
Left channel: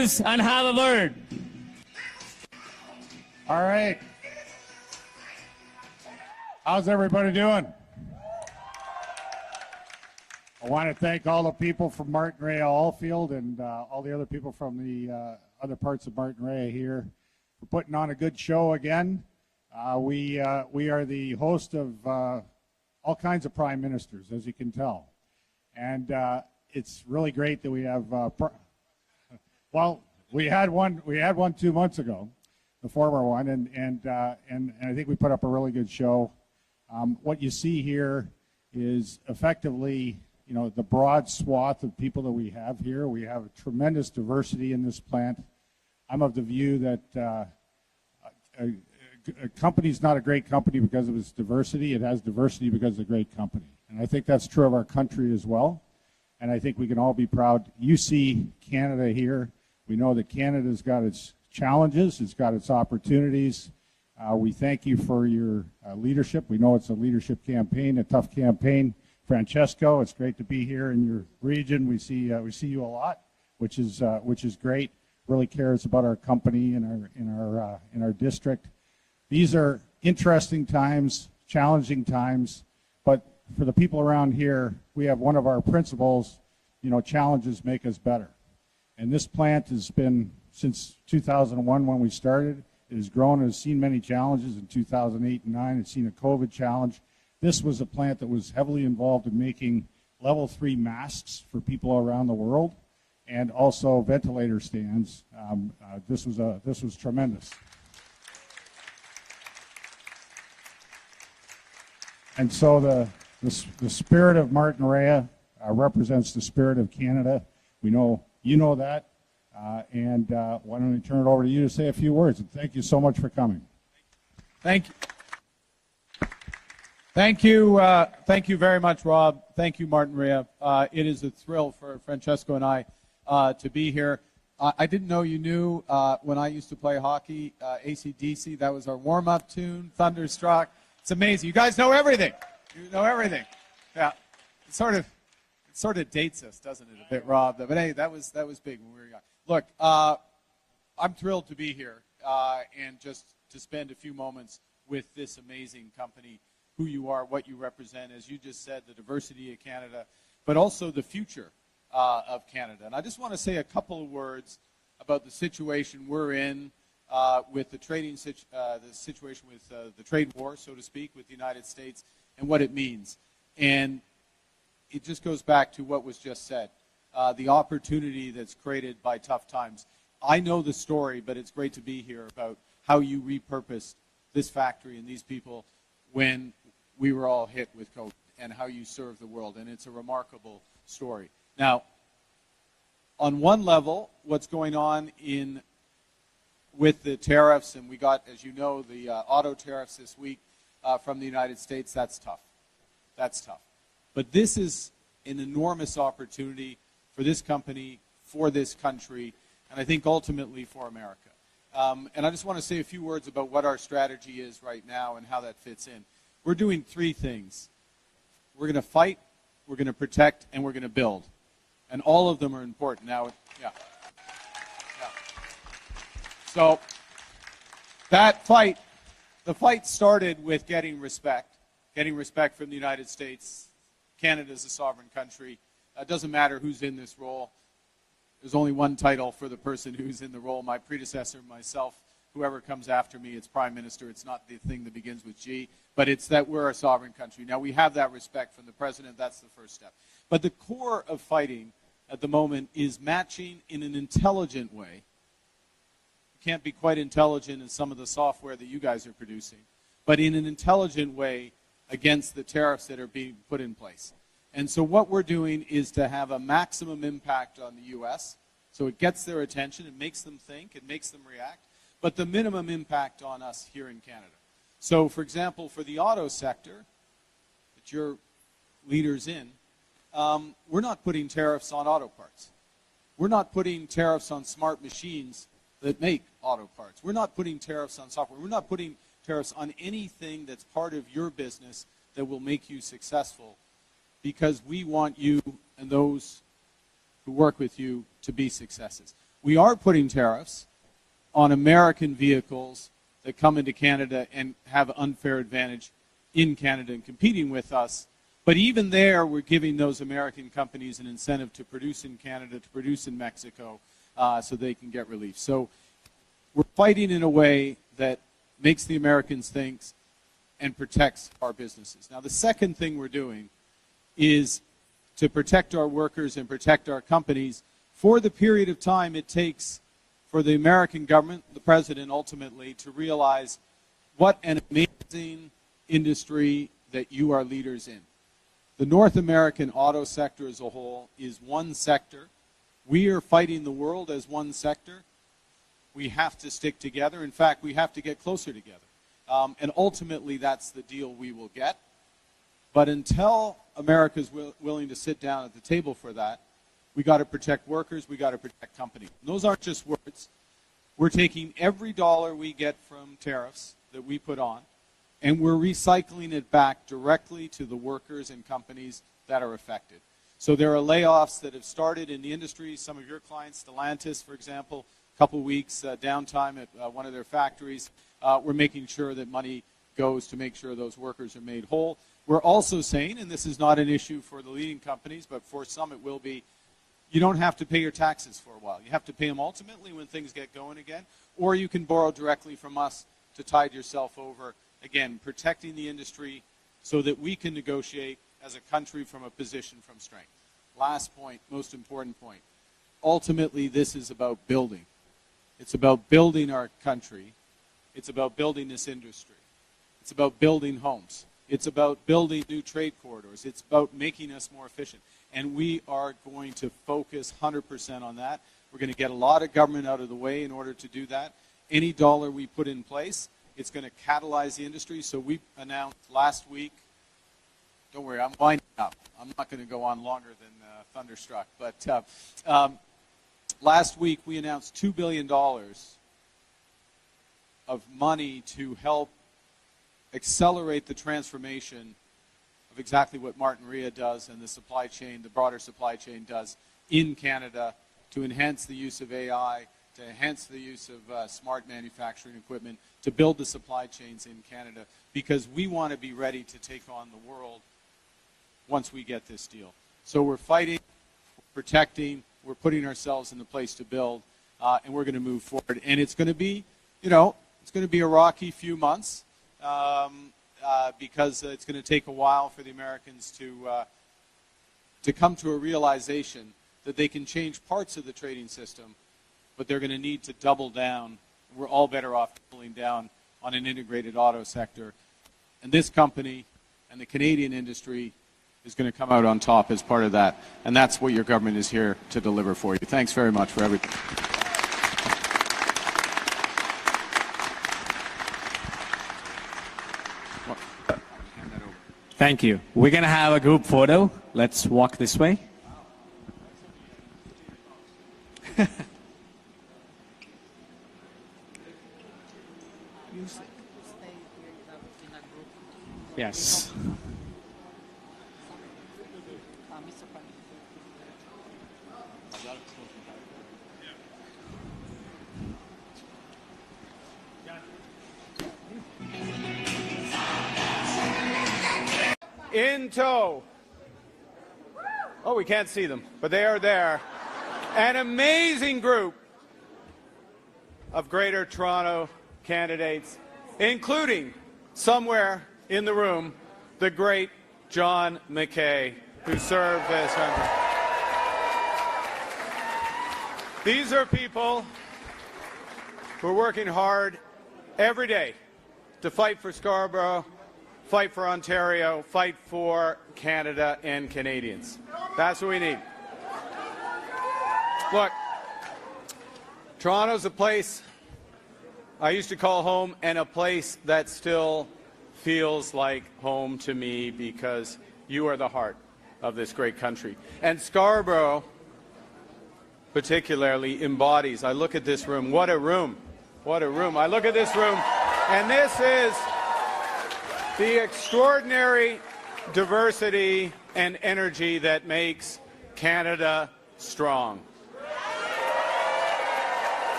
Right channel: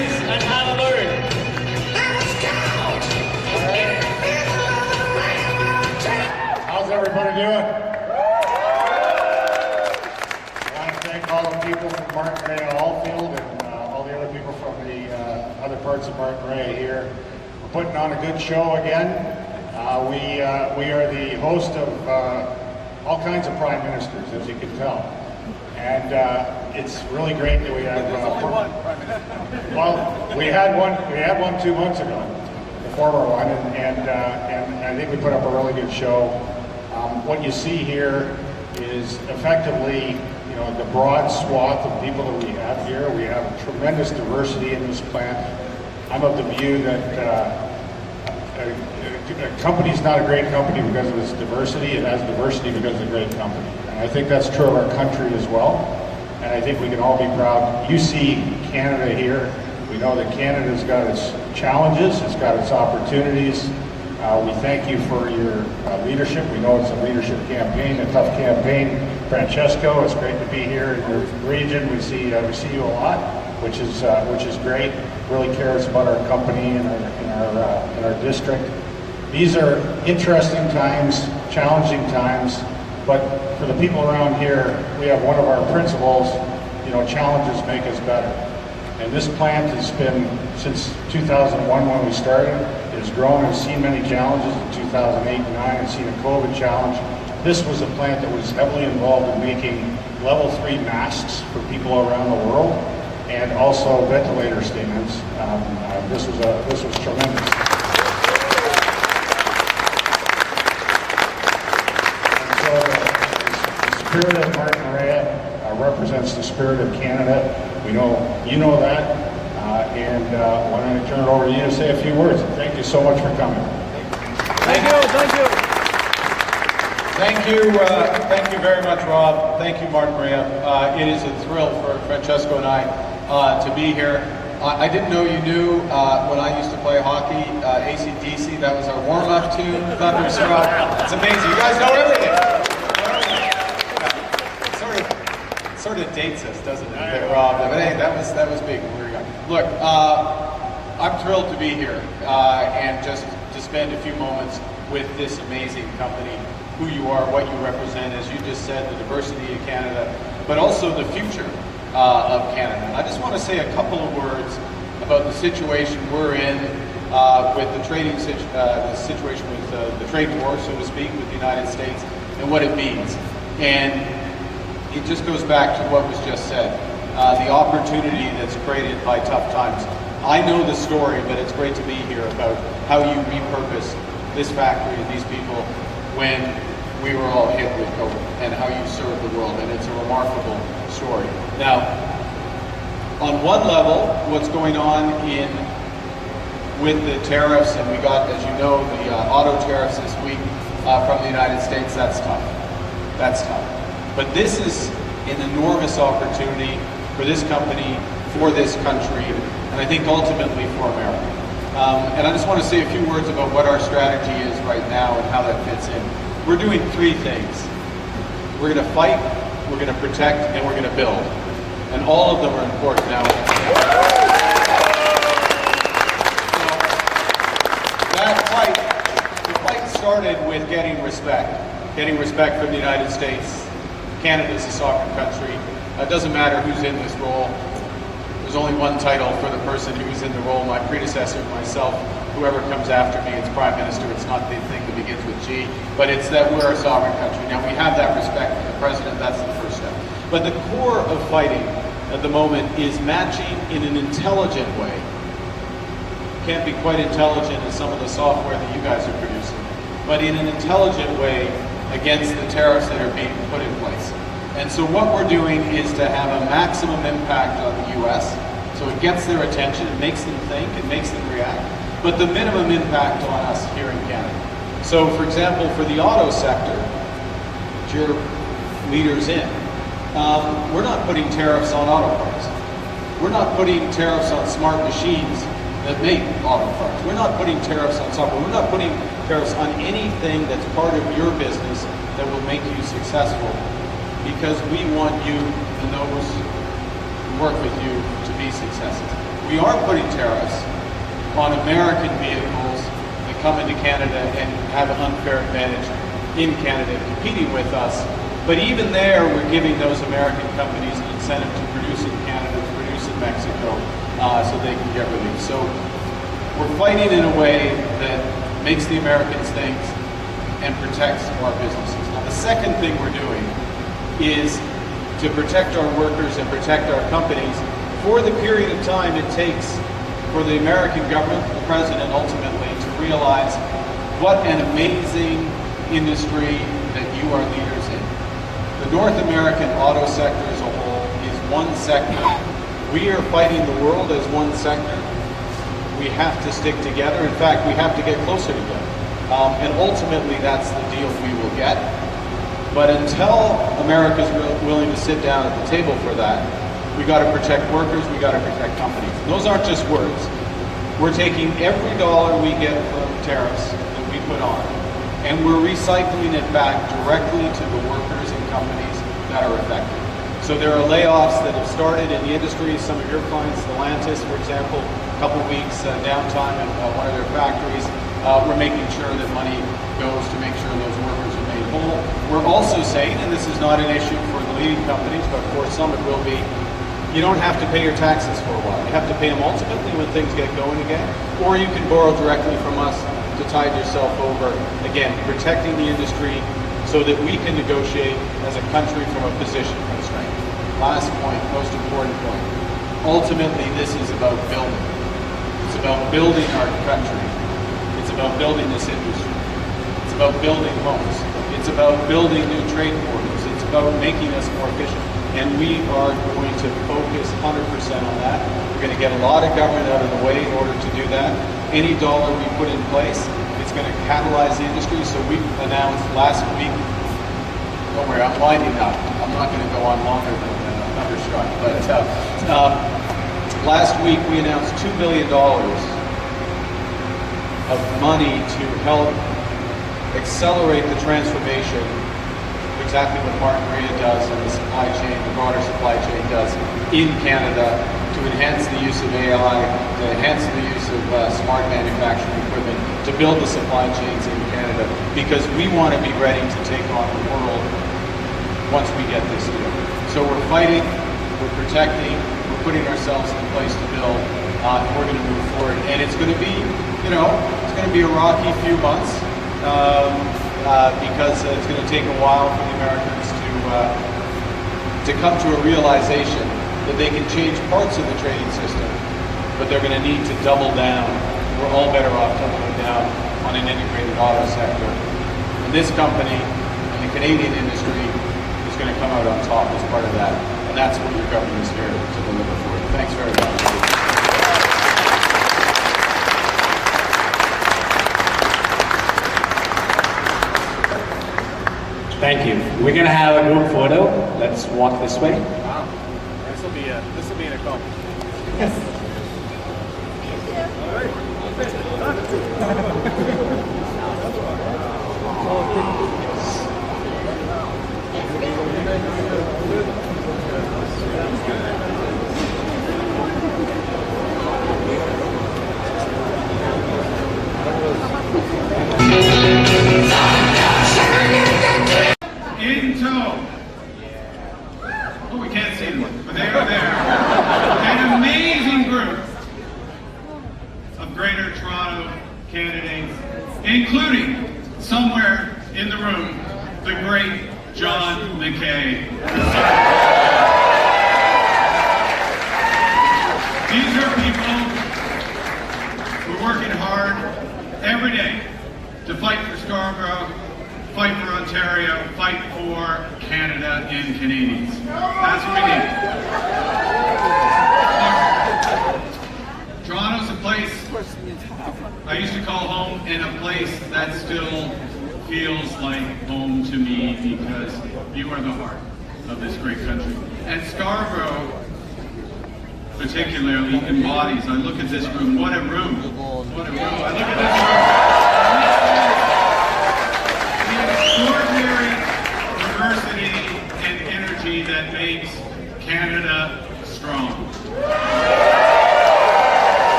introduce and have a word. All right. How's everybody doing? I want to thank all the people from Martin Rea Allfield and all the other people from the other parts of Martin Rea here. We're putting on a good show again. We are the host of all kinds of prime ministers, as you can tell. And it's really great that we have. Well, we had one 2 months ago, the former one, and I think we put up a really good show. What you see here is effectively, you know, the broad swath of people that we have here. We have tremendous diversity in this plant. I'm of the view that a company's not a great company because of its diversity. It has diversity because it's a great company. And I think that's true of our country as well. And I think we can all be proud. You see Canada here. We know that Canada's got its challenges, it's got its opportunities. We thank you for your leadership. We know it's a leadership campaign, a tough campaign. Francesco, it's great to be here in your region. We see you a lot, which is great. Really cares about our company and our district. These are interesting times, challenging times, but for the people around here, we have one of our principles, you know, challenges make us better. And this plant has been, since 2001 when we started, it has grown and seen many challenges. In 2008 and 2009, it's seen a COVID challenge. This was a plant that was heavily involved in making level 3 masks for people around the world, and also ventilator stands. This was tremendous. And so the spirit of Martin Rea represents the spirit of Canada. We know you know that, and why don't I turn it over to you to say a few words. Thank you so much for coming. Thank you very much, Rob. Thank you, Martin Rea. It is a thrill for Francesco and I to be here. I didn't know you knew when I used to play hockey, AC/DC. That was our warm-up tune, Thunderstruck. It's amazing. You guys know everything. You know everything. Yeah. Sort of dates us, doesn't it, that Rob? But hey, that was big. Look, I'm thrilled to be here and just to spend a few moments with this amazing company, who you are, what you represent, as you just said, the diversity of Canada, but also the future of Canada. I just want to say a couple of words about the situation we're in with the the situation with the trade war, so to speak, with the United States and what it means. And it just goes back to what was just said, the opportunity that's created by tough times. I know the story, but it's great to be here about how you repurpose this factory and these people when we were all hit with COVID, and how you serve the world, and it's a remarkable story. Now, on one level, what's going on with the tariffs, and we got, as you know, the auto tariffs this week from the United States, that's tough. That's tough. But this is an enormous opportunity for this company, for this country, and I think ultimately for America. And I just want to say a few words about what our strategy is right now and how that fits in. We're doing 3 things. We're going to fight, we're going to protect, and we're going to build. And all of them are important now. So that fight, the fight started with getting respect from the United States. Canada's a sovereign country. It doesn't matter who's in this role. There's only one title for the person who was in the role, my predecessor, myself, whoever comes after me, it's Prime Minister. It's not the thing that begins with G, but it's that we're a sovereign country. Now, we have that respect for the President. That's the first step. But the core of fighting at the moment is matching in an intelligent way. Can't be quite intelligent as some of the software that you guys are producing, but in an intelligent way against the tariffs that are being put in place. And so what we're doing is to have a maximum impact on the U.S., so it gets their attention, it makes them think, it makes them react, but the minimum impact on us here in Canada. So, for example, for the auto sector, which you're leaders in, we're not putting tariffs on auto parts. We're not putting tariffs on smart machines that make auto parts. We're not putting tariffs on software. We're not putting tariffs on anything that's part of your business that will make you successful, because we want you and those who work with you to be successes. we are putting tariffs on American vehicles that come into Canada and have an unfair advantage in Canada competing with us. But even there, we're giving those American companies an incentive to produce in Canada, to produce in Mexico, so they can get relief. So we're fighting in a way that makes the Americans think and protects our businesses. Now, the second thing we're doing is to protect our workers and protect our companies for the period of time it takes for the American government, the president ultimately, to realize what an amazing industry that you are leaders in. The North American auto sector as a whole is one sector. We are fighting the world as one sector. We have to stick together. In fact, we have to get closer together. And ultimately, that's the deal we will get. But until America's willing to sit down at the table for that, we got to protect workers, we got to protect companies. Those aren't just words. We're taking every dollar we get from tariffs that we put on, and we're recycling it back directly to the workers and companies that are affected. So there are layoffs that have started in the industry. Some of your clients, Stellantis, for example, a couple of weeks downtime at one of their factories. We're making sure that money goes to make sure those workers are made whole. We're also saying, and this is not an issue for the leading companies, but for some it will be, you don't have to pay your taxes for a while. You have to pay them ultimately when things get going again, or you can borrow directly from us to tide yourself over, again, protecting the industry so that we can negotiate as a country from a position of strength. Last point, most important point. Ultimately, this is about building. It's about building our country. It's about building this industry. It's about building homes. It's about building new trade corridors. It's about making us more efficient. And we are going to focus 100% on that. We're going to get a lot of government out of the way in order to do that. Any dollar we put in place, it's going to catalyze the industry. So we announced last week, don't worry, I'm winding up. I'm not going to go on longer than Thunderstruck. But last week we announced $2 billion of money to help accelerate the transformation, exactly what Martin Maria does in the supply chain, the broader supply chain does in Canada, to enhance the use of AI, to enhance the use of smart manufacturing equipment, to build the supply chains in Canada, because we want to be ready to take on the world once we get this deal. So we're fighting, we're protecting, we're putting ourselves in a place to build, and we're going to move forward. And it's going to be, it's going to be a rocky few months, because it's going to take a while for the Americans to come to a realization that they can change parts of the trading system, but they're going to need to double down. We're all better off doubling down on an integrated auto sector. And this company, and the Canadian industry, is going to come out on top as part of that. And that's what your government is here to deliver for you. Thanks very much. Thank you. We're going to have a group photo. Let's walk this way. Wow. This will be an accomplishment. Yes. In tow. Oh, we can't see them, but they're there. An amazing group of Greater Toronto candidates, including, somewhere in the room, the great John McKay. These are people who are working hard every day to fight for Scarborough, fight for Ontario, fight for Canada and Canadians. That's what we need. Toronto's a place I used to call home, and a place that still feels like home to me, because you are the heart of this great country. And Scarborough particularly embodies, I look at this room, what a room, what a room. I look at this room, and this is the extraordinary diversity and energy that makes Canada strong.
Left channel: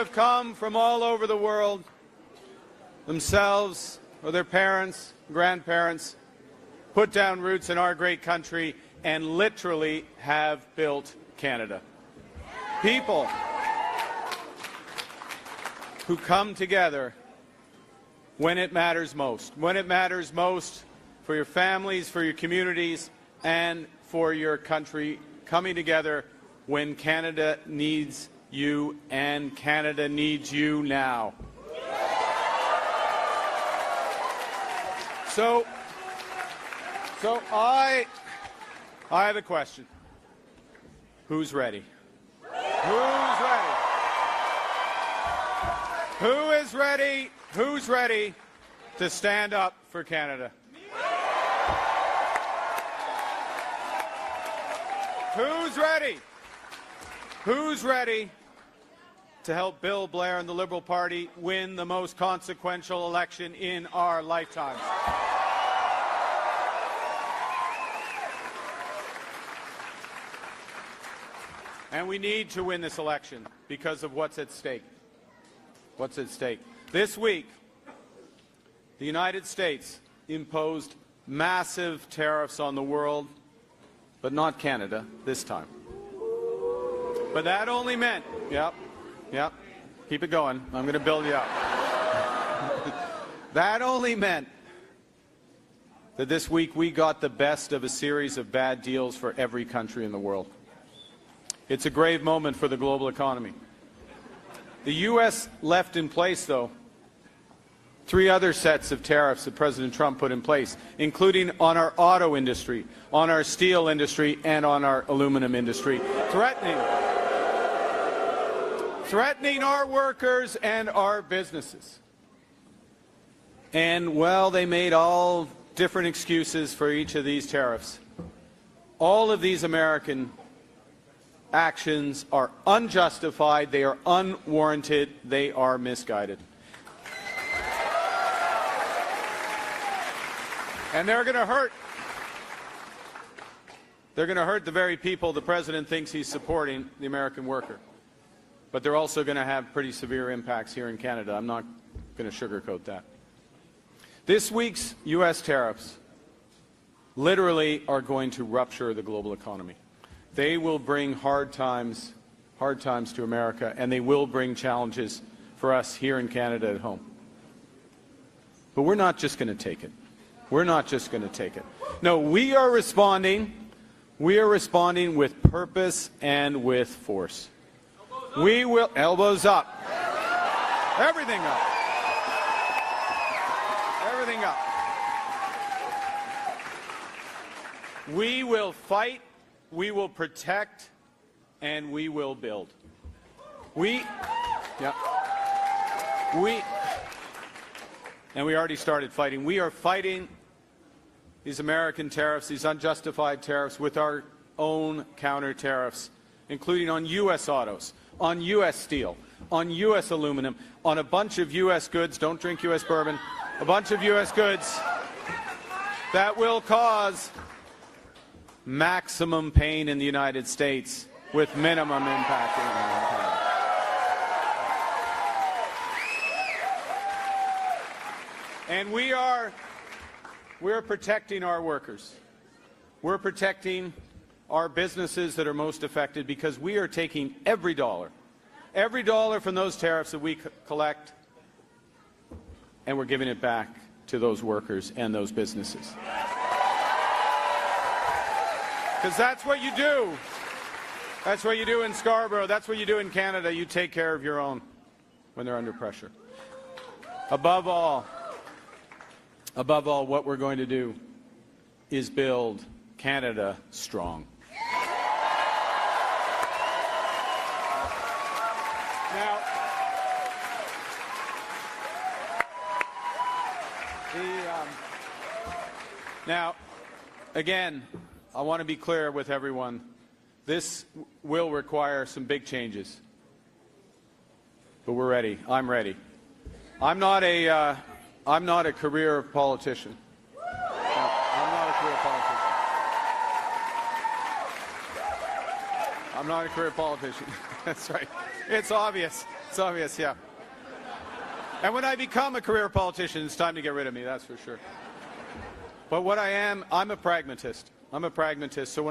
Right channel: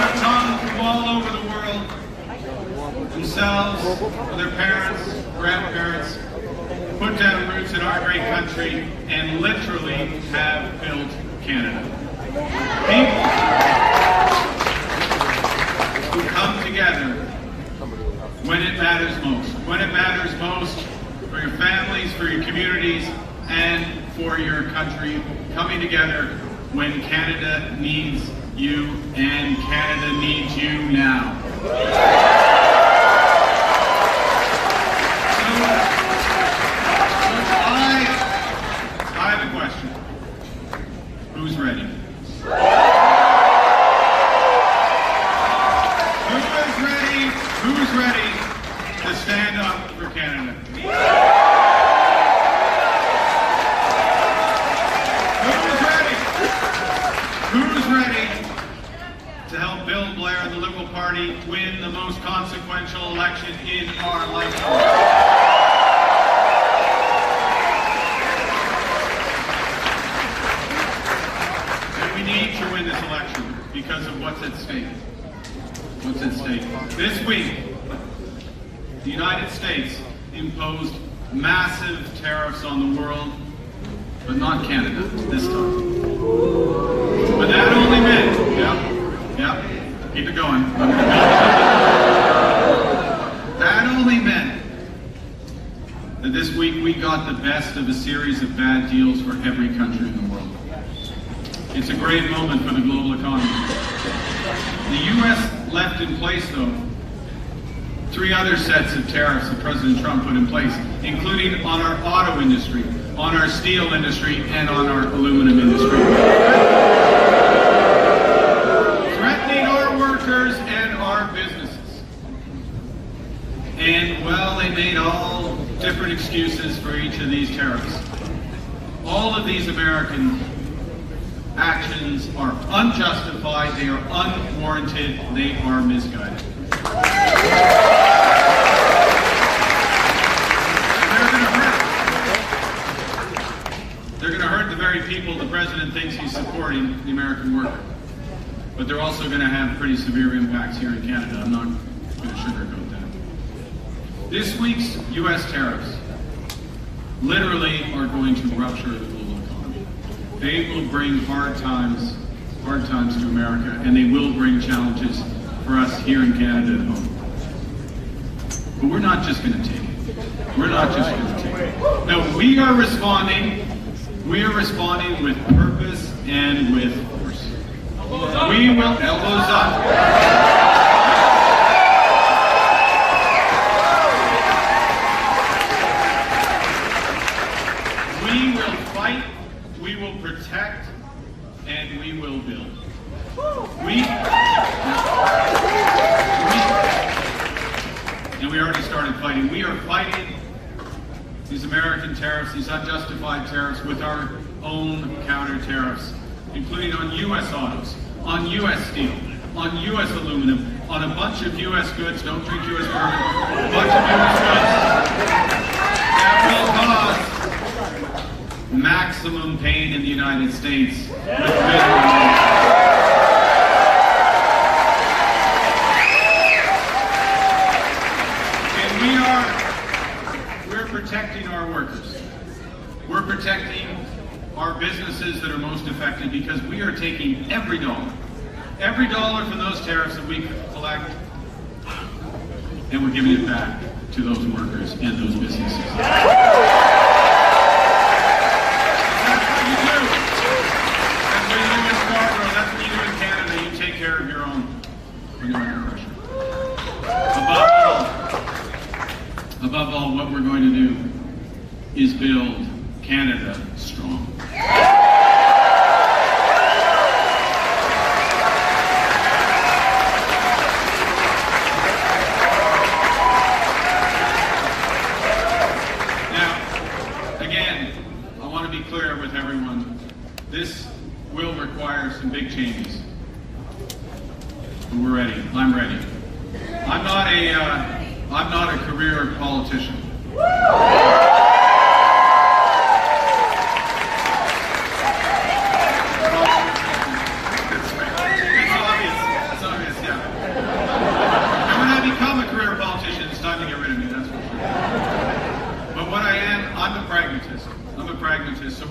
have come from all over the world, themselves, their parents, grandparents, put down roots in our great country, and literally have built Canada. People who come together when it matters most. When it matters most for your families, for your communities, and for your country, coming together when Canada needs you, and Canada needs you now. So I have a question. Who's ready? Who's ready to stand up for Canada? Who's ready to help Bill Blair and the Liberal Party win the most consequential election in our lifetime? And we need to win this election because of what's at stake. What's at stake? This week, the United States imposed massive tariffs on the world, but not Canada this time. But that only meant, keep it going. That only meant that this week we got the best of a series of bad deals for every country in the world. It's a great moment for the global economy. The U.S. left in place, though, 3 other sets of tariffs that President Trump put in place, including on our auto industry, on our steel industry, and on our aluminum industry. Threatening our workers and our businesses. And, well, they made all different excuses for each of these tariffs. All of these American actions are unjustified, they are unwarranted, they are misguided. They're going to hurt the very people the president thinks he's supporting, the American worker. But they're also going to have pretty severe impacts here in Canada. I'm not going to sugarcoat that. This week's U.S. tariffs literally are going to rupture the global economy. They will bring hard times to America, and they will bring challenges for us here in Canada at home. But we're not just going to take it. We're not just going to take it. No, we are responding. We are responding with purpose and with force. We will, elbows up. We will fight, we will protect, and we will build. And we already started fighting. We are fighting these American tariffs, these unjustified tariffs, with our own counter tariffs, including on U.S. autos, on U.S. steel, on U.S. aluminum, on a bunch of U.S. goods, don't drink U.S. bourbon, a bunch of U.S. goods that will cause maximum pain in the United States with minimum. We're protecting our workers. We're protecting our businesses that are most affected because we are taking every dollar from those tariffs that we collect, and we're giving it back to those workers and those businesses. Because that's what you do. That's what you do in Scarborough. That's what you do in Canada. You take care of your own oppression. Above all, what we're going to do is build Canada strong. Now, again, I want to be clear with everyone. This will require some big changes. But we're ready. I'm ready. I'm not a career politician. It's obvious.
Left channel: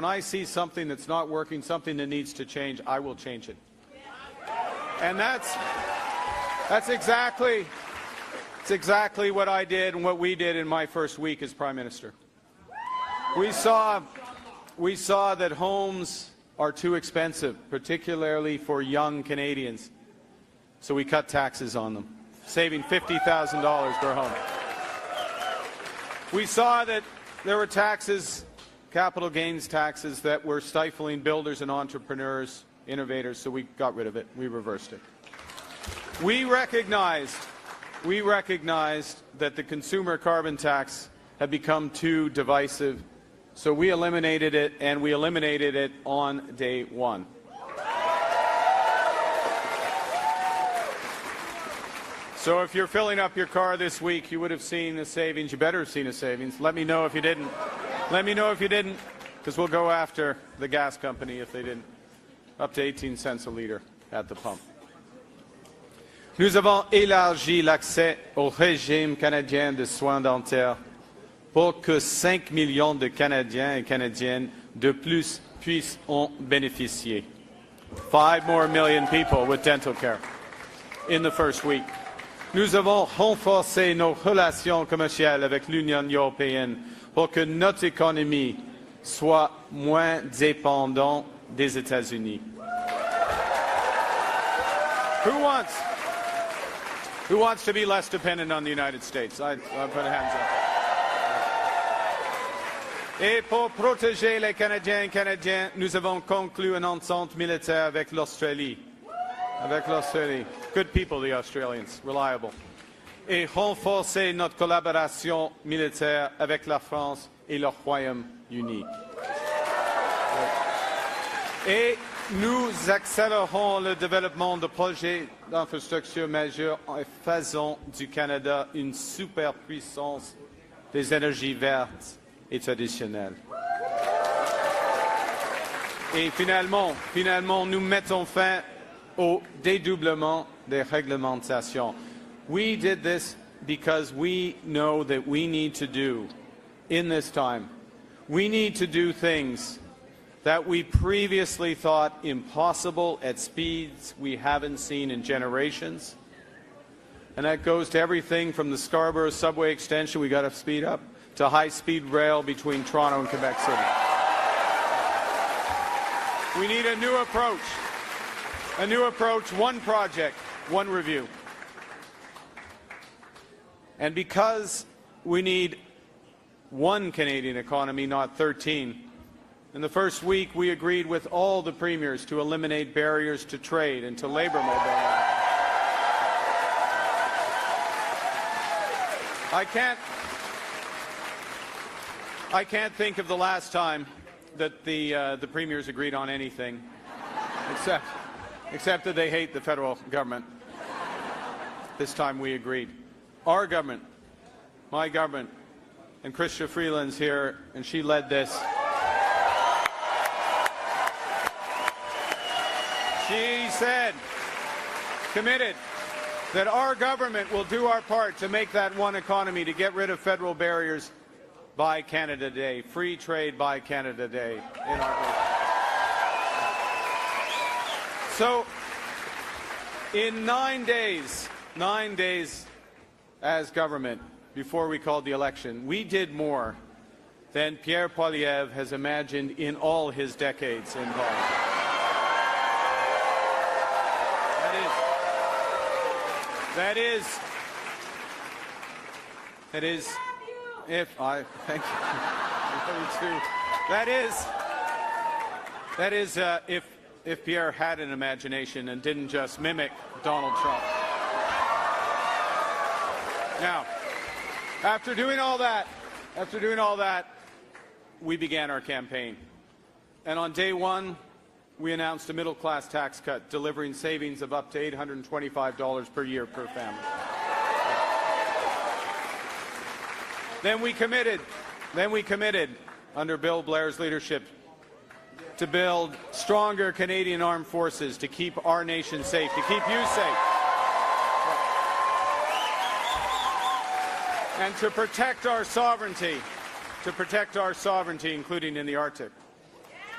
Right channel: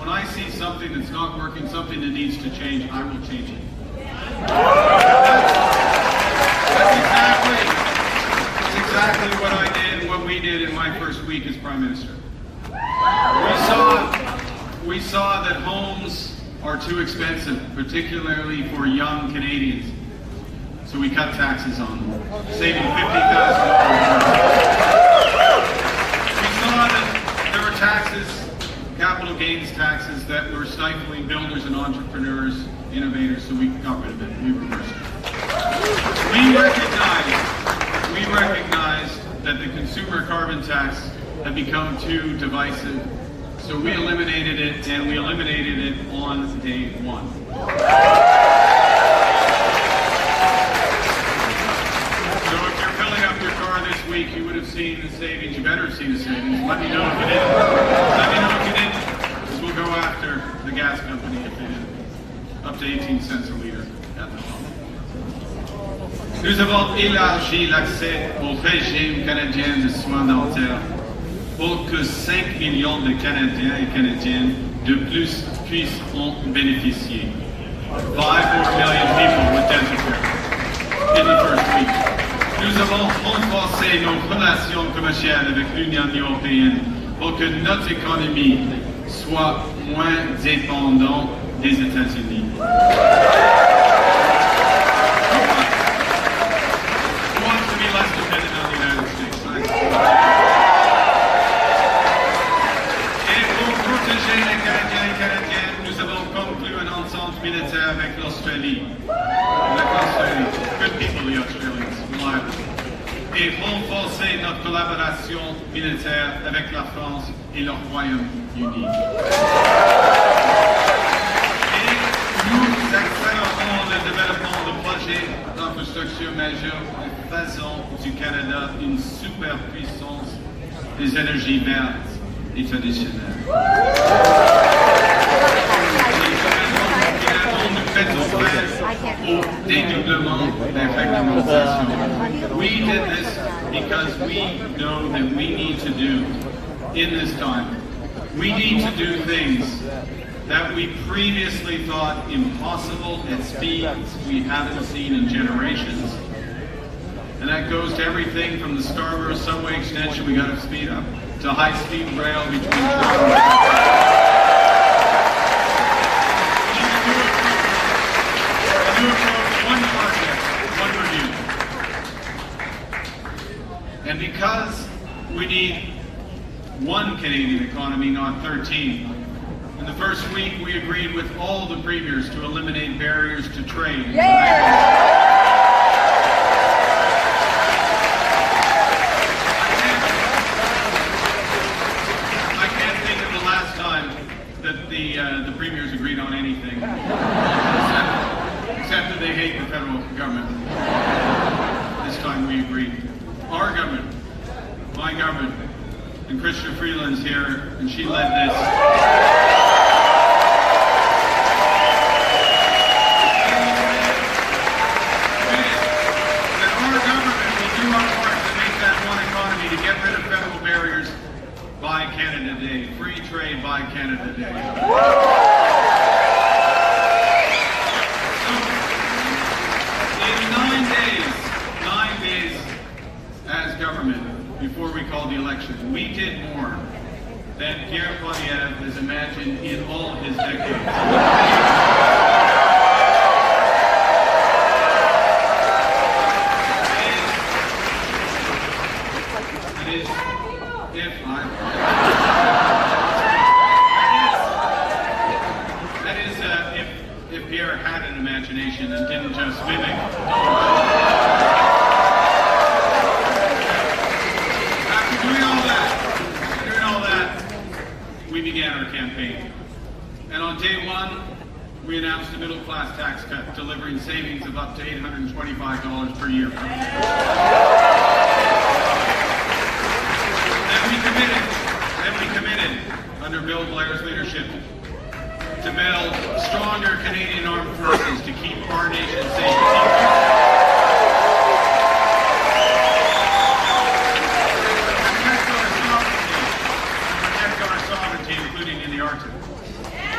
when I see something that's not working, something that needs to change, I will change it. That's exactly what I did, what we did in my first week as Prime Minister. We saw that homes are too expensive, particularly for young Canadians. So we cut taxes on them, saving $50,000. We saw that there were taxes, capital gains taxes, that were stifling builders and entrepreneurs, innovators, so we got rid of it, we reversed it. We recognize that the consumer carbon tax had become too divisive, so we eliminated it, and we eliminated it on day one. So if you're filling up your car this week, you would have seen the savings. You better have seen the savings. Let me know if you did. Let me know if you didn't, because we'll go after the gas company if you didn't. Up to 18 cents a liter at the pump. Nous avons élargi l'accès au régime canadien de soins dentaires pour que 5 millions de Canadiens et Canadiennes de plus puissent en bénéficier. 5 more million people with dental care in the first week. Nous avons renforcé nos relations commerciales avec l'Union européenne pour que notre économie soit moins dépendante des États-Unis. Who wants to be less dependent on the United States? Et pour protéger les Canadiens et Canadiennes, nous avons conclu une entente militaire avec l'Australie. Good people, the Australians, reliable. Et renforcer notre collaboration militaire avec la France et le Royaume-Uni. Et nous accélérons le développement de projets d'infrastructure majeurs en faisant du Canada une superpuissance des énergies vertes et traditionnelles. Nous mettons fin au dédoublement des réglementations. We did this because we know that we need to do in this time. We need to do things that we previously thought impossible at speeds we haven't seen in generations. And that goes to everything from the Scarborough subway extension we got to speed up, to high-speed rail between Toronto and one project, one review. And because we need one Canadian economy, not 13, in the first week we agreed with all the premiers to eliminate barriers to trade. I can't think of the last time that the premiers agreed on anything. Except that they hate the federal government. This time we agreed. Our government, my government, and Christian Freeland's here, and she led this. He said, committed, that our government will do our part to make that one economy, to get rid of federal barriers by Canada Day. Free trade by Canada Day. So, in 9 days as government, before we called the election, we did more than Pierre Poilievre has imagined in all of his decades. If Pierre had an imagination and didn't just mimic After doing all that, we began our campaign. And on day one, we announced a middle-class tax cut, delivering savings of up to $825 per year. Then we committed, under Bill Blair's leadership, to build stronger Canadian armed forces to keep our nation safe. To protect our sovereignty, including in the Arctic.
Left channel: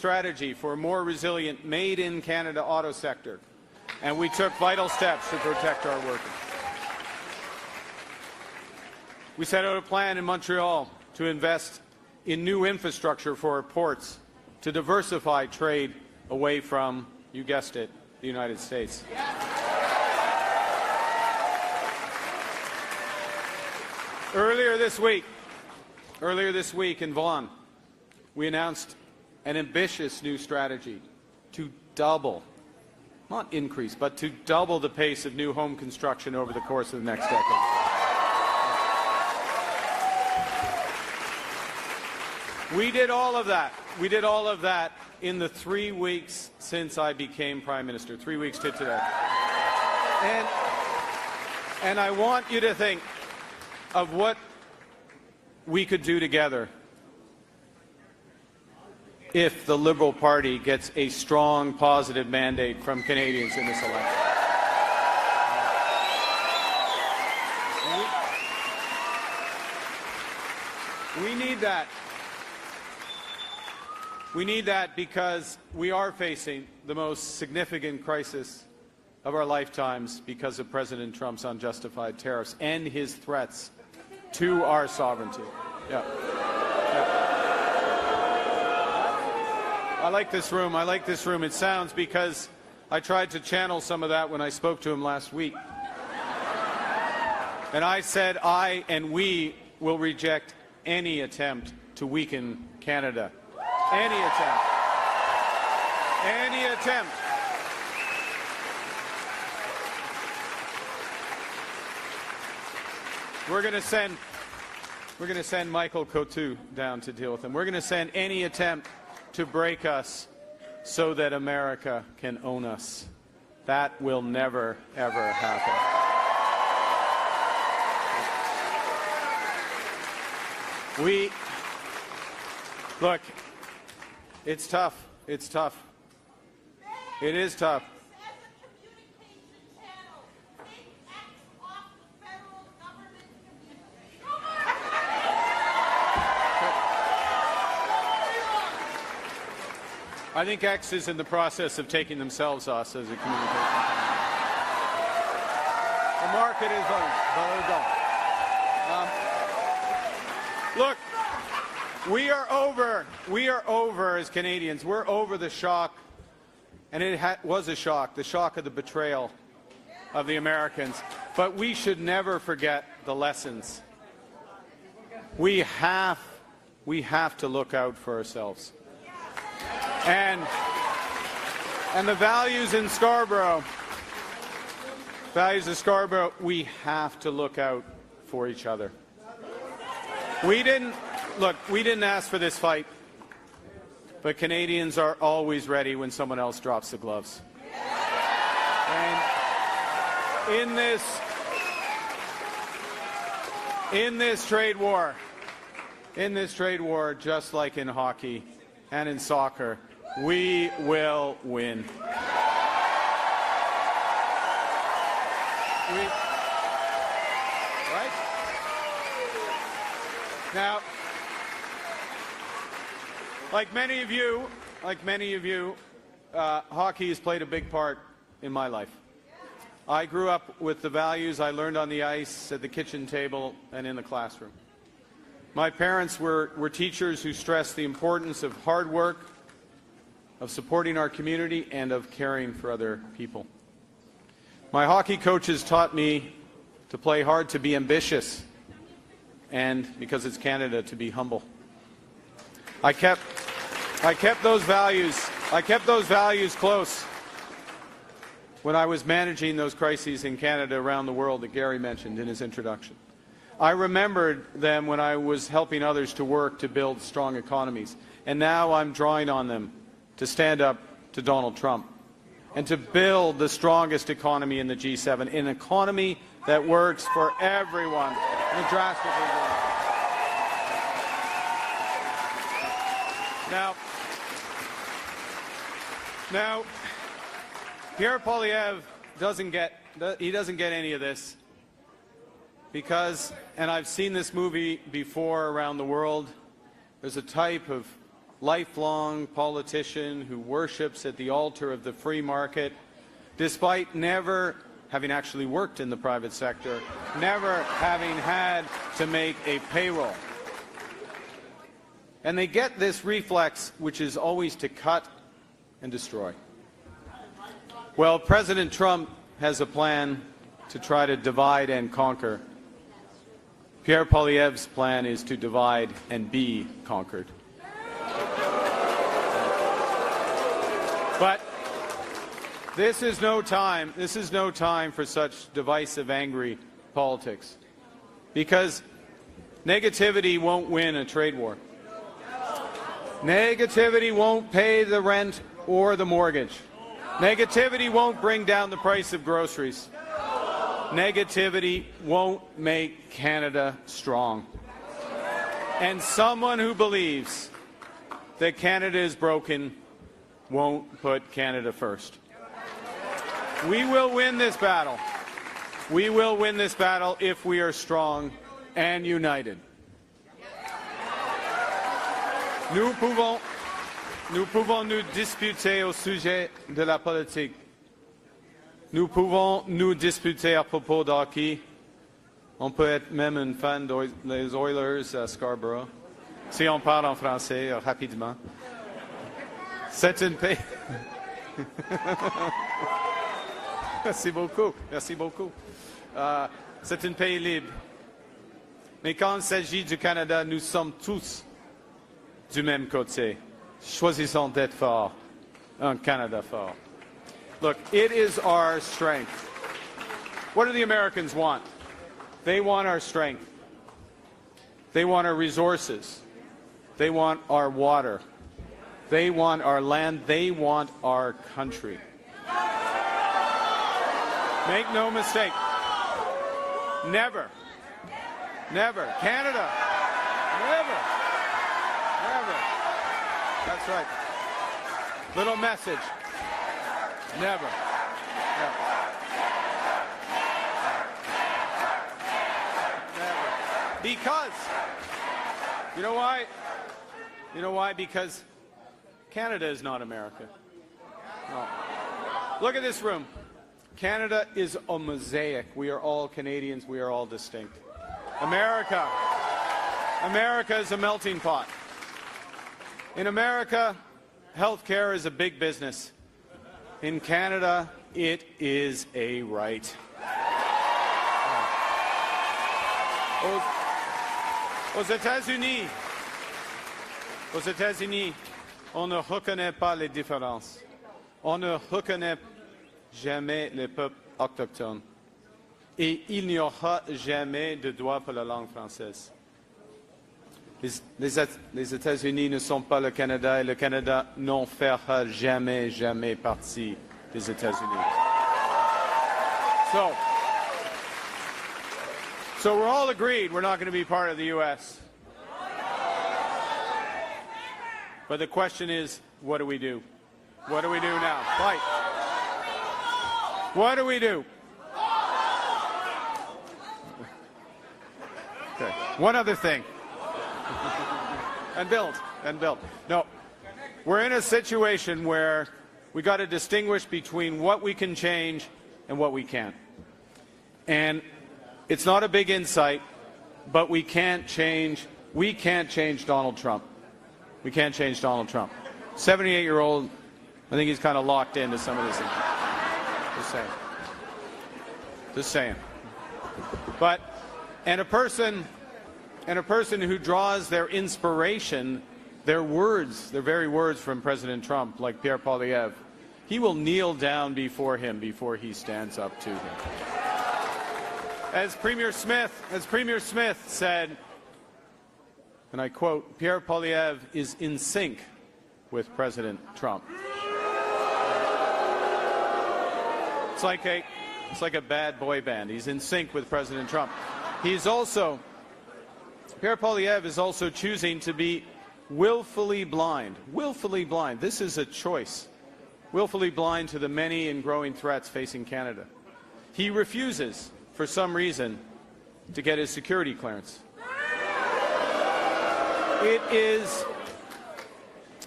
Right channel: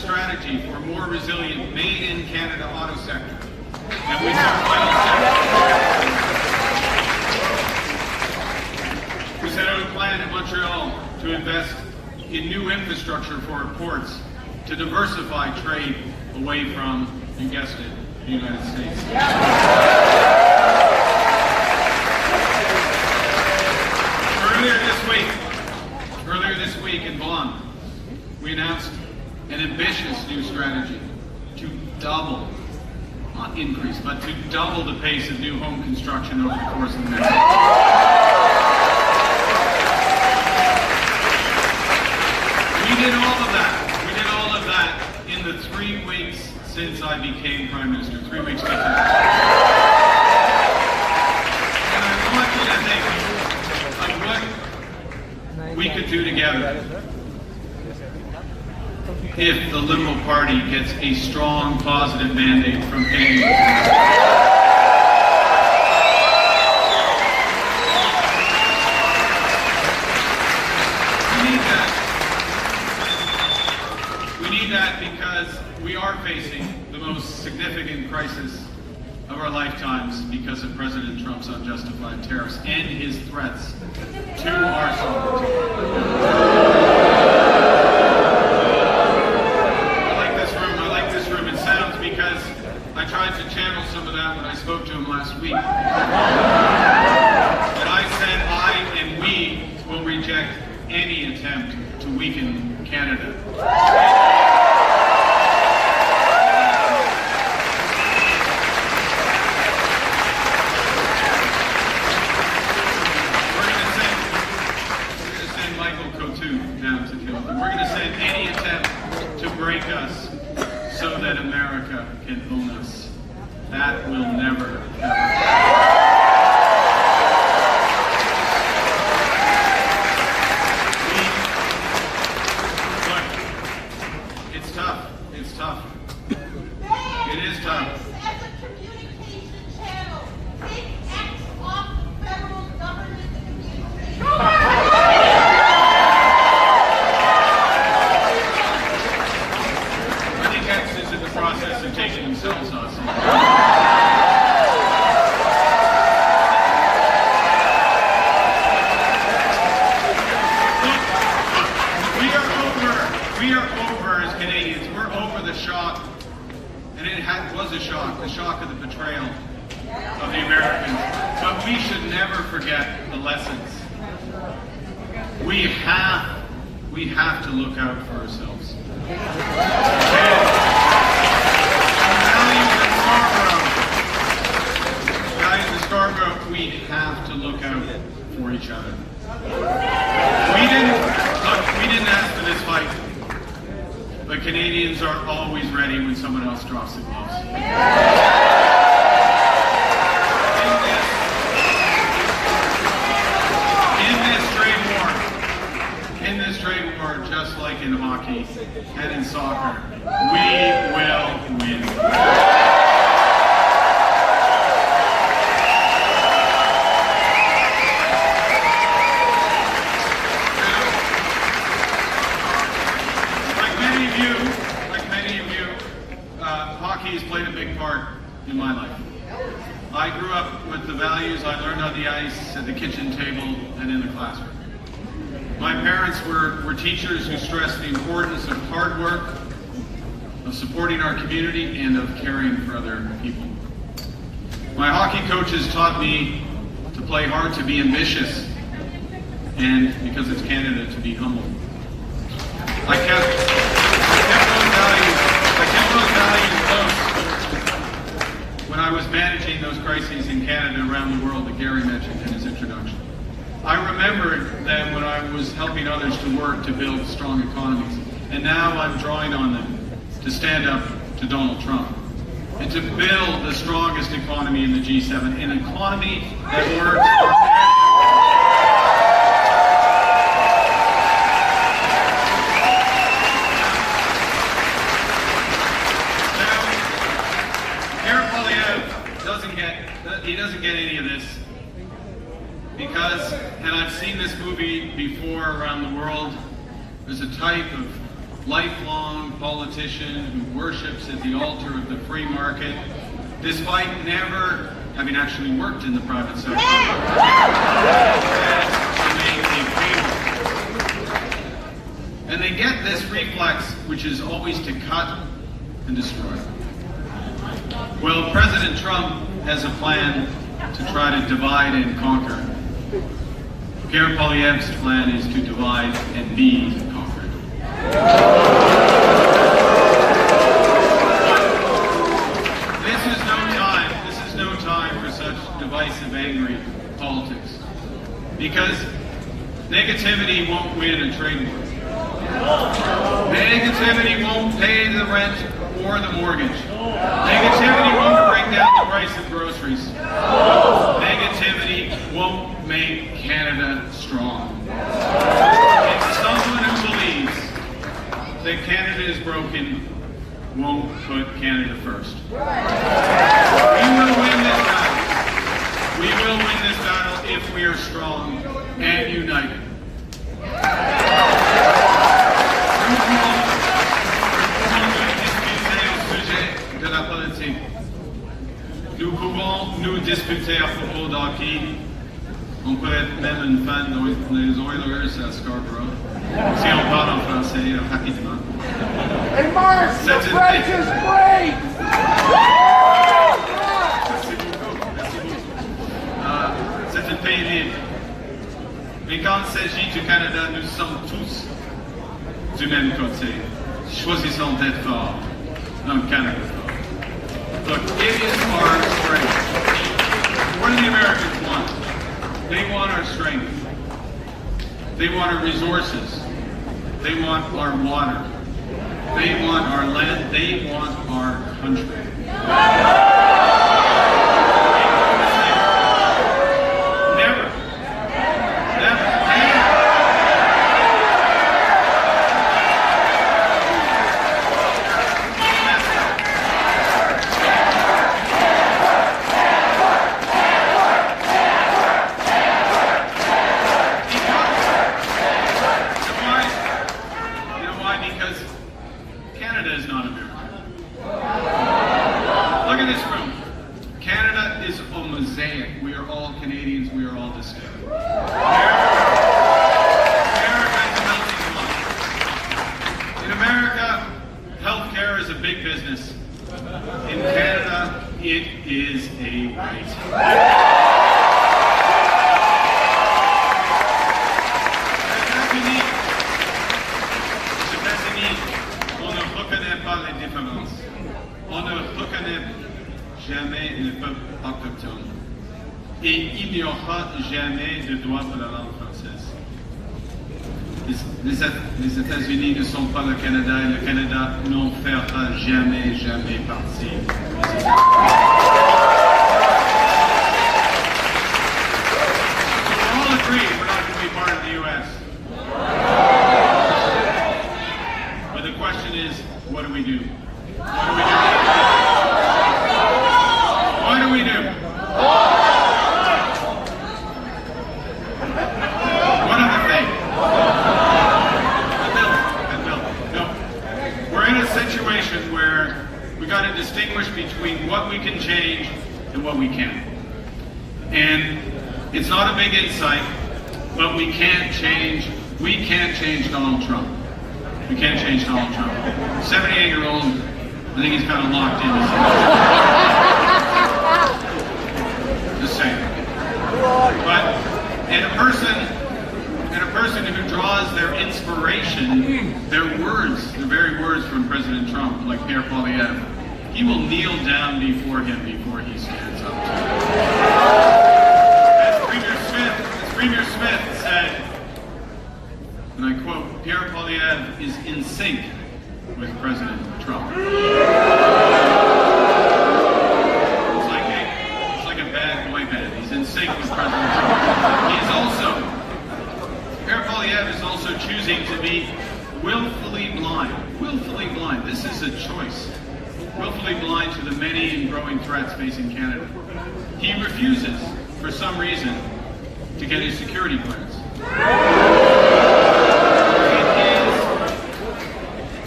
strategy for a more resilient made-in-Canada auto sector. And we took final steps. We set out a plan in Montreal to invest in new infrastructure for our ports to diversify trade away from, you guessed it, the United States. Earlier this week in Vaughan, we announced an ambitious new strategy to double, not increase, but to double the pace of new home construction over the course of the next year. We did all of that. We did all of that in the 3 weeks since I became Prime Minister. 3 weeks ago. And I want you to think of what we could do together if the Liberal Party gets a strong, positive mandate from Canadians. We need that because we are facing the most significant crisis of our lifetimes because of President Trump's unjustified tariffs and his threats to our sovereignty. I like this room. It sounds because I tried to channel some of that when I spoke to him last week. And I said I and we will reject any attempt to weaken Canada. Down to deal with them. We're going to send any attempt to break us so that America can own us. That will never, ever happen. Look, it's tough. It's tough. It is tough. As a communication channel, it acts off federal government communication. Is in the process of taking themselves off. We are over as Canadians. We're over the shock, and it was a shock, the shock of the betrayal of the Americans. But we should never forget the lessons. We have to look out for ourselves. Values in Scarborough, we have to look out for each other. We didn't ask for this fight, but Canadians are always ready when someone else drops the gloves. In this trade war, just like in hockey and in soccer, we will win. Like many of you, hockey has played a big part in my life. I grew up with the values I learned on the ice, at the kitchen table, and in the classroom. My parents were teachers who stressed the importance of hard work, of supporting our community, and of caring for other people. My hockey coaches taught me to play hard, to be ambitious, and because it's Canada, to be humble. I kept those values close when I was managing those crises in Canada around the world that Gary mentioned in his introduction. I remembered them when I was helping others to work to build strong economies. And now I'm drawing on them to stand up to Donald Trump and to build the strongest economy in the G7, an economy that works for everyone. He doesn't get any of this because, and I've seen this movie before around the world, there's a type of lifelong politician who worships at the altar of the free market, despite never having actually worked in the private sector, to make a payroll. And they get this reflex, which is always to cut and destroy. Well, President Trump has a plan to try to divide and conquer. Pierre Poilievre's plan is to divide and be conquered. This is no time for such divisive, angry politics. Because negativity won't win a trade war. Negativity won't pay the rent or the mortgage. Negativity won't bring down the price of groceries. Negativity won't make Canada strong. And someone who believes that Canada is broken won't put Canada first. We will win this battle. We will win this battle if we are strong and united. De la politique. Nous pouvons nous disputer à propos de hockey. On peut être même une fan des Oilers à Scarborough. Si on parle en français rapidement. Hey, Mark, the bridge is great! Merci beaucoup. Merci beaucoup. C'est un pays libre. Mais quand il s'agit du Canada, nous sommes tous du même côté. Choisissons d'être forts. Canada fort. But it is our strength. What do the Americans want? They want our strength. They want our resources. They want our water. They want our land. They want our country. Make no mistake. Never. Never. We are all Canadians, we are all the same. America is a melting pot. In America, healthcare is a big business. In Canada, it is a right. Aux États-Unis, on ne reconnaît pas les différences. On ne reconnaît jamais les peuples autochtones. Et il n'y aura jamais de droit de la langue française. Les États-Unis ne sont pas le Canada et le Canada n'en fera jamais, jamais partie des États-Unis. So we're all agreed we're not going to be part of the U.S. But the question is, what do we do? What do we do? One of the things. No. We're in a situation where we got to distinguish between what we can change and what we can't. And it's not a big insight, but we can't change Donald Trump. We can't change Donald Trump. 78-year-old, I think he's kind of locked in. Just saying. But, and a person who draws their inspiration, their words, the very words from President Trump, like Pierre Poilievre, he will kneel down before him before he stands up. As Premier Smith said, and I quote, Pierre Poilievre is in sync with President Trump. It's like a bad boy band. He's in sync with President Trump. Pierre Poilievre is also choosing to be willfully blind. Willfully blind. This is a choice. Willfully blind to the many and growing threats facing Canada. He refuses, for some reason, to get his security clearance.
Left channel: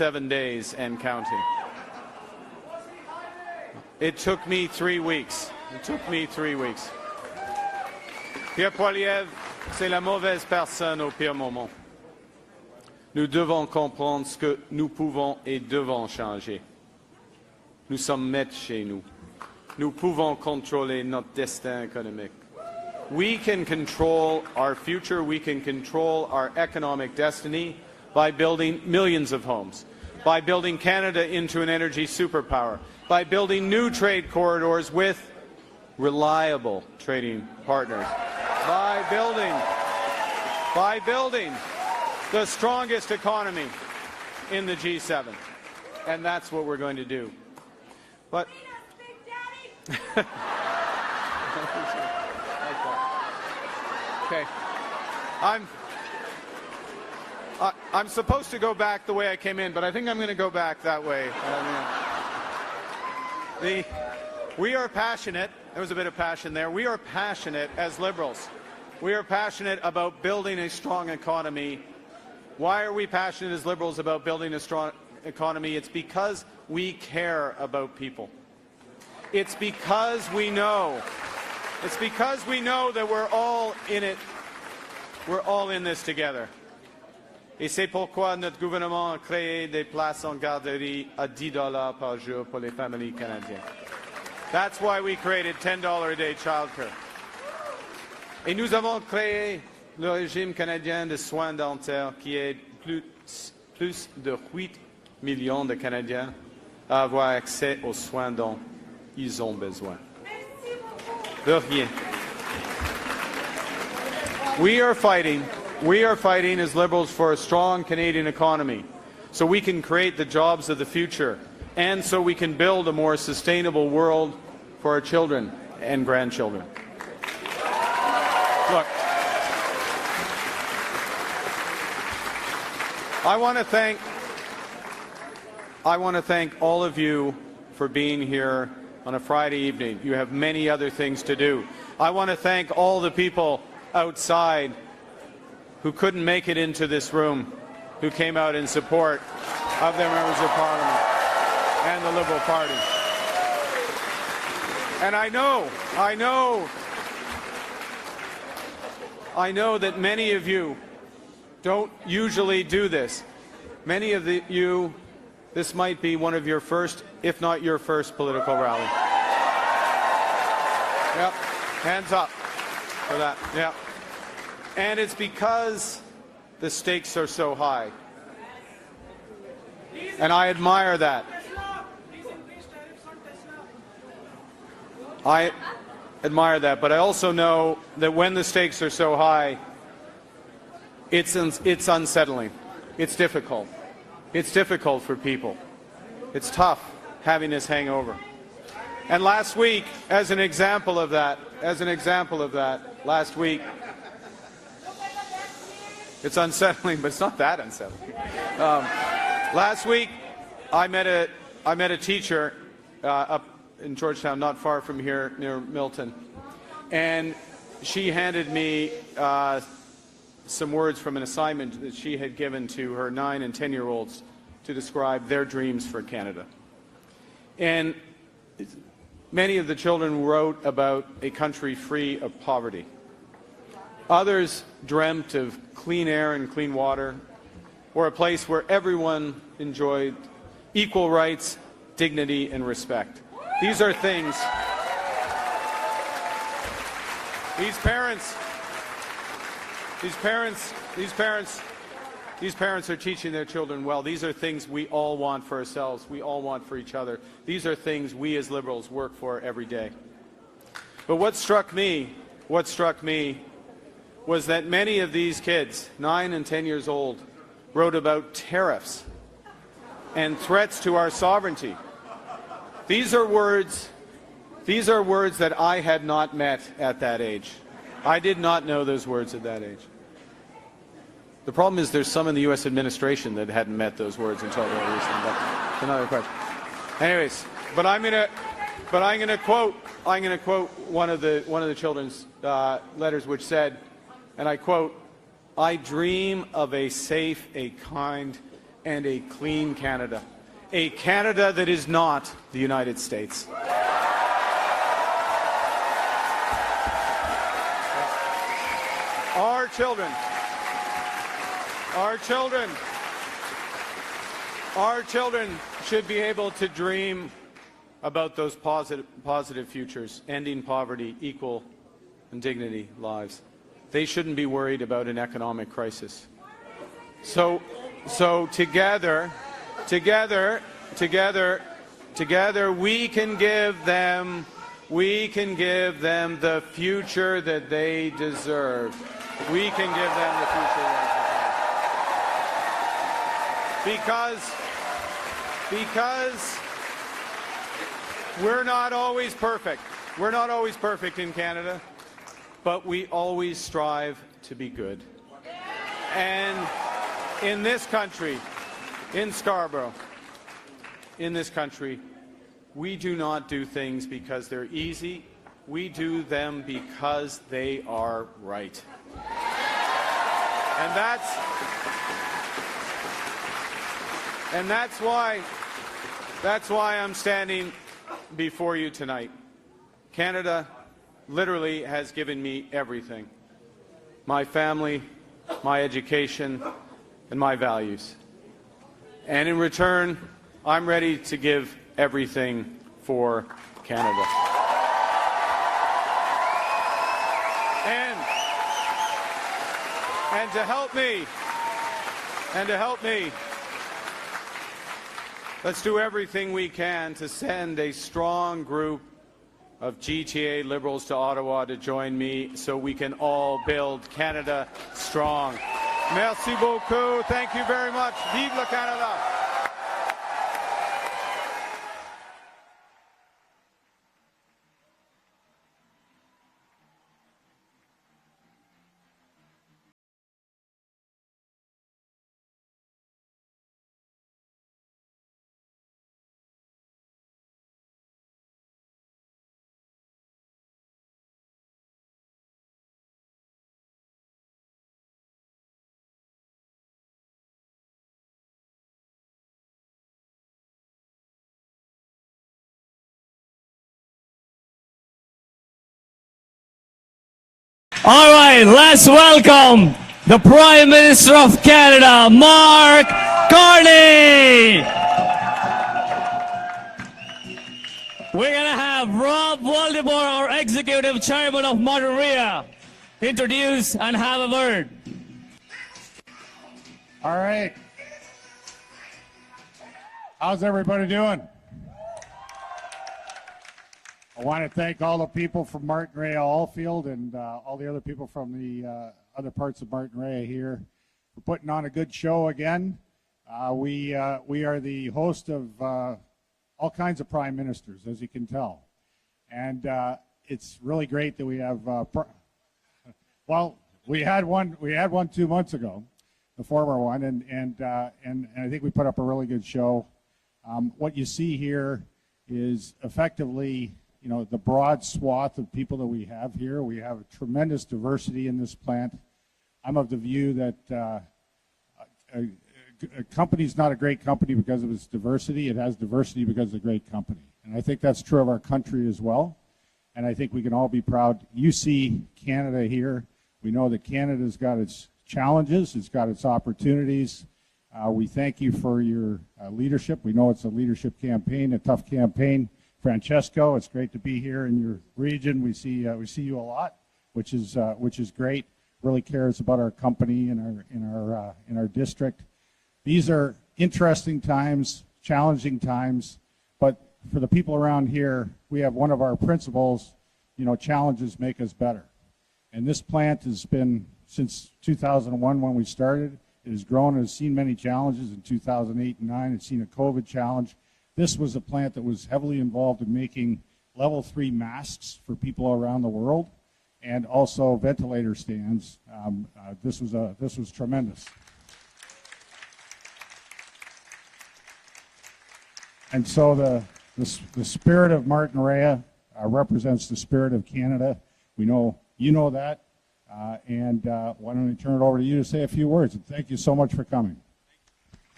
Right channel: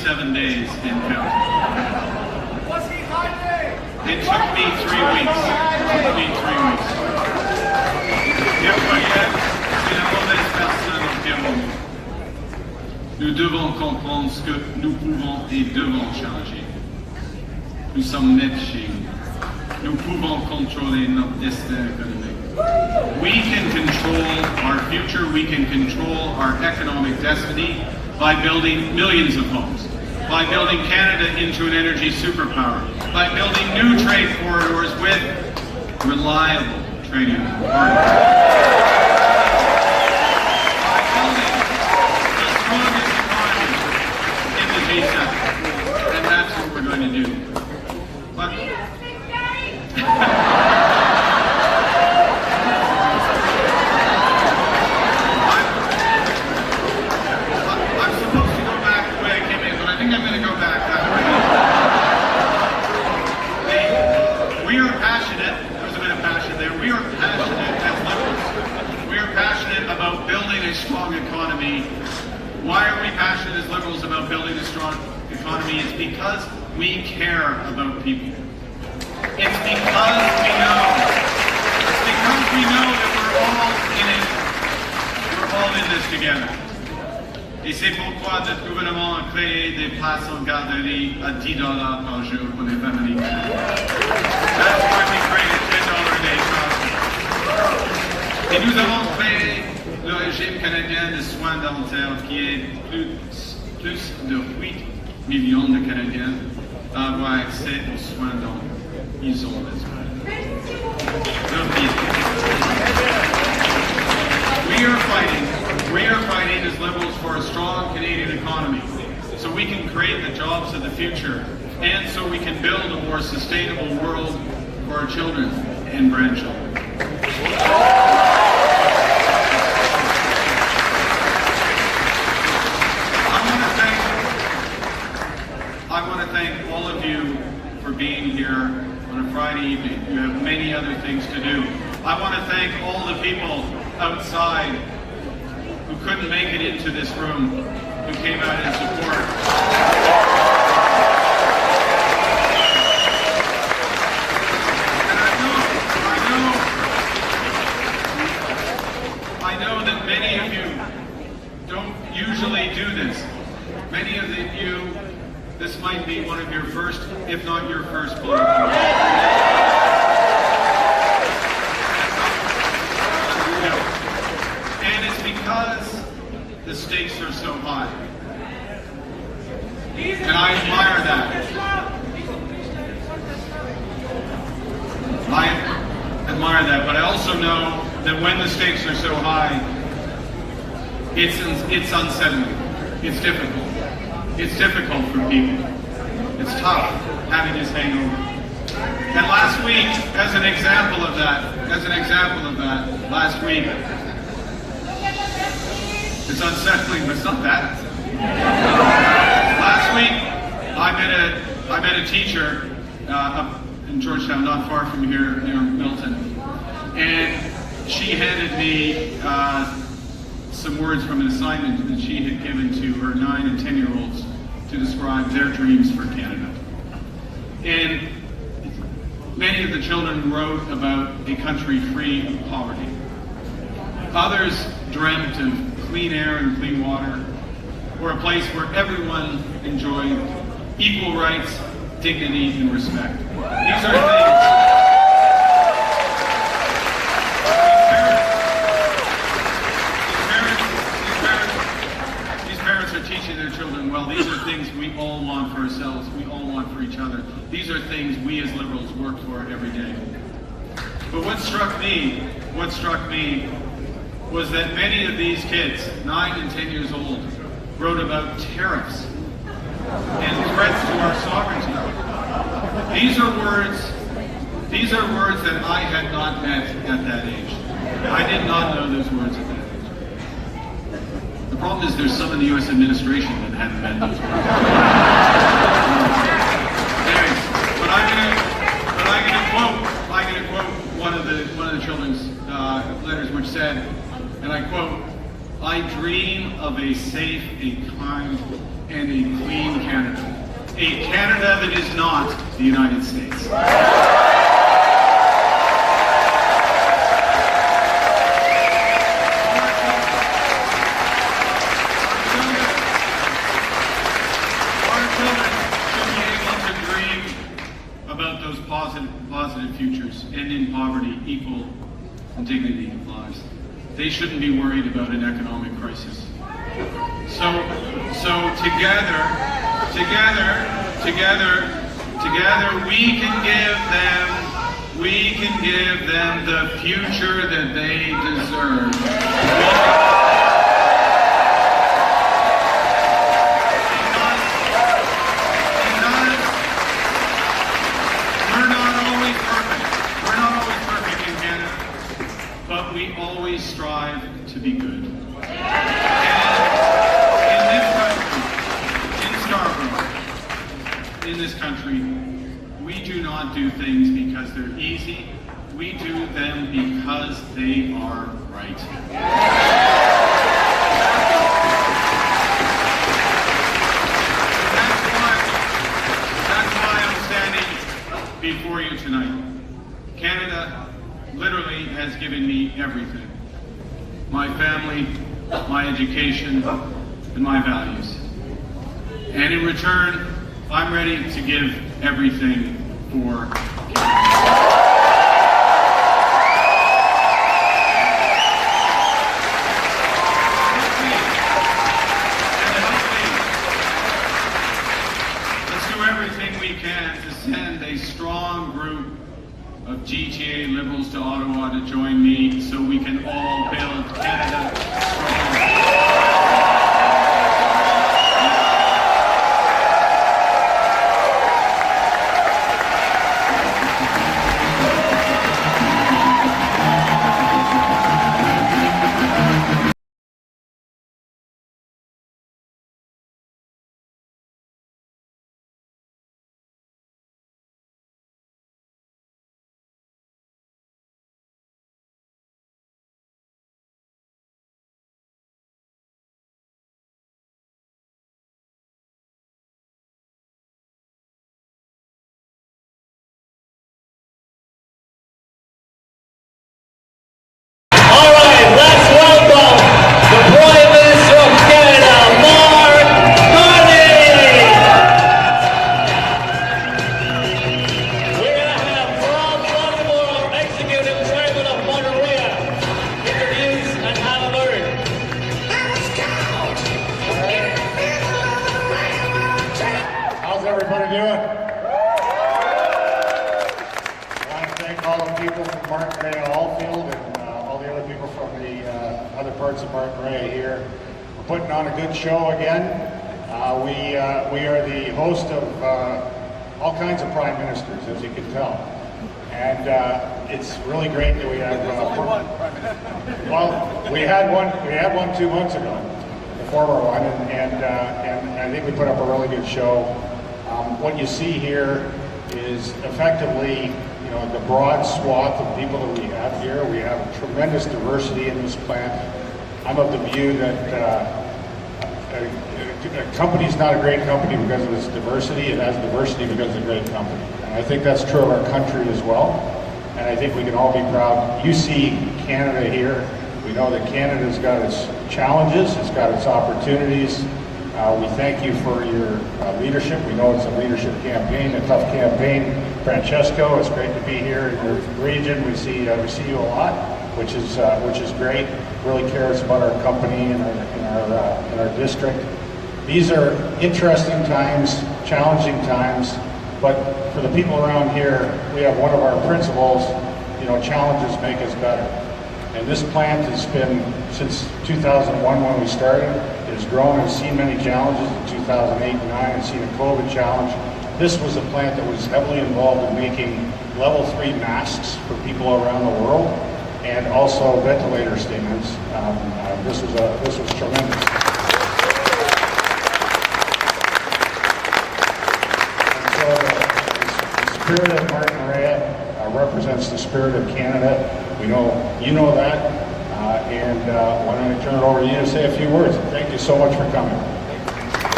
37 days and counting. Was he hiding? It took me 3 weeks. Bien voyez, c'est la mauvaise personne au pire moment. Nous devons comprendre ce que nous pouvons et devons changer. Nous sommes nets chez nous. Nous pouvons contrôler notre destin économique. We can control our future, we can control our economic destiny by building millions of homes, by building Canada into an energy superpower, by building new trade corridors with reliable trading partners, by building the strongest economy in the G7. And that's what we're going to do. But I'm supposed to go back the way I came in, but I think I'm going to go back that way. We are passionate, there's a bit of passion there, we are passionate as liberals. We are passionate about building a strong economy. Why are we passionate as liberals about building a strong economy? It's because we care about people. It's because we know. It's because we know that we're all in it. We're all in this together. Et c'est pourquoi notre gouvernement a créé des places en garderie à $10 par jour pour les familles. That's why we created $10 a day child. Et nous avons créé le régime canadien de soins dentaires qui aide plus de 8 millions de Canadiens à avoir accès aux soins dont ils ont besoin. We are fighting as liberals for a strong Canadian economy so we can create the jobs of the future and so we can build a more sustainable world for our children and grandchildren. I want to thank all of you for being here on a Friday evening. You have many other things to do. I want to thank all the people outside who couldn't make it into this room, who came out in support. And I know that many of you don't usually do this. Many of you, this might be one of your first, if not your first, political event. Hands up. And it's because the stakes are so high. And I admire that. I admire that, but I also know that when the stakes are so high, it's unsettling. It's difficult. It's difficult for people. It's tough having this hangover. And last week, as an example of that, last week, it's unsettling, but it's not that unsettling. Last week, I met a teacher up in Georgetown, not far from here, near Milton, and she handed me some words from an assignment that she had given to her 9 and 10-year-olds to describe their dreams for Canada. And many of the children wrote about a country free of poverty. Others dreamt of clean air and clean water, or a place where everyone enjoyed equal rights, dignity, and respect. These are things. These parents are teaching their children well. These are things we all want for ourselves. We all want for each other. These are things we as liberals work for every day. But what struck me was that many of these kids, 9 and 10 years old, wrote about tariffs and threats to our sovereignty. These are words that I had not met at that age. I did not know those words at that age. The problem is there's some of the U.S. administration that hadn't met those words. Anyways, but I'm going to quote one of the children's letters, which said, and I quote, "I dream of a safe, a kind, and a clean Canada. A Canada that is not the United States. Dream about those positive futures, ending poverty, equal dignity lives. They shouldn't be worried about an economic crisis. So together, we can give them the future that they deserve. We're not always perfect in Canada, but we always strive to be good. And in this country, in Scarborough, in this country, we do not do things because they're easy. We do them because they are right. That's why I'm standing before you tonight. Canada literally has given me everything. My family, my education, and my values. And in return, I'm ready to give everything for Canada. Let's do everything we can to send a strong group of GTA Liberals to Ottawa to join me so we can all build Canada strong. Let's welcome the Prime Minister of Canada, Mark Carney. We're going to have Rob Waldemore, our Executive Chairman of Monterey, introduce and have a word. All right. How's everybody doing? I want to thank all the people from Martin Allfield and people from the other parts of Martin here. We're putting on a good show again. We are the host of all kinds of prime ministers, as you can tell, and it's really great that we have. Well, we had one 2 months ago, the former one, and I think we put up a really good show. What you see here is effectively, the broad swath of people that we have here. We have tremendous diversity in this plant. I'm of the view that a company is not a great company because of its diversity. It has diversity because it's a great company. And I think that's true of our country as well. And I think we can all be proud. You see Canada here. We know that Canada's got its challenges. It's got its opportunities. We thank you for your leadership. We know it's a leadership campaign, a tough campaign. Francesco, it's great to be here in your region. We see you a lot, which is great. Really cares about our company and our district. These are interesting times, challenging times, but for the people around here, we have one of our principles. Challenges make us better. And this plant has been, since 2001 when we started, it has grown and seen many challenges. In 2008 and 2009, it's seen a COVID challenge. This was a plant that was heavily involved in making level 3 masks for people around the world, and also ventilator stands. This was tremendous. And so the spirit of Martin represents the spirit of Canada. We know you know that, and why don't I turn it over to you to say a few words. Thank you so much for coming.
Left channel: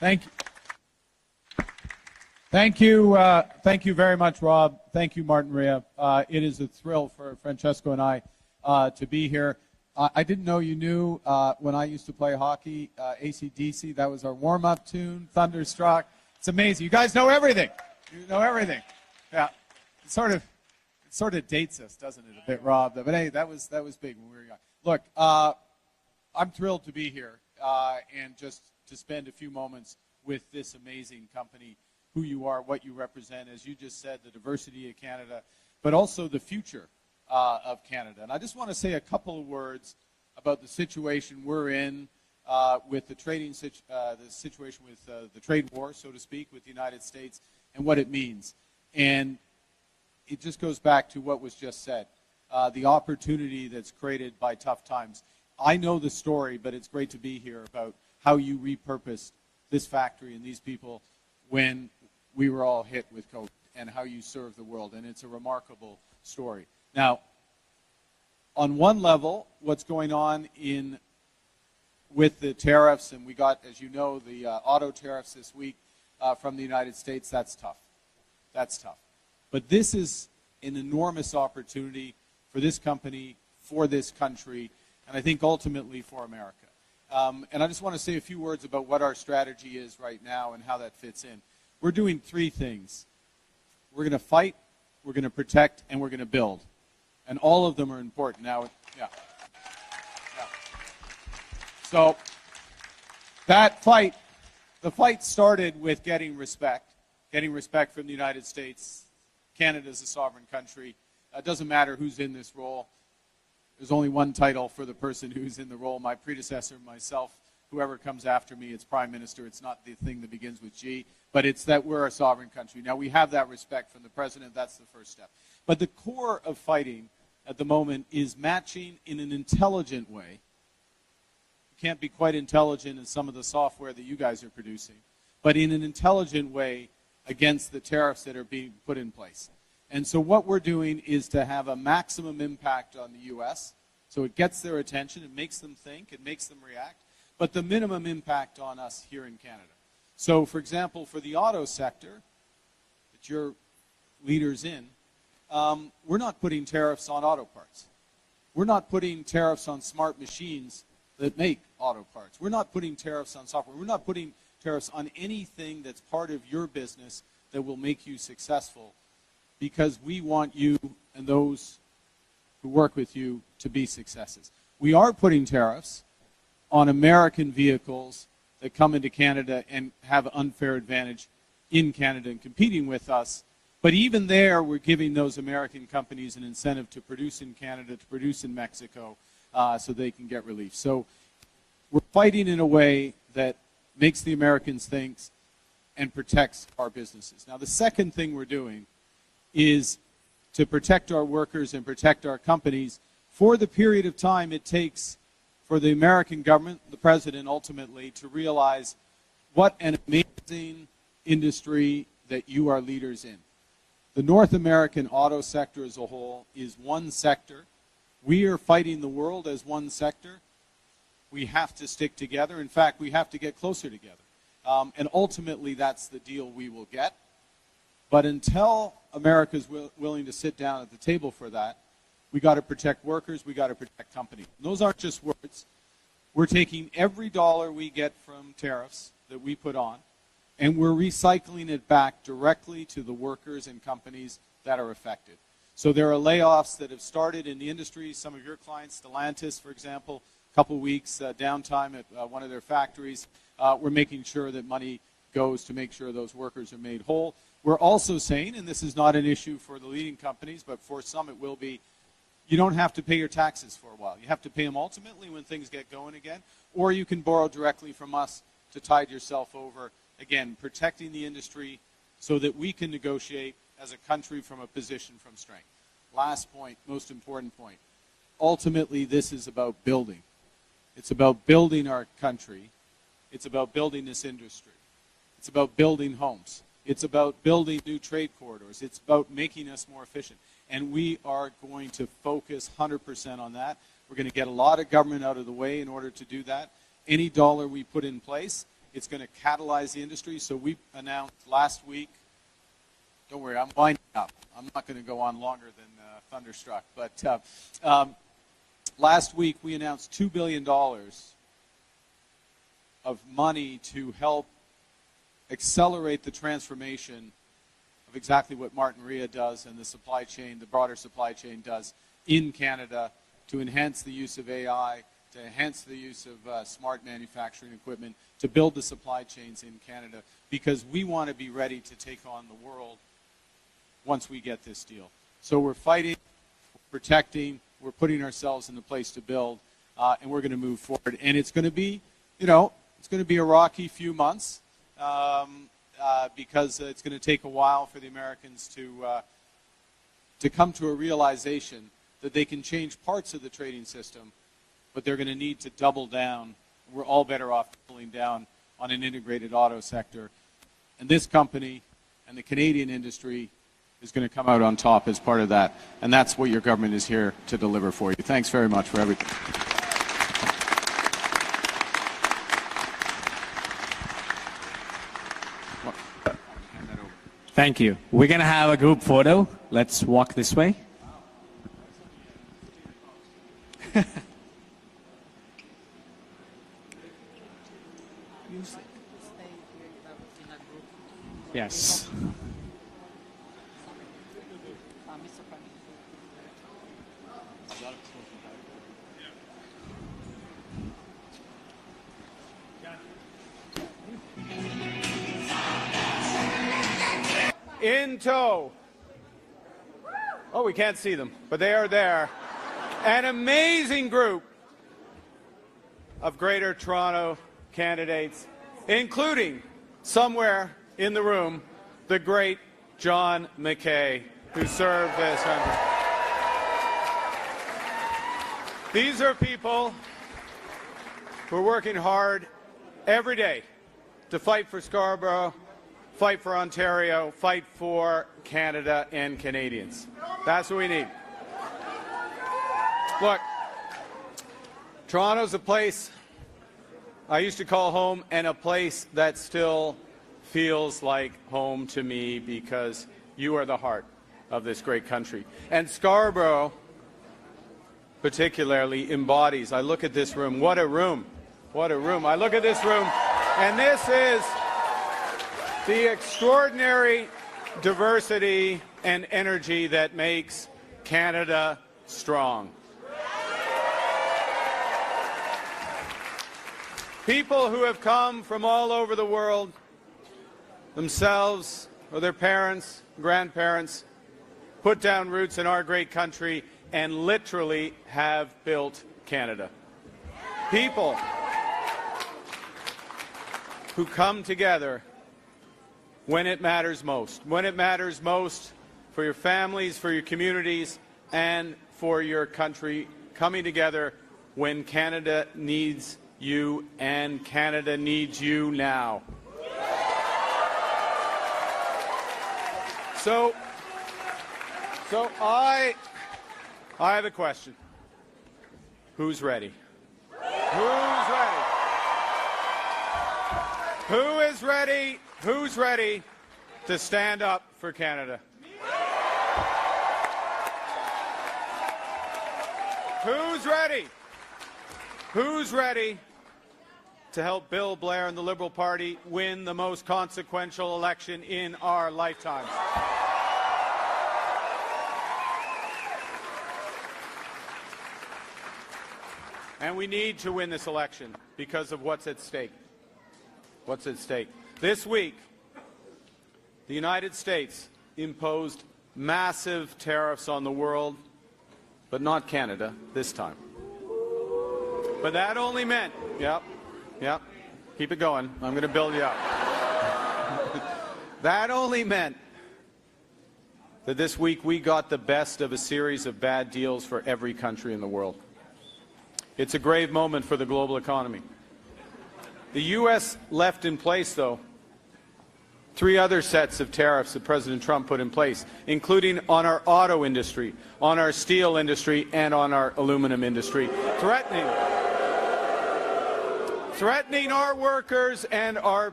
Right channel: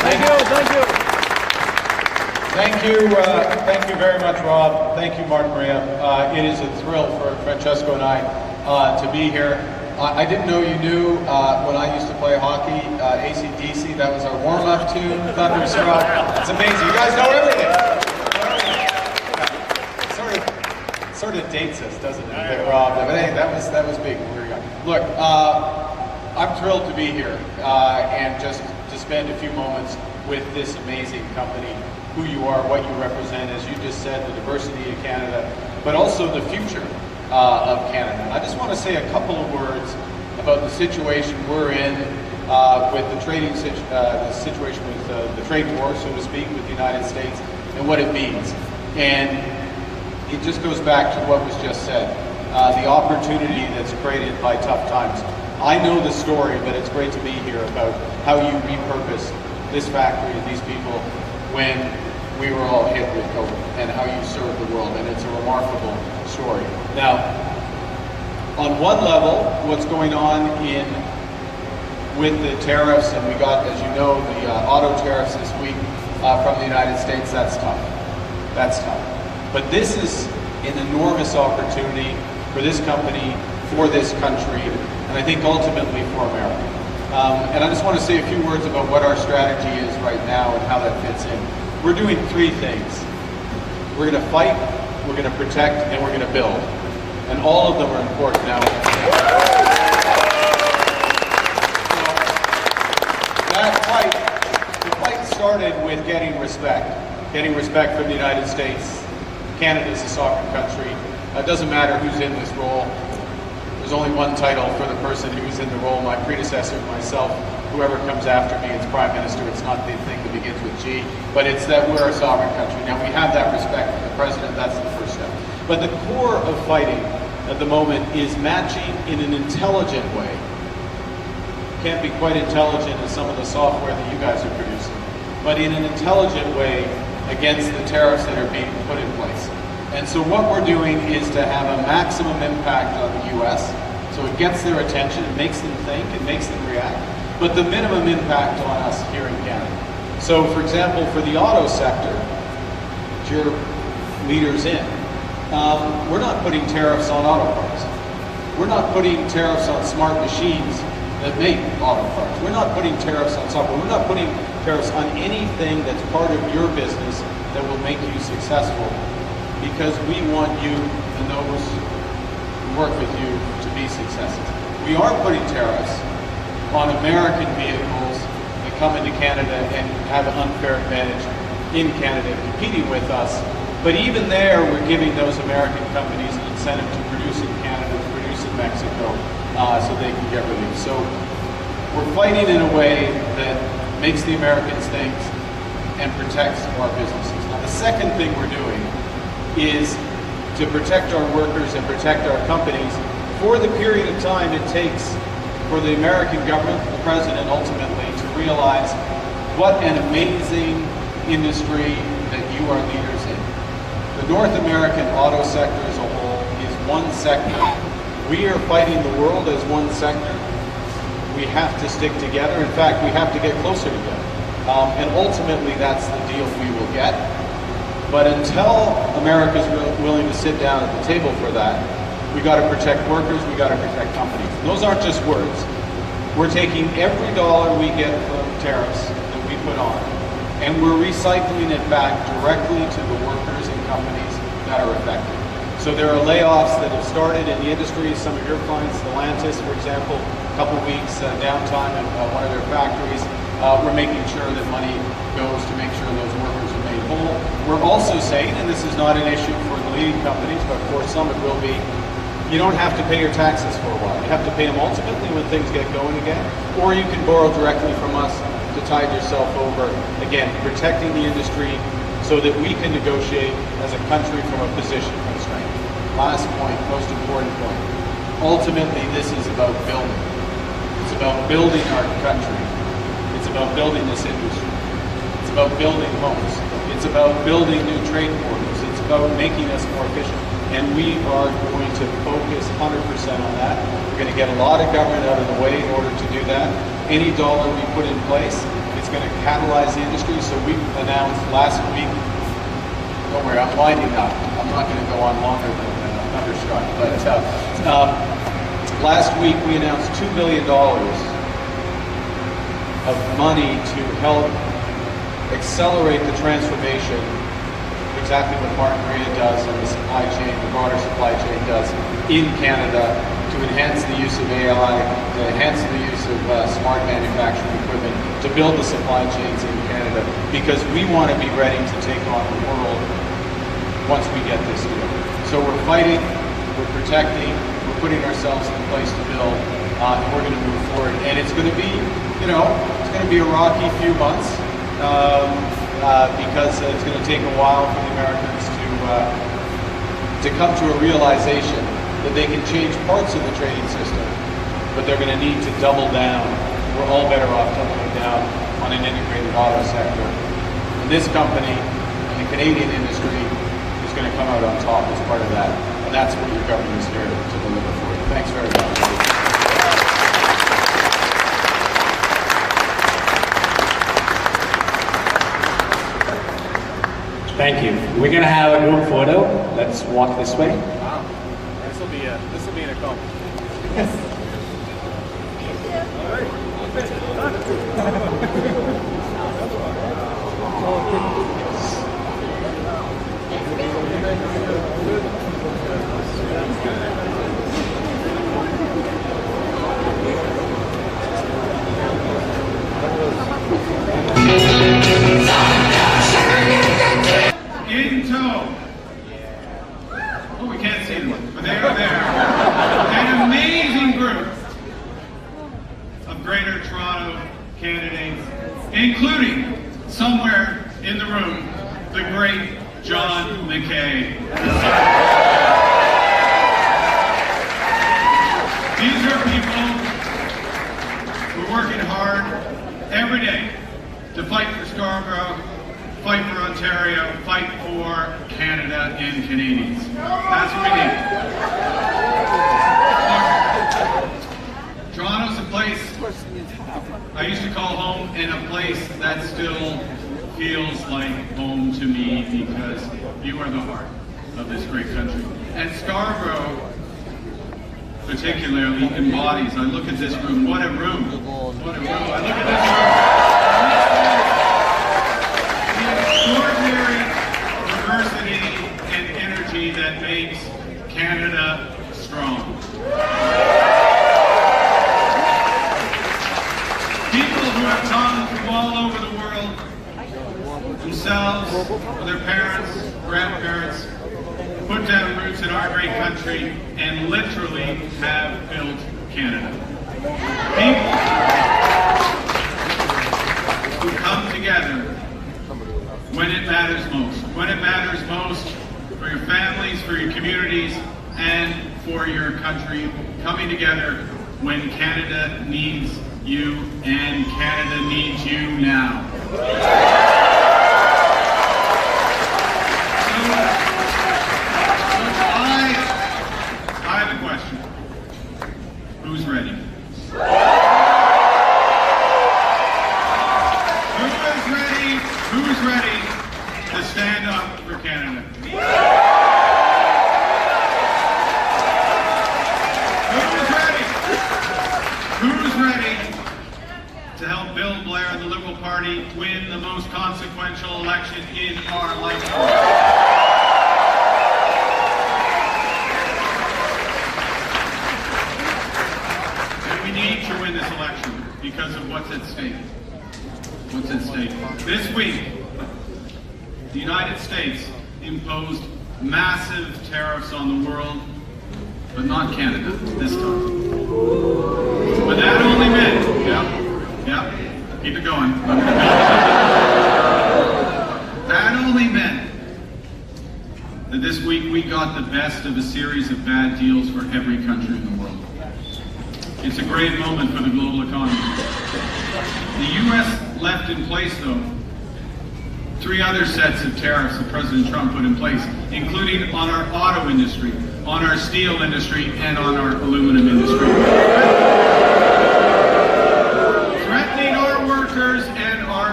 Thank you very much, Rob. Thank you, Martin Maria. It is a thrill for Francesco and I to be here. I didn't know you knew when I used to play hockey, AC/DC. That was our warm-up tune, Thunderstruck. It's amazing. You guys know everything. You know everything. Yeah. It sort of dates us, doesn't it? That Rob. But hey, that was big when we were young. Look, I'm thrilled to be here and just to spend a few moments with this amazing company. Who you are, what you represent, as you just said, the diversity of Canada, but also the future of Canada. I just want to say a couple of words about the situation we're in with the situation with the trade war, so to speak, with the United States and what it means. And it just goes back to what was just said, the opportunity that's created by tough times. I know the story, but it's great to be here about how you repurpose this factory and these people when we were all hit with COVID, and how you serve the world, and it's a remarkable story. Now, on one level, what's going on with the tariffs, and we got, as you know, the auto tariffs this week from the United States, that's tough. That's tough. But this is an enormous opportunity for this company, for this country, and I think ultimately for America. And I just want to say a few words about what our strategy is right now and how that fits in. We're doing three things. We're going to fight, we're going to protect, and we're going to build. And all of them are important now. So that fight, the fight started with getting respect from the United States. Canada's a sovereign country. It doesn't matter who's in this role. There's only one title for the person who's in the role, my predecessor, myself. Whoever comes after me, it's Prime Minister. It's not the thing that begins with G, but it's that we're a sovereign country. Now, we have that respect for the President. That's the first step. But the core of fighting at the moment is matching in an intelligent way. Can't be quite intelligent as some of the software that you guys are producing, but in an intelligent way against the tariffs that are being put in place. And so what we're doing is to have a maximum impact on the U.S., so it gets their attention, it makes them think, it makes them react, but the minimum impact on us here in Canada. So, for example, for the auto sector, which you're leaders in, we're not putting tariffs on auto parts. We're not putting tariffs on smart machines that make auto parts. We're not putting tariffs on software. We're not putting tariffs on anything that's part of your business that will make you successful, because we want you and those who work with you to be successful. We are putting tariffs on American vehicles that come into Canada and have an unfair advantage in Canada competing with us. But even there, we're giving those American companies an incentive to produce in Canada, to produce in Mexico, so they can get relief. So we're fighting in a way that makes the Americans think and protects our businesses. Now, the second thing we're doing is to protect our workers and protect our companies for the period of time it takes for the American government, the President ultimately, to realize what an amazing industry that you are leaders in. The North American auto sector as a whole is one sector. We are fighting the world as one sector. We have to stick together. In fact, we have to get closer together. And ultimately, that's the deal we will get. But until America's willing to sit down at the table for that, we got to protect workers, we got to protect companies. And those aren't just words. We're taking every dollar we get from tariffs that we put on, and we're recycling it back directly to the workers and companies that are affected. So there are layoffs that have started in the industry. Some of your clients, Stellantis, for example, a couple of weeks downtime in one of their factories. We're making sure that money goes to make sure those workers are made whole. We're also saying, and this is not an issue for the leading companies, but for some it will be, you don't have to pay your taxes for a while. You have to pay them ultimately when things get going again, or you can borrow directly from us to tide yourself over, again, protecting the industry so that we can negotiate as a country from a position of strength. Last point, most important point. Ultimately, this is about building. It's about building our country. It's about building this industry. It's about building homes. It's about building new trade corridors. It's about making us more efficient. And we are going to focus 100% on that. We're going to get a lot of government out of the way in order to do that. Any dollar we put in place It's going to catalyze the industry. So we announced last week, don't worry, I'm winding up. I'm not going to go on longer than Thunderstruck. But last week we announced $2 billion of money to help accelerate the transformation, exactly what Martin Maria does and the supply chain, the broader supply chain does in Canada, to enhance the use of AI, to enhance the use of smart manufacturing equipment, to build the supply chains in Canada, because we want to be ready to take on the world once we get this deal. So we're fighting, we're protecting, we're putting ourselves in place to build, and we're going to move forward. And it's going to be, you know, it's going to be a rocky few months, because it's going to take a while for the Americans to come to a realization that they can change parts of the trading system, but they're going to need to double down. We're all better off doubling down on an integrated auto sector. And this company and the Canadian industry is going to come out on top as part of that. And that's what your government is here to deliver for you. Thanks very much, Rudy. Thank you. We're going to have a group photo. Let's walk this way. Wow. This will be an accomplishment. Yes. In tow. Oh, we can't see them, but they're there. An amazing group of Greater Toronto candidates, including, somewhere in the room, the great John McKay. These are people who are working hard every day to fight for Scarborough, fight for Ontario, fight for Canada and Canadians. That's what we need. Look, Toronto's a place I used to call home, and a place that still feels like home to me, because you are the heart of this great country. And Scarborough, particularly, embodies, I look at this room, what a room, what a room. I look at this room, and this is the extraordinary diversity and energy that makes Canada strong. People who have come from all over the world, themselves, their parents, grandparents, put down roots in our great country and literally have built Canada. People who come together when it matters most. When it matters most for your families, for your communities, and for your country. Coming together when Canada needs you, and Canada needs you now. So I have a question. Who's ready? Who's ready to stand up for Canada? Who's ready to help Bill Blair and the Liberal Party win the most consequential election in our lifetime? And we need to win this election because of what's at stake. What's at stake? This week, the United States imposed massive tariffs on the world, but not Canada this time. But that only meant, keep it going. That only meant that this week we got the best of a series of bad deals for every country in the world. It's a great moment for the global economy. The U.S. left in place, though, 3 other sets of tariffs that President Trump put in place, including on our auto industry, on our steel industry, and on our aluminum industry. Threatening our workers and our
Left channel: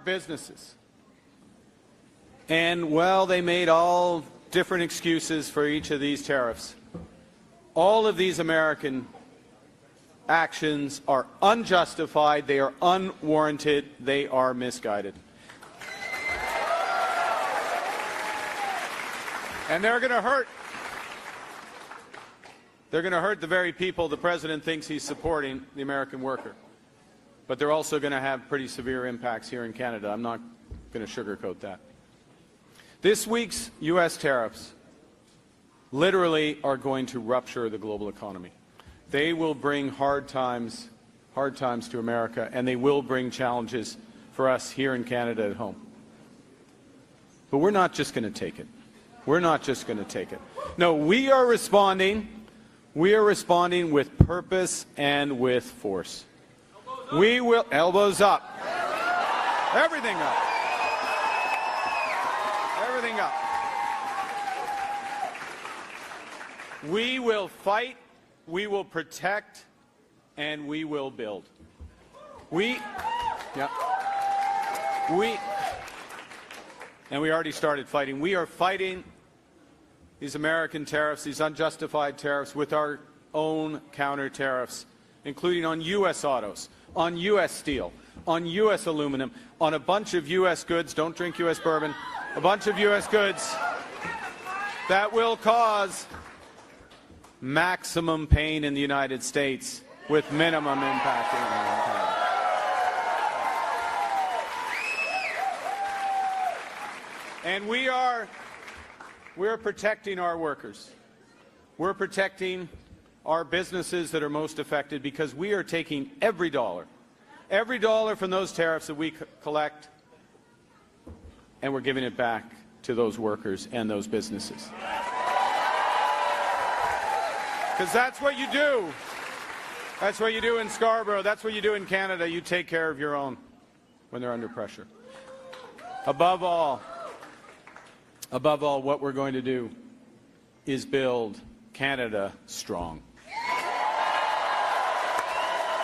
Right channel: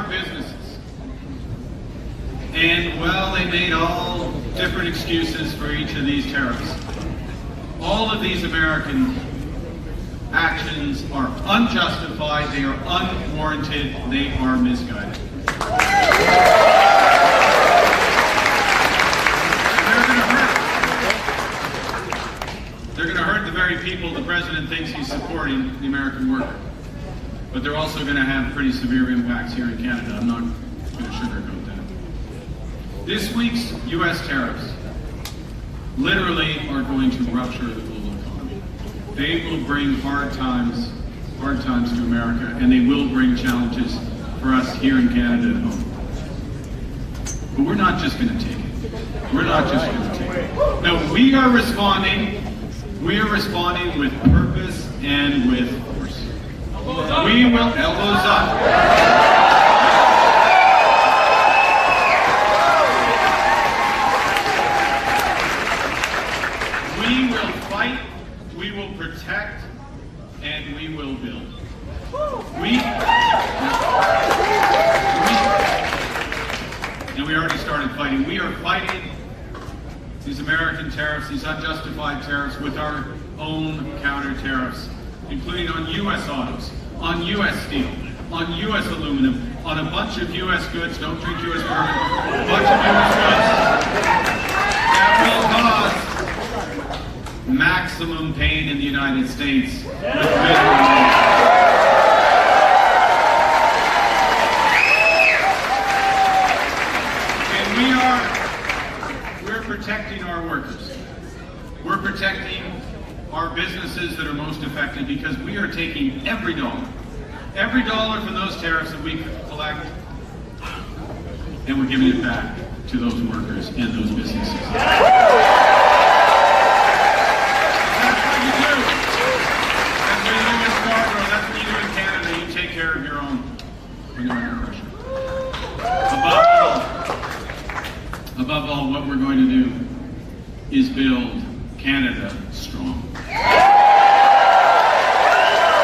all of these American actions are unjustified, they are unwarranted, they are misguided. And they're going to hurt. They're going to hurt the very people the president thinks he's supporting, the American worker. But they're also going to have pretty severe impacts here in Canada. I'm not going to sugarcoat that. This week's U.S. tariffs literally are going to rupture the global economy. They will bring hard times to America, and they will bring challenges for us here in Canada at home. But we're not just going to take it. We're not just going to take it. No, we are responding. We are responding with purpose and with force. We will, elbows up. We will fight, we will protect, and we will build. And we already started fighting. We are fighting these American tariffs, these unjustified tariffs, with our own counter tariffs, including on U.S. autos, on U.S. steel, on U.S. aluminum, on a bunch of U.S. goods, don't drink U.S. bourbon, a bunch of U.S. goods that will cause maximum pain in the United States with we're protecting our workers. We're protecting our businesses that are most affected, because we are taking every dollar from those tariffs that we collect, and we're giving it back to those workers and those businesses. That's what you do. That's what you do in Scarborough. That's what you do in Canada. You take care of your own. Bring on your question. Above all, what we're going to do is build Canada strong.